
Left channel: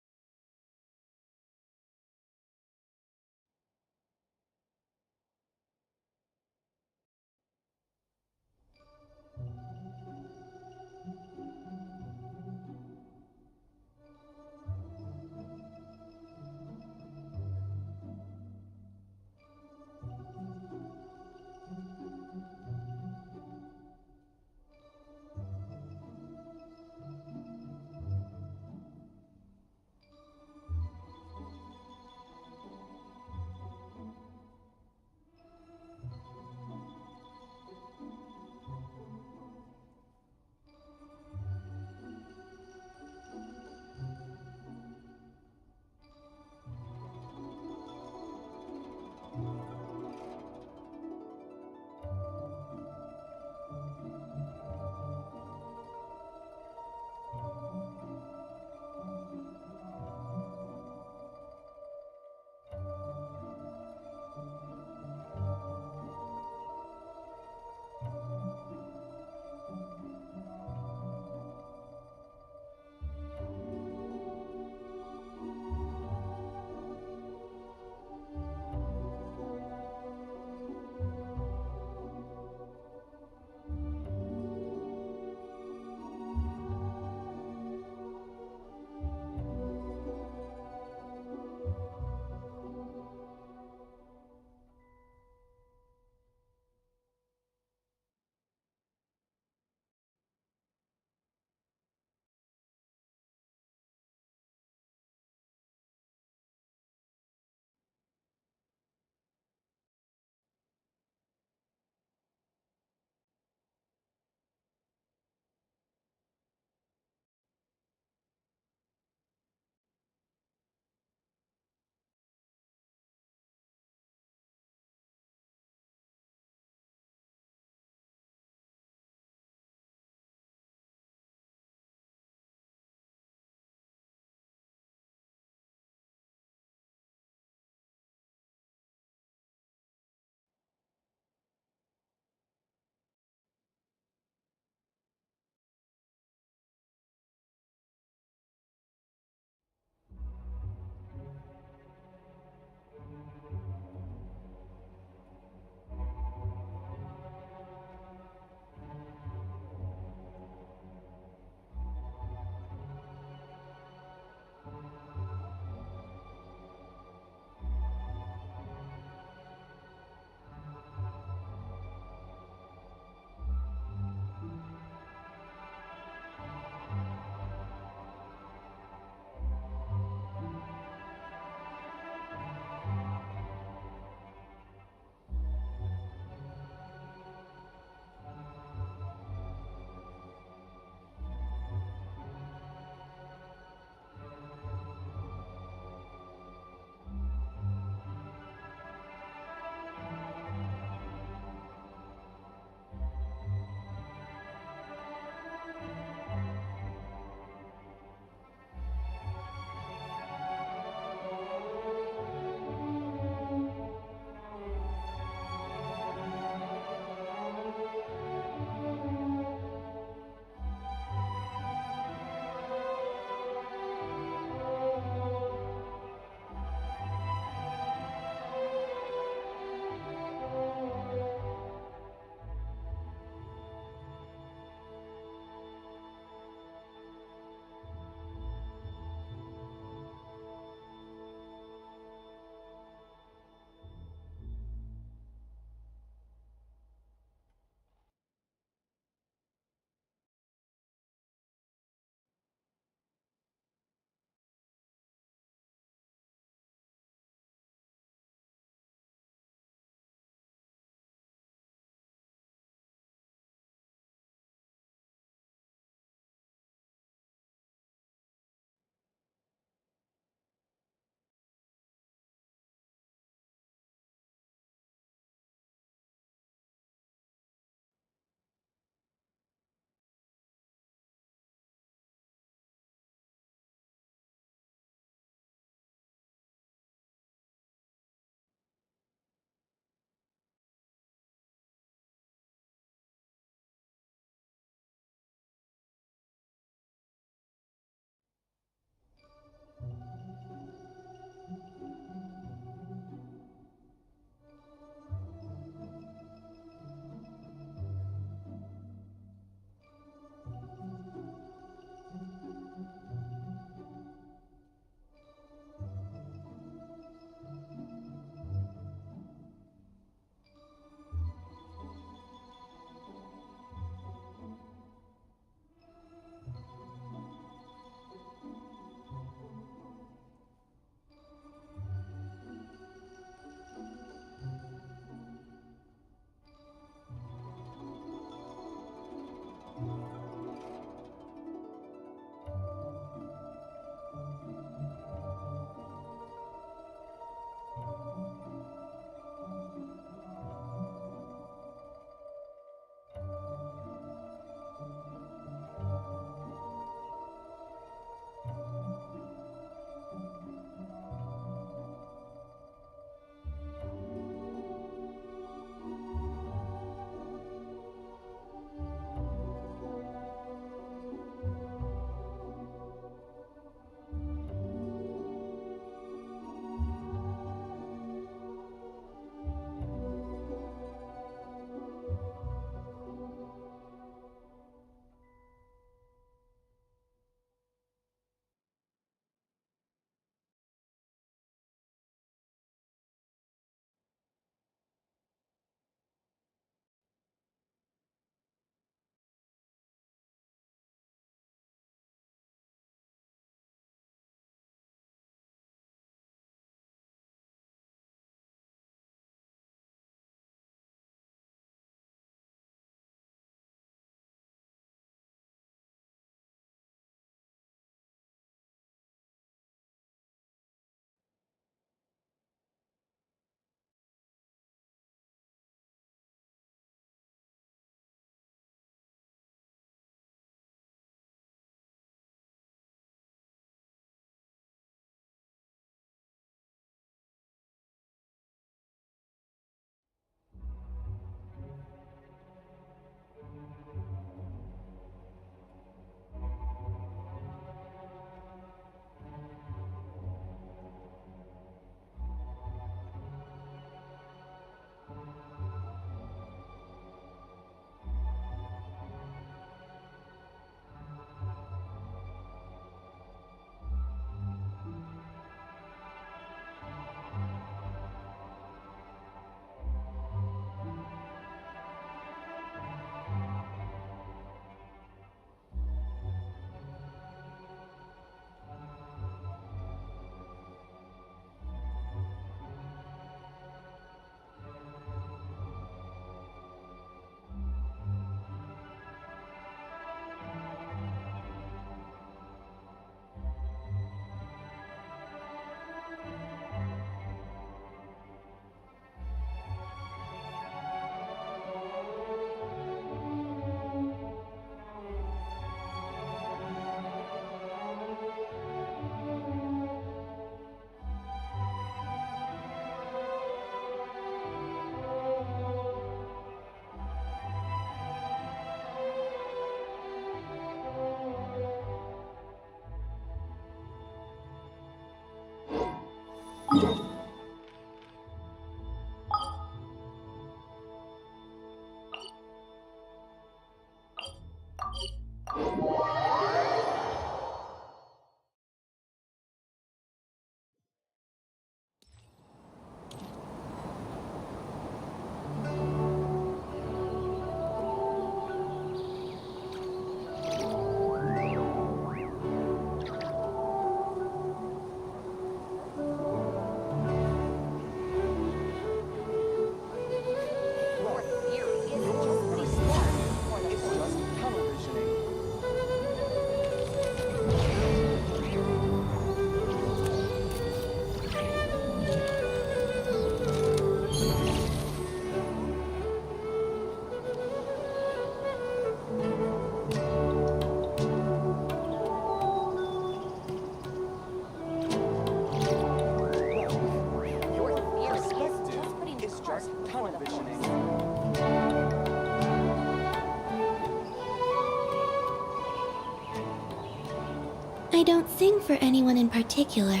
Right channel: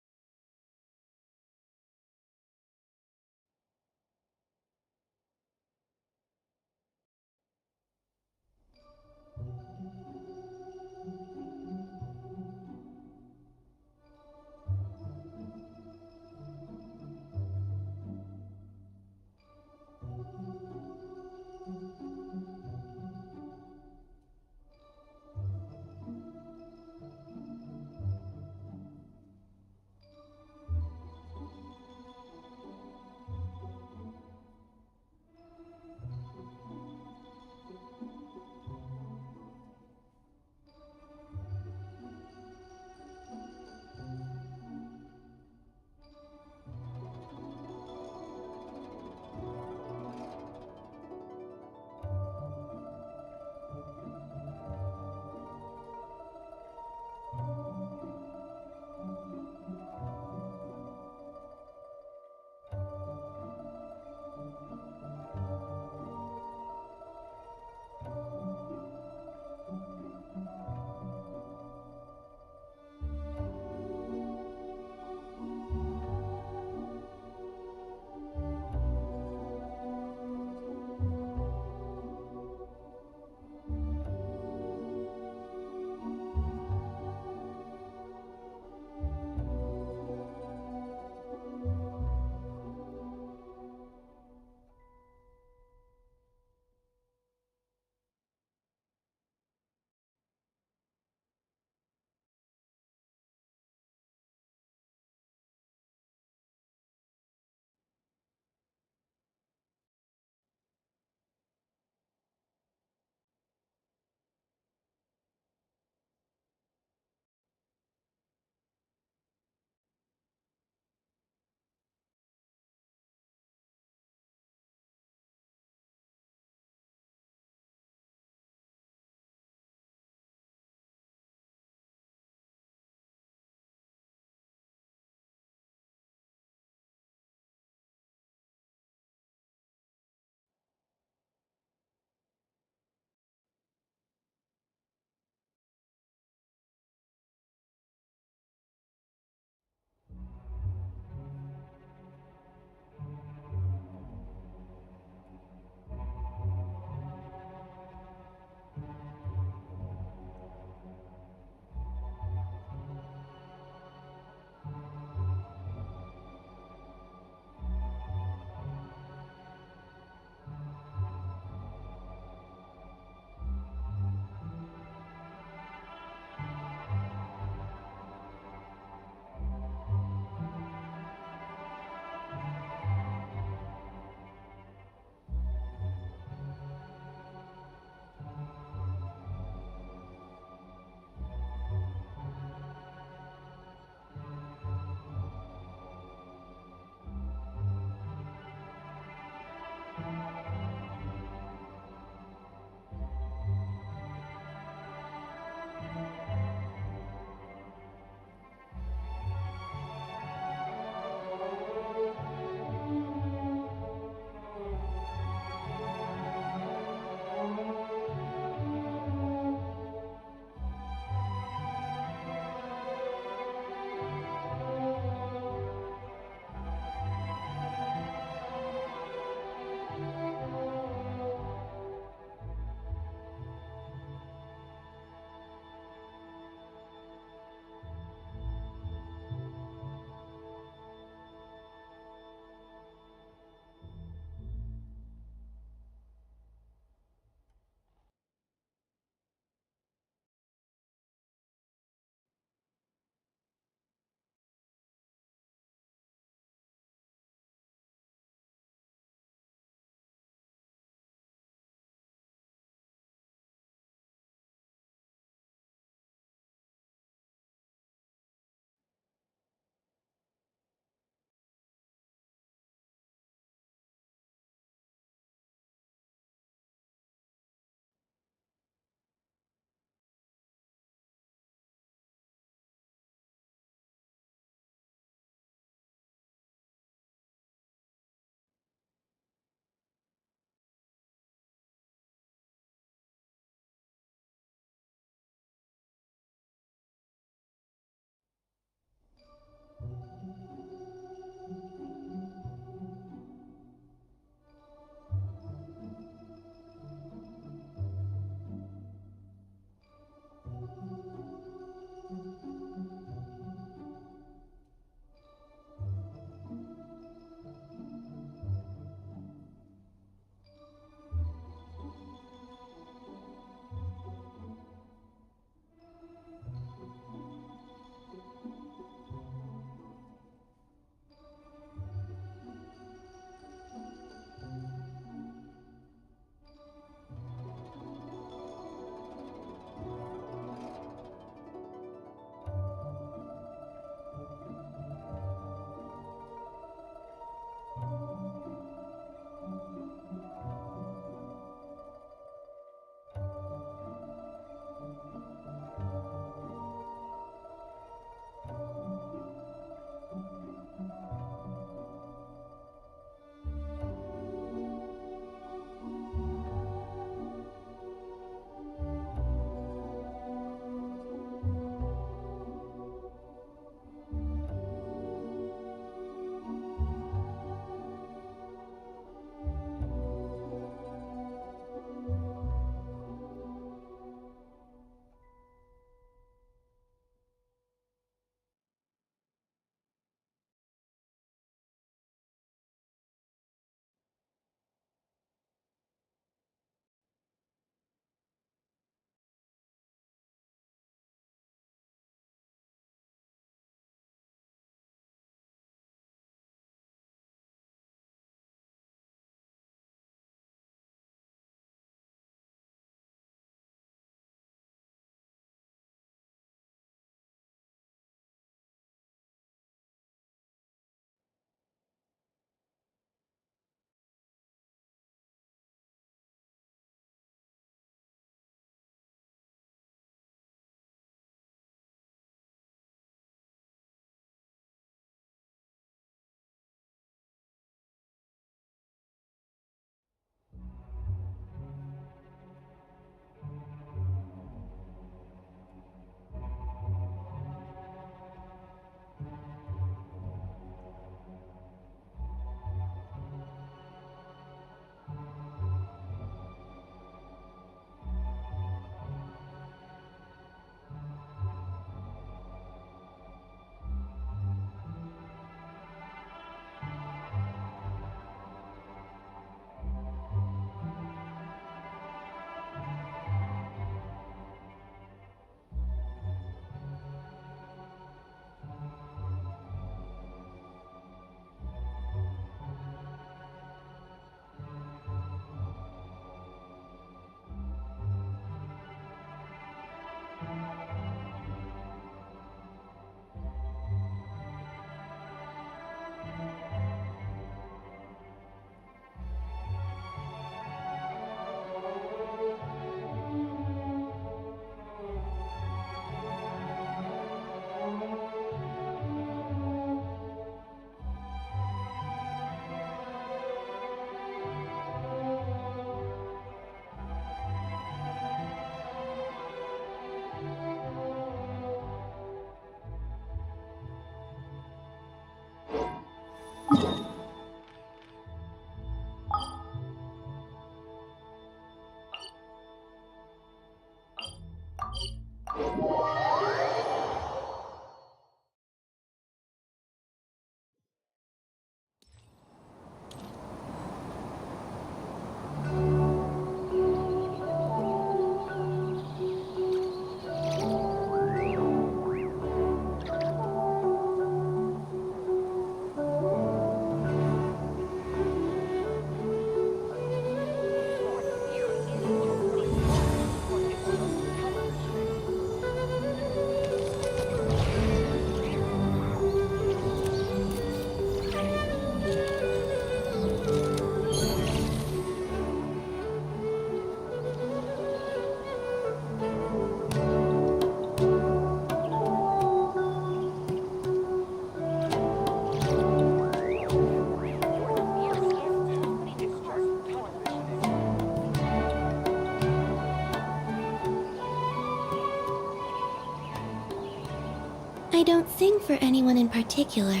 I don't sing for anyone in particular.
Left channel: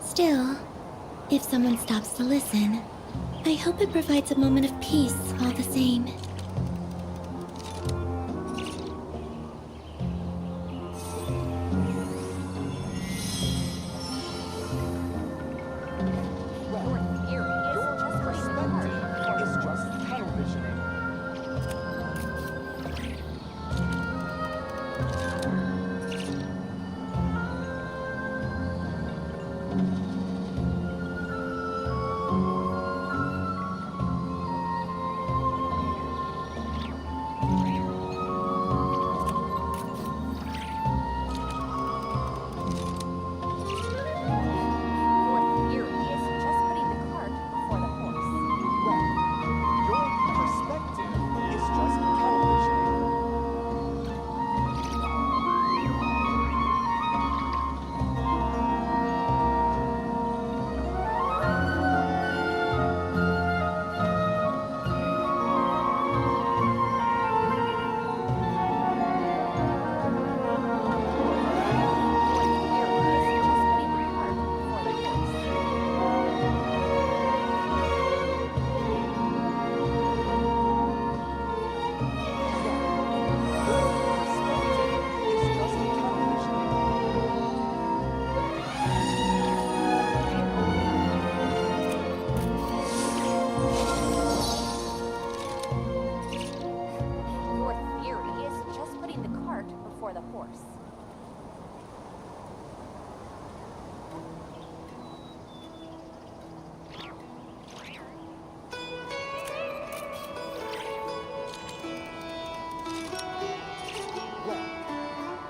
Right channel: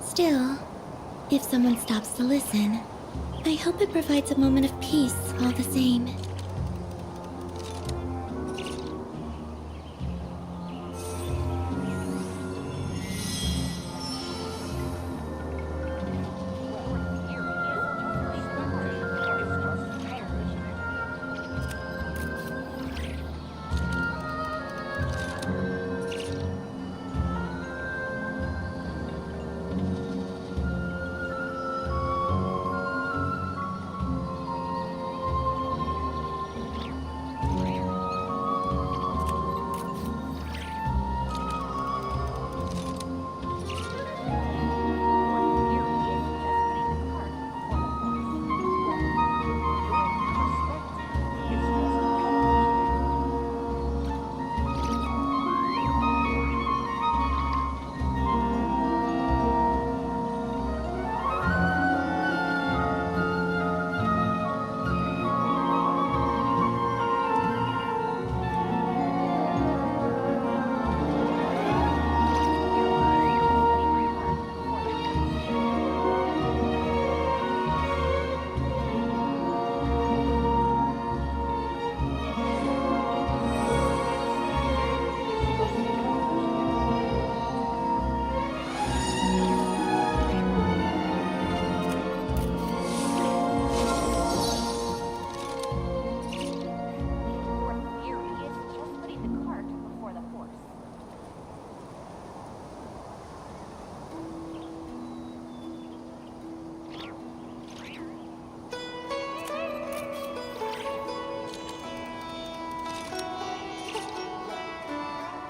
Still, if someone stops to listen, I hope it provides a moment of peace all the same.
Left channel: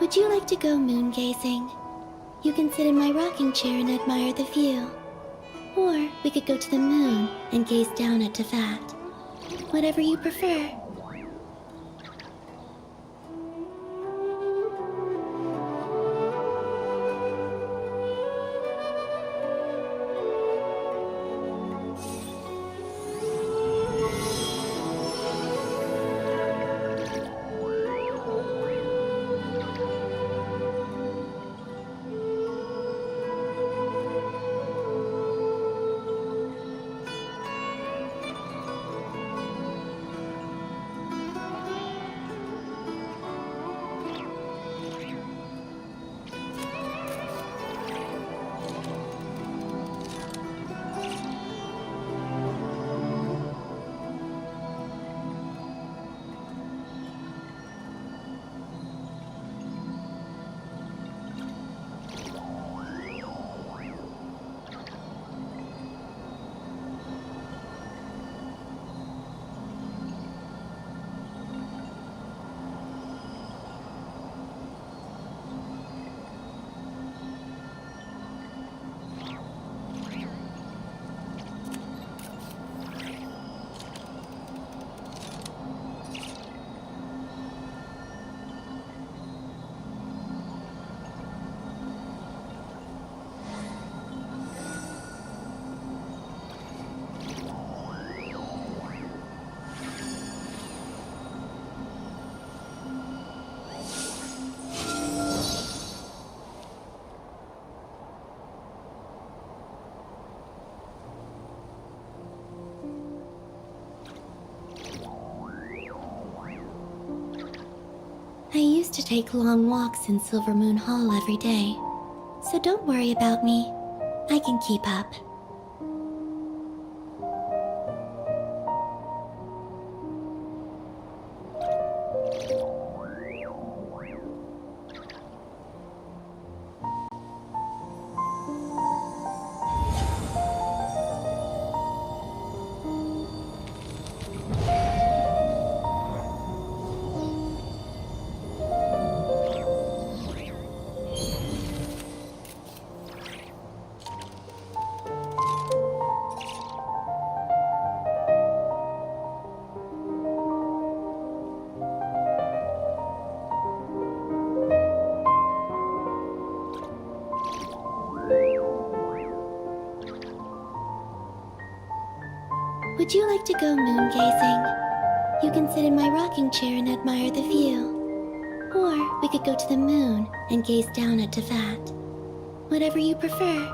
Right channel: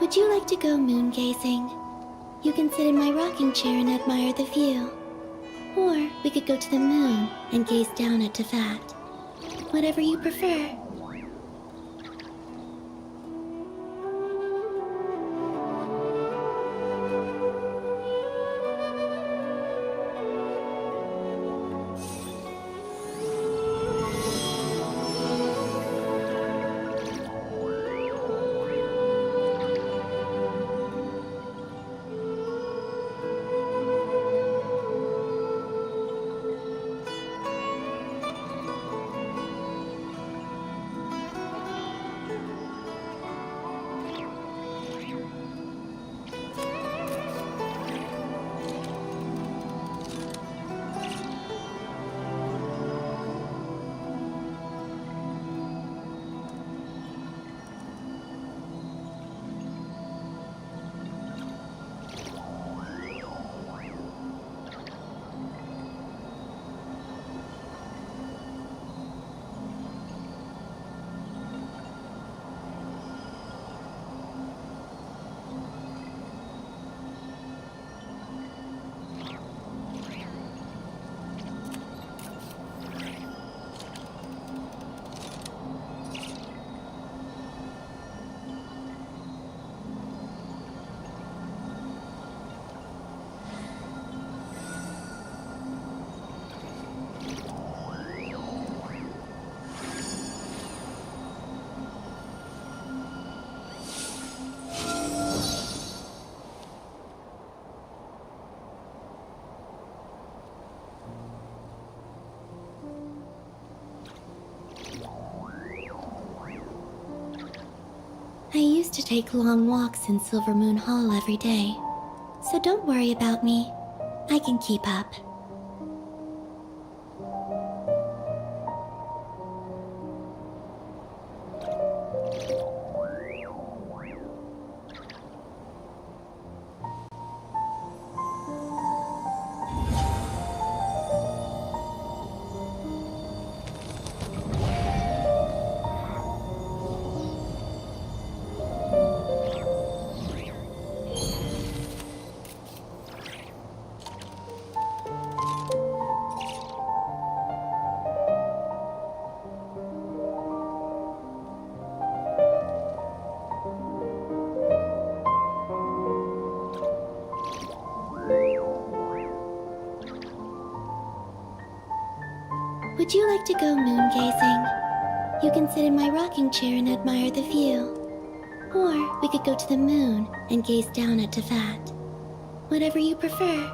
Would you like to go moon gazing? You can sit in my rocking chair and admire the view. Or we could go to the moon and gaze down at Tefat. Whatever you prefer. I used to take long walks in Silver Moon Hall every day, so don't worry about me. I can keep up. Would you like to go moon gazing? You can sit in my rocking chair and admire the view. Or we could go to the moon and gaze down at Tefat. Whatever you prefer.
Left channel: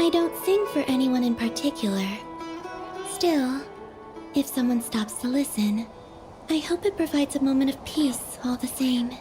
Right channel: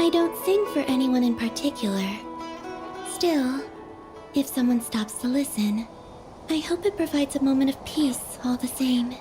I don't sing for anyone in particular. Still, if someone stops to listen, I hope it provides a moment of peace all the same.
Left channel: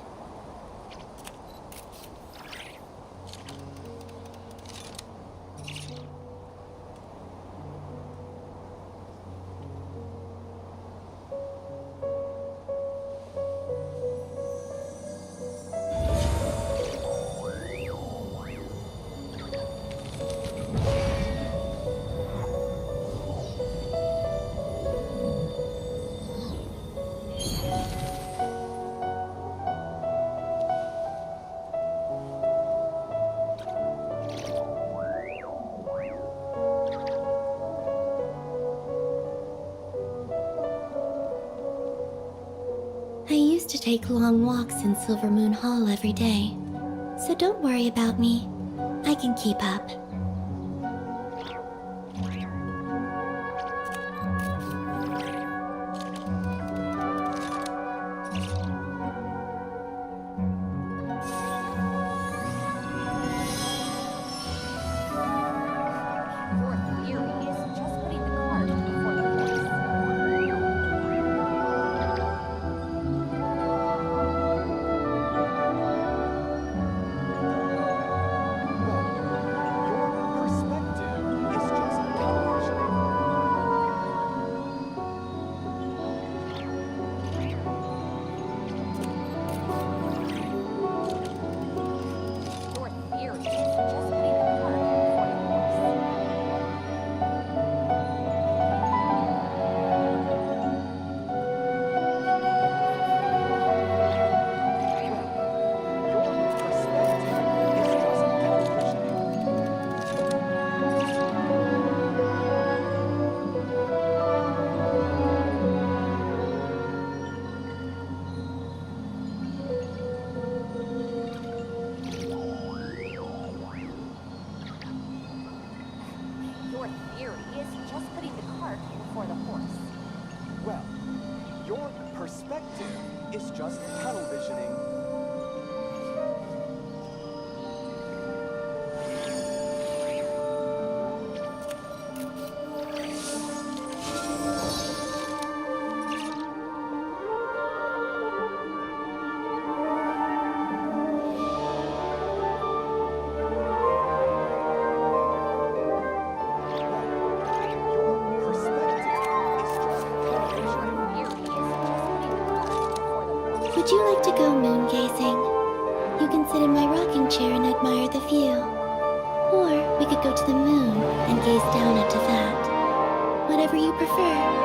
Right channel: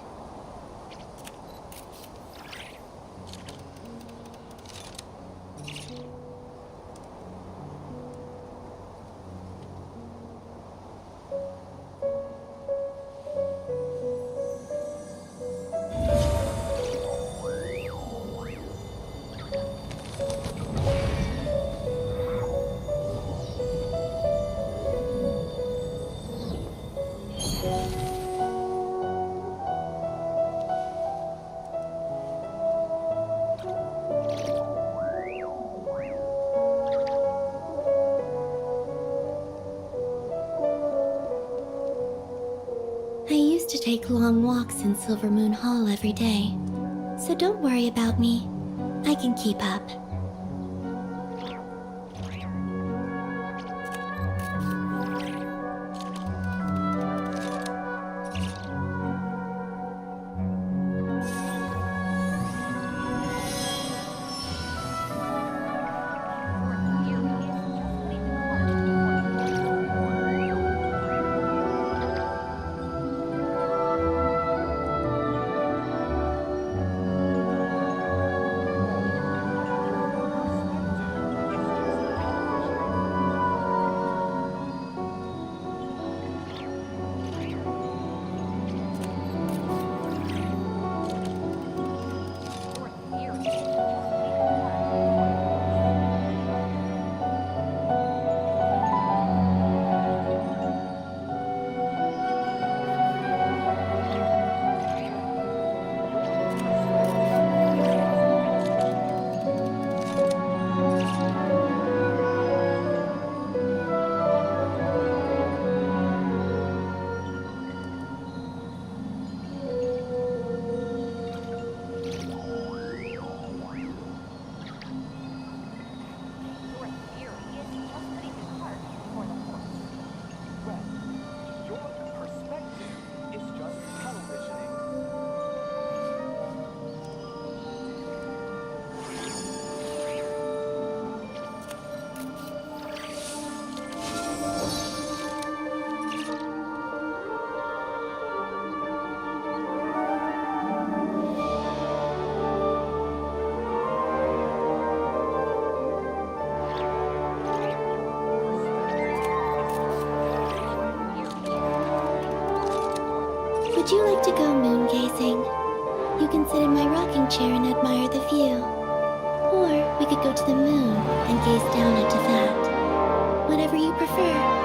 I used to take long walks in Silver Moon Hall every day, so don't worry about me. I can keep up. Would you like to go moon gazing? You can sit in my rocking chair and admire the view. Or we could go to the moon and gaze down into that. Whatever you prefer.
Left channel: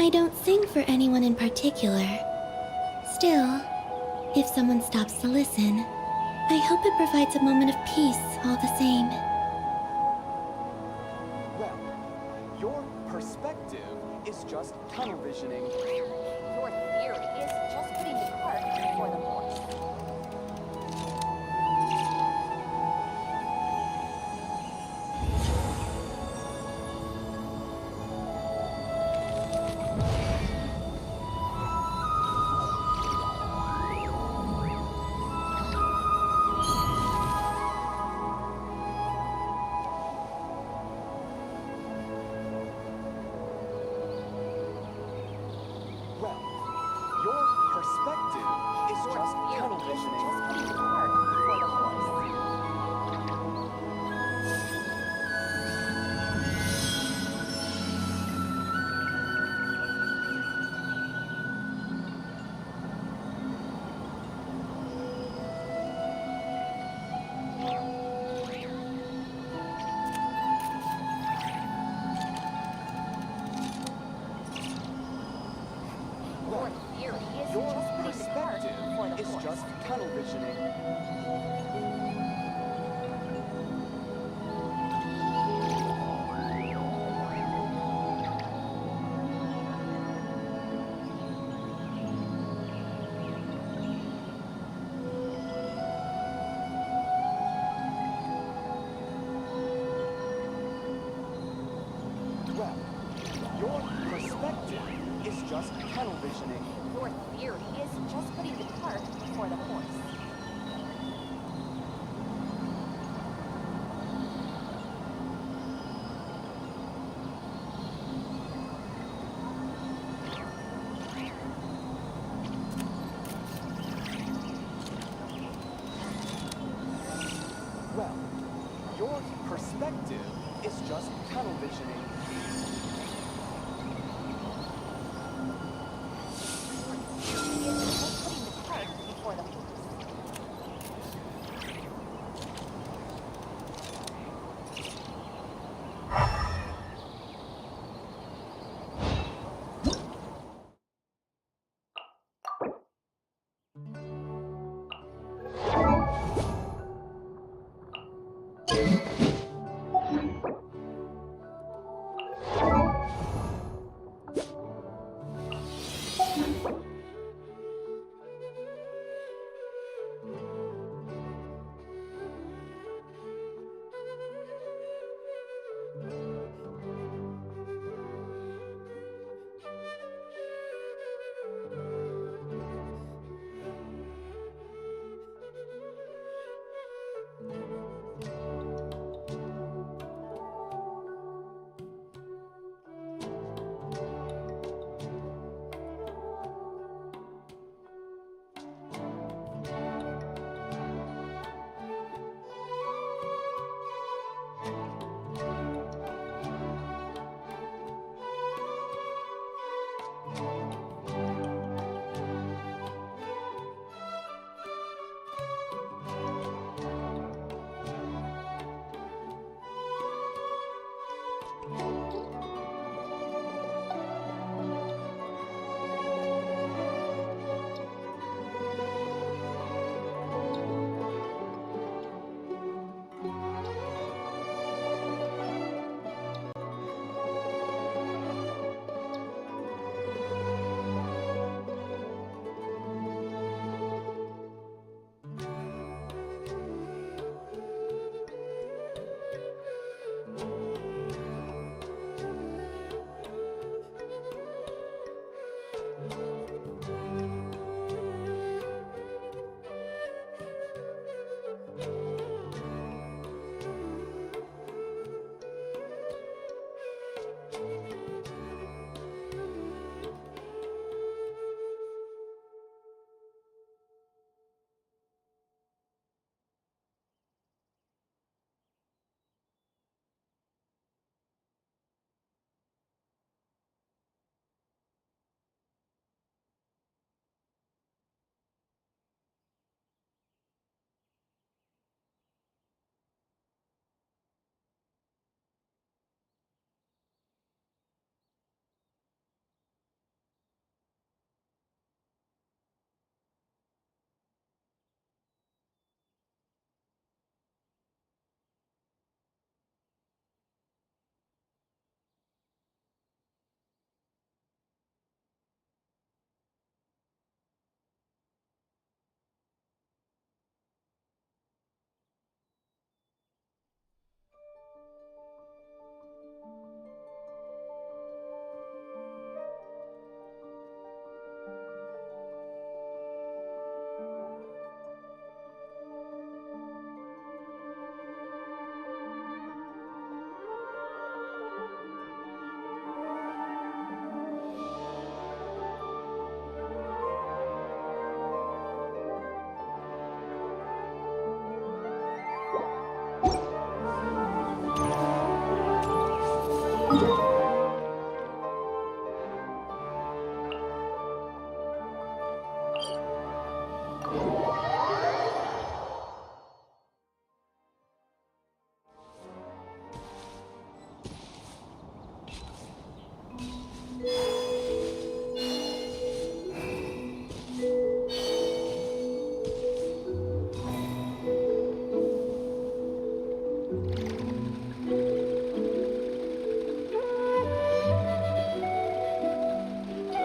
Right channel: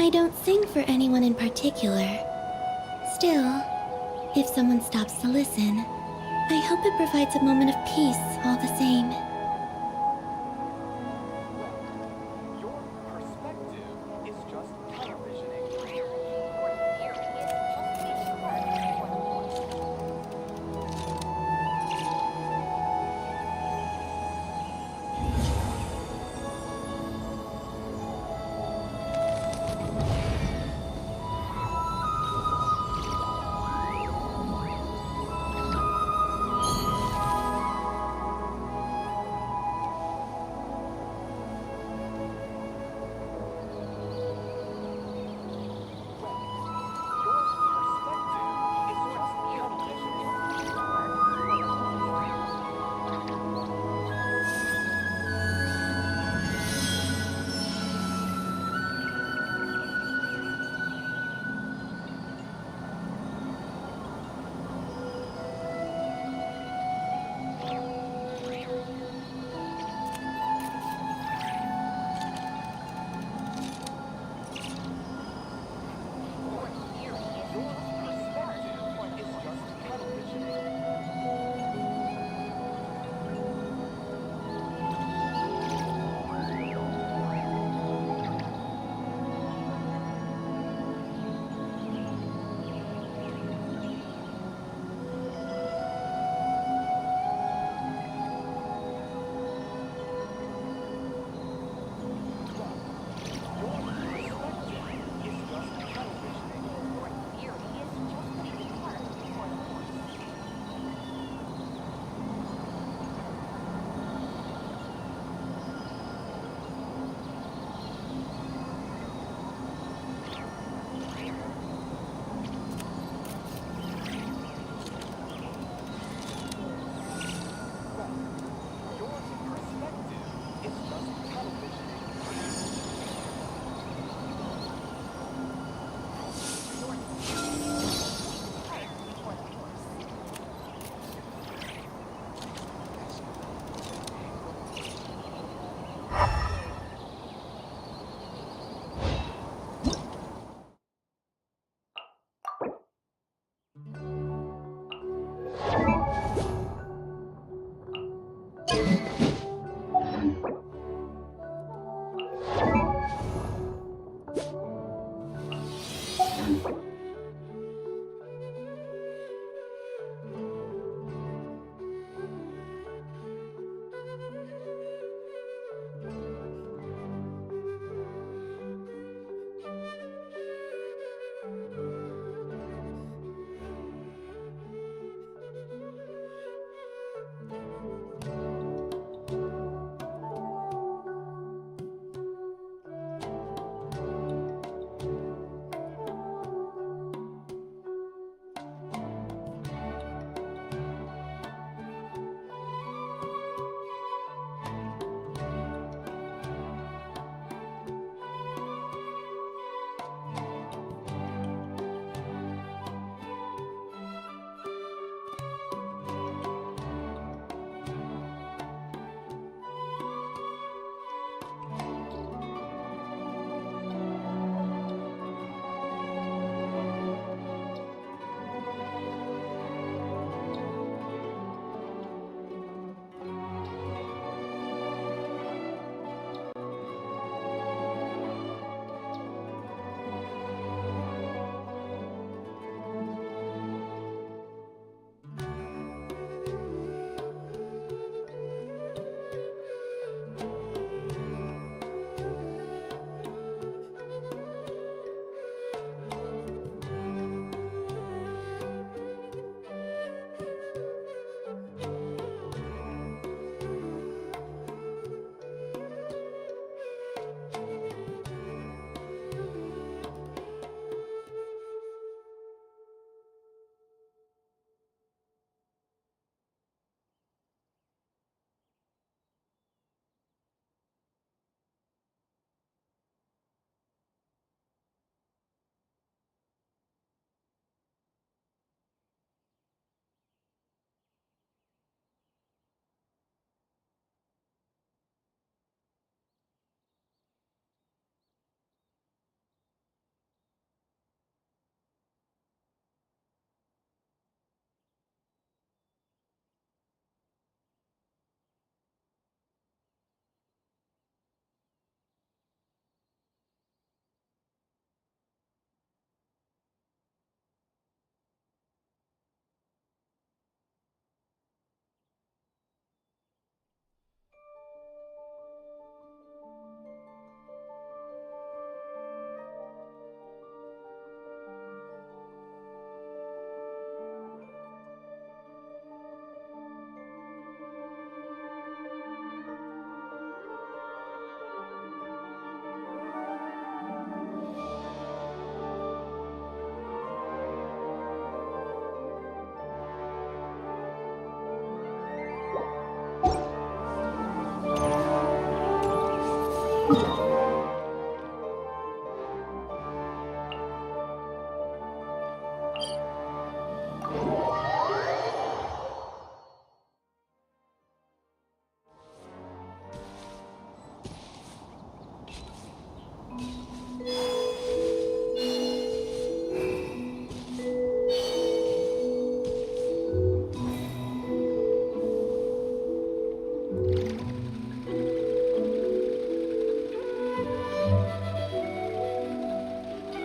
I don't sing for anyone in particular. Still, if someone stops to listen, I hope it provides a moment of peace all the same. Your perspective is just televisioning.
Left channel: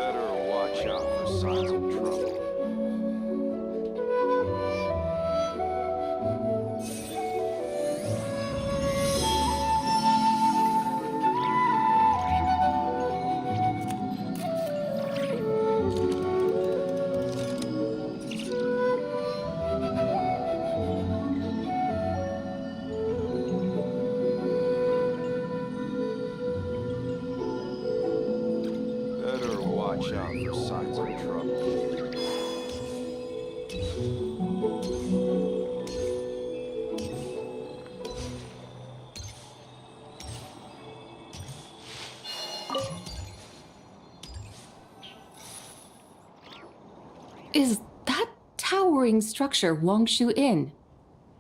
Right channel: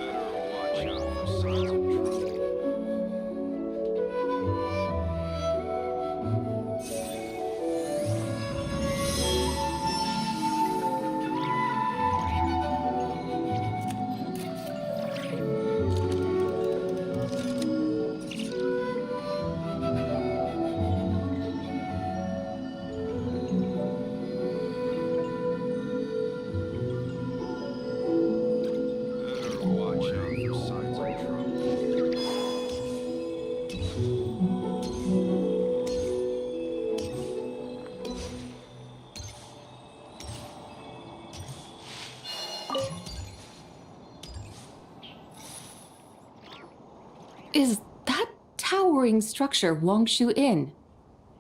Better watch out for signs of trouble. Better watch out for signs of trouble. Is that towering structure Wongshu Inn?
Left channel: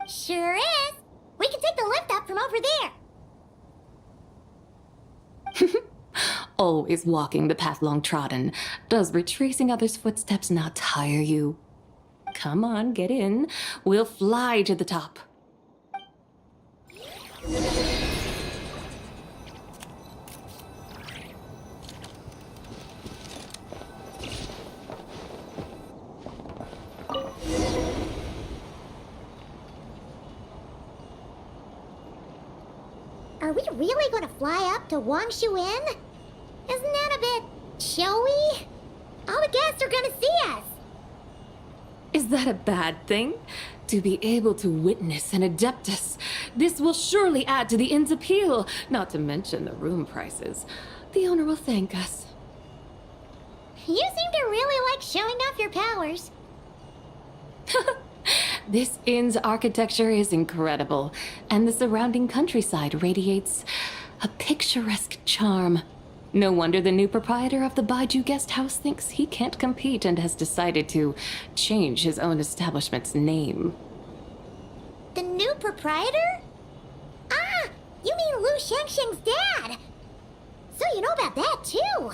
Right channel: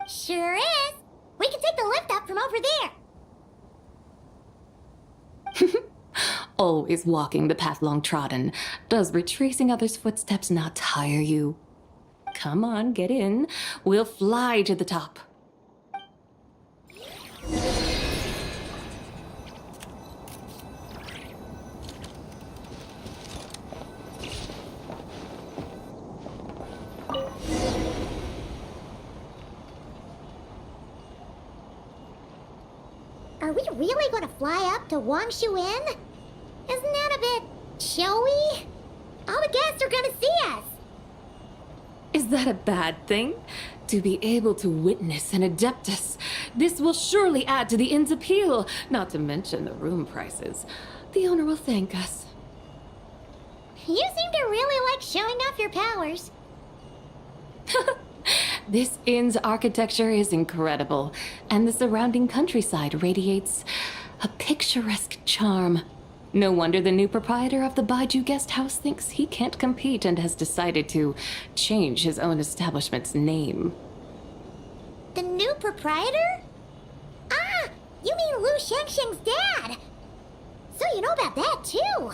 Sure is. We can take the lift up from over there. Always walking the path long trodden. Does retracing others' footsteps not tire you? Come on, get in. We'll fly to the top. Are we really going to fly up to Wongshu Inn? Isn't that a bit showy? All the guests are going to see us. Is that a bad thing? To be able to witness an Adeptus. This will surely add to the inn's appeal, not to mention the room prices. The owner will thank us. You seem to really like showing off your powers. This inn's architecture is incredible, and the surrounding countryside radiates a picturesque charm. No wonder the new proprietor of the Baiju guest house thinks he can't compete and has decided to change his own establishment's name. The new proprietor? Ah, you mean Lu Shengsheng's dad. So you know about that, too.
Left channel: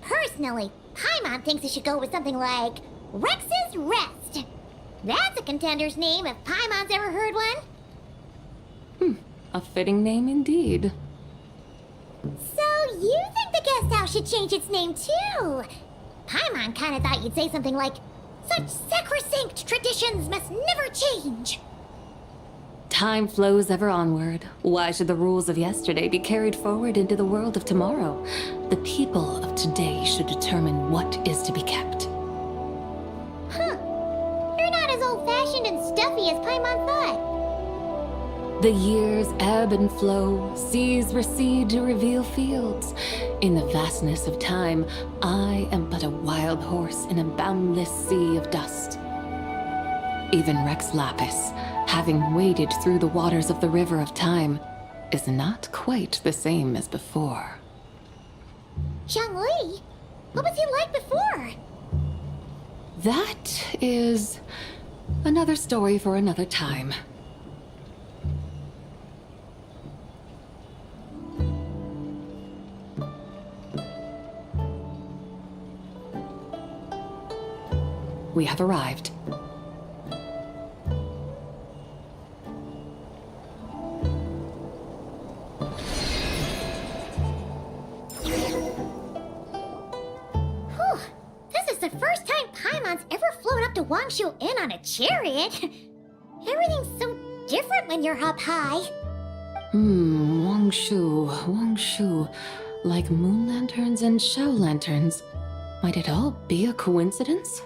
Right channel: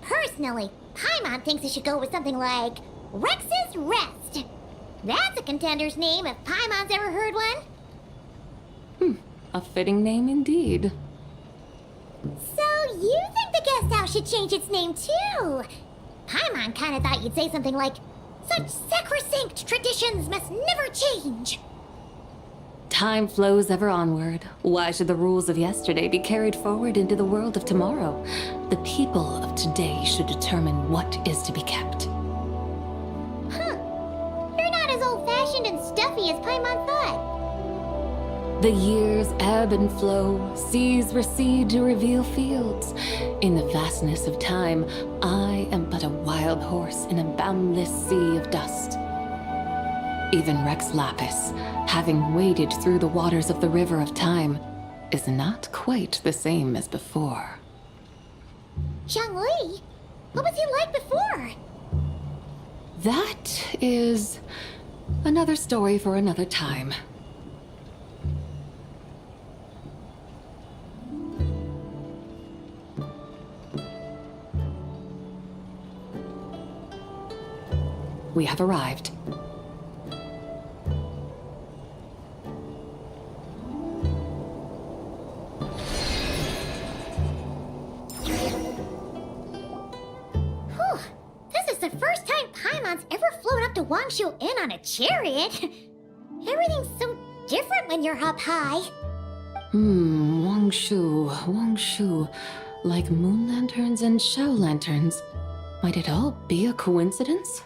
Personally, Paimon thinks it should go with something like Rex's Rest. That's a contender's name if Paimon's ever heard one. A fitting name indeed. So you think the guest house should change its name, too? Paimon kinda thought you'd say something like, such sacrosanct traditions must never change. Time flows ever onward. Why should the rules of yesterday be carried forward into the world of tomorrow? The people of today should determine what is to be kept. Huh. You're not as old-fashioned and stuffy as Paimon thought. The years ebb and flow, seas recede to reveal fields. In the vastness of time, I am but a wild horse in a boundless sea of dust. Even Rex Lapis, having waded through the waters of the river of time, is not quite the same as before. Zhongli? What was he like before? That is another story for another time. We have arrived. Whew. This is the first time Paimon's ever flown up to Wongshu Inn on a chariot. Everything's so different when you're up high. Wongshu. Like moon lanterns and shell lanterns. Might it all be a coincidence?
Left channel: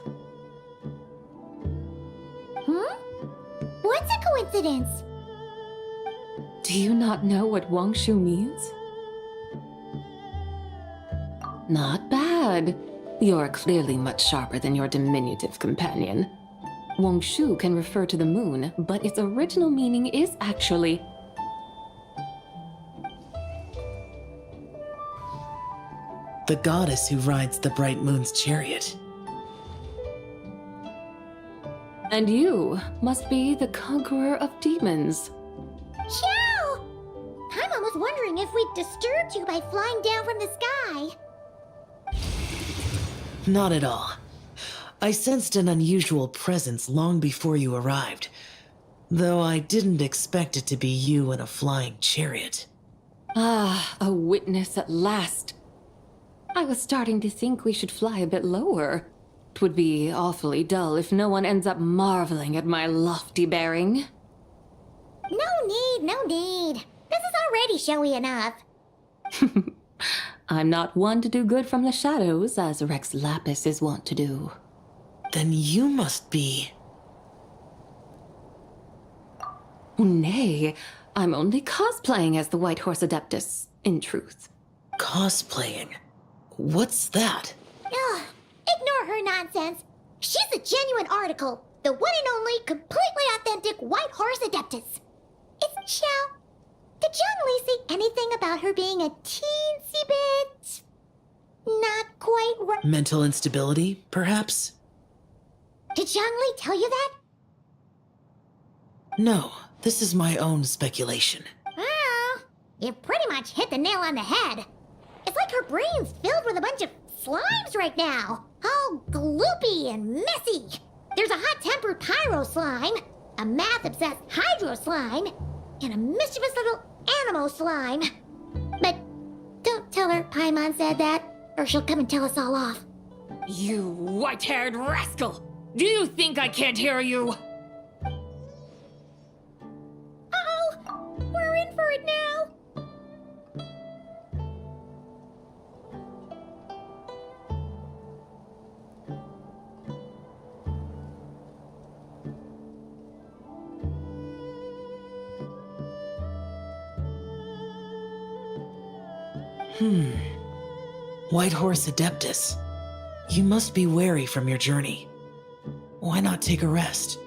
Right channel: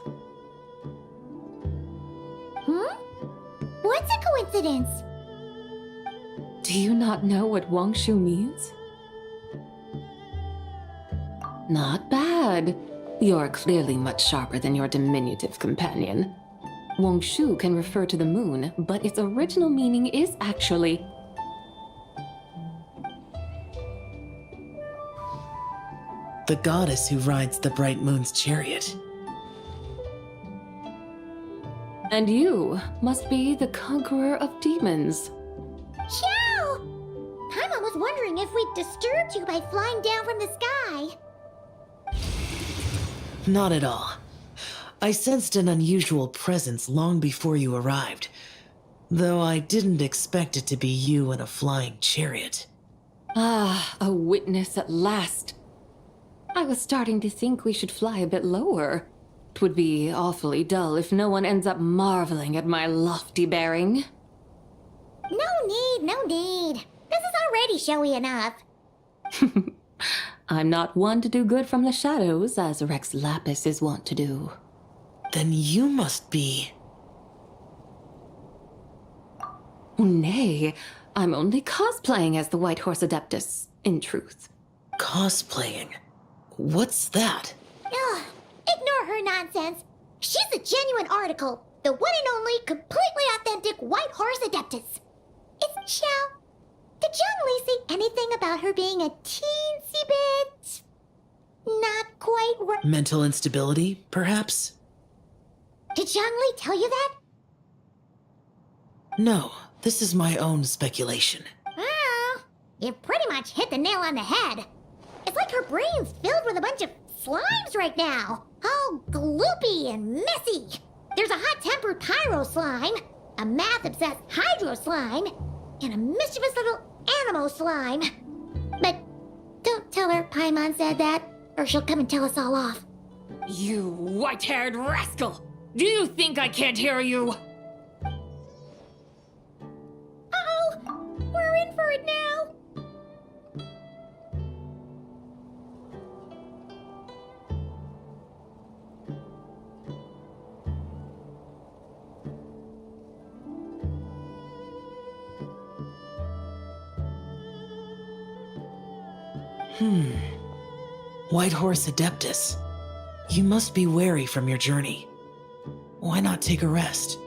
What's a coincidence? Do you not know what Wongshu means? Not bad. You're clearly much sharper than your diminutive companion. Wongshu can refer to the moon, but its original meaning is actually the goddess who rides the bright moon's chariot. And you must be the conqueror of demons. Ciao! Paimon was wondering if we'd disturbed you by flying down from the sky. Not at all. I sensed an unusual presence long before you arrived, though I didn't expect it to be you in a flying chariot. Ah, a witness at last. I was starting to think we should fly a bit lower. 'Twould be awfully dull if no one ends up marveling at my lofty bearing. No need. This is already showy enough. I'm not one to do good from the shadows, as Rex Lapis is wont to do. Then you must be... Nay, I'm only cosplaying as the White Horse Adeptus, in truth. Cosplaying? What's that? Ugh, ignore her nonsense. She's a genuine article. The one and only, completely authentic White Horse Adeptus. It's Xiao. Did Zhongli say anything about her being a teensy bit... not quite right? Mental instability, perhaps? Did Zhongli tell you that? No, this is my own speculation. Well, you pretty much hit the nail on the head. It's like her brain's filled with a bunch of slimes right now. All gloopy and messy. There's a hot-tempered pyro slime, a math-obsessed hydro slime, and a mischievous little animal slime. But don't tell her Paimon said that, or she'll come and tell us all off. You white-haired rascal! Do you think I can't hear you? Uh-oh! We're in for it now! White Horse Adeptus. You must be weary from your journey. Why not take a rest?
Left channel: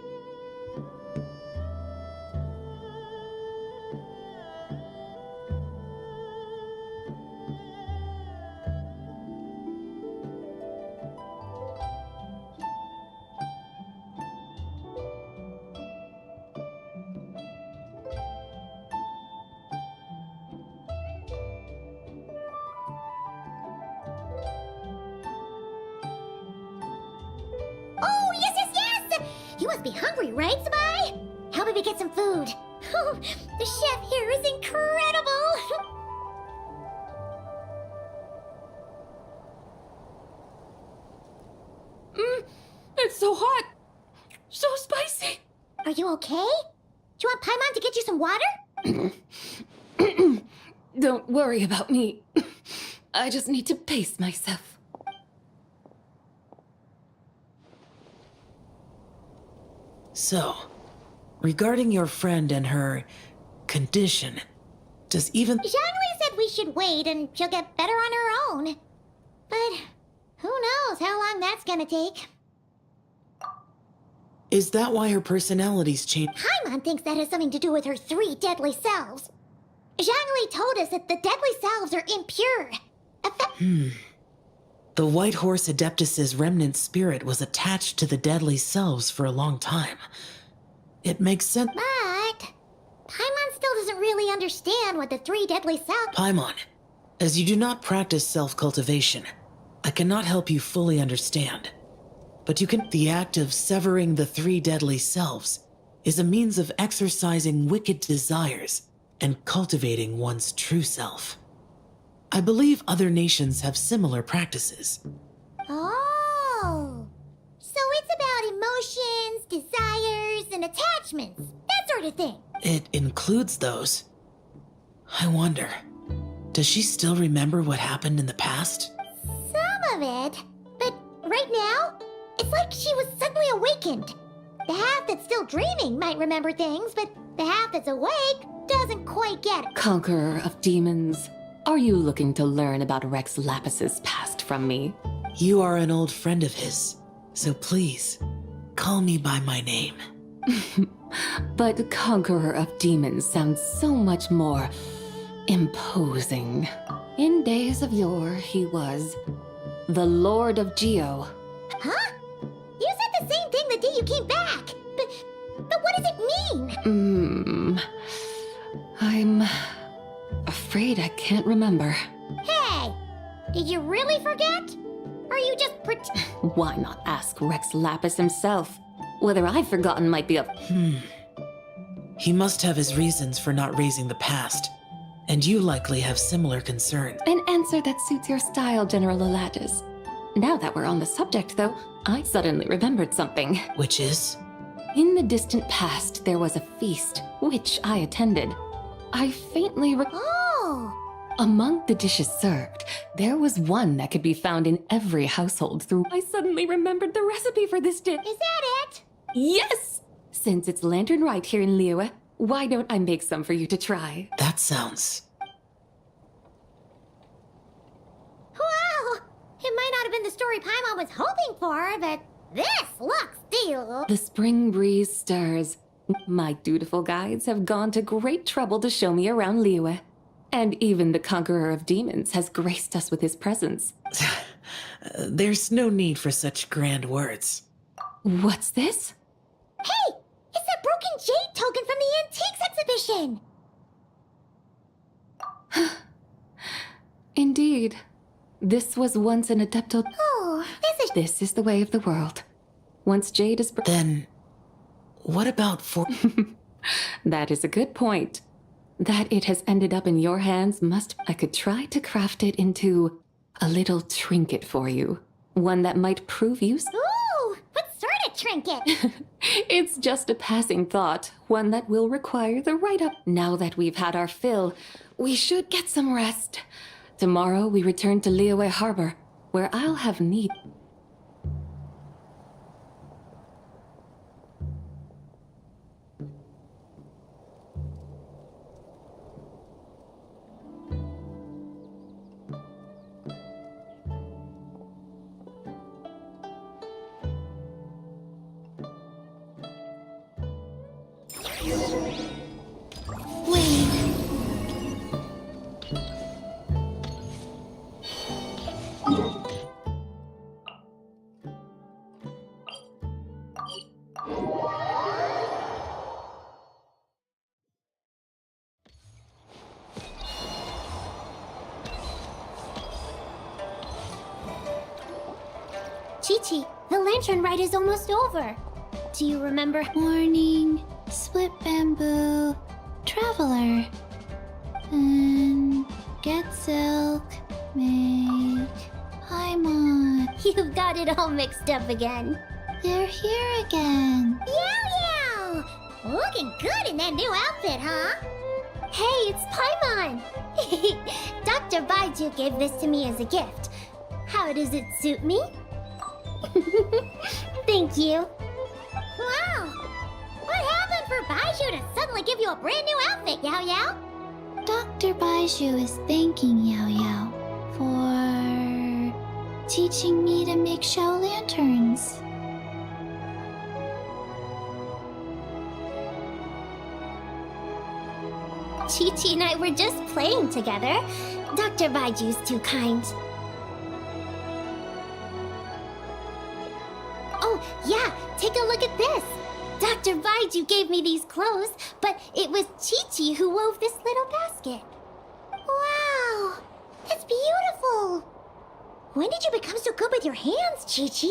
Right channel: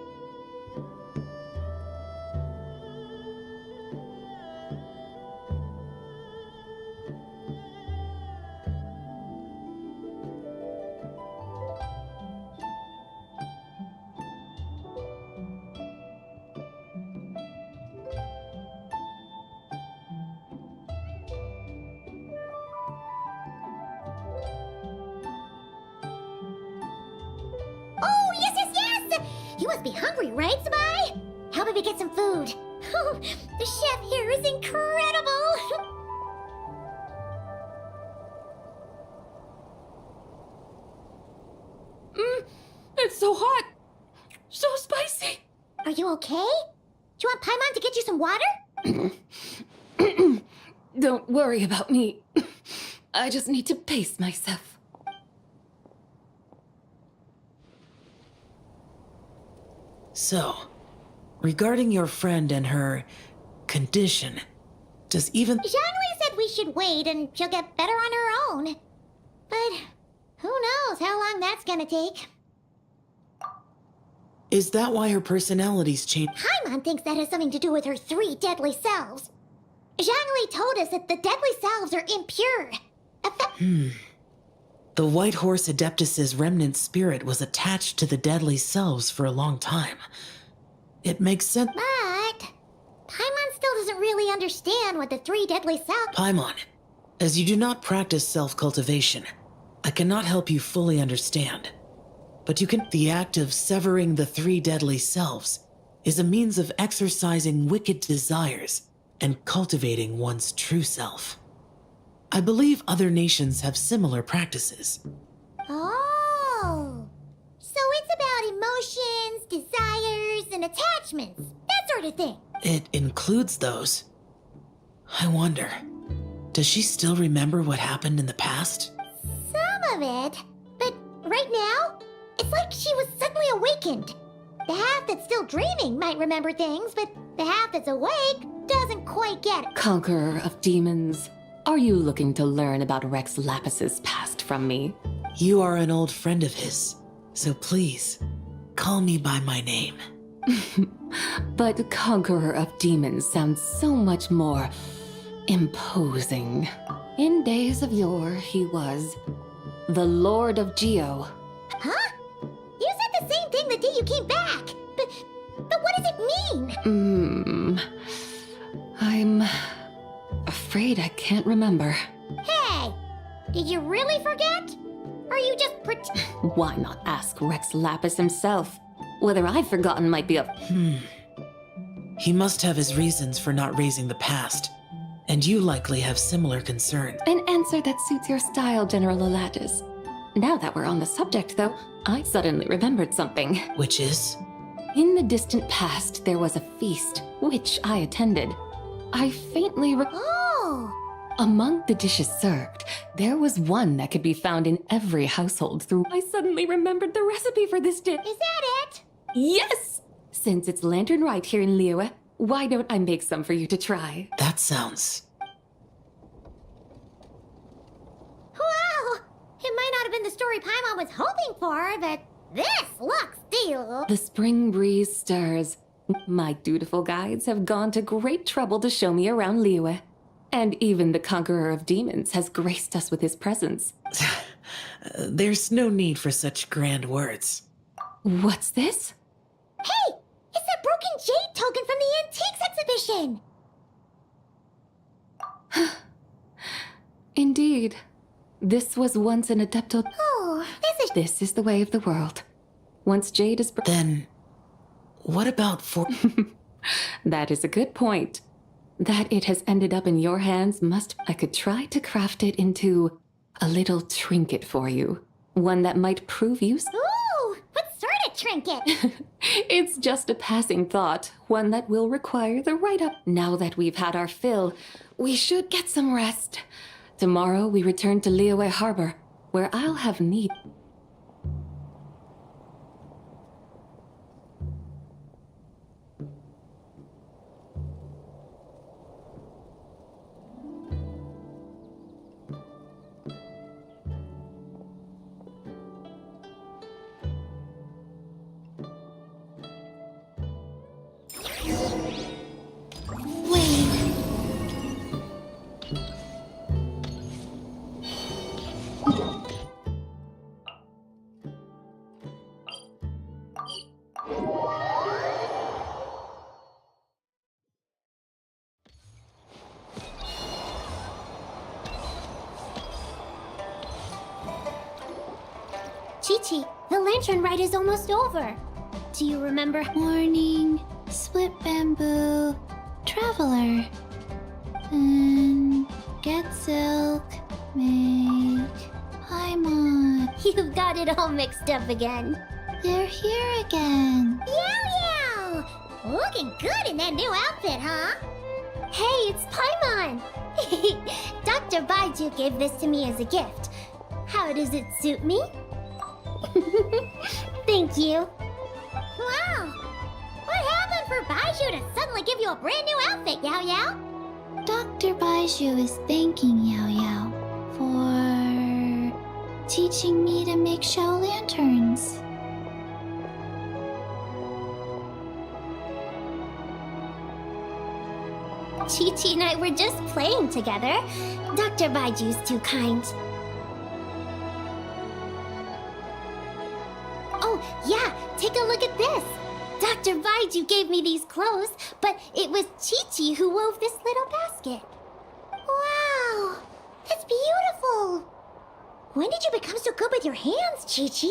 Oh, yes! You must be hungry, right, Sabai? How about we get some food? Oh, the chef here is incredible! It's so hot! So spicy! Are you okay? Do you want Paimon to get you some water? Don't worry about me. I just need to pace myself. So, regarding your friend and her condition, does even... Zhongli said we should wait and she'll get better on her own. But who knows how long that's gonna take. Is that why her personality's changed? Paimon thinks that has something to do with her 3 deadly selves. Zhongli told us that the deadly selves are impure. The White Horse Adeptus's remnant spirit was attached to the deadly selves for a long time. It makes sense. But Paimon still doesn't really understand what the 3 deadly selves... Paimon, as you do not practice self-cultivation, I cannot help you fully understand. But you can... The act of severing the 3 deadly selves is a means of exercising wicked desires and cultivating one's true self. I believe other nations have similar practices. Oh, so it's about emotions, desires, and attachments, that sort of thing. It includes those. I wonder, does she still remember what happened in the past? Some of it, but right now, it's like she was suddenly awakened. The half that's still dreaming might remember things, but the half that's awake doesn't quite get it. Conqueror of demons, are you looking to learn about Rex Lapis's past from me? You are an old friend of his, so please, call me by my name. But Conqueror of Demons sounds so much more imposing. In days of yore, he was the Lord of Geo. Huh? You said the same thing the day you came back. But what does it mean? I'm afraid I can't remember. Hey, did you really forget? Or you just Why not ask Rex Lapis himself? Whether I've forgotten might be a... He must have his reasons for not raising the past, and you likely have similar concerns. An answer that suits your style, General Elatis. Now that we're on the subject, though, I suddenly remembered something. Which is? In the distant past, there was a feast, which I attended. I faintly Oh! Among the dishes served, there was one that could be found in every household through... I suddenly remembered the recipe for this dish. Is that it? Yes! Since it's Lantern Rite here in Liyue, why don't I make some for you to try? That sounds... Wow! It might not have been the story Paimon was hoping for, but this looks deal. The spring breeze stirs. My dutiful guides have gone to great trouble to show me around Liyue. And even the Conqueror of Demons has graced us with his presence. There's no need for such grand words. What's this? Hey! It's that broken jade token from the Antiques exhibition! Indeed. This was once an Adepto... Oh, This is the way of the world. Once jade is... Then... what about for... That is a good point. That it has ended up in your hands must... I could try to craft it into a little trinket for you. One that might prove useful. Ooh! What sort of trinket? It's just a passing thought, one that will require the write-up. Now that we've had our fill, we should get some rest. Tomorrow we return to Liyue Harbor, where I'll have need... Chi-Chi, the lantern ride is almost over. Do you remember? Morning, split bamboo, traveler, and get silk, make Paimon. You've got it all mixed up again. They're here again. Yow yow! Looking good in that new outfit, huh? Hey, it's Paimon! Dr. Baiju gave this to me as a gift. How does it suit me? Thank you. Wow! What happened for Baiju to suddenly give you a brand new outfit, Yao Yao? Dr. Baiju is thanking Yao Yao for teaching me to make shell lanterns. Chi-Chi and I were just playing together. Dr. Baiju's too kind. Oh, yeah, take a look at this. Dr. Baiju gave me these clothes, but it was Chi-Chi who wove this little basket. Wow, it's beautiful. When did you become so good with your hands, Chi-Chi?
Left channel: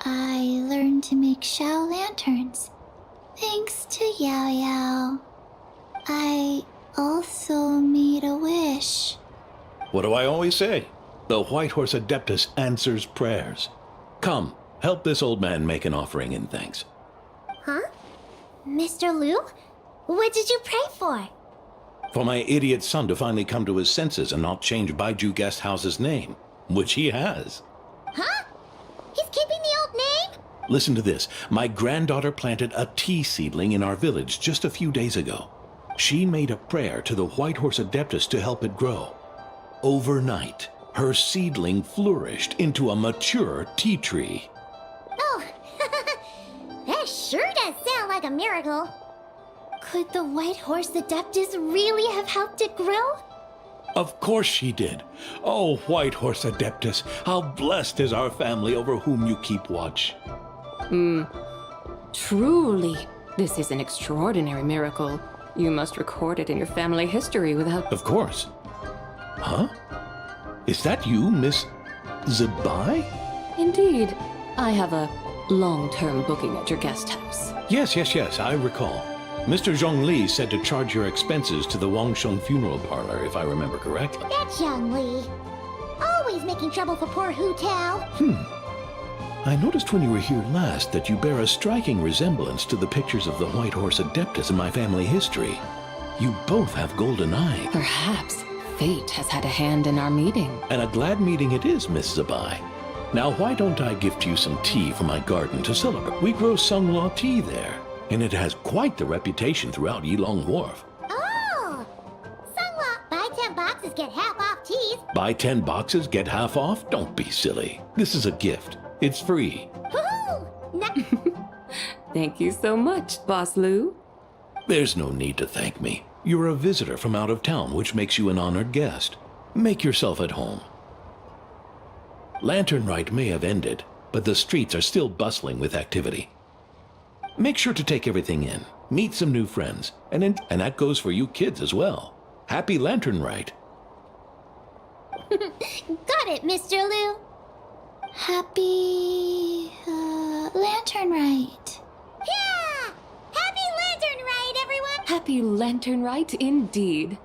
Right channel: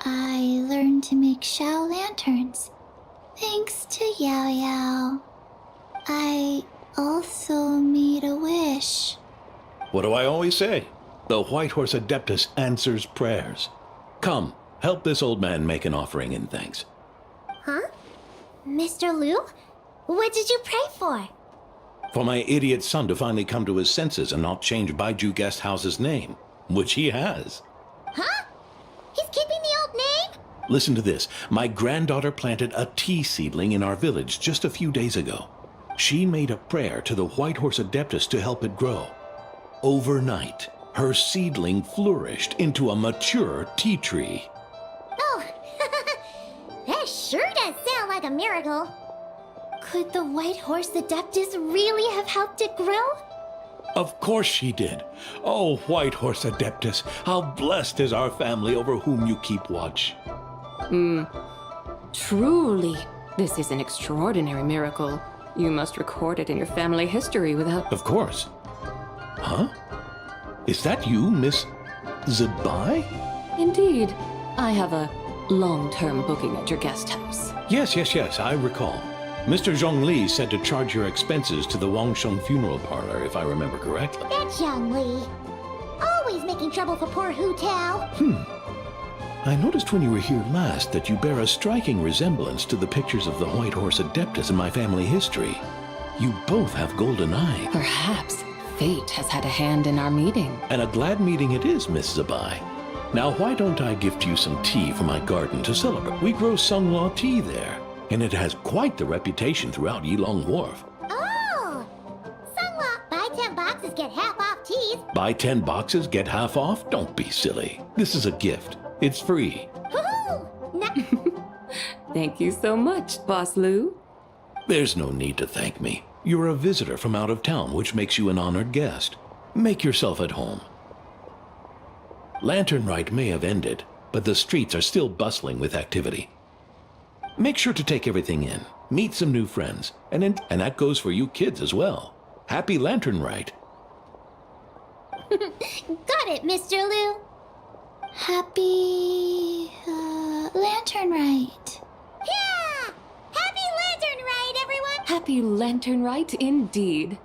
I learned to make shell lanterns, thanks to Yao Yao. I also made a wish. What do I always say? The White Horse Adeptus answers prayers. Come, help this old man make an offering in thanks. Huh? Mr. Liu? What did you pray for? For my idiot son to finally come to his senses and not change Baiju Guest House's name, which he has. Huh? He's keeping the old name? Listen to this. My granddaughter planted a tea seedling in our village just a few days ago. She made a prayer to the White Horse Adeptus to help it grow. Overnight, her seedling flourished into a mature tea tree. Oh, that sure does sound like a miracle. Could the White Horse Adeptus really have helped it grow? Of course she did. Oh, White Horse Adeptus, how blessed is our family over whom you keep watch. Truly, this is an extraordinary miracle. You must record it in your family history without... Of course. Huh? Is that you, Miss Zabai? Indeed. I have a long-term booking at your guest house. Yes, I recall. Mr. Zhongli said to charge your expenses to the Wangsheng funeral parlor, if I remember correctly. That's Young Li. Always making trouble for poor Hu Tao. I noticed when you were here last that you bear a striking resemblance to the pictures of the White Horse Adeptus in my family history. You both have golden eyes. Perhaps fate has had a hand in our meeting. And a glad meeting it is, Miss Zabai. Now, why don't I gift you some tea from my garden to celebrate? We grow Sunghua tea there, and it has quite the reputation throughout Yilong Wharf. Oh! Sunghua, buy 10 boxes, get half off teas. Buy 10 boxes, get half off? Don't be silly. This is a gift. It's free. Woohoo! Thank you so much, Boss Lu. There's no need to thank me. You're a visitor from out of town, which makes you an honored guest. Make yourself at home. Lantern Rite may have ended, but the streets are still bustling with activity. Make sure to take everything in, meet some new friends, and that goes for you kids as well. Happy Lantern Rite. Got it, Mr. Lu. Happy... Lantern Rite. Yeah! Happy Lantern Rite, everyone! Happy Lantern Rite indeed.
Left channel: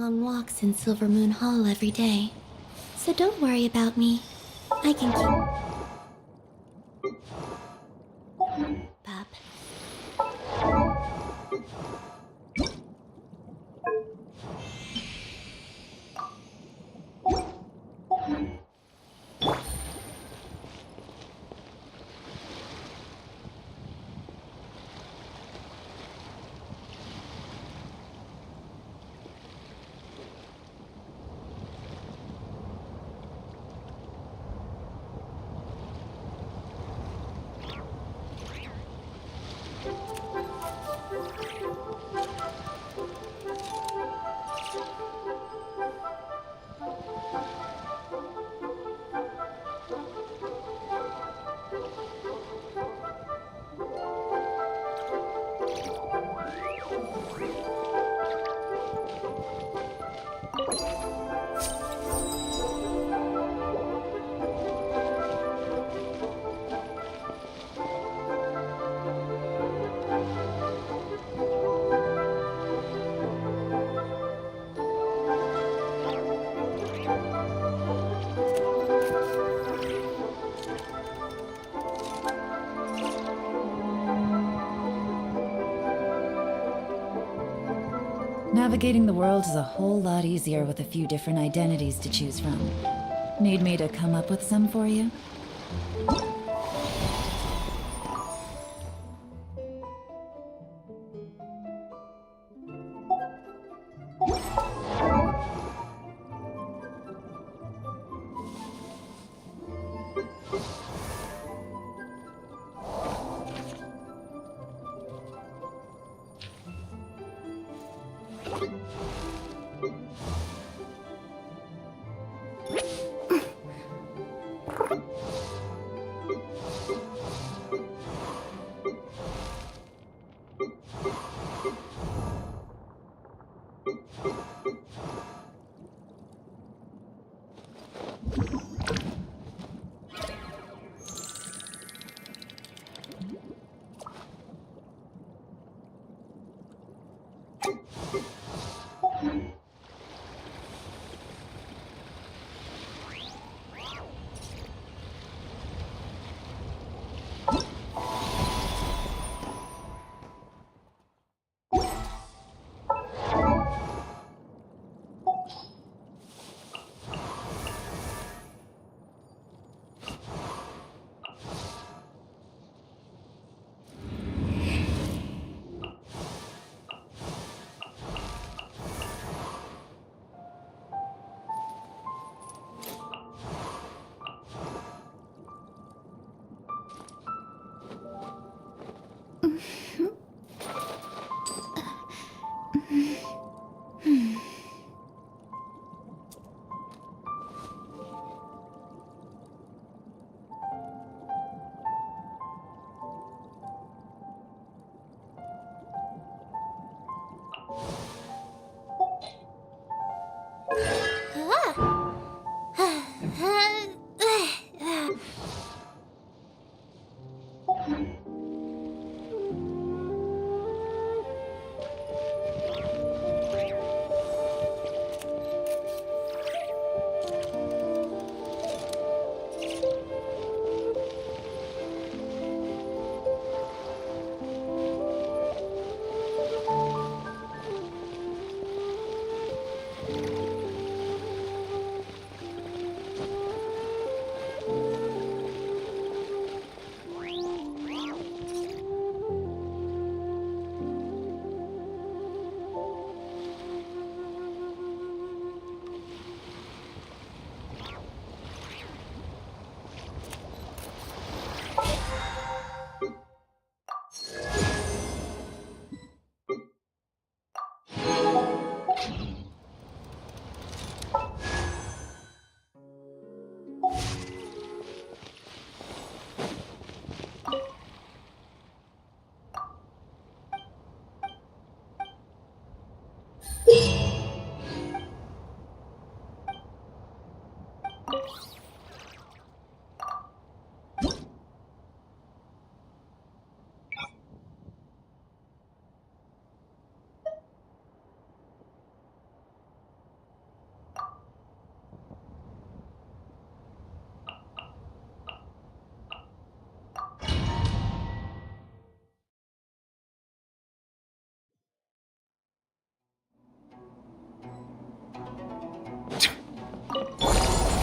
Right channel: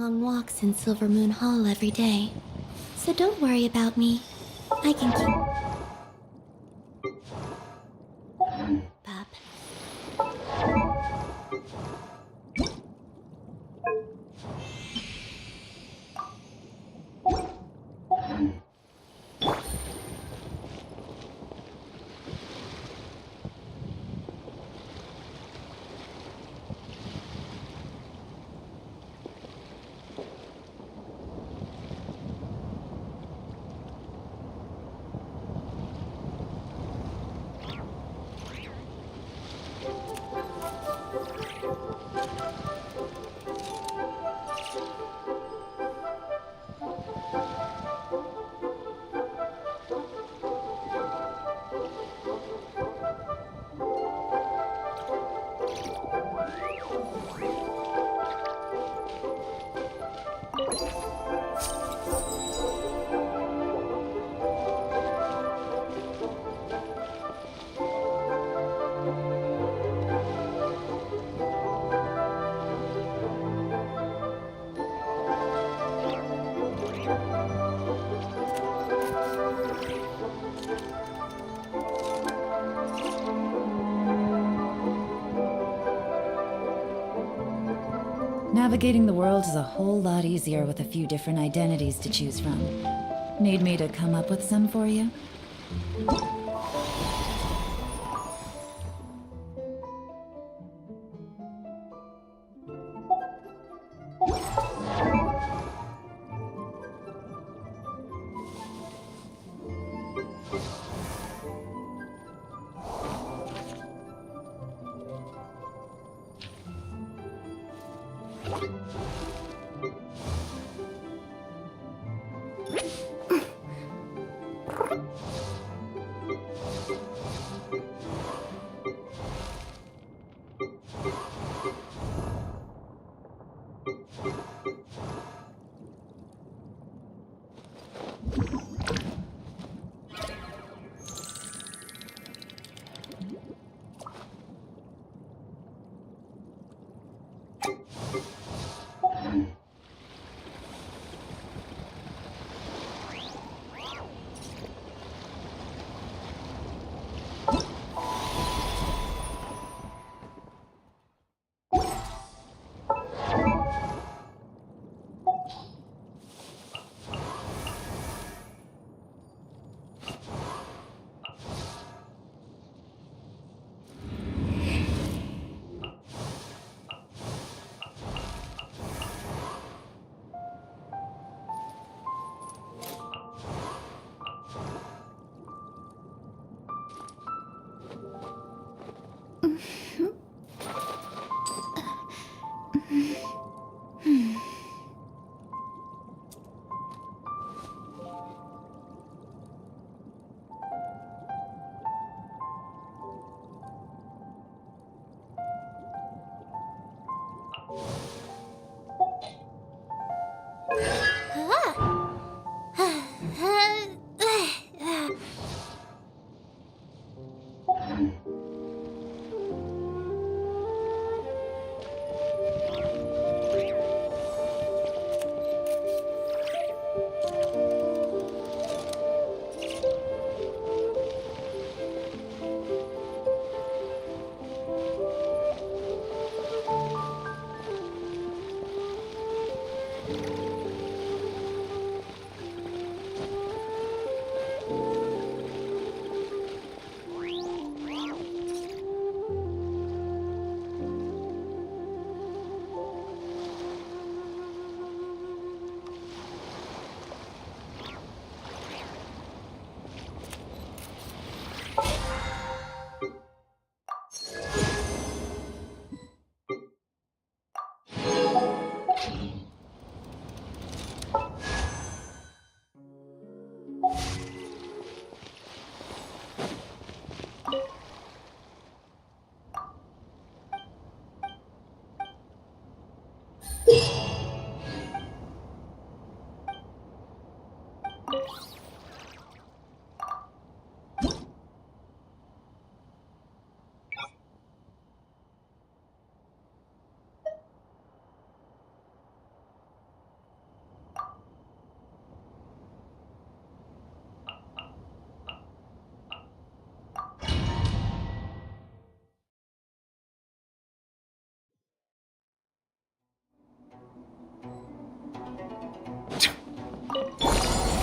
long walks in Silver Moon Hall every day. So don't worry about me. I can keep... Bub. Navigating the world is a whole lot easier with a few different identities to choose from. Need me to come up with some for you?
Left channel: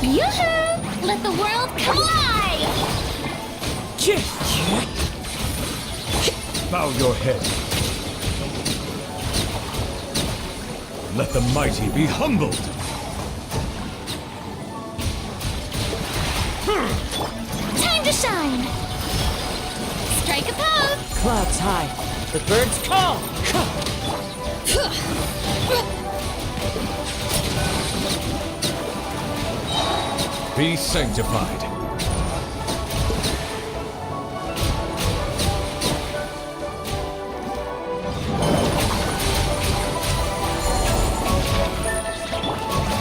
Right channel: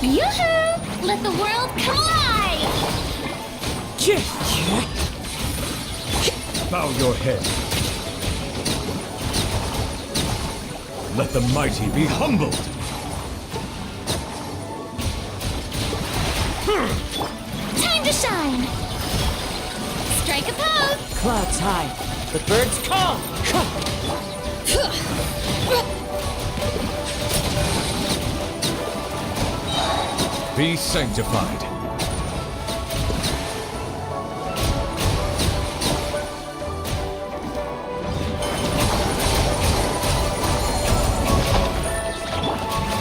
Yoo-hoo! Let the world come alive! Bow your head. Let the mighty be humbled. Time to shine! Strike a pose! Clouds high. The birds call. Be sanctified.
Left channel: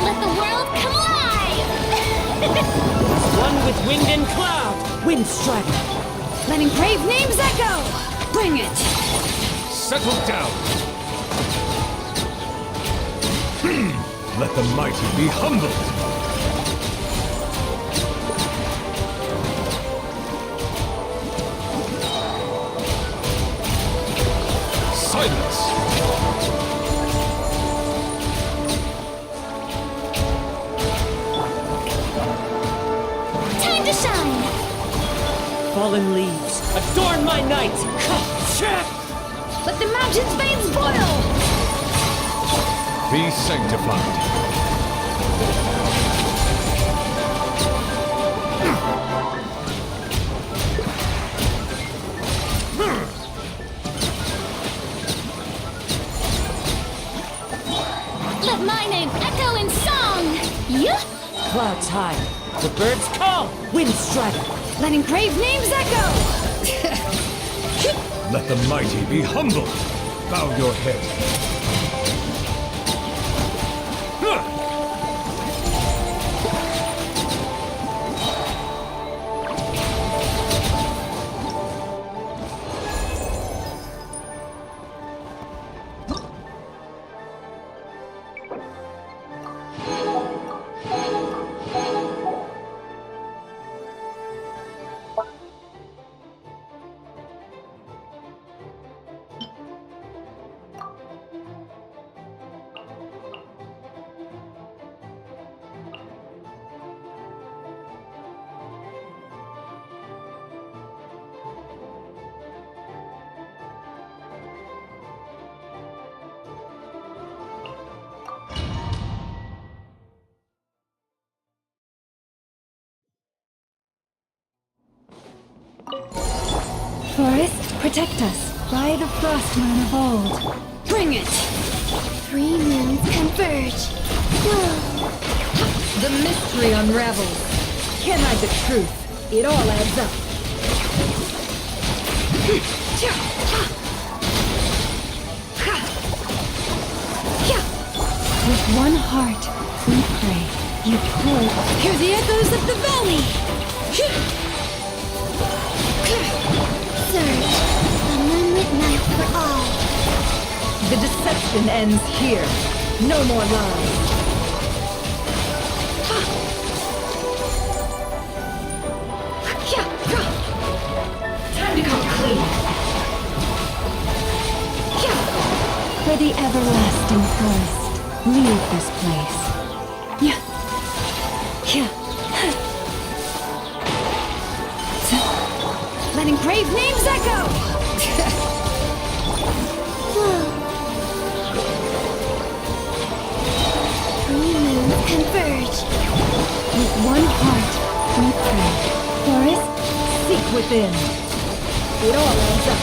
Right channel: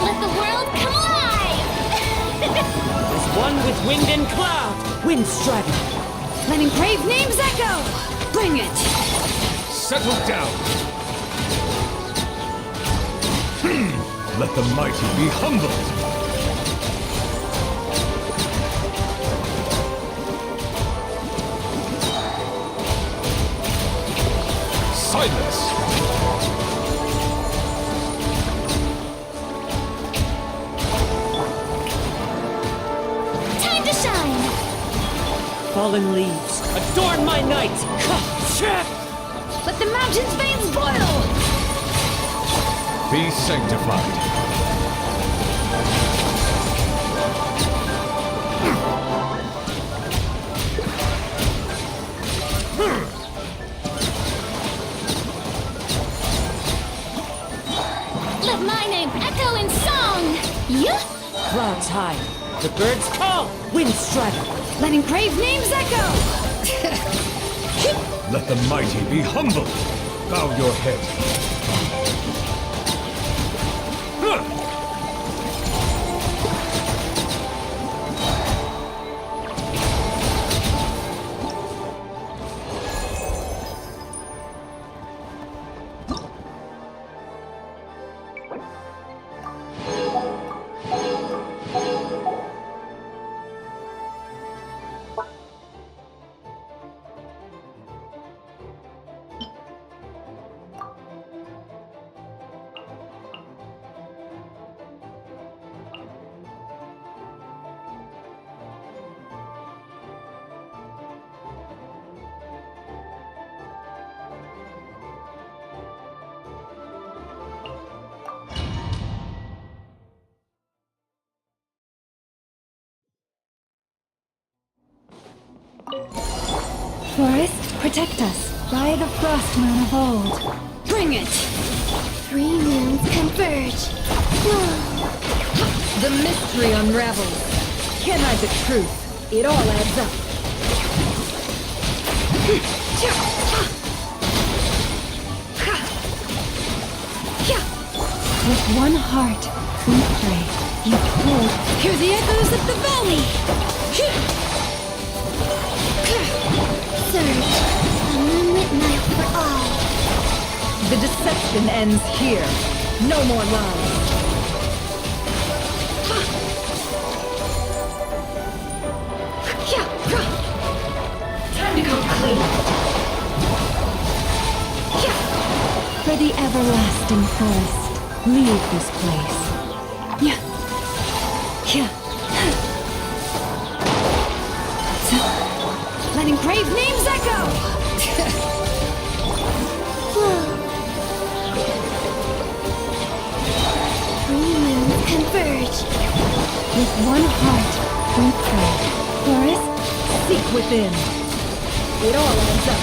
Let the world come alive! As one with wind and cloud. Wind strider. Let engraved names echo! Bring it! Settle down. Let the mighty be humbled. Silence! Time to shine! Fallen leaves. Adorn my night. Let the mountain's veins boil! Be sanctified. Let my name echo in song! Yeah? Clouds high. The birds call. Wind strider. Let engraved names echo! Let the mighty be humbled. Bow your head. Forest, protect us by the Frostman of old. Bring it! 3 moons converge. The mystery unravels. Can't hide the truth. It all adds up. With one heart, we pray. You pull. Hear the echoes of the valley! Surge, a moonlit night for all. The deception ends here. No more lies. Time to go clean. For the everlasting forest, leave this place. Let engraved names echo! Flow. 3 moons converge. With one heart, we pray. Forest, Seek within. It all adds up.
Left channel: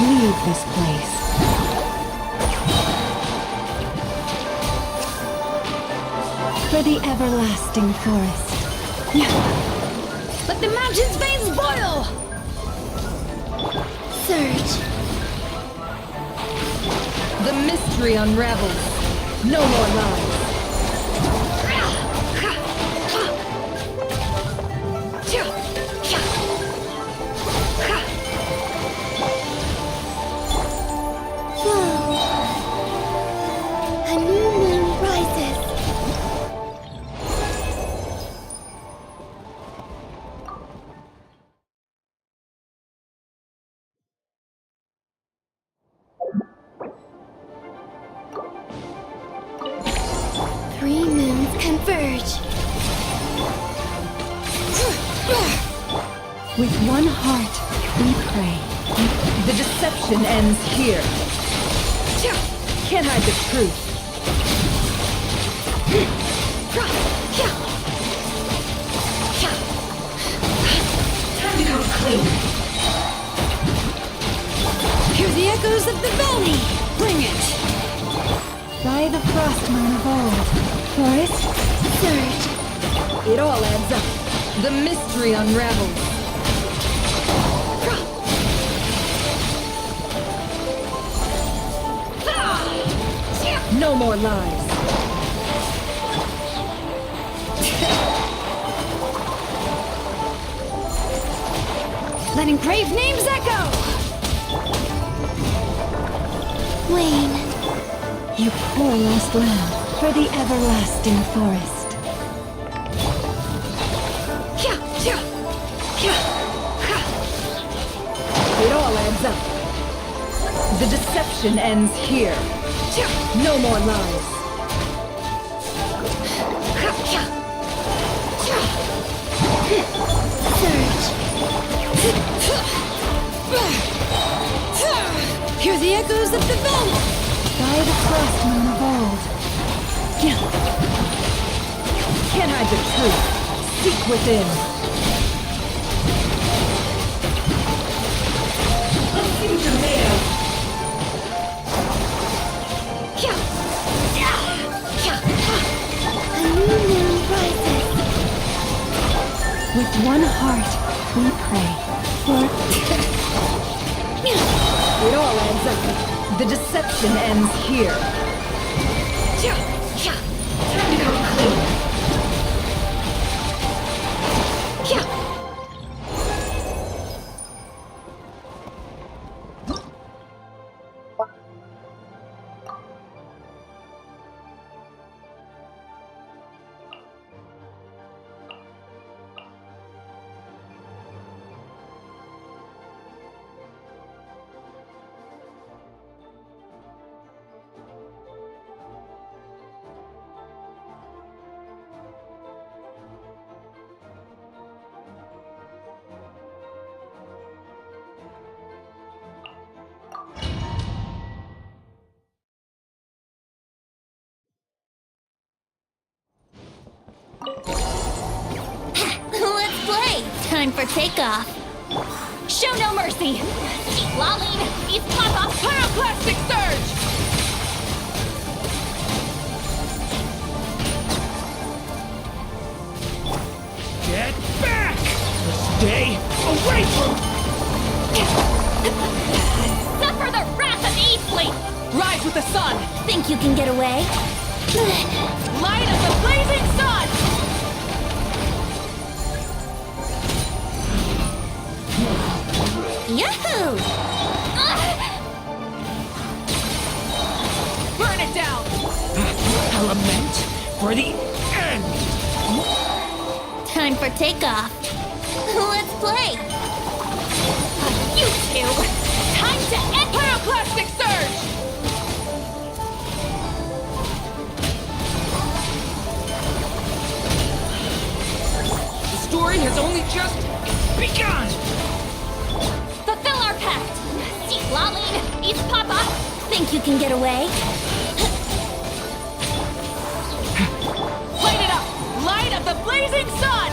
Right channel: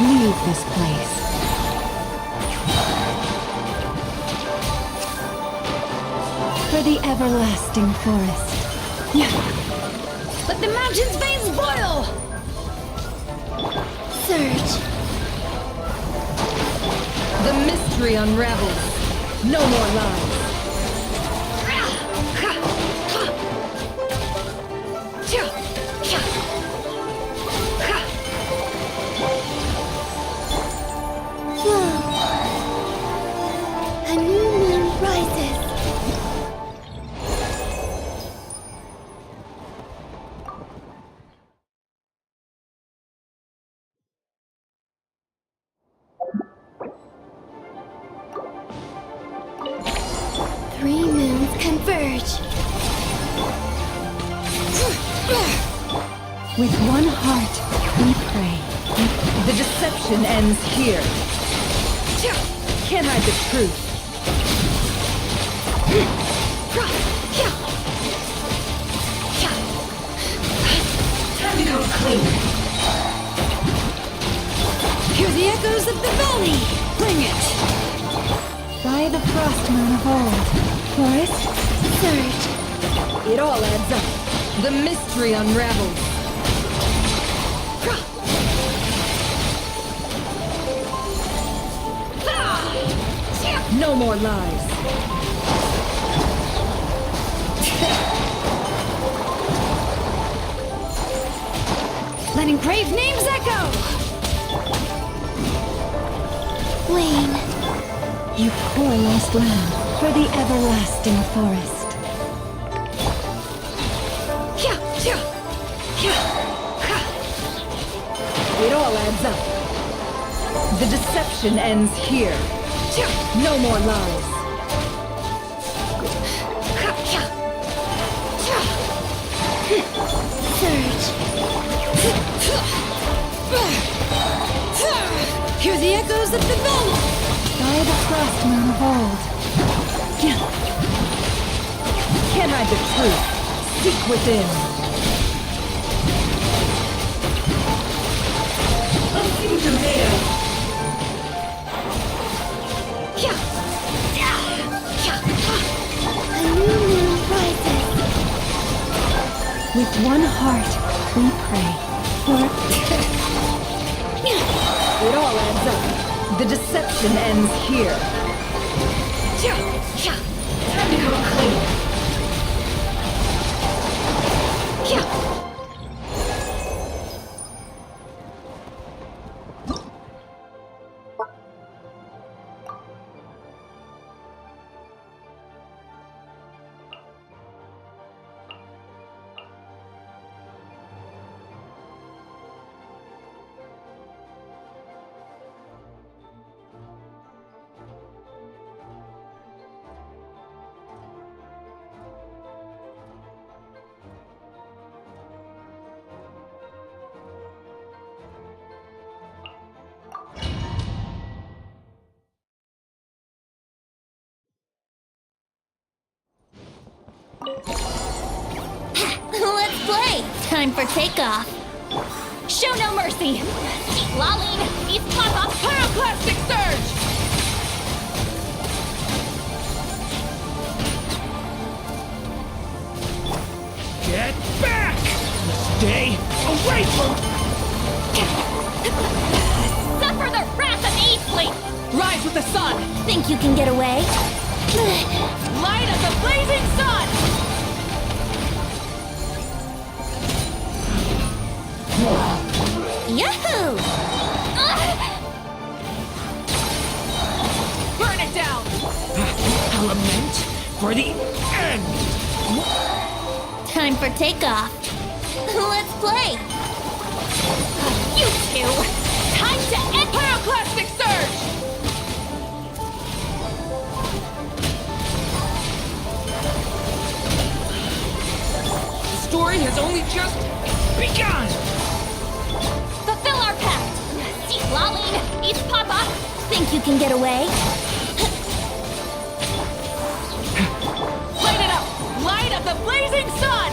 leave this place. For the everlasting forest. Let the mountain's veins boil! Surge. The mystery unravels. No more lies. Flow. A new moon rises. Converge. With one heart, we pray. The deception ends here. Can't hide the truth. Time to come clean. Hear the echoes of the valley. Bring it. By the frost moon of old. Forest? Surge. It all adds up. The mystery unravels. No more lies. Letting brave names echo. Wayne. You poor lost lamb, for the everlasting forest. It all adds up. The deception ends here. No more lies. Surge. Hear the echoes of the valley. By the frost moon of old. Can't hide the truth. Seek within. Tomato. A new moon rises. With one heart, we pray. For it all adds up. The deception ends here. Time to come clean. Let's play! Time for takeoff. Show no mercy! Laline, East Pop-Up, Pyroclastic Surge! Get back! Stay away from... Suffer the wrath of Eastleaf! Rise with the sun! Think you can get away? Light of the blazing sun! Yahoo! Burn it down! A lament for the end! Time for takeoff. Let's play! You two! Time to end Pyroclastic Surge! The story has only just begun! Fulfill our pact! Laline, East Papa! Think you can get away? Light it up! Light of the blazing sun!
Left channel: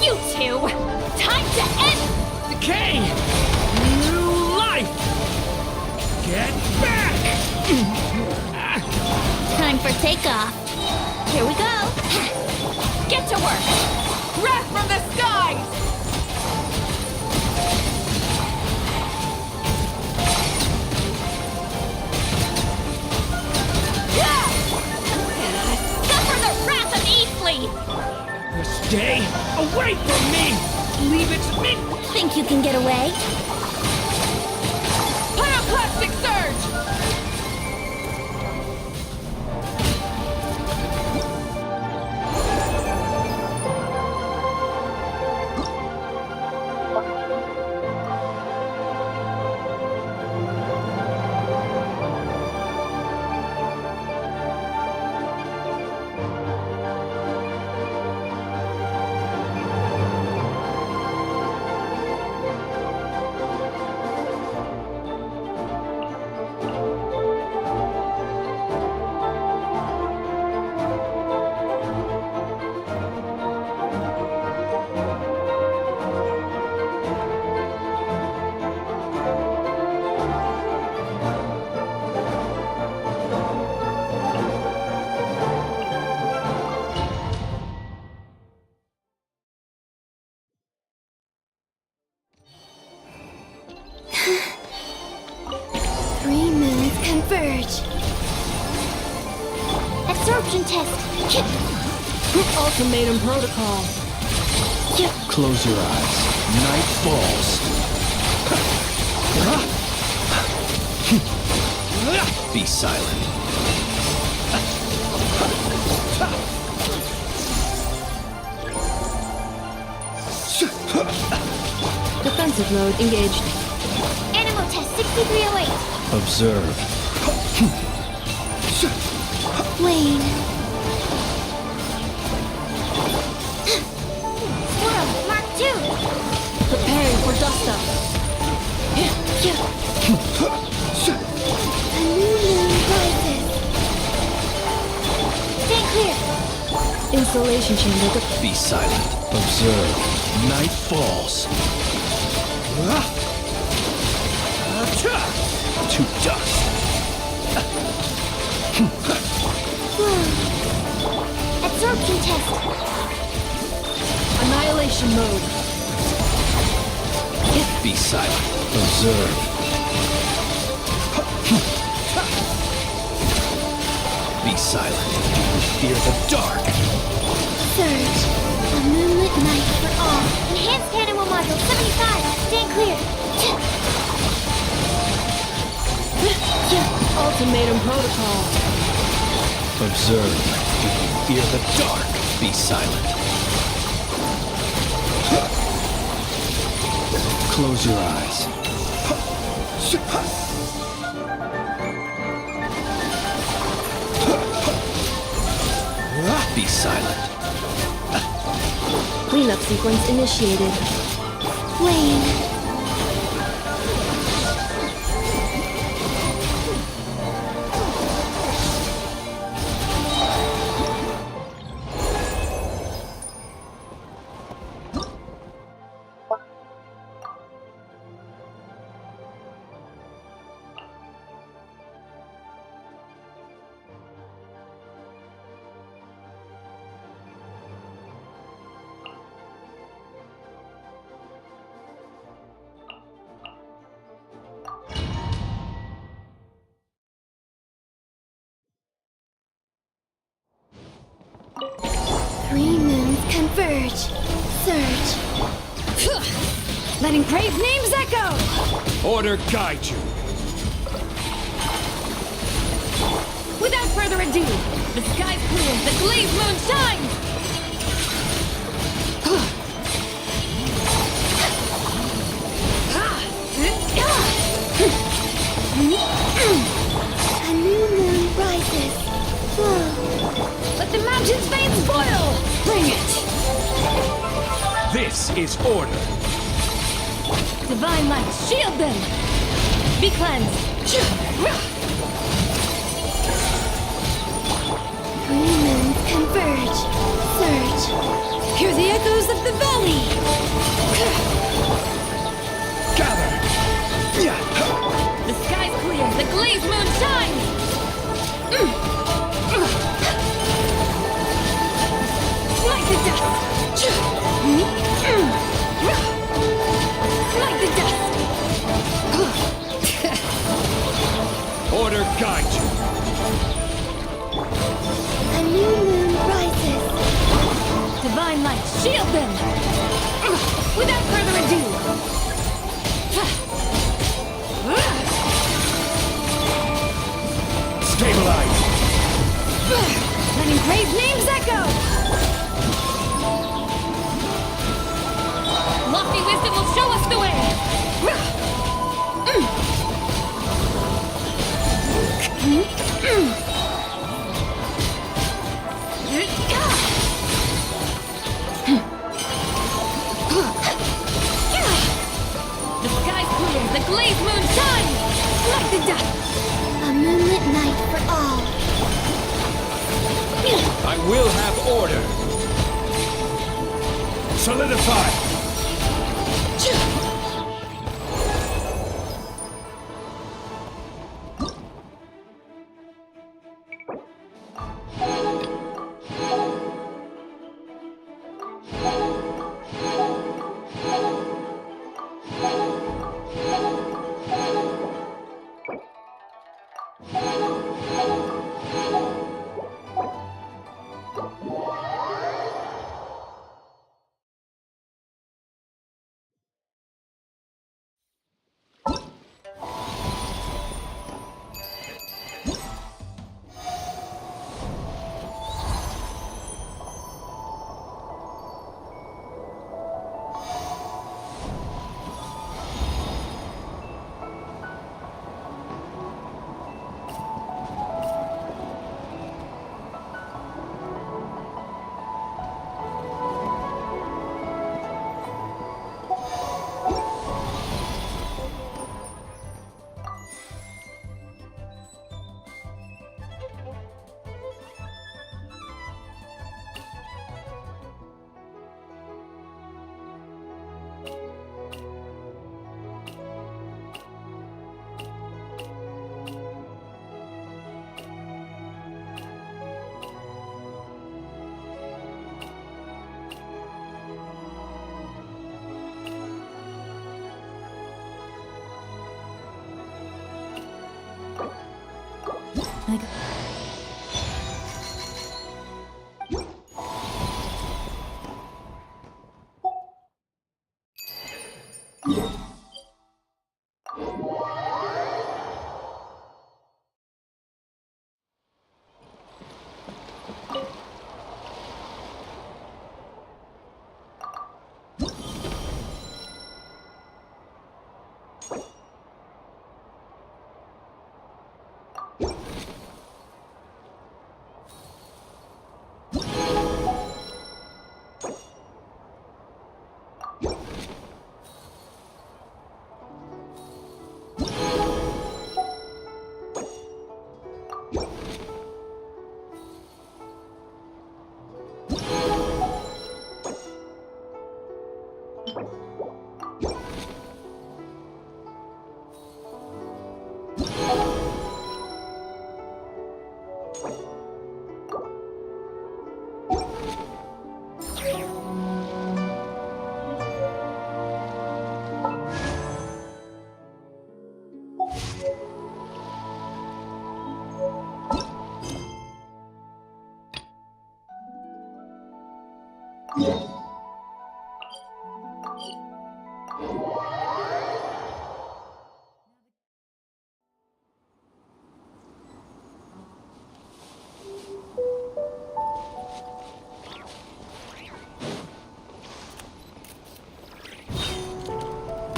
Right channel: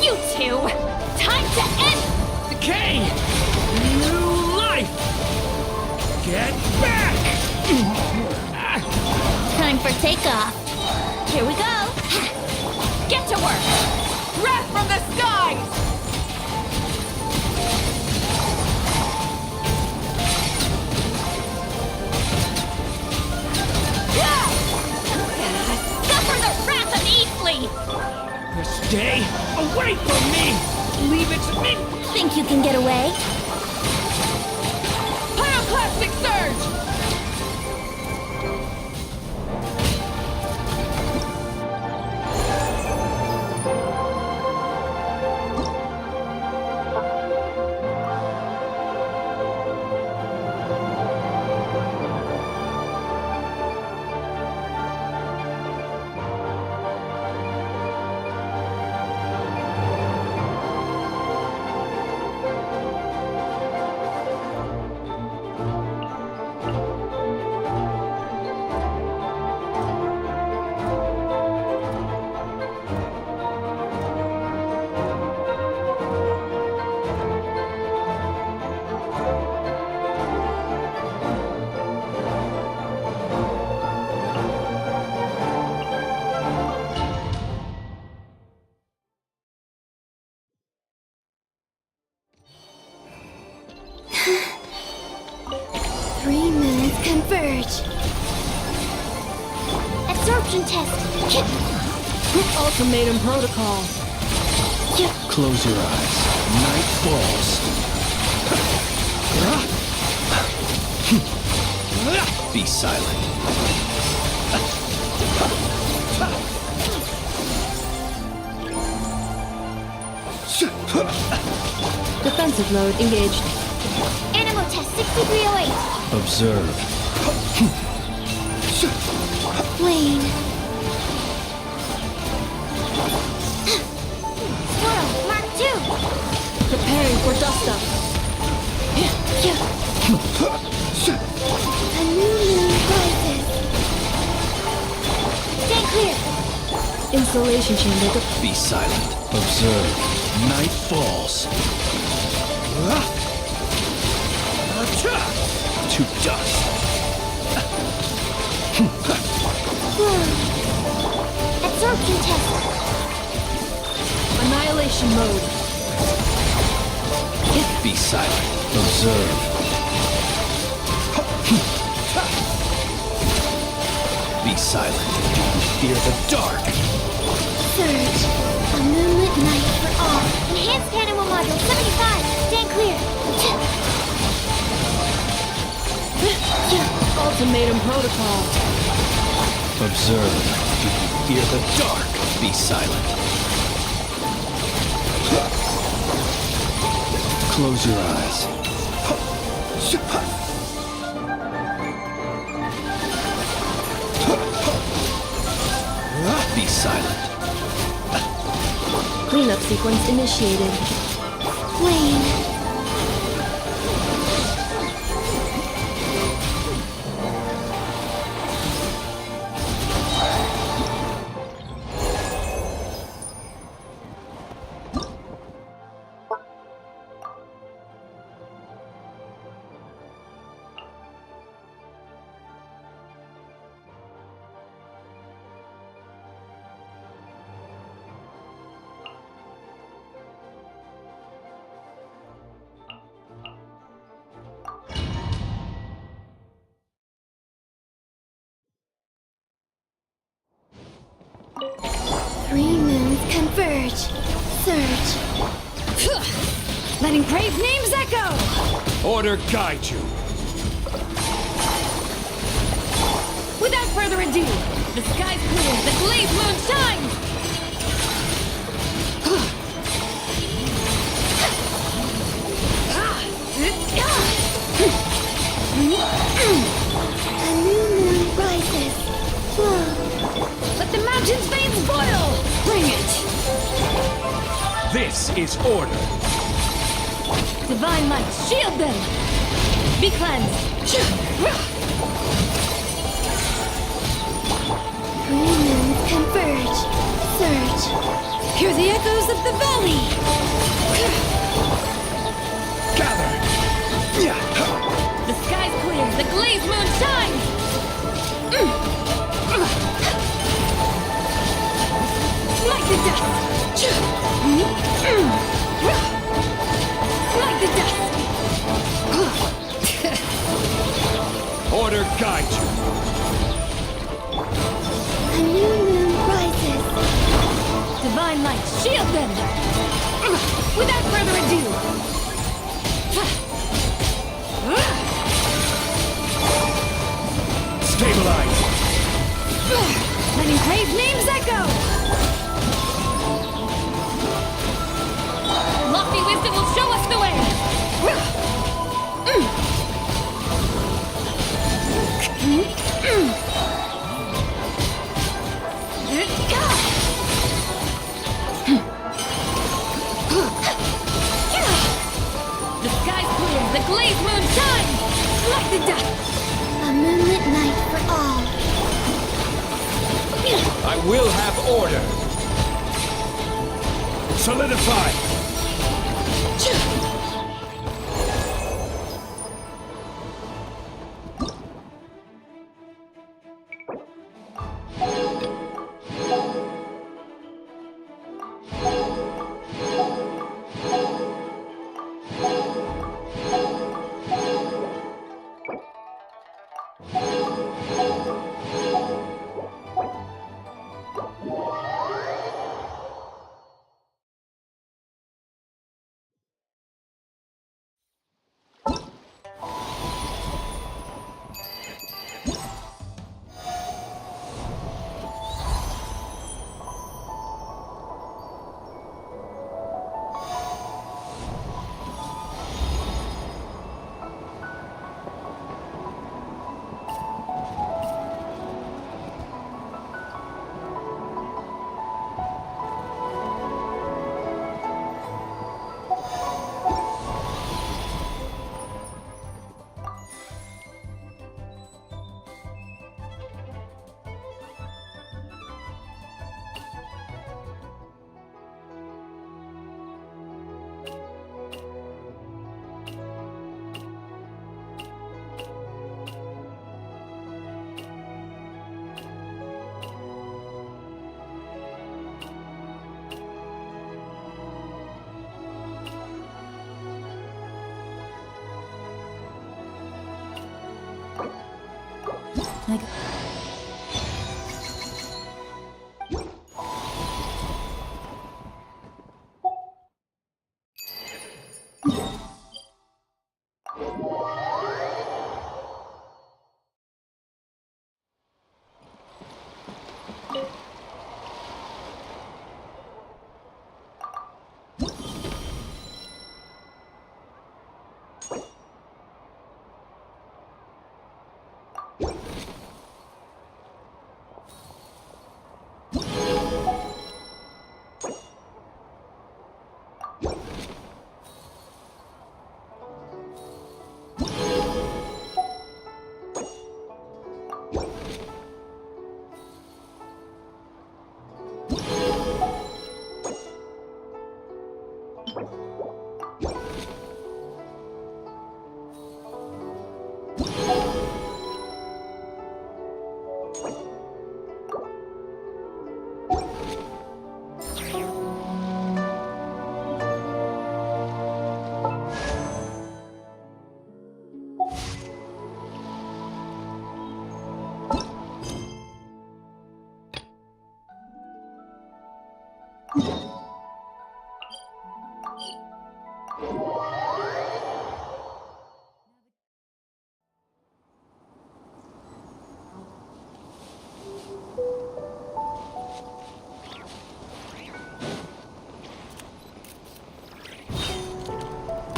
You two! Time to end... Decay! New life! Get back! Time for takeoff. Here we go. Get to work! Wrath from the skies! Suffer the wrath of Eastleaf! Stay away from me! Leave it to me! Think you can get away? Pyroclastic Surge! converge. Absorption test. Ultimatum protocol. Close your eyes. Night falls. Be silent. Defensive mode engaged. Animal test 6308. Observe. Lane. Swirl, Mark 2. Preparing for dust up. A new moon rises. Stand clear. Insulation chamber. Be silent. Observe. Night falls. To dust. Absorption test. Annihilation mode. Be silent. Observe. Be silent. Fear the dark. Surge. A moonlit night for all. Enhanced animal module 75. Stand clear. Ultimatum protocol. Observe. Do you fear the dark? Be silent. Close your eyes. Be silent. Cleanup sequence initiated. Lane. Three moons converge. Surge. Letting brave names echo! Order guide you. Without further ado, the sky's clear, the glazed moon shines! A new moon rises. Flow. Let the mountain's veins boil! Bring it! This is order. Divine light, shield them! Be cleansed! Three moons converge. Surge. Hear the echoes of the valley! Gather! The sky's clear, the glazed moon shines! Smite the dust! Smite the dust! Order guide you. A new moon rises. Divine light, shield them! Without further ado! Stabilize! Letting brave names echo! Lofty wisdom will show us the way! The sky's clear, the glazed moon shines! Light the dust! A moonlit night for all. I will have order. Solidify! Like...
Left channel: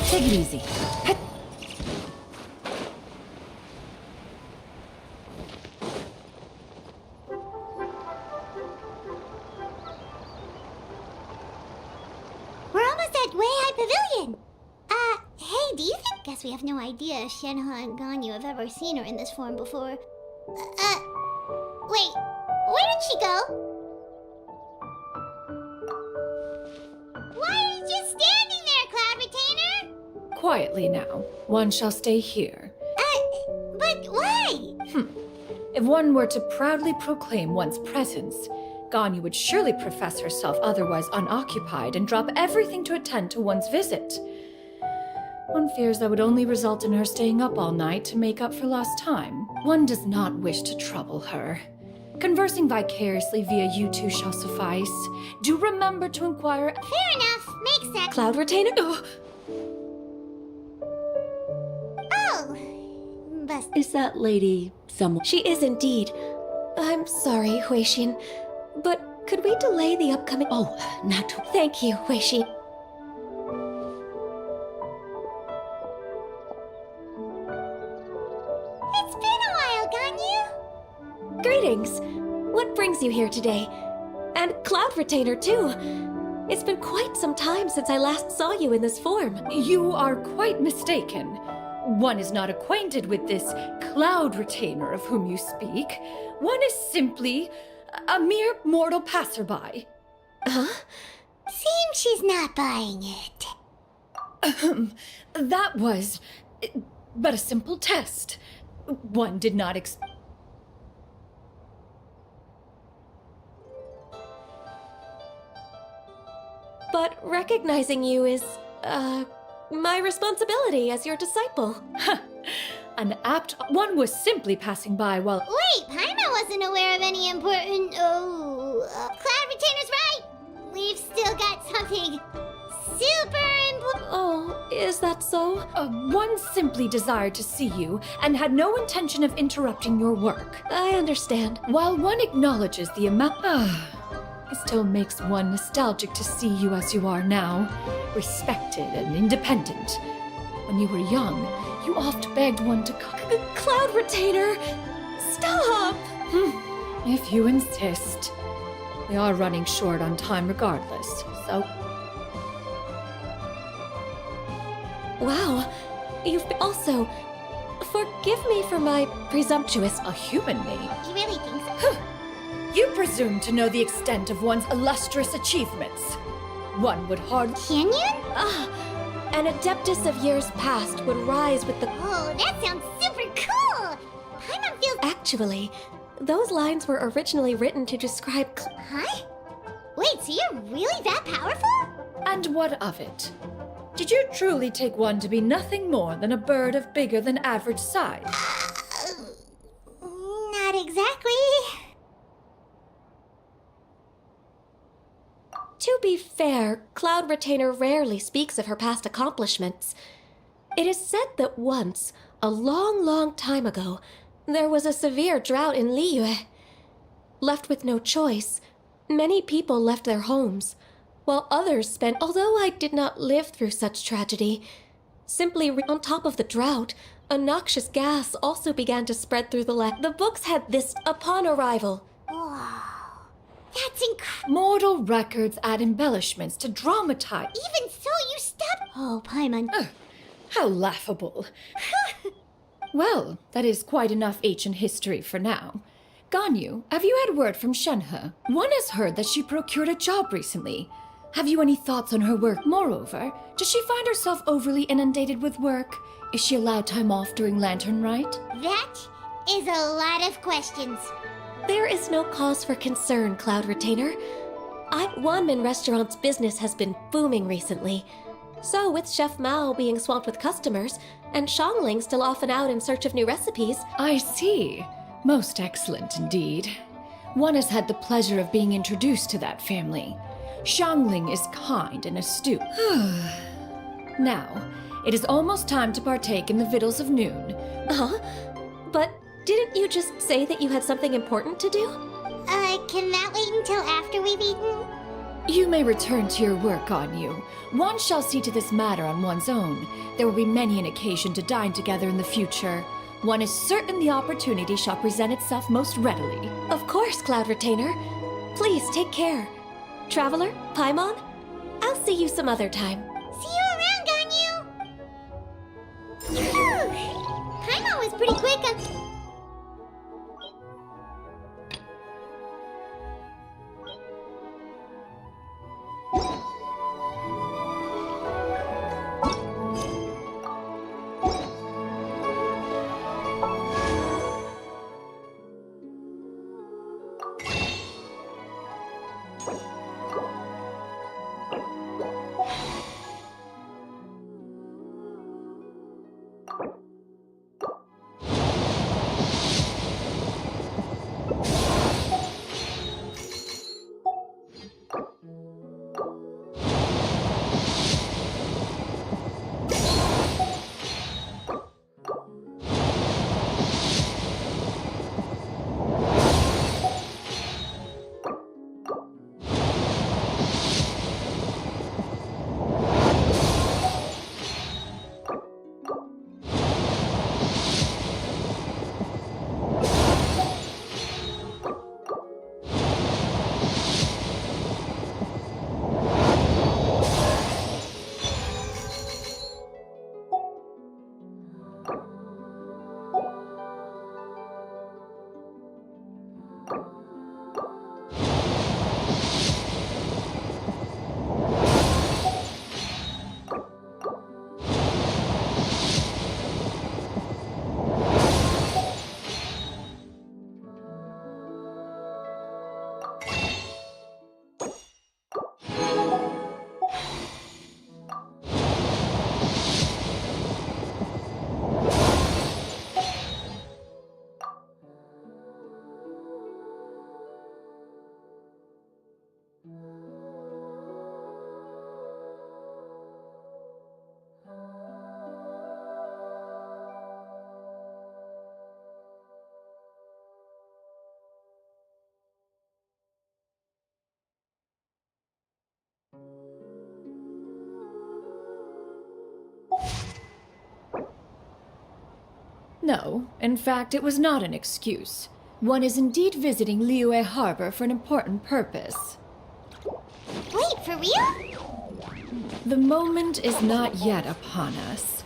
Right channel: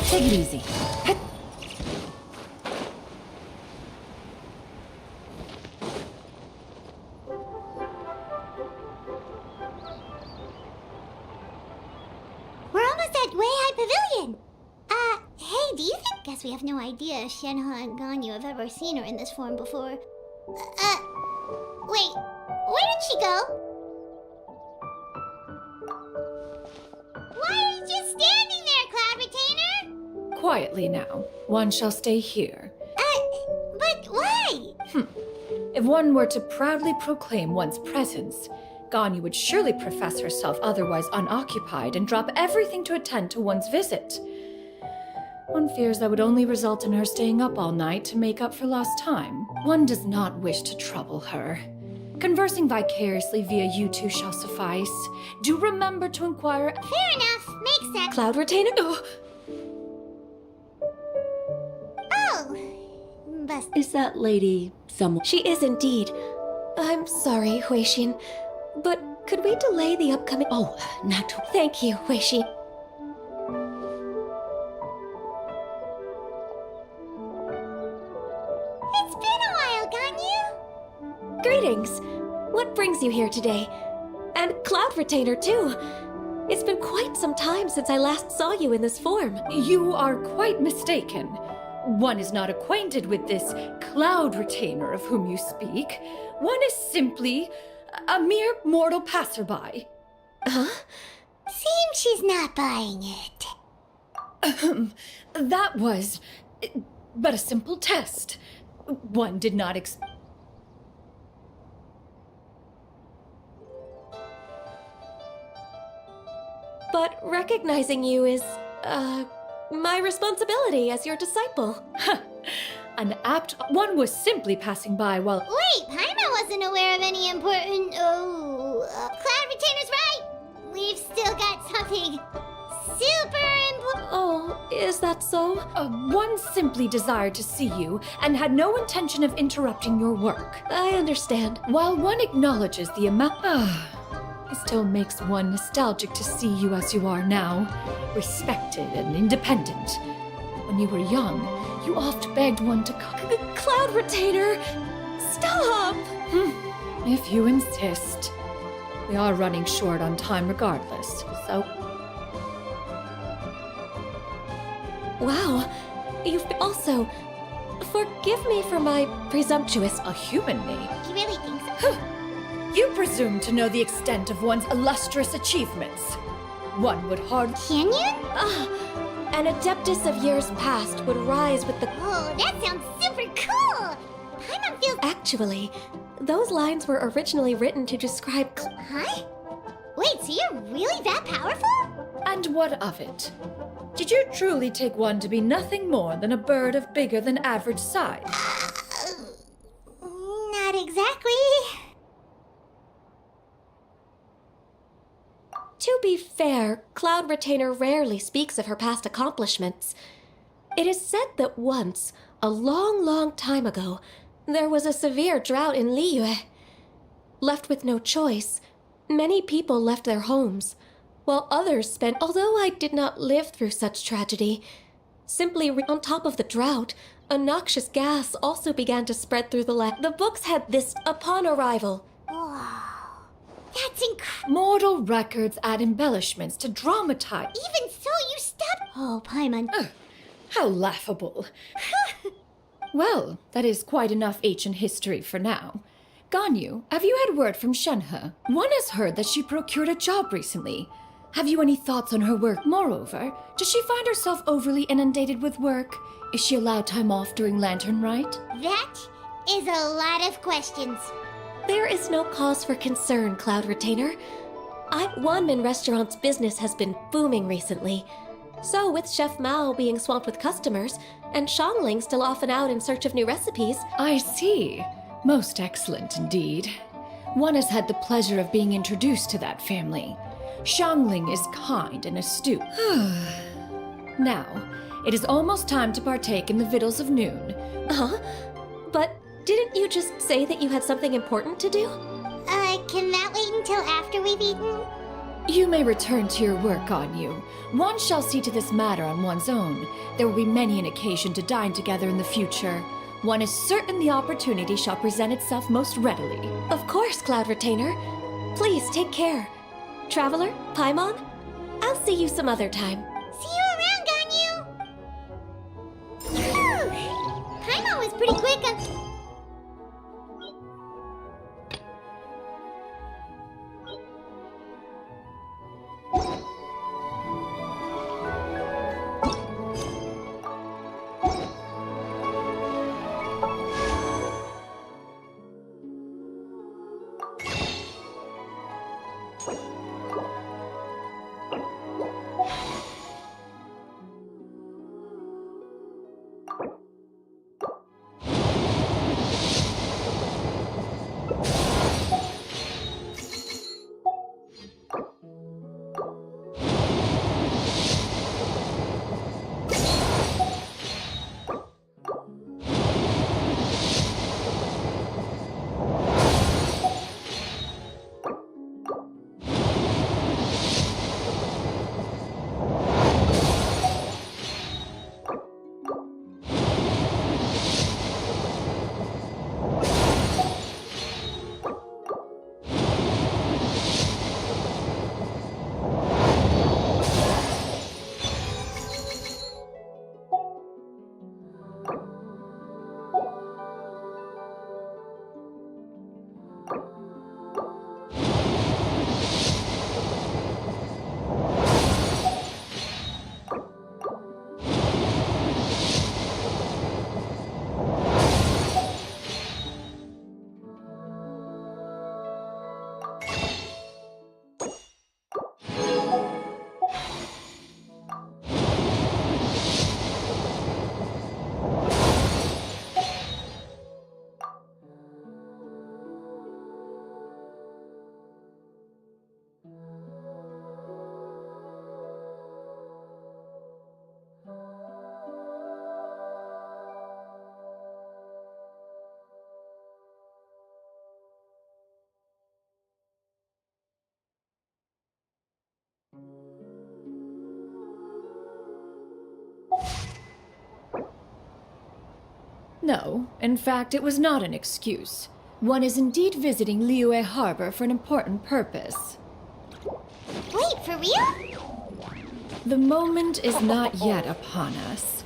Take it easy. We're almost at Way High Pavilion. Hey, do you think? Guess we have no idea if Shenhe and Ganyu have ever seen her in this form before. Wait, where did she go? Why are you just standing there, Cloud Retainer? Quietly now. One shall stay here. But why? If one were to proudly proclaim one's presence, Ganyu would surely profess herself otherwise unoccupied and drop everything to attend to one's visit. One fears that would only result in her staying up all night to make up for lost time. One does not wish to trouble her. Conversing vicariously via you two shall suffice. Do remember to inquire. Fair enough. Makes sense. Cloud Retainer? Oh! Bust. Is that lady someone? She is indeed. I'm sorry, Huixin, but could we delay the upcoming... Oh, not to... Thank you, Huixin. It's been a while, Ganyu. Greetings. What brings you here today? And Cloud Retainer, too. It's been quite some time since I last saw you in this form. You are quite mistaken. One is not acquainted with this Cloud Retainer of whom you speak. One is simply a mere mortal passerby. Huh? Seems she's not buying it. That was but a simple test. One did not But recognizing you is, my responsibility as your disciple. An apt... One was simply passing by while... Wait, Paimon wasn't aware of any important... Cloud Retainer's right! We've still got something super important... Oh, is that so? One simply desired to see you and had no intention of interrupting your work. I understand. While one acknowledges the amount... It still makes one nostalgic to see you as you are now, respected and independent. When you were young, you oft begged one to Cloud Retainer! Stop! If you insist. We are running short on time regardless, so... Wow, you've also... Forgive me for my presumptuous... A human name? He really thinks so. You presume to know the extent of one's illustrious achievements. One would hardly... Can you? An adeptus of years past would rise with the... Oh, that sounds super cool! Paimon feels... Actually, those lines were originally written to describe... Huh? Wait, so you're really that powerful? And what of it? Did you truly take one to be nothing more than a bird of bigger than average size? Not To be fair, Cloud Retainer rarely speaks of her past accomplishments. It is said that once, a long, long time ago, there was a severe drought in Liyue. Left with no choice, many people left their homes, while others spent. Although I did not live through such tragedy, simply on top of the drought, a noxious gas also began to spread through the land. The books had this upon arrival. That's incredible. Mortal records add embellishments to dramatize. Even so, you stop. Oh, Paimon. How laughable. Well, that is quite enough ancient history for now. Ganyu, have you had word from Shenhe? One has heard that she procured a job recently. Have you any thoughts on her work? Moreover, does she find herself overly inundated with work? Is she allowed time off during Lantern Rite? That is a lot of questions. There is no cause for concern, Cloud Retainer. Wanmin Restaurant's business has been booming recently. So, with Chef Mao being swamped with customers, and Shangling still off and out in search of new recipes... I see. Most excellent indeed. One has had the pleasure of being introduced to that family. Shangling is kind and astute. Now, it is almost time to partake in the victuals of noon. Huh? But didn't you just say that you had something important to do? Can that wait until after we've eaten? You may return to your work, Ganyu. One shall see to this matter on one's own. There will be many an occasion to dine together in the future. One is certain the opportunity shall present itself most readily. Of course, Cloud Retainer. Please take care. Traveler, Paimon, I'll see you some other time. See you around, Ganyu! Phew! Paimon was pretty quick on... No, in fact, it was not an excuse. One is indeed visiting Liyue Harbor for an important purpose. Wait, for real? The moment is not yet upon us.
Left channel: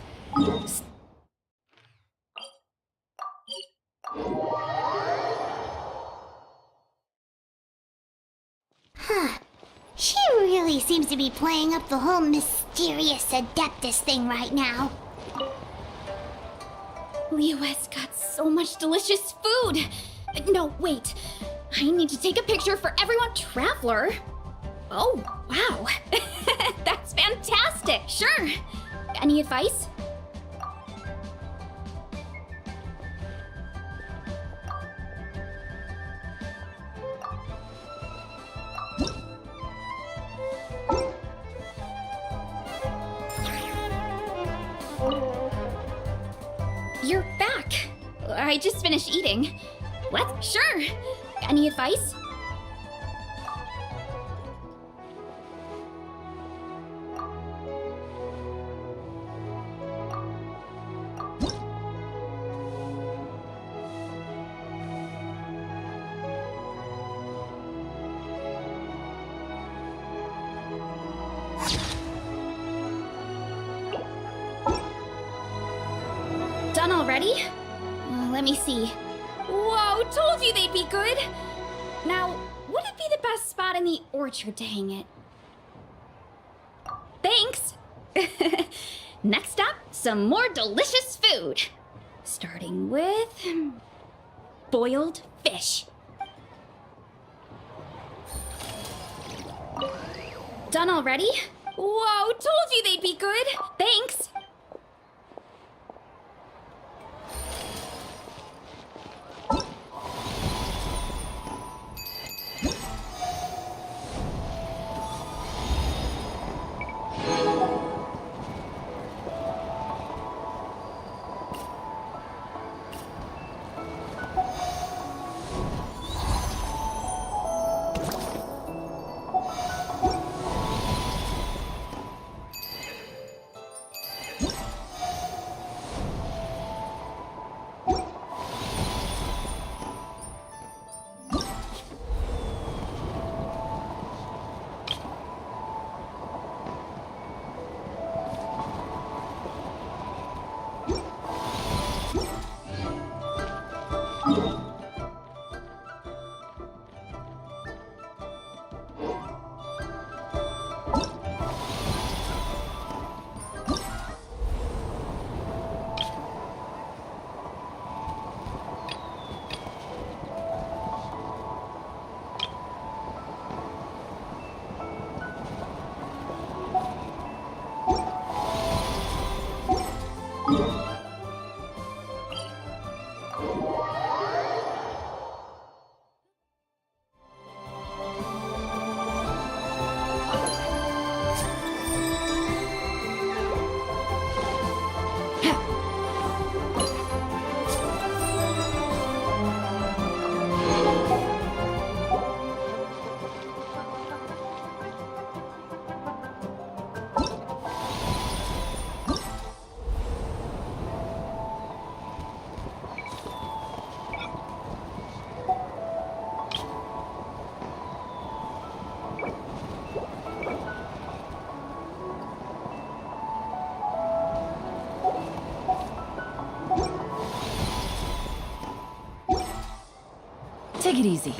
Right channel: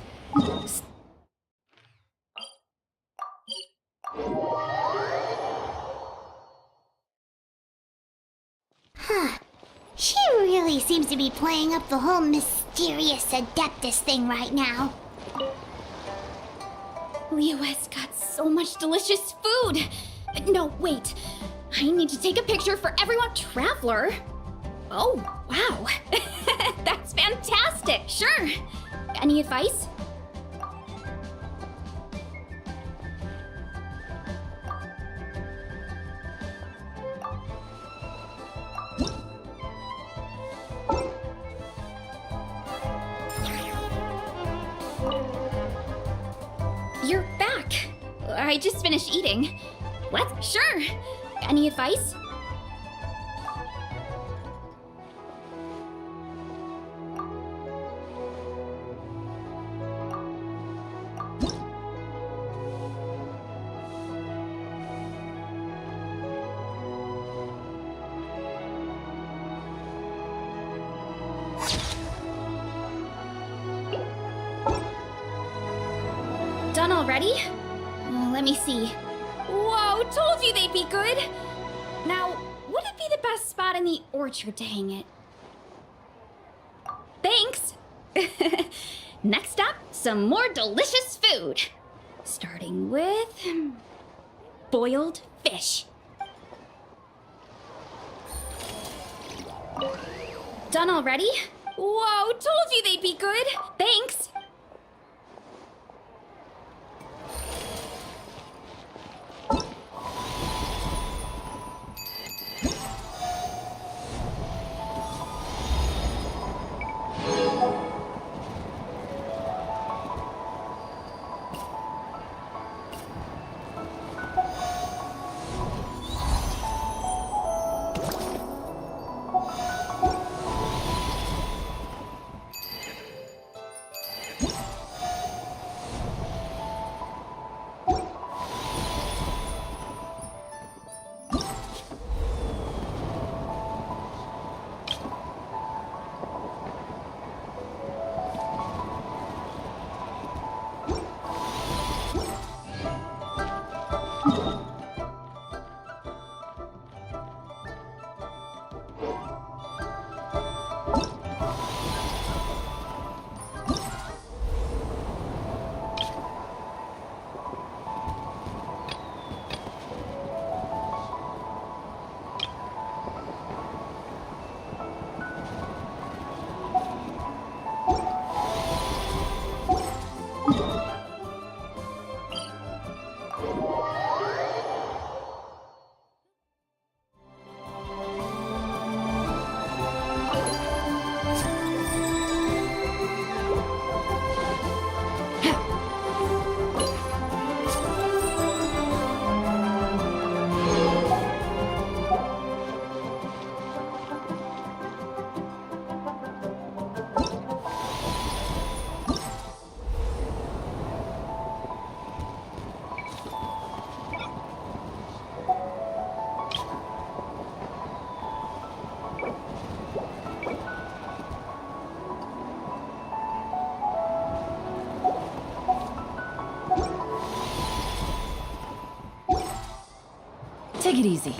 Huh. She really seems to be playing up the whole mysterious Adeptus thing right now. Liyue's got so much delicious food! No, wait. I need to take a picture for everyone. Traveler? Oh, wow. That's fantastic! Sure. Any advice? I just finished eating. What? Sure. Any advice? Done already? Well, let me see. Whoa, told you they'd be good! Now, would it be the best spot in the orchard to hang it? Thanks! Next up, some more delicious food. Starting with... boiled fish. Done already? Whoa, told you they'd be good! Thanks! Take it easy.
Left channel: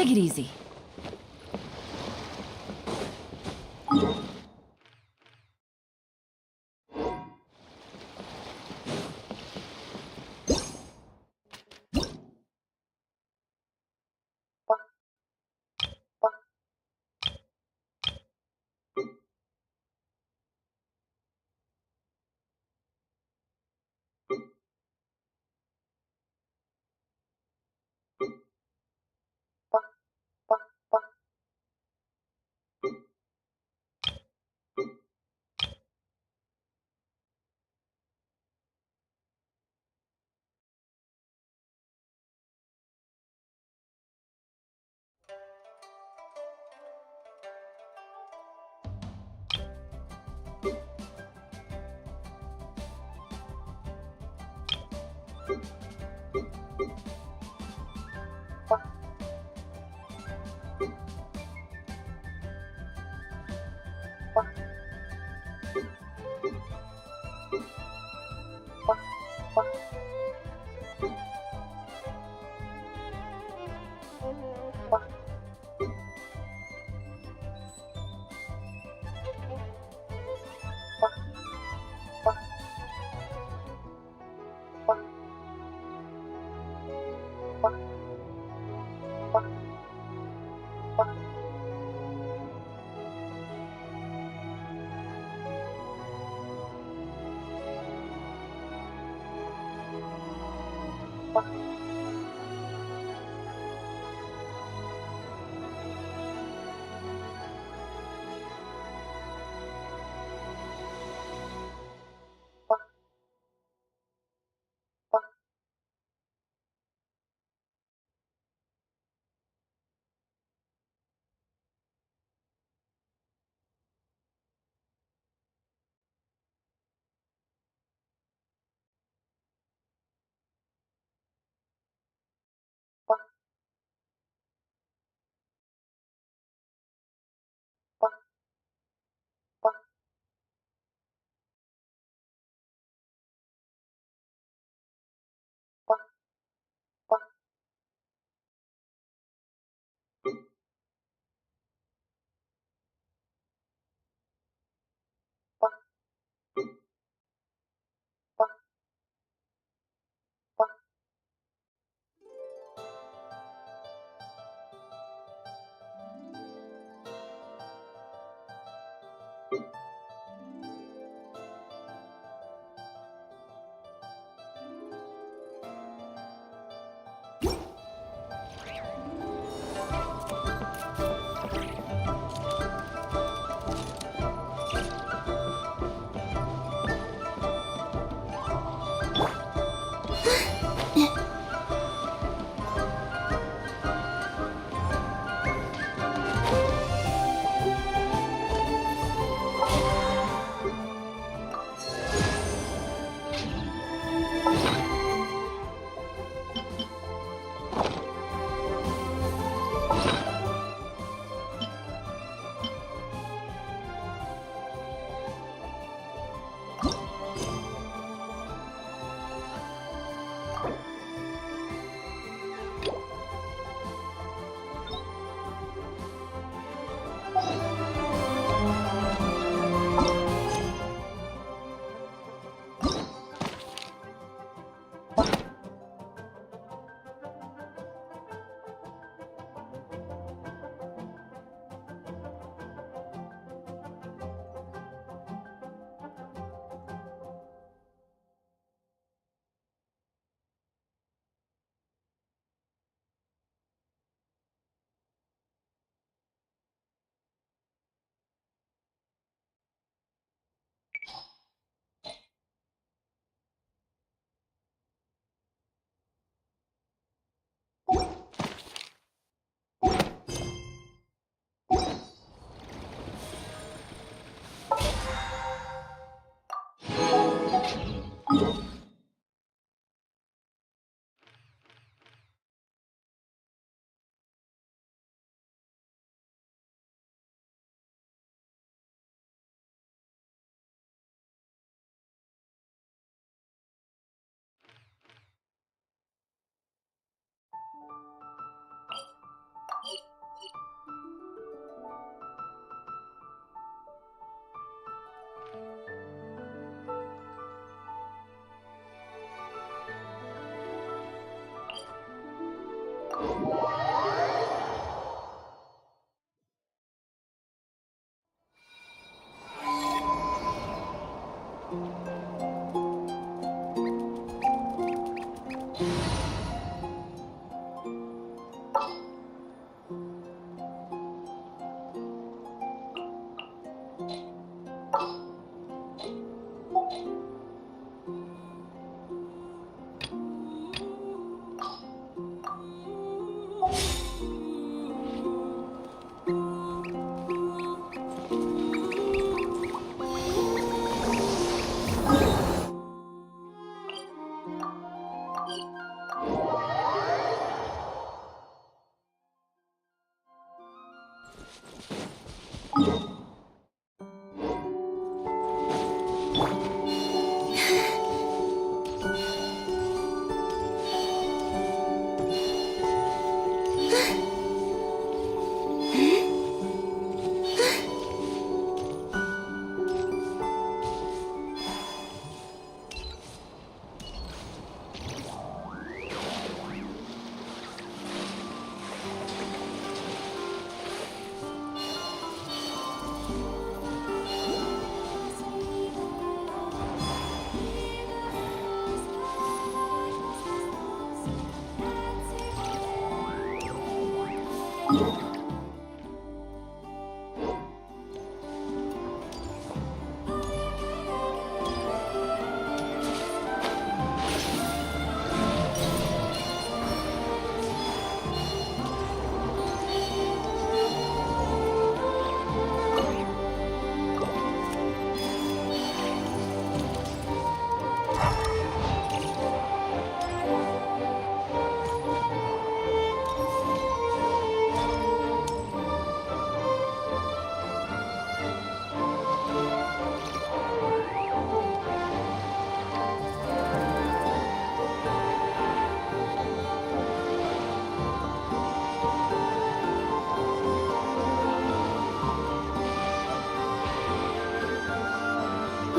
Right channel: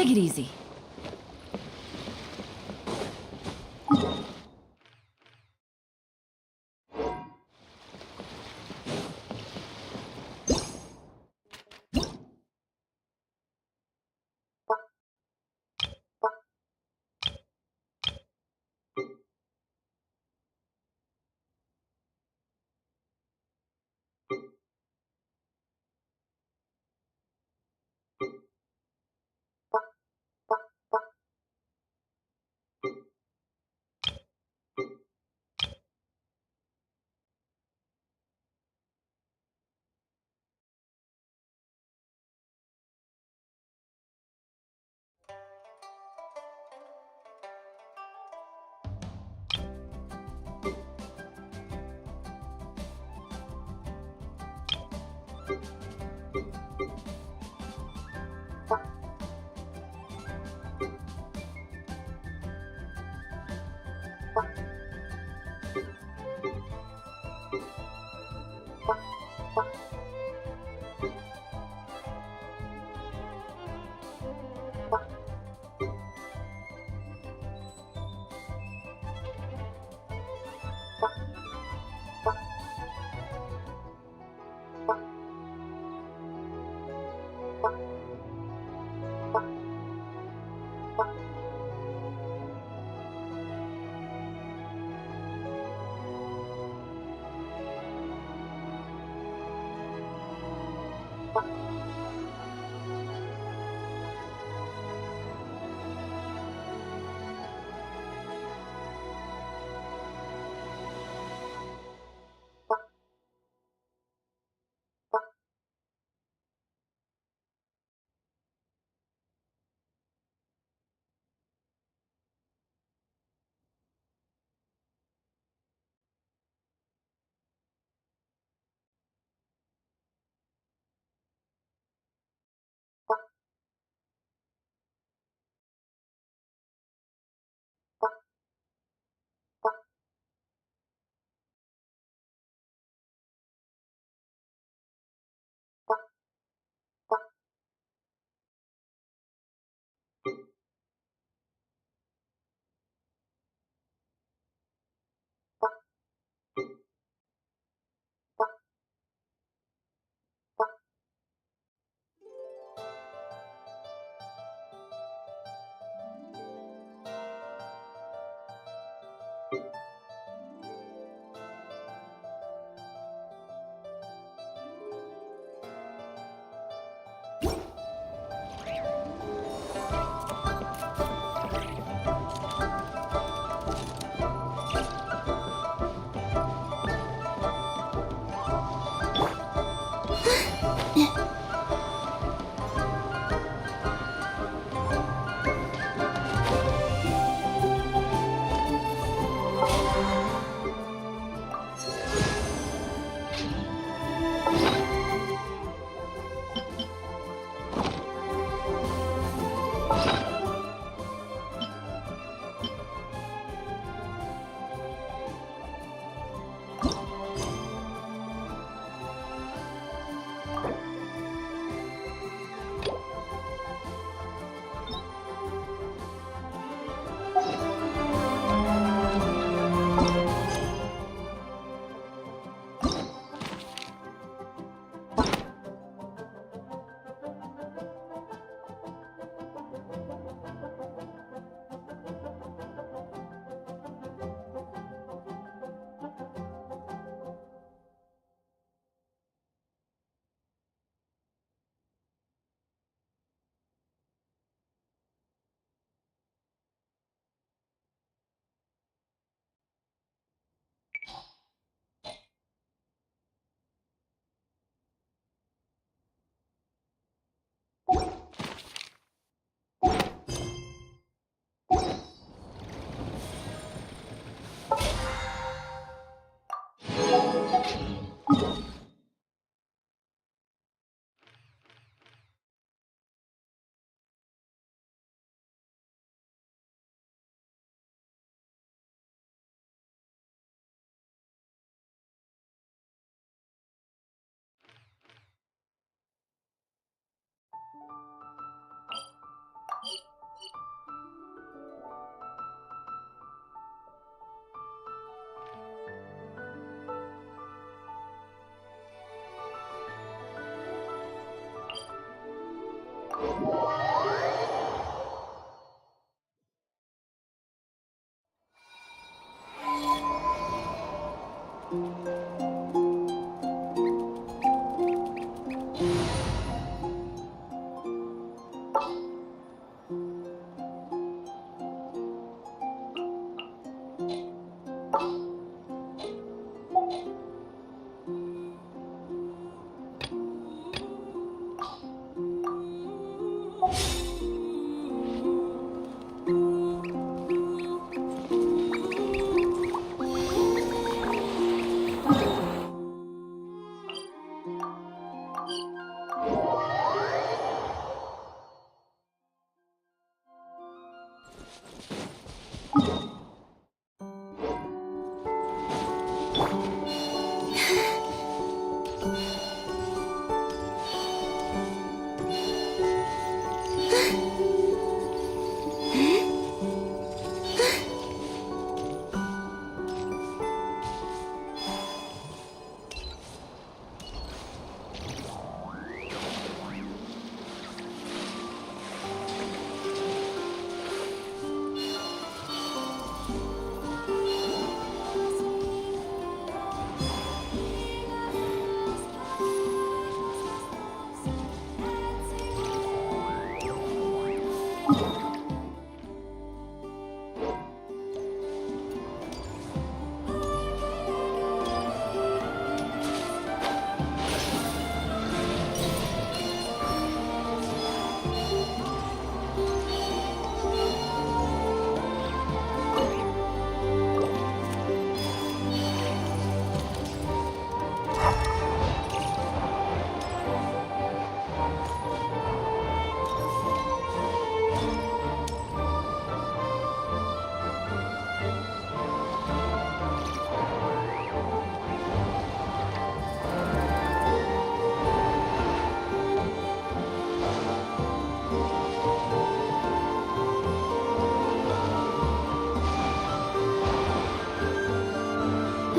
Take it easy.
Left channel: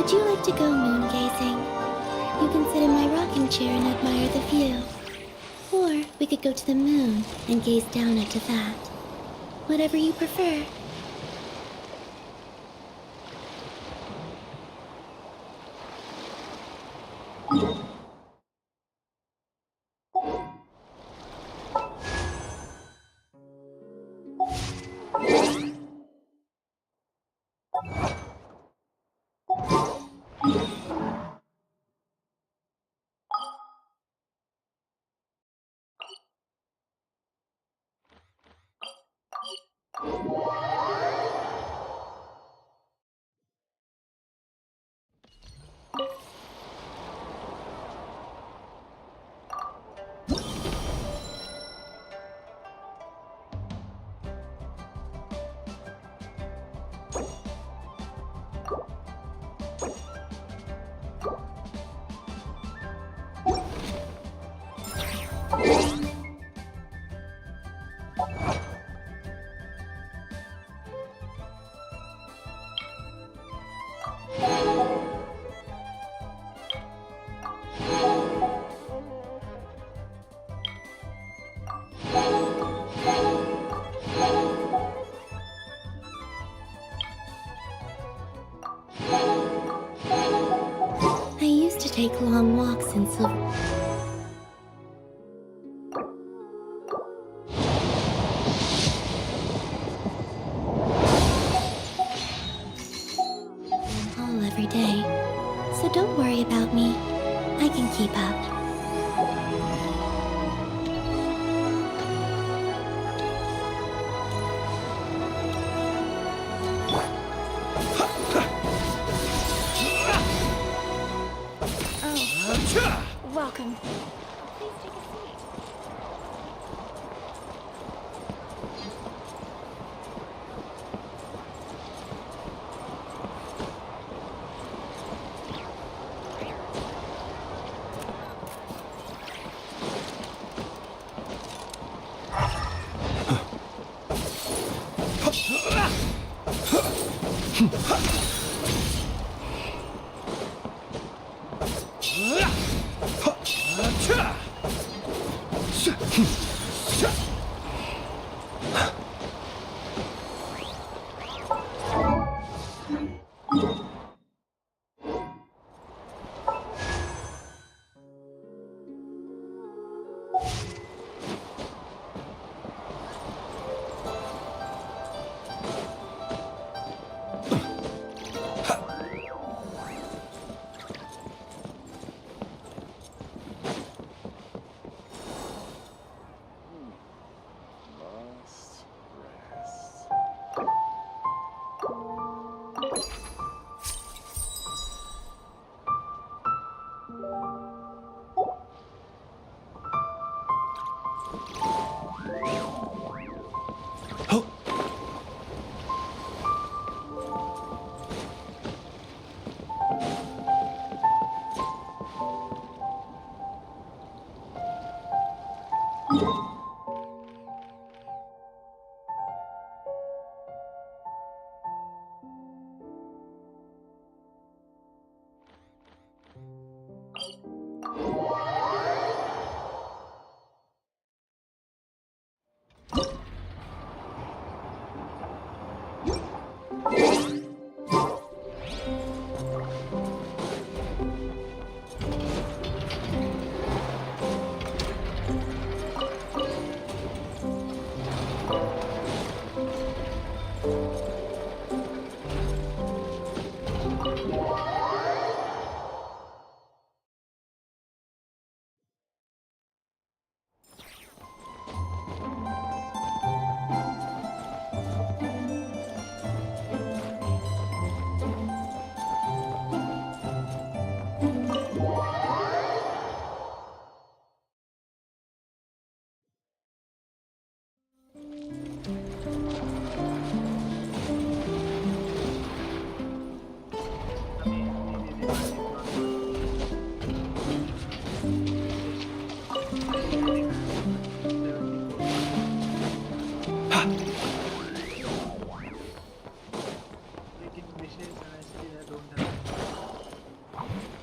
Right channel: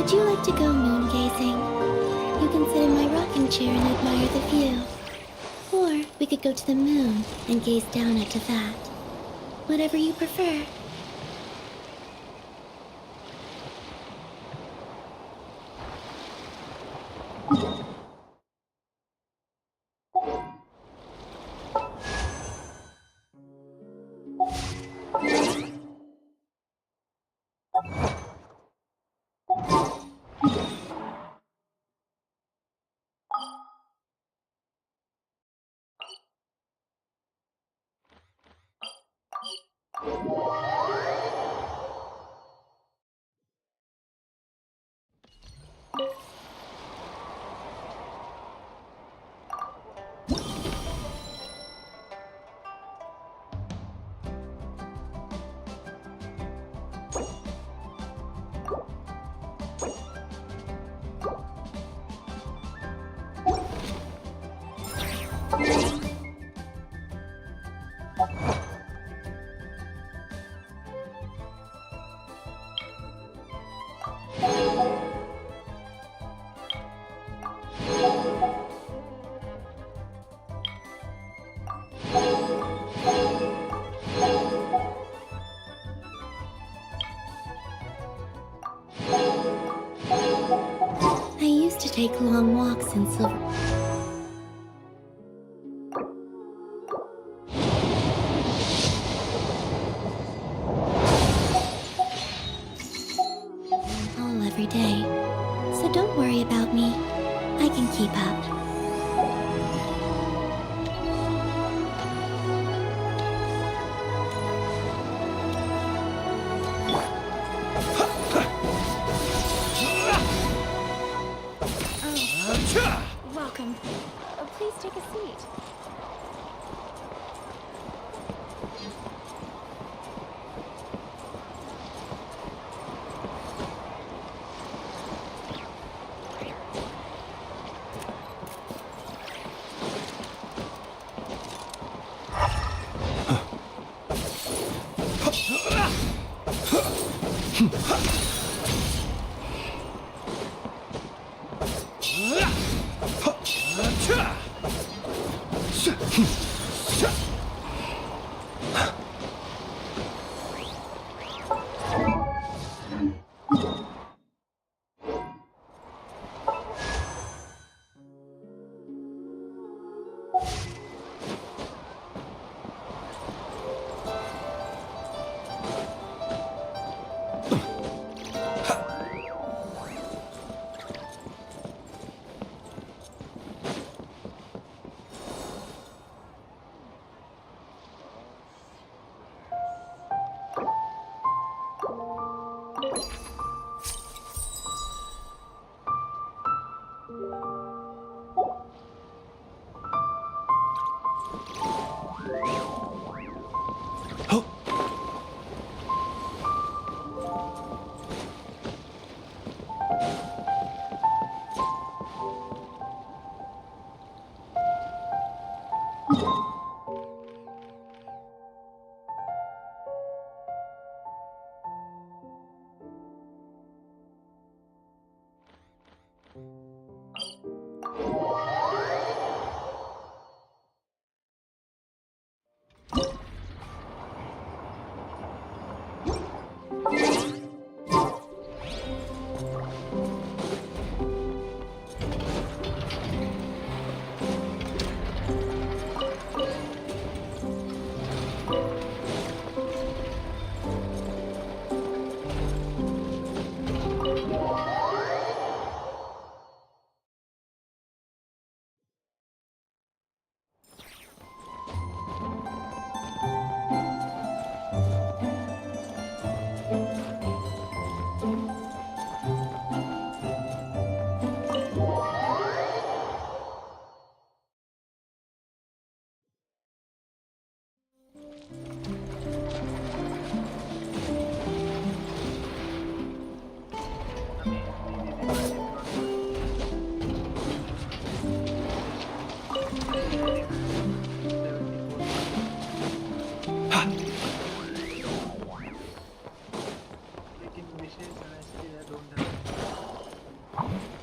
Would you like to go moon gazing? You can sit in my rocking chair and admire the view. Or we could go to the moon and gaze down at that. Whatever you prefer. I used to take long walks in Silver. Hall every day. So don't worry about me. I can keep up. Welcome. Please take a seat.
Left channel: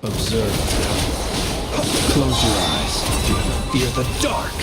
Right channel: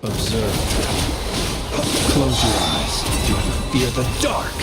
Observe. Close your eyes. Do you fear the dark?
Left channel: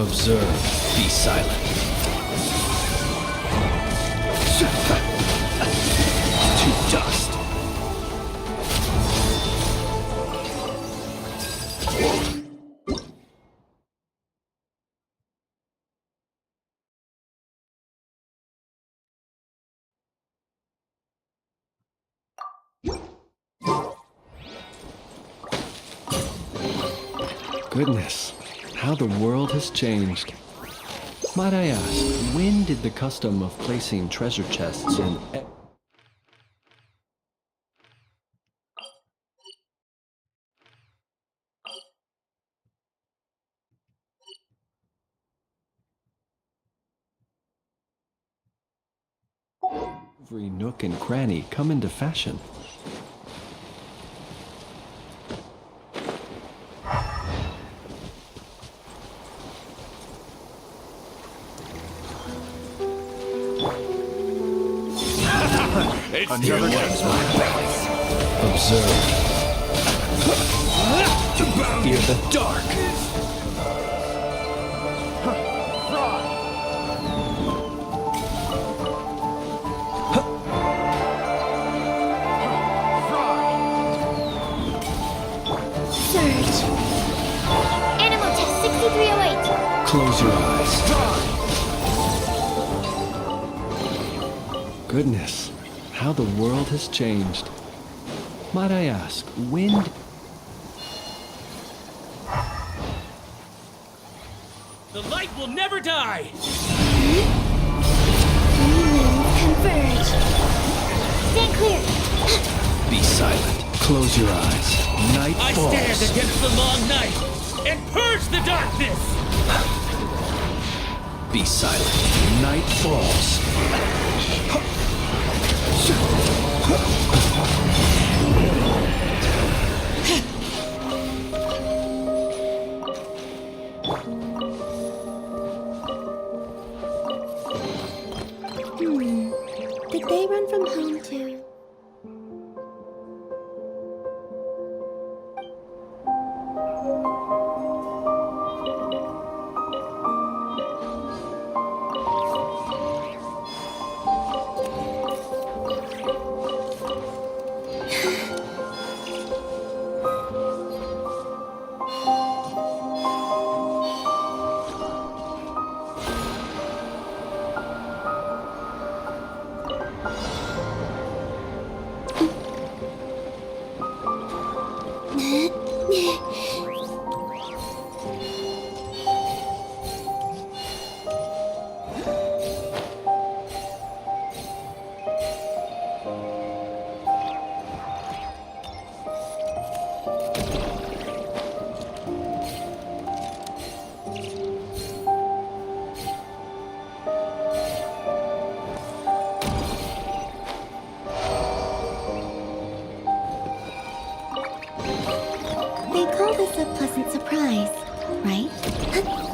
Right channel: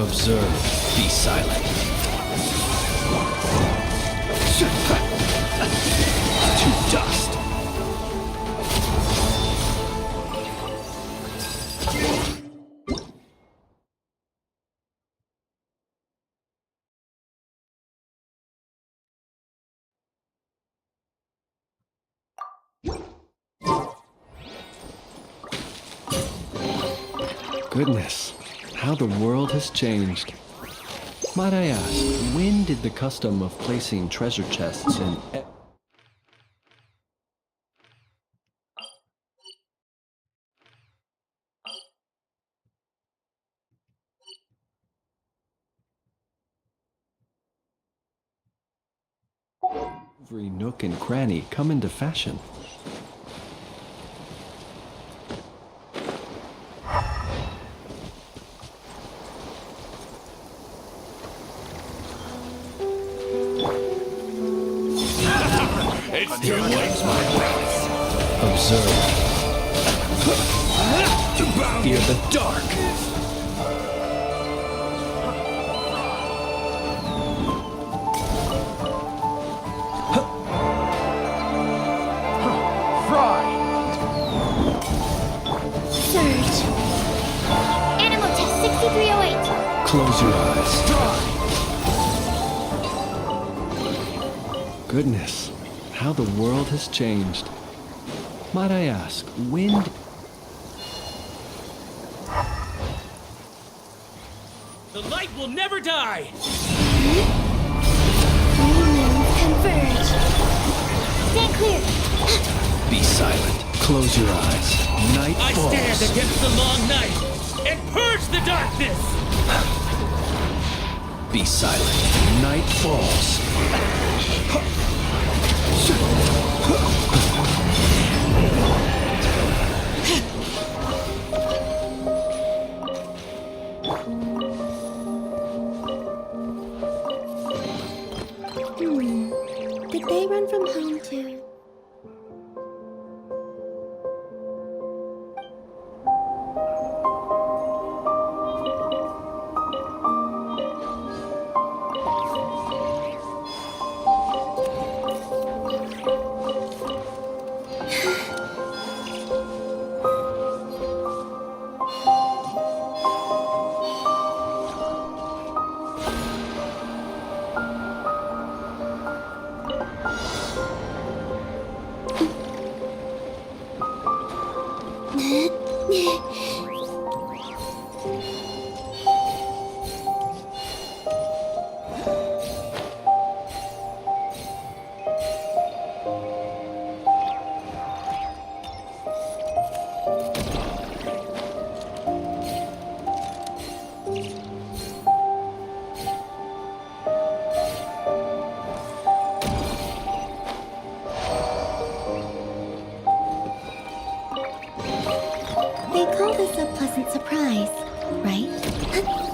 Observe. Be silent. To dust. Goodness, how the world has changed. Might I ask, when did the custom of placing treasure chests in... Every nook and cranny come into fashion. It's too late, my brothers. Observe. Do you fear the dark? Surge. Animal test 6308. Close your eyes. Goodness, how the world has changed. Might I ask, when... The light will never die! Three moons converge. Stand clear. Be silent. Close your eyes. Night I falls. stand against the long night and purge the darkness! Be silent. Night falls. Did they run from home too? They call this a pleasant surprise, right?